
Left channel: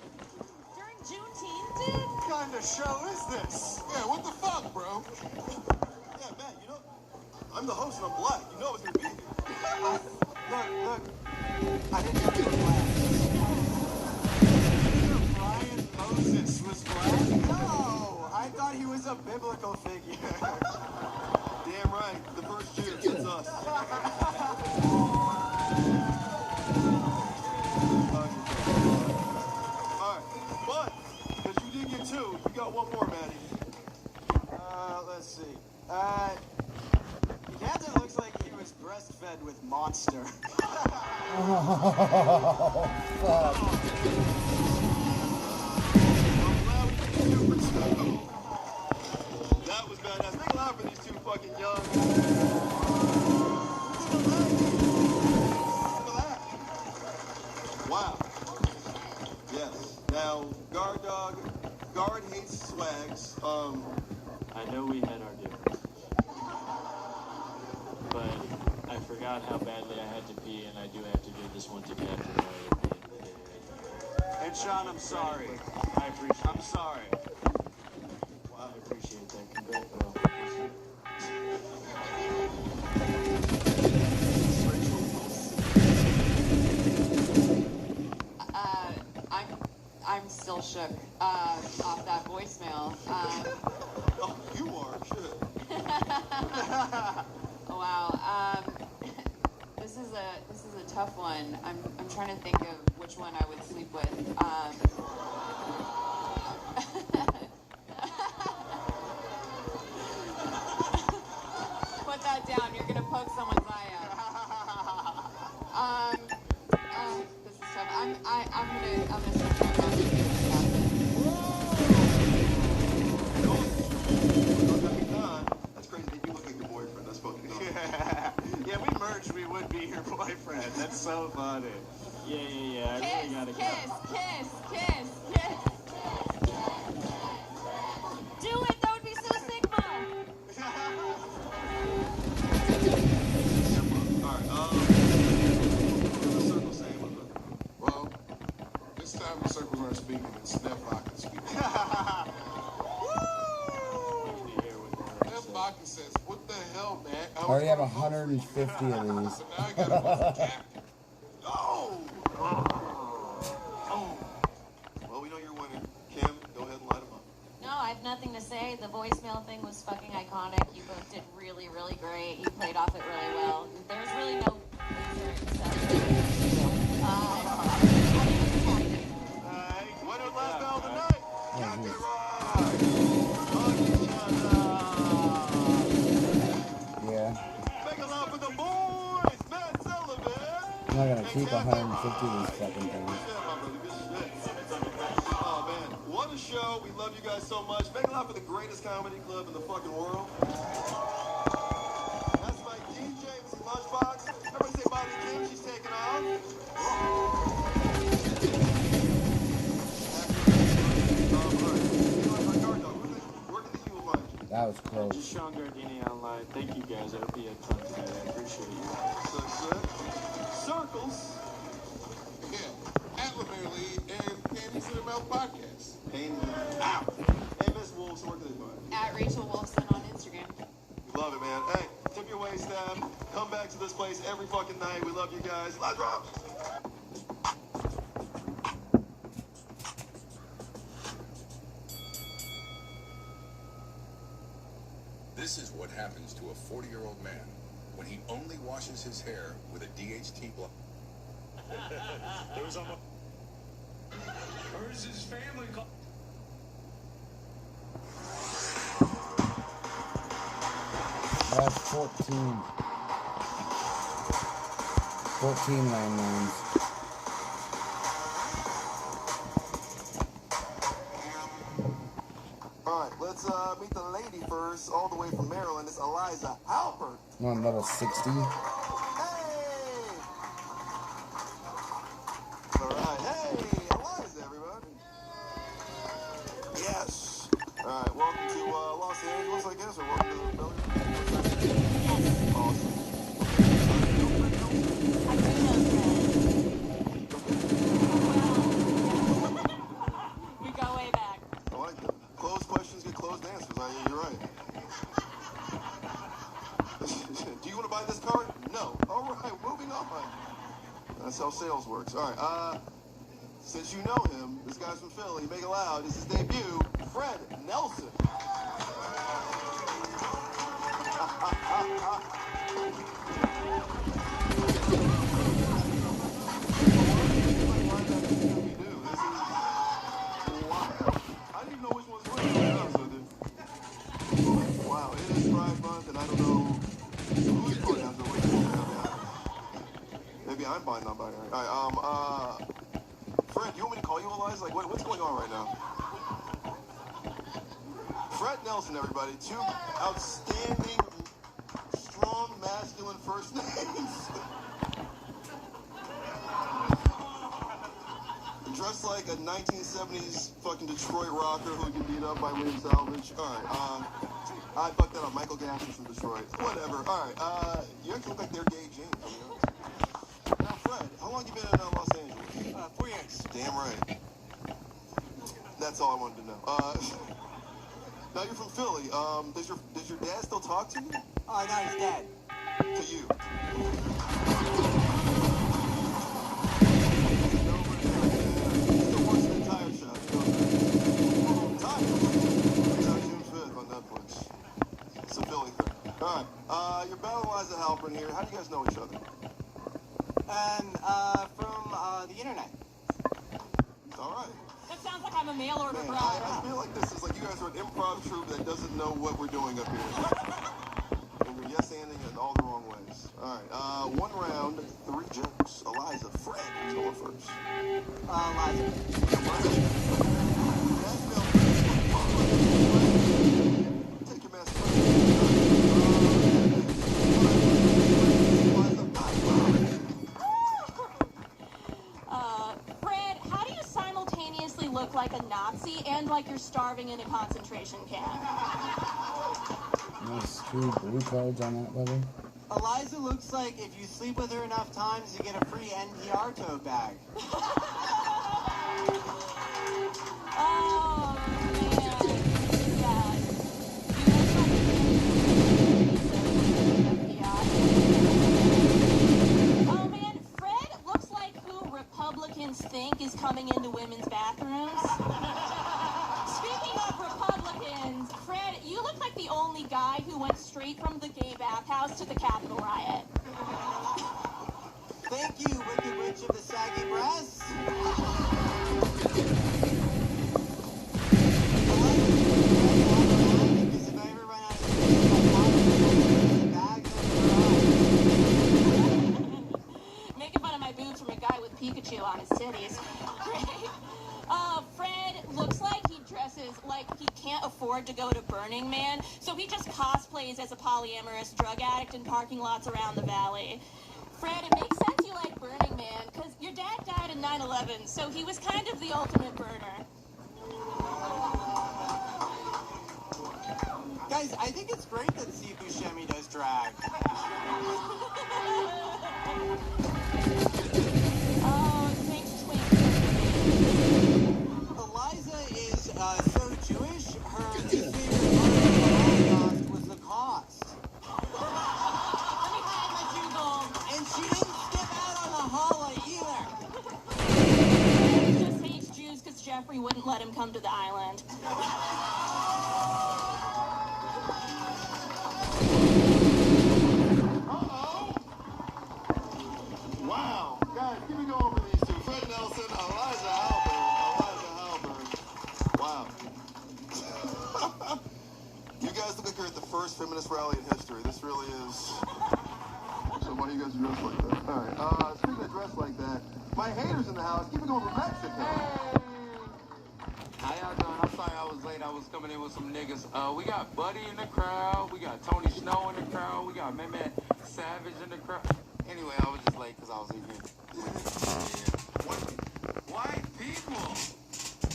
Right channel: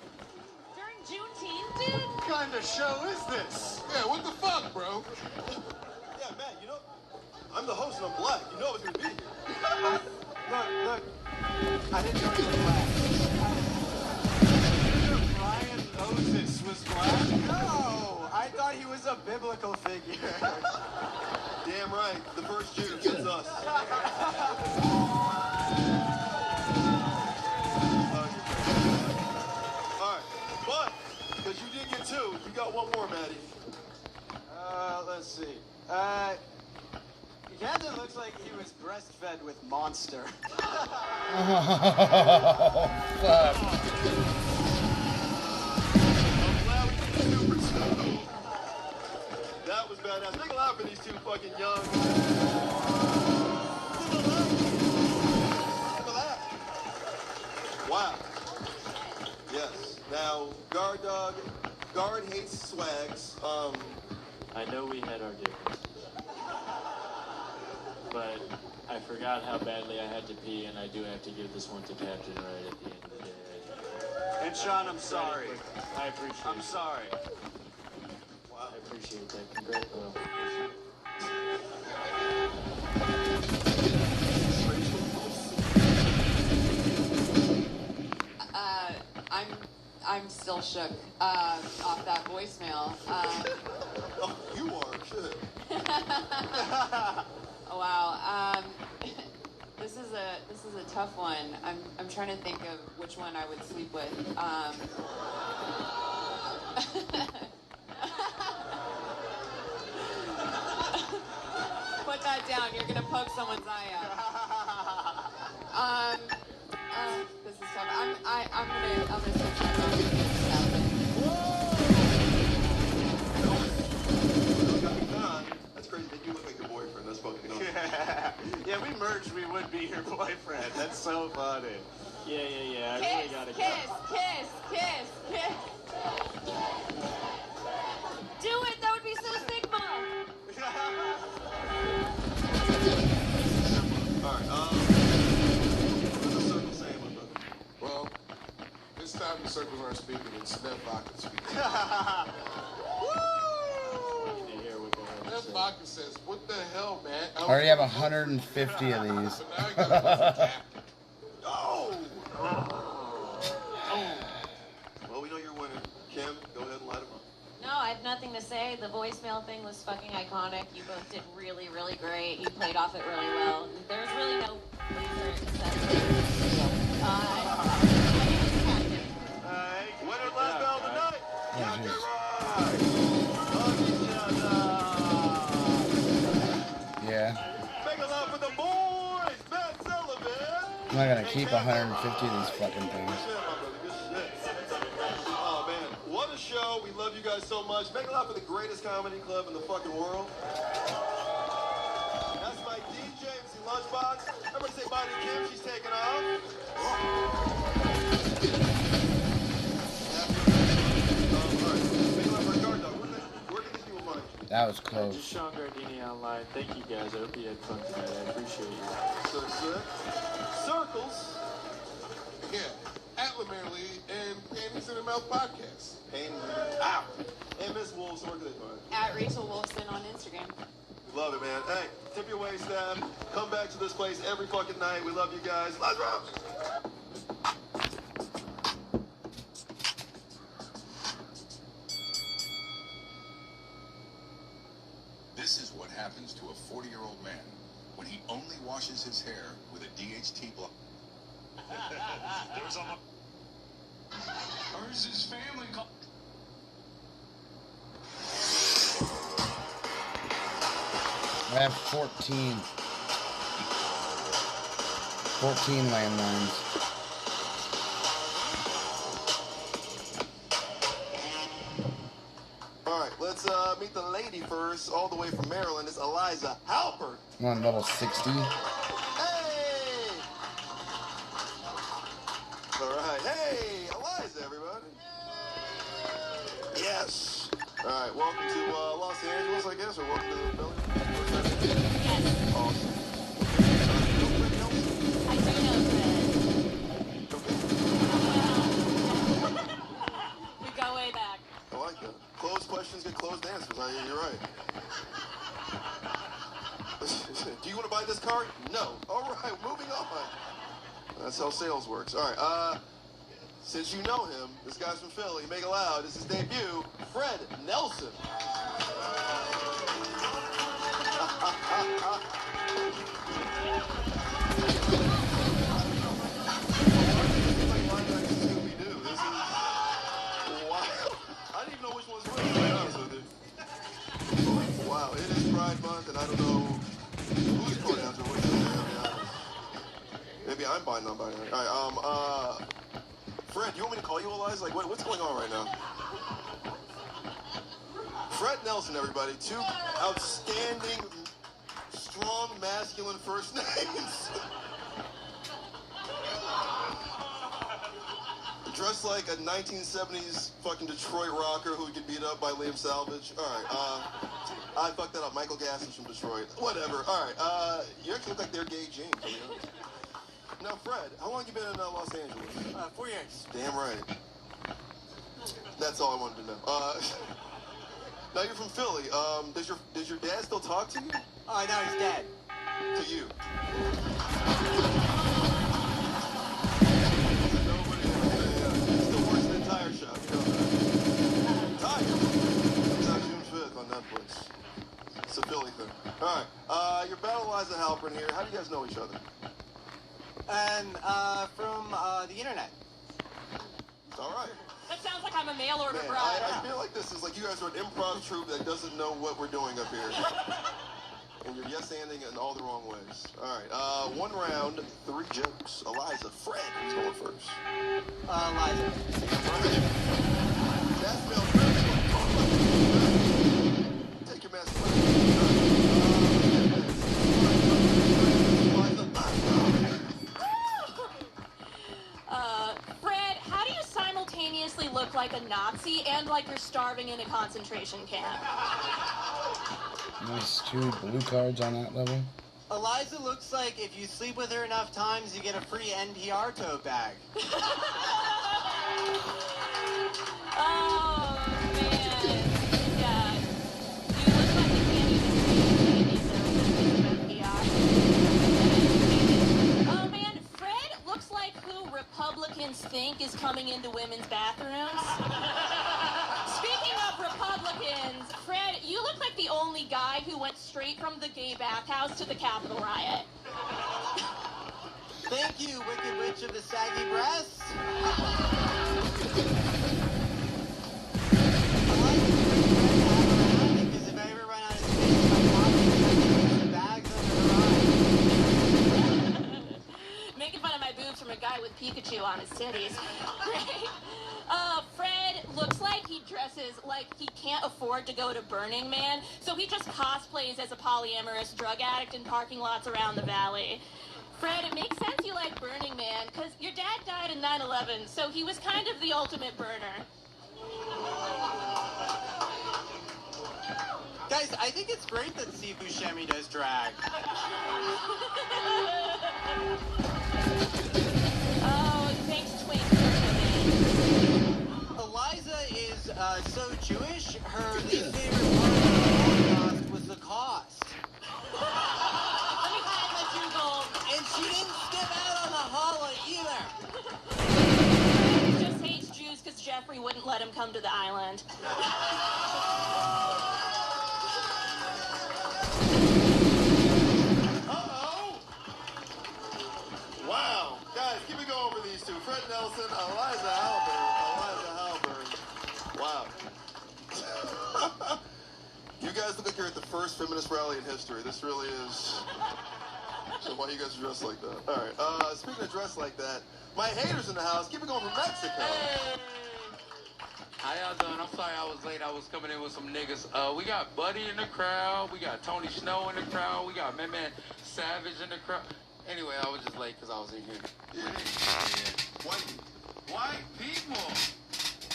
During Juneteenth, dude? What kind of show is this? Yeah, what the fuck, bro? Yeah, Matt, you know, I'm the host and I'm black. You know I was going to be here. Look. I didn't know you were black. Brian Moses was black? No! I thought he was a biblical figure. Damn right. The first Jew. It's us. Alright. But, because you did get two, you got one more, Maddie. Let's see. Captain looks like he was breastfed with Monster. Oh, fuck. That was badass. Make a laugh for these two fucking young. Wow. Yes. Now, Guard Dog. Guard hates swags. I know we had our differences. But I forgot how badly I had to pee, and I do have to give this one to Captain right at the end of the day. And Sean, I'm sorry. I appreciate it. I'm sorry. Wow, I appreciate that. Congrats, bro. I'm still shook off that voicemail. Oh, you are. Shit. Oh, wow. This is a tough one. I'm trying to think of which one I would sleep with. Put that down. You're gonna poke someone's eye out. This is tough. I'm gonna That's crazy that you look like your boyfriend. That's fucking awesome. Yeah, we merged. We would be your boyfriend. That's so funny. Yeah. I really gotta go. Kiss. Do it. That would be so Sigma. Well, this time the circles aren't speaking, it's Steph Bakken speaking. Steph Bakken says, what the hell, man? I already have 150 of these. Well, we know you're winning. Kim, go ahead and light him up. No, I have nothing to say. The voicemail thing was fucking iconic. You both did really, really great. You played off it really well. There's really no loser except Winner last bell of the night. Yeah. Make a laugh for the boys, Matt Sullivan. I'm not gonna keep 150 of these fucking things. Oh man, what a show. We love you guys so much. Make a laugh for the greatest comedy club in the fucking world. That's my DJ, MC Lunchbox. Everybody say bye to That was close. Just Sean Gardini online. Thank you guys. I hope you had fun tonight. I appreciate you. Circles. Yeah, at Lammerly and Panties in the Mouth podcast. Pain out. Hey, Miss Wolves, where can they find? At Rachel Wolfson on Instagram. Love it, man. Hey, tip your waist down. Come back to this place every fucking night. We love you guys. Let's rock. This is what happens to a 40-year-old man when he only washes his hair with a DHT block. There was almost... Where's his family call? I have 14 landlines. All right, let's meet the lady first, all the way from Maryland. It's Eliza Halpert. I'm on level 60. Hey! All right, hey, Eliza, everybody. Yes. All right, welcome to Los Angeles, I guess, or welcome to the building. Awesome. We go way back. I like it. Closed questions get closed answers. You're right. Do you want to buy this card? No. All right, moving on. That's how sales works. All right. Since you know him, this guy's from Philly. Make it loud. This is his debut, Fred Nelson. Wow, it is Pride Month, and I don't know who's going after what. Maybe I'm buying non-binary. All right, Fred, you want me to call you Eliza? Like, what's going on right now? Fred Nelson, everybody. Two outstanding, strong, masculine first names. Dressed like a 1970s fucking Detroit rocker who would get beat up by Liam Salvage. All right, I fucked that up. Michael Gassner's from Detroit. Whatever. All right, you actually look like they're gay James. I mean, now, Fred, how long have you been in Los Angeles? 4 years. Damn right. That's all I wanted to know. Now you're from Philly. Does your dad still talk to you? Oh, no, he's dead. To you. Your battle Eliza Halpern here. How do you guys know each other? From the internet. All right. That sounds like I'm a mail order Man, bride. I feel like this is like you guys are an improv troupe that doesn't know what we're doing up here. And you're yes-anding in all the wrong ways. All right. 1 round, 3 jokes. Eliza, Fred is going first. Eliza. Take your mask Fred, how do you simultaneously look like a Nazi and like you're starving in a concentration camp? Nice, 2 blue cards on that level. Eliza looks like if you sleep with her enough times, you get a free NPR tote bag. Oh, man. Yeah. Oh, man. Fred looks like who Republicans think is coming into women's bathrooms. Speaking of Republicans, Fred, you look like the only guy who went straight from the gay bathhouse to the Capitol riot. Thank you, Wicked Witch of the Saggy Breasts. Making fun of my boobs from a guy with Pikachu on his titties. Great. Fred looks like he dresses like he can't afford to go to Burning Man, so he just cosplays as a polyamorous drug addict in parking lots around the valley. Fred, it makes sense you like Burning Man, because your dad died in 9/11, so he was kind of the ultimate burner. Guys, I think it's great that Steve Buscemi does drag. Oh, thanks, Twink. Eliza is so Jewish, her new favorite was the cost. Let me add my 2 gold. And she didn't step out on the holla either. He just hates Jews because Jeffrey wouldn't let him come to the island. Wow. Guys, keep it going for these two. Fred Nelson, Eliza Halberd. Wow. You guys look like you're at the first feminist rally in history. This really is... So why you guys dressed like that? All right. Speaking of dressed like that, my haters in the house. Keep it going for Mexico. How y'all doing? I'm sorry I was late. I was coming in with some niggas. We got Buddy in the crowd. We got Tony Snow in the crowd. We got Man Savage in the crowd. Anyway, I was just late because I was in here. White people.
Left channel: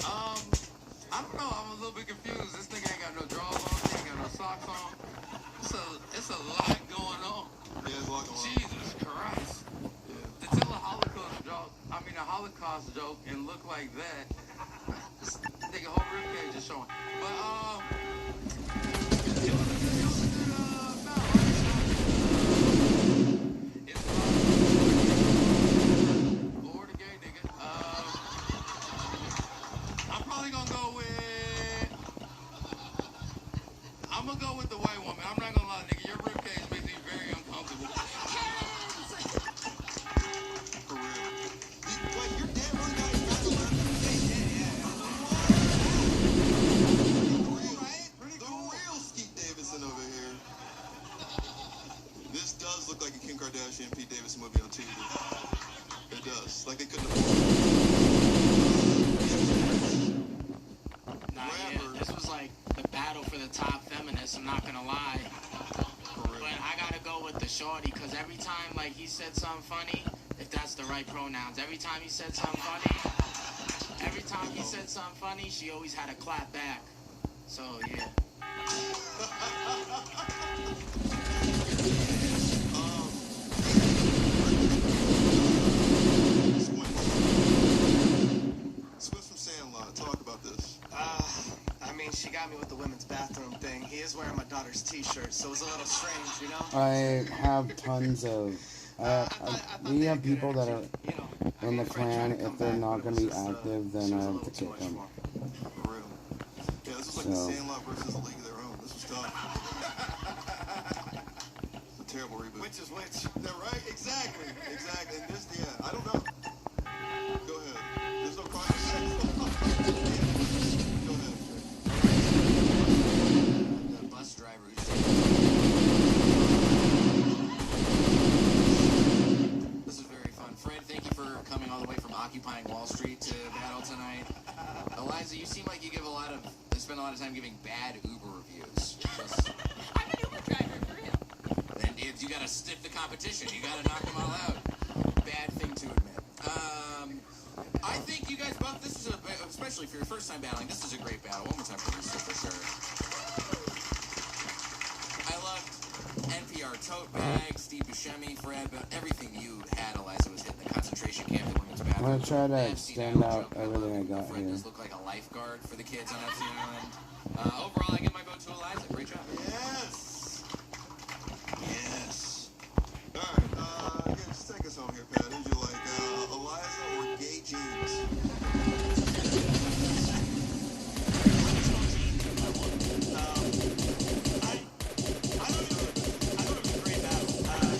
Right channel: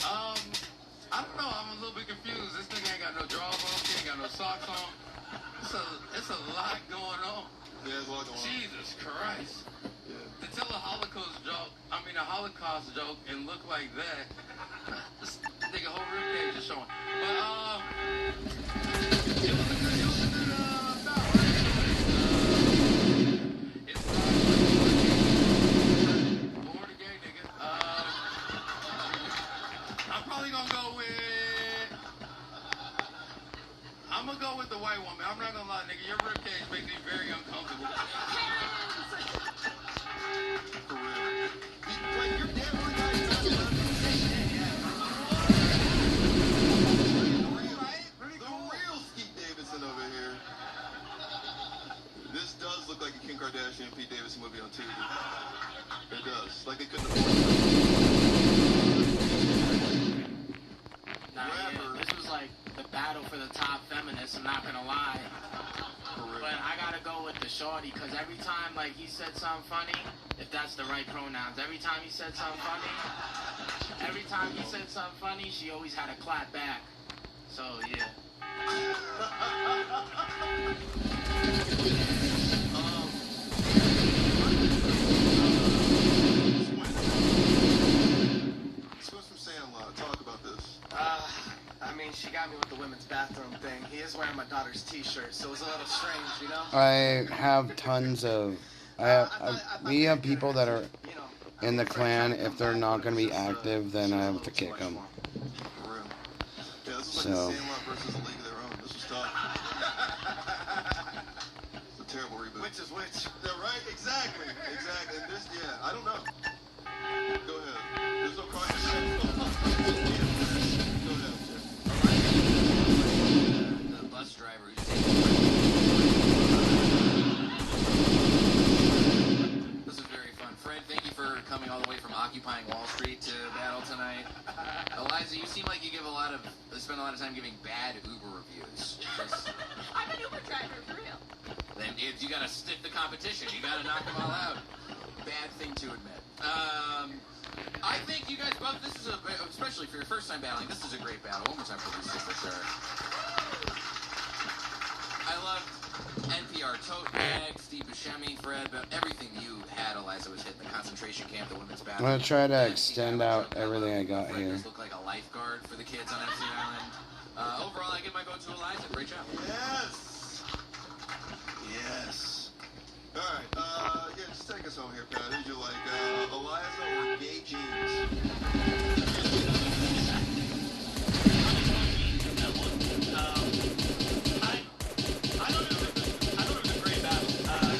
I don't know. I'm a little bit confused. This nigga ain't got no drawers on. He ain't got no socks on. It's a lot going on. Yeah, there's a lot going on. Jesus Christ. To tell a Holocaust joke and look like that, this nigga whole ribcage is showing. I'm gonna go with the white woman. I'm not gonna lie, nigga. Your ribcage makes me very uncomfortable. For real. Like, you're damn the real Skeet Davidson over here. This does look like a Kim Kardashian Pete Davidson movie on TV. It does. Like they couldn't have... Nah, yeah, this was like the battle for the top feminist, I'm not gonna lie. But I gotta go with the shorty, because every time like he said something funny, if that's the right pronouns, every time he said something funny, she always had a clap back. So yeah. Squints from Sandlot, talk about this. I mean, she got me with the women's bathroom thing. He is wearing my daughter's t-shirt, so it was a little strange, you know? I have tons of... we have people that are in the clan. If they're not going to be active, then I have to kick them. Yeah, this is So. like Sandlot versus a League of Their Own. This was tough. It's a terrible reboot. Which is which? Yeah, right? Exactly. Exactly. And this, yeah, I don't know. Go ahead. There's no question. The bus driver who's This is very fun. Fred, thank you for coming all the way from occupying Wall Street to battle tonight. Eliza, you seem like you spend a lot of time giving bad Uber reviews. I'm an Uber driver, for real. Then you gotta stick the competition. You gotta knock them all out. Bad thing to admit. I think you guys both, this is especially for your first time battling, this is a great battle. One more time for Lisa, for sure. I love NPR tote bag, Steve Buscemi, Fred, but everything you had, Eliza, was hitting the concentration camp, the women's battle. I'm going to try to extend out everything I got Fred here. does look like a lifeguard for the kids on FC Island. Overall, I give my vote to Eliza. Great job. Yes. Yes. All right. Yeah, just take us home here, Pat. Who'd you like, Eliza or Gay Jeans?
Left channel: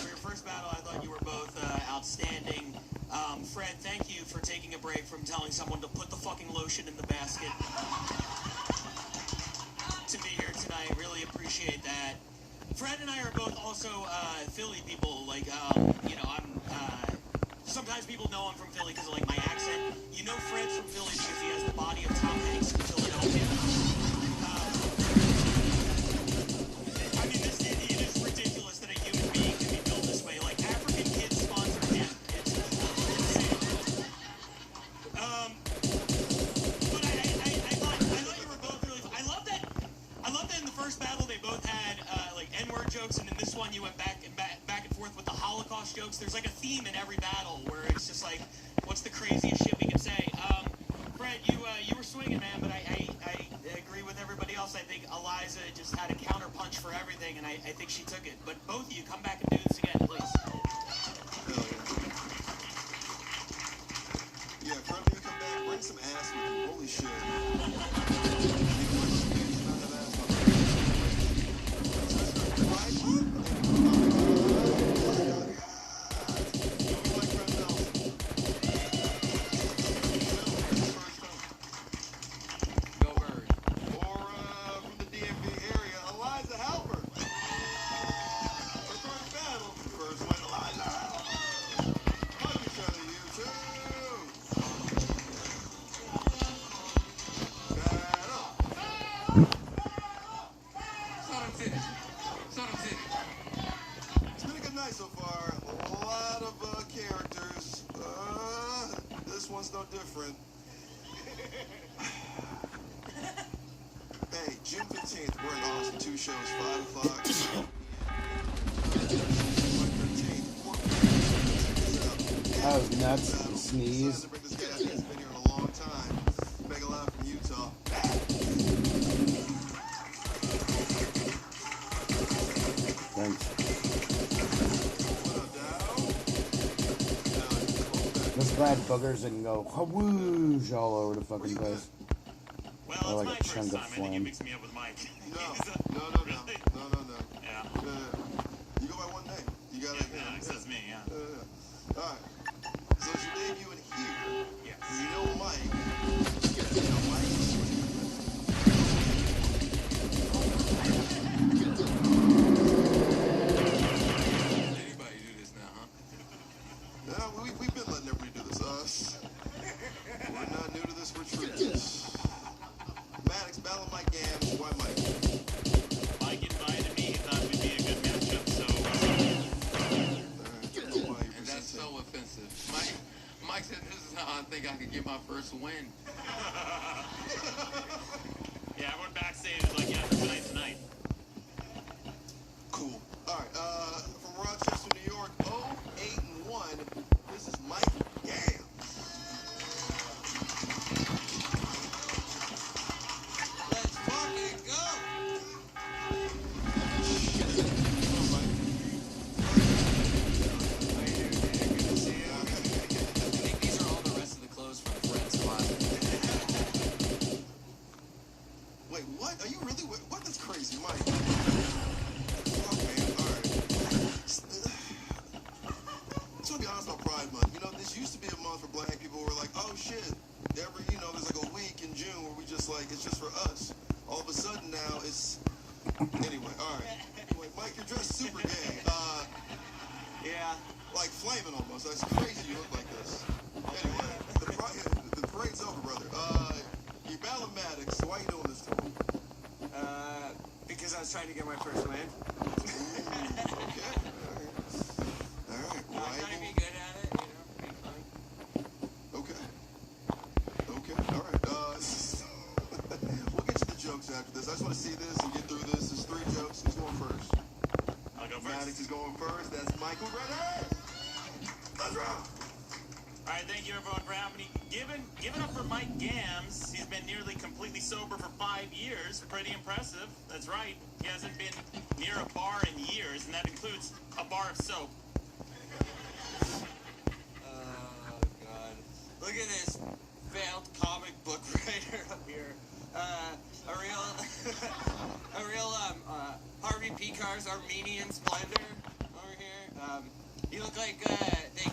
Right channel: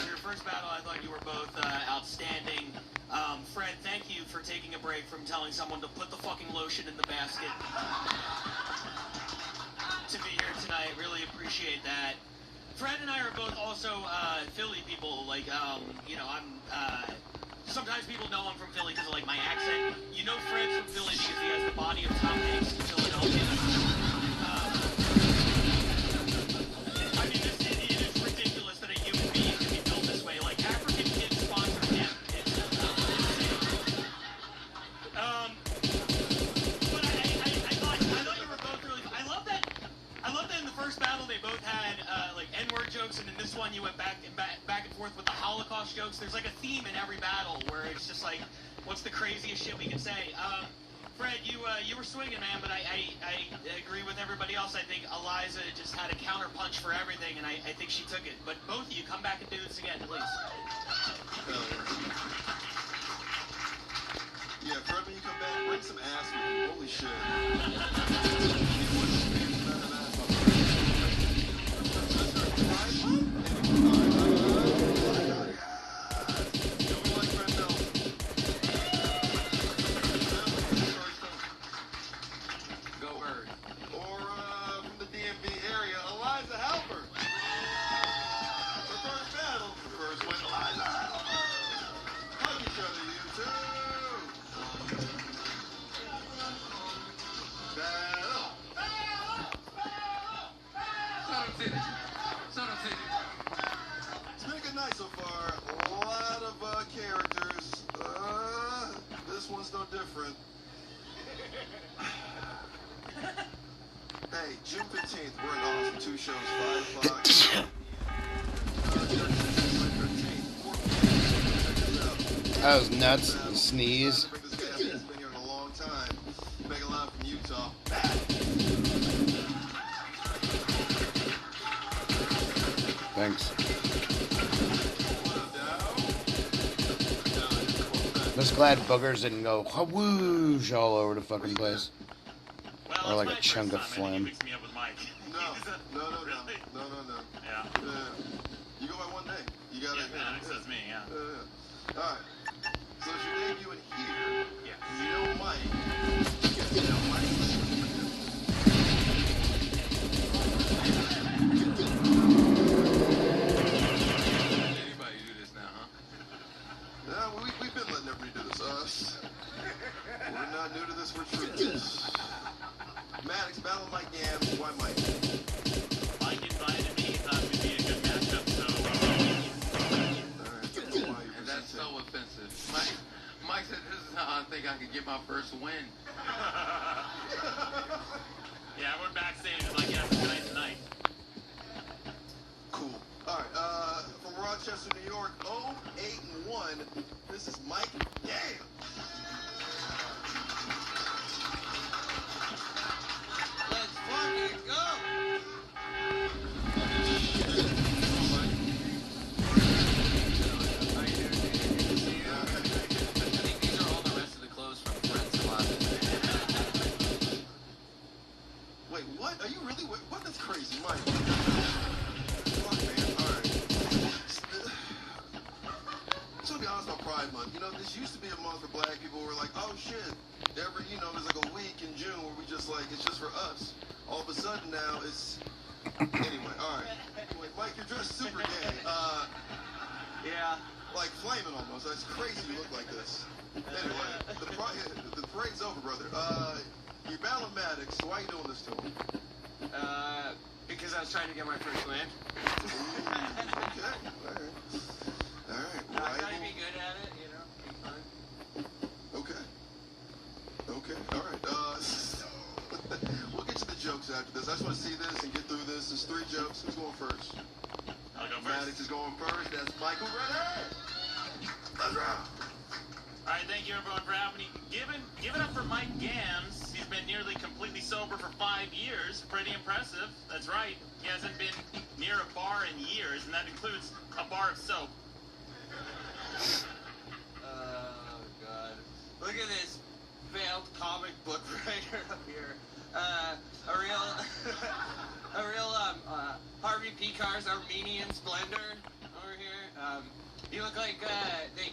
Your first battle, I thought you were both outstanding. Fred, thank you for taking a break from telling someone to put the fucking lotion in the basket to be here tonight. Really appreciate that. Fred and I are both also Philly people. Like, you know, I'm. Sometimes people know I'm from Philly because of like my accent. You know, Fred's from Philly because he has the body of Tom Hanks in Philadelphia. I mean, it is ridiculous that a human being can be built this way. Like African kids sponsor him. It's insane. But I thought you were both really. I love that in the first battle they both jokes. There's like a theme in every battle where it's just like, what's the craziest shit we can say? Fred, you were swinging, man, but I agree with everybody else. I think Eliza just had a counter punch for everything, and I think she took it. But both of you, come back and do this again, please. Yeah, Fred, when you come back, bring some ass with you. Holy shit. It's been a good night so far. A lot of characters. This one's no different. Hey, June 15th, we're in Austin. 2 shows, 5 o'clock. That was nuts. The sneeze. He's been here in a long time. Mega Love from Utah. Thanks. Just glad boogers didn't go whoosh all over the fucking place. Or like a chunk of phlegm. No. Yeah. You go by one day. You got it. Yeah, it says me, yeah. Alright. So it's your debut in here. Yes. You know Mike. Anybody do this now, huh? Yeah, we've been letting everybody do this. We're not new to this, we're true to this. Maddox, battle Mike Gams. Why Mike? Mike invited me. He thought we'd be a good matchup, And that's so offensive. Mike said this is how I think I could get my first win. Yeah, I went backstage like, yeah, tonight. Cool. Alright, from Rochester, New York, 0-8-1. This is Mike Gams. Let's fucking go! Wait, what? Are you really? What? That's crazy, Mike. Fuck, man. Alright. Just want to be honest about Pride Month. You know, this used to be a month for black people who were like, oh shit. There's like a week in June where we just like, it's just for us. All of a sudden now, it's... Anyway, alright. Anyway, Mike, you're dressed super gay. Yeah. Like flaming almost. That's crazy you look like this. Anyway, the parade's over, brother. You're battling Maddox. Why are you doing this to him? Because I was trying to get my first win. Okay. Alright. I gotta be good at it, you know. Be fun. Okay. Alright. We'll get to the jokes after this. I just want to see this and get through this. There's 3 jokes. Who's going first? I'll go first. Maddox is going first. That's Michael ready. Let's rock. All right, thank you everyone for having me. Give it up for Mike Gams. He's been nearly completely sober for 5 years. Pretty impressive. That's right. He hasn't been near a bar in years, and that includes a bar of soap. Oh, God. Look at this failed comic book writer up here. A real Harvey Picar's Armenian splendor over here. You look like they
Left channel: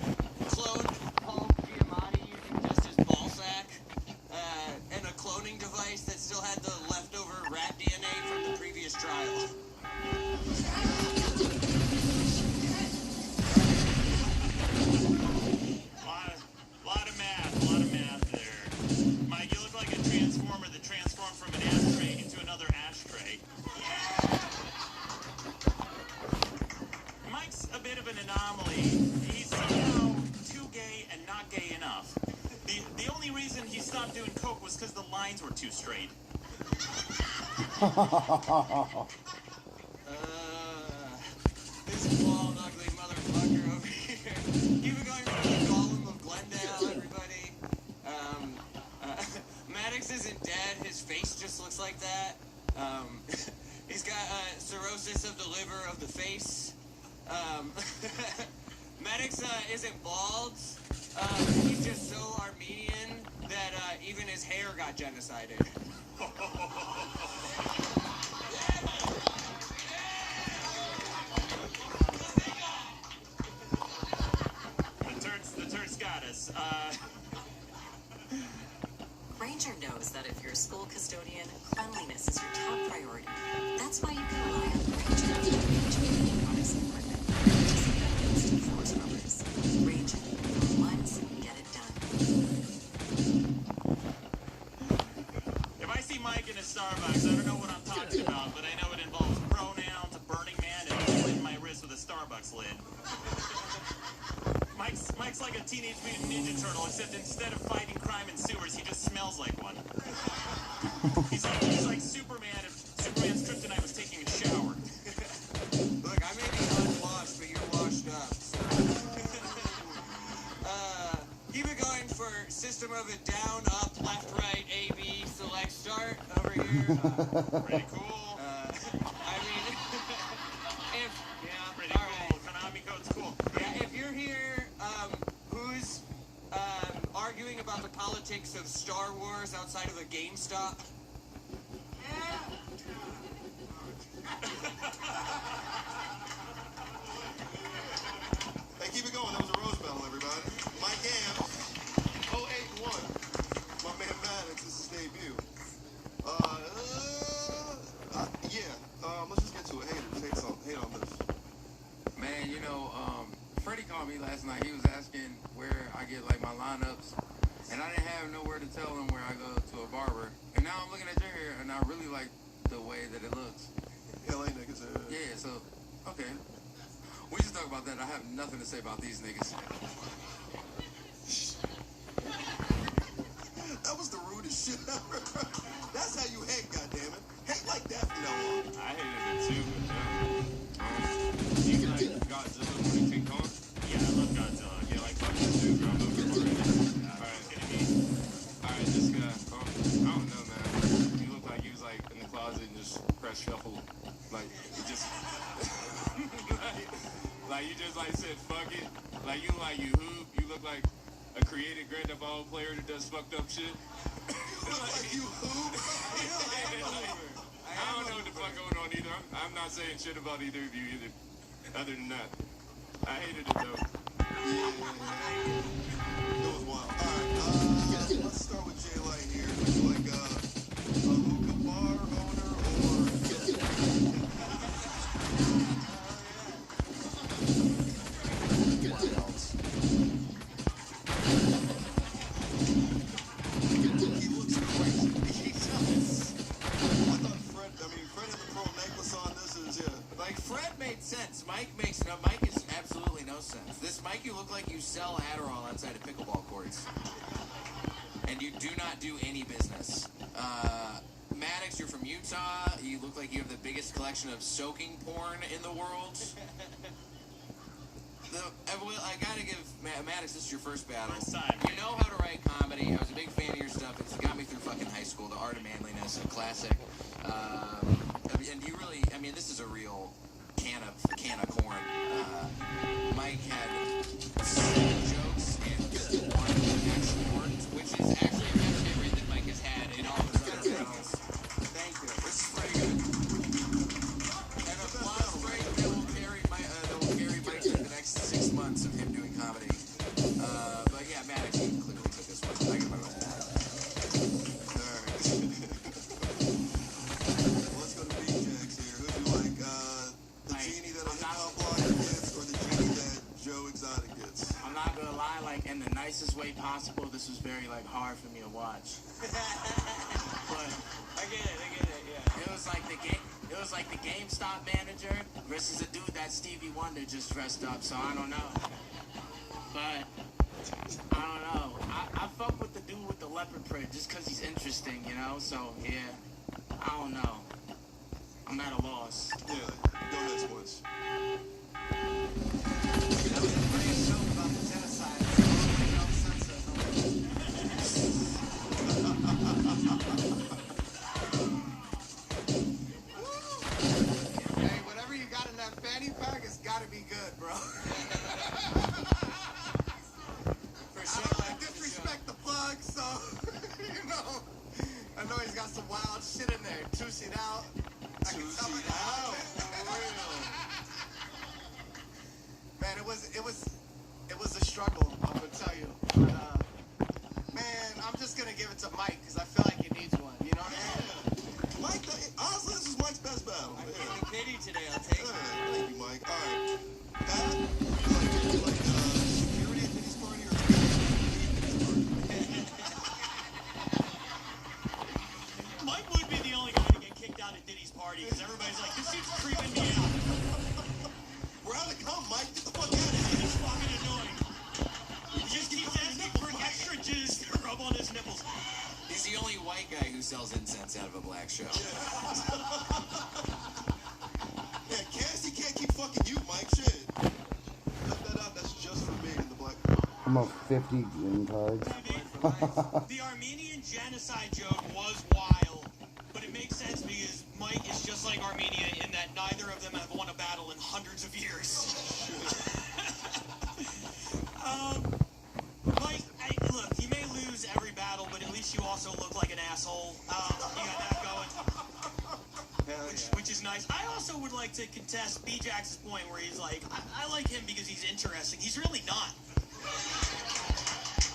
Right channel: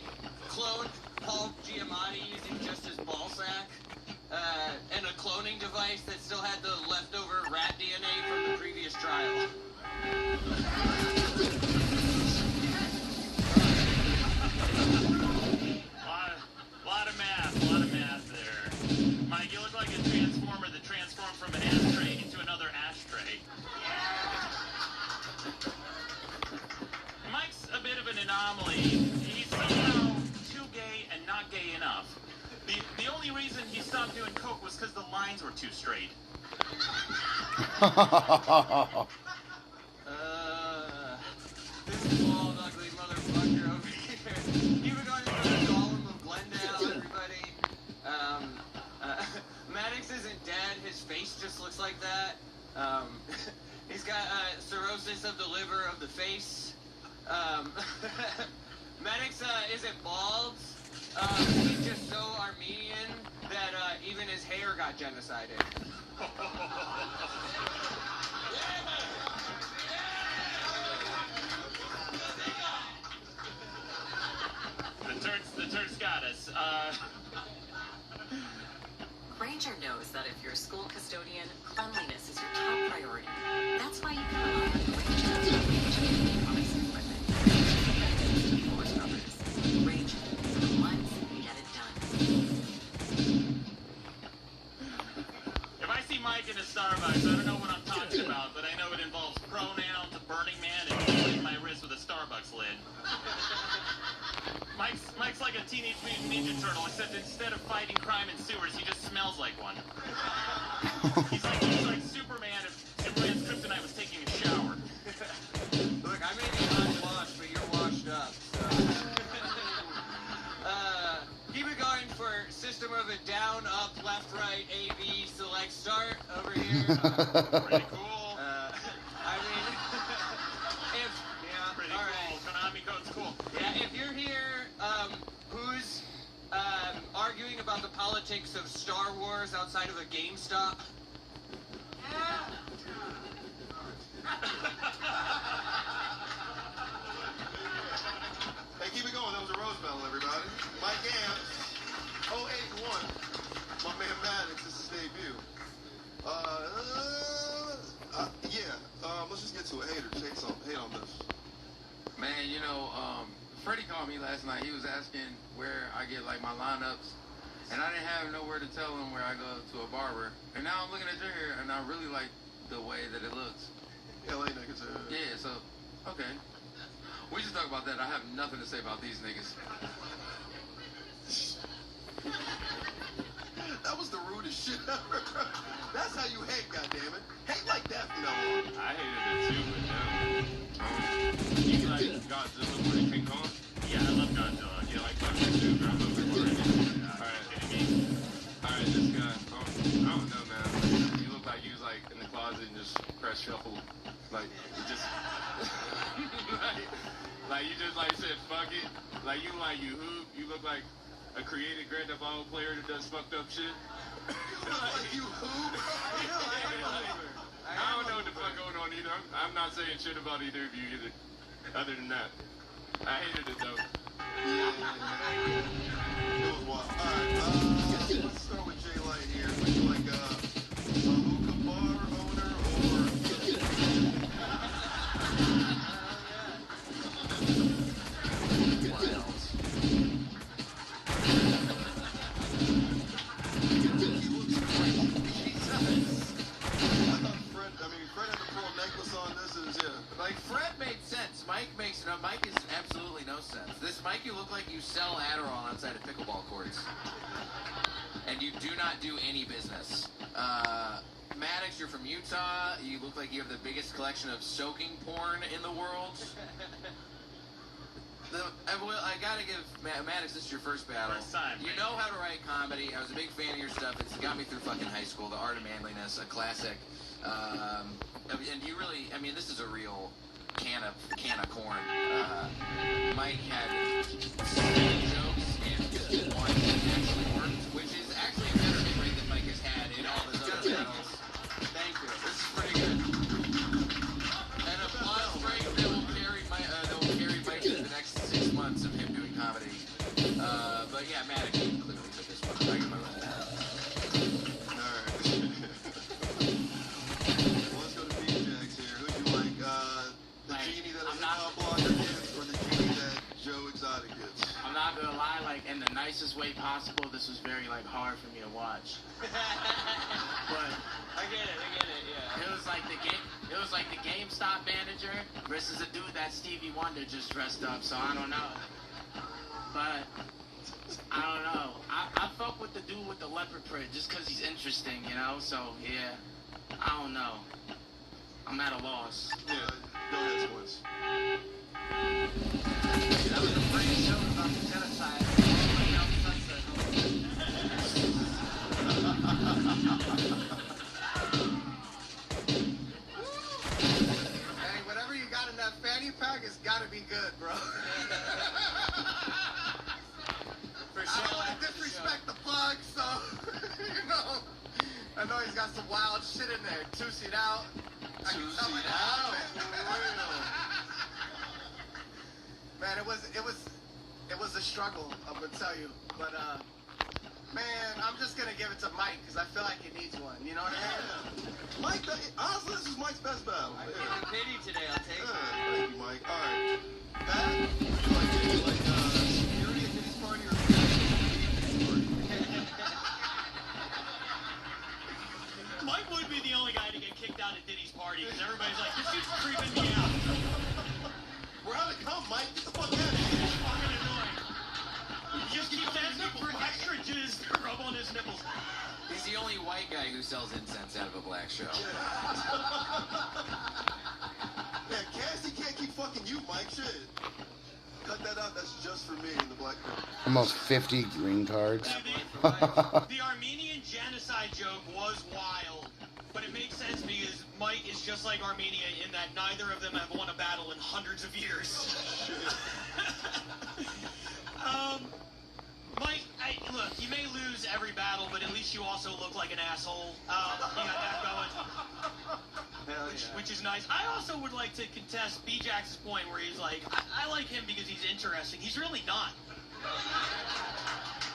cloned Paul Giamatti using just his ball sack, and a cloning device that still had the leftover rat DNA from the previous trial. A lot of math there. Mike, you look like a transformer that transformed from an ashtray into another ashtray. Mike's a bit of an anomaly. He's too gay and not gay enough. The only reason he stopped doing coke was because the lines were too straight. This bald, ugly motherfucker over here. just like that. He's got cirrhosis of the liver of the face. Maddox isn't bald. He's just so Armenian that even his hair got genocided. The Turks got us. Granger knows that if you're a school custodian, cleanliness is your top priority. That's why you can rely on Granger to educate products and equipment. Disinfectants to floor scrubbers. Granger. Once, get it done. If I see Mike in a Starbucks, I don't know what I'm talking about, but I know it involves pronouns, a Burning Man, and cleaning my wrist with a Starbucks lid. Mike's like a Teenage Mutant Ninja Turtle, except instead of fighting crime in sewers, he just smells like one. He's like Superman if Superman's kryptonite was taking a shower. Look, I may be unwashed, but you're washed up. Keep it going for System of a Down, Up, Left, Right, A, B, Select, Start over here. Pretty cool. I mean, Pretty all cool. Konami code's cool. Yeah, if you're here, who's arguing about the politics of Star Wars outside of a GameStop? Hey, keep it going. That was a Rose Medal, everybody. Mike Gam, 081. My man Maddox, this is his debut. Let's just get to it. Haters, hate on this. Man, you know, Freddie called me last night. He was asking where I get like my lineups, and I didn't have nowhere to tell him where I go to a barber. And now I'm looking at your hair, and I really like the way that it looks. LA niggas. Yeah, so okay. We just talk about that. I have nothing to say about these niggas. That was the rudest shit ever. That's how you hate, goddammit. Hate like that from now on. I hated it too. You like Godzilla when they keep going? Yeah, I love Godzilla. Yeah, like fuck that dude, bro. Alright, this guy. I don't know, man. You look like you was like in the closet and just press shuffle. Like, it just. like you just like said, fuck it. Like you hoop. You look like a creative Grand Theft Auto player that does fucked up shit. Like you hoop? I don't know what the fuck going on either. I'm not saying shit about either of you either. Other than that, I hated it though. It was wild. Alright, let's start with Jay Light here. He's like a hookah bar owner Like, Fred made sense. Mike is absolutely no sense. This Mike, you look like you sell Adderall outside of pickleball courts. And you do not do any business. Maddox, you're from Utah. You look like you have the biggest collection of soaking porn in the world. I gotta give Maddox, this is your first battle. First time. You know how to write comedy. I was a big fan of your stuff. It's got me through fucking high school. The Art of Manliness, a classic. And you really, I mean, this is a real can of corn. Mike had jokes and one actually worked, which is actually a better hit rate than Mike has had in all his other videos. Thank you. This is pretty good. And a plus break that will carry Mike through the next 6 months of him doing comedy. But yeah, Maddox, you can clearly put this one. Like, Let's go to BJ's here. Who do you like? The genie that a hip-hop blocker gets or the genie that Joe Exotic gets? I'm not gonna lie, like in the nicest way possible, this was very like hard for me to watch. But I get it, yeah. it was like the GameStop manager versus a dude that Stevie Wonder just dressed up, so I don't know. But I don't know. I fuck with the dude with the leopard print just cause he's interesting, you know? So yeah. I don't know. I'm at a loss. Yeah, go ahead, sports. I know he's got some wild shit in there. Two-seat out. Two-seat out. Man, it was a struggle, I would tell you. But man, I'm just gonna give it to Mike because I feel like it needs one. You know what I mean? Mike, honestly, this is Mike's best battle. I'm feeling pity today. I'll take it. Thank you, Mike. All right. Matt, security at Diddy's party or? Mike would be the only guy to get kicked out at Diddy's party because everybody's like, this dude's creeping me out. We're on the come, Mike. Get the fuck out of here. It's fucking annoying. He just keeps asking for extra jizz to rub on his nipples. He's the only white guy who sells incense out of a black show. Yeah, Cassie can't keep fucking you, Mike. Shit. Cut that out. That's just for me in the black crowd. Almost 50 green cards. The Armenian genocide joke was wild, but it makes sense because Mike is just like Armenia in that neither of them have won a battle in hundreds of years. Mike, look, you may lose every battle, but at least you also look like an asshole. You got that going. Which is nice. I also would like to contest B-Jax's point where he's like, I like him because he's interesting. He's really not.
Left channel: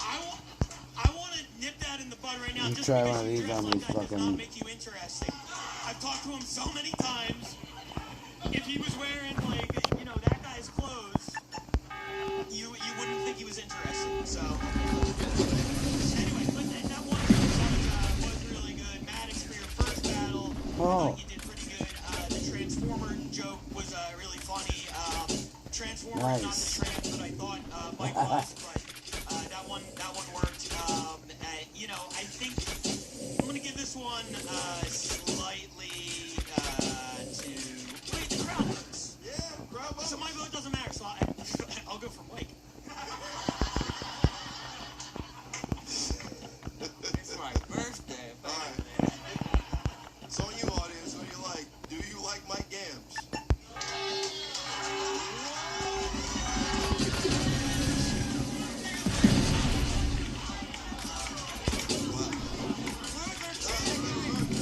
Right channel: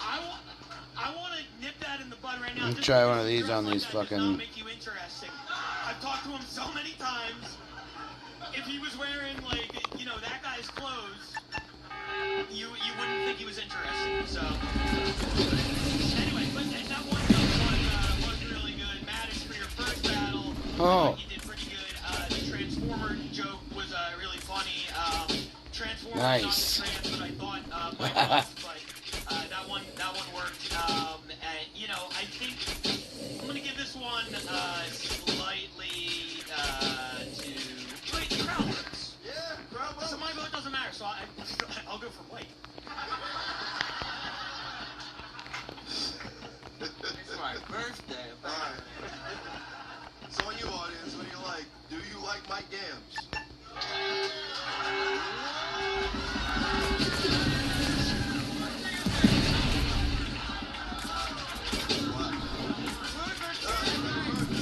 I want to nip that in the bud right now. Let's try one of these on these fucking... Make you interesting. I've talked to him so many times. If he was wearing, like, you know, that guy's clothes, you wouldn't think he was interesting. So, anyway, but that one was really good. Maddox, for your first battle, you did pretty good. The Transformer joke was really funny. Transformer nice. But I thought Mike lost, but that one worked. You know, I think I'm gonna give this one slightly to crowd works. Yeah, crowd works. So Michael, it doesn't matter. So I'll go for Mike. It's my birthday. Alright. So on you, audience, what do you like? Do you like Mike Gams?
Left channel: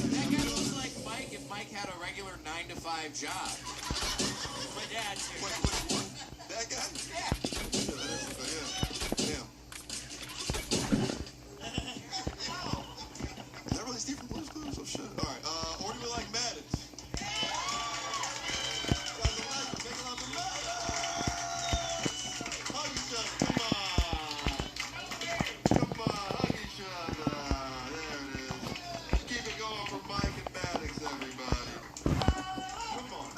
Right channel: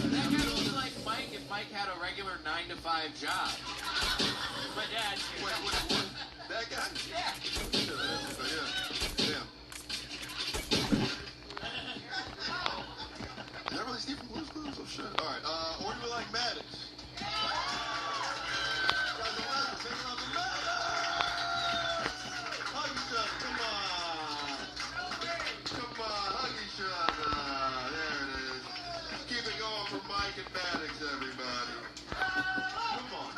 That guy looks like Mike if Mike had a regular 9-to-5 job. My dad. That guy? Yeah. Yeah. Is that really Steve from Blue's Clues? Oh, shit. All right. Or do we like Maddox? Guys, make love to Maddox! Hug each other. Come on, hug each other. There it is. Keep it going for Mike and Maddox, everybody. Come on.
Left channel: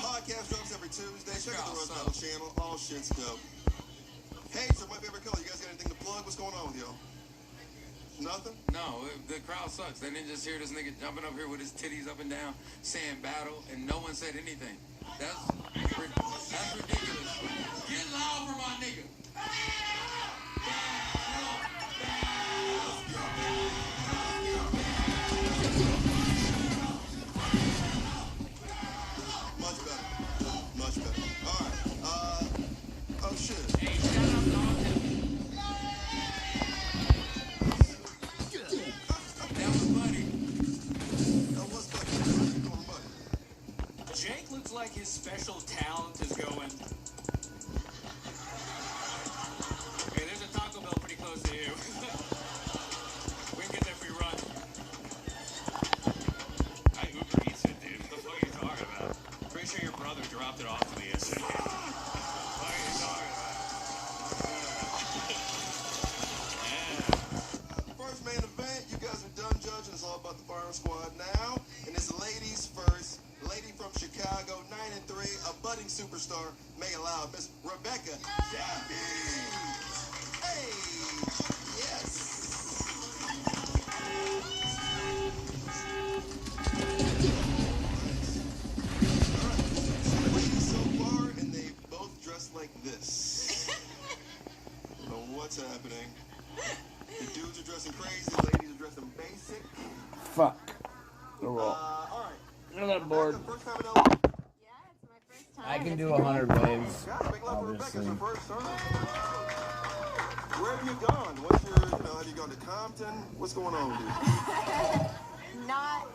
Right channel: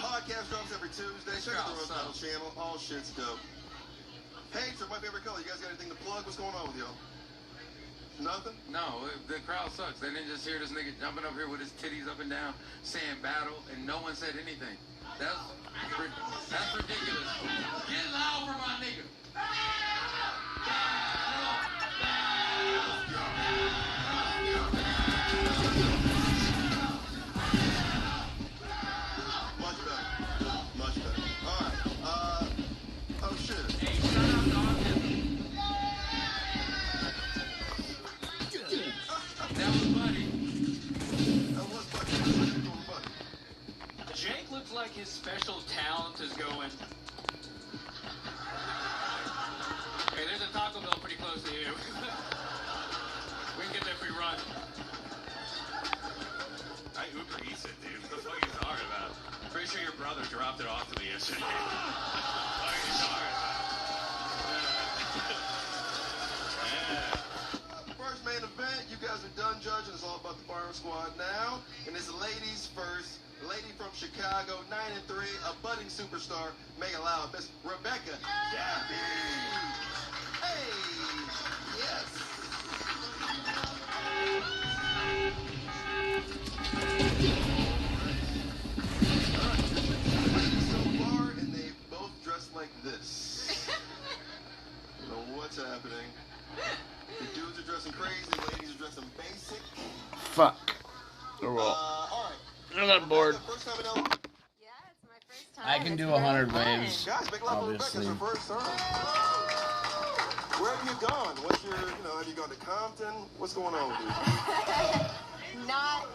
Podcast drops every Tuesday. Check out the Road Battle channel. All shit's dope. Hey, sir, my favorite color. You guys got anything to plug? What's going on with y'all? Nothing? No, the crowd sucks. They didn't just hear this nigga jumping up here with his titties up and down, saying battle, and no one said anything. That's ridiculous. Get loud for my nigga. Much better. Much better. All right. Oh, shit. Jake looks like his special talent is going. Hey, there's a Taco Bell pretty close to you. We can get there if we run. I Uber Eats it, dude. What the fuck are you talking about? Pretty sure your brother dropped it off to me yesterday. What are you talking about? First main event, you guys are done judging. It's all about the Fire Squad now. And it's ladies first. Lady from Chicago, 9-3, a budding superstar. Make it loud, Miss Rebecca Jaffe. Hey, yes. So far, and they both dressed like this. You know what's happening. The dudes are dressing crazy, the ladies are dressing basic. Fuck. Oh, well. All right. I'm not bored. First time in Yeah, it's my first time I can do 100 waves, Guys, big love for Rebecca. obviously. It's her first turn. Where have you gone? What's your, have you gone to Compton? What's going on with you? Not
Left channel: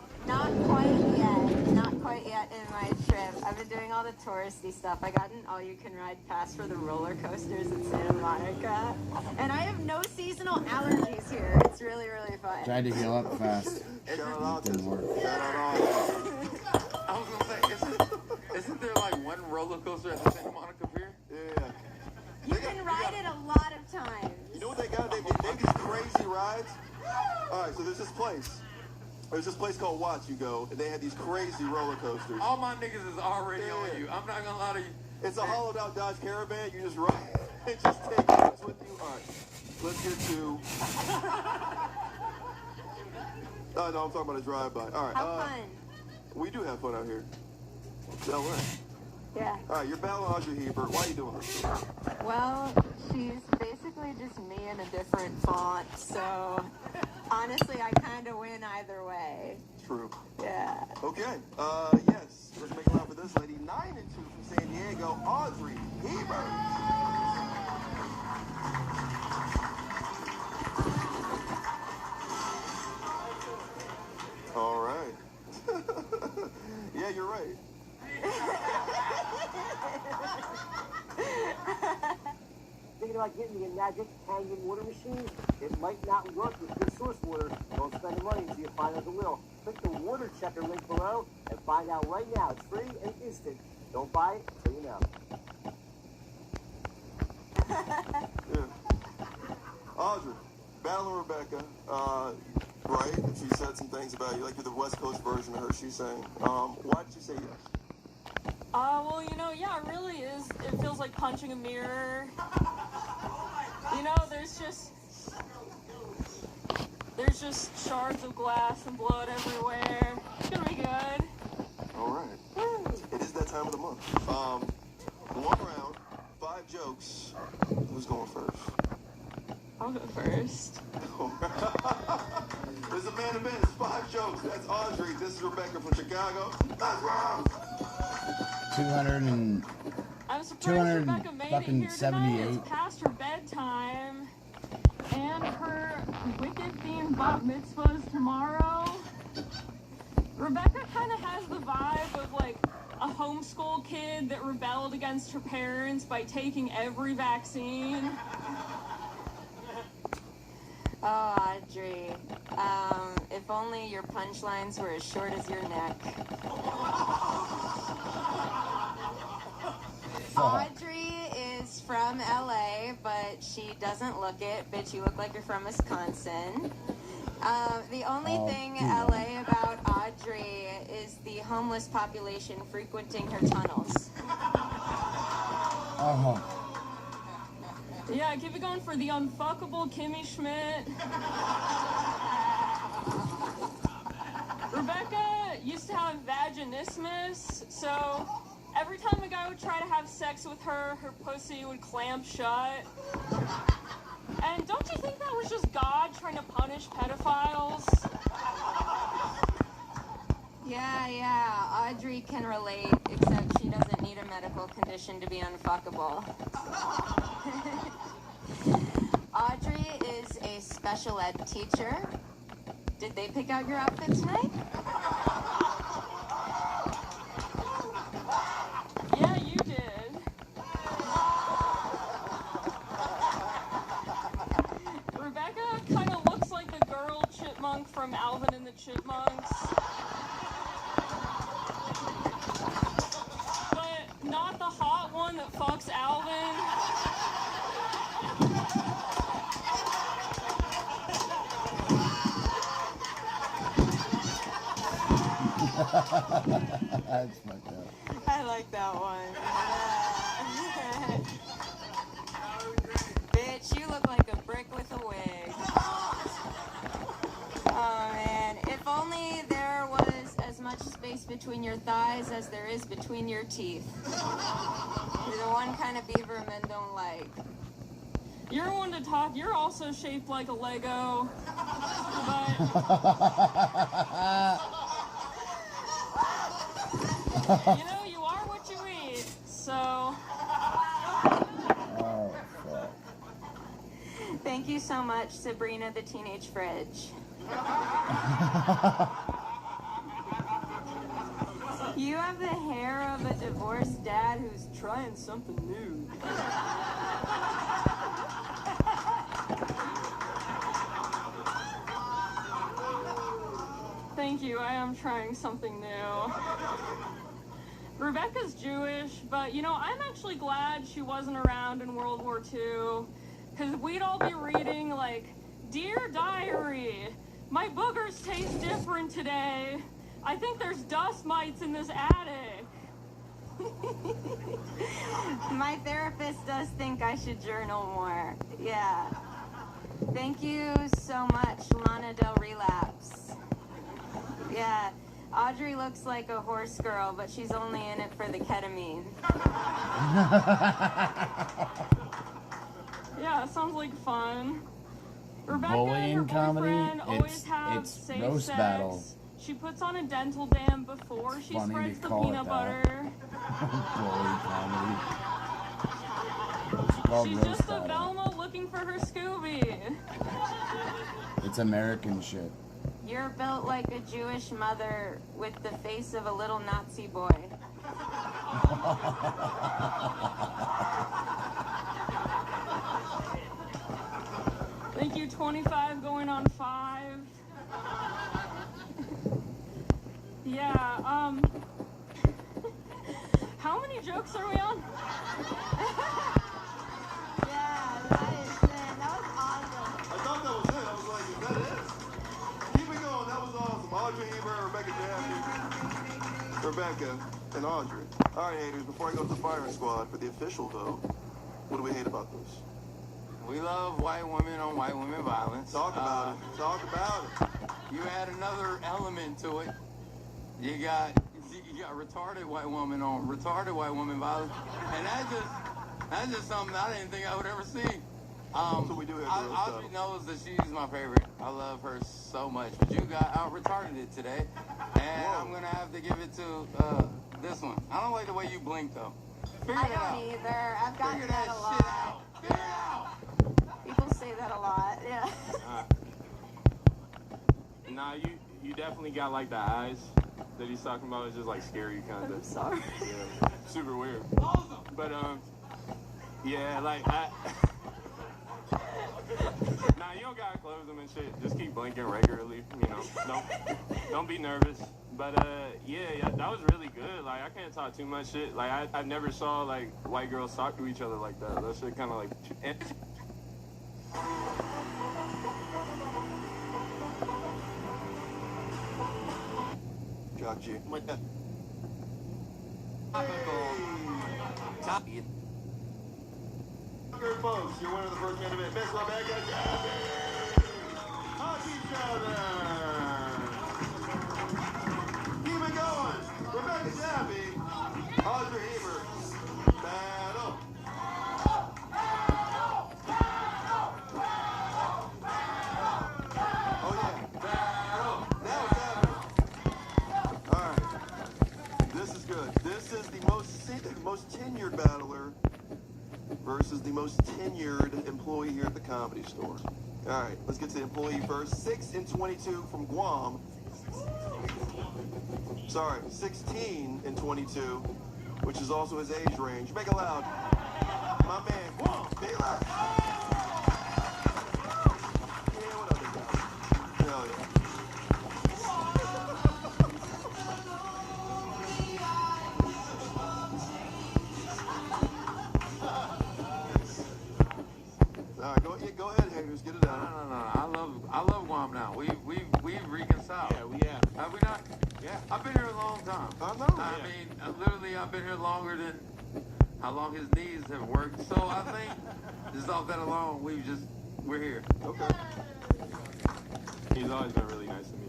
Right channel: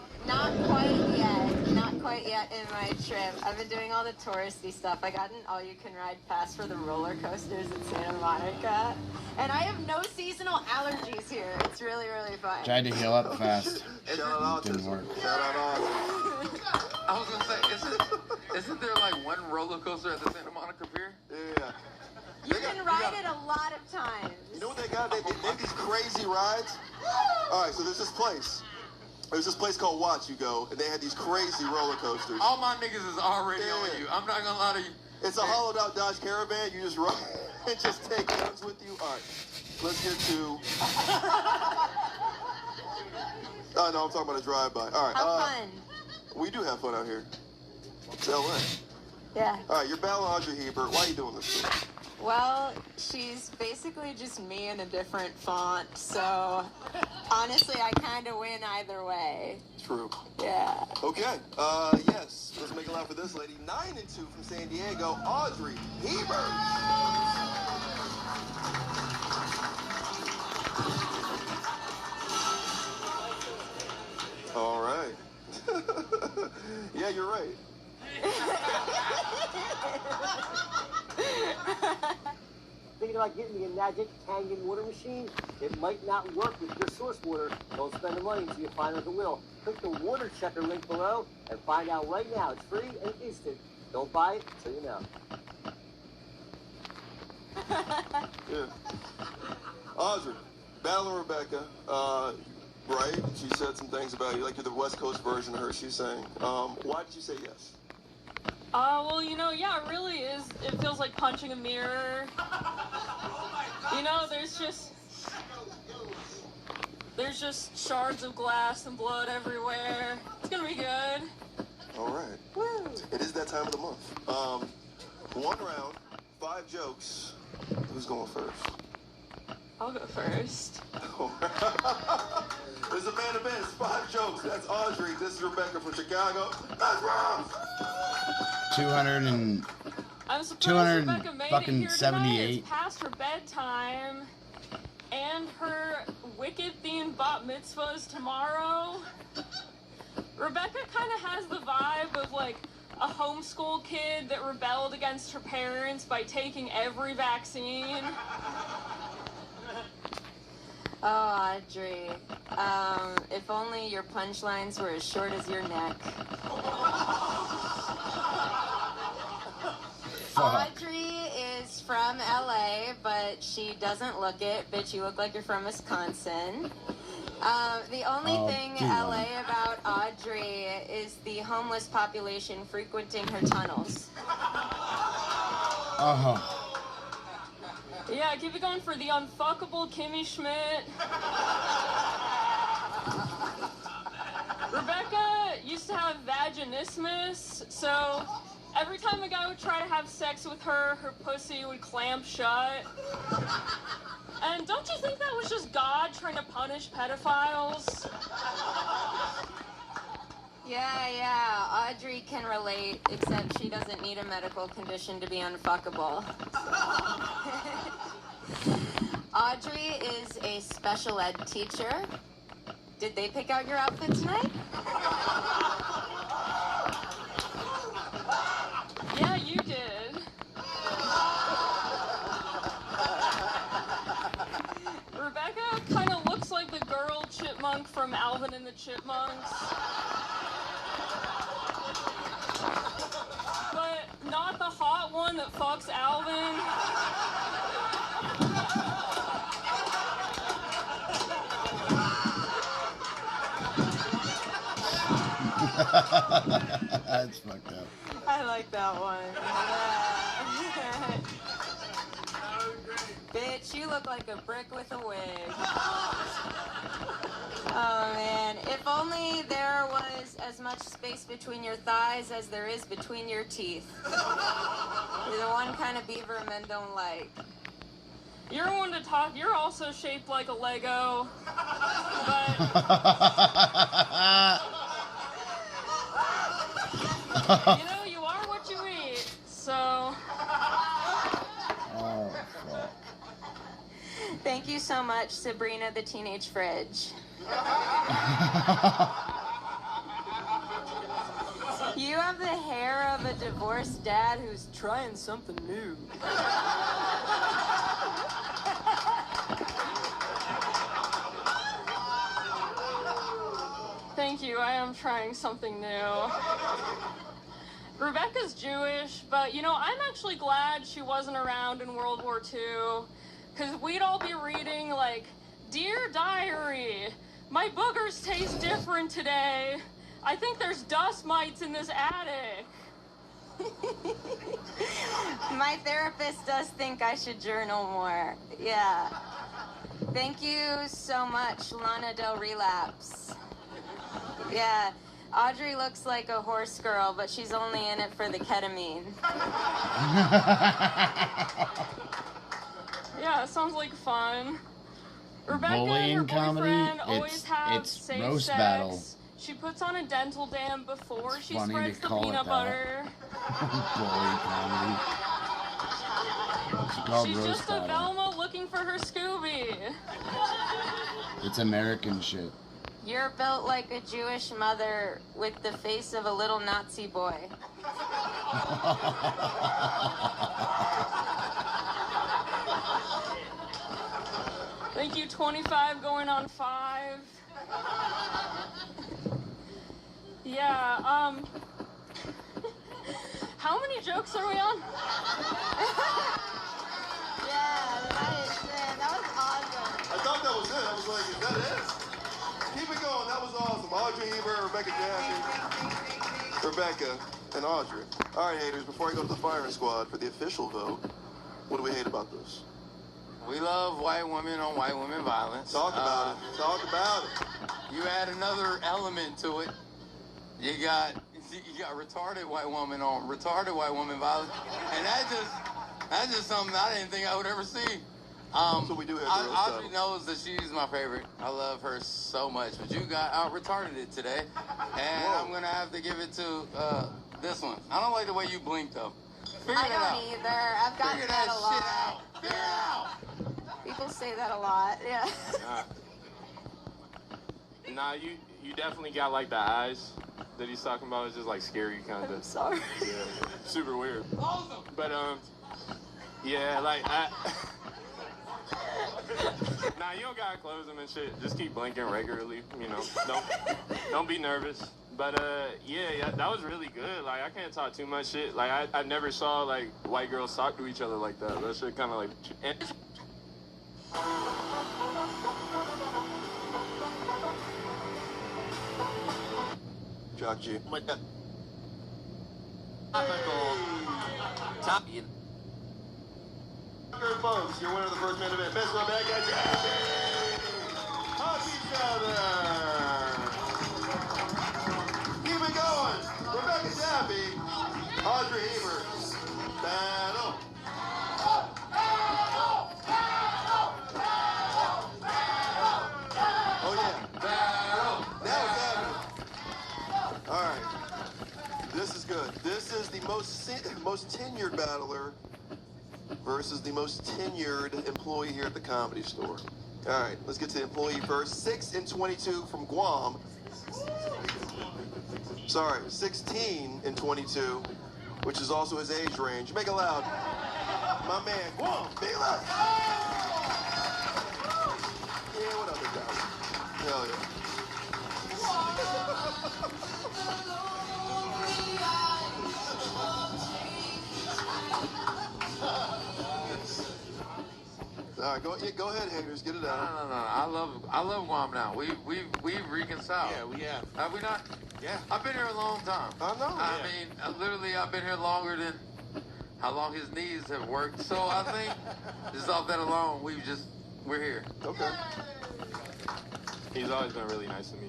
quite yet. Not quite yet in my trip. I've been doing all the touristy stuff. I got an all-you-can-ride pass for the roller coasters in Santa Monica. And I have no seasonal allergies here. It's really, really fun. Tried to heal up fast. Didn't work. I was gonna say, isn't there like one roller coaster at the Santa Monica Pier? Yeah. You can ride it a lot of times. You know what they got? They have these crazy rides. All right, so there's this place. There's this place called Watch You Go, and they had these crazy roller coasters. All my niggas is already on you. I'm not gonna lie to you. It's a hollowed out Dodge Caravan. You just ride and just take others with you. All right, let's get to. Oh no, I'm talking about a drive-by. All right. Have fun. We do have fun out here. It's LA. Yeah. All right, you're battling Audrey Hebert. Why are you doing this? Well, she's basically just me in a different font, so honestly, I kind of win either way. True. Yeah. Okay. Yes. Let's make a laugh for this lady. 9-2 from San Diego, Audrey Hebert. All right. Yeah, you're right. Thinking about getting the magic Kangen water machine? It might not work with your source water. Don't spend the money until you find out the will. Click the water checker link below and find out right now. It's free and instant. Don't buy it until you know. Yeah. Audrey, battling Rebecca, right? She said some things about you, like you're the West Coast version of her, she's saying. Why did you say yes? Well, yeah, it really is. It feels like punching a mirror. There's just shards of glass and blood everywhere. It's gonna be good. All right. Woo. It is that time of the month. 1 round, 5 jokes. Who's going first? I'll go first. There's a man event. It's 5 jokes. That's Audrey. This is Rebecca from Chicago. That's round. 200 and I'm surprised 200 Rebecca made fucking it here tonight. 78. It's past her bedtime, and her wicked-themed bat mitzvah is tomorrow. Rebecca kind of has the vibe of like a homeschool kid that rebelled against her parents by taking every vaccine. Oh, Audrey. If only your punchlines were as short as your neck. Audrey is from LA, but she doesn't look it. Bitch, you look like you're from Wisconsin. The only thing LA about Audrey is the homeless population frequenting her tunnels. Yeah, keep it going for the unfuckable Kimmy Schmidt. Rebecca used to have vaginismus, so every time a guy would try to have sex with her, her pussy would clamp shut. And don't you think that was just God trying to punish pedophiles? Yeah, Audrey can relate, except she doesn't need a medical condition to be unfuckable. Audrey is a special ed teacher. Did they pick out your outfit tonight? Yeah, you did. Rebecca kind of looks like the girl chipmunk from Alvin and the Chipmunks. But not the hot one that fucks Alvin. That's fucked up. I like that one. Bitch, you look like a brick with a wig. Oh man, if only there was as much space between your thighs as there is between your teeth. The one kind of beaver men don't like. You're one to talk. You're also shaped like a Lego. But you know, you are what you eat. Thank you so much, Sabrina the Teenage Fridge. You have the hair of a divorced dad who's trying something new. Thank you, I am trying something new. Rebecca's Jewish, but you know, I'm actually glad she wasn't around in World War II, because we'd all be reading like, Dear Diary, my boogers taste different today. I think there's dust mites in this attic. My therapist does think I should journal more. Yeah. Thank you so much, Lana Del Relapse. Yeah. Audrey looks like a horse girl, but she's only in it for the ketamine. Yeah, it sounds like fun. Rebecca Bullying and her comedy, boyfriend always have it's safe roast sex. battle. She puts on a dental dam before she funny spreads to the call it peanut that. butter. Bully comedy. It's called She's roast just a battle. Velma looking for her Scooby. It's American shit. You're built like a Jewish mother with the face of a little Nazi boy. Thank you, 25 going on 5. Yeah, how many jokes are we on? I thought that was it. I was like, is that it? Keep it going. That was awesome. Audrey Ebert, Rebecca Jaffe, Rebecca, and Audrey. All right, haters, before I go to the firing squad for the official vote, what do we hate about this? We love white women on white women violence. Talk about it. Talk about it. You add another element to it. You got retarded white woman on retarded white woman violence, and that's just something I didn't think I would ever see. So we do have Audrey knows that she's my favorite. I love her so much, but you got out retarded it today, and I'm gonna have to give it to this one. I don't like the way you blink though. Figure I it out. don't either. I've gotten Figure that that a shit lot. out. Figure it out. People say that a lot. Yeah. Nah, you definitely got like the eyes that he's talking about. It's just like scary kind of. I'm sorry. Yeah, super weird. But yeah, like nah, you don't gotta close them and shit. Just keep blinking regularly. You know, don't be nervous. But yeah, that was really good. Like I can't talk too much shit. Like I never saw like white girls talk to each other like that. That shit kind of like. Jock G. Top. Good folks, your winner of the first main event, Miss Rebecca Jaffe. Happy Southern. Keep it going. Rebecca Jaffe, Audrey Ebert. Battle. Oh yeah. Battle. That was happening. All right. This is good. This is the most tenured battler versus the most tenured employee here at the Comedy Store. All right, let's get to the employee first. 6 and 22 from Guam. Sorry, 16 and 22, which is also his age range. Make it loud. My man, Guam, Vila. Yeah, what up, big guy? Hell yeah. All right, go ahead, haters. Get it out. No. I love Guam now. We reconciled. Yeah, we have. Have we not? Yeah. I've been here a long time. I know. I mean, literally, I've been here longer than how long his knees have worked. So I think just off that alone, we're here. Okay. He's always been really nice to me.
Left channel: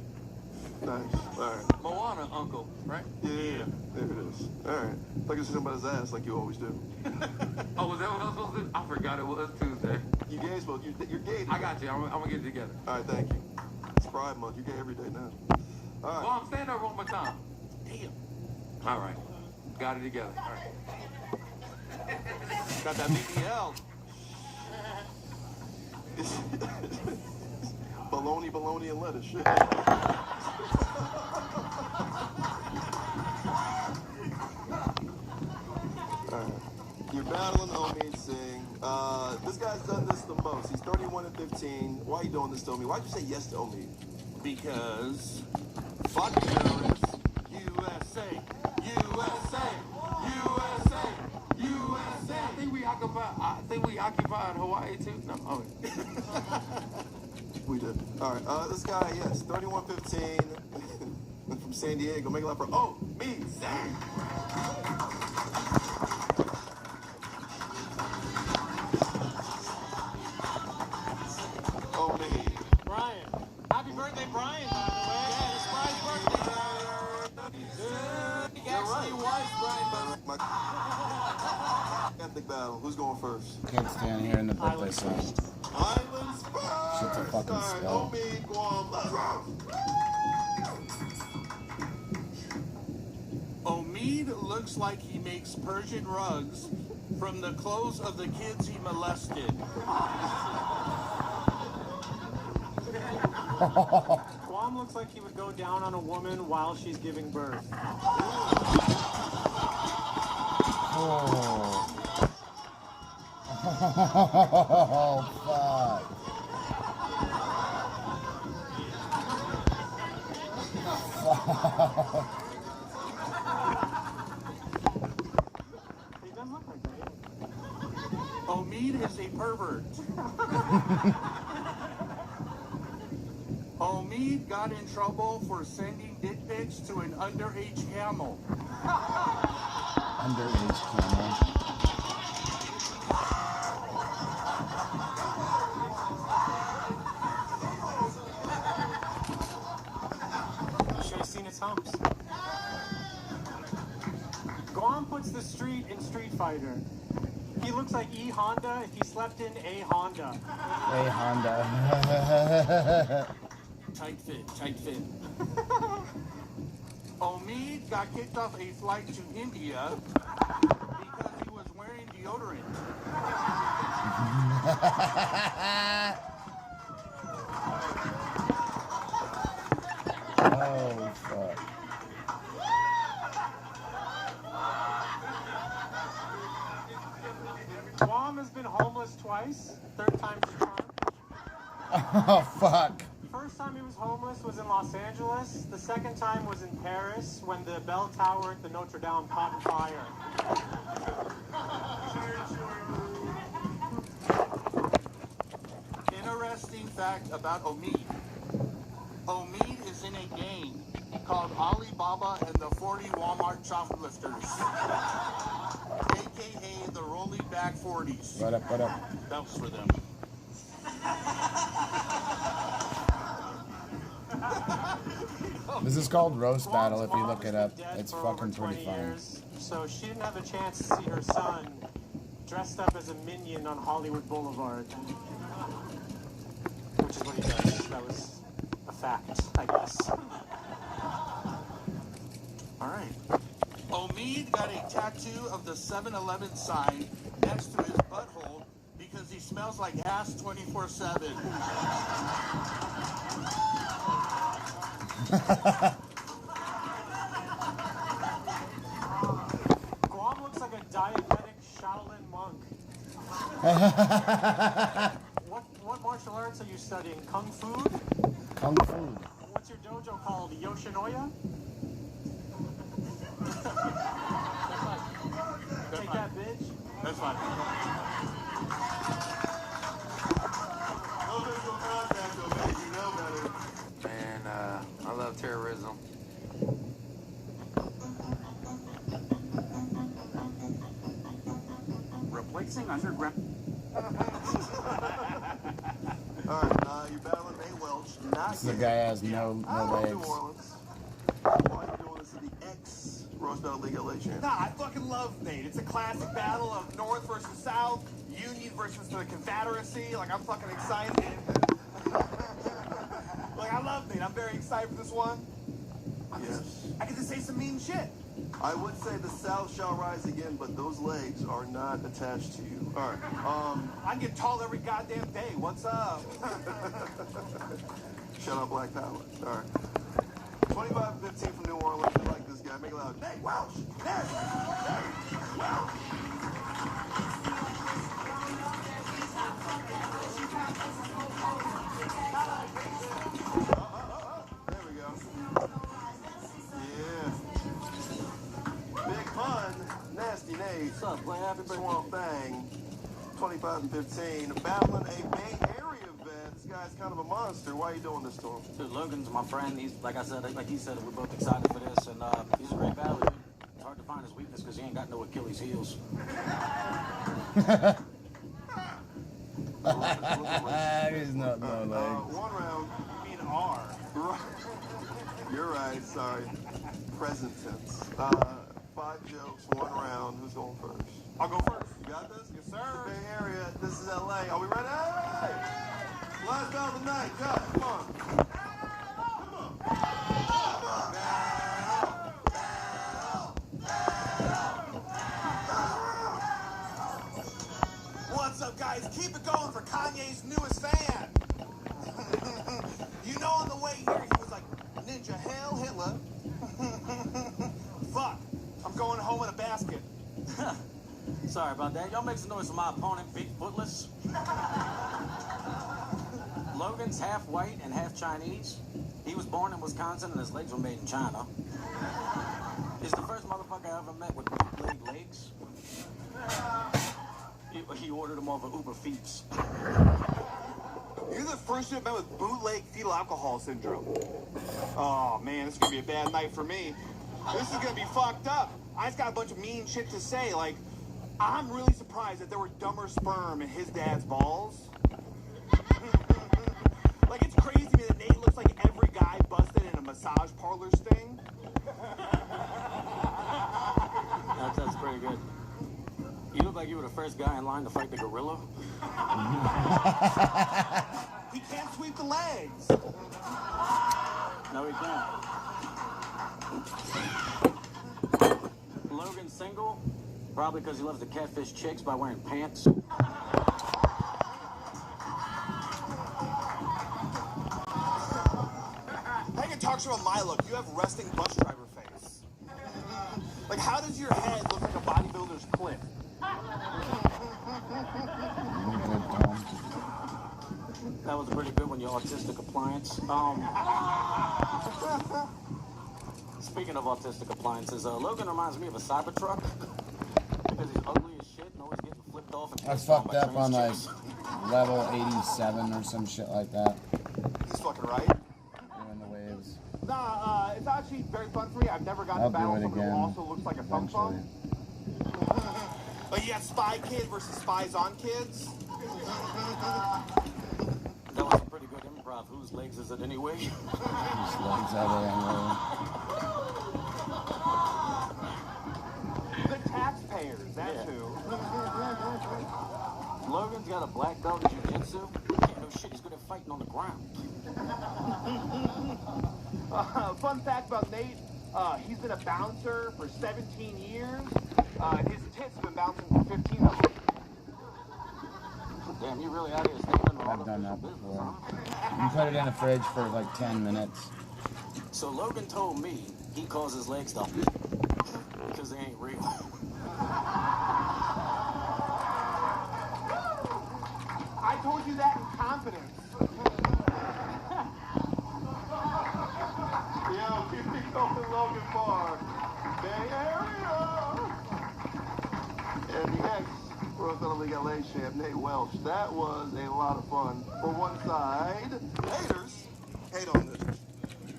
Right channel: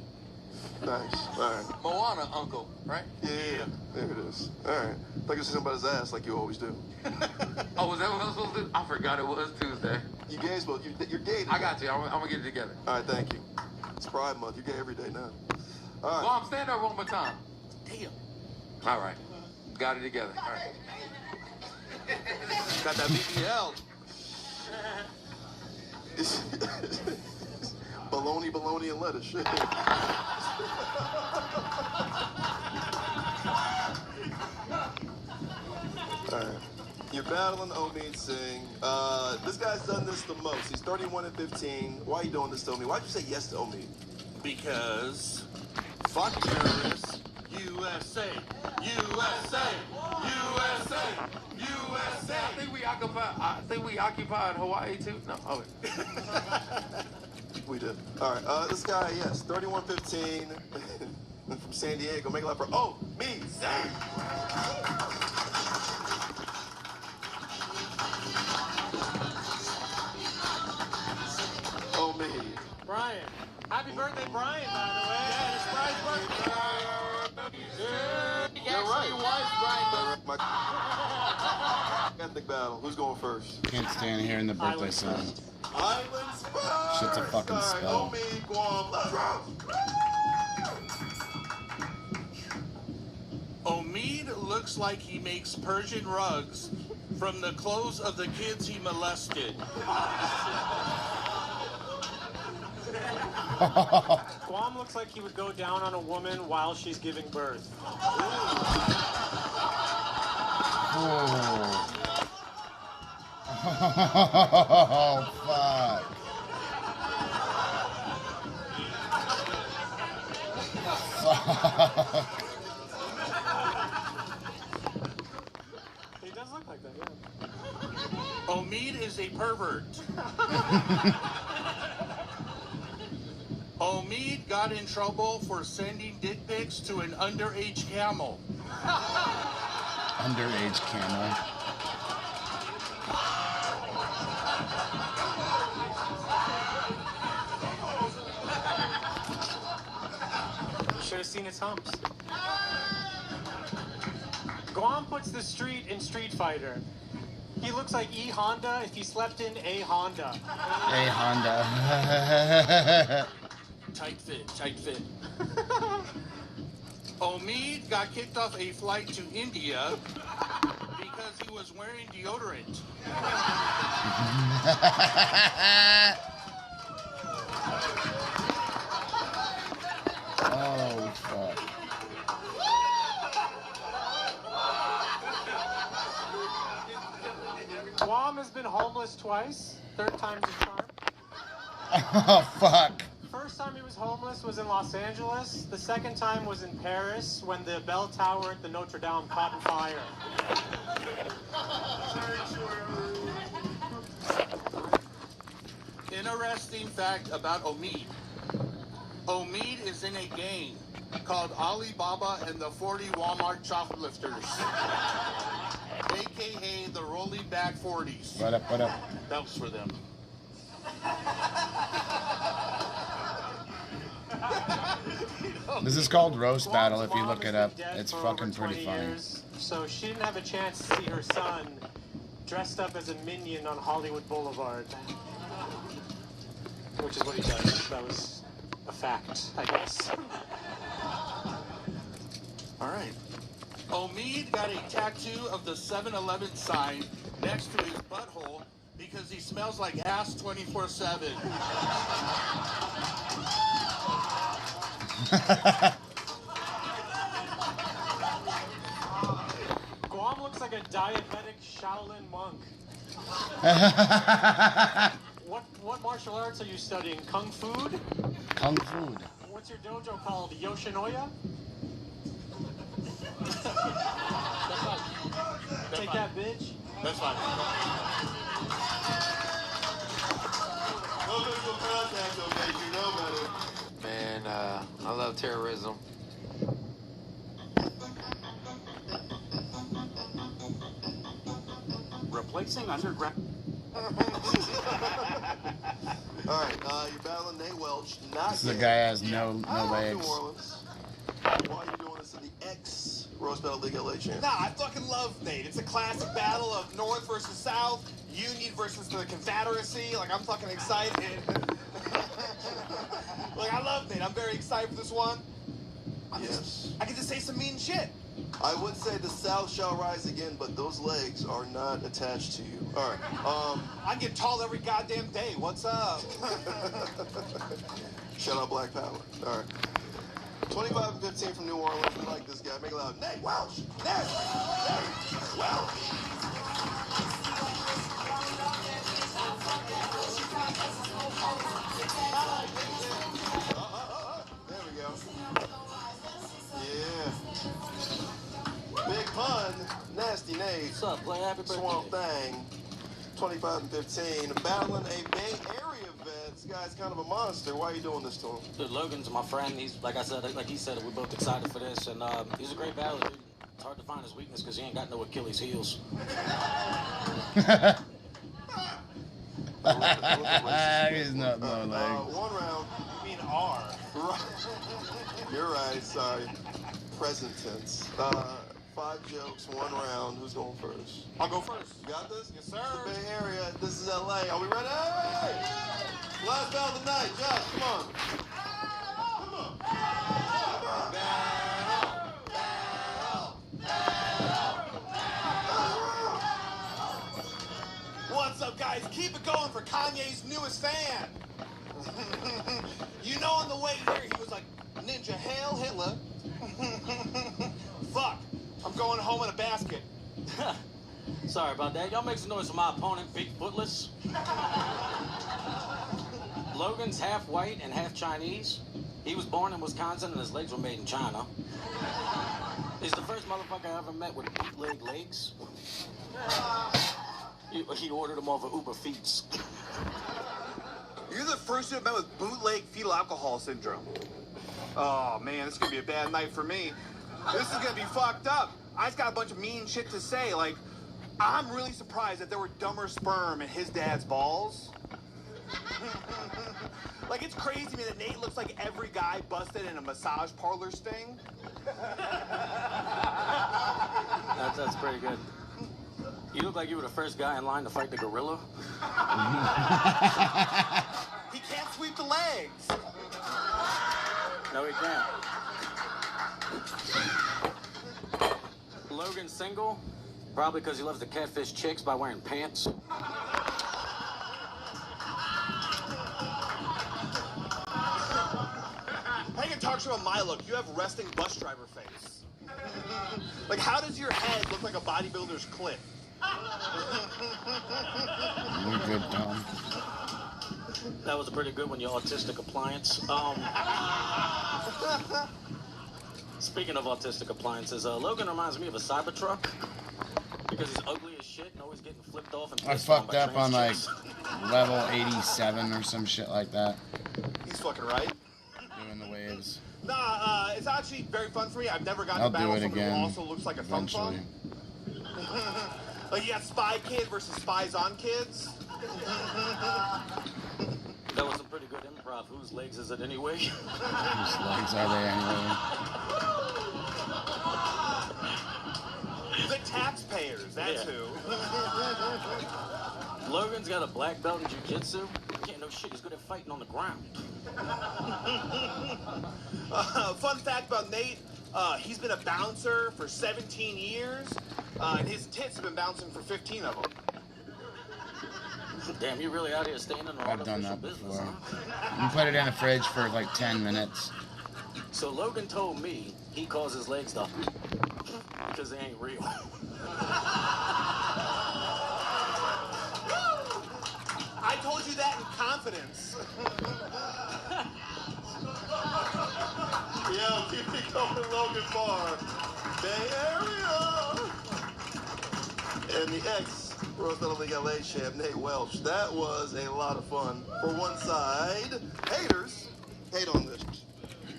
Nice. All right. Moana, uncle, right? Yeah. There it is. All right. If I could see somebody's ass like you always do. Oh, was that what I was supposed to do? I forgot it was Tuesday. You gay both. You're gay today. I got you. I'm gonna get it together. All right, thank you. It's Pride Month. You're gay every day now. All right. Mom, stand up one more time. Damn. All right. Got it together. All right. Got that BBL. Bologna, and lettuce. Shit. Alright. You're battling Omid Singh. This guy's done this the most. He's 31-15. Why are you doing this to Omid? Why'd you say yes to Omid? Because fuck yours, USA, USA, USA, USA. I think we occupied Hawaii too. No, oh. We did. All right. This guy, yes, 31-15 from San Diego. Make it up for Omid Singh. Omid. Brian. Happy birthday, Brian, by the way. Yeah, it's Brian's birthday. You're right. My ethnic battle. Who's going first? Can't stand hearing the birthday song. Islands first. Shit's a fucking spell. Omid, Guam, let's rock. Omid looks like he makes Persian rugs from the clothes of the kids he molested. Guam looks like he would go down on a woman while she's giving birth. Oh. Oh, fuck. Fuck. He does look like that, yeah. Omid is a pervert. Omid got in trouble for sending dick pics to an underage camel. Underage camel. Should have seen his humps. Guam puts the street in Street Fighter. He looks like E Honda if he slept in a Honda. A Honda. Tight fit, tight fit. Omid got kicked off a flight to India because he was wearing deodorant. Oh, fuck. Guam has been homeless twice. Third time's the charm. Oh, fuck. First time he was homeless was in Los Angeles. The second time was in Paris when the bell tower at the Notre Dame caught fire. Interesting fact about Omid. Omid is in a gang called Alibaba and the 40 Walmart Shoplifters, aka the Rolling Back 40s. What up, what up? That was for them. This is called Roast Battle if you look it up. It's fucking pretty funny. So she didn't have a chance to see her son dressed up as a minion on Hollywood Boulevard. Which is what he does. That was a fact, I guess. All right. Omid got a tattoo of the 7-Eleven sign next to his butthole because he smells like ass 24/7. Guam looks like a diabetic Shaolin monk. What martial arts are you studying? Kung Fu? Kung Fu. What's your dojo called? Yoshinoya? Take that, bitch. That's fine. No visual contact, okay? You know better. Man, I love terrorism. Replacing underground. Alright, you're battling Nate Welch. This is a guy that has no legs. Why are you doing this to the ex-Rose Battle League LA champ? Nah, I fucking love Nate. It's a classic battle of North versus South, Union versus the Confederacy. Like, I'm fucking excited. Like, I love Nate. I'm very excited for this one. Yes. I get to say some mean shit. I would say the South shall rise again, but those legs are not attached to you. All right. I get tall every goddamn day. What's up? Shout out Black Power. All right. 25-15 from New Orleans. I like this guy. Make it loud. Nate Welch. Nate Welch. There we go. Yeah. Big Pun. Nasty Nate. What's up, Black? Happy birthday. Swamp Thang. 25-15. Battling a Bay Area vet. This guy's kind of a monster. Why are you doing this to him? Dude, Logan's my friend. He's, like I said, like he said, we're both excited for this. And he's a great battler, dude. It's hard to find his weakness because he ain't got no Achilles heels. He's not no legs. One round. You mean R. You're right. Sorry. Present tense. 5 jokes, 1 round. Who's going first? I'll go first. You got this? Yes, sir. This is the Bay Area. This is LA. Are we ready? Last battle of the night. Josh, come on. Come on. What's up, guys? Keep it going for Kanye's newest fan. You know, on the way here, he was like, Ninja, hail Hitler. Fuck. I'm going home in a basket. Sorry about that. Y'all make some noise for my opponent, Big Footless. Logan's half white and half Chinese. He was born in Wisconsin and his legs were made in China. He's the first motherfucker I ever met with bootleg legs. He ordered them off of Uber Feeds. You're the first to have met with bootleg fetal alcohol syndrome. Oh, man, this is going to be a bad night for me. This is going to be fucked up. I just got a bunch of mean shit to say. Like, I'm really surprised that there were dumber sperm in his dad's balls. Like, it's crazy to me that Nate looks like every guy busted in a massage parlor sting. That's pretty good. You look like you were the first guy in line to fight the gorilla. He can't sweep the legs. No, he can't. Logan's single, probably because he loves to catfish chicks by wearing pants. I can talk to you about my look. You have resting bus driver face. Like, how does your head look like a bodybuilder's clit? You're good, Tom. That was a pretty good one, you autistic appliance. Speaking of autistic appliances, Logan reminds me of a Cybertruck because he's ugly as shit and always getting flipped off. And I fucked up on like level 87 or some shit like that. He's fucking right. Doing the waves. Nah, it's actually very fun for me. I've never gotten I'll to battle do it someone again who also looks like a fun eventually. Like, you got Spy Kid versus Spies on Kids. That was a pretty good improv. Whose legs is it anyway? Whose legs are they anyway? The taxpayers, that's who. Logan's got a black belt in jiu-jitsu. He can't know shit. He's good at fighting on the ground. Fun fact about Nate, he's been a bouncer for 17 years, and his tits have been bouncing for 15 of them. Damn, you really out here standing on I've done that business, before. huh? You put it in the fridge for like 10 minutes. So Logan told me he calls his legs the because they ain't real. I told you that in confidence. Yo, keep it going, Logan Barr. Bay Area. And the ex-Rose Battle League LA champ, Nate Welch. That was a lot of fun. For one side, haters hate on this.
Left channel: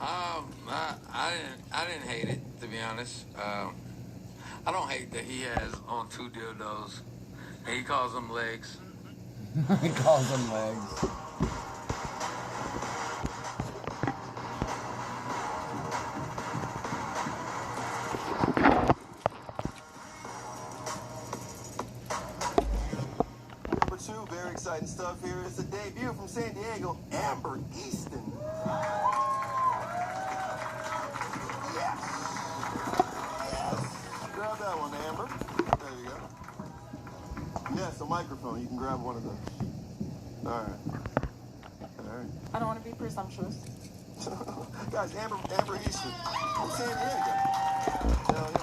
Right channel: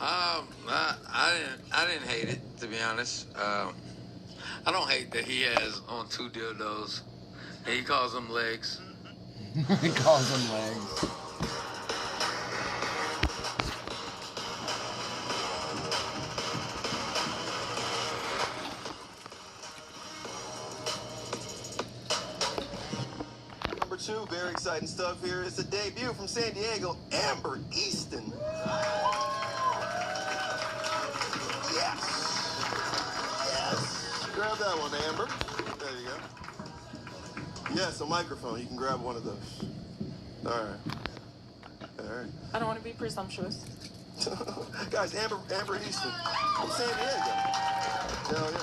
I didn't hate it, to be honest. I don't hate that he has on 2 dildos. And he calls them legs. He calls them legs. Number 2, very exciting stuff here. It's a debut from San Diego, Amber Easton. Yes. Yes. grab that one, Amber. There you go. Yes, a microphone. You can grab one of those. All right. All right. I don't want to be presumptuous. Guys, Amber Easton from San Diego. Hell yeah.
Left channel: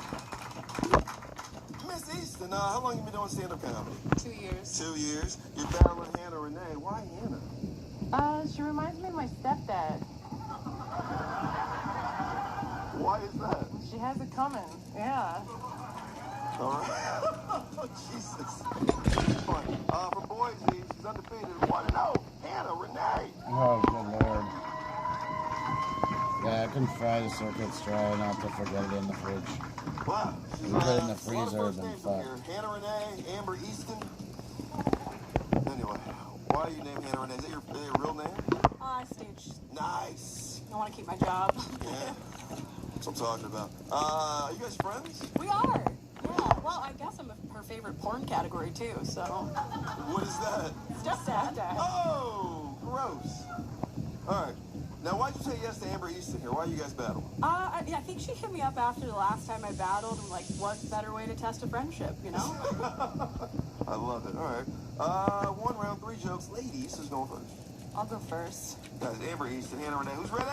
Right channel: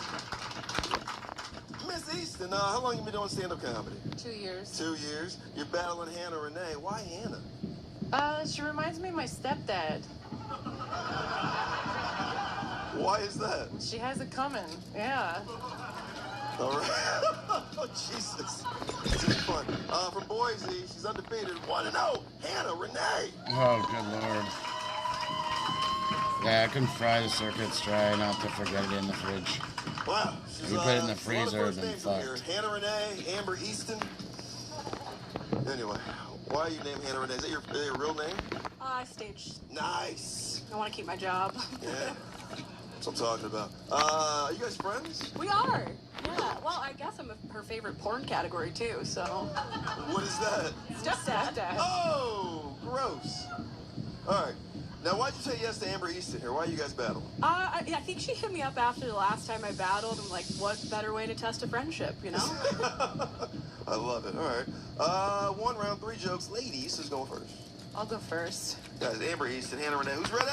Miss Easton, how long you been doing stand-up comedy? 2 years. 2 years. You're battling Hannah Renee. Why Hannah? She reminds me of my stepdad. Why is that? She has it coming. Yeah. All right. Oh, Jesus. Fun. From Boise, she's undefeated. 1-0. Hannah Renee. Oh, good lord. Yeah, I can fry the circuits dry, not to forget it in the fridge. Wow. If you put it in the freezer, then fucked. Hannah Renee, Amber Easton. Anyway, why are you named Hannah Renee? Is that your real name? I staged. Nice. I want to keep my job. Yeah. That's what I'm talking about. Are you guys friends? We are. Yeah. Well, I guess I'm her favorite porn category too. So. What is that? Stepdad. Oh, gross. All right. Now, why'd you say yes to Amber Easton here? Why you guys battle? I think she hit me up after the last time I battled. I'm like, what better way to test a friendship, you know? I love it. All right. 1 round, 3 jokes. Ladies, who's going first? I'll go first. Guys, Amber Easton, Hannah Renee. Who's ready?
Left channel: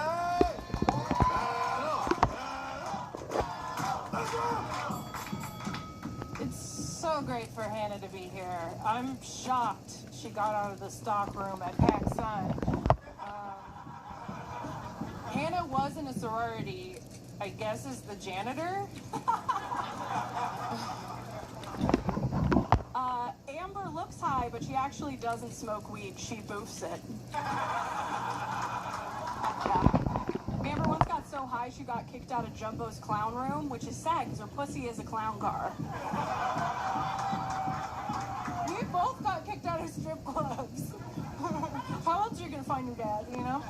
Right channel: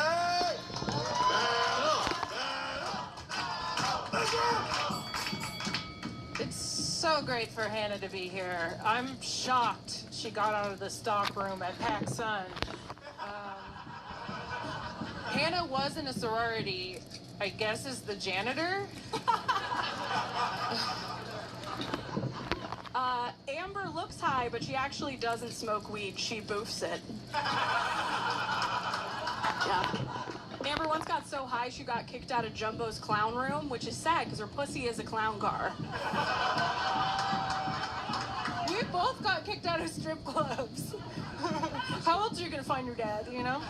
It's so great for Hannah to be here. I'm shocked she got out of the stock room at PacSun. Hannah was in a sorority, I guess is the janitor. Amber looks high, but she actually doesn't smoke weed. She boofs it. Yeah. Amber once got so high she got kicked out of Jumbo's clown room, which is sad because her pussy is a clown car. We both got kicked out of strip clubs. How else are you gonna find your dad, you know?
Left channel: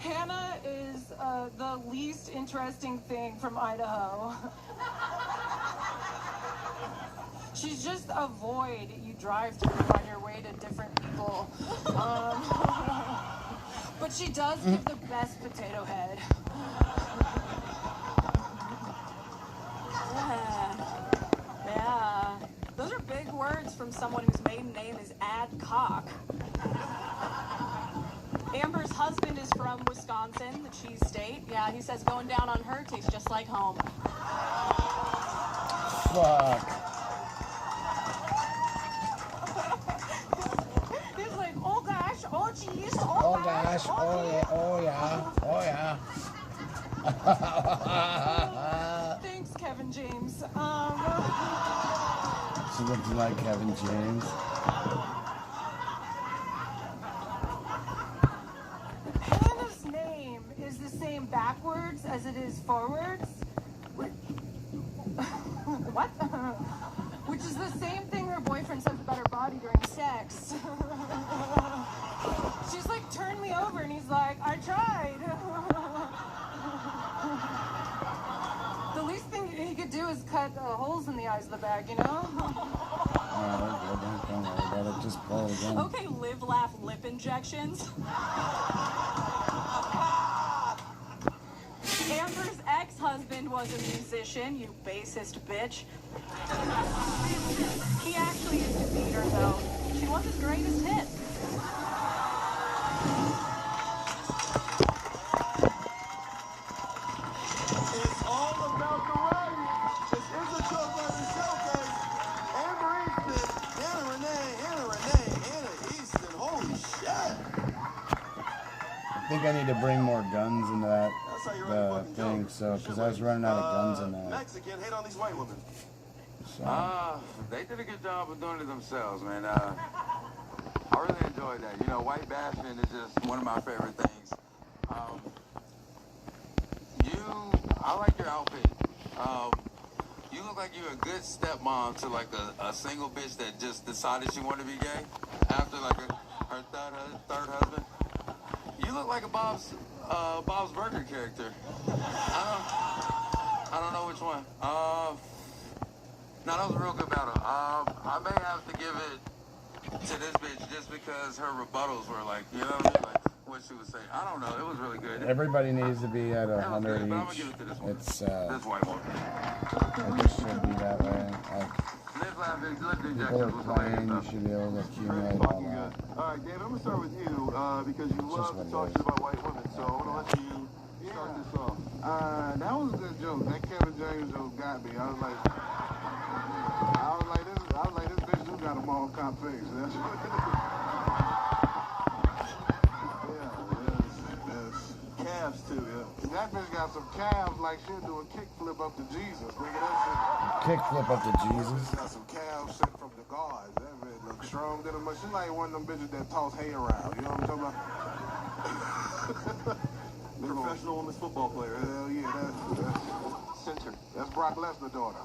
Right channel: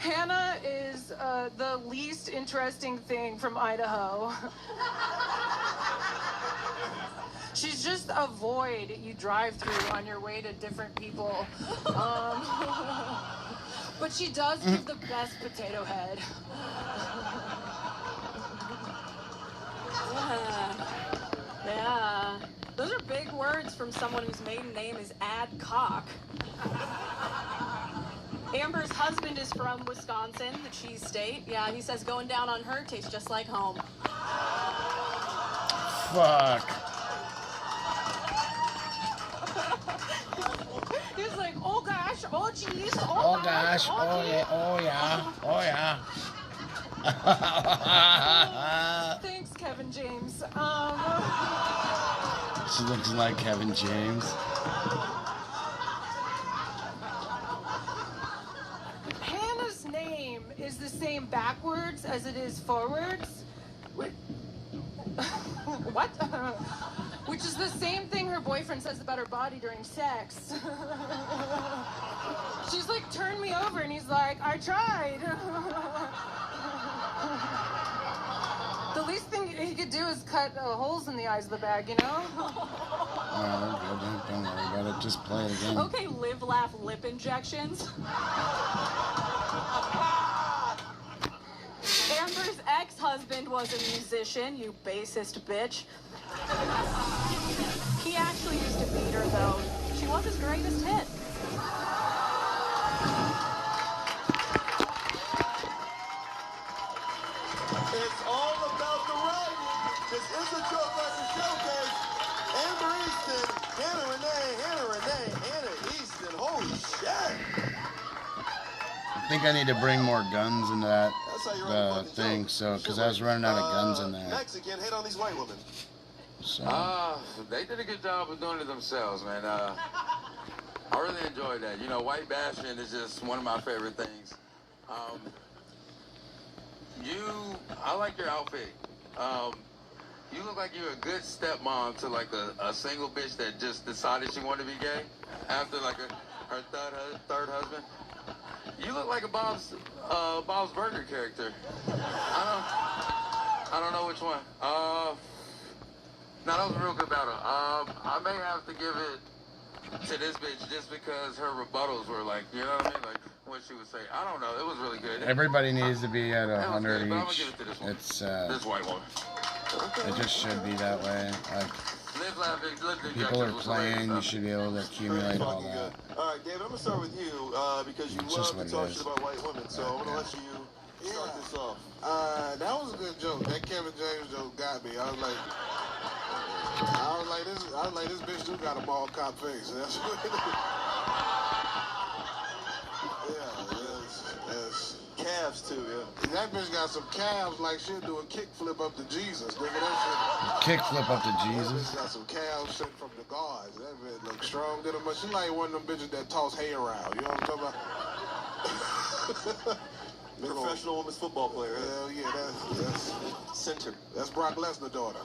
Hannah is the least interesting thing from Idaho. She's just a void you drive through on your way to different people. But she does give the best potato head. Yeah. Those are big words from someone whose maiden name is Adcock. Amber's husband is from Wisconsin, the cheese state. Yeah, he says going down on her tastes just like home. Fuck. He's like, oh gosh, oh geez, Oh gosh, oh yeah, oh yeah, oh yeah. Thanks, Kevin James. She looks like Kevin James. Hannah's name is the same backwards as it is forwards. What? Which is the same thing her boyfriend says about her body during sex. She's like, turn me over, and he's like, I tried. The least thing he could do is cut holes in the eyes of the bag, you know? Alright, don't worry about it. Just play it again. Okay, live, laugh, lip injections. Amber's ex-husband was a musician, you bassist bitch. He actually used to beat her, though. She was his greatest hit. It's all about the writing. This is a Joe Budden showcase. Amber Easton, Hannah Renee, Hannah Easton. Holy shit. I think I need to bring more guns into that thing, so because I was running out of guns in there. Mexican, hate on these white women. So. They did a good job of doing it themselves, man. I really enjoyed that. You know, white bashing is just one of my favorite things. I like your outfit. You look like you're a good stepmom to like a single bitch that just decided she wanted to be gay after like her third husband. You look like a Bob's Burger character. I don't know which one. No, that was a real good battle. I may have to give it to this bitch just because her rebuttals were like, you know what I mean? Like, what she was saying. I don't know. It was really good. Everybody needs to be at 100 good, but I'm each. gonna give it to this one. It's This white one. it just should be that way. Like people are playing, you should be able to accumulate all that. All right, David, I'm gonna start with you because you It's love just to what it talk is. shit about white women. So I'm gonna let you start this off. That was a good joke. That Kevin James joke got me. I was like, this bitch do got a mall cop face. That's what it is. Calves too, yeah. That bitch got some calves like she'll do a kickflip up to Jesus. Nigga, that Kick flip up to shit. Jesus. Got some calves shit from the gods. That bitch look strong to them, but she like one of them bitches that toss hay around. You know what I'm talking about? Professional women's football player. Hell yeah, that's center. That's Brock Lesnar's daughter.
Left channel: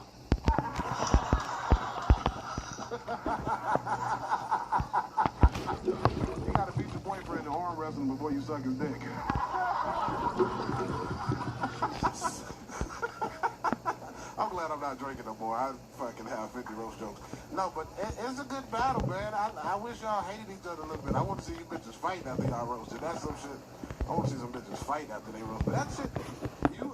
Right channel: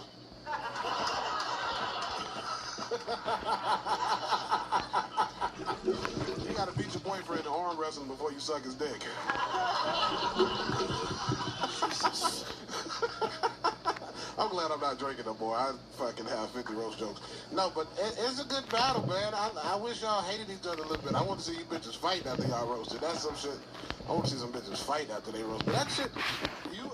You gotta beat your boyfriend in arm wrestling before you suck his dick. I'm glad I'm not drinking no more. I fucking have 50 roast jokes. No, but it's a good battle, man. I wish y'all hated each other a little bit. I want to see you bitches fight after y'all roasted. That's some shit. I want to see some bitches fight after they roast. But that shit, you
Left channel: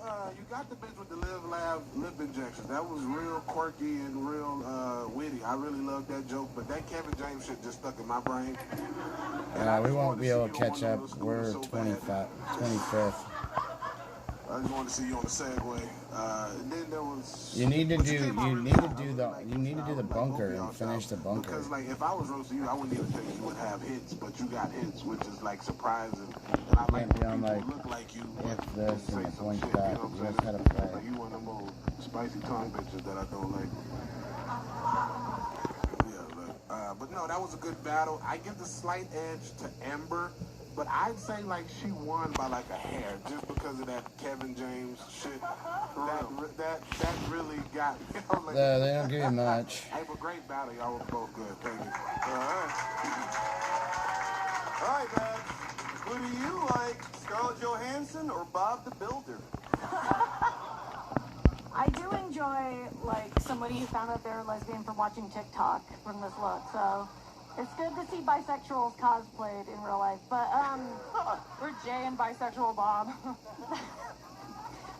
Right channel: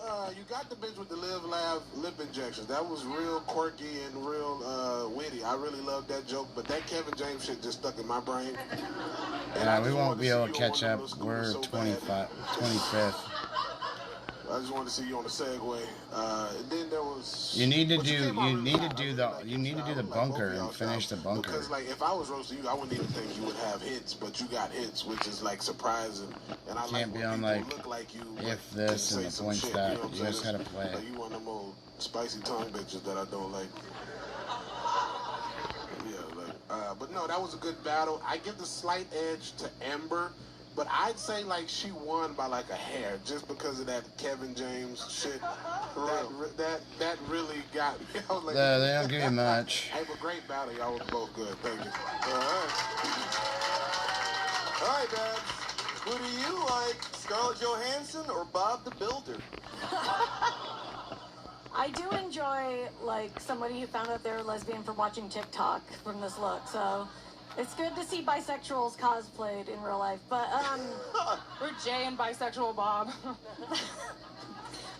got the bitch with the laugh lip injections. That was real quirky and real witty. I really loved that joke. But that Kevin James shit just stuck in my brain. Yeah, we won't be able to catch up. We're 25th. I just wanted to see you on the Segway. And then there was. You need to do the bunker and finish the bunker. Because like if I was roasting you, I wouldn't even think you would have hits, but you got hits, which is like surprising. And I Can't be on like look like you if this and the points that. You just gotta play. Like you one of them old spicy tongue bitches that I don't like. Yeah, but no, that was a good battle. I give the slight edge to Amber. But I'd say like she won by like a hair just because of that Kevin James shit. That really got me. I was like, They don't give you much. Hey, but great battle. Y'all were both good. Thank you. All right, man. Who do you like, Scarlett Johansson or Bob the Builder? I do enjoy like somebody who found out they were lesbian from watching TikTok from this look, so it's good to see bisexuals cosplayed in real life. But We're Jay and bisexual Bob.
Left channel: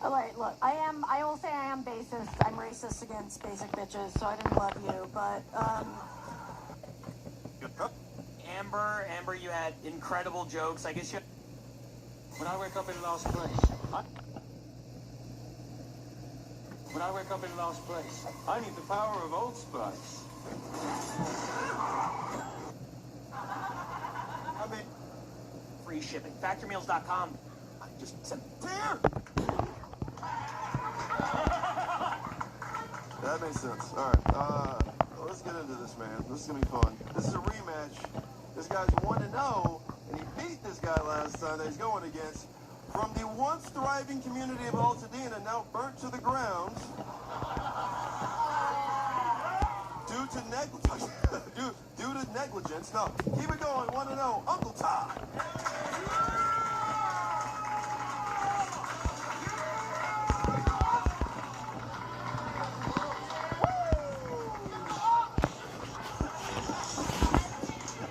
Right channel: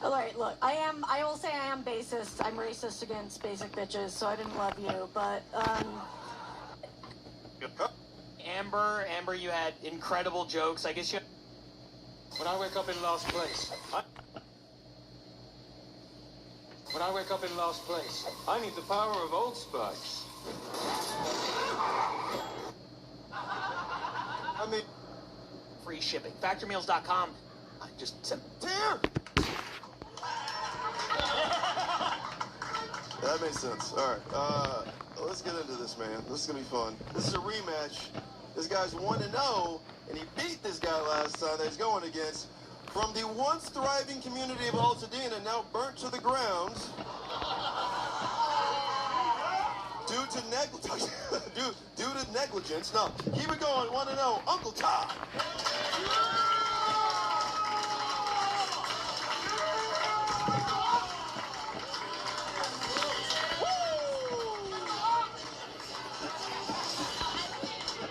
all right, look, I will say I am basist. I'm racist against basic bitches, so I didn't love you, but Amber, you had incredible jokes. I guess you. When I wake up in last place, I need the power of Old Spice. I mean, free shipping. Factormeals.com. I just said, damn. That makes sense. All right. Let's get into this, man. This is going to be fun. This is a rematch. This guy's 1-0, and he beat this guy last time that he's going against. From the once thriving community of Altadena, now burnt to the ground. Due to negligence. No, keep it going. 1-0. Uncle Todd.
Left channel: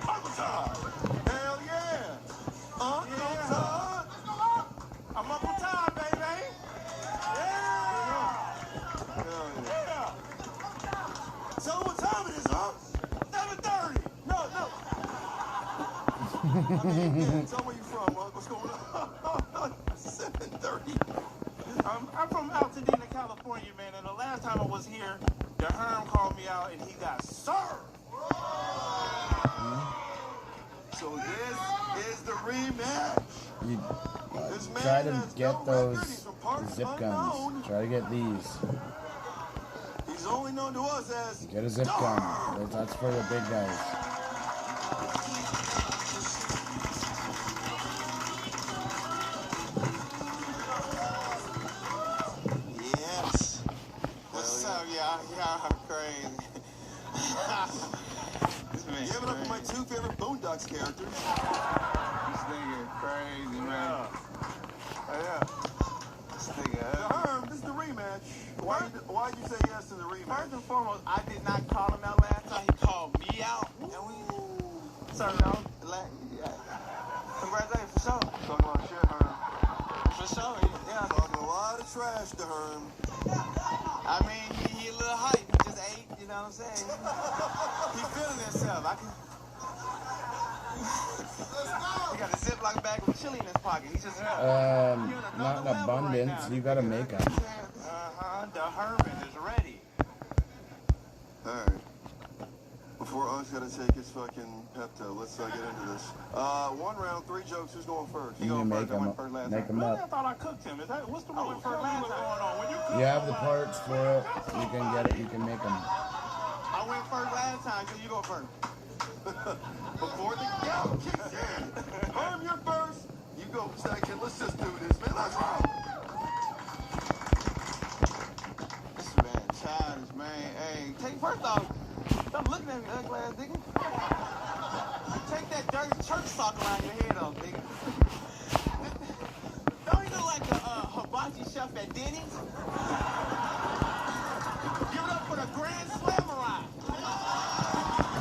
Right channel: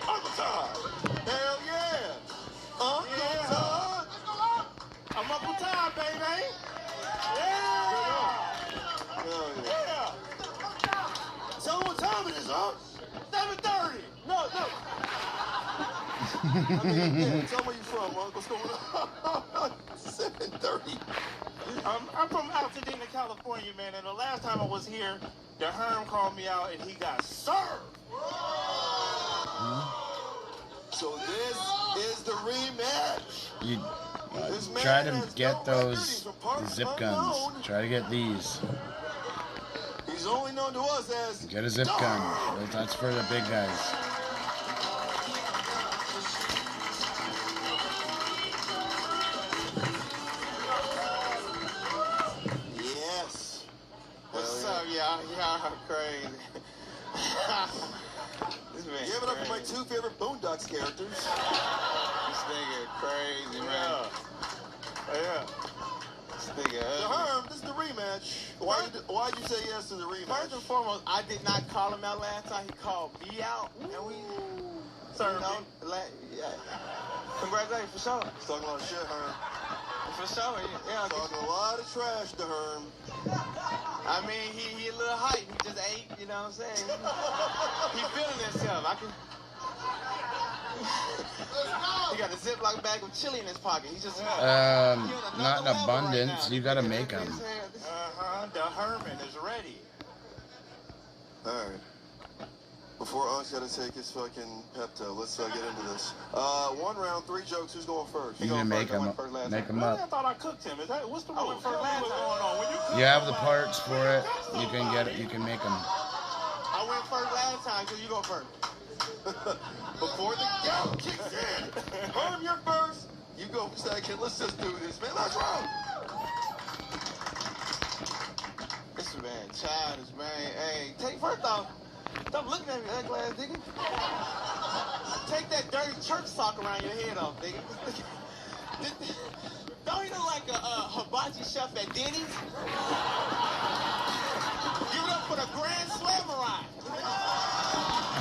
Uncle Todd. Hell yeah. Uncle Todd. I'm Uncle Todd, baby. Yeah. Tell them what time it is, huh? 7:30. No. I mean, yeah, tell me where you from, huh? What's going on? 7:30. I'm from Altadena, California, man. And the last time I was here, the Herm called me out and he got served. So this is the rematch. You try to get those zip guns. Try to get these. He's only known to us as Get a zip gun. That's for the big guys. Yes. What's up, y'all? Y'all are crazy. This man Give it up for my crazy. two favorite Boondocks characters. This nigga crazy, man. Yeah. This nigga The Herm, this is the rematch. Why'd you say yes to the rematch? First and foremost, I did not call him out last time. He called me out. And we, so, yeah. right there, for sure. Talking a lot of shit, Herm. For sure, yeah. Talking a lot of trash to Herm. I mean, he a little hype. He just ate, you know what I'm saying? He feeling himself. He got a Ziploc bag with chili in his pocket. He's just not in abundance. You gotta make them. The Herman is ready. All right. Before Ug's got to take his fucking Pepto, let's get into this. 1 round, 3 jokes. Who's going first? You can make them up. Make them I up. thought I cooked him. Is that what's the rule for last time? You have the parts for it. You can get it. You can make them. I went first last time, so you go first. Before the go kicks in, Herm, you're first. You go second. Let's just do this, man. Let's roll. This man, childish, man. Hey, first off, stop looking at me, ugly ass nigga. Take that dirty church sock around your head off, nigga. Don't you look like a hibachi chef at Denny's? Give it up for the Grand Slammerai.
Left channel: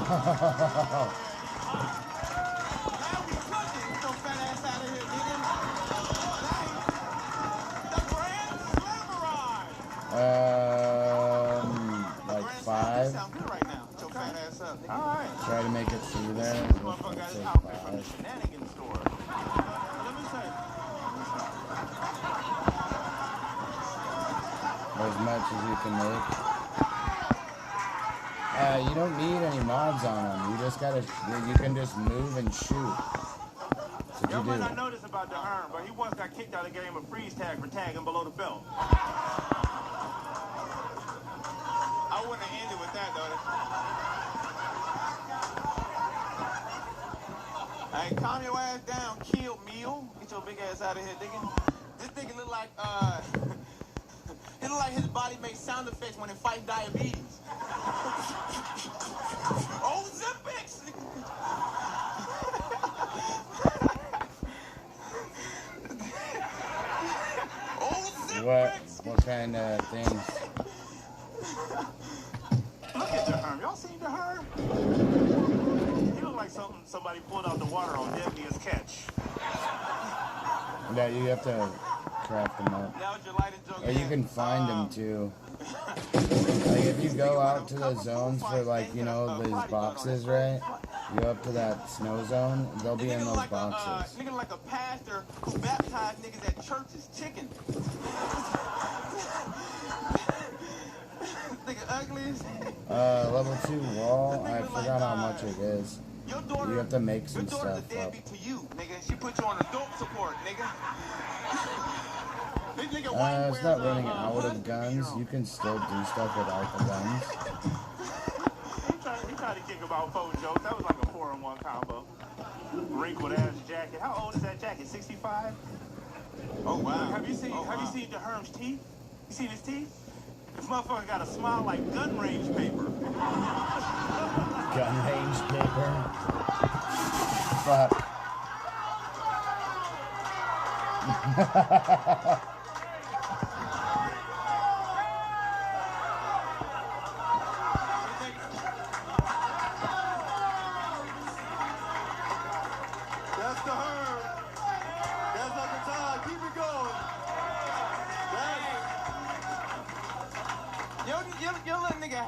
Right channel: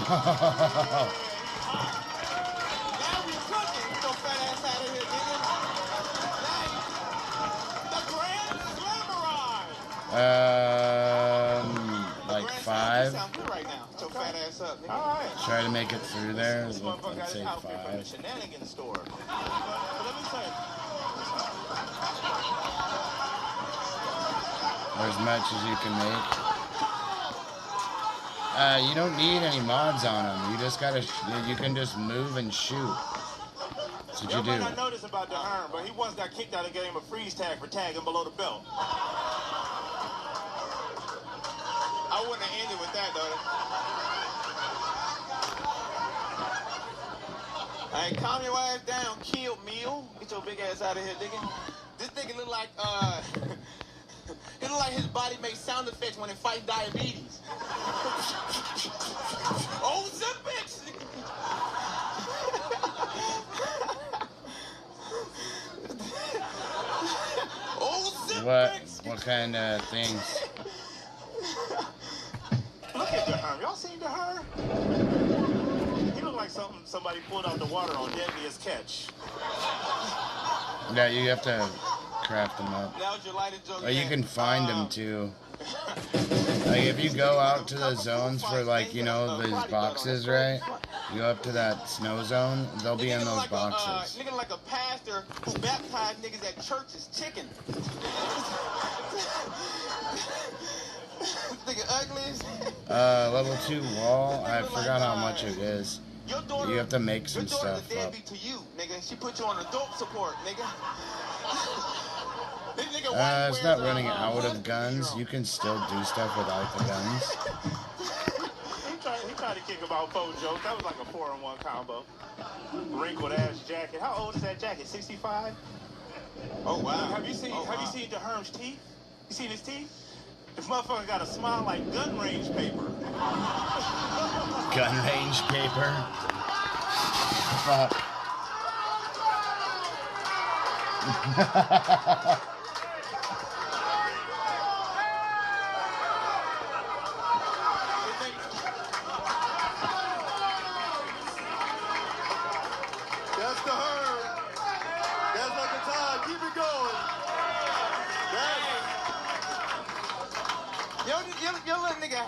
Now we cooking. Get your fat ass out of here, nigga. The Grand Slammerai. Like 5. Sound good right now. Get your fat ass up, nigga. All right. Try to make it through there. Let's say 5. Shenanigans store. Let me say. Or as much as you can make. You don't need any mods on them. You just gotta. You can just move and shoot. That's what you do. I noticed about the Herm, but he once got kicked out of the game of freeze tag for tagging below the belt. I wouldn't have ended with that, though. Hey, calm your ass down, kill meal. Get your big ass out of here, nigga. This nigga look like, he look like his body makes sound effects when it fights diabetes. Oh, Zippix! Oh, Zippix! What kind of things? Look at the Herm. Y'all seen the Herm? He look like somebody pulled out the water on Deadliest Catch. Yeah, you have to craft them up. Or you can find them too. Like if you go out to the zones for like, you know, these boxes, right? You go up to that snow zone, they'll be in those boxes. Nigga like a pastor who baptized niggas at churches chicken. Nigga ugly as Level 2 wall, I forgot how much it is. You have to make some stuff up. to you, nigga. She put you on adult support, nigga. It's not running out of guns. You can still do stuff without the guns. He tried to kick about 4 jokes. That was like a 4-in-1 combo. Wrinkled ass jacket. How old is that jacket? 65? Oh wow. Have you seen the Herm's teeth? You seen his teeth? This motherfucker got a smile like gun range paper. Gun range paper? Fuck. That's the Herm. That's like a time. Keep it going. Yo, little nigga,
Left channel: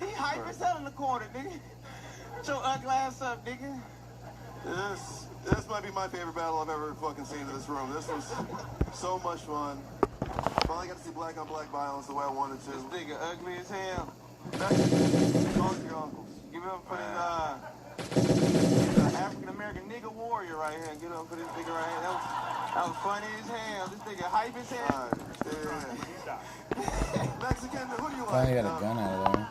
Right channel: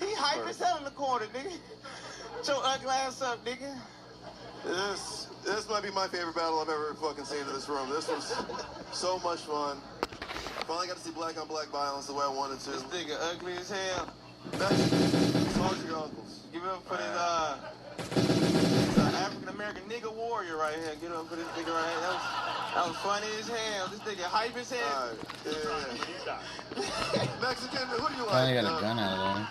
he hype as hell in the corner, nigga. Get your ugly ass up, nigga. This might be my favorite battle I've ever fucking seen in this room. This was so much fun. Finally got to see black on black violence the way I wanted to. This nigga ugly as hell. Both your uncles. Give it up for this African American nigga warrior right here. Get up for this nigga right here. That was funny as hell. This nigga hype as hell. Yeah. Mexican, who do you like? Finally got a gun out of there.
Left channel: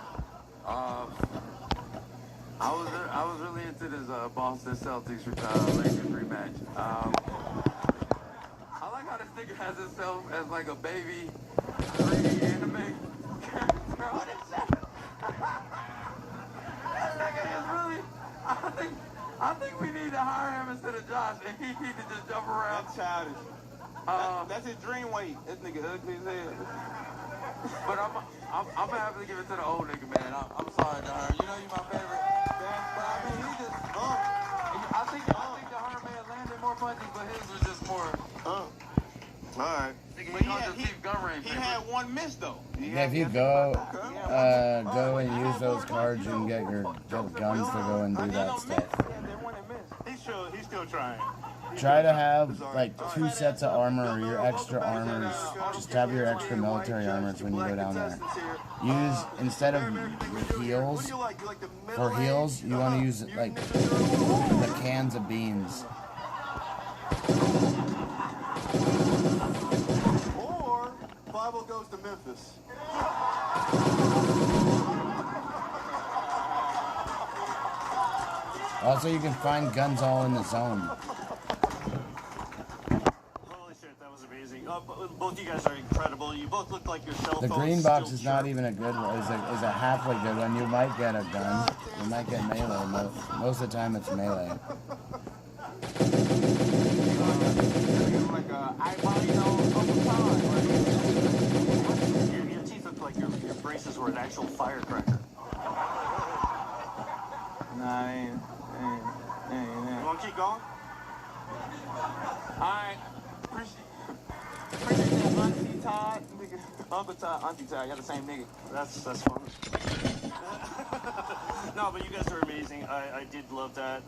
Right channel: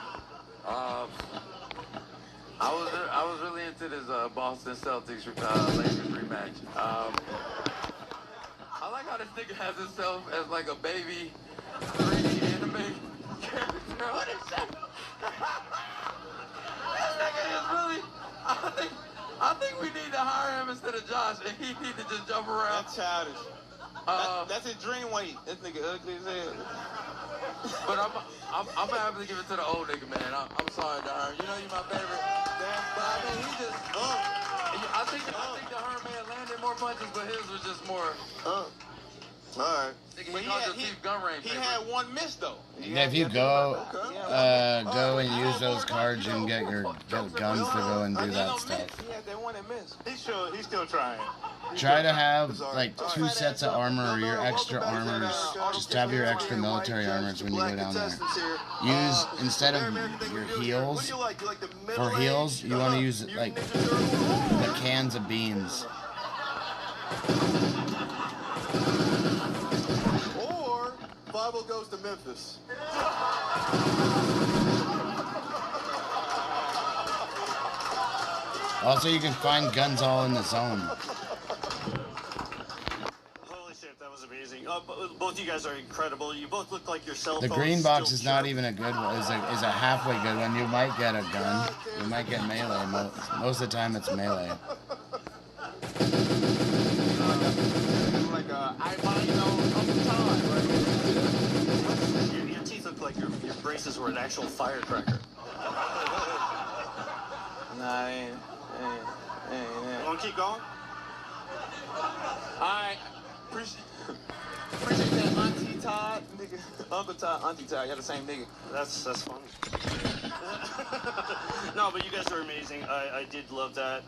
I was really into this Boston Celtics Lakers rematch. I like how this nigga has himself as like a baby 3D anime character on his show. This nigga is really. I think we need to hire him instead of Josh, and he need to just jump around. That's childish. That's his dream weight. This nigga ugly as hell. But I'm gonna have to give it to the old nigga, man. I'm sorry, Dahar. You know you my favorite. But I mean, he just. I think the Herm man landed more more punches, but his was just more. All right. He had one miss though. Yeah, if you go and use those cards, you can get guns to go and do that stuff. He's still trying. Try to have like 2 sets of armor or your extra armors. Just have your extra military armors when you go down there. Use, instead of your heals, for heals, you want to use like the cans of beans. Or Pablo goes to Memphis. Also, you can find guns all in the zone. Holy shit, that was amazing. Both you guys are incredible. You both look like yourself. The green box is not even a good one. Is a halfway good one. You might get a gun. You might get melee. Most of the time, it's melee. Your teeth look like your braces were an actual firecracker. Nah, ain't. You want to keep going? Alright. Appreciate that, Auntie Todd, nigga. Uncle Todd, Auntie Todd, y'all the same nigga. That's fun. No, but you guys are amazing. I did love that.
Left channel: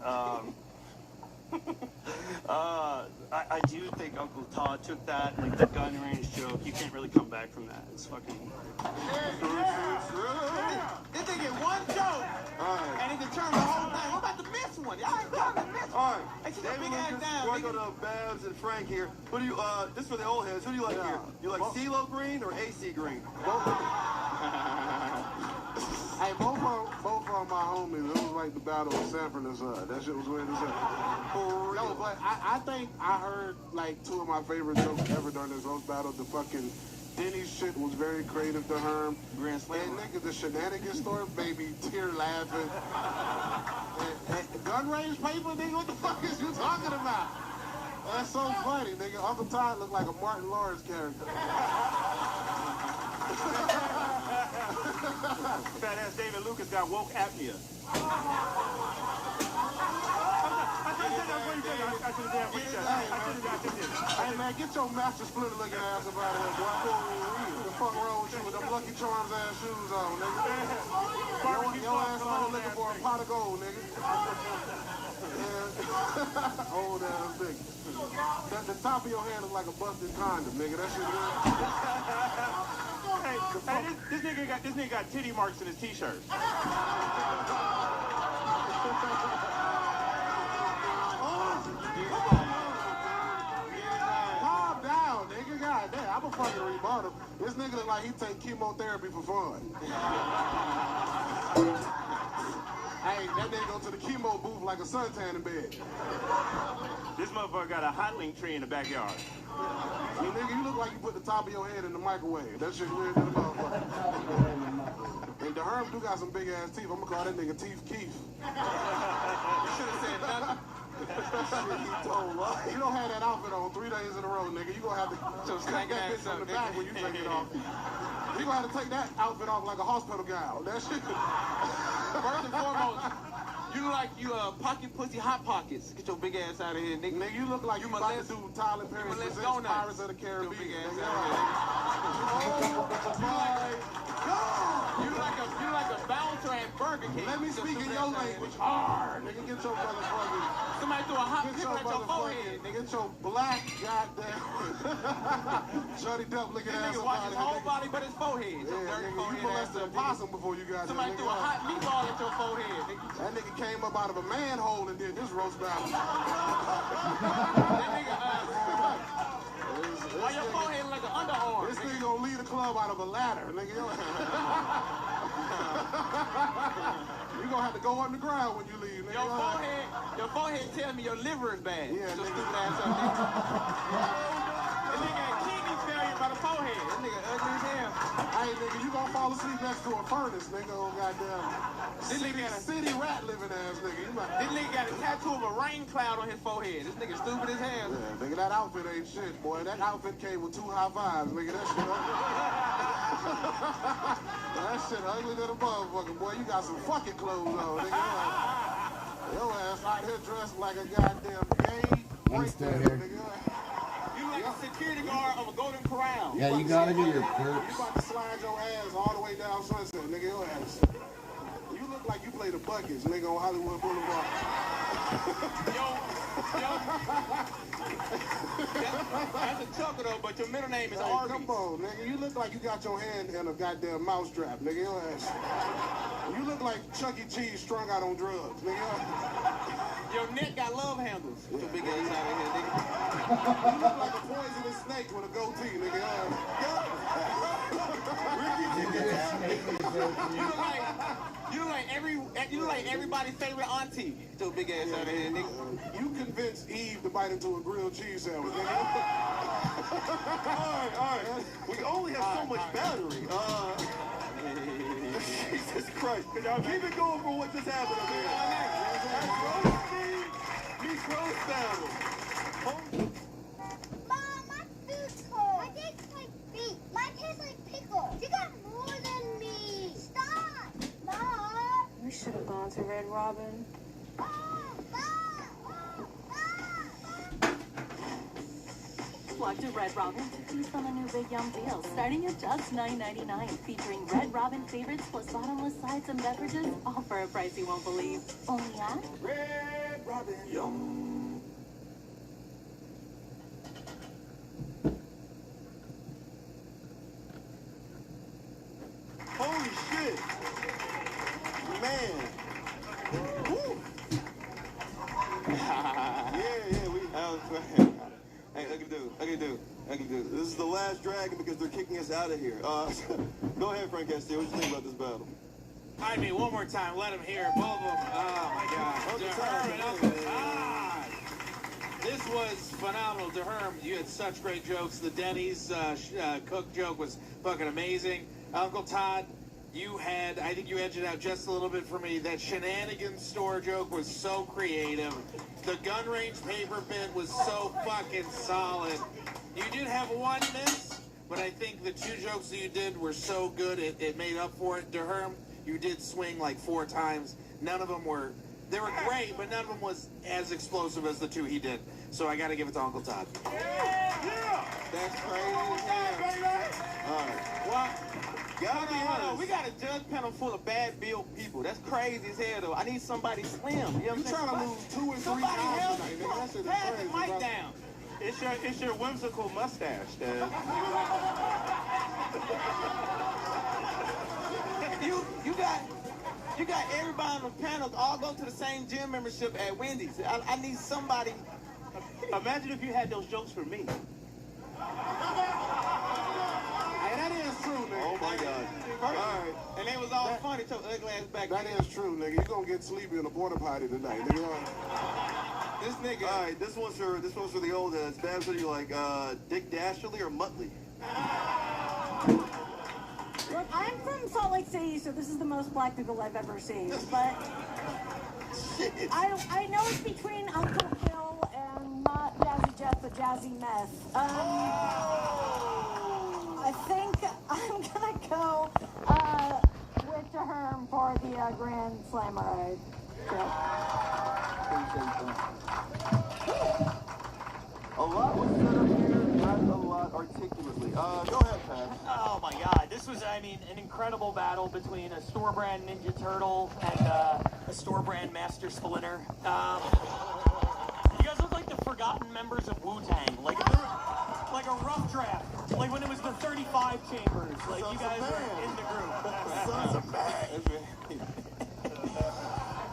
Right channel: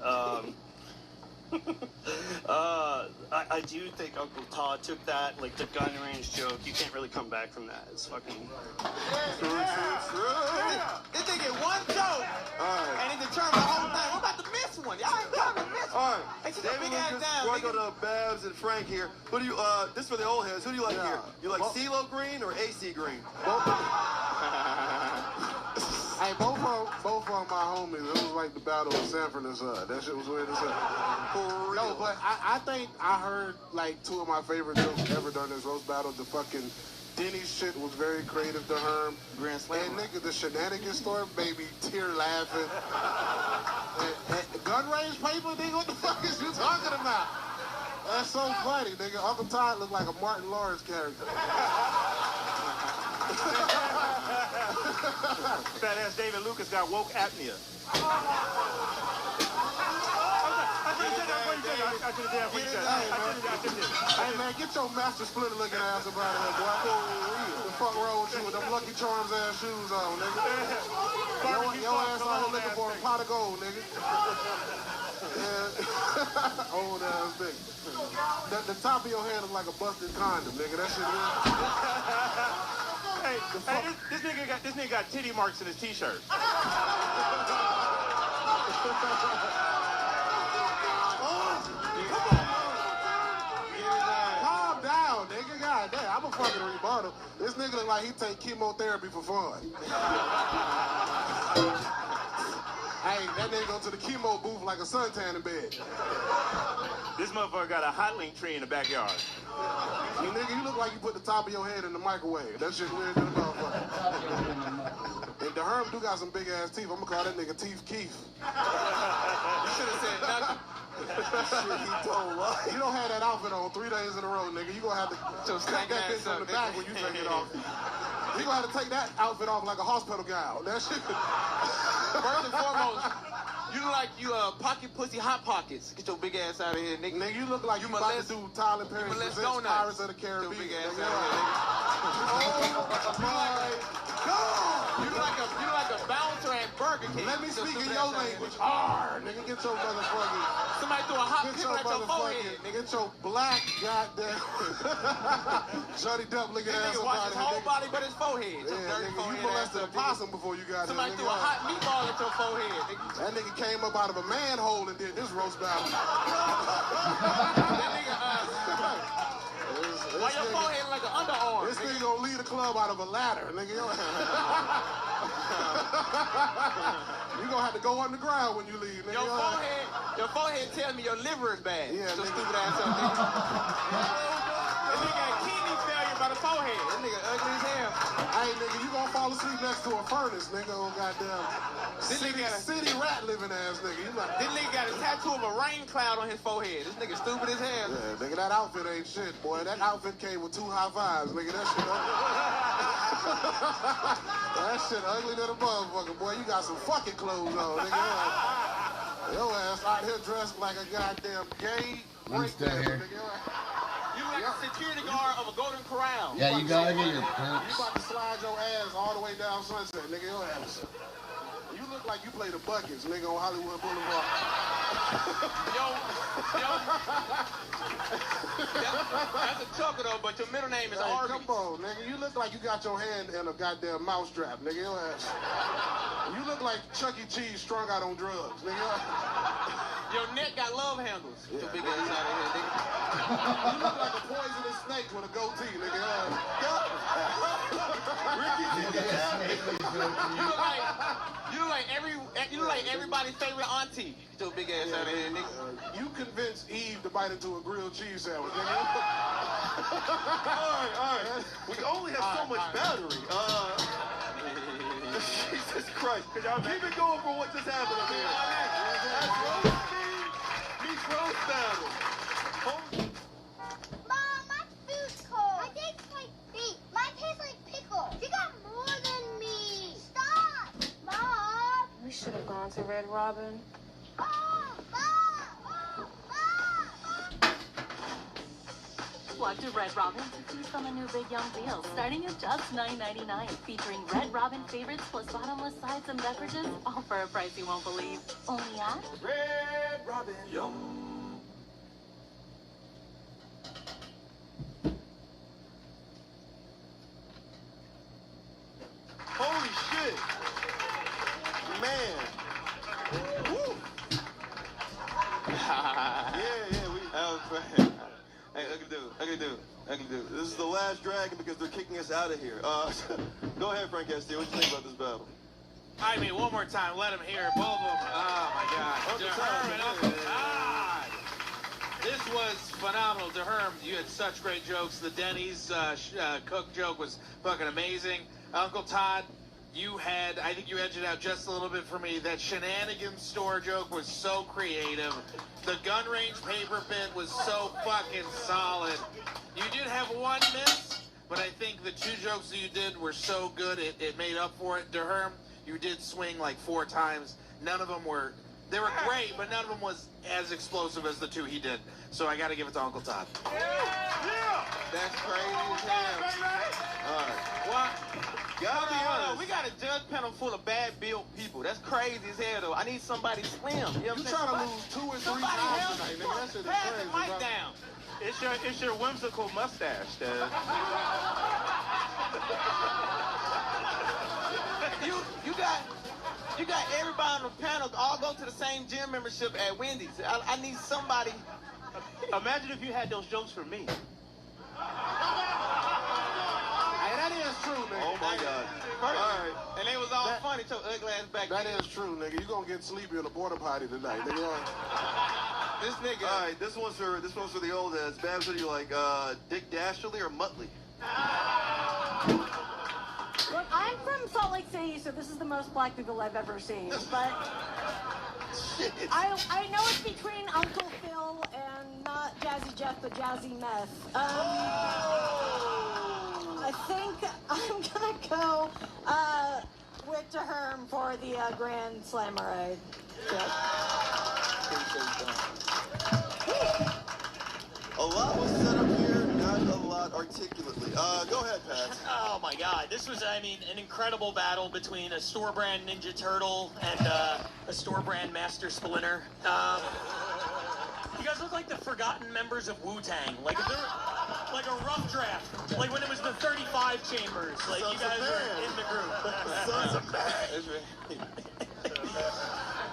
I do think Uncle Todd took that, like the gun range joke. You can't really come back from that. It's fucking. This nigga one joke, and he determined the whole thing. I'm about to miss one. Y'all ain't gonna miss one. All right. Hey, sit David your big ass Lucas, down, before I nigga. go to Babs and Frank here, who do you, this for the old heads, who do you like here? You like CeeLo Green or AC Green? Hey, both of my homies, it was like the battle of Sanford and Son. That shit was weird as hell. No, but I think I heard like 2 of my favorite jokes ever during this roast battle. The fucking Denny's shit was very creative to Herm. Grand Slam. And nigga, the shenanigans store, baby, tear laughing. and gun range paper, nigga, what the fuck is you talking about? That's so funny, nigga. Uncle Todd looked like a Martin Lawrence character. Fat ass David Lucas got woke apnea. Hey man, get your master splitter looking ass up out of here, boy. The fuck wrong with you with them Lucky Charms ass shoes on, nigga? Your ass on looking for a pot of gold, nigga. Yeah. Old ass nigga. The top of your head looks like a busted condom, nigga. That shit Hey, this nigga got titty marks in his t-shirt. Calm down, nigga. God damn, I'm a fucking rebuttal. This nigga look like he take chemotherapy for fun. Hey, that nigga go to the chemo booth like a suntan in bed. This motherfucker got a hot link tree in the backyard. Hey, nigga, you look like you put the top of your head in the microwave. That shit weird to the motherfucker. And the Herm do got some big ass teeth. I'm gonna call that nigga Teeth Keith. You should have said nothing. Shit, he told us. You don't have that outfit on 3 days in a row, nigga. You gonna have to cut that bitch from the back when you take it off. You gonna have to take that outfit off like a hospital gown. That shit. First and foremost, you look like you pocket pussy hot pockets. Get your big ass out of here, nigga. Nigga, you look like you about to do Tyler Perry presents Pirates of the Caribbean. Get your big ass nigga. out of here, nigga. You look like a bouncer at Burger King. Let me speak in your language. Arr, nigga, get your motherfucking. Somebody threw a hot pickle at your forehead, nigga. Get your black goddamn Johnny Depp looking This ass nigga up wash out his of whole here. body but his forehead. Yeah, nigga, you molested a possum before you got Somebody here. threw a hot meatball at your forehead, nigga. That nigga came up out of a manhole and did this roast battle. That nigga, why your forehead like an underarm? This nigga gonna lead the club out of a ladder, nigga. You gonna have to go underground when you leave, nigga. Your forehead tells me your liver is bad. Yeah, so nigga. stupid ass up, nigga. That nigga got kidney failure by the forehead. That nigga ugly as hell. Hey, nigga, you gonna fall asleep next to a furnace, nigga. Oh, goddamn. This nigga got a city rat living ass nigga. You like, This nigga got a tattoo of a rain cloud on his forehead. This nigga stupid as hell. yeah, nigga, that outfit ain't shit, boy. That outfit came with 2 high fives, nigga. That shit ugly. That shit ugly than a motherfucker, boy. You got some fucking clothes on, nigga. Your ass out here dressed like a goddamn gay I'm still here. You like a security guard of a Golden Corral. Yeah, you gotta get your You perks. about to slide your ass all the way down Sunset, nigga. Your ass. You look like you play the buckets, nigga, on Hollywood Boulevard. That's a chucker though, but your middle name is Hey, Arby. come on, nigga. You look like you got your hand in a goddamn mousetrap, nigga. Your ass. You look like Chuck E. Cheese strung out on drugs, nigga. Your neck got love handles. Get your big ass out of here, nigga. You look like a poisonous snake with a goatee, nigga. You look like everybody's favorite auntie. Get your big ass out of here, nigga. You convinced Eve to bite into a grilled cheese sandwich, nigga. All right. We only have so much battery. Jesus Christ. Keep it going for what just happened up here. That's roasting meets roast battle. Mom, my food's cold. My tastes like feet. Mine tastes like pickles. You got more than me. Stop. Mom. We should have gone to Red Robin. Walk to Red Robin to feast on the new Big Yum deal, starting at just $9.99, featuring Red Robin favorites plus bottomless sides and beverages, all for a price you won't believe. Only at Red Robin. Yum. Holy shit. Man. Woo. Hey, I can do. This is the last dragon because they're kicking us out of here. Go ahead, Frank Castillo. What do you think about this battle? I mean, one more time. Let him hear it. Both of them. Oh, my God. DeHerm and Uncle Todd. This was phenomenal. DeHerm, you had such great jokes. The Denny's cook joke was fucking amazing. Uncle Todd, I think you edged it out just a little bit for me. That shenanigans store joke was so creative. The gun range paper bit was so fucking solid. You did have one miss, but I think the two jokes that you did were so good it made up for it. DeHerm, you did swing like 4 times. None of them were, they were great, but none of them was as explosive as the 2 he did. So I got to give it to Uncle Todd. That's crazy as hell. All right. What? Gotta be honest. We got a judge panel full of bad built people. That's crazy as hell, though. I need somebody slim. You know what I'm saying? trying to lose 2 or 3 Somebody pounds help tonight, me. nigga. That shit is Pass crazy, the mic bro. down. It's your whimsical mustache, Dad. You got everybody on the panel all go to the same gym membership at Wendy's. I need somebody. Imagine if you had those jokes for me. Hey, that is true, nigga. Oh, my God. All right. And they was all funny, so ugly ass back. That is true, nigga. You gonna get sleepy in a porta potty tonight, nigga. This nigga. All right, this one's for the old heads. Babs, what do you like, Dick Dashley or Muttley? Look, I'm from Salt Lake City, so this is the most black people I've ever seen. But I know it's between Uncle Phil and not Jazzy Jeff, but Jazzy Meth. I think I'm gonna go with DeHerm for the Grand Slammer. A lot was said up here, not a lot articulately. Go ahead, Pat. Oh my God, this was, I mean, an incredible battle between a store brand Ninja Turtle and a store brand Master Splinter. You guys look like the forgotten members of Wu-Tang, like a rough draft, like when it was the 35 chambers. Like you guys are in the group.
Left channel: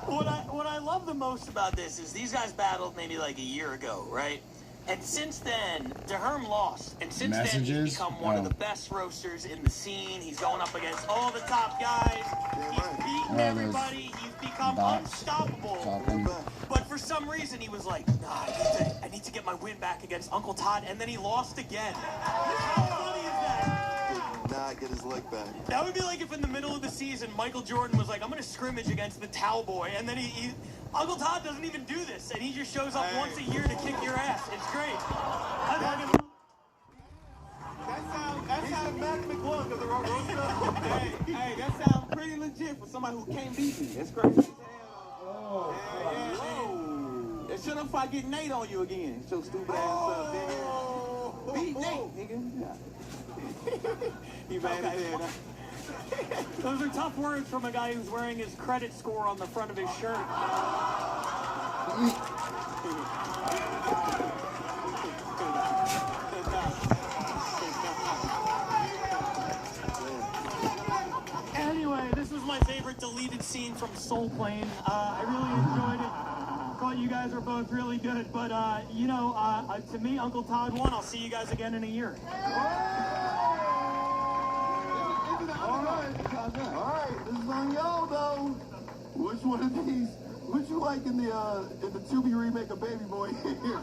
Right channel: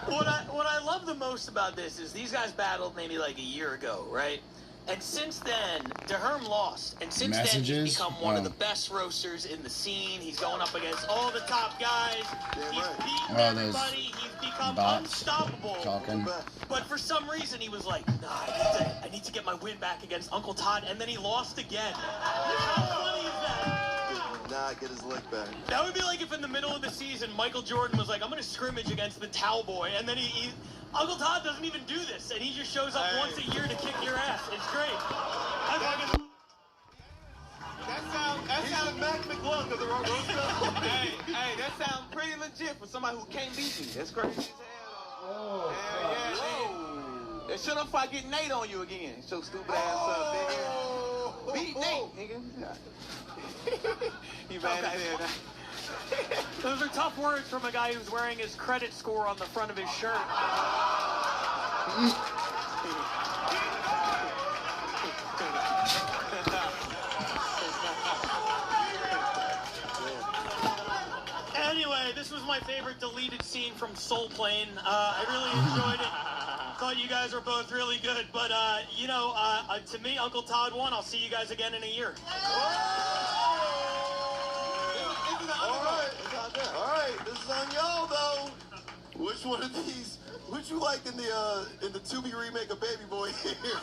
What I love the most about this is these guys battled maybe like a year ago, right? And since then, DeHerm lost. And since then, he's become one of the best roasters in the scene. He's going up against all the top guys. He's beaten everybody. He's become unstoppable. But for some reason, he was like, nah, I need to get my win back against Uncle Todd. And then he lost again. How funny is that? Did not get his leg back. That would be like if in the middle of the season, Michael Jordan was like, I'm going to scrimmage against the Towel Boy. And then Uncle Todd doesn't even do this, and he just shows up once a year to kick your ass. It's great. That sounds Mac McLung of the roast. Hey, that sounds pretty legit for somebody who can't beat me. That's crazy as hell. And shut up if I get Nate on you again. So stupid ass up in here. Beat Nate, nigga. You mad at it? Those are tough words from a guy who's wearing his credit score on the front of his shirt. Anyway, this was my favorite deleted scene from Soul Plane. I really enjoyed it. Thought you guys were both really good, but you know, to me, Uncle Todd won. I'll see you guys again in a year. All right, this is on y'all though. Which one of these? Which you like in the Tubi remake of Baby Boy here?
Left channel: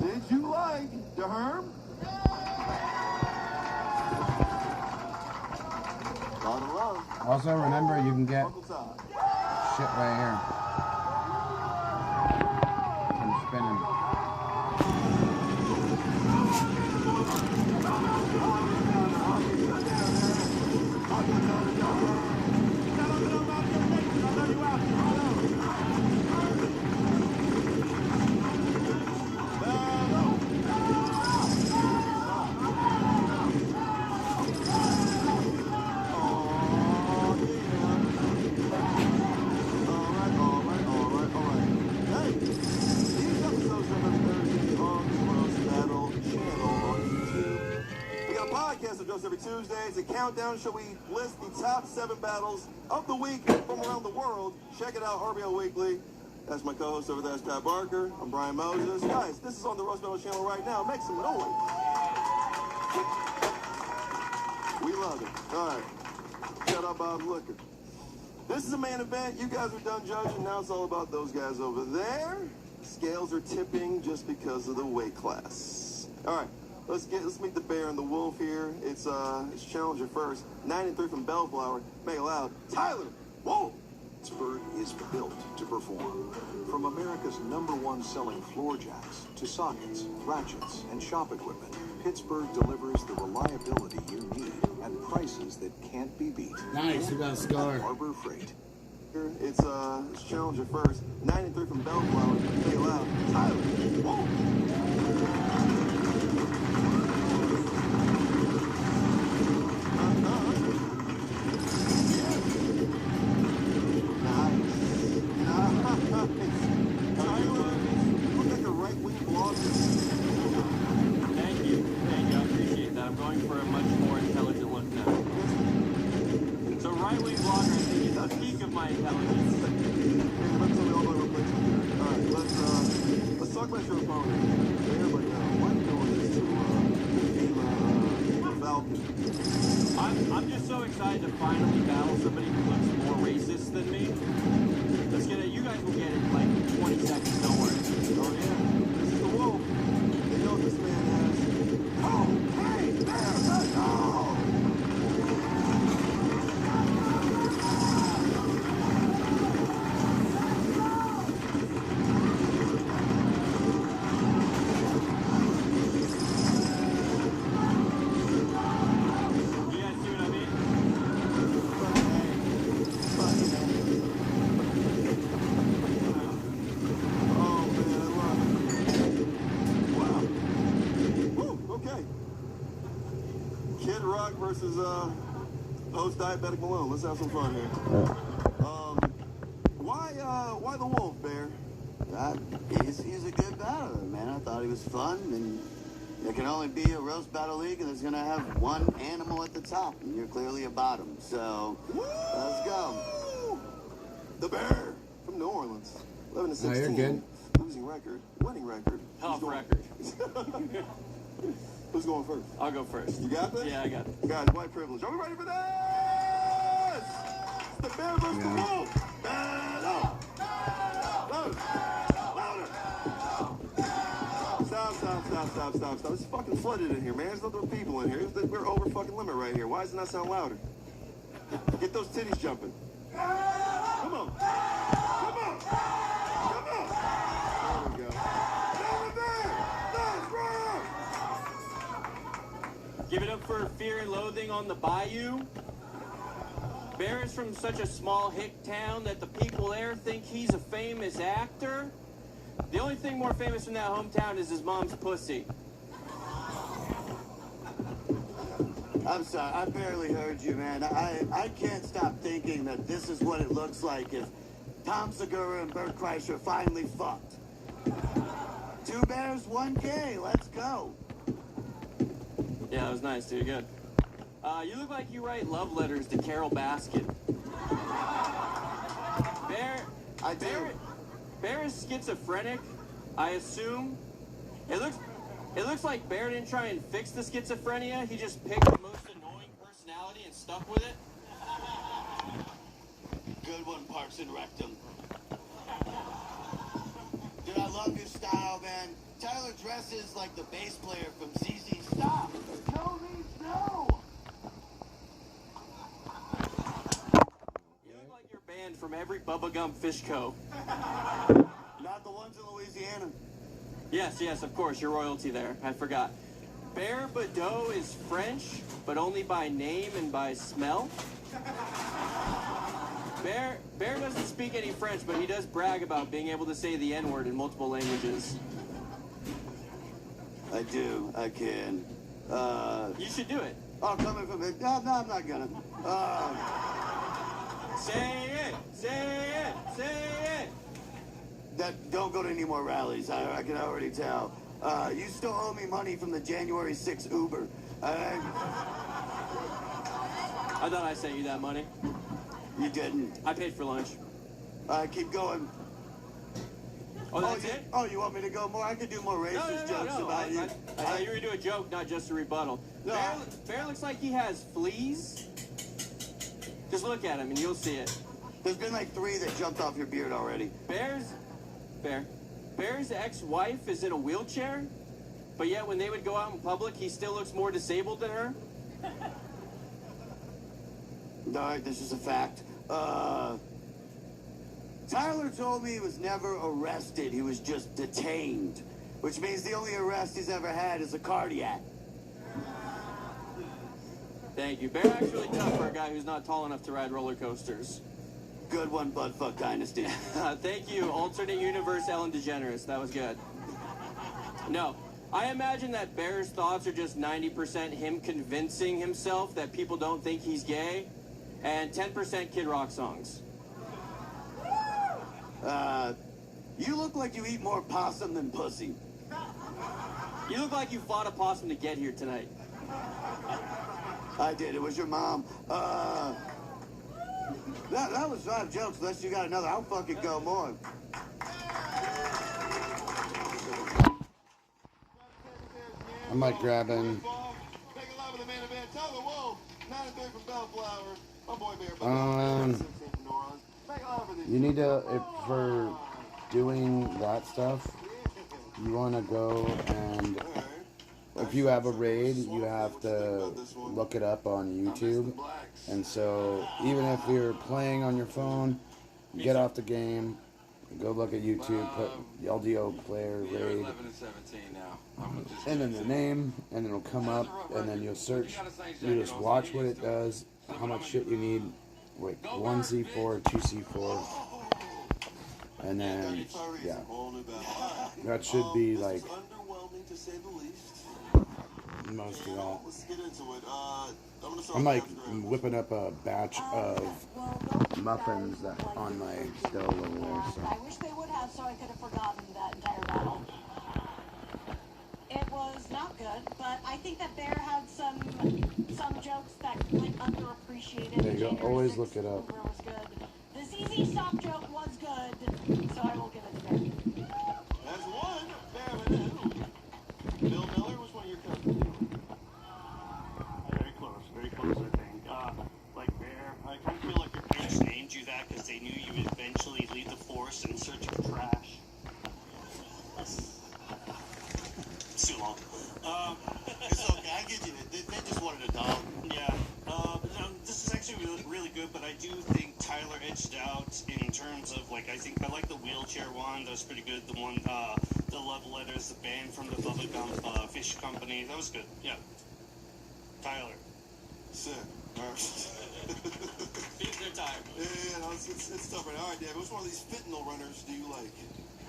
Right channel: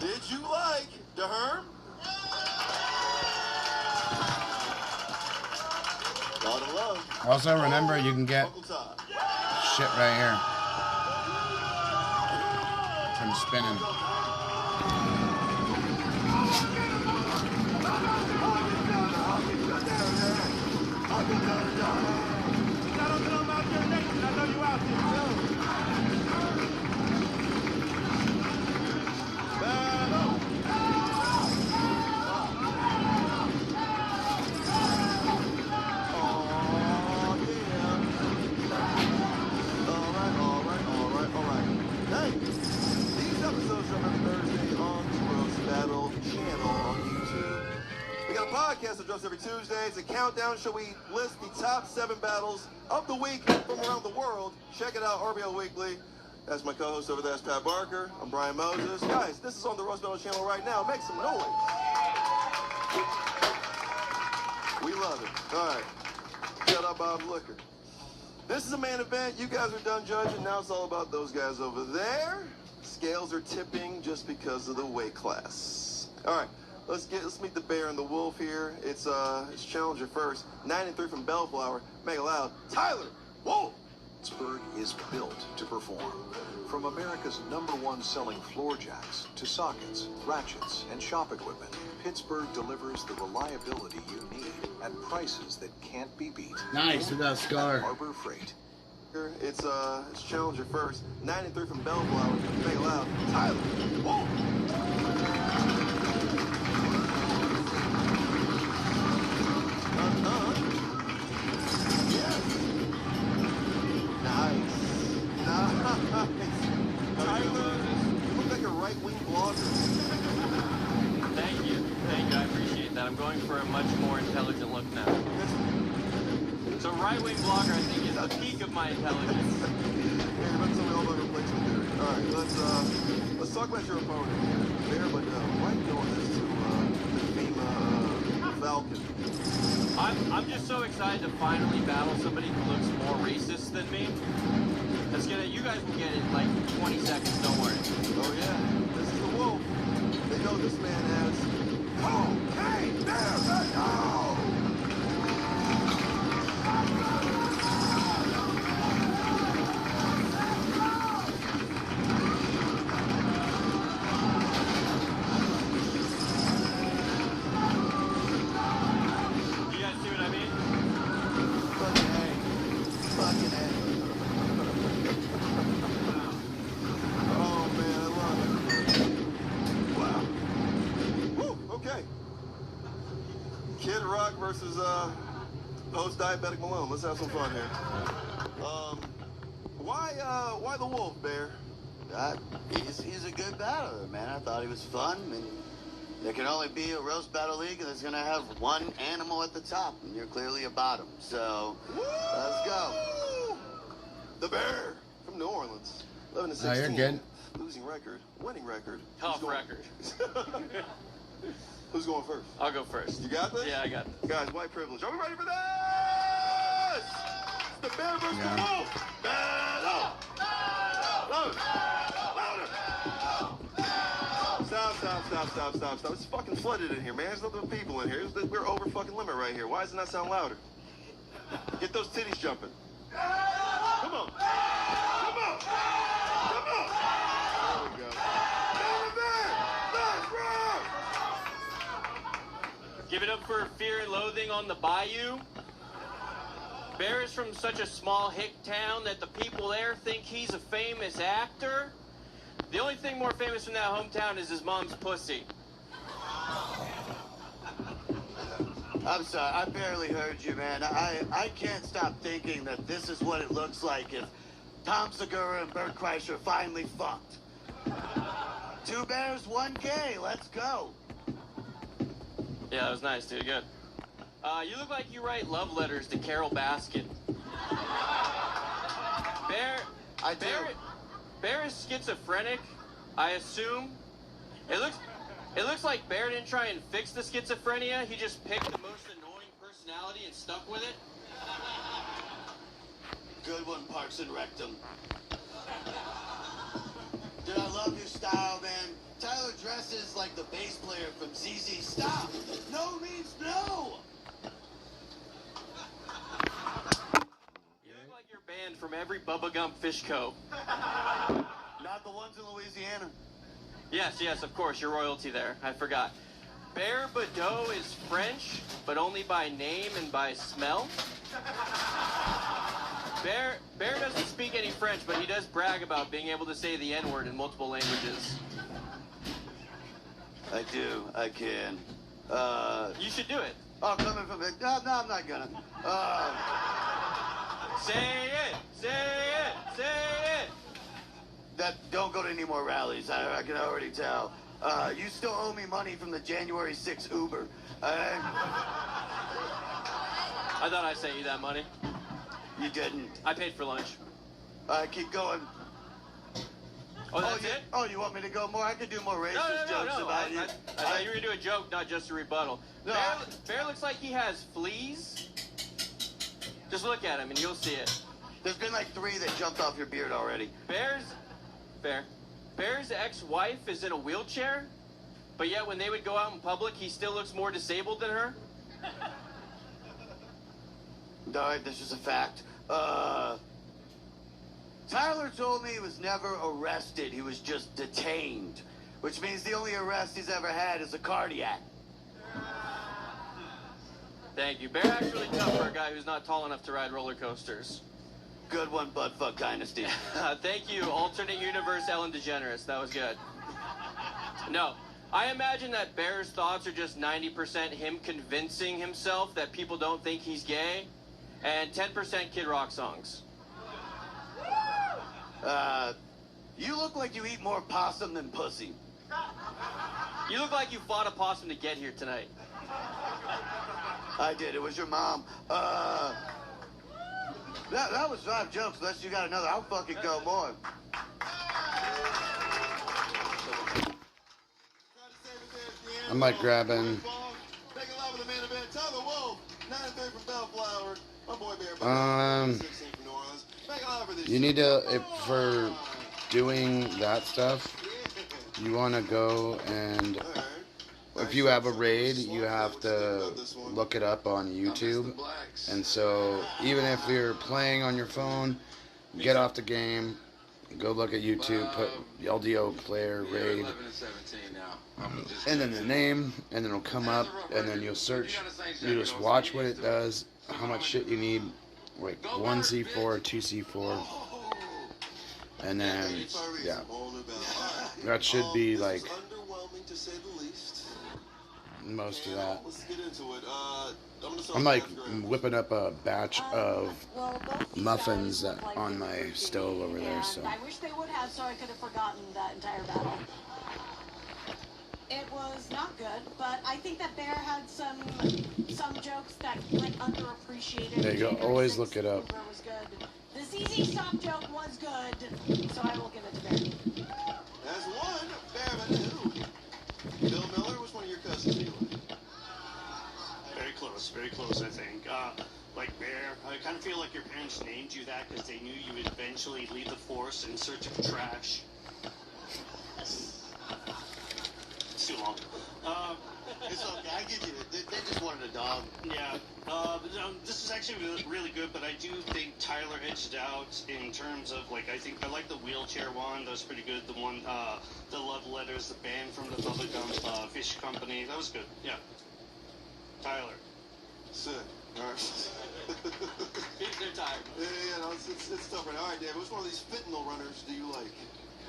Did you like the Herm? Lot of love. Also, remember you can get shit right here from spinning. Every Tuesday, it's a countdown show. We list the top 7 battles of the week from around the world. Check it out, RBL Weekly. That's my co-host over there, that's Pat Barker. I'm Brian Moses. Guys, this is on the Roast Battle channel right now. Make some noise. We love it. All right. Shout out Bob Liquor. This is a main event. You guys are done judging. Now it's all about those guys over there. Scales are tipping just because of the weight class. All right. Let's meet the bear and the wolf here. It's challenger first. 9-3 from Bellflower. Make it loud. Tyler. Whoa. Pittsburgh is built to perform. From America's #1 selling floor jacks to sockets, ratchets, and shop equipment, Pittsburgh delivers the reliability you need at prices that can't be beat. Nice, we got a scar. Harbor Freight. It's challenger first. 9-3 from Bellflower. Make it loud. Tyler. Whoa. I'm just so excited to finally battle somebody who looks more racist than me. You guys will get it in like 20 seconds, don't worry. Oh yeah, this is the wolf. They know this man as. Oh, hey, there, let's go. Versus host Diabetic Malone. Let's have some fun here. Why the wolf, Bear? He's a good battler, man. I thought he was fun, and there can only be a roast battle league, and there's gonna have one animal at the top, and you're clearly a bottom. So let's go. The Bear from New Orleans, 11-16. Oh, you're good. Losing record, winning record. Tough record. Who's going first? I'll go first. You got this? Yeah, I got it. Guys, white privilege. Are we ready for this? The Bear versus the wolf. Battle! Stop. It's fucking flooded in here, man. There's no people in here. We're over fucking limit right here. Why doesn't that sound louder? Get those titties jumping. Come on. There we go. Let's rock! Give it up for Fear and Loathing on the Bayou. Bear is from such a small hick town that the people there think he's a famous actor. The only thing more famous from that hometown is his mom's pussy. I'm sorry, I barely heard you, man. I can't stop thinking that this is what it looks like if Tom Segura and Bert Kreischer finally fucked. 2 bears, 1 gay. Let's go. Yeah, that was nice, dude. Good. You look like you write love letters to Carol Baskin. Bear is schizophrenic, I assume. It looks like Bear didn't try and fix the schizophrenia. He just picked the most annoying personality and stuck with it. Good one, Parks and Rectum. Dude, I love your style, man. Tyler dresses like the bass player from ZZ Stop. No means no. You look like you're banned from every Bubba Gump Fish Co. Not the ones in Louisiana. Yes, of course, you're royalty there. I forgot. Bear Ldoe is French, but only by name and by smell. Bear doesn't speak any French, but he does brag about being able to say the N-word in multiple languages. I do. I can. You should do it. Oh, coming from it. No, I'm not gonna. Say it! Say it! Say it! Don't go to any more rallies. I can already tell. You still owe me money from the January 6th Uber. I thought I sent you that money. You didn't. I paid for lunch. Keep going. Oh, that's it? Oh, you want me to go more? I could do more racist jokes about you. I thought you were going to do a joke, not just a rebuttal. No, Bear looks like he has fleas. Just look at him and you'll see it. There's been like 3 that jumped off your beard already. Bear's ex-wife is in a wheelchair, but yet when they would go out in public, he still looks more disabled than her. Alright, this is a fact. Tyler told me he was never arrested. He was just detained, which means the only arrest he's ever had is a cardiac. Thank you. Bear actually tough for a guy who's not tall enough to ride roller coasters. Good one, Buttfuck Dynasty. Thank you, alternate universe Ellen DeGeneres. That was good. No, I imagine that Bear's thoughts are just 90% him convincing himself that people don't think he's gay, and 10% Kid Rock songs. You look like you eat more possum than pussy. You look like you fought a possum to get here tonight. I did. It was your mom. That was 5 jokes, unless you got another. I'll fucking go more. I'm like grabbing. You need to, if for doing that stuff, you want to go and if you have a raid, you have to look it up on YouTube. And so even if you're playing on your phone, get off the game, go look at YouTube, put Ldoe player raid, and then the name, and then it'll come up, and then you'll search, you just watch what it does, how much shit you need, like 1C4, 2C4, and then, yeah, that should be like most of that. I'm like whipping up a batch of muffins on my stove over there. So I wish they would have, so I could have forgotten that entire battle. It was not good, but I think that Bear had some jokes that went underappreciated. There you go. Always look it up. Was good. The ZZ Stop joke was good, so I will give it to Bear. As one, Bear who? Bill Miller was one of your cousins. Very close, I think. Like Bear, I kind of feel like your parents named you that because they knew you would eventually leave the force in search of trash. It's too long. It's okay, I get you. They just wanted a dog. Yeah. This is actually really good, but I do think Tyler edged out in terms of, like, I like the wheelchair one. That was pretty good. The one, the love letters, the band from the Bubba Gump Fish Company. That was good. Yeah. Tyler. Sick. All right. They're tired. Yeah, no, it's tough right now. All right, David, which one of these fentanyl runners do you like?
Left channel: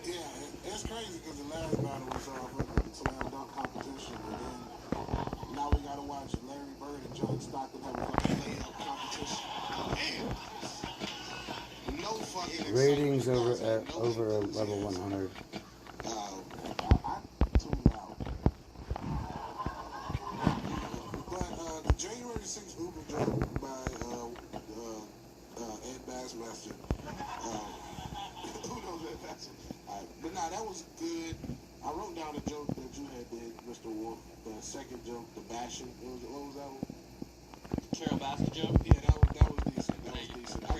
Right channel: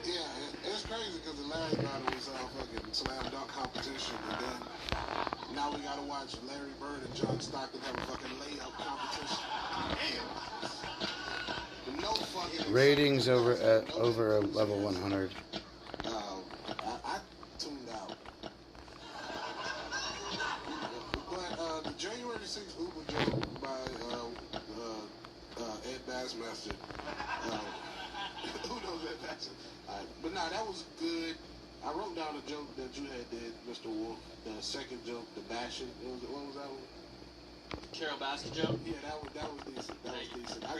Yeah, it's crazy because the last battle was fucking slam dunk competition, and then now we gotta watch Larry Bird and John Stockton have a fucking layup competition. Damn. No fucking Ratings over a level 100. I tuned out. But the January 6th Uber joke by Ed Bassmaster. Who knows Ed Bassmaster? But nah, that was good. I wrote down a joke that you had did, Mr. Wolf. The second joke, the bashing. What was that one? Carol Baskin joke? Yeah, that was decent. That was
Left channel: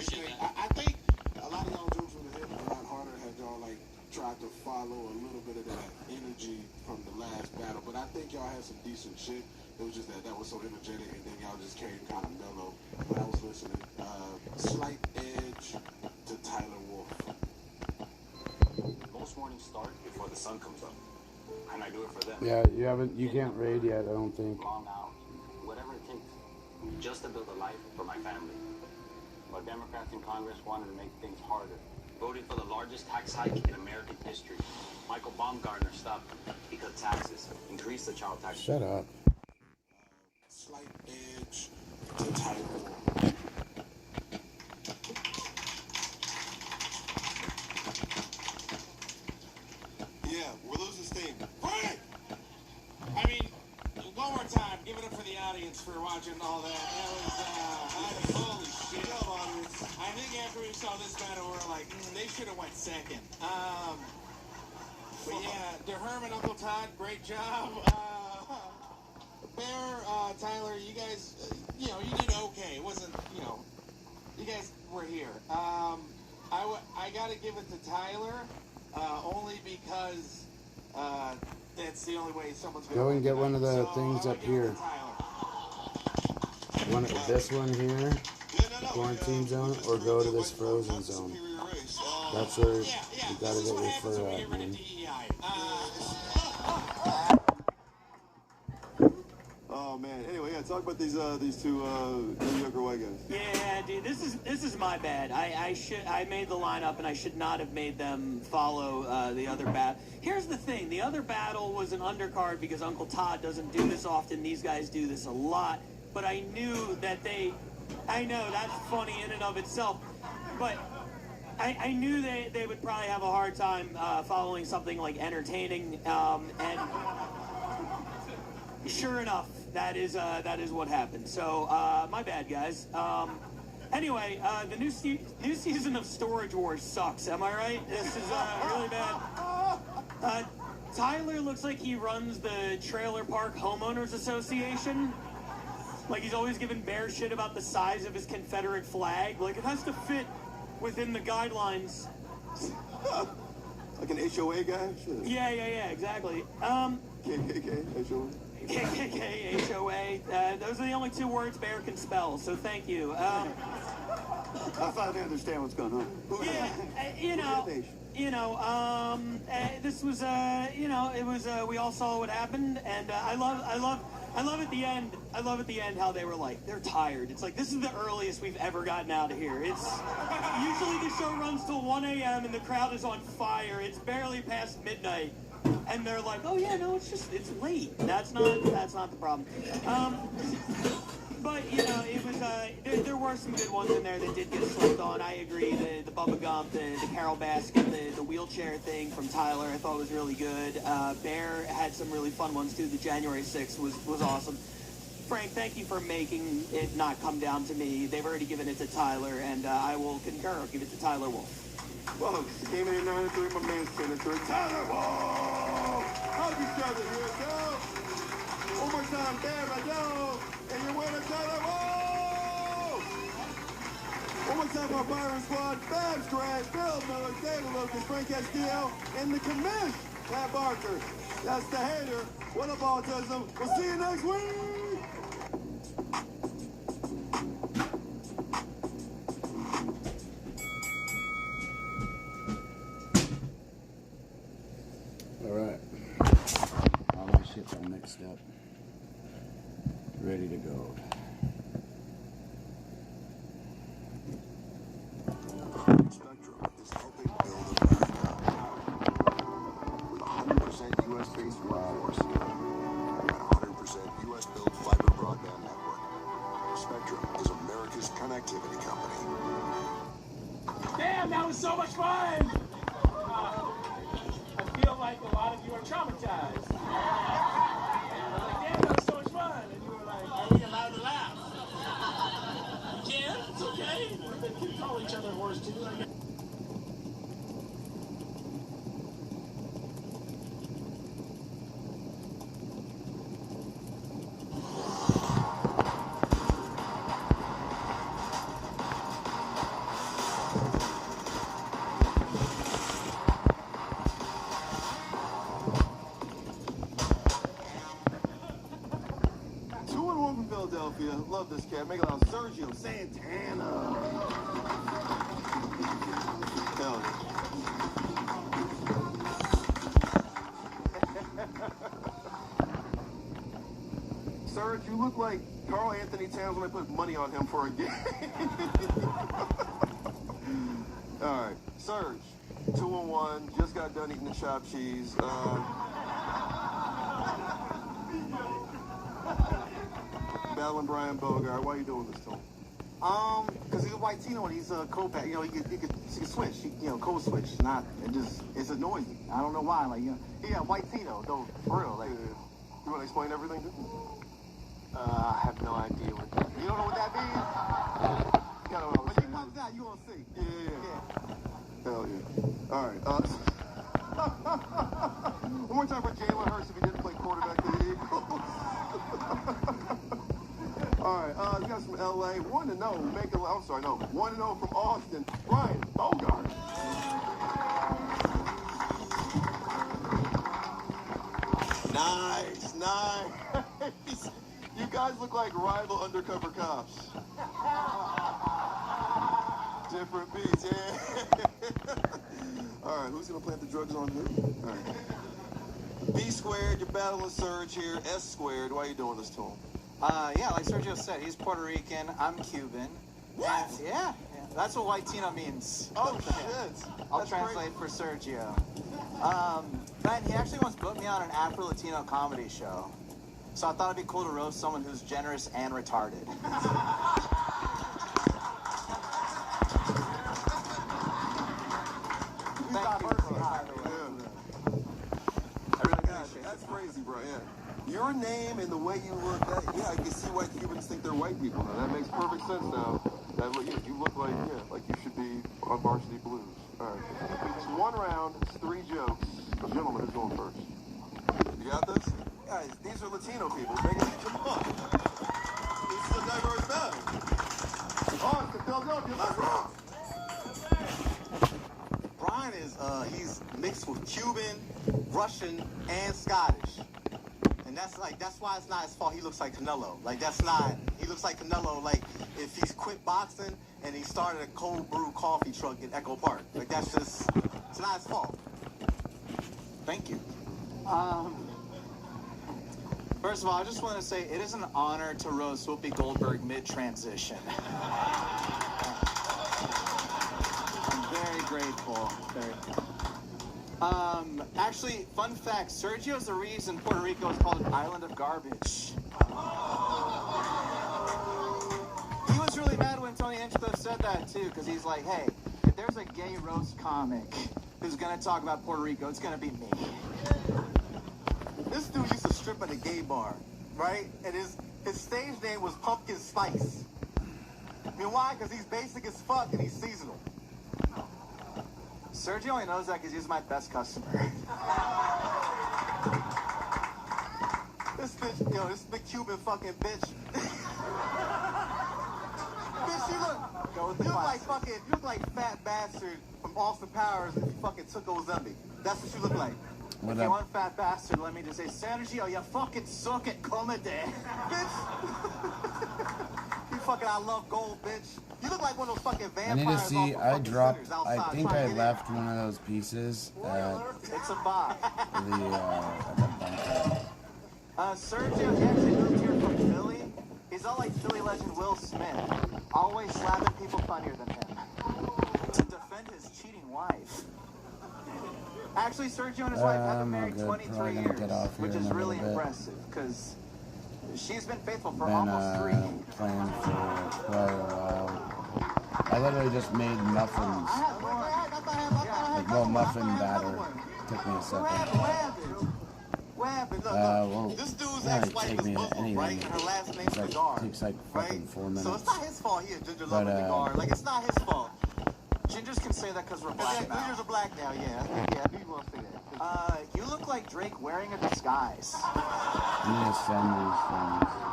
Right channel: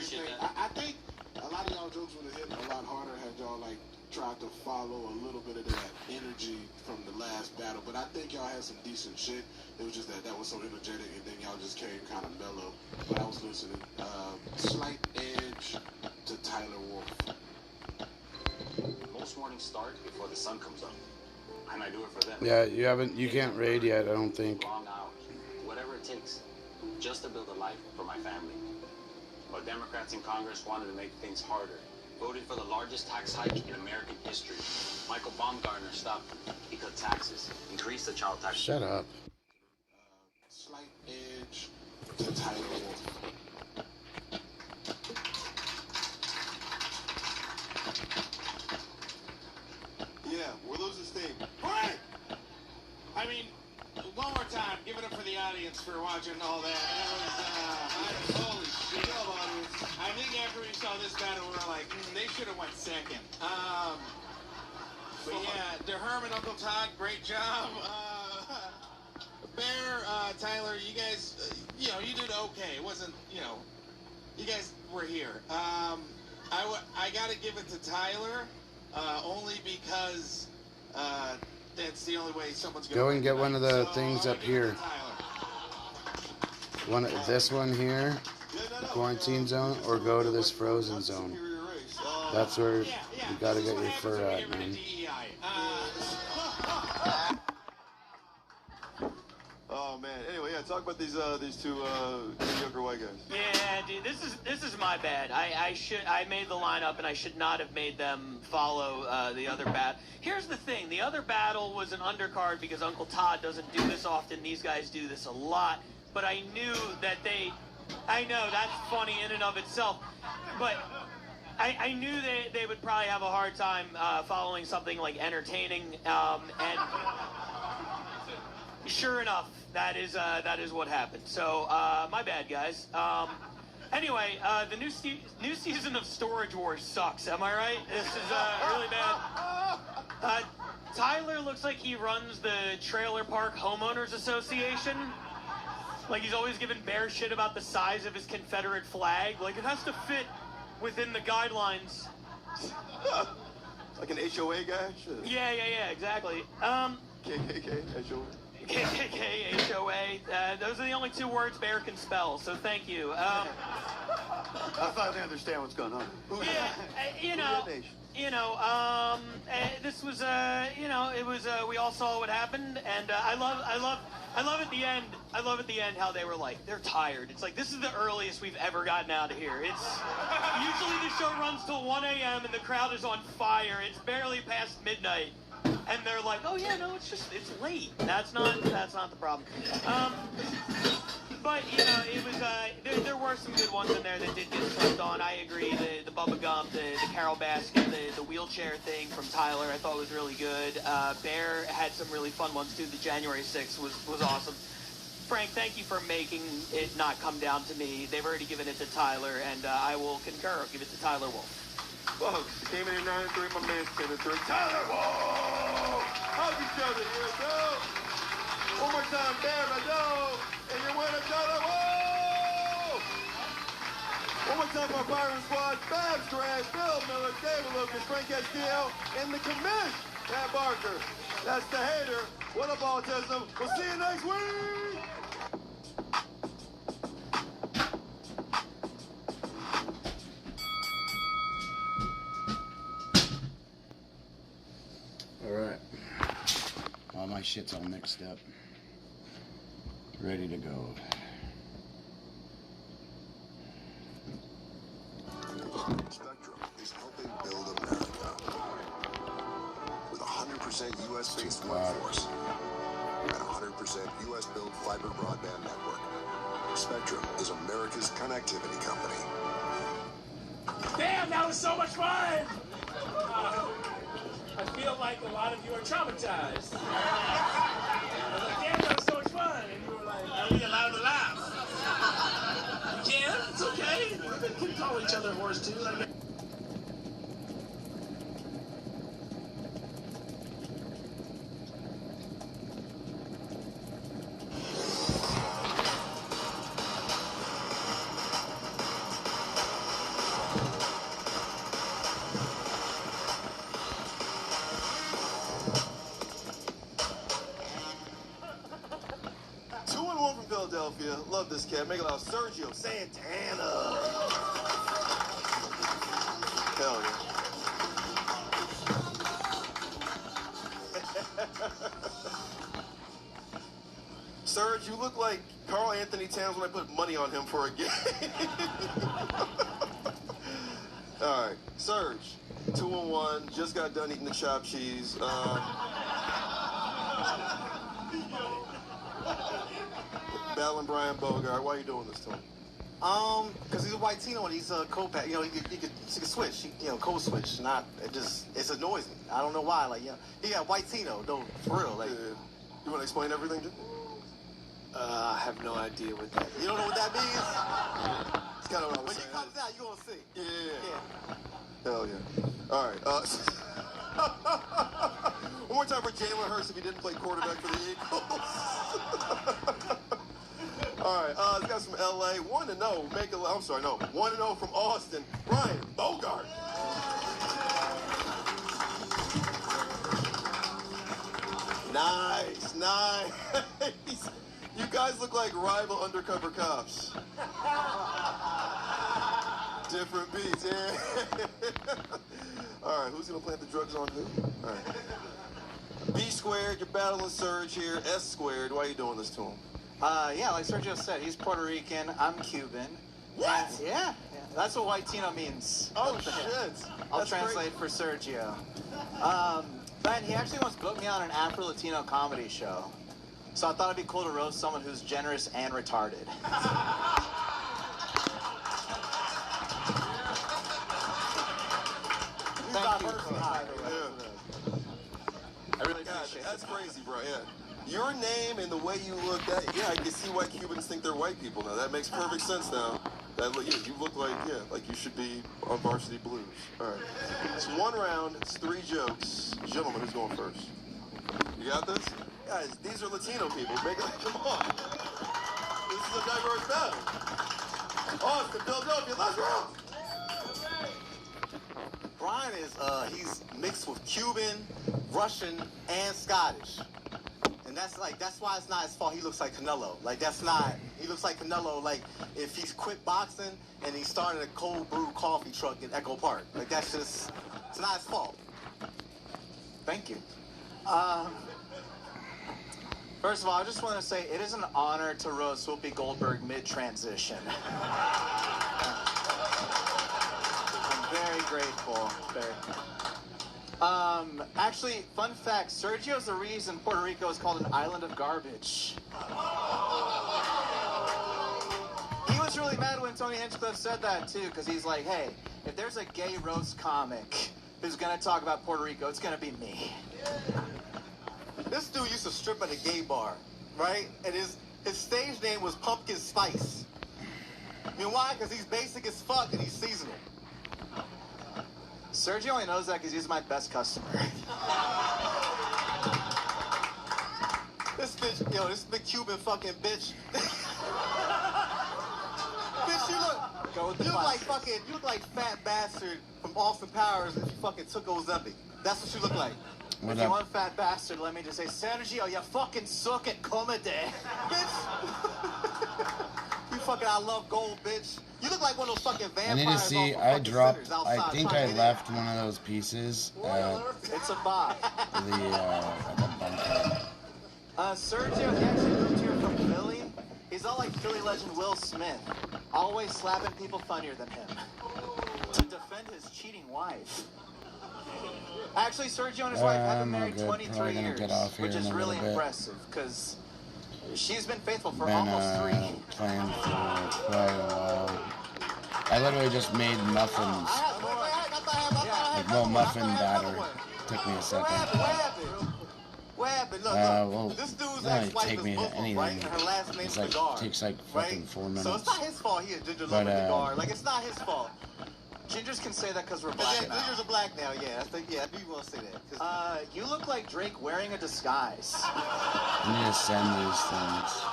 decent. I think a lot of y'all jokes would have hit a lot harder had y'all like tried to follow a little bit of that energy from the last battle. But I think y'all had some decent shit. It was just that was so energetic, and then y'all just came kind of mellow. But I was listening. Slight edge to Tyler Wolf. Most mornings start before the sun comes up, and I do it for them. Yeah, you can't raid yet, I don't think. Long hours, whatever it takes, just to build a life for my family. But Democrats in Congress wanted to make things harder, voting for the largest tax hike in American history. Michael Baumgartner stopped them. He cut taxes, increased the child tax. Shut up. Slight edge to Tyler Wolf. Yeah, we're losing steam. Quiet! I mean, one more time, give it up for the audience for watching all that. That was, holy shit. Audience. I think after we saw this battle, we were like, they should have went second. But yeah, DeHerm and Uncle Todd, great job. Bear, Tyler, you guys, you did okay. It wasn't, you guys were here. I got to give it to Tyler, only because that's the only way someone's going to Go and get one of the things up here. This one here, quarantine zone, or go to this frozen zone. That's where you gotta get your fur at, man. Oh man. Anyway, yeah. Talk about these two mediocre white guys. Yeah, dude, this is my bad. I made the lineup and I should not have made them follow the other battle. Here's the thing: the other battle was an undercard because Uncle Todd doesn't do this often. These guys do this a lot. But I knew that I know that's funny in and of itself, but I knew they would probably have a hard time following something like entertaining, and sure enough, that is what happened. So my bad, guys. Anyway, the new season of Storage Wars sucks. Am I right? This is really bad. Tyler looks like he runs the Trailer Park Homeowners Association. Like, he's always giving Bear shit about the size of his Confederate flag. Like, it has to fit within the guidelines. Like an HOA guy? Sure. Yeah, exactly. KKK, HOA. KKK, HOA. Those are the only two words Bear can spell, so thank you. I finally understand what's going on. This was, it was, we all saw what happened, and I love at the end. I love at the end how they were like, they're tired. It's like, this is the earliest we've ever gotten out of here. It's usually the show runs till 1 a.m. and the crowd is on fire. It's barely past midnight, and they're like, oh yeah, no, it's late. That's not the problem. But it was there were some good ones in there that did get slept on. I agree. The Bubba Gump, the Carol Baskin, the wheelchair thing from Tyler, I thought was really good. Bear had some really fun ones too. The January 6th was awesome. Frank, thank you for making it not come down to me. They've already given it to Tyler, and I will concur. Give it to Tyler Wolf. Folks, he came in 93. My man came in 3. Tyler Wolf! How'd you show it? Here we go. One more time, Bear, I go. And your winner, Tyler Wolf! One more time for our firing squad. Babs Drag, Bill Miller, David Lucas, Frank Castillo, and the commish, Pat Barker. That's the hater. What up, autism? We'll see you next week! Alright. All my shit's all mixed up. Ready to go. U.S.-based workforce and 100% U.S.-built fiber broadband network. Spectrum is America's connectivity company. Damn, that was so much fun! I feel like a lot of you are traumatized. I was like, damn, that was so much fun! And you were like, are we allowed to laugh? We can, it's okay. We can call each other whores too, I guess. From Philadelphia. Love this cat. Make it loud. Sergio Santana. Hell yeah. Serge, you look like Carl Anthony Towns when I put money on him for a game. All right. Serge, 2-1. Just got done eating the chopped cheese. Battling Brian Bogart. Why are you doing this to him? Because he's a white Tino and he's a co-pack. You know, he could switch. Code switch. It annoys me. I don't know why. Like, he got white Tino though. For real. Like, you want to explain everything, dude? I have no idea what that. You don't know what that means? It's kind of what I was saying. When he comes out, you gonna see. Yeah. Hell yeah. All right. One more time for Jalen Hurts if he didn't play quarterback for the Eagles. All right, this guy's from LA. 1-0. 1-0 from Austin. Brian Bogart. Nice. You guys look like rival undercover cops. Different beats, yeah. All right, who's gonna plant the drugs on who? All right. B squared, you're battling Serge here. S squared, why are you doing this to him? Yeah, like Sergio said, he's Puerto Rican, I'm Cuban. What? Yeah, that's what white Tino means. Oh, shit. I'll translate for Sergio. Man, he actually once booked me on an Afro-Latino comedy show. So I thought it'd be cool to roast someone who's generous and retarded. Thank you. I really appreciate it. That's crazy, bro, yeah. Your name and the way you look, I can see why Cubans think they're white people now. That makes perfect sense now. That you look like you should be on Varsity Blues. All right. It's 1 round. It's 3 jokes. Gentlemen, who's going first? You got this? Guys, these are Latino people. Come on. This is a diverse battle. Austin, Philadelphia, let's rock. Brian is, he's mixed with Cuban, Russian, and Scottish. And that's why it's not his fault. He looks like Canelo. He looks like Canelo, like, if he's quit boxing and he started a cold brew coffee truck in Echo Park. Like, it's not his fault. Thank you. First of all, I just want to say it is an honor to roast Whoopi Goldberg mid-transition. I'm very grateful. Actually, fun fact, Sergio's the reason Puerto Rico is called an island of garbage. He was really mad when Tony Hinchcliffe said that, too, because he's like, hey, if there's a gay roast comic who's going to talk about Puerto Rico, it's going to be me. This dude used to strip at a gay bar, right? And his stage name was Pumpkin Spice. I mean, why? Because he's basic as fuck and he's seasonal. Sergio only knows that because he's my best customer. This bitch, this big Cuban fucking bitch. Bitch, you look like fat bastard from Austin Powers if you fucking took Ozempic. That's what you look like. If you want fat bastard, let me just say, Sergio, you fucking suck at comedy. Bitch. You fucking I love gold, bitch. You look like one of those fucking vampires. I need to see. I dropped. I think I left one of those pieces at it's a bot. at the bunker. Sergio, he actually moved here from Philly. He's all like Philly legend Will Smith, always slapping people funnier than him to defend his cheating wife. Actually, Sergio and his wife have been married good. 23 Probably gonna years, get off here which in is a really little bit. impressive, because she's been faithful for Been almost 3. playing for quite a while. I literally just made muffins. Like, well, muffin batter. Took me a second. What happened? Well, this dude's it doesn't take me anything. right? Her last name's It's like, Cigar, takes like fucking 4 minutes. So it's not his fault he a ginger But, loving cigar. Like, it's not his fault. Gingers can say that because we're black now. Gingers are black now, yeah. Yeah, people want to say that. You look like Drake wearing a disguise. I need to send these things.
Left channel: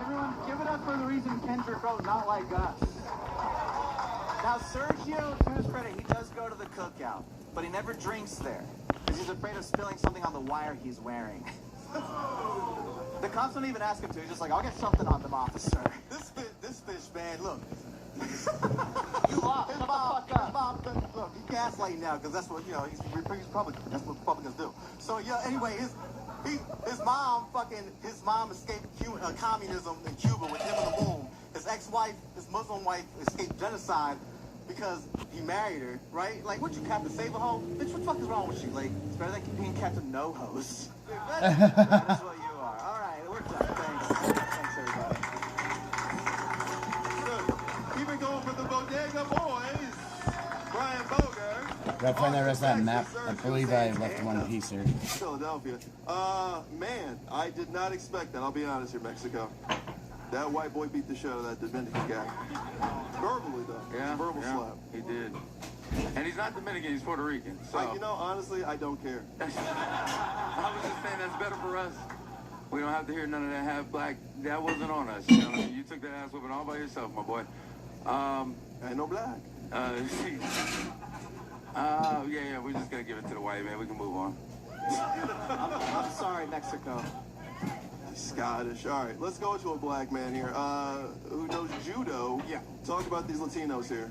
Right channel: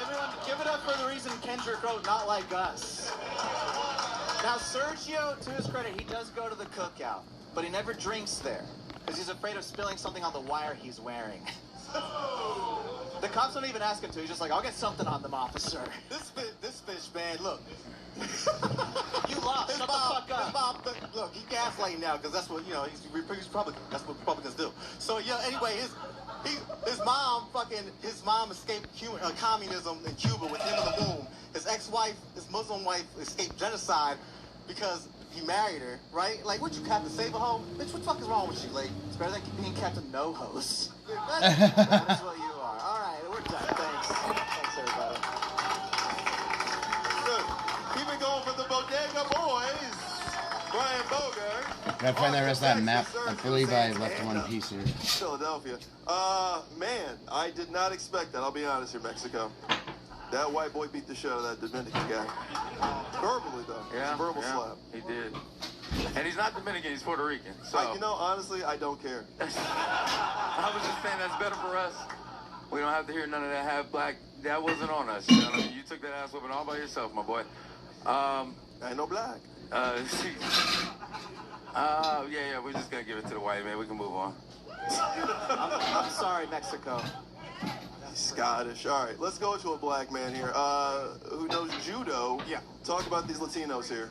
Everyone, give it up for the reason Kendrick wrote Not Like Us. Now, Sergio, to his credit, he does go to the cookout, but he never drinks there, because he's afraid of spilling something on the wire he's wearing. The cops don't even ask him to. He's just like, I'll get something on them, officer. This fish, man, look. You lost. Shut the fuck up. Look, he gaslighting now, because that's what, he's Republican. That's what Republicans do. So, yeah, anyway, his mom escaped communism in Cuba with him in the womb. His ex-wife, his Muslim wife, escaped genocide because he married her, right? Like, what, you Captain Save-A-Ho? Bitch, what the fuck is wrong with you? Like, it's better than being Captain No-Hos. That's what you are. All right, we're done. Thanks. Thanks, everybody. Good. Keep it going for the Bodega Boys. Brian Bogart. Gotta find the rest of that map. I believe I left one piece here. Philadelphia. Man, I did not expect that. I'll be honest here, Mexico. That white boy beat the shit out of that Dominican guy. Verbally, though. Yeah, Verbal slap. He did. And he's not Dominican, he's Puerto Rican. So honestly, I don't care. I was just saying that's better for us. We don't have to hear none of that half black. That wasn't on us. You know what I mean? You took that ass whooping all by yourself, my boy. I ain't no black. Yeah, we're just gonna give it to the white man. We can move on. I'm sorry, Mexico. Scottish. All right, let's go to a black man here who knows judo. Yeah. Talk about these Latinos here.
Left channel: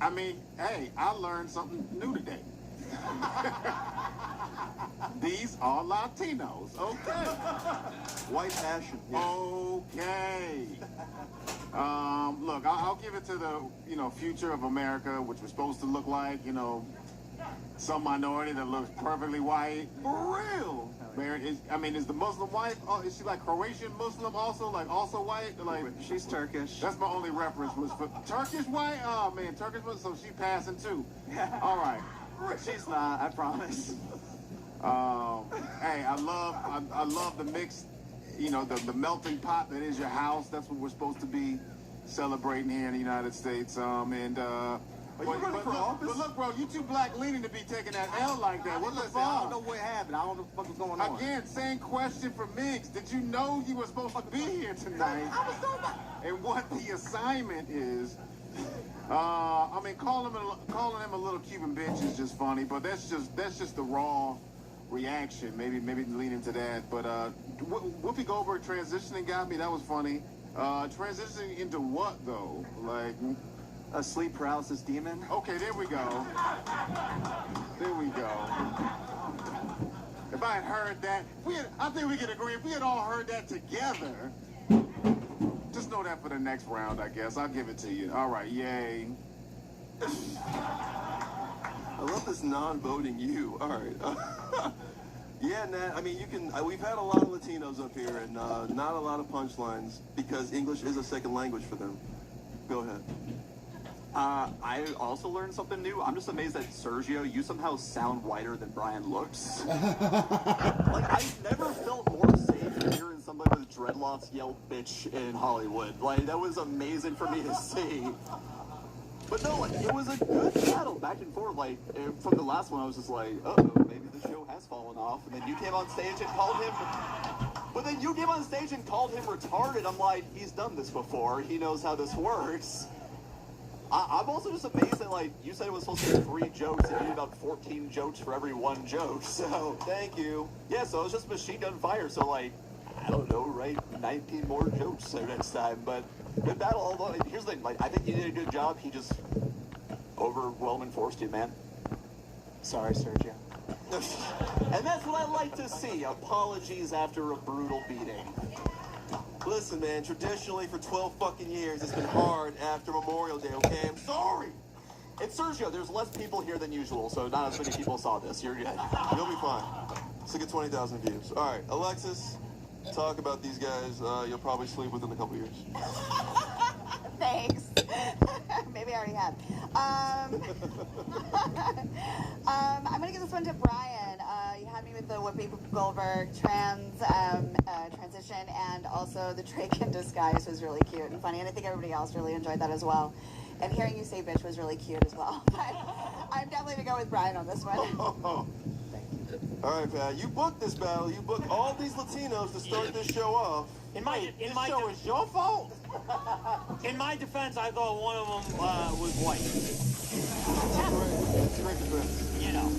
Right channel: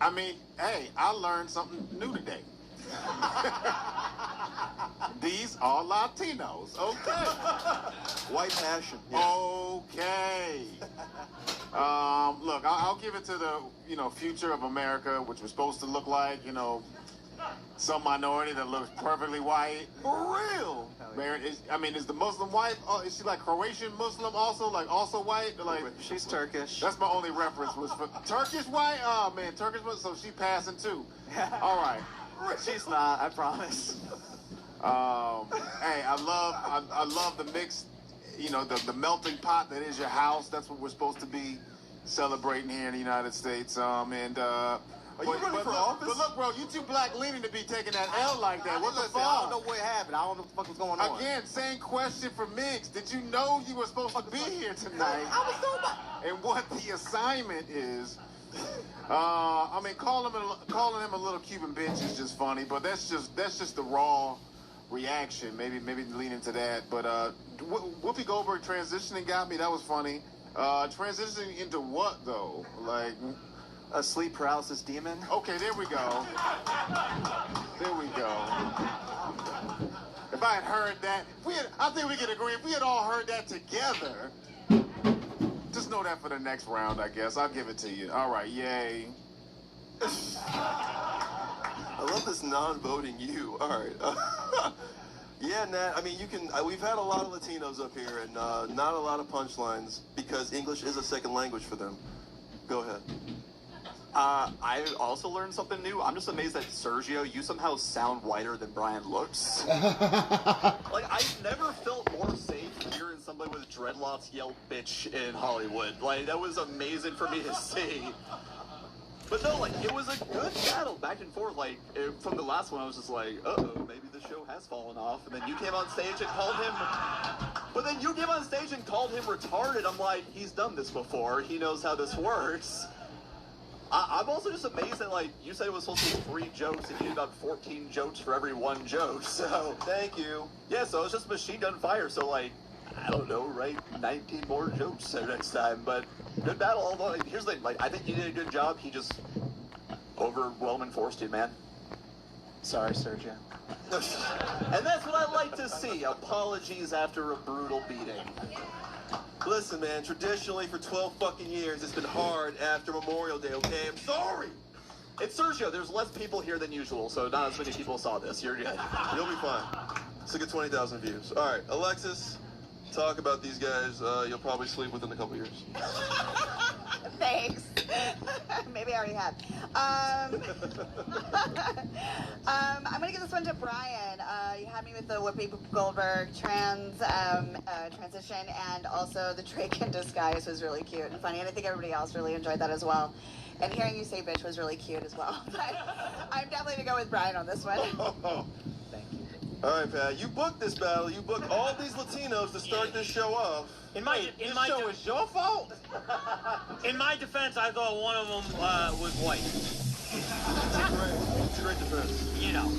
I mean, hey, I learned something new today. These are Latinos. Okay. White passion. Yeah. Okay. Look, I'll give it to the, future of America, which we're supposed to look like, some minority that looks perfectly white. For real? Is the Muslim wife, is she like Croatian Muslim also, also white? Like, she's Turkish. That's my only reference was for Turkish white? Oh man, Turkish Muslim, so she passing too. All right. She's not, I promise. Hey, I love the mix, the melting pot that is your house. That's what we're supposed to be celebrating here in the United States. Are you running for office? But look, bro, you too black leaning to be taking that L like that. What the fuck? I don't know what happened. I don't know what the fuck was going on. Again, same question for Miggs. Did you know you were supposed to be here tonight? And what the assignment is? Calling him a little Cuban bitch is just funny, but that's just the raw reaction. Maybe lean into that. But Whoopi Goldberg transitioning got me. That was funny. Transitioning into what though? Like. A sleep paralysis demon? Okay, there we go. There we go. If I had heard that, I think we could agree, if we had all heard that together, just know that for the next round, I guess. I'll give it to you. All right, yay. I love this non-voting you. All right. Yeah, Nat, we've had a lot of Latinos up here and not a lot of punchlines because English is a second language for them. Go ahead. I also learned something new. I'm just amazed that Sergio, you somehow sound whiter than Brian looks. I've never felt more safe than hearing somebody with dreadlocks yell bitch in Hollywood. That was amazing for me to see. But no, it was a good battle back and forth. From the last one, I was just like, uh-oh, maybe the show has fallen off. And then you came on stage and called him... But then you came on stage and called him retarded. I'm like, he's done this before. He knows how this works. I'm also just amazed that, you said it was supposed to be 3 jokes, and you did about 14 jokes for every 1 joke, so... Thank you. Yeah, so it was just machine gun fire, so, I don't know, write 19 more jokes next time, but good battle, although, here's the thing, I think you did a good job, he just overwhelmed and forced you, man. Sorry, Sergio. And that's what I like to see, apologies after a brutal beating. Listen, man, traditionally for 12 fucking years, it's been hard after Memorial Day, okay? I'm sorry. It's Sergio. There's less people here than usual, so not as many people saw this. You're good. You'll be fine. Let's get 20,000 views. All right, Alexis, talk about these guys. You'll probably sleep within a couple years. Thanks. Maybe I already have. I'm going to give this one to Brian. You had me with the Whoopi Goldberg transition, and also the Drake in disguise was really cute and funny, and I think everybody else really enjoyed that as well. And hearing you say bitch was really cute as well. But I'm definitely going to go with Brian on this one. Thank you. All right, Pat, you booked this battle. You booked all these Latinos to start this show off. In my show is your fault. In my defense, I thought one of them was white. It's a great defense. You know.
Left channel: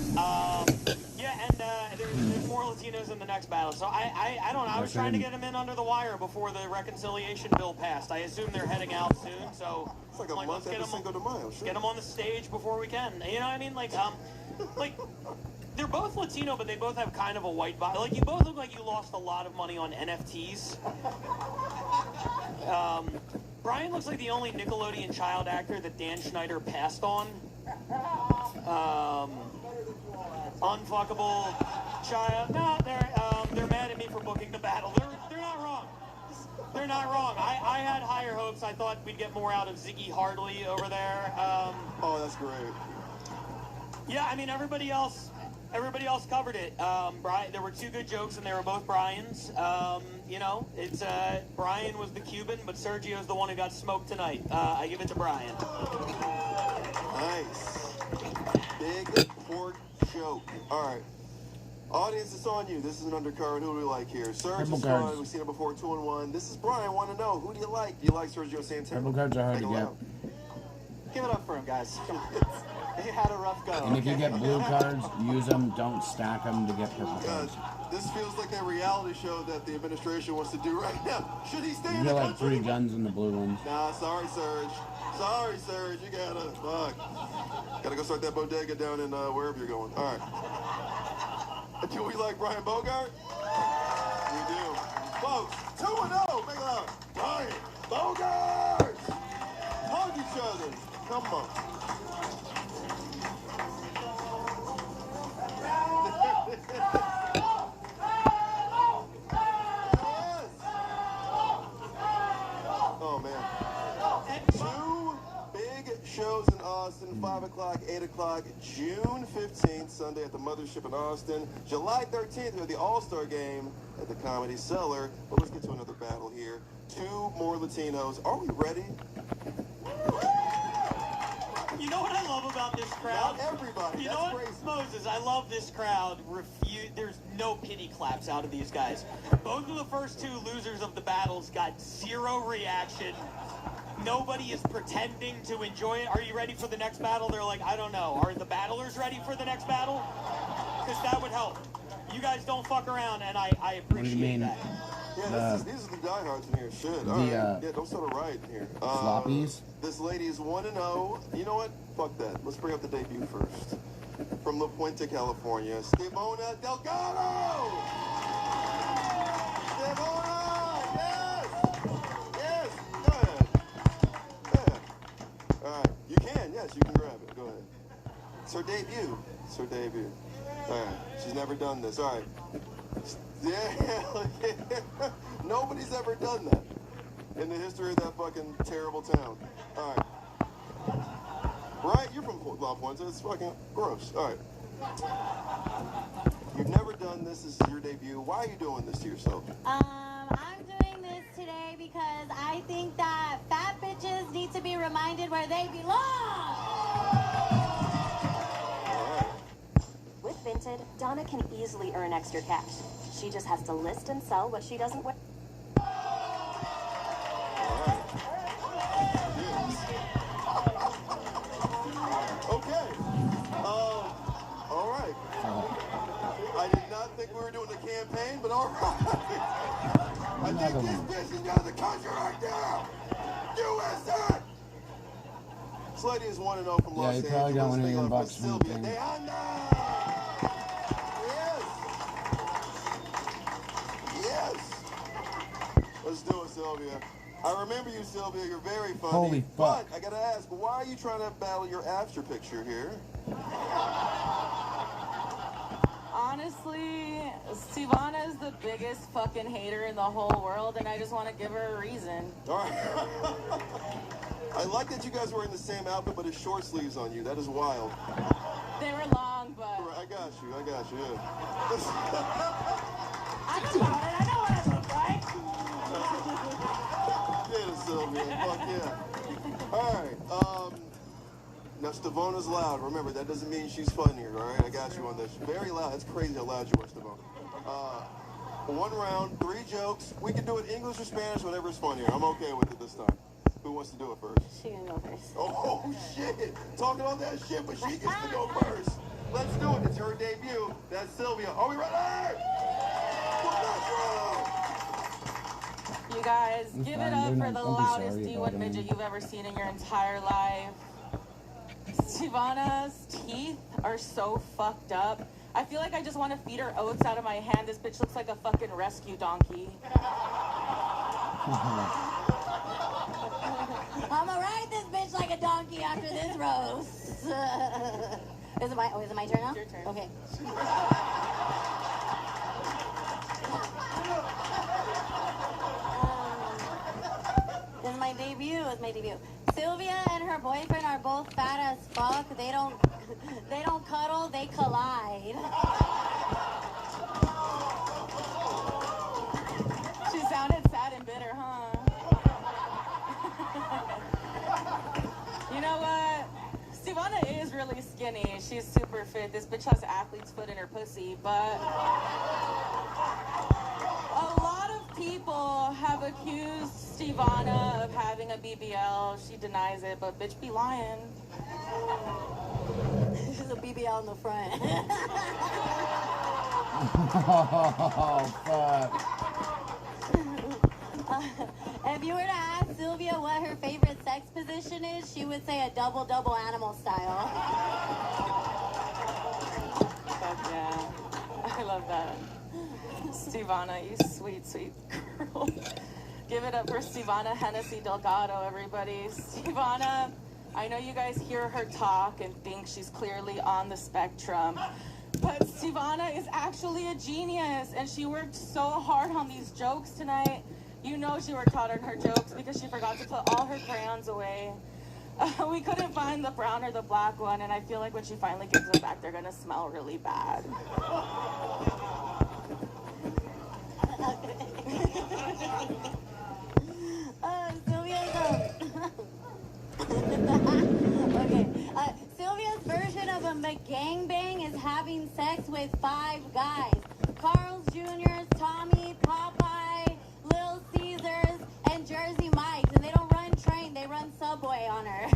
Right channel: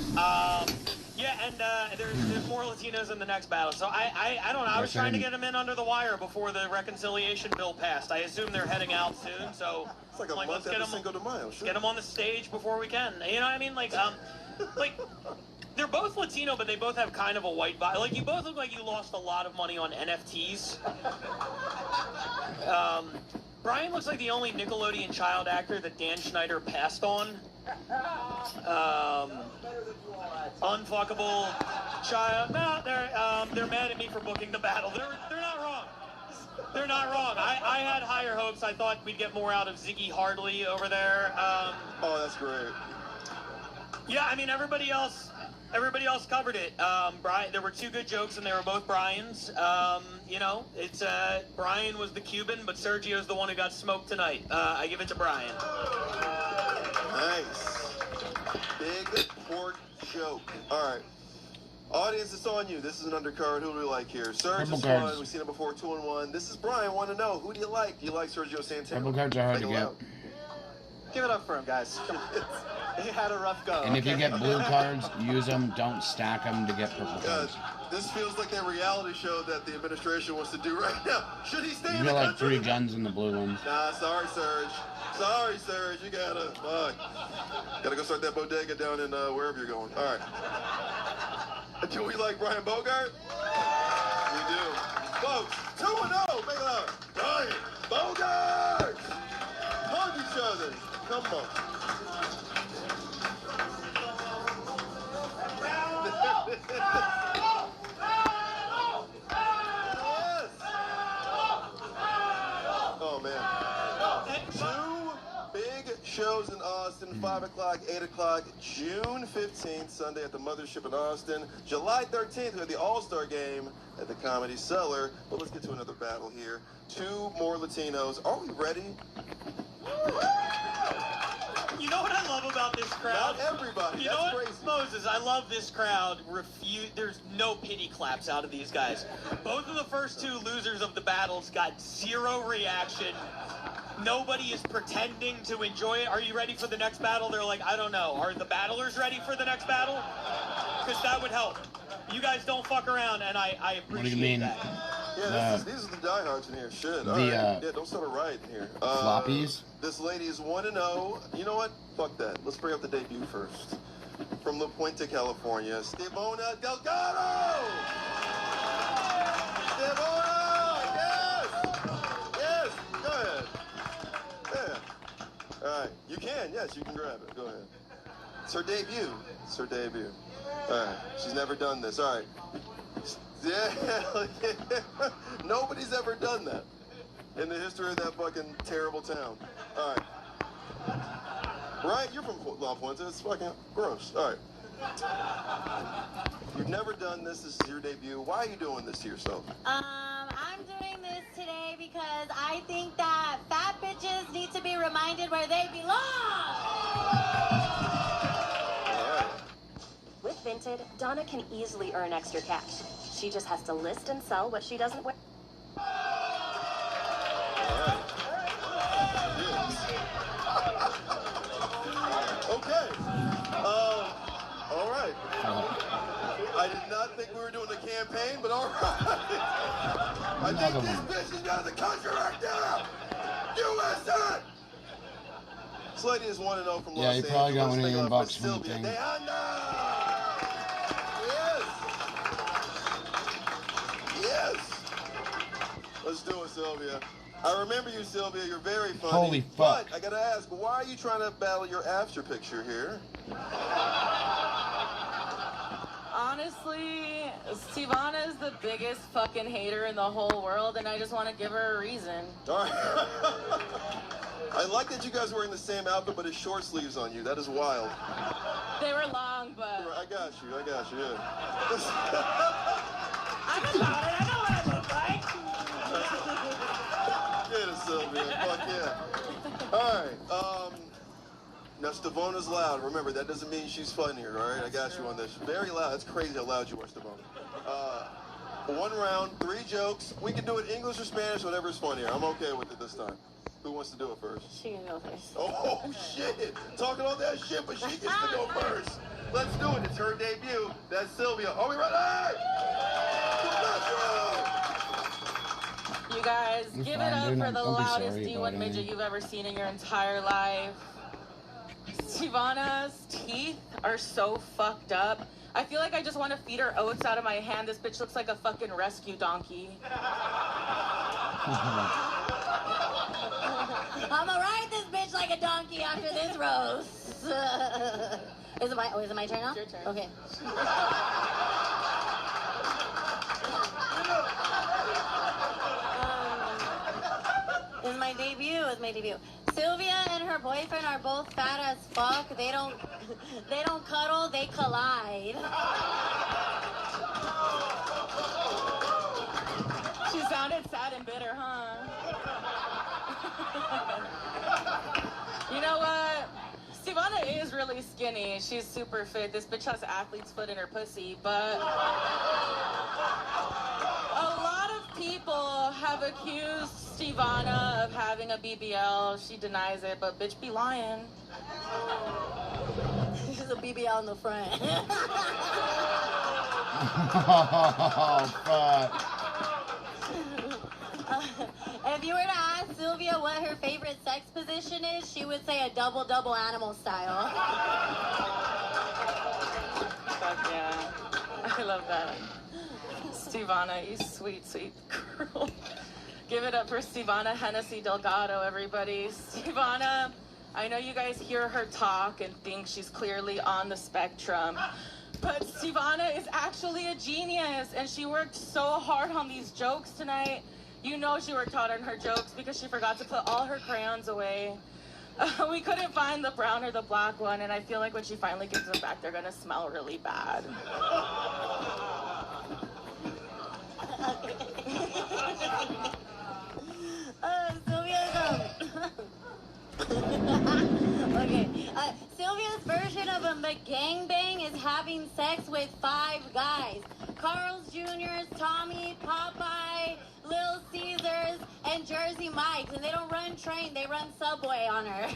Yeah, and there's more Latinos in the next battle. So I don't know. I was trying to get them in under the wire before the reconciliation bill passed. I assume they're heading out soon. So it's like a month after Cinco de Mayo. Sure. Get them on the stage before we can. You know what I mean? Like they're both Latino, but they both have kind of a white body. Like, you both look like you lost a lot of money on NFTs. Brian looks like the only Nickelodeon child actor that Dan Schneider passed on. Unfuckable child. No, they're mad at me for booking the battle. They're not wrong. They're not wrong. I had higher hopes. I thought we'd get more out of Ziggy Hardley over there. Oh, that's great. Yeah, I mean, everybody else covered it. There were two good jokes, and they were both Brian's. You know, it's Brian was the Cuban, but Sergio's the one who got smoked tonight. I give it to Brian. Nice. Big pork joke. All right. Audience, it's on you. This is an undercard. Who do we like here? Serge is fun. We've seen him before, 2-1. This is Brian. Want to know, who do you like? Do you like Sergio Santana? Purple cards are hard to get. Give it up for him, guys. Come on. He had a rough go. And if you get blue cards, use them. Don't stack them to get purple cards. This feels like that reality show that the administration wants to do right now. Should he stay in You the get like country? 3 guns in the blue ones. Nah, sorry, Serge. Sorry, Serge. You gotta, gotta go start that bodega down in wherever you're going. All right. Do we like Brian Bogart? We do. Folks, 2-0. Make it loud. Brian Bogart. Hug each other. Come on. Oh, man. 2 big shows in Austin, 5 o'clock, 8 o'clock, June 15th, Sunday at the Mothership in Austin. July 13th, we have the All-Star Game at the Comedy Cellar. But let's get to another battle here. 2 more Latinos. Are we ready? You know what I love about this crowd? Not everybody. You That's know what, crazy. Moses? I love this crowd. There's no pity claps out of these guys. Both of the first 2 losers of the battles got 0 reaction. Nobody is pretending to enjoy it. Are you ready for the next battle? They're like, I don't know. Are the battlers ready for the next battle? Because that would help. You guys don't fuck around, and I appreciate What do you mean? that. Yeah, these are the diehards in here. Shit. All right. Yeah, don't start a riot in here. Floppies? This lady is 1-0. You know what? Fuck that. Let's bring up the debut first. From La Puente, California, Stevona Delgado! Stevona! Yes! Yes! Go ahead. Yeah. All right. You can. Yes, you can grab it. Go ahead. It's her debut. It's her debut. All right. She's never done this. All right. Yeah. Nobody's ever done that in the history of that fucking terrible town. All right. Right? You're from La Puente. It's fucking gross. All right. You've never done this. This is your debut. Why are you doing this to yourself? I'm doing this today because I think that fat bitches need to be reminded where they belong. With Vinted, Donna can easily earn extra cash. She just has to list and sell what she doesn't wear. Okay. All right. I did not think we were doing a campaign, but all right. I think this bitch is out of the country right now. USA! This lady is 1-0 from Los Angeles. Yeah, you probably got $1 million bucks from the thing. Yes! Let's do it, Sylvia. I remember you, Sylvia. You're very funny. Holy fuck. But I gotta ask, why are you trying to battle your after picture here? Honestly, Sivana is the biggest fucking hater in the whole world, and I just want to give her a reason. All right. I like that you guys are wearing the same outfit, but it's short sleeves on you. That is wild. They were long, but... I got you, yeah. I just got it. I know what I look like. Get it, Sylvia. Fuck yeah. All right. Now, Stavona's loud. Remember, that doesn't mean she's funnier, all right? I got you on this. Very loud. That's crazy how loud you are, Stavona. 1 round, 3 jokes. We can do it English or Spanish, whatever's funnier. I'm okay with it this time. Who wants to do it first? She can go first. Oh, shit. Talking all that shit, but she gets to go first. Let's do it. It's her debut. That's Sylvia. Are we ready? You guys, give it up for the loudest D1 midget you've ever seen in your entire life. Sivana's teeth are so fucked up. I feel like I just want to feed her oats out of my hand. This bitch looks like a fucking rescue donkey. I'ma ride this bitch like a donkey after this roast. Is it my turn now? It's your turn. Okay. This is my debut. Sylvia and her boyfriend are both fat as fuck. They don't cuddle, they collide. She sounded sad and bitter, huh? You know what? Sivana is really skinny. She's super fit. This bitch has athlete's foot in her pussy, but a lot of people have accused Sivana of having a BBL. She denies it, but bitch be lying. She's a BBL in the front. Oh, fuck. If you were to ask Sylvia what her favorite sex position is, she would say a double animal style. Fuck yeah. I love that. Sivana, you sweet, sweet girl. Give it up for Sivana Hennessy Delgado, everybody. Sivana, I know you guys hear her talk and think she's clearly on the spectrum, but Sivana is actually a genius, and she worked so hard on these jokes tonight. You know she worked hard on her jokes because she forgot to put all her crayons away. We couldn't find the brown or the black one, and I feel like when she finally gives them back, they're gonna smell really bad. Sylvia's version of a McGangbang is having sex with 5 guys. Carl's Jr., Tommy, Popeye, Little Caesars, and Jersey Mike's. And they don't run train, they run Subway on her.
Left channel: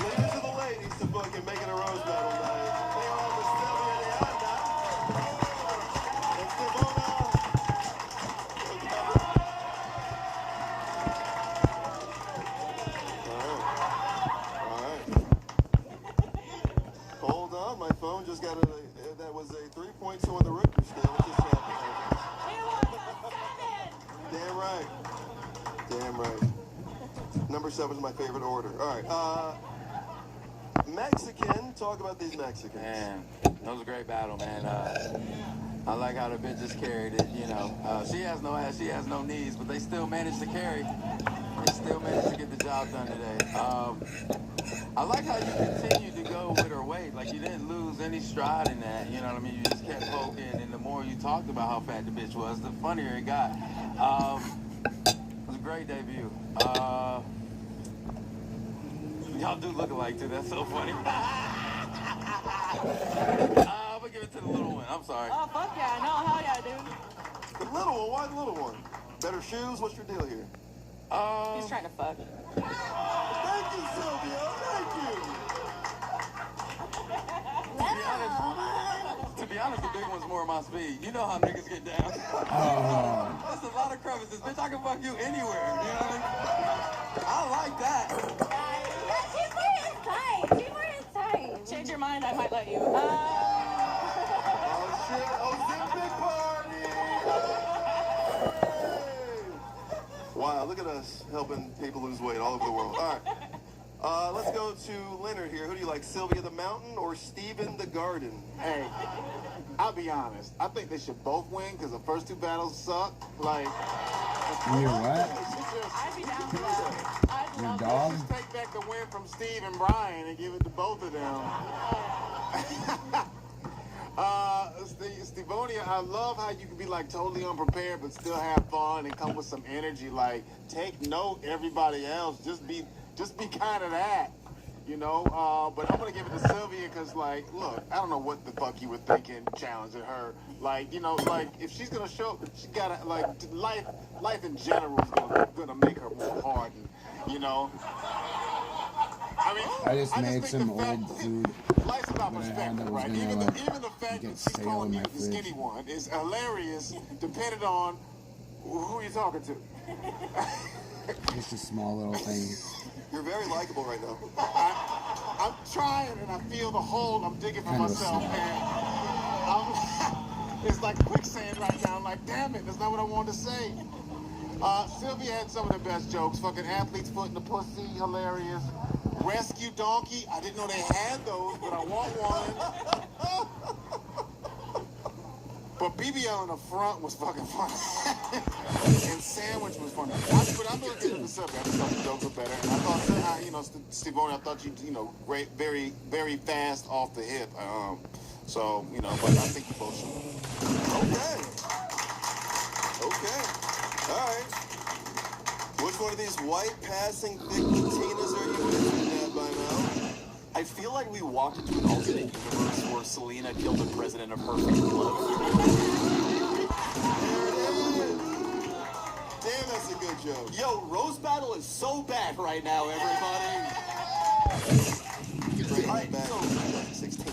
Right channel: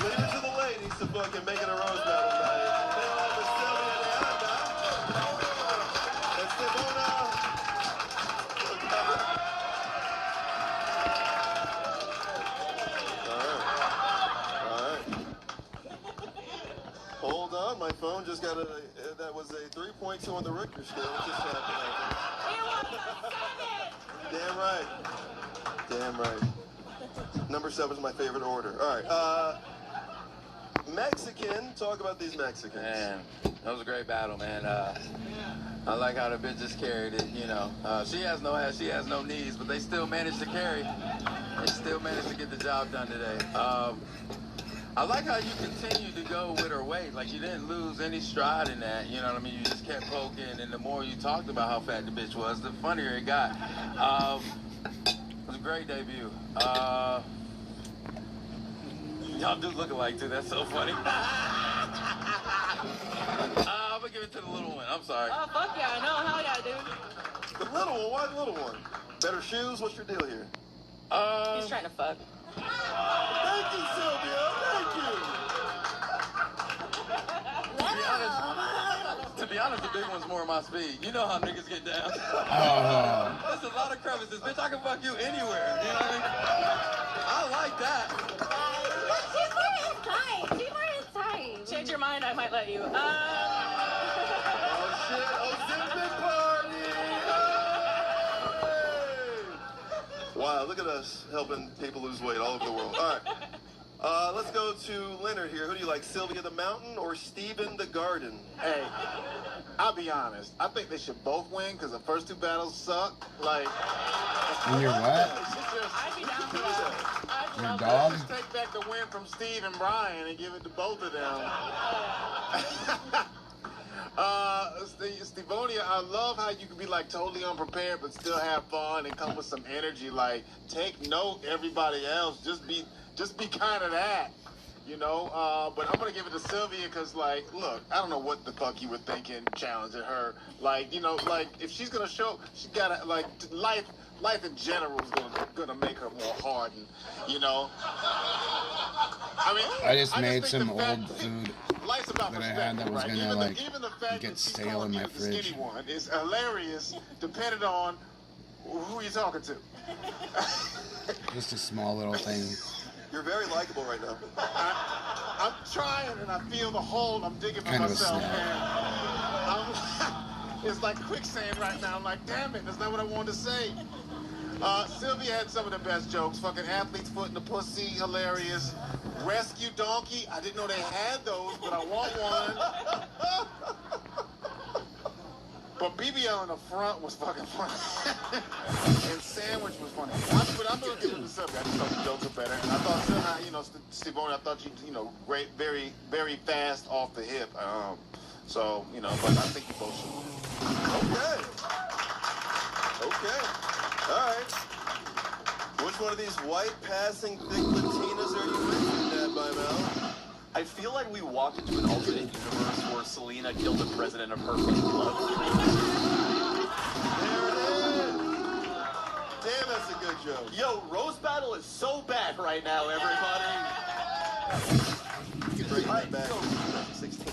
Leave it to the ladies to fucking make it a rose battle night. They all with Sylvia and Stivona. All right. Hold on, my phone just got that was a 3.2 on the Richter scale. What just happened? Damn right. Number 7 is my favorite order. All right. Mexican. Talk about these Mexicans. Man, that was a great battle, man. I like how the bitches carried it, you know. She has no ass, she has no knees, but they still managed to carry. They still managed to get the job done today. I like how you continued to go with her weight. Like, you didn't lose any stride in that, you know what I mean? You just kept poking, and the more you talked about how fat the bitch was, the funnier it got. It was a great debut. Y'all do look alike, too. That's so funny. I'm gonna give it to the little one. I'm sorry. Oh, fuck yeah, I know. Hell yeah, dude. The little one? Why the little one? Better shoes? What's your deal here? He's trying to fuck. Thank you, Sylvia. Thank you. To be honest, the big one's more my speed. You know how niggas get down. There's a lot of crevices. Bitch, I can fuck you anywhere. You know what I mean? I like that. She's wearing tight. your mind, I might let you. Oh shit! Ozempic party! Hey! Wow, look at us helping people lose weight all over the world. All right. Let's go to Leonard here. Who do you like, Sylvia the Mountain or Steven the Garden? Hey, I'll be honest. I think they should both win because the first two battles suck. Like, And you're what? I'd be down for that. Your dog? Let's just take back the win from Steve and Brian and give it to both of them. Stevonia, I love how you can be like totally unprepared but still have fun and come with some energy. Like, take note, everybody else. Just be kind of that, you know. But I'm gonna give it to Sylvia because, like, look, I don't know what the fuck you were thinking, challenging her. Like, you know, like if she's gonna show, she gotta like life in general is gonna make her more hardened, you know. I mean, I just made think some the fact- old food Life's about that I had that was right? gonna Even like the fact get that she's stale in calling my you the fridge. skinny one is hilarious, depending on who you're talking to. Just a small little thing. You're very likable right now. I'm trying, and I feel the hole I'm digging for Kind of a myself, snack. and it's like quicksand right now. I'm like, damn it, that's not what I wanted to say. Sylvia had some of the best jokes. Fucking athlete's foot in the pussy, hilarious. Rescue donkey, I didn't know they had those, but I want one. But BBL in the front was fucking funny. And Sandwich was funny. But I'm going to give it to Sylvia. I just thought the jokes were better. And I thought, you know, Stevonia, I thought you know, great, very, very fast off the hip. So, you know, but I think you both should. Okay. All right. Which one of these white passing thick Latinas are you mentioning that by now? I feel like we walked into an alternate universe where Selena killed the president of her fan club. Damn, that's a good joke. Yo, Roast Battle is so bad right now, everybody. Bring that back. 16.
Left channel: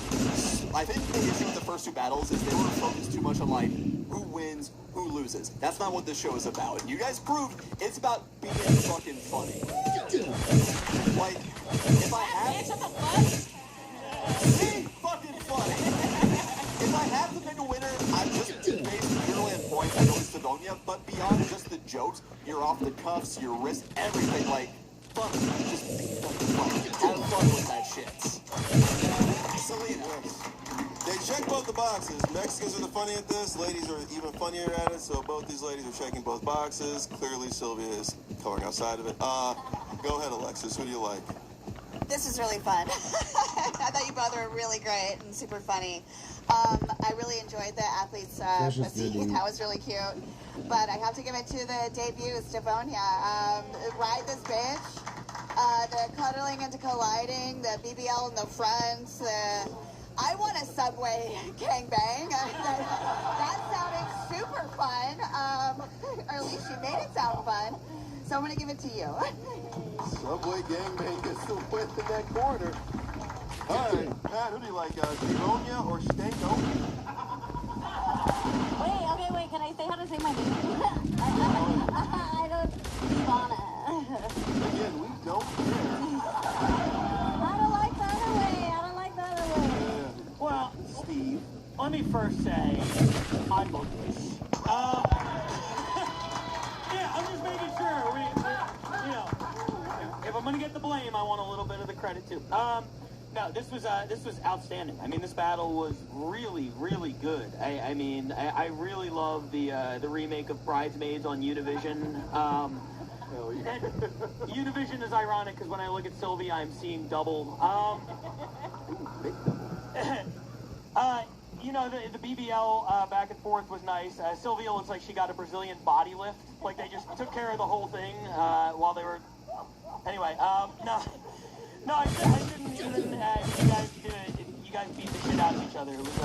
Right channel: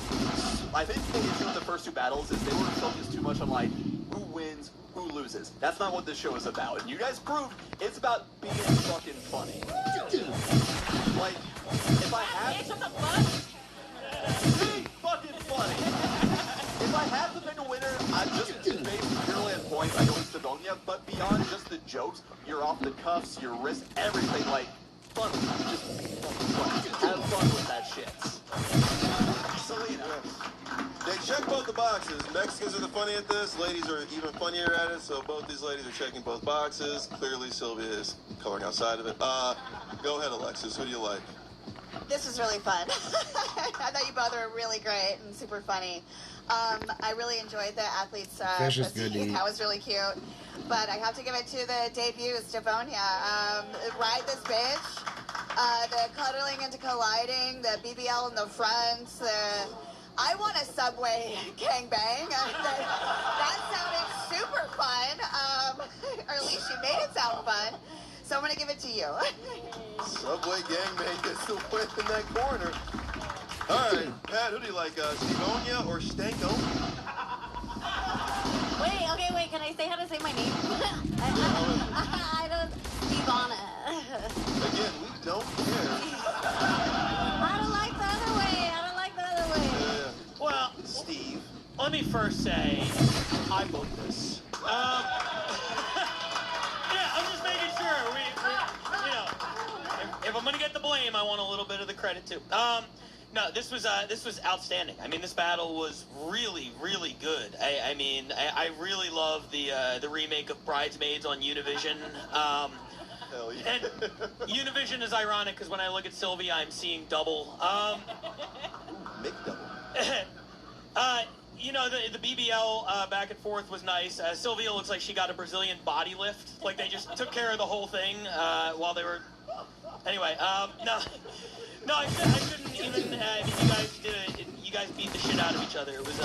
I think the issue with the first two battles is they were focused too much on, like, who wins, who loses. That's not what this show is about. And you guys proved it's about being fucking funny. Like, if I have... Be fucking funny. If I have to pick a winner, I'm just based purely on points. I go to Stevonia, but beyond just the jokes, you're off the cuffs, your wrist, everything, like, fun. Just be fucking fun. Have fun with that shit. Selena. They check both the boxes. Mexicans are the funny at this. Ladies are even funnier at it. So both these ladies are checking both boxes. Clearly, Sylvia is coloring outside of it. Go ahead, Alexis. Who do you like? This is really fun. I thought you both were really great and super funny. I really enjoyed the athletes' Fish is good to eat. That was really cute. But I have to give it to the debut, Stevonia. Ride this bitch. The cuddling into colliding, the BBL in the front, I want a subway gangbang. That sounded super fun. Or at least you made it sound fun. So I'm going to give it to you. Subway gangbang gets the win in that corner. All right, Pat, who do you like, Stevonia or Stanko? Wait, can I say how to say my name? I don't, Ivana. Again, we don't care. I don't like the other way. Well, Steve, let me first say I vote this. Yeah, I'm just making sure. We you know, if I'm gonna get the blame, I want a little bit of the credit too. No, this was outstanding. I mean, this battle was really, really good. I mean, I really love the remake of Bridesmaids on Univision. Hell yeah. And Univision is ironic because when I look at Sylvia, I'm seeing double. Big double. You know, the BBL back and forth was nice. Sylvia looks like she got a Brazilian body lift. Like they just took care of the whole thing while they were. Anyway, no, I shouldn't even. You guys beat the shit out of each other. It was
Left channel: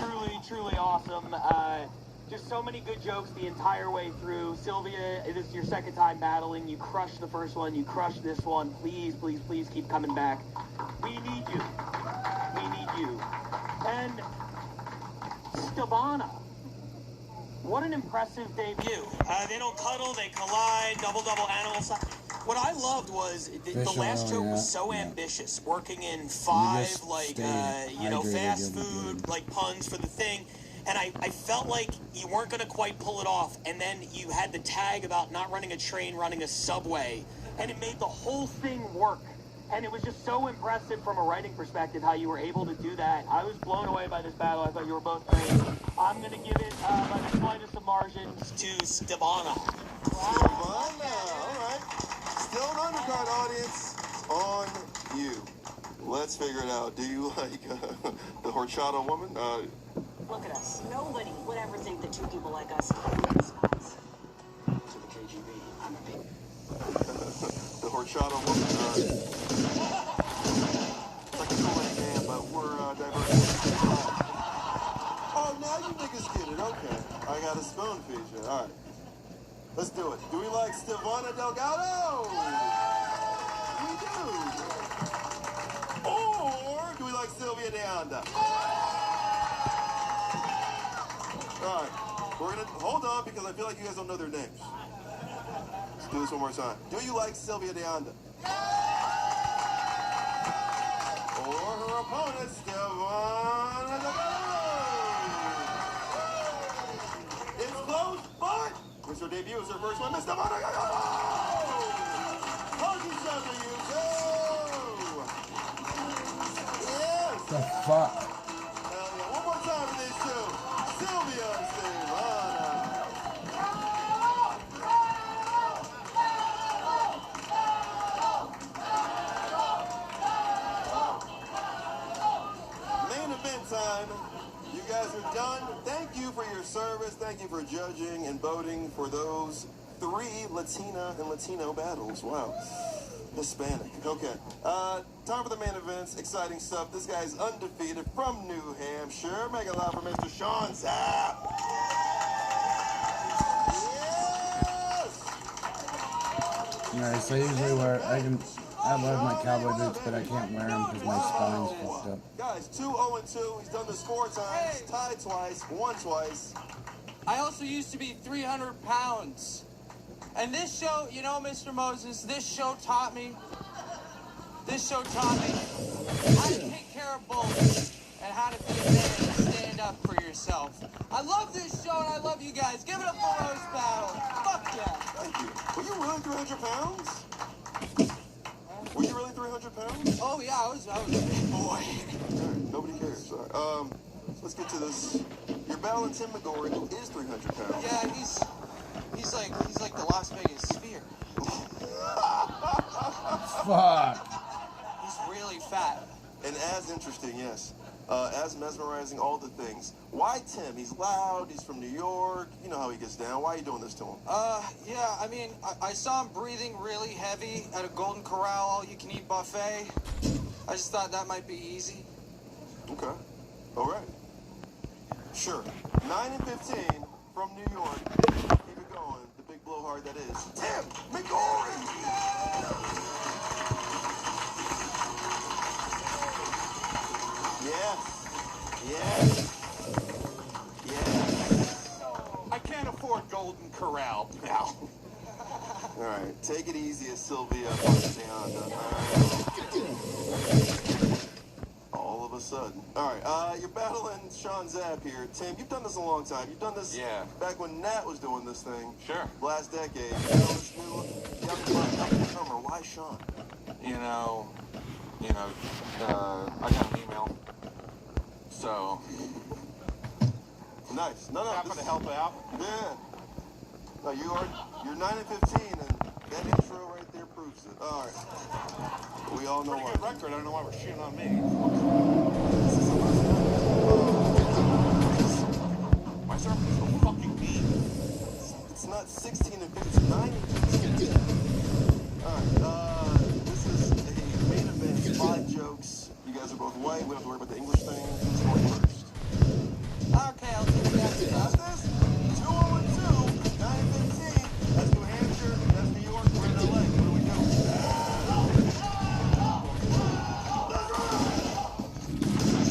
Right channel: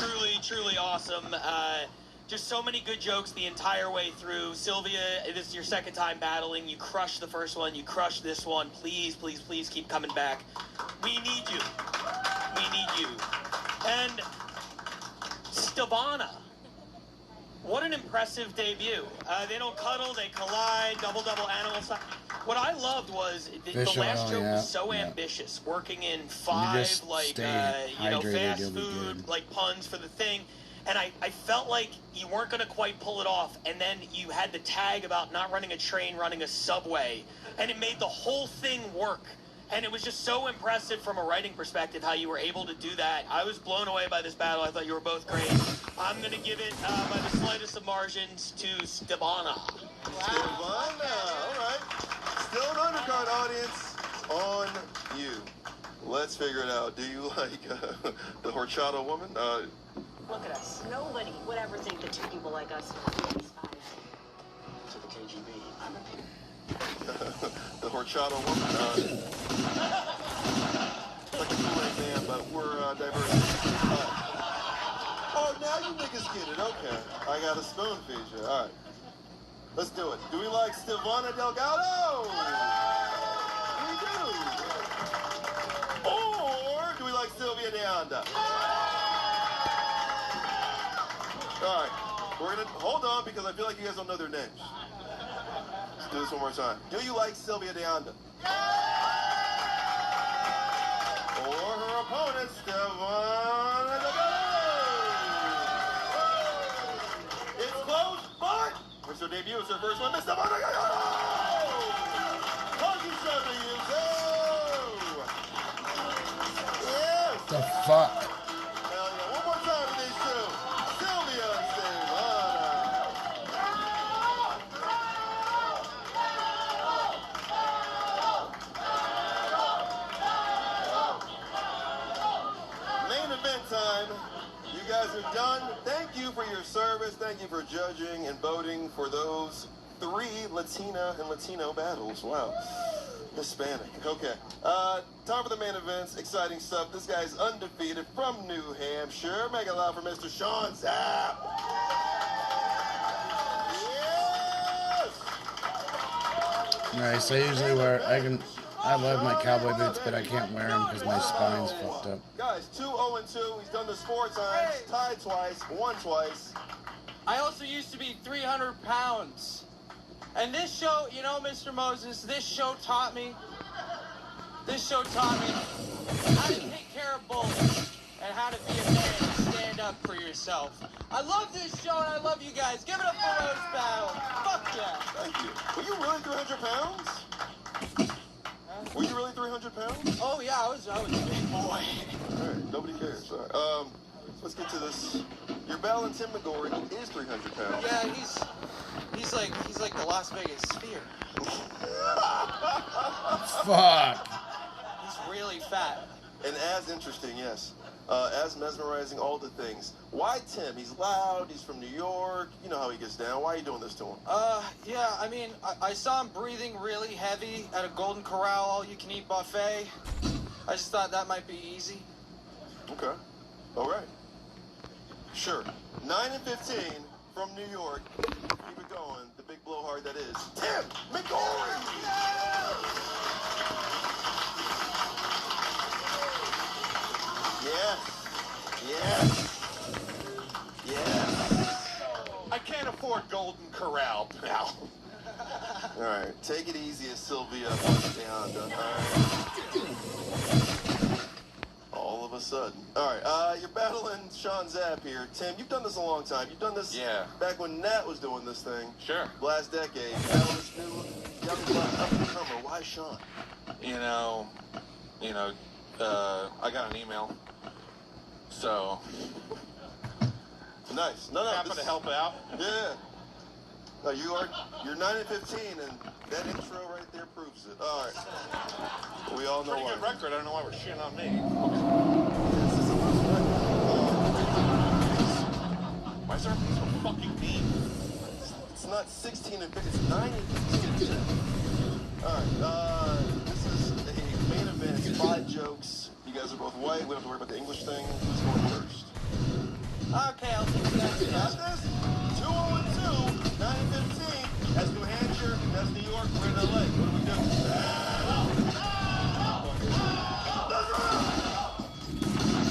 truly, truly awesome. Just so many good jokes the entire way through. Sylvia, this is your second time battling. You crushed the first one. You crushed this one. Please, please, please keep coming back. We need you. We need you. And Stevonia. What an impressive debut. They don't cuddle, they collide, double animal size. What I loved was the last joke was so ambitious, working in 5 like fast food like puns for the thing, and I felt like you weren't gonna quite pull it off, and then you had the tag about not running a train, running a subway, and it made the whole thing work. And it was just so impressive from a writing perspective how you were able to do that. I was blown away by this battle. I thought you were both great. I'm going to give it by the slightest of margins to Stevana. Stevana, all right. Still an undercard, audience. On you. Let's figure it out. Do you like the horchata woman? Look at us. Nobody would ever think that 2 people like us would be spies. To the KGB, I'm a pig. The horchata woman. But we're diverse. Oh, now you niggas get it. Okay. I got a spoon feed you. All right. Let's do it. Do we like Stevana Delgado? We do. Or do we like Sylvia Deonda? All right. We're going to hold on because I feel like you guys don't know their names. Let's do this one more time. Do you like Sylvia Deonda? Or her opponent, Stevana Delgado? It's close, but it's her debut. It's her first one. Miss Stevana Delgado! Hugging shot to you, too! Yes! The fuck? Hell yeah. One more time for these two. Sylvia and Stevana. Main event time. You guys are done. Thank you for your service. Thank you for judging and voting for those 3 Latina and Latino battles. Wow. Hispanic. Okay. Time for the main events. Exciting stuff. This guy's undefeated from New Hampshire. Make it loud for Mr. Sean Zapp. Yes! Nice. I usually wear. I love my cowboy boots, but I can't wear them because my spine's fucked up. Guys, 2-0-2. He's done this 4 times. Tied twice. Won twice. I also used to be 300 pounds. And this show, you know, Mr. Moses, this show taught me how to take care of bulls and how to be a man and stand up for yourself. I love this show and I love you guys. Give it up for Roast Battle. Fuck yeah. Thank you. Were you really 300 pounds? Were you really 300 pounds? Oh yeah, I was a big boy. All right, nobody cares. All right. Let's get to this. You're battling Tim McGorry, who is 300 pounds. Yeah, he's like the Las Vegas Sphere. Fuck. He's really fat. And as interesting, yes. As mesmerizing, all the things. Why Tim? He's loud, he's from New York, you know how he gets down. Why are you doing this to him? Yeah, I mean, I saw him breathing really heavy at a Golden Corral all-you-can-eat buffet. I just thought that might be easy. Okay. All right. Sure. 9-15 from New York. Keep it going. The big blowhard that is Tim McGorry! Yes. Yes. Yes. I can't afford Golden Corral, pal. All right. Take it easy as Sylvia all of a sudden. All right. You're battling Sean Zapp here. Tim, you've done this a long time. You've done this back when Nat was doing this thing. Sure. Last decade. Now it's new. Up-and-comer. Why Sean? I got an email. So. Nice. No. Happen to help out. Yeah. No, you're 9-15, and that intro right there proves it. All right. We all know Pretty why. good record. I don't know why we're shitting on me. My service is so fucking mean. It's not 16-15. It's 9-15. All right. This is a main event. 5 jokes. You guys are both white. We don't have to worry about the English thing. Who's going first? Okay, I'll take that. Got this? 2-0-2. 9-15. That's New Hampshire. That's New York. We're in LA. What do we do?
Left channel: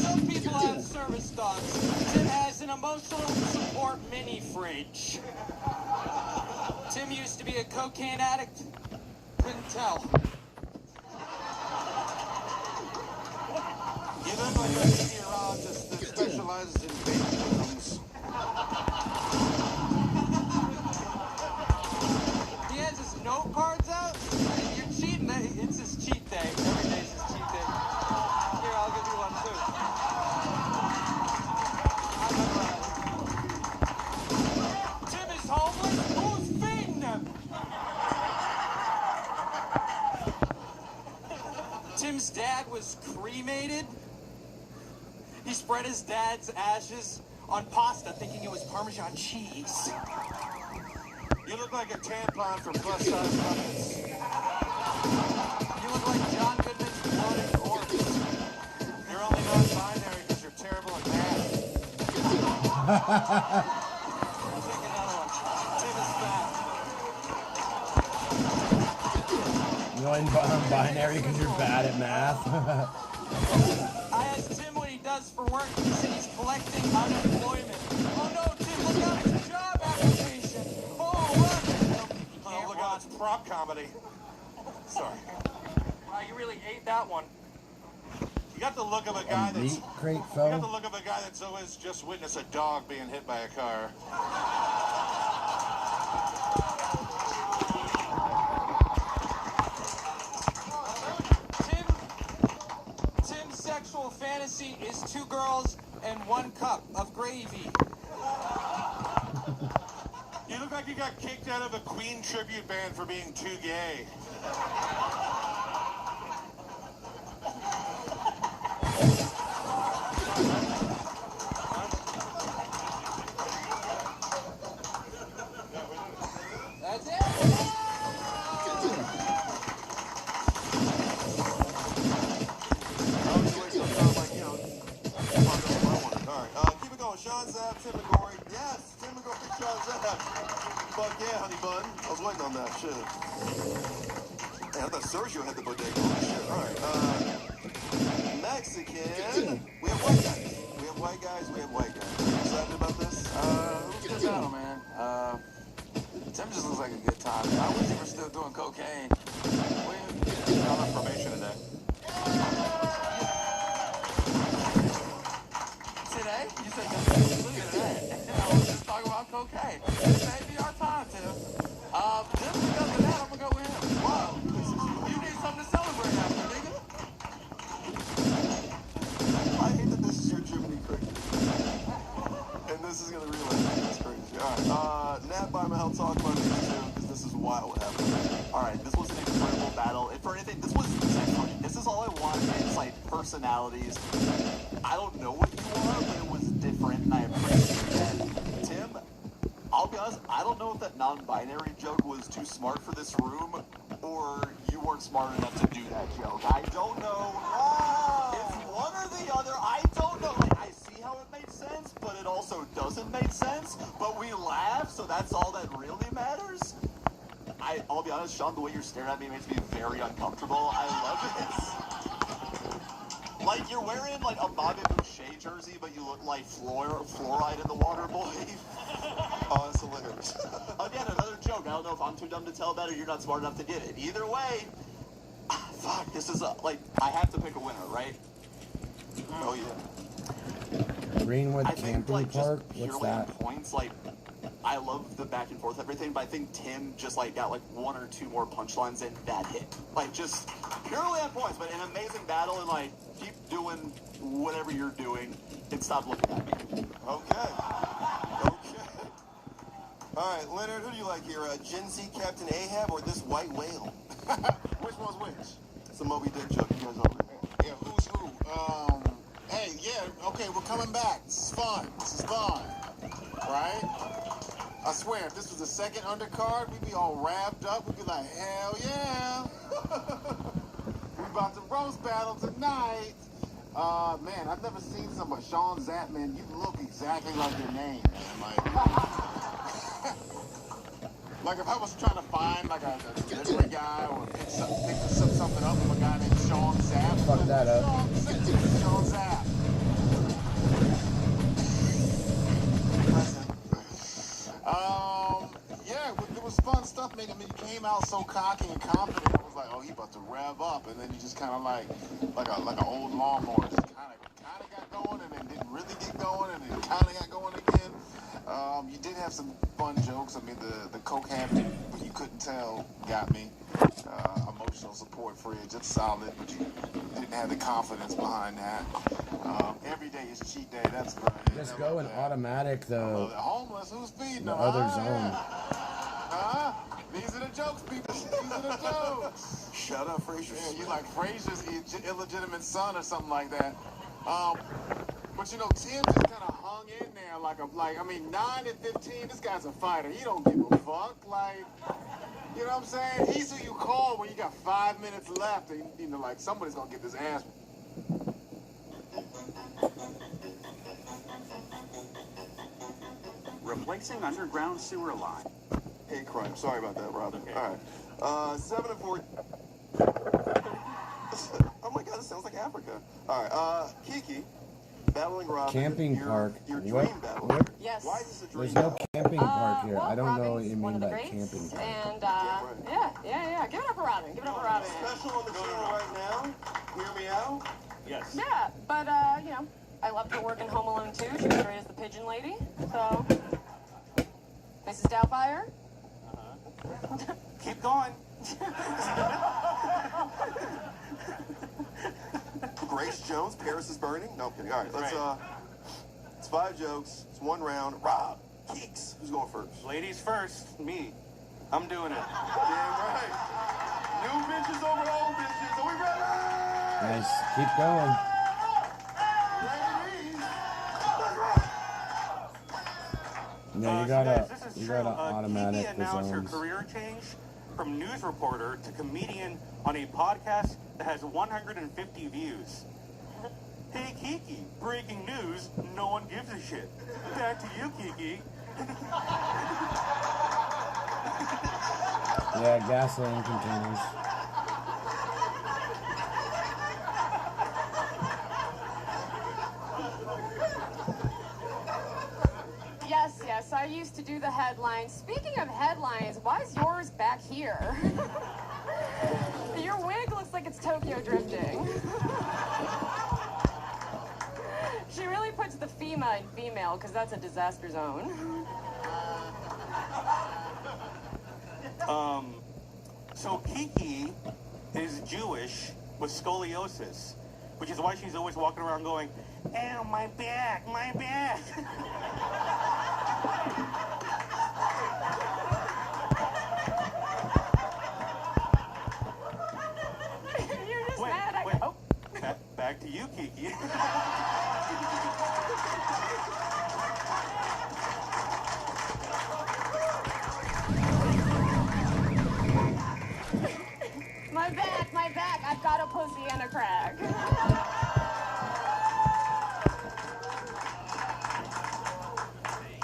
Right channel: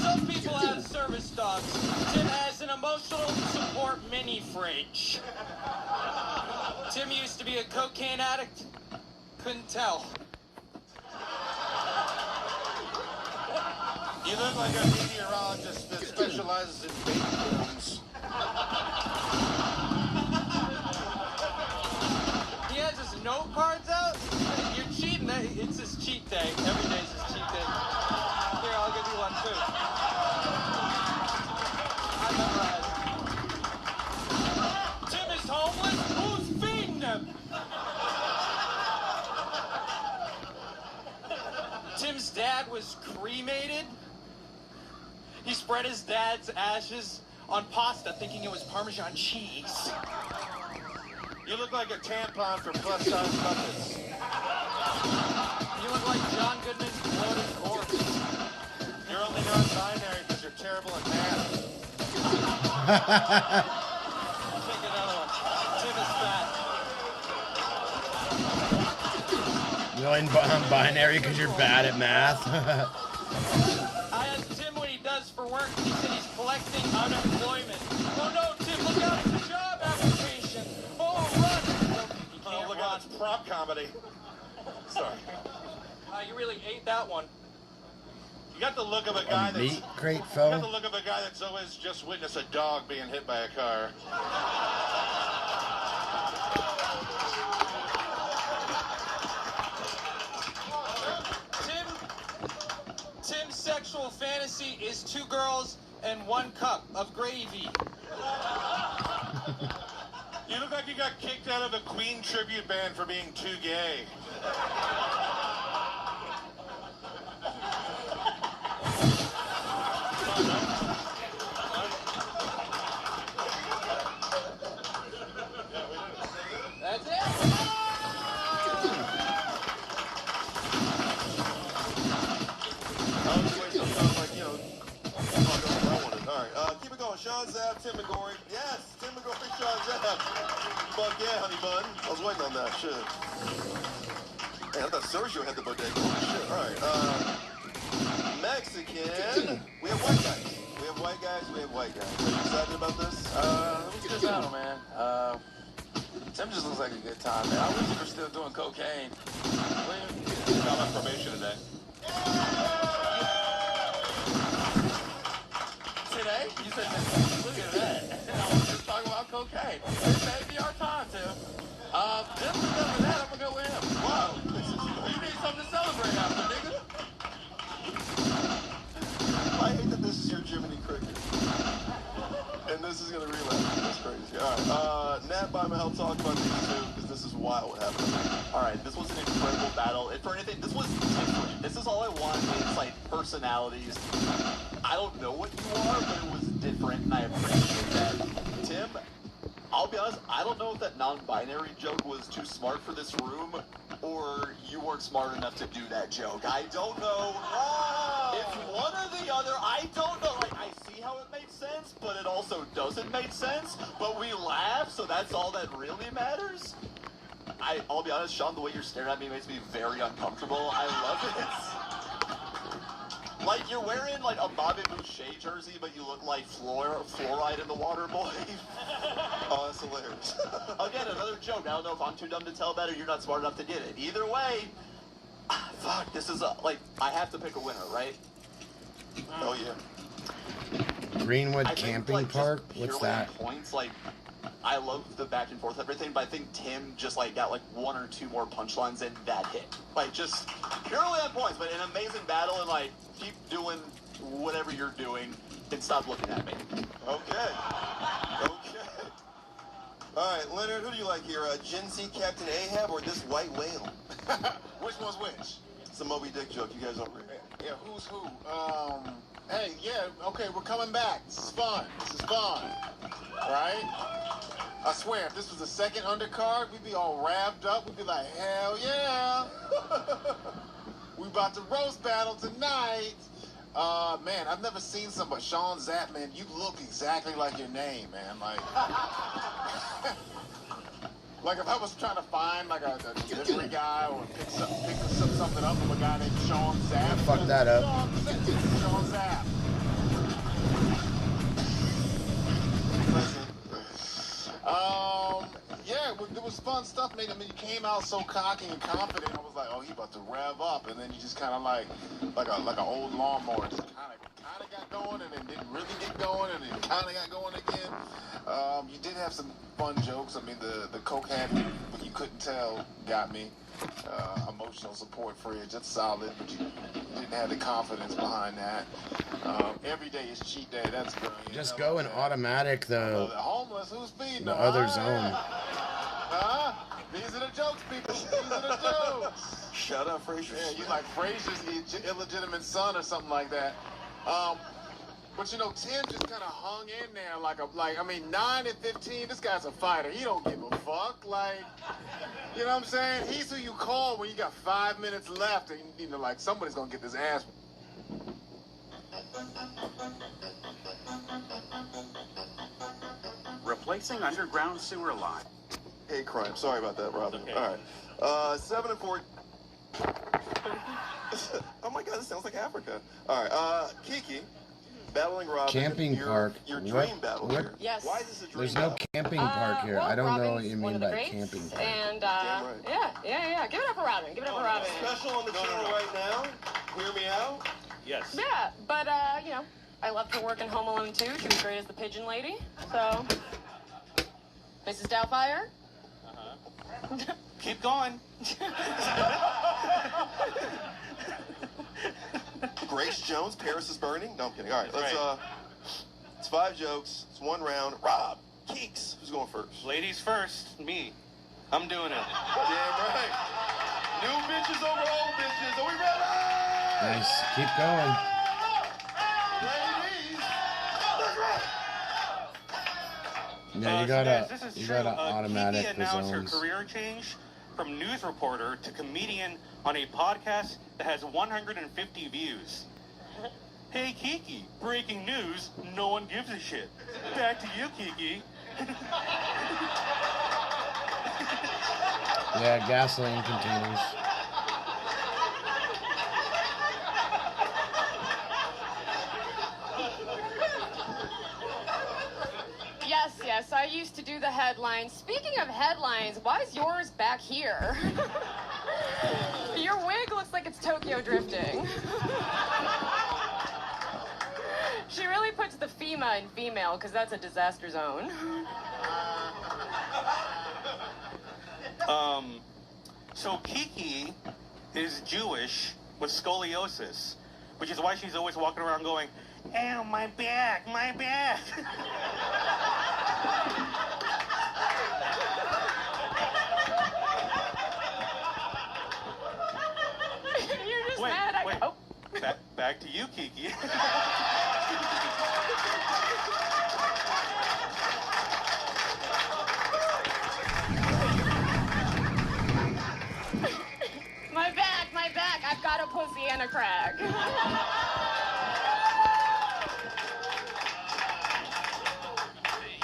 Some people have service dogs. Tim has an emotional support mini fridge. Tim used to be a cocaine addict. Couldn't tell. You look like a meteorologist that specializes in baby booms. He has his note cards out, and you're cheating. It's his cheat day. Every day's his cheat day. Here, I'll give you one too. Tim is homeless. Who's feeding him? Tim's dad was cremated. He spread his dad's ashes on pasta, thinking it was Parmesan cheese. You look like a tampon for plus size buckets. You look like John Goodman's floating corpse. You're only non-binary because you're terrible at math. Take another one. Tim is fat. You're non-binary because you're bad at math. I asked Tim what he does for work. He said he's collecting unemployment. Oh no, Tim, look out! It's a job application. Oh, run! Oh, look out! It's prop comedy. Sorry. You really ate that one. You got the look of a guy that's. Meat crate You got the fell. look of a guy that's always just witnessed a dog being hit by a car. Tim's sexual fantasy is 2 girls and 1 cup of gravy. You look like you got kicked out of a Queen tribute band for being too gay. That's it. Alright, keep it going. Sean Zapp, Tim McGorry. Yes, Tim McGorry, Sean Zapp. Fuck yeah, honey bun. I was waiting on that shit. Man, I thought Sergio had the bodega. Shit, alright. Mexican. We have white guys. We have white guys. We have white guys. Are you excited about this? It was a good battle, man. Tim just looks like a good time, man. I wish he were still doing cocaine. I'm on probation today. Today? You said look at that. I was just talking about cocaine. This may be our time, Tim. Tim, because of that, I'm gonna go with him. Wow. You need something to celebrate after, nigga. I hate that this is your Jiminy Cricket. And this is gonna relapse. That's crazy. Alright, Nat Bima, I'll talk about this too, because this is wild what happened. Alright, this was an incredible battle. If for anything, this was different. This is all I wanted. It's like personalities. I don't know what you are, but it was different, and I appreciate that. Tim, I'll be honest, I don't know if that non-binary joke was too smart for this room, or you weren't smart enough to do that joke. I don't know. If one or the other, I don't know. Like, I see how it made sense, but it also doesn't make sense. But we laugh, so that's all that really matters. I'll be honest, Sean, the way you're staring at me makes me very uncomfortable. I love it. Like, you're wearing, like, a Bobby Boucher jersey, but you look like fluoride in the water, boy. Oh, that's hilarious. Again, another joke. I don't know if I'm too dumb to tell that or you're not smart enough to get it. Either way, fuck, this is, like, I have to pick a winner, right? Oh, yeah. Greenwood I think, Camping like, just Park? What's purely that? on points, like, I love the back and forth everything, but I think Tim just, like, got, like, 1 or 2 more punchlines and that hit. Like, just purely on points, but an amazing battle, and, like, keep doing whatever you're doing and stop looking at me. Okay. All right, Leonard, who do you like here? Gen Z Captain Ahab or this white whale? Which one's which? It's a Moby Dick joke. You guys don't agree? Yeah, who's who? Hey, yeah, okay, we're coming back. This is fun. Right? I swear, if this was the second undercard, we'd be all wrapped up. We'd be like, hell yeah. We about to roast battle tonight. Man, I've never seen somebody. Sean Zapp, man, you look exactly like your name, man. Like if I was trying to find like a delivery guy or pick something up from a guy named Sean Zapp. Fuck that up. Sean Zapp. Yeah, there was fun stuff. mean, you came out so cocky and confident. I was like, oh, he about to rev up, and then you just kind of like an old lawnmower, just kind of got going, and then didn't really get going, and then kind of got going again. You did have some fun jokes. I mean, the coke habit, but you couldn't tell, got me. Emotional support for you, just solid, but you didn't have the confidence behind that. Every day is cheat day. That's brilliant. Just go in automatic, though. The homeless, who's feeding The them? other zone. These are the jokes, people. These are the jokes. Shut up, Frazier. Yeah, you like Frazier's illegitimate son or something like that. But you know, Tim just kind of hung in there like 9 and 15. This guy's a fighter. He don't give a fuck. Like, you know what I'm saying? He's who you call when you got 5 minutes left, and you know, like somebody's gonna get this ass. Replacing underground sewer line. Hate crime. Sorry about that, Robin. Okay. All right. 7 and 4. Oh my God, this sounds like Africa. All right. Kiki, battling Robin. Camping park. Your dream battle. What? Yes. Why is this a dream There's battle? no camping park here. well, I don't know what Robin's you one mean of the by greats, camping park. And yeah. Give it up for Robin. Give it up for Robin. Special on the channel right now. Hear me out. Yes. Yeah, but you know, I loved her work in Home Alone 2. She was great as the pigeon lady. So, Mrs. Doubtfire. Keep going. Grace Jones, Paris is Burning. No, I'm kidding. All right, let's it's 5 jokes. It's 1 round. Rob, Keeks, who's going first? Ladies first. Me. I'm doing it. Damn right. New bitches over old bitches. Are we ready? Nice. Keep going. Yeah, you gotta automatic Kiki the announced her zones. career change from news reporter to comedian on a podcast that has 150 views. Hey Kiki, breaking news, no one gives a shit. Back to you, Kiki. Yeah, gasoline containers. Yes, I used to do the headlines. Speaking of headlines, why is yours back here? Your wig looks like it's Tokyo drifting. She really puts the FEMA in female, because that's a disaster zone. So Kiki is Jewish with scoliosis, which is why she's always walking around going, "Ow, my back, my back." You're just mad. Oh. Back to you, Kiki. My back. I've got a pussy and a crack.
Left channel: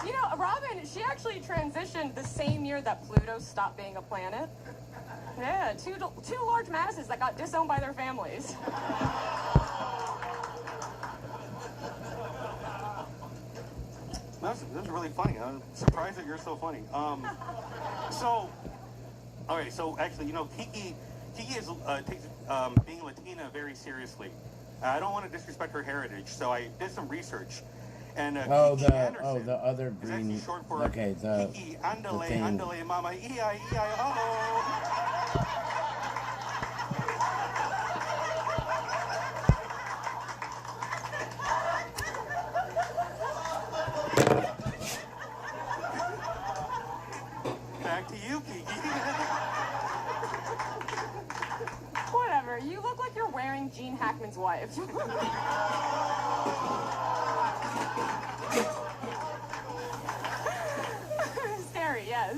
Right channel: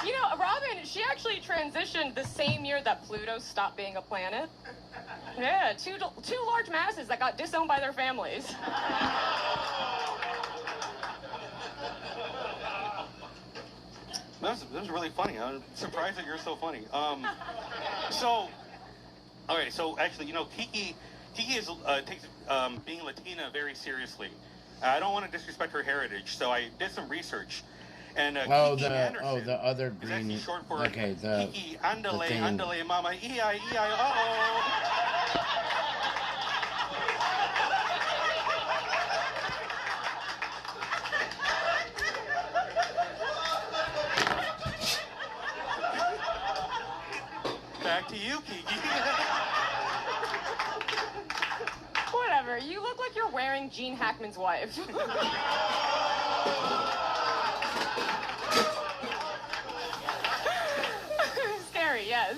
You know, Robin, she actually transitioned the same year that Pluto stopped being a planet. Yeah, two large masses that got disowned by their families. That was really funny. I'm surprised that you're so funny. So actually, you know, Kiki is takes being Latina very seriously. I don't want to disrespect her heritage, so I did some research. And Kiki Anderson the other green. is short for Okay, the Kiki Andale thing. Andale Mama E-I-E-I-O. Back to you, Kiki. Whatever, you look like you're wearing Gene Hackman's wife. Scary, yes.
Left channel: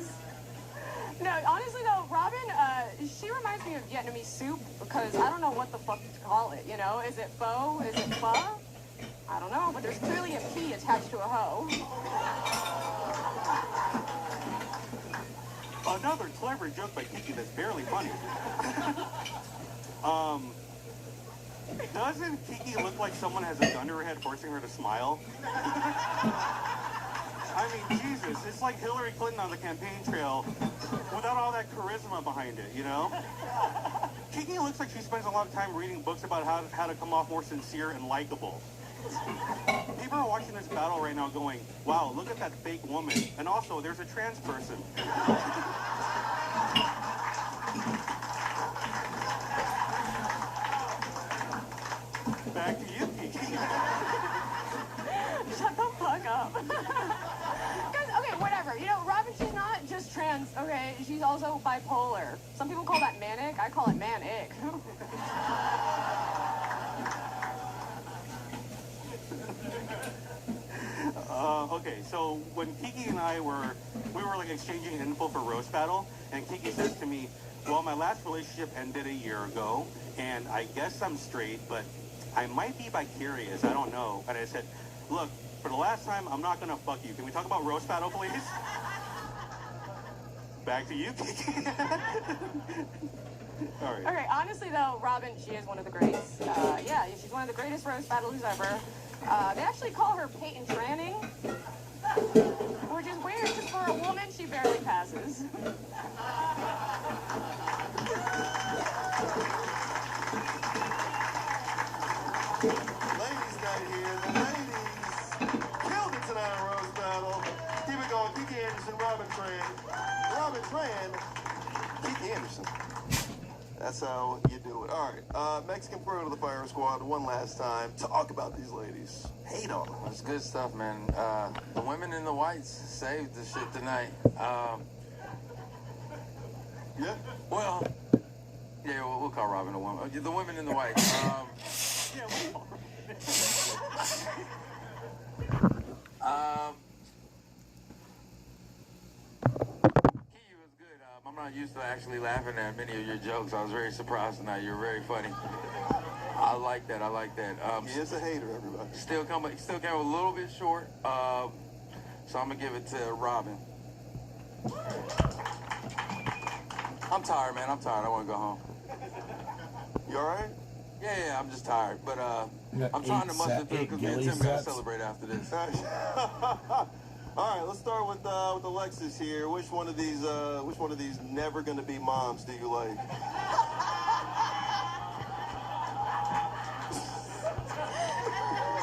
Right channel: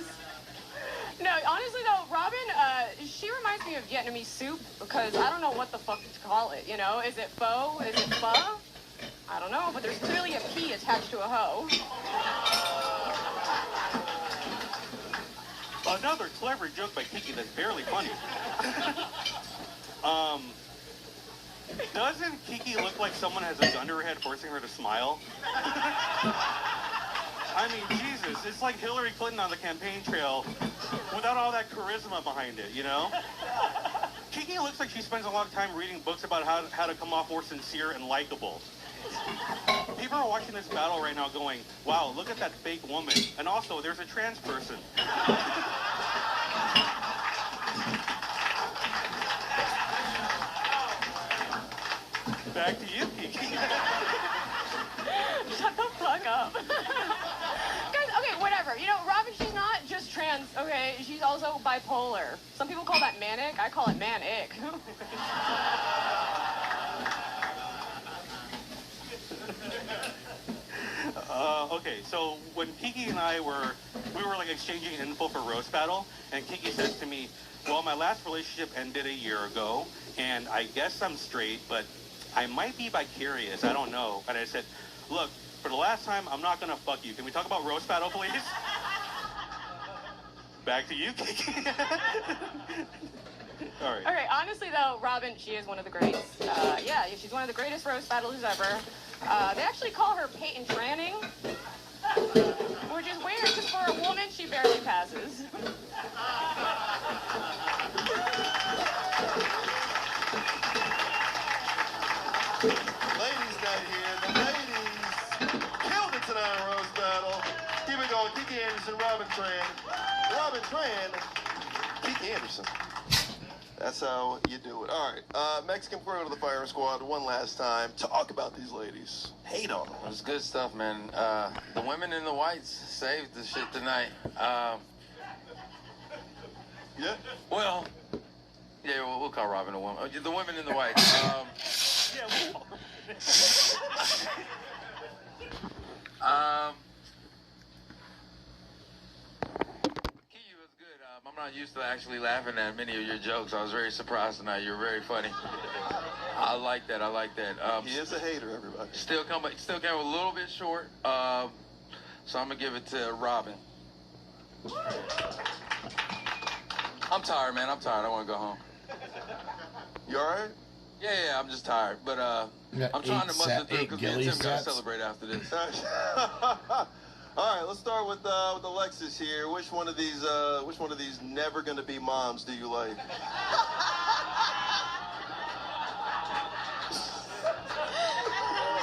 No, honestly though, Robin, she reminds me of Vietnamese soup because I don't know what the fuck to call it, you know? Is it pho? Is it pho? I don't know, but there's clearly a P attached to a hoe. Another clever joke by Kiki that's barely funny. Doesn't Kiki look like someone has a gun to her head forcing her to smile? I mean, Jesus, it's like Hillary Clinton on the campaign trail without all that charisma behind it, you know? Kiki looks like she spends a lot of time reading books about how to come off more sincere and likable. People are watching this battle right now going, wow, look at that fake woman. And also, there's a trans person. Back to you, Kiki. Shut the fuck up. Guys, okay, whatever. You know, Robin, she's not just trans, okay? She's also bipolar. Some people call that manic. I call it manic. Okay, so when Kiki and I were like exchanging info for Roast Battle, and Kiki says to me, well, my last relationship ended a year ago, and I guess I'm straight, but I might be vicarious, I don't know. And I said, look, for the last time, I'm not gonna fuck you. Can we talk about Roast Battle, please? Back to you, Kiki. All right. Okay, honestly, though, Robin, she is one of the greats. Yeah, she's one of the greatest roast battlers ever. They actually call her Peyton Tranning, which is weird, because for a woman, she barely passes. Ladies night here. The ladies killed it tonight in Roast Battle. Keep it going. Kiki Anderson, Robin Tran. Robin Tran, Kiki Anderson. That's how you do it. All right. Mexican Pro to the Fire Squad one last time. Talk about these ladies. Hate on them. It's good stuff, man. The women in the whites saved the shit tonight. Yeah? Well, yeah, we'll call Robin a woman. The women in the whites. I'm not used to actually laughing at many of your jokes. I was very surprised tonight. You're very funny. I like that. He is a hater, everybody. Still came a little bit short. So I'm gonna give it to Robin. I'm tired, man. I want to go home. You all right? Yeah. I'm just tired, but I'm trying to muster through because me and Tim gotta celebrate after this. All right, let's start with Alexis here. Which one of these never gonna be moms do you like?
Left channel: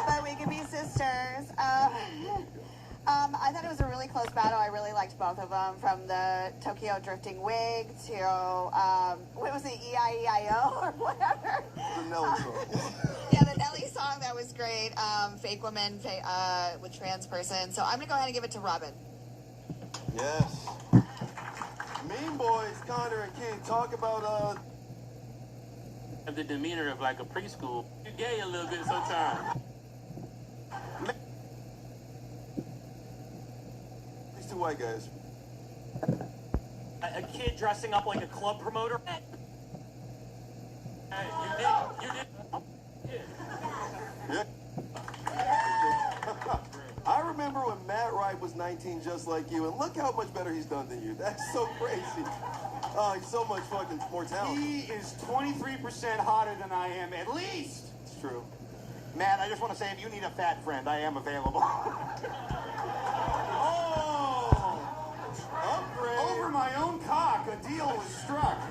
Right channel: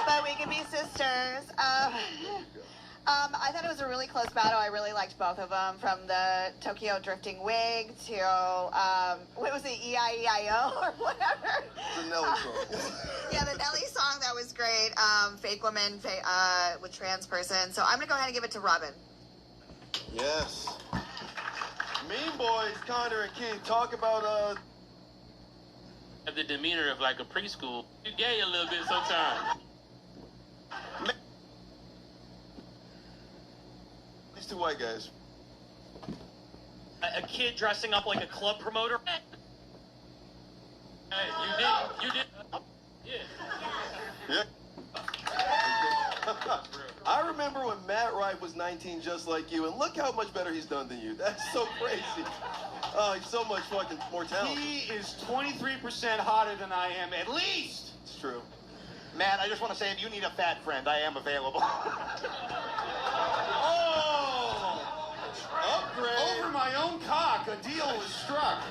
But we can be sisters. I thought it was a really close battle. I really liked both of them, from the Tokyo drifting wig to what was it, E-I-E-I-O or whatever. The Nelly song. Yeah, the Nelly song, that was great. Fake woman with trans person. So I'm gonna go ahead and give it to Robin. Yes. Mean Boys, Connor and Keith, talk about the demeanor of like a preschool. You gay a little bit sometimes. These two white guys. A kid dressing up like a club promoter. Hey, you did. Yeah. I remember when Matt Wright was 19 just like you, and look how much better he's done than you. That's so crazy. Oh, he's so much fucking more talented. He is 23% hotter than I am, at least. It's true. Matt, I just want to say, if you need a fat friend, I am available. Oh! Upgrade! Over my own cock, a deal was struck.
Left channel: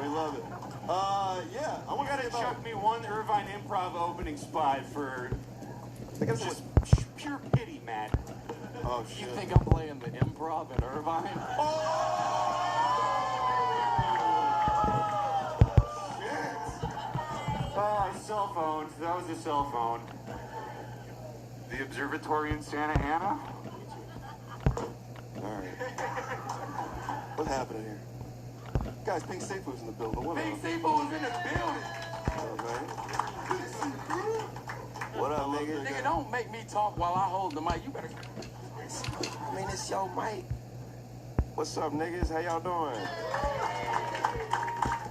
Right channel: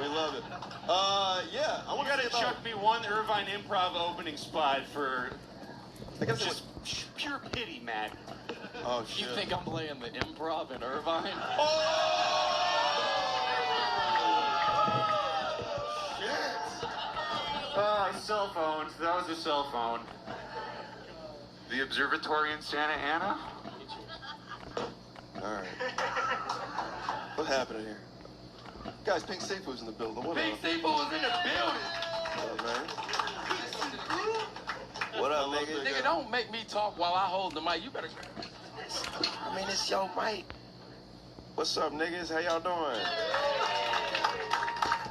We love it. Yeah. You gotta chuck me one Irvine Improv opening spot for just pure pity, Matt. Oh, shit. You think I'm playing the Improv in Irvine? Cell phones. That was a cell phone. The observatory in Santa Ana? All right. What happened here? Guys, Pink Seafood's in the building. What Pink up? Seafood's in the building. What up, nigga? Nigga, don't make me talk while I hold the mic. You better. I mean, it's your mic. What's up, niggas? How y'all doing?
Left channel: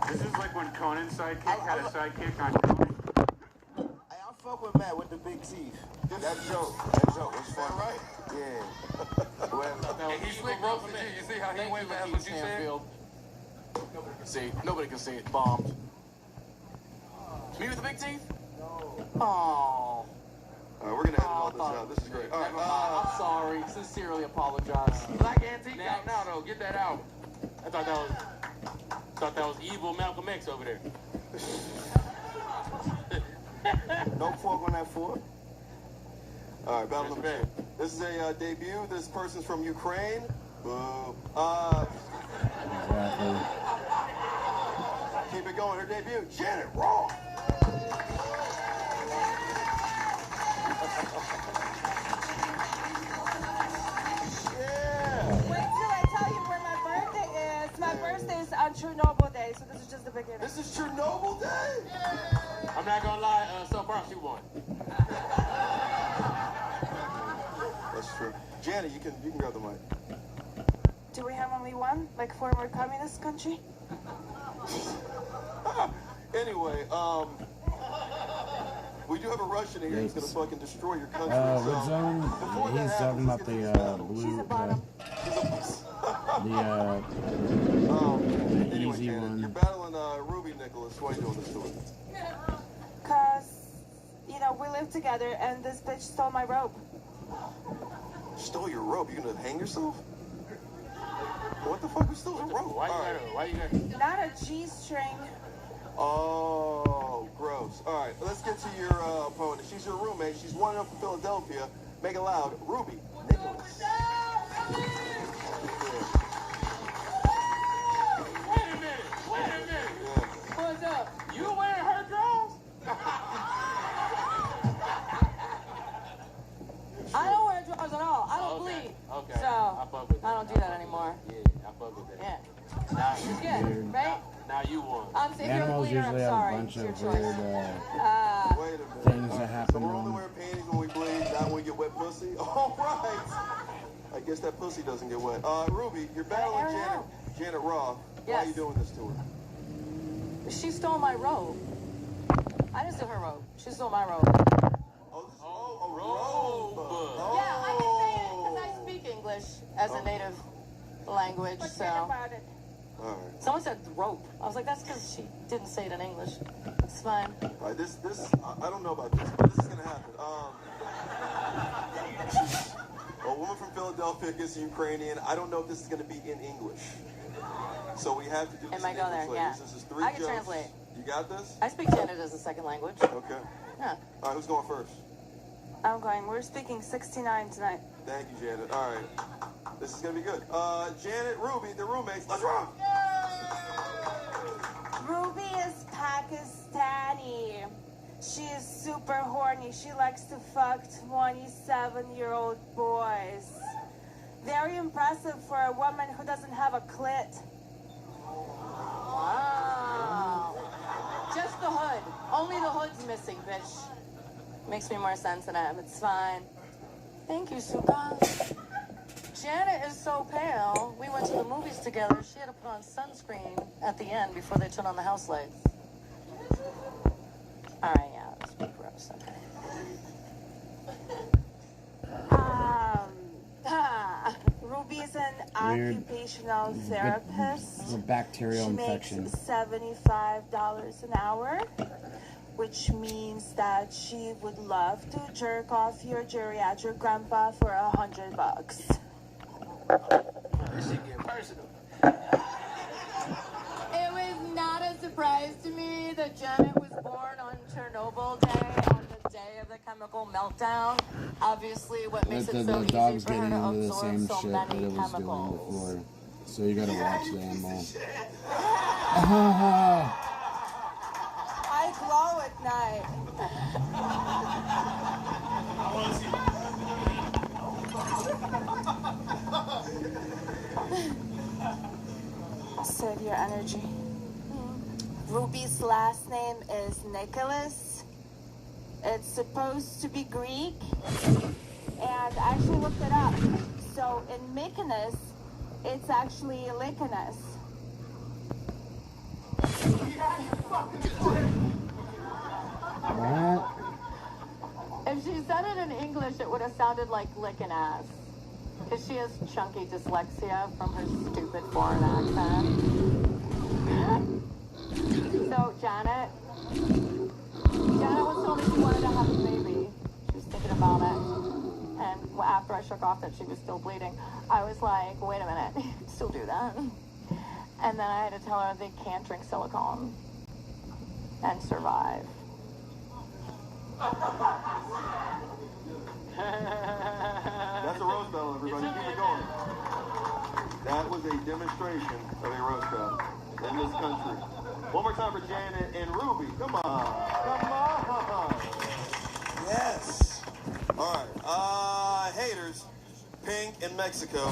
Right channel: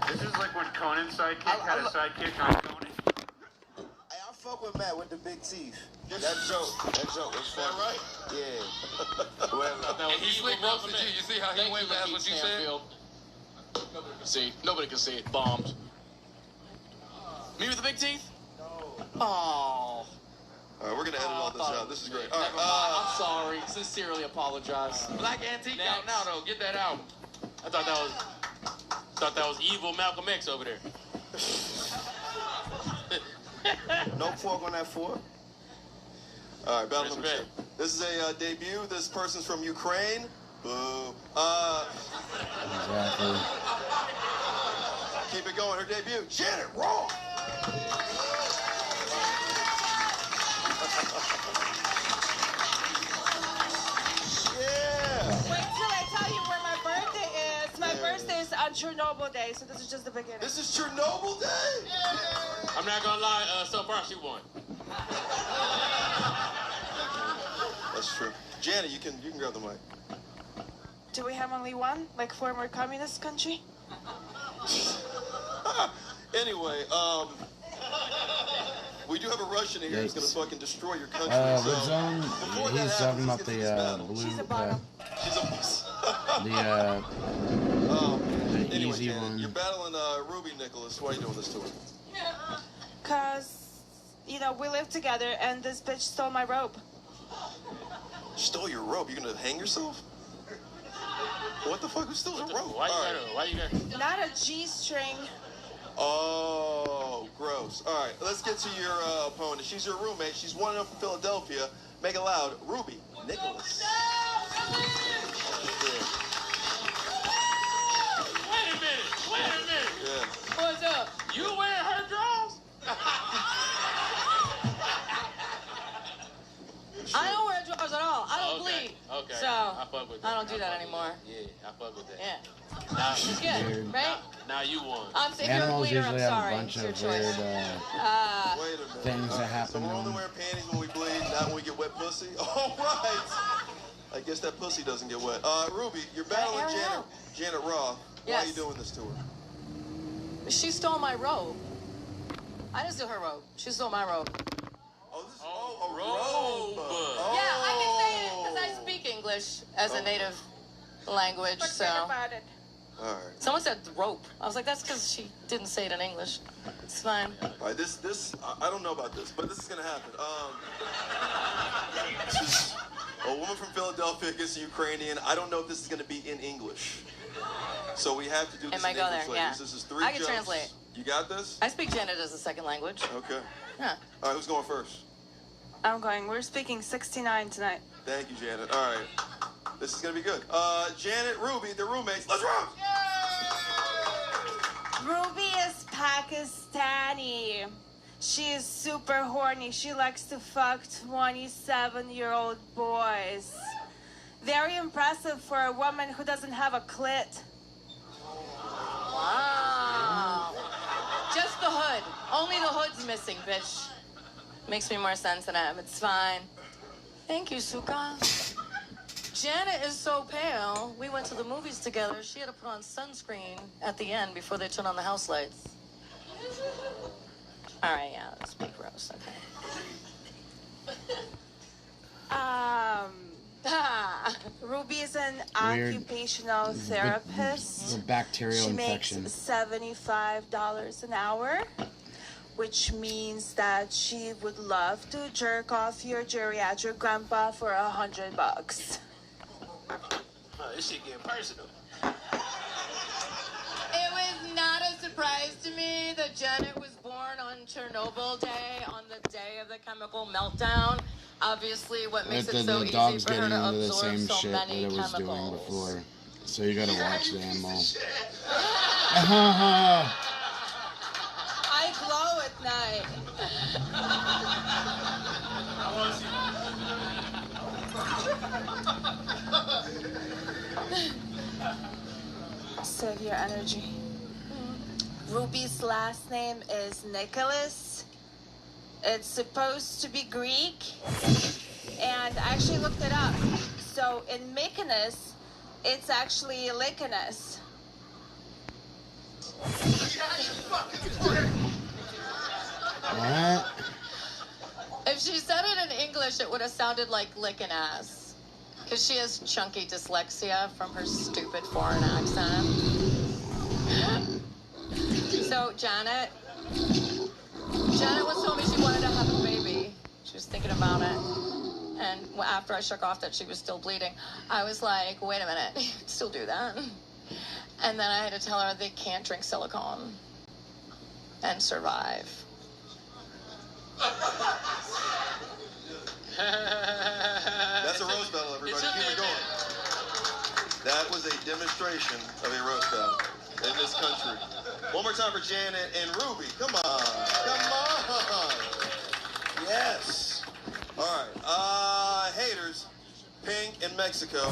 This is like when Conan's sidekick had a sidekick on Conan. I fuck with Matt with the big teeth. That joke was fun, right? Yeah. No, he slick roasted you. You see how he went past what you said? Nobody can see it. Bombed. Me with the big teeth? No. Oh. All right, we're gonna edit all this out. This is great. All right, I'm sorry. Sincerely apologize. Black Antique out now, though. Get that out. I thought that was evil Malcolm X over there. No fork on that fork. All right, battle number 2. This is a debut. This person's from Ukraine. Boo. Exactly. Keep it going. Her debut, Janet Raw. Wait till I tell you where my birthday is. My birthday is on Chernobyl Day, so this is just the beginning. This is Chernobyl Day? I'm not gonna lie, so far she won. That's true. Janet, you can grab the mic. Do we have only one? Like former communist country? Anyway, we do have a Russian here who's gonna fucking destroy your country. Red Zone, he's talking about the blue, the easy You're one. battling Ruby Nicholas. Why are you doing this to her? Cause, you know, we live together and this bitch stole my rope. Stole your rope? You gonna hang yourself? What the fuck? Who stole your rope? Why you got? Not a G-string. Oh, gross. All right, let's get to your opponent. She's your roommate. She's 1-0 from Philadelphia. Make it loud. Ruby Nicholas. Wait a minute. Yeah. What's up? You wearing her drawers? I don't wear drawers at all. I don't bleed. Okay. So, I fuck with that. I don't do that anymore. Yeah, I fuck with that. Yeah. Now, It's good, right? Now you won. If you're a Animals bleeder, usually I'm have a sorry. bunch It's of your weird choice. Wait a minute. things that happen So to we're only them. wearing panties when we bleed, not when we get wet pussy? All right. I guess that pussy doesn't get wet. Ruby, you're battling Janet Raw. Why are you doing this to her? She stole my robe. I didn't steal her robe. She stole my robe. A robe. Yeah, I can say it because I speak English as a native language. Forget about it. All right. Someone said rope. I was like, that's because she didn't say it in English. It's fine. All right, this, I don't know about this, but this is gonna happen. She's a woman from Philadelphia against a Ukrainian. I don't know if this is gonna be in English. So we have to do this It might in go English, there, yeah. ladies. This is 3 I can jokes. translate. You got this? I speak Janet as a second language. Okay. Yeah. All right, who's going first? I'm going. We're speaking 69 tonight. Thank you, Janet. All right. This is gonna be good. Janet, Ruby, the roommates. Let's rock! Ruby is Pakistani. She is super horny. She likes to fuck 27-year-old boys. Very impressive for a woman who doesn't have a clit. Wow. Just the hood. Only the hood's missing, bitch. Makes me more sensitive. It's fine. Thank you, Suka. Janet is so pale. We went to the movies together. She had to put on sunscreen at the end before they turned on the house lights. All right, yeah, let's be gross. Okay. Ruby is an Weird. occupational therapist. A bacterial She infection. makes $75 an hour, which means that she would love to jerk off your geriatric grandpa for $100. This shit getting personal. It was not a surprise to me that Janet was born on Chernobyl Day, on the day of the chemical meltdown. Obviously, what makes it so The easy dog's for her getting to into the absorb same so shit that many it was doing chemicals. before. So you gotta watch the animal. I glow at night. Save your energy. Ruby's last name is Nicholas. It's supposed to be Greek, and I actually looked it up. So in Mykonos, it's actually Lycanos. What? If she said it in English, it would have sounded like licking ass. Because she has chunky dyslexia from her stupid foreign accent. So, Janet was telling me she wanted to have a baby. She was thinking of after I shook off that she was still bleeding, I was like, wait a minute, still do that? And then I had to tell her they can't drink silicone and survive. That's a roast battle, everybody. Keep it going. That was a demonstration of a roast battle in this country. One more time for Janet and Ruby. Come on. Come on. Yes. All right. Haters. Pink in Mexico.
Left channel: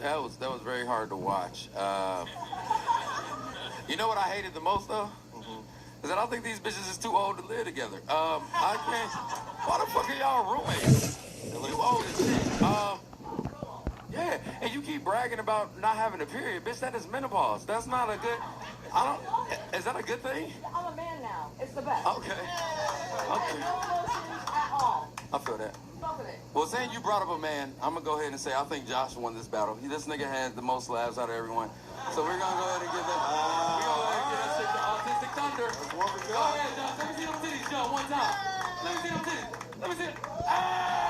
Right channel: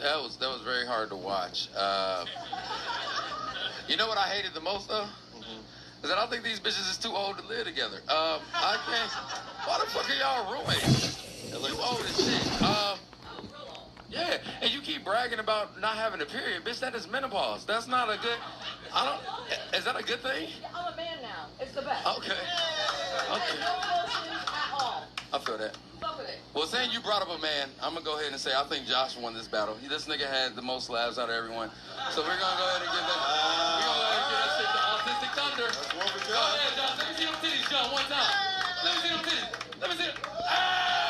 That was very hard to watch. You know what I hated the most though? Is that I think these bitches is too old to live together. I can't. Why the fuck are y'all roommates? You old as shit. Yeah, and you keep bragging about not having a period, bitch. That is menopause. That's not a good. Is that a good thing? I'm a man now. It's the best. Okay. Okay. No emotions at all. I feel that. Fuck with it. Well, saying you brought up a man, I'm gonna go ahead and say I think Josh won this battle. This nigga had the most laughs out of everyone. So we're gonna go ahead and give that. We're gonna go ahead and give that shit to Autistic Thunder. That's one for Go Josh. ahead, Josh. Let me see them titties, John, one time. Let me see them titties. Let me see them. Hey!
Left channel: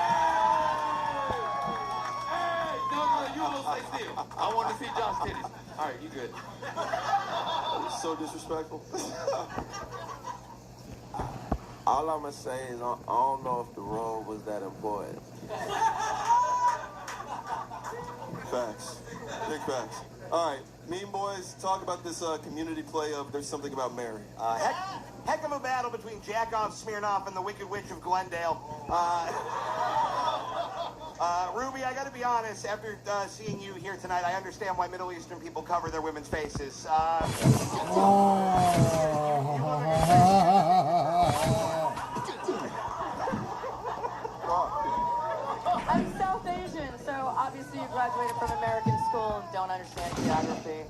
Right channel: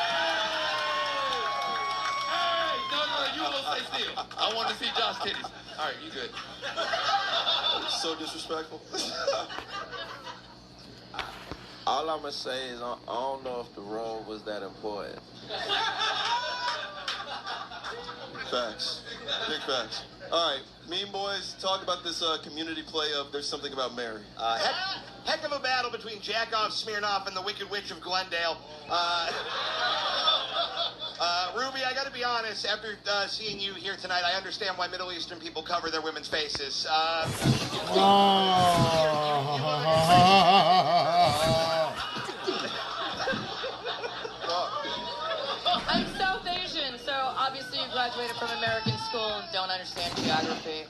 No, you almost stay still. I want to see Josh titties. All right, you good. So disrespectful. All I'm gonna say is I don't know if the room was that important. Facts. Big facts. All right, Mean Boys, talk about this community play of There's Something About Mary. Heck of a battle between Jackoff Smirnoff and the Wicked Witch of Glendale. Ruby, I gotta be honest, after seeing you here tonight, I understand why Middle Eastern people cover their women's faces. I'm South Asian, so obviously you graduated from American school and don't understand geography.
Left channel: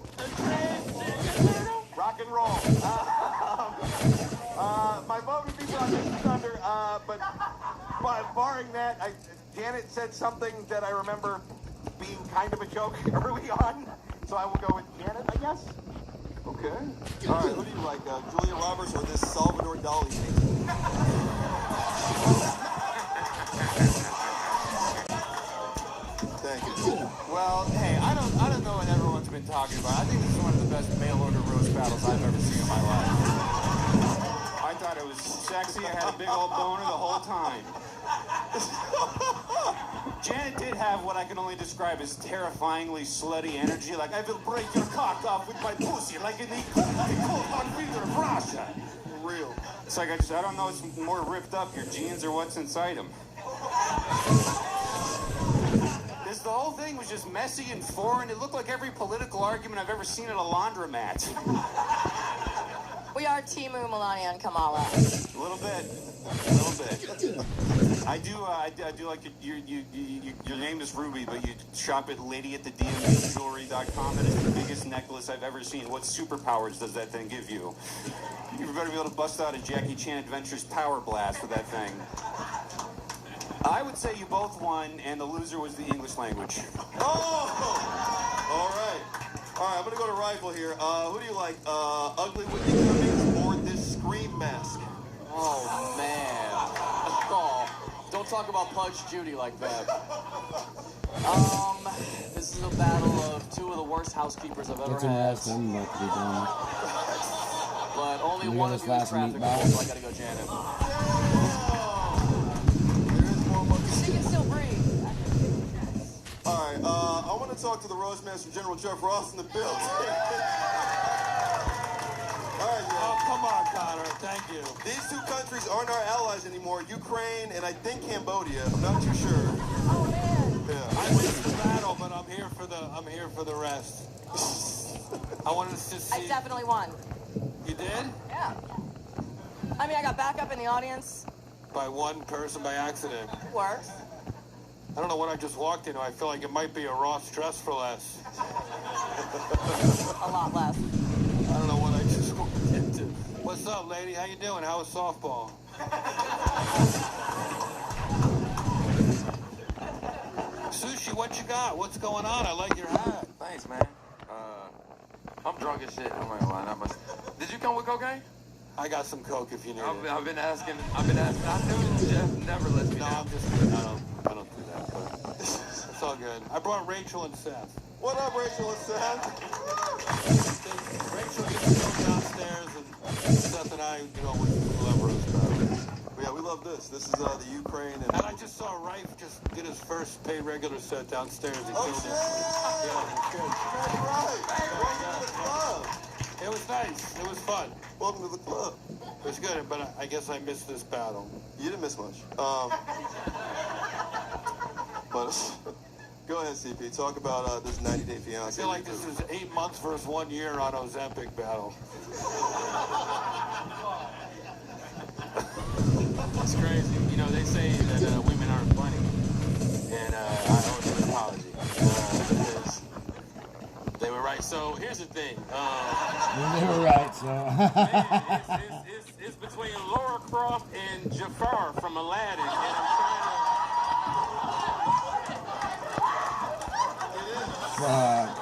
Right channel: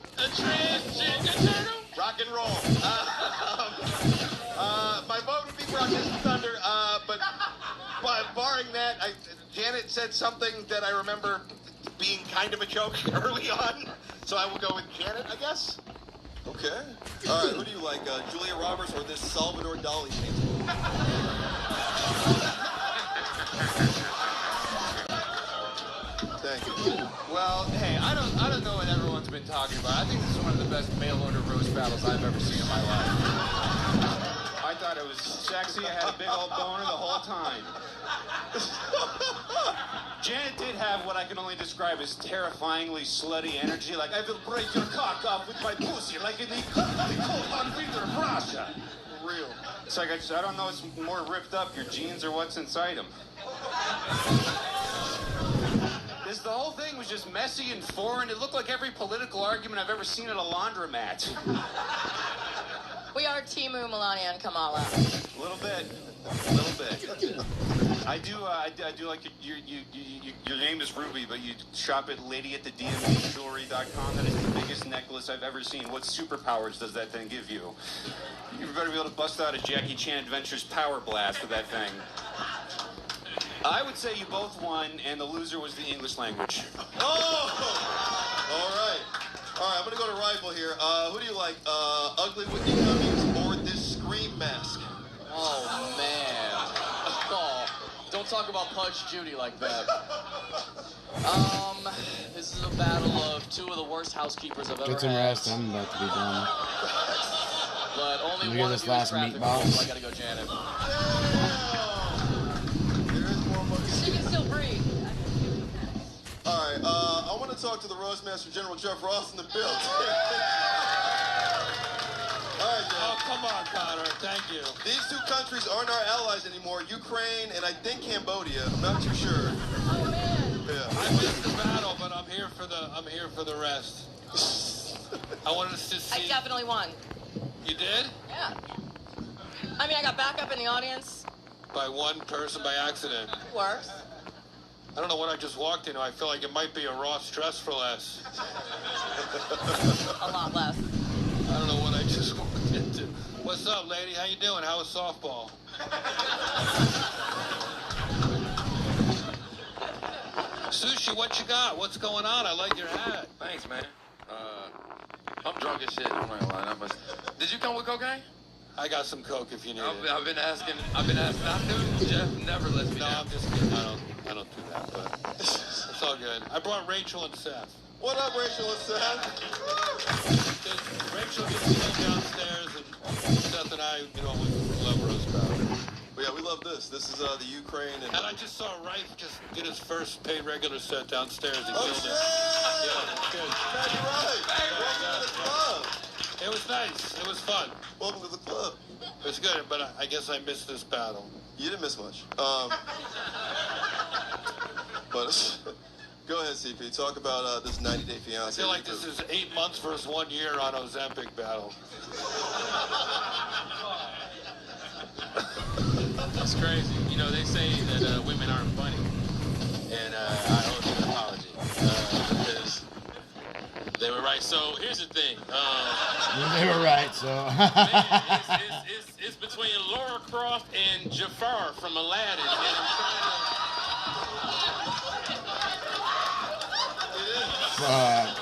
Rock and roll. My vote would be for Autistic Thunder, but barring that, Janet said something that I remember being kind of a joke early on, so I will go with Janet, I guess. Okay. All right, who do you like, Julia Roberts or this Salvador Dali? Thank you. Well, hey, I don't know what everyone's been talking about. I think this is one of the best mail-order roast battles I've ever seen in my life. I thought it was sexy. I had a big old boner the whole time. Janet did have what I can only describe as terrifyingly slutty energy. Like, I will break your cock off with my pussy, like in the cold theater of Russia. Real. It's like, I don't know what's more ripped up, your jeans or what's inside them. The whole thing was just messy and foreign. It looked like every political argument I've ever seen at a laundromat. We are Timu, Melania, and Kamala. A little bit. I do like your name is Ruby, but you shop at ladyatthedmjewelry.com. That is the biggest necklace I've ever seen. What superpowers does that thing give you? You better be able to bust out a Jackie Chan Adventures Power Blast with that thing. I would say you both won, and the loser was the English language. Oh! All right. All right, I'm going to go to rival here. Who do you like, Ugly Whitney Cummings or this Scream mask? Oh, man. Oh, don't talk about Pudge Judy like that. This is a battle of two of the worst housekeepers I've ever Get some had. rest. I'm about to be done. But only Look at one this of you is last graphic, meatball. so I gotta go Janet. She can still breathe. All right, I want to talk to the Roastmaster General Jeff Ross in the building. All right, man. Oh, come on, Connor. Thank you. These two countries aren't our allies anymore. Ukraine and I think Cambodia. I'm not too sure. Oh man. Yeah. I missed the battle, but I'm here for the rest. I wanted to see. I definitely won. You did? Yeah. I mean, I got backup in the audience. By one person by accident. Worse. I don't know what I just walked into. I feel like it might be a Ross Dress for Less. A lot less. I don't know what I just walked into. What's up, lady? How you doing? How was softball? Sushi, what you got? What's going on? I like your hat. Thanks, man. I'm drunk as shit. I'm not gonna lie. Did you come with cocaine? I got some Coke if you need it. I've been asking. I'm doing it, Jeff. Never let me No, down. I'm just kidding. I don't do that, but it's all good. I brought Rachel and Seth. What up, Rachel and Seth? Rachel gets to go downstairs, and Seth and I, we love roast battle. But yeah, we love this. This is the Ukraine. And I just saw Rife just get his first paid regular set downstairs. He Oh, killed shit! it. Yeah, it's good. That's right. Welcome to the club. It was nice. It was fun. Welcome to the club. It was good, but I guess I missed this battle. You didn't miss much. But go ahead, CP. Talk about this 90-day fiancé. I feel like this is 8 months versus 1 year on Ozempic battle. It's crazy. You know, they say that women aren't funny, and I owe them an apology because they were right. So here's the thing. They were right. So. It's between Laura Croft and Jafar from Aladdin, and I'm trying to.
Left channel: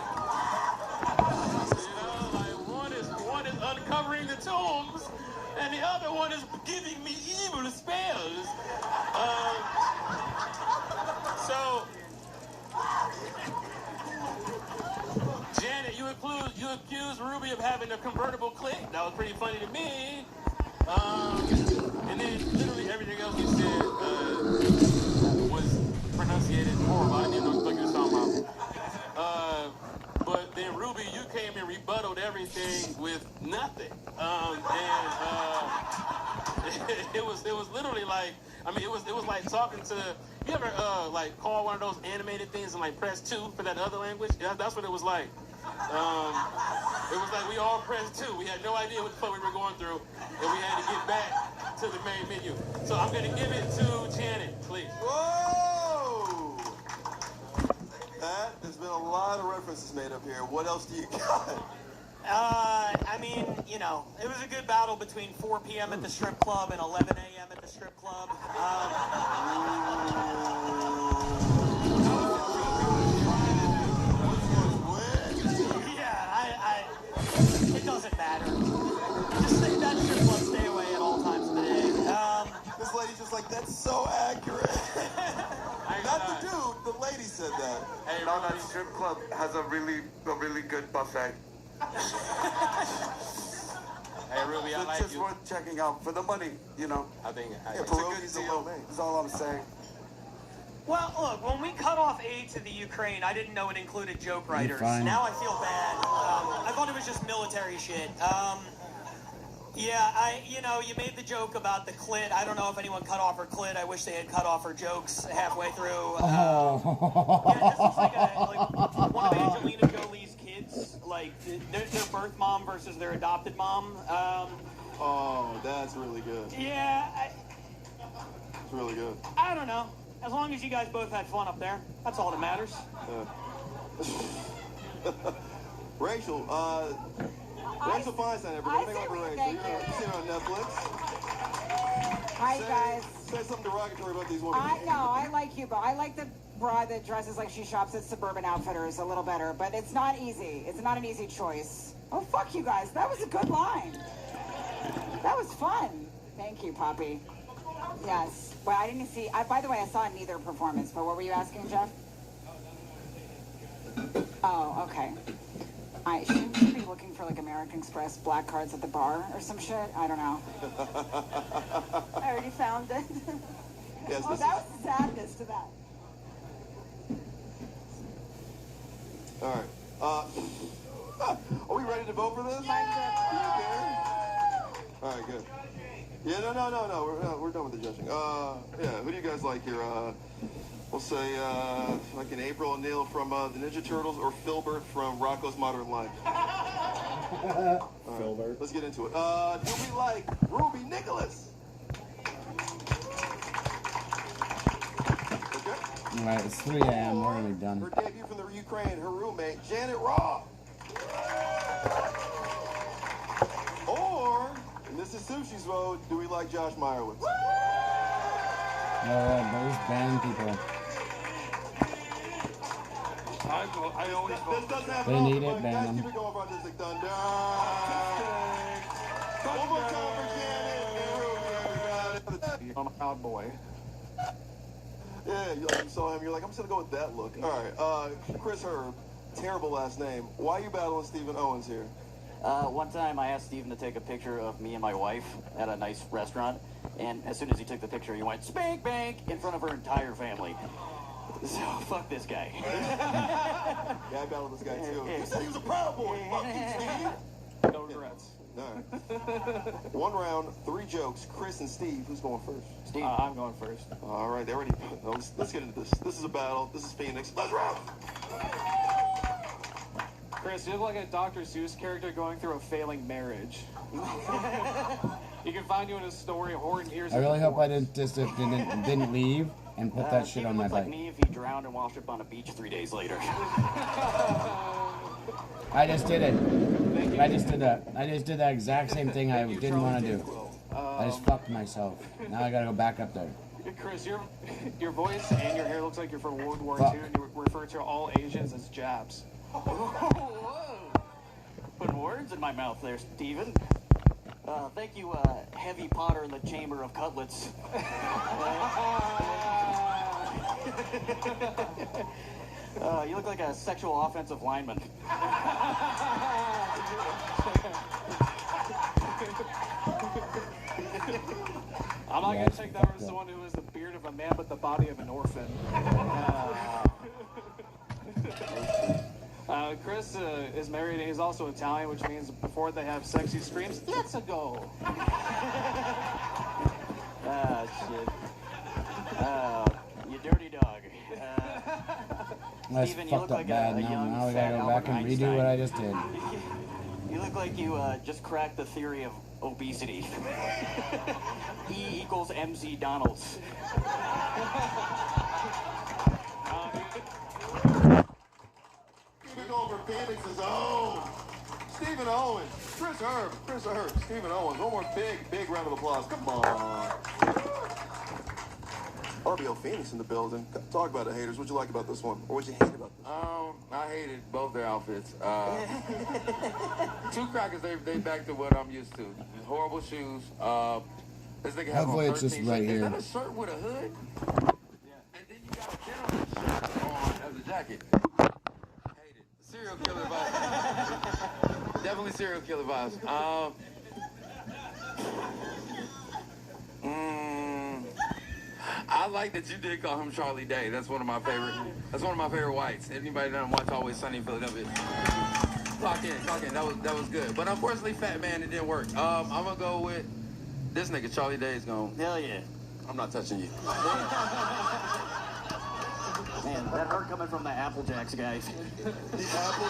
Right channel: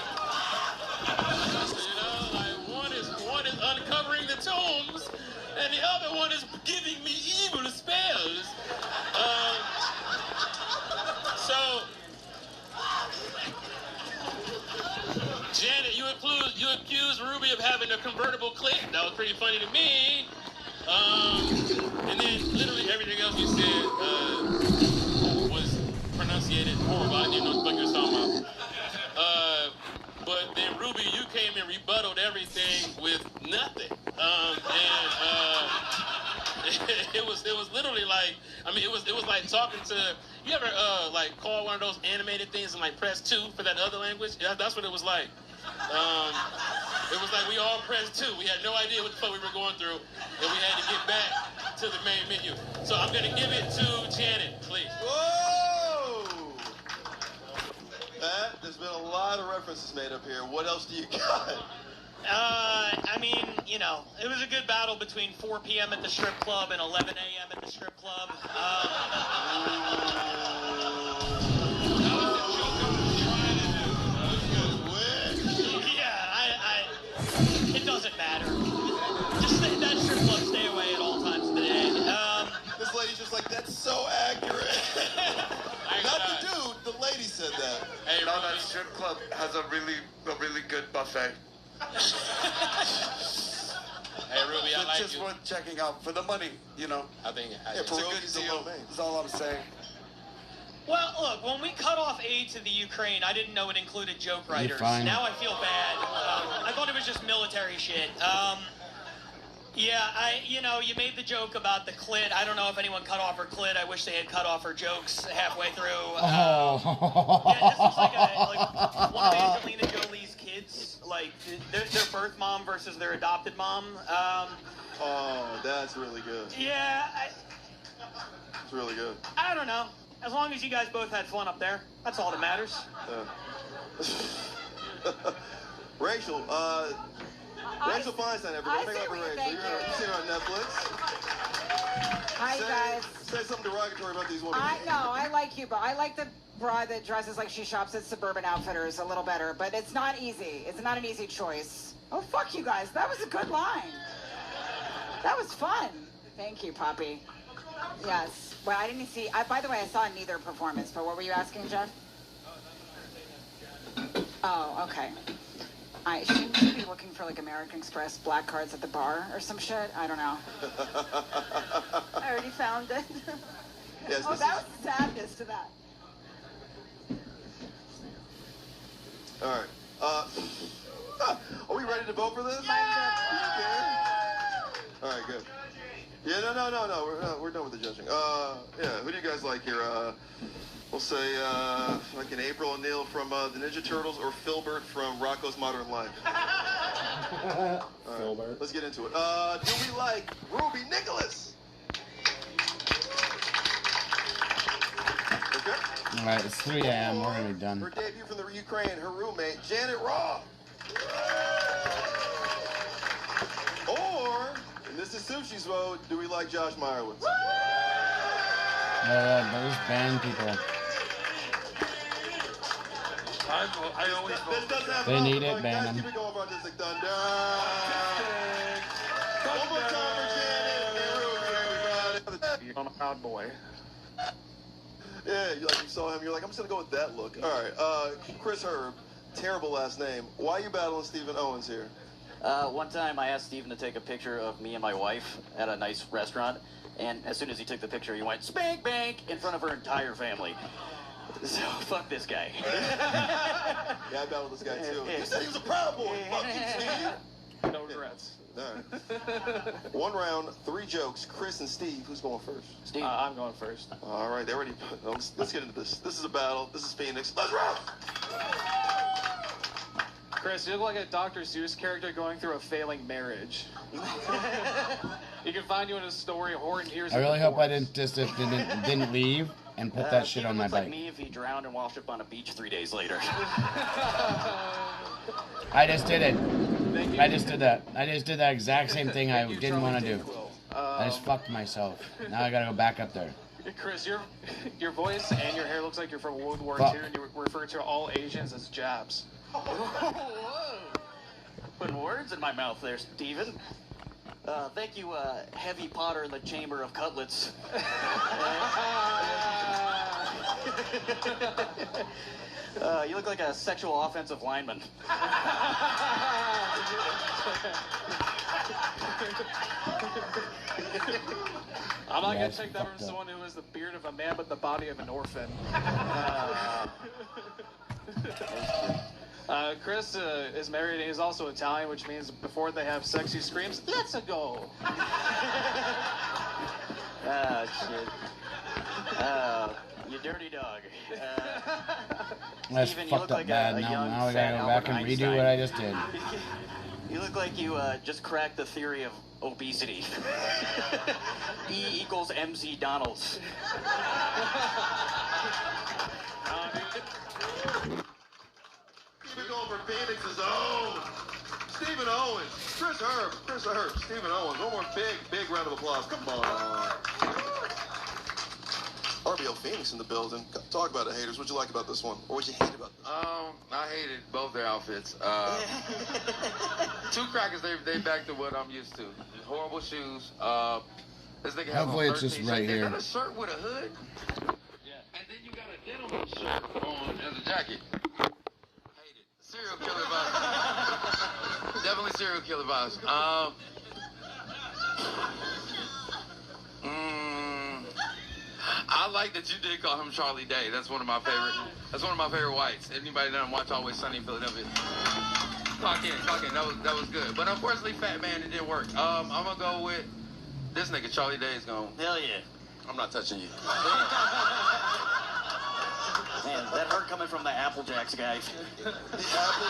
One is uncovering the tombs, and the other one is giving me evil spells. So, Janet, you accused Ruby of having a convertible clip. That was pretty funny to me. And then literally everything else you said was pronunciated horrible. I didn't know what the fuck you were talking about. But then Ruby, you came and rebutted everything with nothing. It was literally like, I mean, it was like talking to, you ever like call one of those animated things and like press 2 for that other language? Yeah, that's what it was like. It was like we all pressed 2. We had no idea what the fuck we were going through, and we had to get back to the main menu. So I'm gonna give it to Janet, please. Whoa! Matt, there's been a lot of references made up here. What else do you got? I mean, you know, it was a good battle between 4 p.m. at the strip club and 11 a.m. at the strip club. It doesn't matter. Just say that strip club, stay away at all times of the day. This lady's just like, that's so accurate. Not the dude, the lady said that. Hey, no, that strip club has a really good buffet. Hey, Ruby, I like just you. worth checking out for the money, you know. I think it's a good deal. That's all I'm saying. Well, look, when we cut off aid to the Ukraine, I didn't know it included joke writers. fine. Now I feel bad. I thought it was just military shit. Yeah, you made the joke about the clit. I don't know if anyone cut off her clit. I wish they had cut off her jokes halfway through. Yeah, this looks like one of Angelina Jolie's kids, like their birth mom versus their adopted mom. Oh, that's really good. Yeah, It's really good. I don't know. As long as you guys both had fun up there, that's all that matters. Rachel, Rachel Feinstein, everybody. Think about Rachel. You've seen her on Netflix. Hi, guys. Say something derogatory about these women. I know, I like you, but I like the broad that dresses like she shops at Suburban Outfitters a little better, but it's not easy. It's not an easy choice. Oh, fuck you guys. That was a good line. That was fun. Thank you, Poppy. Yes. Well, I didn't see, by the way, I saw neither performance, but what were you asking, Jeff? Oh, okay. I should be looking for like American Express black cards at the bar or some shit. I don't know. I already found it. Yes, oh, that was sadness to that. All right. Are we ready to vote for this? Yeah! All right, good. Yeah, no. We're done with the judging. Yeah, who do you guys like here? We'll say, like an April O'Neil from the Ninja Turtles or Filbert from Rocco's Modern Life. Filbert. Let's get into it. Do we like Ruby Nicholas? Okay. All right, it's 3 a.m. We're already done. Her debut from the Ukraine, her roommate, Janet Raw. Or, and this is Sushi's vote, do we like Josh Meyerowitz? Those band people. I always vote. They need it, ban Guys, them. keep it going for Artistic Thunder. One more time for on a proud boy. Yeah, you saw him. You're like, I'm just gonna go with that look. All right, Chris Herb, terrible last name. Why are you battling Stephen Owens here? One time I asked Steven to take a picture of me and my wife at a nice restaurant, and as soon as he took the picture, he went, "Spank bank," in front of her entire family. So, fuck this guy. Yeah, I battled this guy too. You said he was a proud boy. Fuck you, Steve. No regrets. All right. 1 round, 3 jokes. Chris and Steve, who's going first? Steve. I'm going first. All right, they're ready. Let's get into this. This is a battle. This is Phoenix. Let's rock! Chris, you look like a Dr. Seuss character going through a failing marriage. You can find you in a story of horror and years. I really hope I didn't leave and put that shit on my bike. Like me if he drowned and washed up on a beach 3 days later. I just did it. I just did that. I just did that exact same thing I didn't want to do. I just fucked myself. Now I gotta go back up there. Chris, your voice and your hair looks like you're from World War II, and you refer to all Asians as Japs. Whoa. Putting words in my mouth there, Steven. Thank you, Heavy Potter in the Chamber of Cutlets. You look like a sexual offensive lineman. I'm not going to take that from someone who has the beard of a man but the body of an orphan. Chris is married and he's also Italian, which means before they have sex, he screams, "Let's go!" Ah, shit. You dirty dog. That's Steven, fucked up like bad. Now I gotta go back and redo what I just did. You look like you just cracked the theory of obesity. E equals MC Donald's. Keep it going for Phoenix's own Stephen Owens. Chris Herb. Stephen Owens. One more big round of applause. Come on. RBL Phoenix in the building. Talk about the haters. What'd you like about this one? Or what'd you hate about this one? I hated both their outfits. Two crackers, they back to what I'm used to. Horrible shoes. This nigga has Hopefully on it's just 13. right Is here. that a shirt with a hood? Yeah. And then you got a denim shirt on as a jacket. Hate it. Serial killer vibes. Definitely serial killer vibes. I like that you did call him Charlie Day. That's one of my favorite. That's one of my favorite whites. Anybody that watch Always Sunny in Philadelphia? Clock in. That was good. But unfortunately, Fat Man, it didn't work. I'm gonna go with this nigga. Charlie Day is gonna. Hell yeah. I'm not touching you. Man, that hurt coming from the Apple Jacks guy. The Apple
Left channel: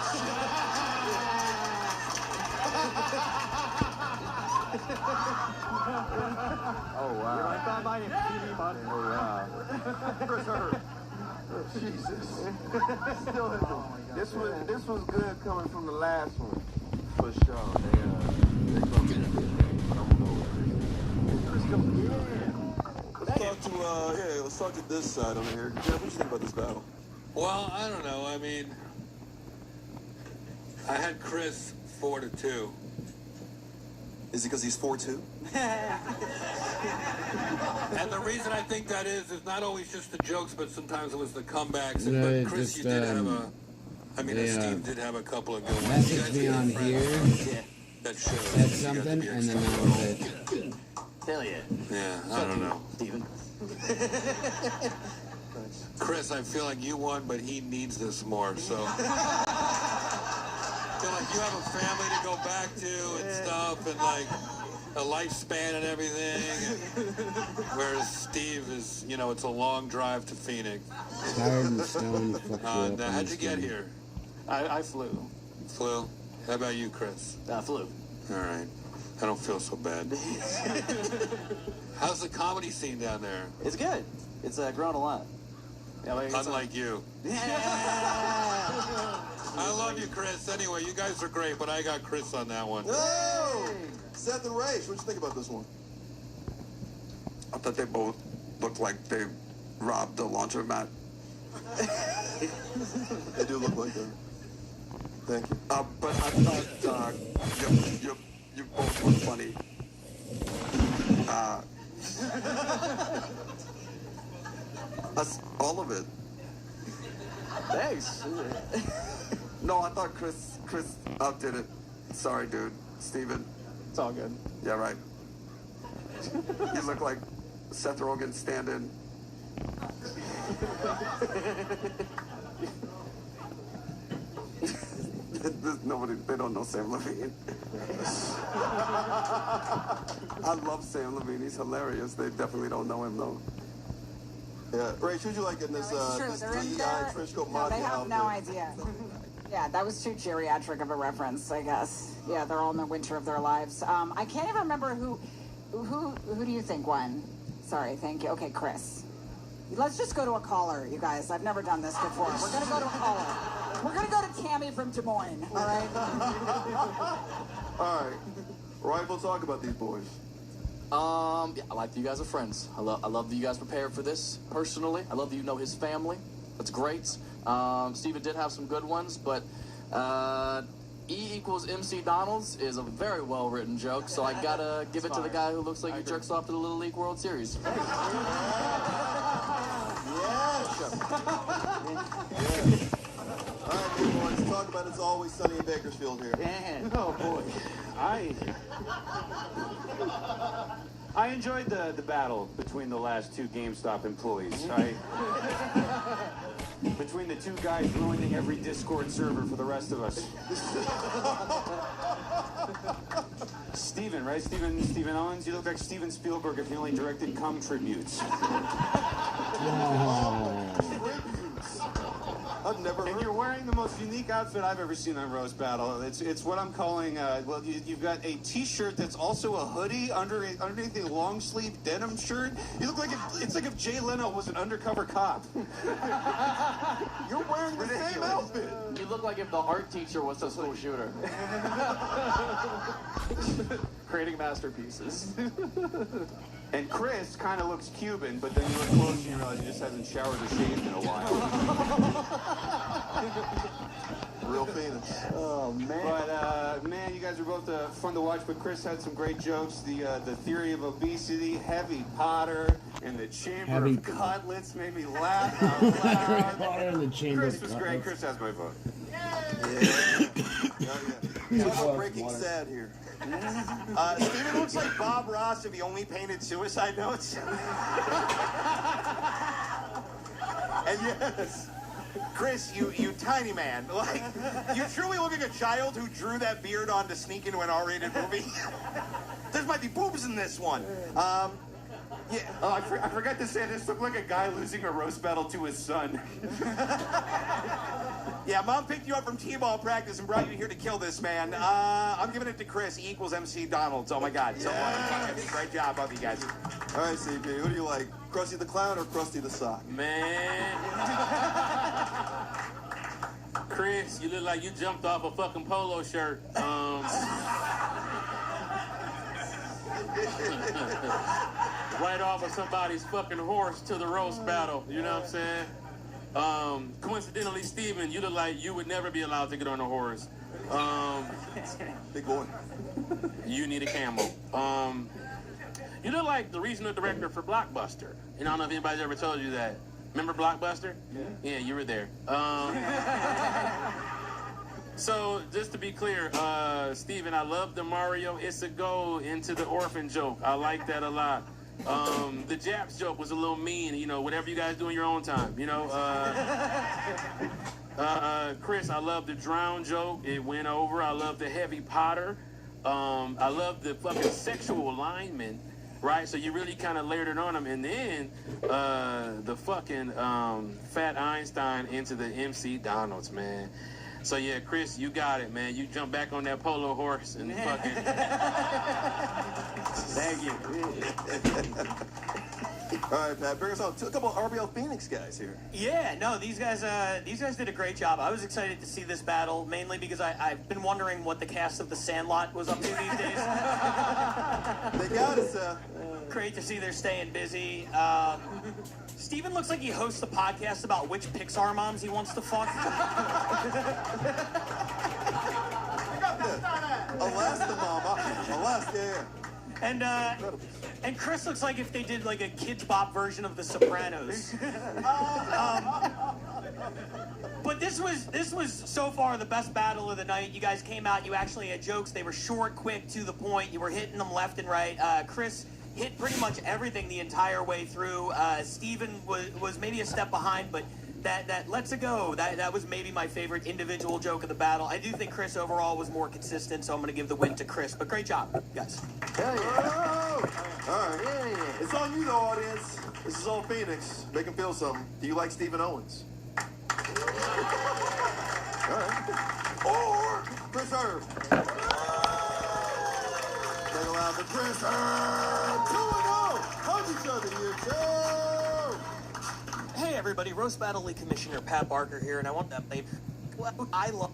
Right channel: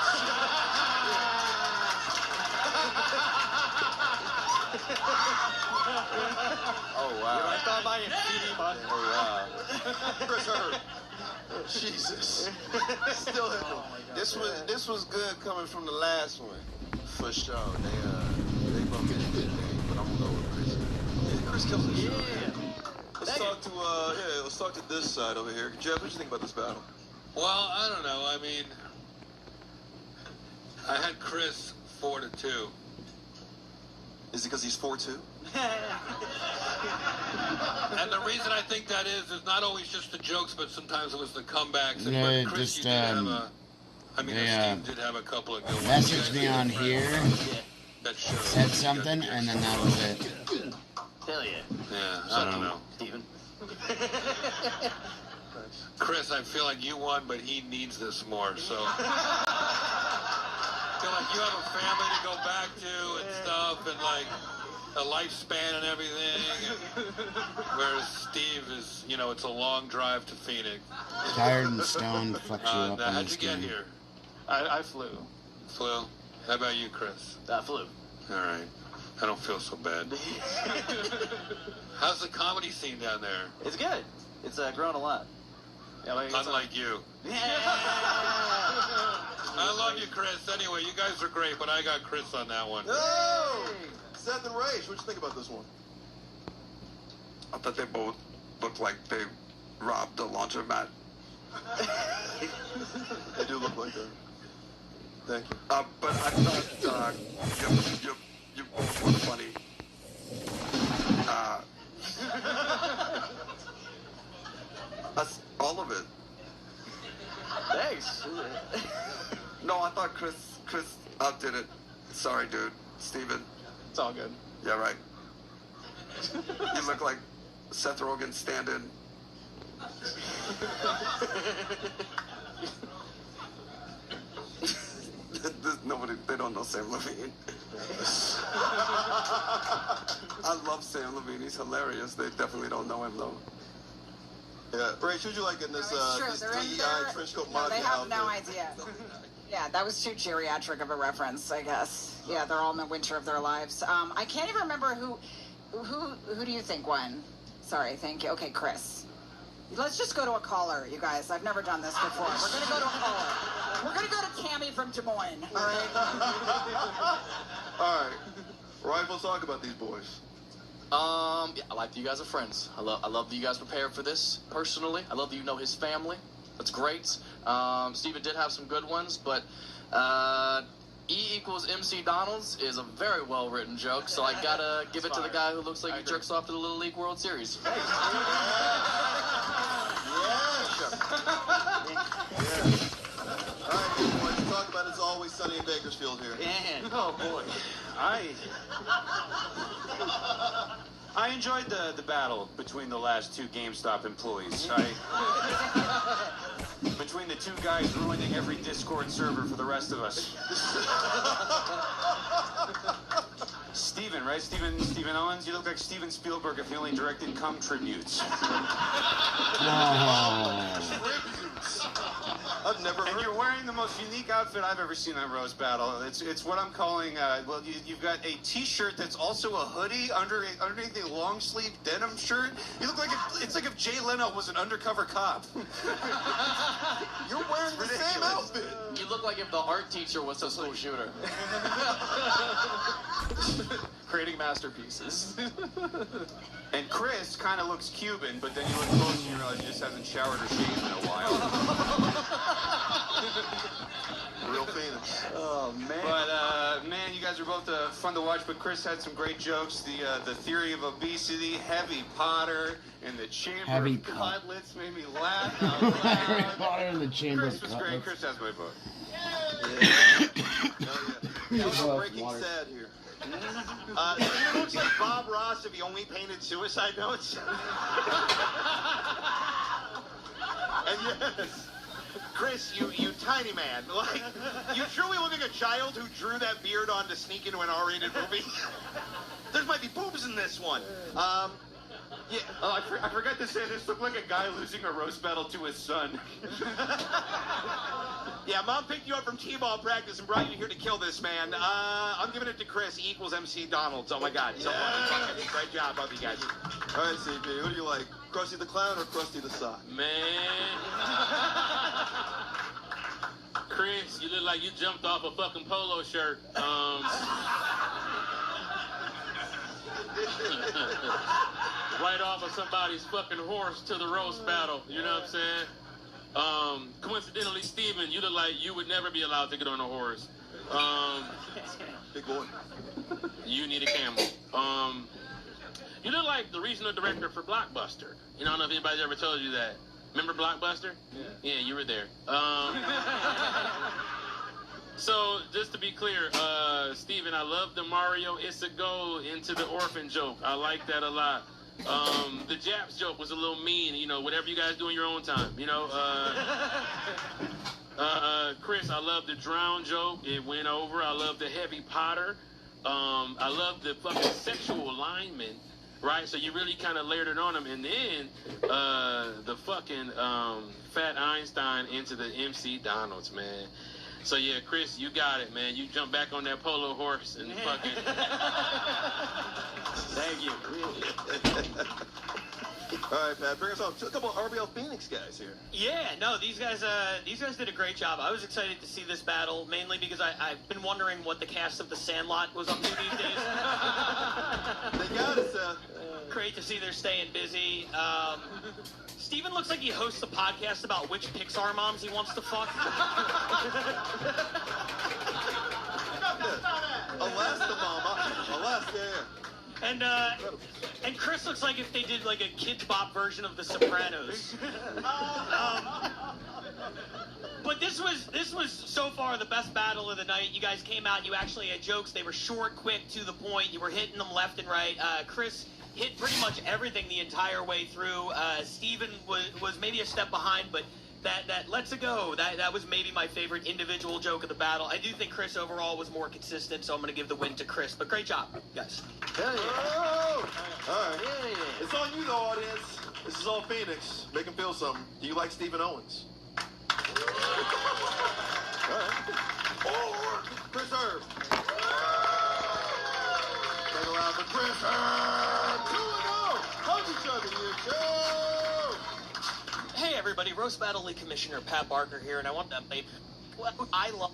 Oh wow. I thought my PD button. Oh wow. Chris Herb. Jesus. Still hit me. This was good coming from the last one, for sure. They gonna get a good day, but I'm gonna go with Chris. Chris comes to the show. Let's talk to this side over here. Jeff, what do you think about this battle? Well, I don't know. I mean, I had Chris 4-2. Is it because he's 4'2"? And the reason I think that is not always just the jokes, but sometimes it was the comebacks. And Yeah, but Chris, just, you did have a. I mean, they, Steve did have a couple of good ones. Messaged me on here, said something, and then that was it. Hell yeah. Yeah, I don't know. Steven. Chris, I feel like you won, but he needs this more, so. I feel like you have a family to go back to and stuff, and like a lifespan and everything. Whereas Steve is, it's a long drive to Phoenix. Tired and stoned, fucked you up. Now, how'd you get here? I flew. Flew? How about you, Chris? Flew. All right. I don't feel so bad. How's the comedy scene down there? It's good. It's grown a lot. Unlike you. I love you, Chris. Anyway, you guys are great, but I got Chris on that one. Oh! Seth and Raish, what'd you think about this one? I thought they both looked like they robbed a laundromat. They do look like that. Thank you. But I thought you both were funny. That's all of it. Thanks. No, I thought Chris outdid it. Sorry, dude. Steven. It's all good. Yeah, right. You look like Seth Rogen stand-in. Nobody, they don't know Sam Levine. I love Sam Levine. He's hilarious. They definitely don't know him, though. Yeah, Rach, who'd you like in this, It's true. this They're in DEI there. Trisco No, they have outfit? no idea. Yeah, that was too geriatric of a reference, I guess. Yeah, they're all in the winter of their lives. I can't even remember who do you think won? Sorry, thank you. Okay, Chris. Let's just go to a caller, you guys. I've never done this before. We're gonna go to a caller. We're gonna go to Tammy from Des Moines. All right. All right. Right, we'll talk about these boys. Yeah, I like that you guys are friends. I love that you guys prepared for this personally. I love that you know his family. That's great. Steven did have some good ones, but E equals MC Donald's is a very well written joke, so I gotta give it to the guy who looks like he jerks off to the Little League World Series. Yes. All right, big boys, talk about It's Always Sunny in Bakersfield here. Oh boy, I enjoyed the battle between the last two GameStop employees. Between the two guys ruining every Discord server for the rest of us. Steven, right? Steven Owens? You look like Steven Spielberg if he only directed cum tributes. I've never heard. And you're wearing the most unique outfit I've ever seen on Roast Battle. It's what I'm calling, well, you've got a t-shirt that's also a hoodie underneath a long sleeve denim shirt. You look like it's like if Jay Leno was an undercover cop. You're wearing the same outfit. You look like if the art teacher was a school shooter. Creating masterpieces. And Chris kind of looks Cuban, but then you look close and you realize he just hasn't showered or shaved in a while. Real Phoenix. Oh, man. But, man, you guys are both fun to watch, but Chris had some great jokes. The theory of obesity, Heavy Potter, and the Chamber of Cutlets made me laugh out loud. Harry Potter and the Chamber Chris of was Cutlets. great. Chris has my vote. Talk breaking sad here. Steven looks like Bob Ross if he only painted suicide notes. And yes, Chris, you tiny man. Like, you truly look like a child who drew that beard on to sneak into an R-rated movie. There might be boobs in this one. Yeah. Oh, I forgot to say, this looked like a guy losing a roast battle to his son. Yeah, Mom picked you up from T-ball practice and brought you here to kill this man. I'm giving it to Chris. E equals MC Donald's. Oh my God, so funny. Great job, both of you guys. All right, CP, who do you like? Krusty the Clown or Krusty the Sock? Man. Chris, you look like you jumped off a fucking polo shirt. Right off of somebody's fucking horse to the roast battle. You know what I'm saying? Coincidentally, Steven, you look like you would never be allowed to get on a horse. Big boy. You need a camel. You look like the regional director for Blockbuster. And I don't know if anybody's ever told you that. Remember Blockbuster? Yeah, you were there. So, just to be clear, Steven, I love the Mario It's a Go into the orphan joke. I like that a lot. The Japs joke was a little mean, you know, whatever you guys do in your own time, you know. Chris, I love the drown joke. It went over. I love the Heavy Potter. I love the fucking sexual alignment, right? So you really kind of layered it on them. And then the fucking Fat Einstein into the MC Donald's, man. So yeah, Chris, you got it, man. You jump back on that polo horse and fucking... Thank you. All right, Pat, bring us home. A couple of RBL Phoenix guys here. Yeah, no, these guys did a great job. I was excited to see this battle, mainly because I've been wondering what the cast of The Sandlot was up to these days. They got us. Great to see they're staying busy. Steven looks like he hosts a podcast about which Pixar moms he wants to fuck. Alaska, Mama. Alaska, yeah. And Chris looks like if they did like a Kids Bop version of The Sopranos. But this was so far the best battle of the night. You guys came out. You actually had jokes. They were short, quick, to the point. You were hitting them left and right. Chris hit pretty much everything the entire way through. Steven was maybe a step behind, but that lets it go. That was maybe my favorite individual joke of the battle. I do think Chris overall was more consistent, so I'm going to give the win to Chris. But great job, guys. Hell yeah. Oh! All right. Yeah. It's on you, the audience. This is all Phoenix. Make him feel something. Do you like Stephen Owens? All right. Or Chris Herb. Make it loud for Chris Herb. 2-0. Hug each other, you two. Hey everybody, Roast Battle League Commissioner Pat Barker here, and I want that babe. I love.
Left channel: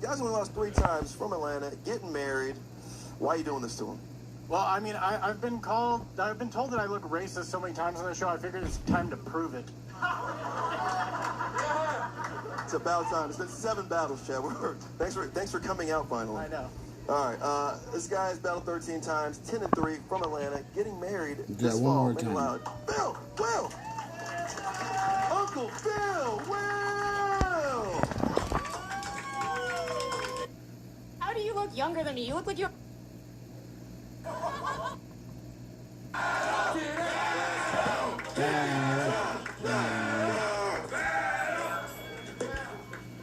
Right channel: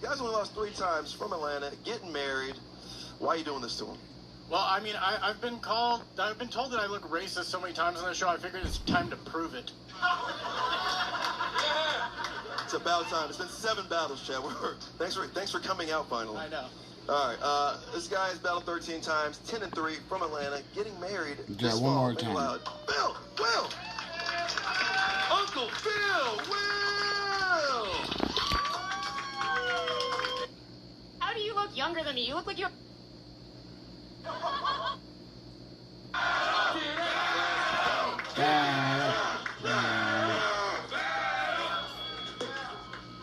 You guys only lost 3 times from Atlanta, getting married. Why are you doing this to him? Well, I mean, I've been told that I look racist so many times on the show, I figured it's time to prove it. It's about time. It's been 7 battles, Chad. Thanks for coming out finally. I know. All right. This guy has battled 13 times, 10-3 from Atlanta, getting married. Yeah, one more time. Loud. Bill, Will, Uncle Bill, Will. How do you look younger than me? You look like you.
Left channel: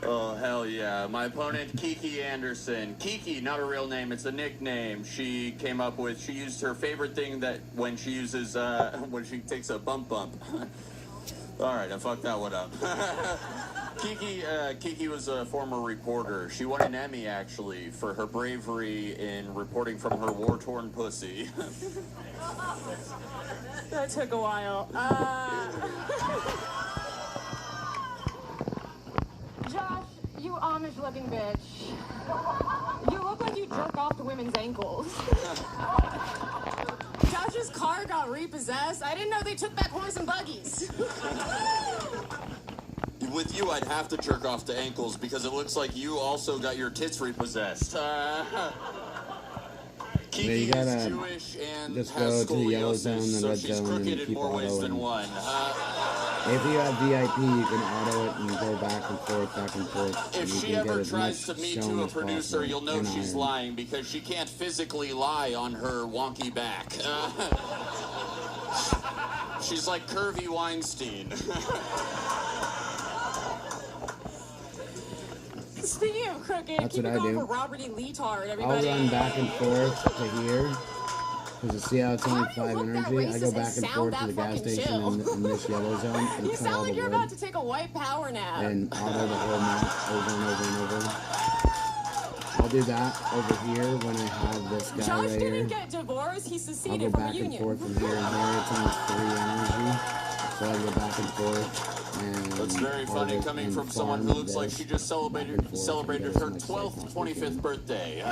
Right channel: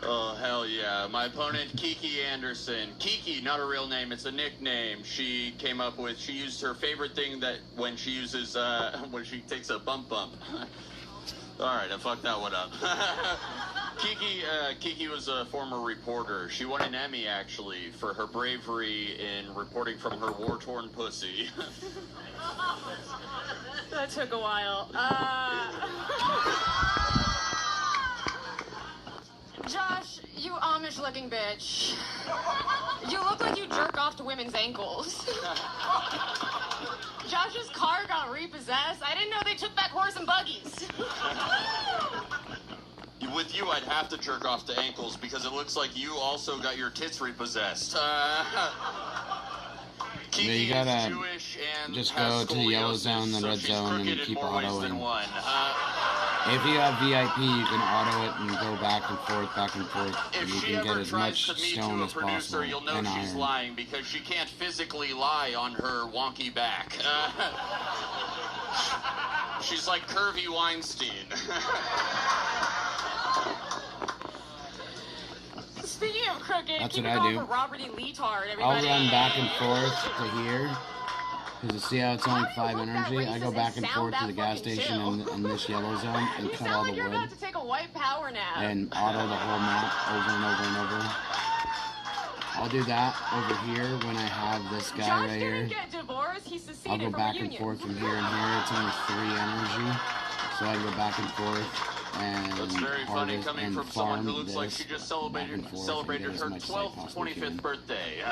Oh, hell yeah. My opponent, Kiki Anderson. Kiki, not a real name, it's a nickname she came up with. She used her favorite thing that when she uses, when she takes a bump. Alright, I fucked that one up. Kiki was a former reporter. She won an Emmy, actually, for her bravery in reporting from her war-torn pussy. That took a while. Josh, you Amish-looking bitch. You look like you jerk off to women's ankles. Josh's car got repossessed. I didn't know they took back horse and buggies. With you, I'd have to jerk off to ankles because it looks like you also got your tits repossessed. Yeah, you gotta just go to the yellow zone, the red zone, and keep autoing. If you have VIP, you can auto it and go back and forth, and you can get as much stone as possible. You'll know she's lying because she can't physically lie on her wonky back. She's like Curvy Weinstein. Speaking of crooked, that's keep what it I going do. for Robert E. Leetard, everybody. I'll run back and forth to here. Because you see how it's only 5 energy? I go back and forth to the gas station in this yellow zone and cut all the You're wood. about to take a white power nap. And auto the whole map over and over and over. I'll do that over here when I have this guy Josh right didn't here. get divorced. He seceded I'll go from back a and union. forth from here and here. It's only 3 energy. So I go back and forth and That's very funny harvest coming and from someone farm who looks like this she just back and forth celebrated and get her as much as I 12th, possibly 25th can. birthday. I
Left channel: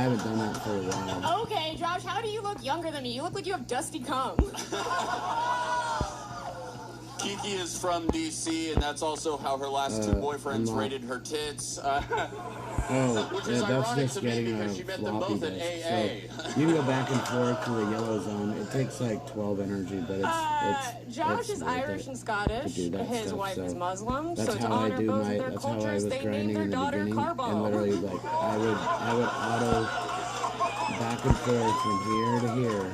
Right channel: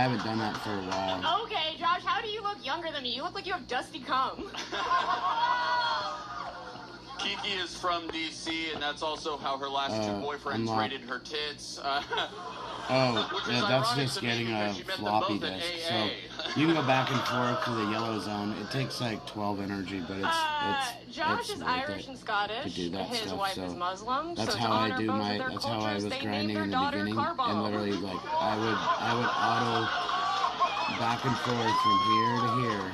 haven't done that for a while. Okay, Josh, how do you look younger than me? You look like you have dusty cum. Kiki is from DC, and that's also how her last 2 boyfriends unlock. rated her tits. Oh, yeah, that's just getting a floppy disk. So you can go back and forth to the yellow zone. It takes like 12 energy, but Josh it's is worth Irish it and Scottish. to do that His stuff. wife is So Muslim. that's so how to I honor do both my. of their That's how I cultures, was they grinding named in their the daughter beginning, Carbo. and literally like I would auto back and forth from here to here.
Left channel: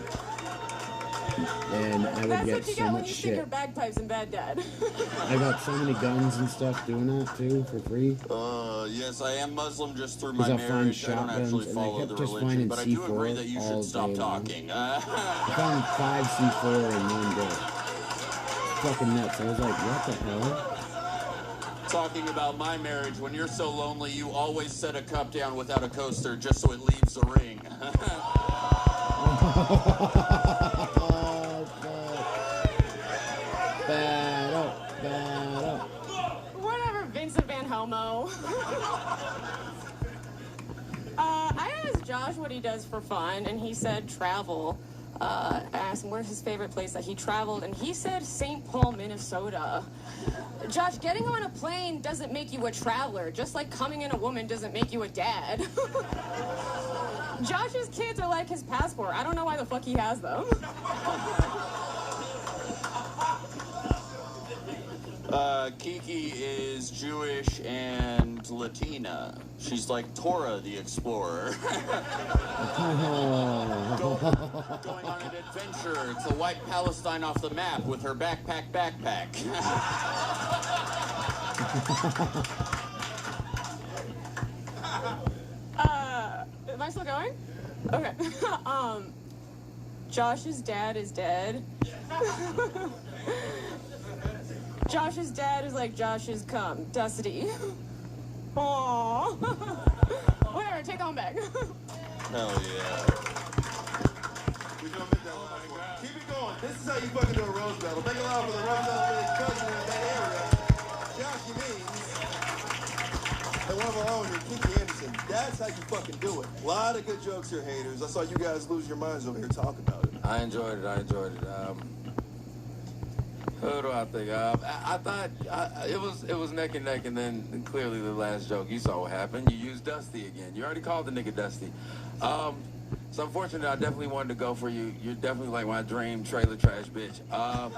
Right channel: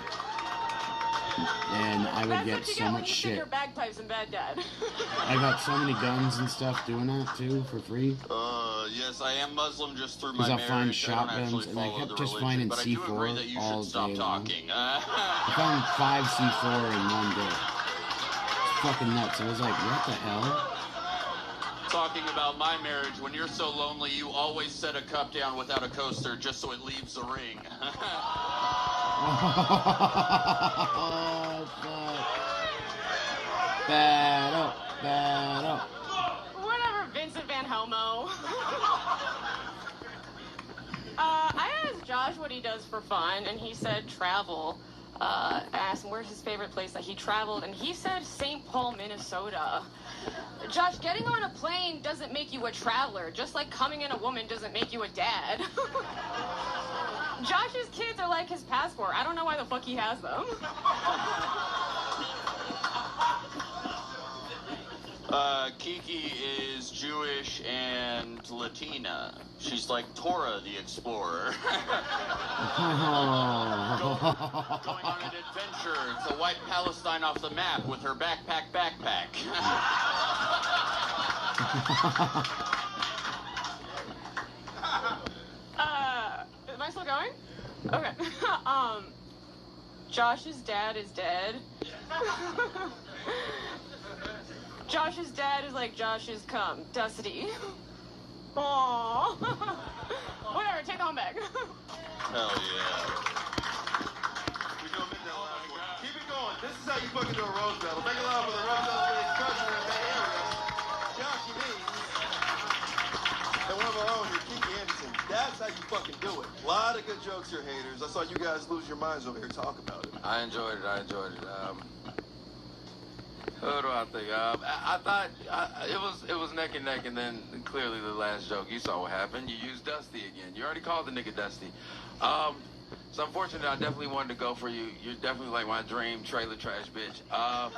And I would get so much Your shit. bagpipes in bed, Dad. I got so many guns and stuff doing that too for free. Yes, I am Muslim just through my Because I'll marriage. find I don't shotguns, actually and I follow kept the just religion, finding but I do agree that you C4 all should stop day long. talking. I found 5 C4 in one day. Fucking nuts. I was like, what the hell? Talking about my marriage, when you're so lonely, you always set a cup down without a coaster just so it leaves the ring. Oh, fuck. Bad up. Whatever, Vincent Van Homo. I asked Josh what he does for fun, and he said travel. I asked him where's his favorite place that he traveled, and he said St. Paul, Minnesota. Josh, getting on a plane doesn't make you a traveler, just like coming in a woman doesn't make you a dad. Josh's kids are like his passport. I don't know why the fuck he has them. Kiki is Jewish and Latina. She's like Tora the Explorer. Going on an adventure to wipe Palestine off the map with her backpack. Am I still going? Okay. Josh's dad is dead. Josh's dad is like Josh's cum, dusty. Aww. Whatever, take that one back. Hell yeah. We gonna make that last one. Keep it going. This is how you fucking do a rose battle. Make it loud for the rose battle league cousin in that area. Joshy Means. And one of our own here, Kiki Anderson. That's how you fucking do it. A lot of good jokes here, haters. I saw you guys lose your minds over here. Talk about it. I enjoyed it. What do I think? I thought it was neck and neck, and then clearly the last joke, you saw what happened. You used Dusty again. You already called the nigga Dusty. So unfortunately, I definitely wanted to go for you. You're definitely like my dream trailer trash bitch. But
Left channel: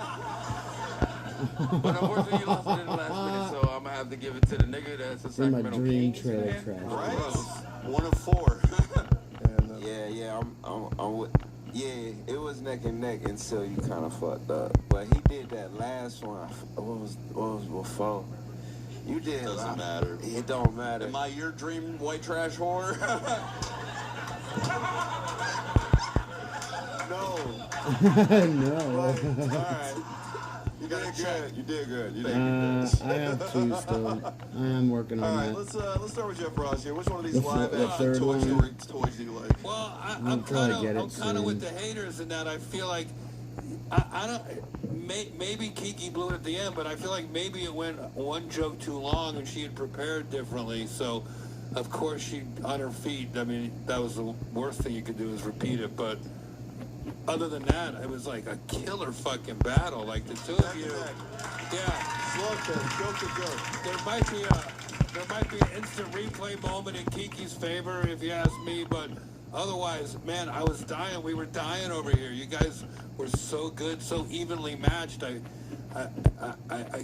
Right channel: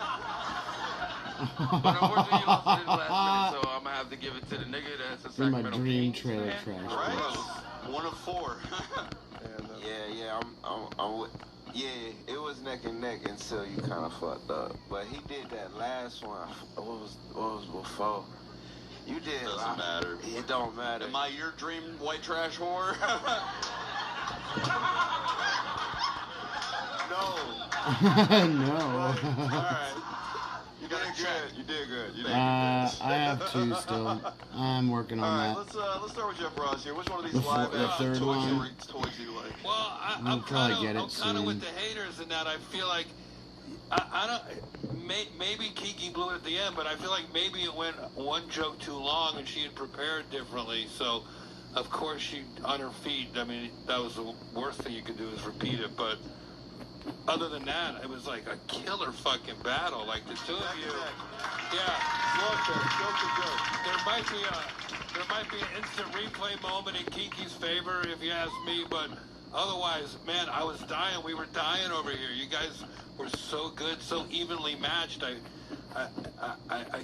unfortunately, you lost it in the last minute, so I'm gonna have to give it to the nigga that's a You're my Sacramento dream Kings trailer fan. trash. Right. 1 of 4. Yeah, it was neck and neck until you kind of fucked up. But he did that last one. What was before? You did. Doesn't matter. It don't matter. Am I your dream white trash whore? No. No. All right. You did good. You did good. You did good. I have 2 still. I'm working on All right, that. let's start with Jeff Ross here. Which one of these The live third Toy one. Story toys do you like? Well, I'll I'm probably kind get it of soon. with the haters in that I feel like I don't. Maybe Kiki blew it at the end, but I feel like maybe it went one joke too long and she had prepared differently. So, of course, she on her feet. I mean, that was the worst thing you could do is repeat it. But other than that, it was like a killer fucking battle. Like the two of you, yeah. Jokes are good. There might be an instant replay moment in Kiki's favor, if you ask me, but otherwise, man, I was dying. We were dying over here. You guys were so good, so evenly matched. I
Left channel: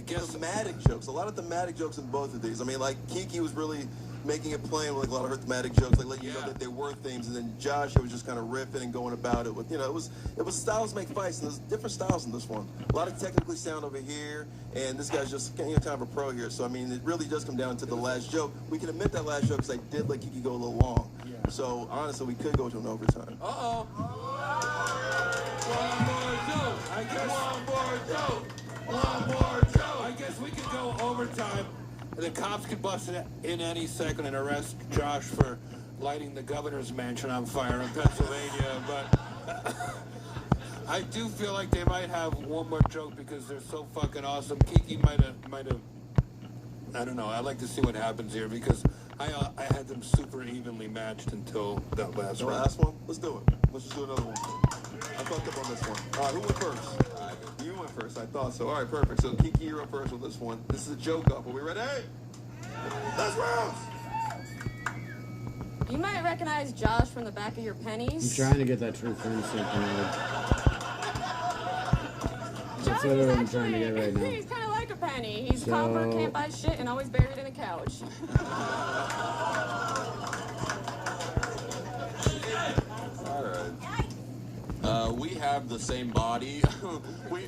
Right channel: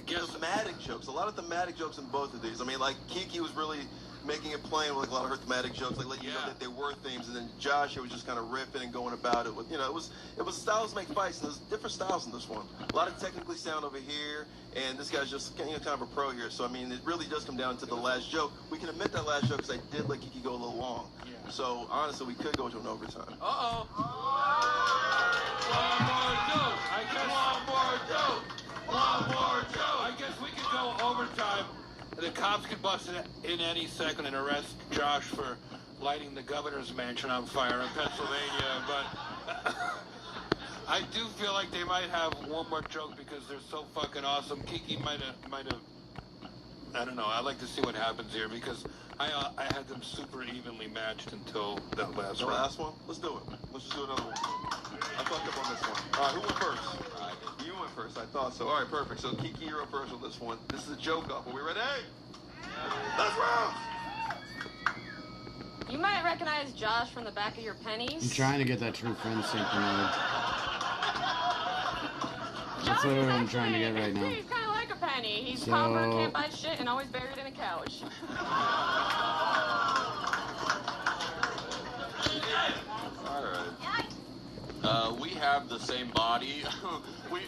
guess thematic jokes. A lot of thematic jokes in both of these. I mean, like Kiki was really making it plain with a lot of her thematic jokes, like letting you know that they were themes, and then Josh was just kind of riffing and going about it with, it was styles make fights, and there's different styles in this one. A lot of technically sound over here, and this guy's just kind of a pro here. So I mean, it really does come down to the last joke. We can admit that last joke because I did let Kiki go a little long. Yeah. So honestly, we could go to an overtime. One more joke. One more joke. I guess we could go overtime. The cops could bust in any second and arrest Josh for lighting the governor's mansion on fire in Pennsylvania. But I do feel like they might have one more joke because they're so fucking awesome. Kiki might have. I don't know. I'd like to see what happens here because I had them super evenly matched until that last The round. last one? Let's do it. Let's just do another one. I fucked up on this one. All right, who went first? You went first. I thought so. All right, perfect. So Kiki, you're up first with this one. This is a joke off. Are we ready? Let's round. You might recognize Josh from the back of your pennies. I'm trying to get that true friend synchronized. That's what I'm trying to get right now. He's kind of like a penny. He's So- copper, can't buy shit, and always buried in a couch. We have the same body. we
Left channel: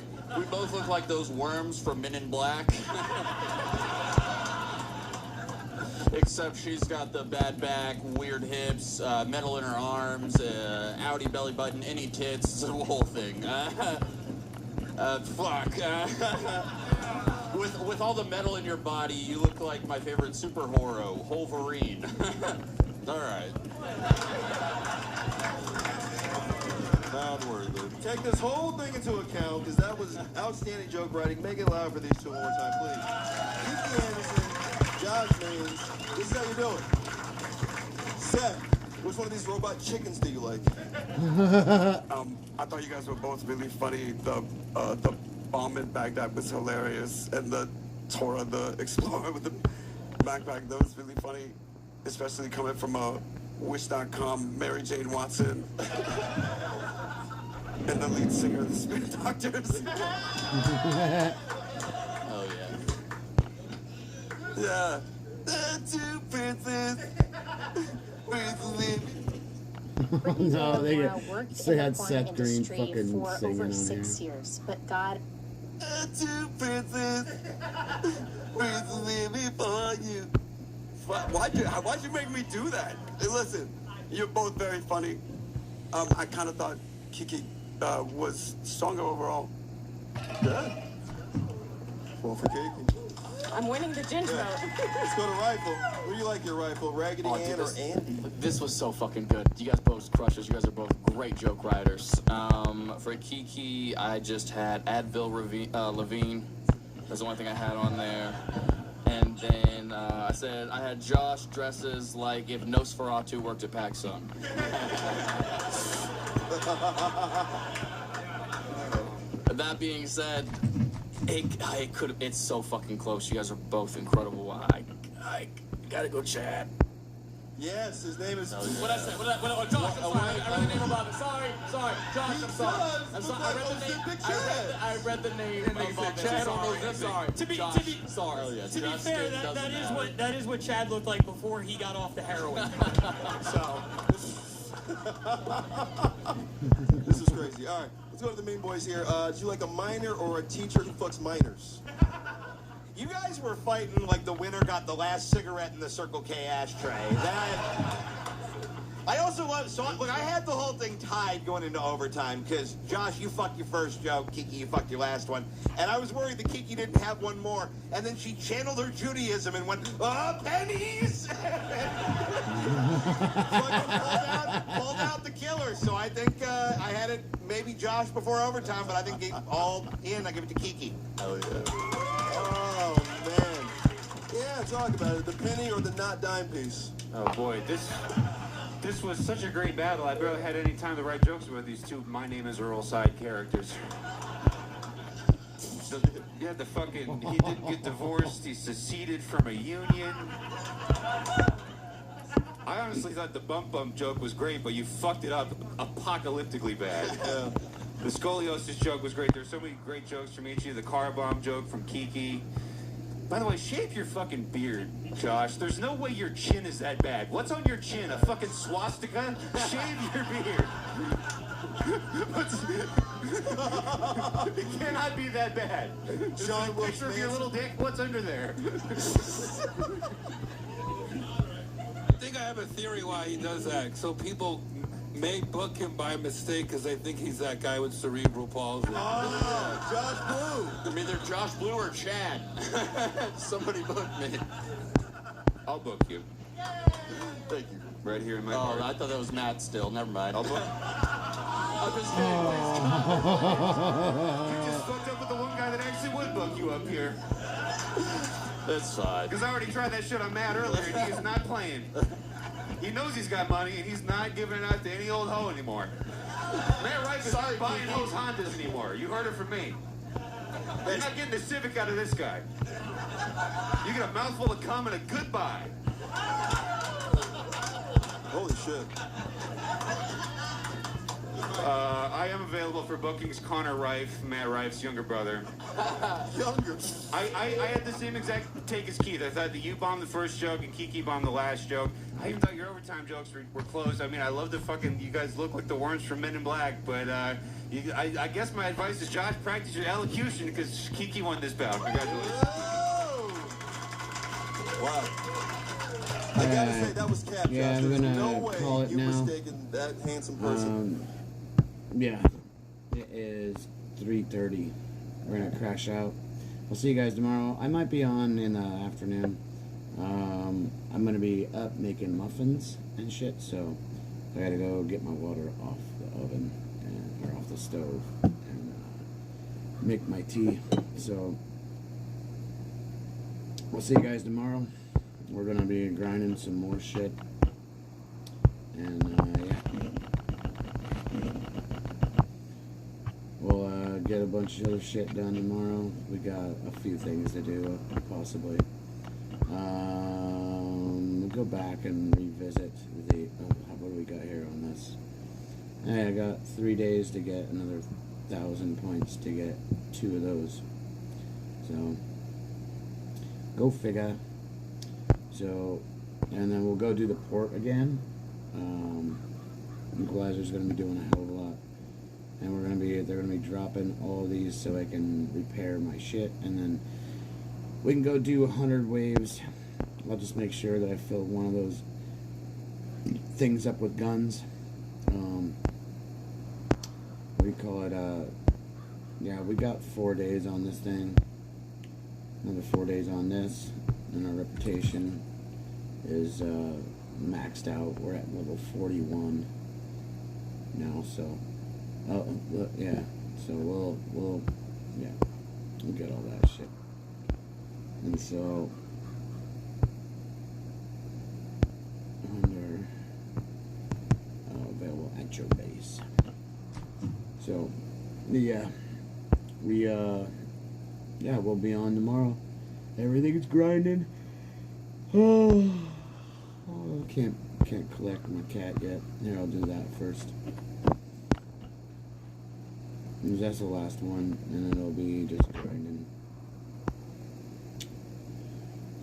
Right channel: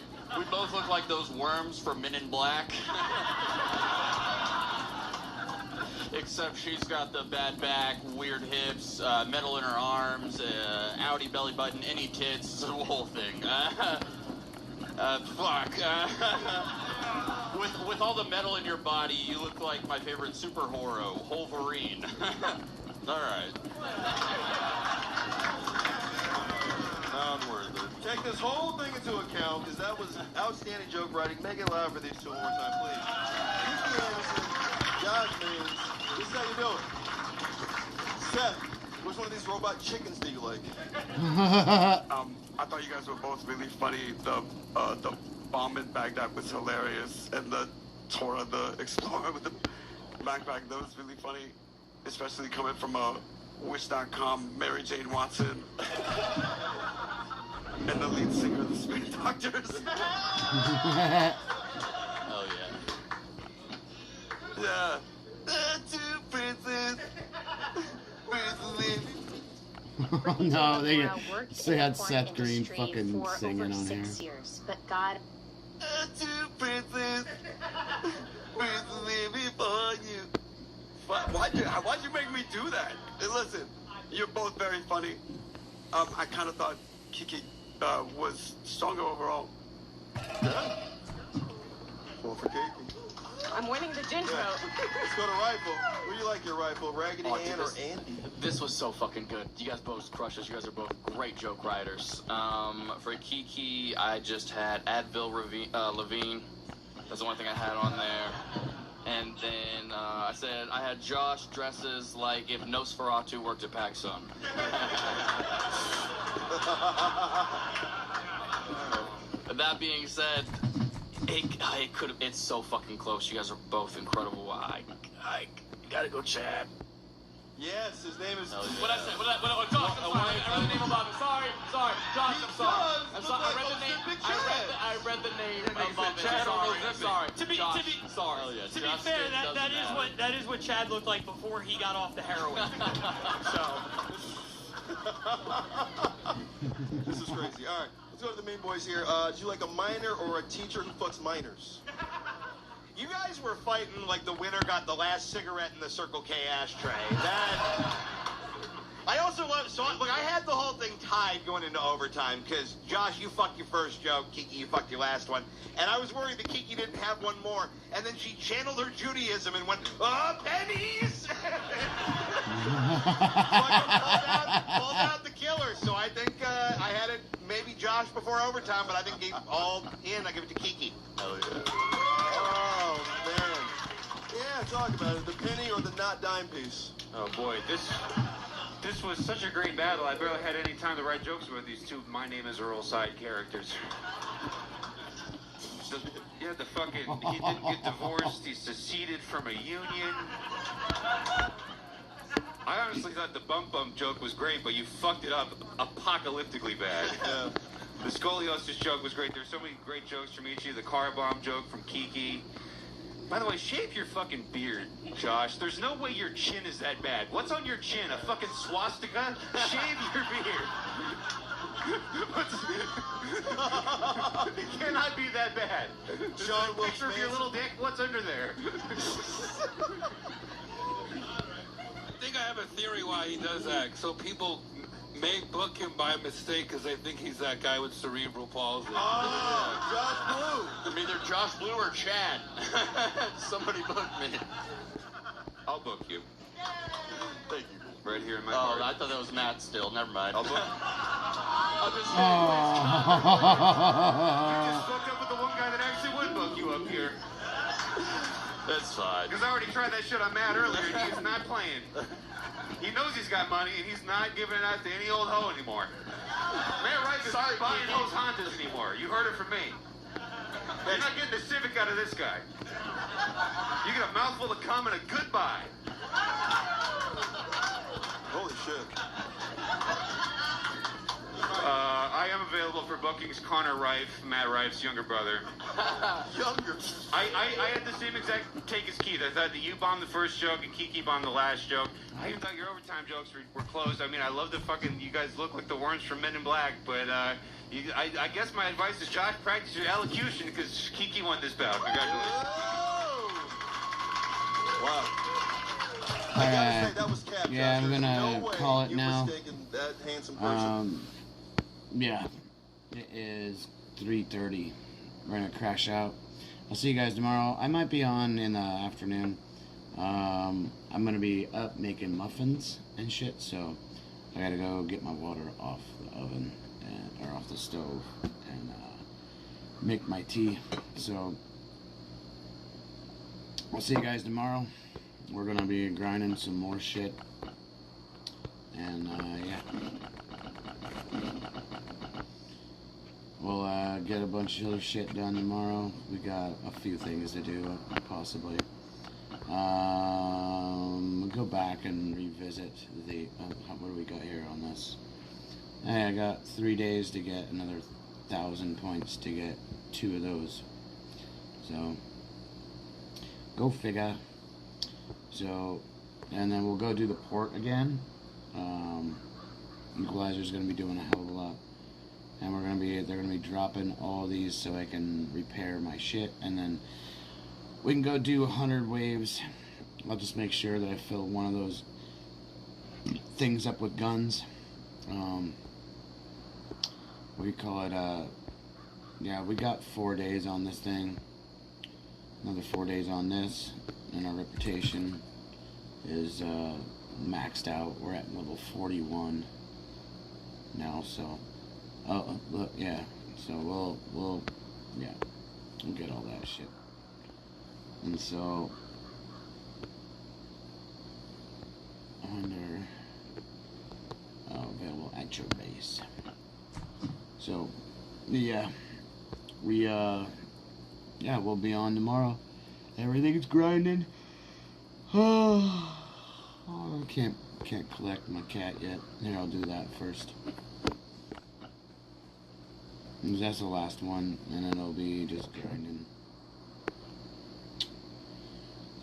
both look like those worms from Men in Black. Except she's got the bad back, weird hips, metal in her arms, outie belly button, any tits, the whole thing. With all the metal in your body, you look like my favorite superhero, Wolverine. All right. Not worried, dude. Take this whole thing into account, because that was outstanding joke writing. Make it loud for these two one more time, please. Kiki Anderson, Josh Means. This is how you do it. Seth, which one of these robot chickens do you like? I thought you guys were both really funny. The bomb in Baghdad was hilarious, and the Tora the Explorer with the backpack, that was really funny, especially coming from a Wish.com, Mary Jane Watson, and the lead singer of the Spin Doctors. Oh yeah. Yeah. Two princes. No, they had Seth Green fucking singing on here. Years, but God. Two princes. Before you. Why'd you make me do that? Hey, listen, you're both very funny. I kind of thought Kiki was stronger overall. Yeah. Well, for Kiki. I'm winning the ginger vote. Let's go to rifle. Where do you like your rifle? Raggedy Ann or Andy? This was so fucking good. You guys both crushes. You guys are both great joke writers. For Kiki, I just had Advil Levine. That's the only thing I had on there. And then I said I had Josh dresses like if Nosferatu worked at Paxum. That being said, it's so fucking close. You guys are both incredible. I gotta go chat. Yes, his name is. What I said? Josh, I'm sorry. I read the name about it. Sorry, Josh, I'm sorry. I'm sorry. I read the name above it. Sorry. To be fair, that is what Chad looked like before he got off the heroin. So. This is crazy. All right, let's go to the main boys here. Do you like a minor or a teacher who fucks minors? You guys were fighting like the winner got the last cigarette in the Circle K ashtray. I also love, look, I had the whole thing tied going into overtime because, Josh, you fucked your first joke, Kiki, you fucked your last one. And I was worried that Kiki didn't have one more. And then she channeled her Judaism and went, oh, pennies! So I pulled out the killer. So I think I had it maybe Josh before overtime, but I think all in, I give it to Kiki. Oh, yeah. Oh, man. Yeah, talk about it. The penny or the not dime piece? Oh, boy, this was such a great battle. I barely had any time to write jokes about these two My Name is Earl side characters. Yeah, he didn't get divorced. He seceded from a union. I honestly thought the bump joke was great, but you fucked it up apocalyptically bad. Yeah. The scoliosis joke was great. There's so many great jokes from each of you. The car bomb joke from Kiki. By the way, shave your fucking beard, Josh. There's no way your chin is that bad. What's on your chin? A fucking swastika? Shave your beard. It cannot be that bad. John Wilkes Picture of your little dick. What's under there? I think I have a theory why he does that. So people may book him by mistake because they think he's that guy with cerebral palsy. Oh, Josh Blue. I'm either Josh Blue or Chad. Somebody book me. I'll book you. Thank you. Right here in my Oh, heart. I thought that was Matt still. Never mind. I'll book. I'm just You just fucked up with the one guy that actually would book you up here. It's fine. Because I already tried that shit on Matt earlier, and he's not playing. He knows he's got money, and he's not giving it out to any old hoe anymore. Matt Rife is not buying those Hondas anymore. You heard it from me. You're not getting the Civic out of this guy. You get a mouthful of cum and a goodbye. Holy shit. I am available for bookings. Connor Rife, Matt Rife's younger brother. Younger. I had the same exact take as Keith. I thought that you bombed the first joke and Kiki bombed the last joke. I even thought your overtime jokes were close. I mean, I love the fucking, you guys look like the worms from Men in Black, but I guess my advice is, Josh, practice your elocution because Kiki won this battle. Congratulations. Wow. I gotta say, that was cap. Yeah, I'm gonna call it now. Mistaken that handsome person. Yeah, it is 3:30. We're gonna crash out. I'll see you guys tomorrow. I might be on in the afternoon. I'm gonna be up making muffins and shit, so I gotta go get my water off the oven or off the stove and make my tea. So we'll see you guys tomorrow. We're gonna be grinding some more shit, and yeah, we'll get a bunch of other shit done tomorrow. We got a few things to do, possibly. We'll go back and revisit visit the, what do we got here on this? Hey, I got 3 days to get another 1,000 points to get 2 of those. So, go figure. So, and then we'll go do the port again. Equalizer's going to be doing a hell of a lot. And they're going to be dropping all these so I can repair my shit. And then we can go do 100 waves. I'll just make sure that I fill one of those things up with guns. What do you call it? Yeah, we got 4 days on this thing. Another 4 days on this. And our reputation is maxed out. We're at level 41 now, so yeah, so we'll get all that shit. And so under available at your base. So yeah, we'll be on tomorrow. Everything's grinding. Oh, I can't collect my cat yet. Here, I'll do that first. And that's the last one, and it'll be just grinding.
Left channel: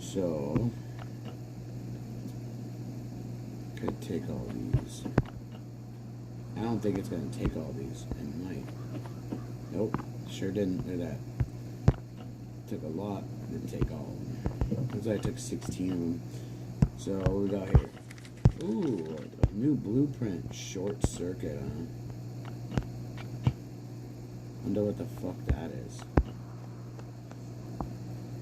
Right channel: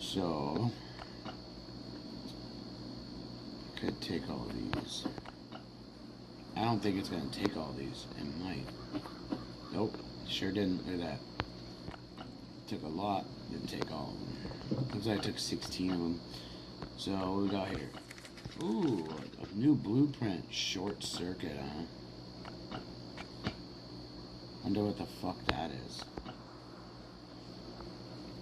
So, could take all these. I don't think it's gonna take all these. It might. Nope, sure didn't. Look at that. Took a lot. Didn't take all of them. Looks like I took 16 of them. So what we got here? Ooh, a new blueprint. Short circuit, huh? Wonder what the fuck that is.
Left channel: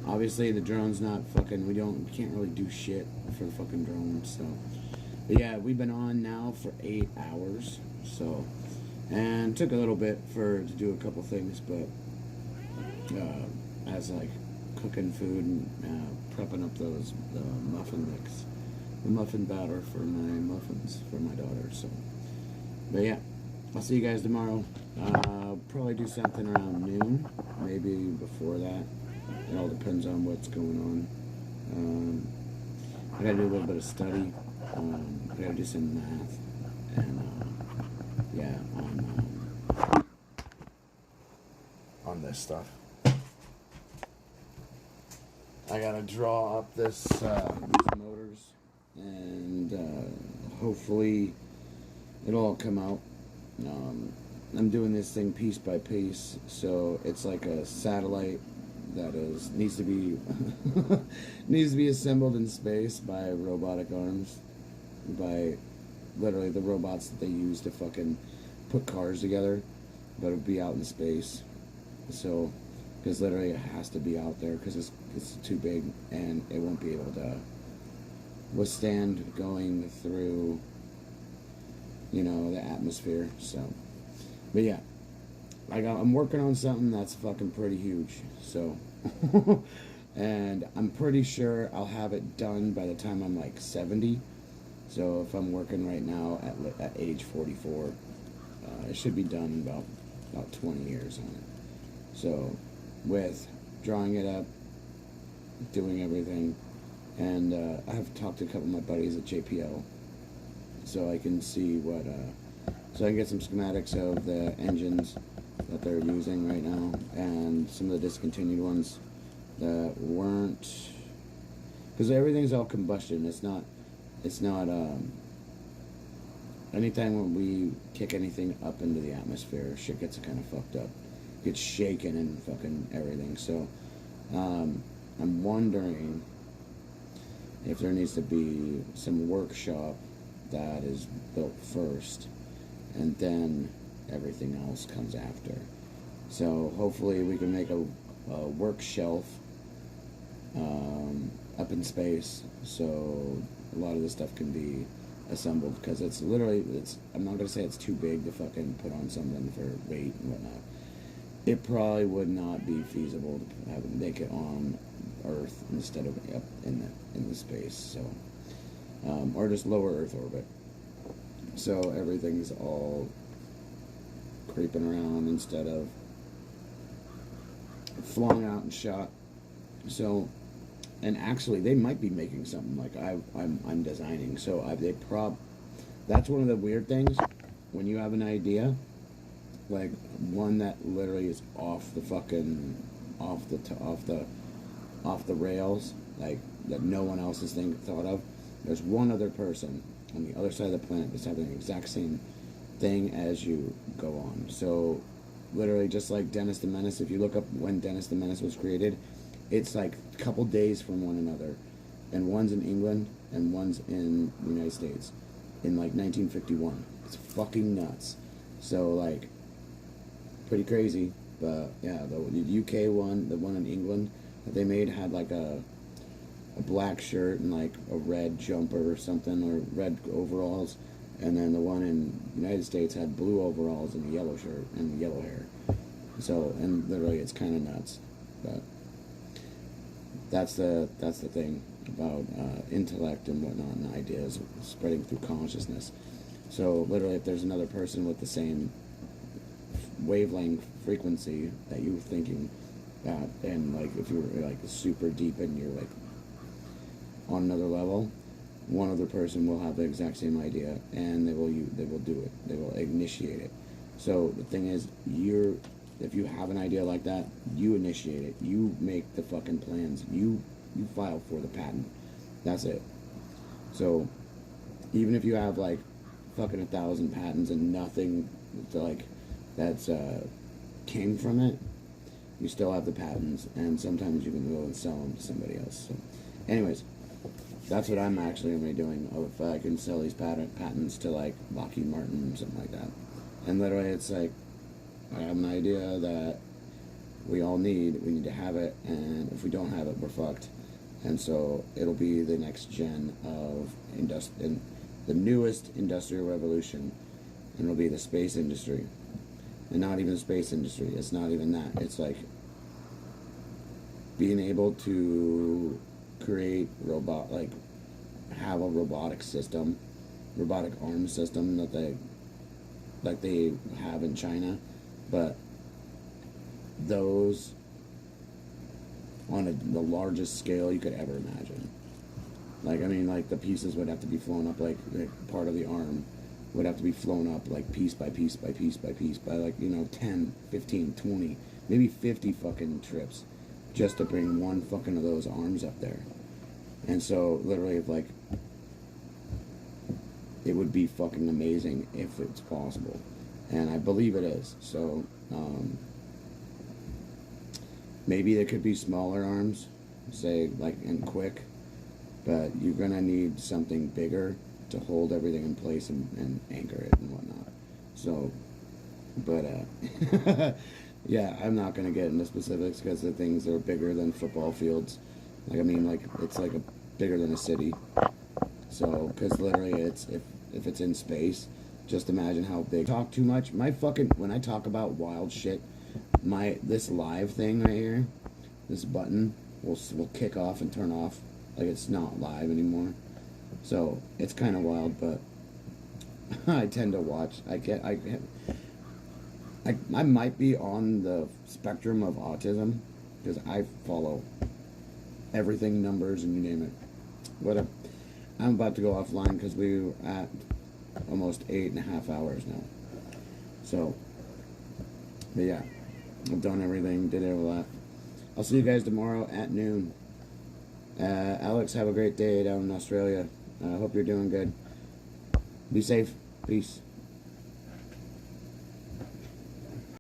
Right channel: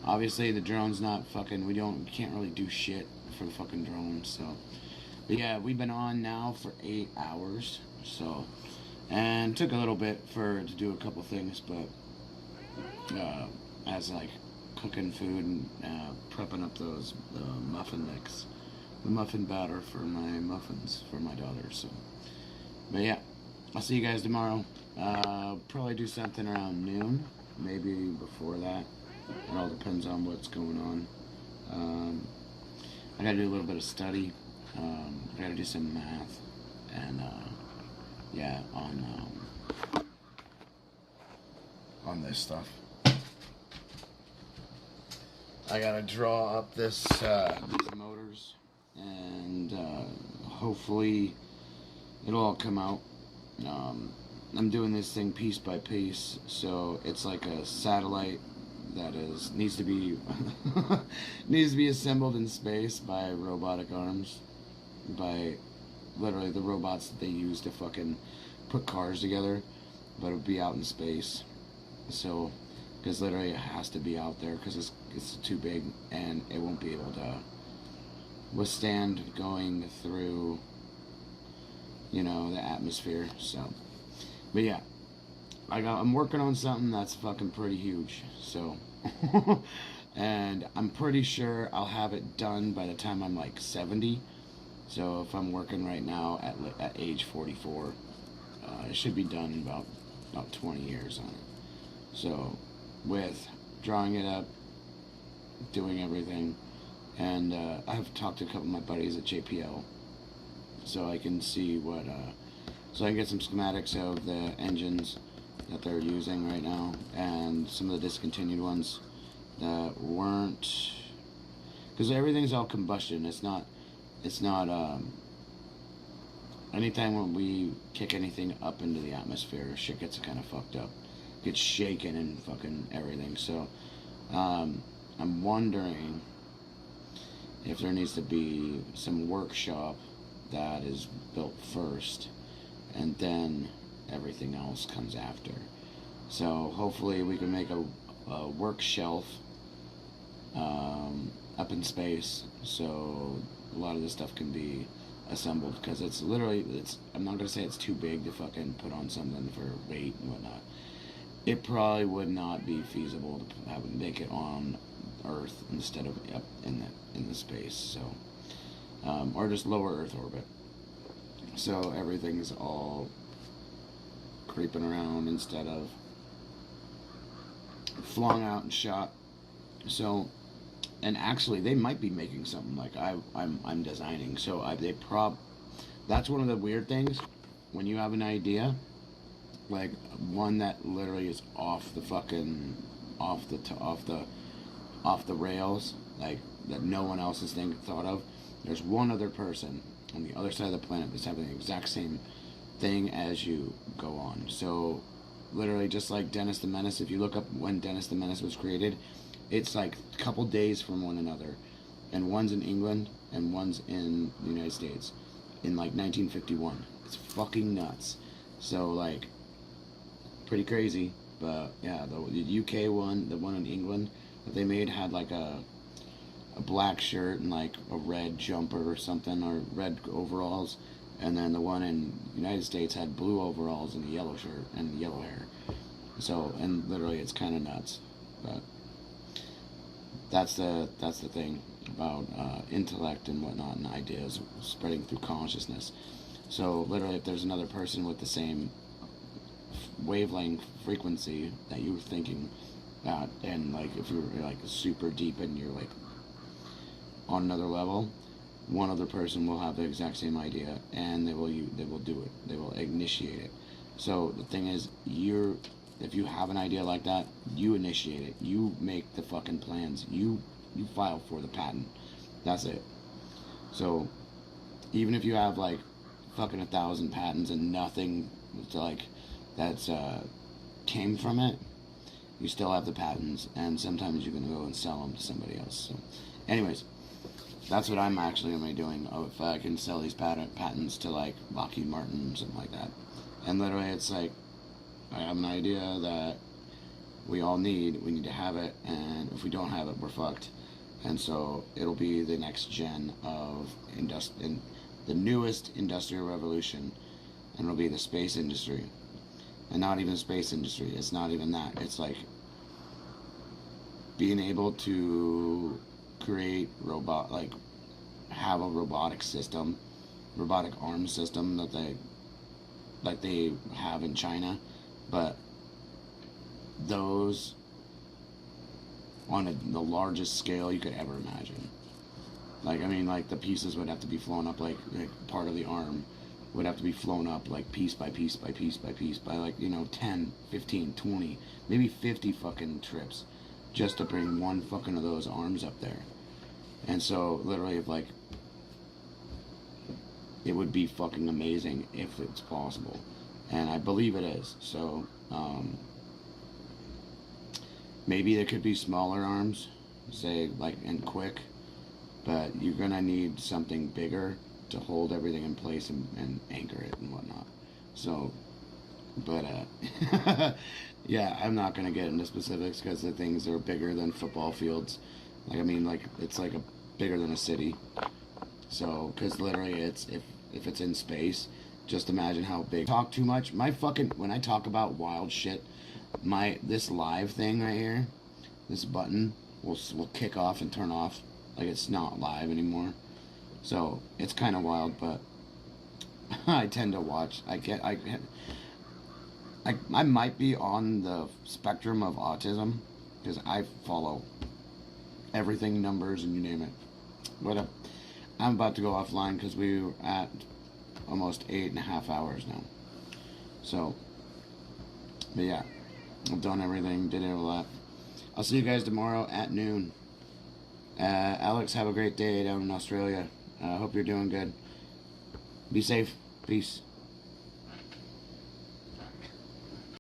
Obviously the drone's not fucking, we can't really do shit for the fucking drone, so. But yeah, we've been on now for 8 hours, so. And took a little bit to do a couple things, but as like cooking food and prepping up those muffin mix, the muffin batter for my muffins for my daughter. So, but yeah, I'll see you guys tomorrow. Probably do something around noon, maybe before that. It all depends on what's going on. I gotta do a little bit of study. I gotta do some math, and yeah, on this stuff. I gotta draw up these motors, and hopefully it'll all come out. I'm doing this thing piece by piece, so it's like a satellite that needs to be assembled in space by robotic arms, by literally the robots that they use to fucking put cars together, but it'll be out in space. So, because literally it has to be out there because it's too big and it won't be able to withstand going through, the atmosphere. So, but yeah, I'm working on something that's fucking pretty huge. So, and I'm pretty sure I'll have it done by the time I'm like 70. So if I'm working right now at age 44, it should be done in about 20 years on it. So, with drawing it up, doing everything, and I have talked to a couple of my buddies at JPL, so I can see so I can get some schematics of the engines that they're using right now, and some of the discontinued ones that weren't, because everything's all combustion. It's not, anytime when we kick anything up into the atmosphere, shit gets kind of fucked up. Gets shaken and fucking everything. So I'm wondering if there needs to be some workshop that is built first and then everything else comes after. So hopefully we can make a work shelf up in space so a lot of this stuff can be assembled, because I'm not going to say it's too big to fucking put on something for weight and whatnot. It probably would not be feasible to make it on Earth instead of up in the space, so or just lower Earth orbit. So everything's all creeping around instead of flung out and shot. So and actually, they might be making something like I'm designing. So that's one of the weird things when you have an idea, like one that literally is off the rails, like that no one else has thought of. There's one other person on the other side of the planet that's having the exact same thing as you go on. So literally, just like Dennis the Menace, if you look up when Dennis the Menace was created, it's like a couple days from one another, and one's in England and one's in the United States in like 1951. It's fucking nuts. So like, pretty crazy. But yeah, the UK one, the one in England that they made had like a black shirt and like a red jumper or something, or red overalls, and then the one in the United States had blue overalls and a yellow shirt and yellow hair. So, and literally it's kind of nuts. But that's the thing about intellect and whatnot, and ideas spreading through consciousness. So literally, if there's another person with the same wavelength frequency that you were thinking that, and like if you're like super deep and you're like on another level, one other person will have the exact same idea, and they will do it. They will initiate it. So the thing is, if you have an idea like that, you initiate it. You make the fucking plans. You file for the patent. That's it. So even if you have like fucking 1,000 patents and nothing that's came from it, you still have the patents, and sometimes you can go and sell them to somebody else. So anyways, that's what I'm actually going to be doing. If I can sell these patents to like Lockheed Martin or something like that. And literally it's like, I have an idea that we all need. We need to have it, and if we don't have it, we're fucked. And so it'll be the next gen of the newest industrial revolution, and it'll be the space industry. And not even space industry. It's not even that. It's like being able to create have a robotic system, robotic arm system that they have in China. But those on the largest scale you could ever imagine. Like, I mean, like the pieces would have to be flown up, like part of the arm would have to be flown up like piece by piece by piece by piece by like, 10, 15, 20, maybe 50 fucking trips just to bring one fucking of those arms up there. And so literally it would be fucking amazing if it's possible. And I believe it is. So, maybe there could be smaller arms, say, like, and quick, but you're gonna need something bigger to hold everything in place and anchor it and whatnot. So, but, yeah, I'm not gonna get into specifics because the things are bigger than football fields. Like, I mean, like, it's like bigger than a city. So, because literally if it's in space, just imagine how big. Talk too much. When I talk about wild shit, this live thing right here, this button will kick off and turn off, like it's not live anymore. So it's kind of wild, but I tend to watch. I might be on the spectrum of autism because I follow everything, numbers, and you name it. But I'm about to go offline because we were at almost 8.5 hours now. So, but yeah, I've done everything, did it a lot. I'll see you guys tomorrow at noon. Alex, have a great day down in Australia. I hope you're doing good. Be safe. Peace.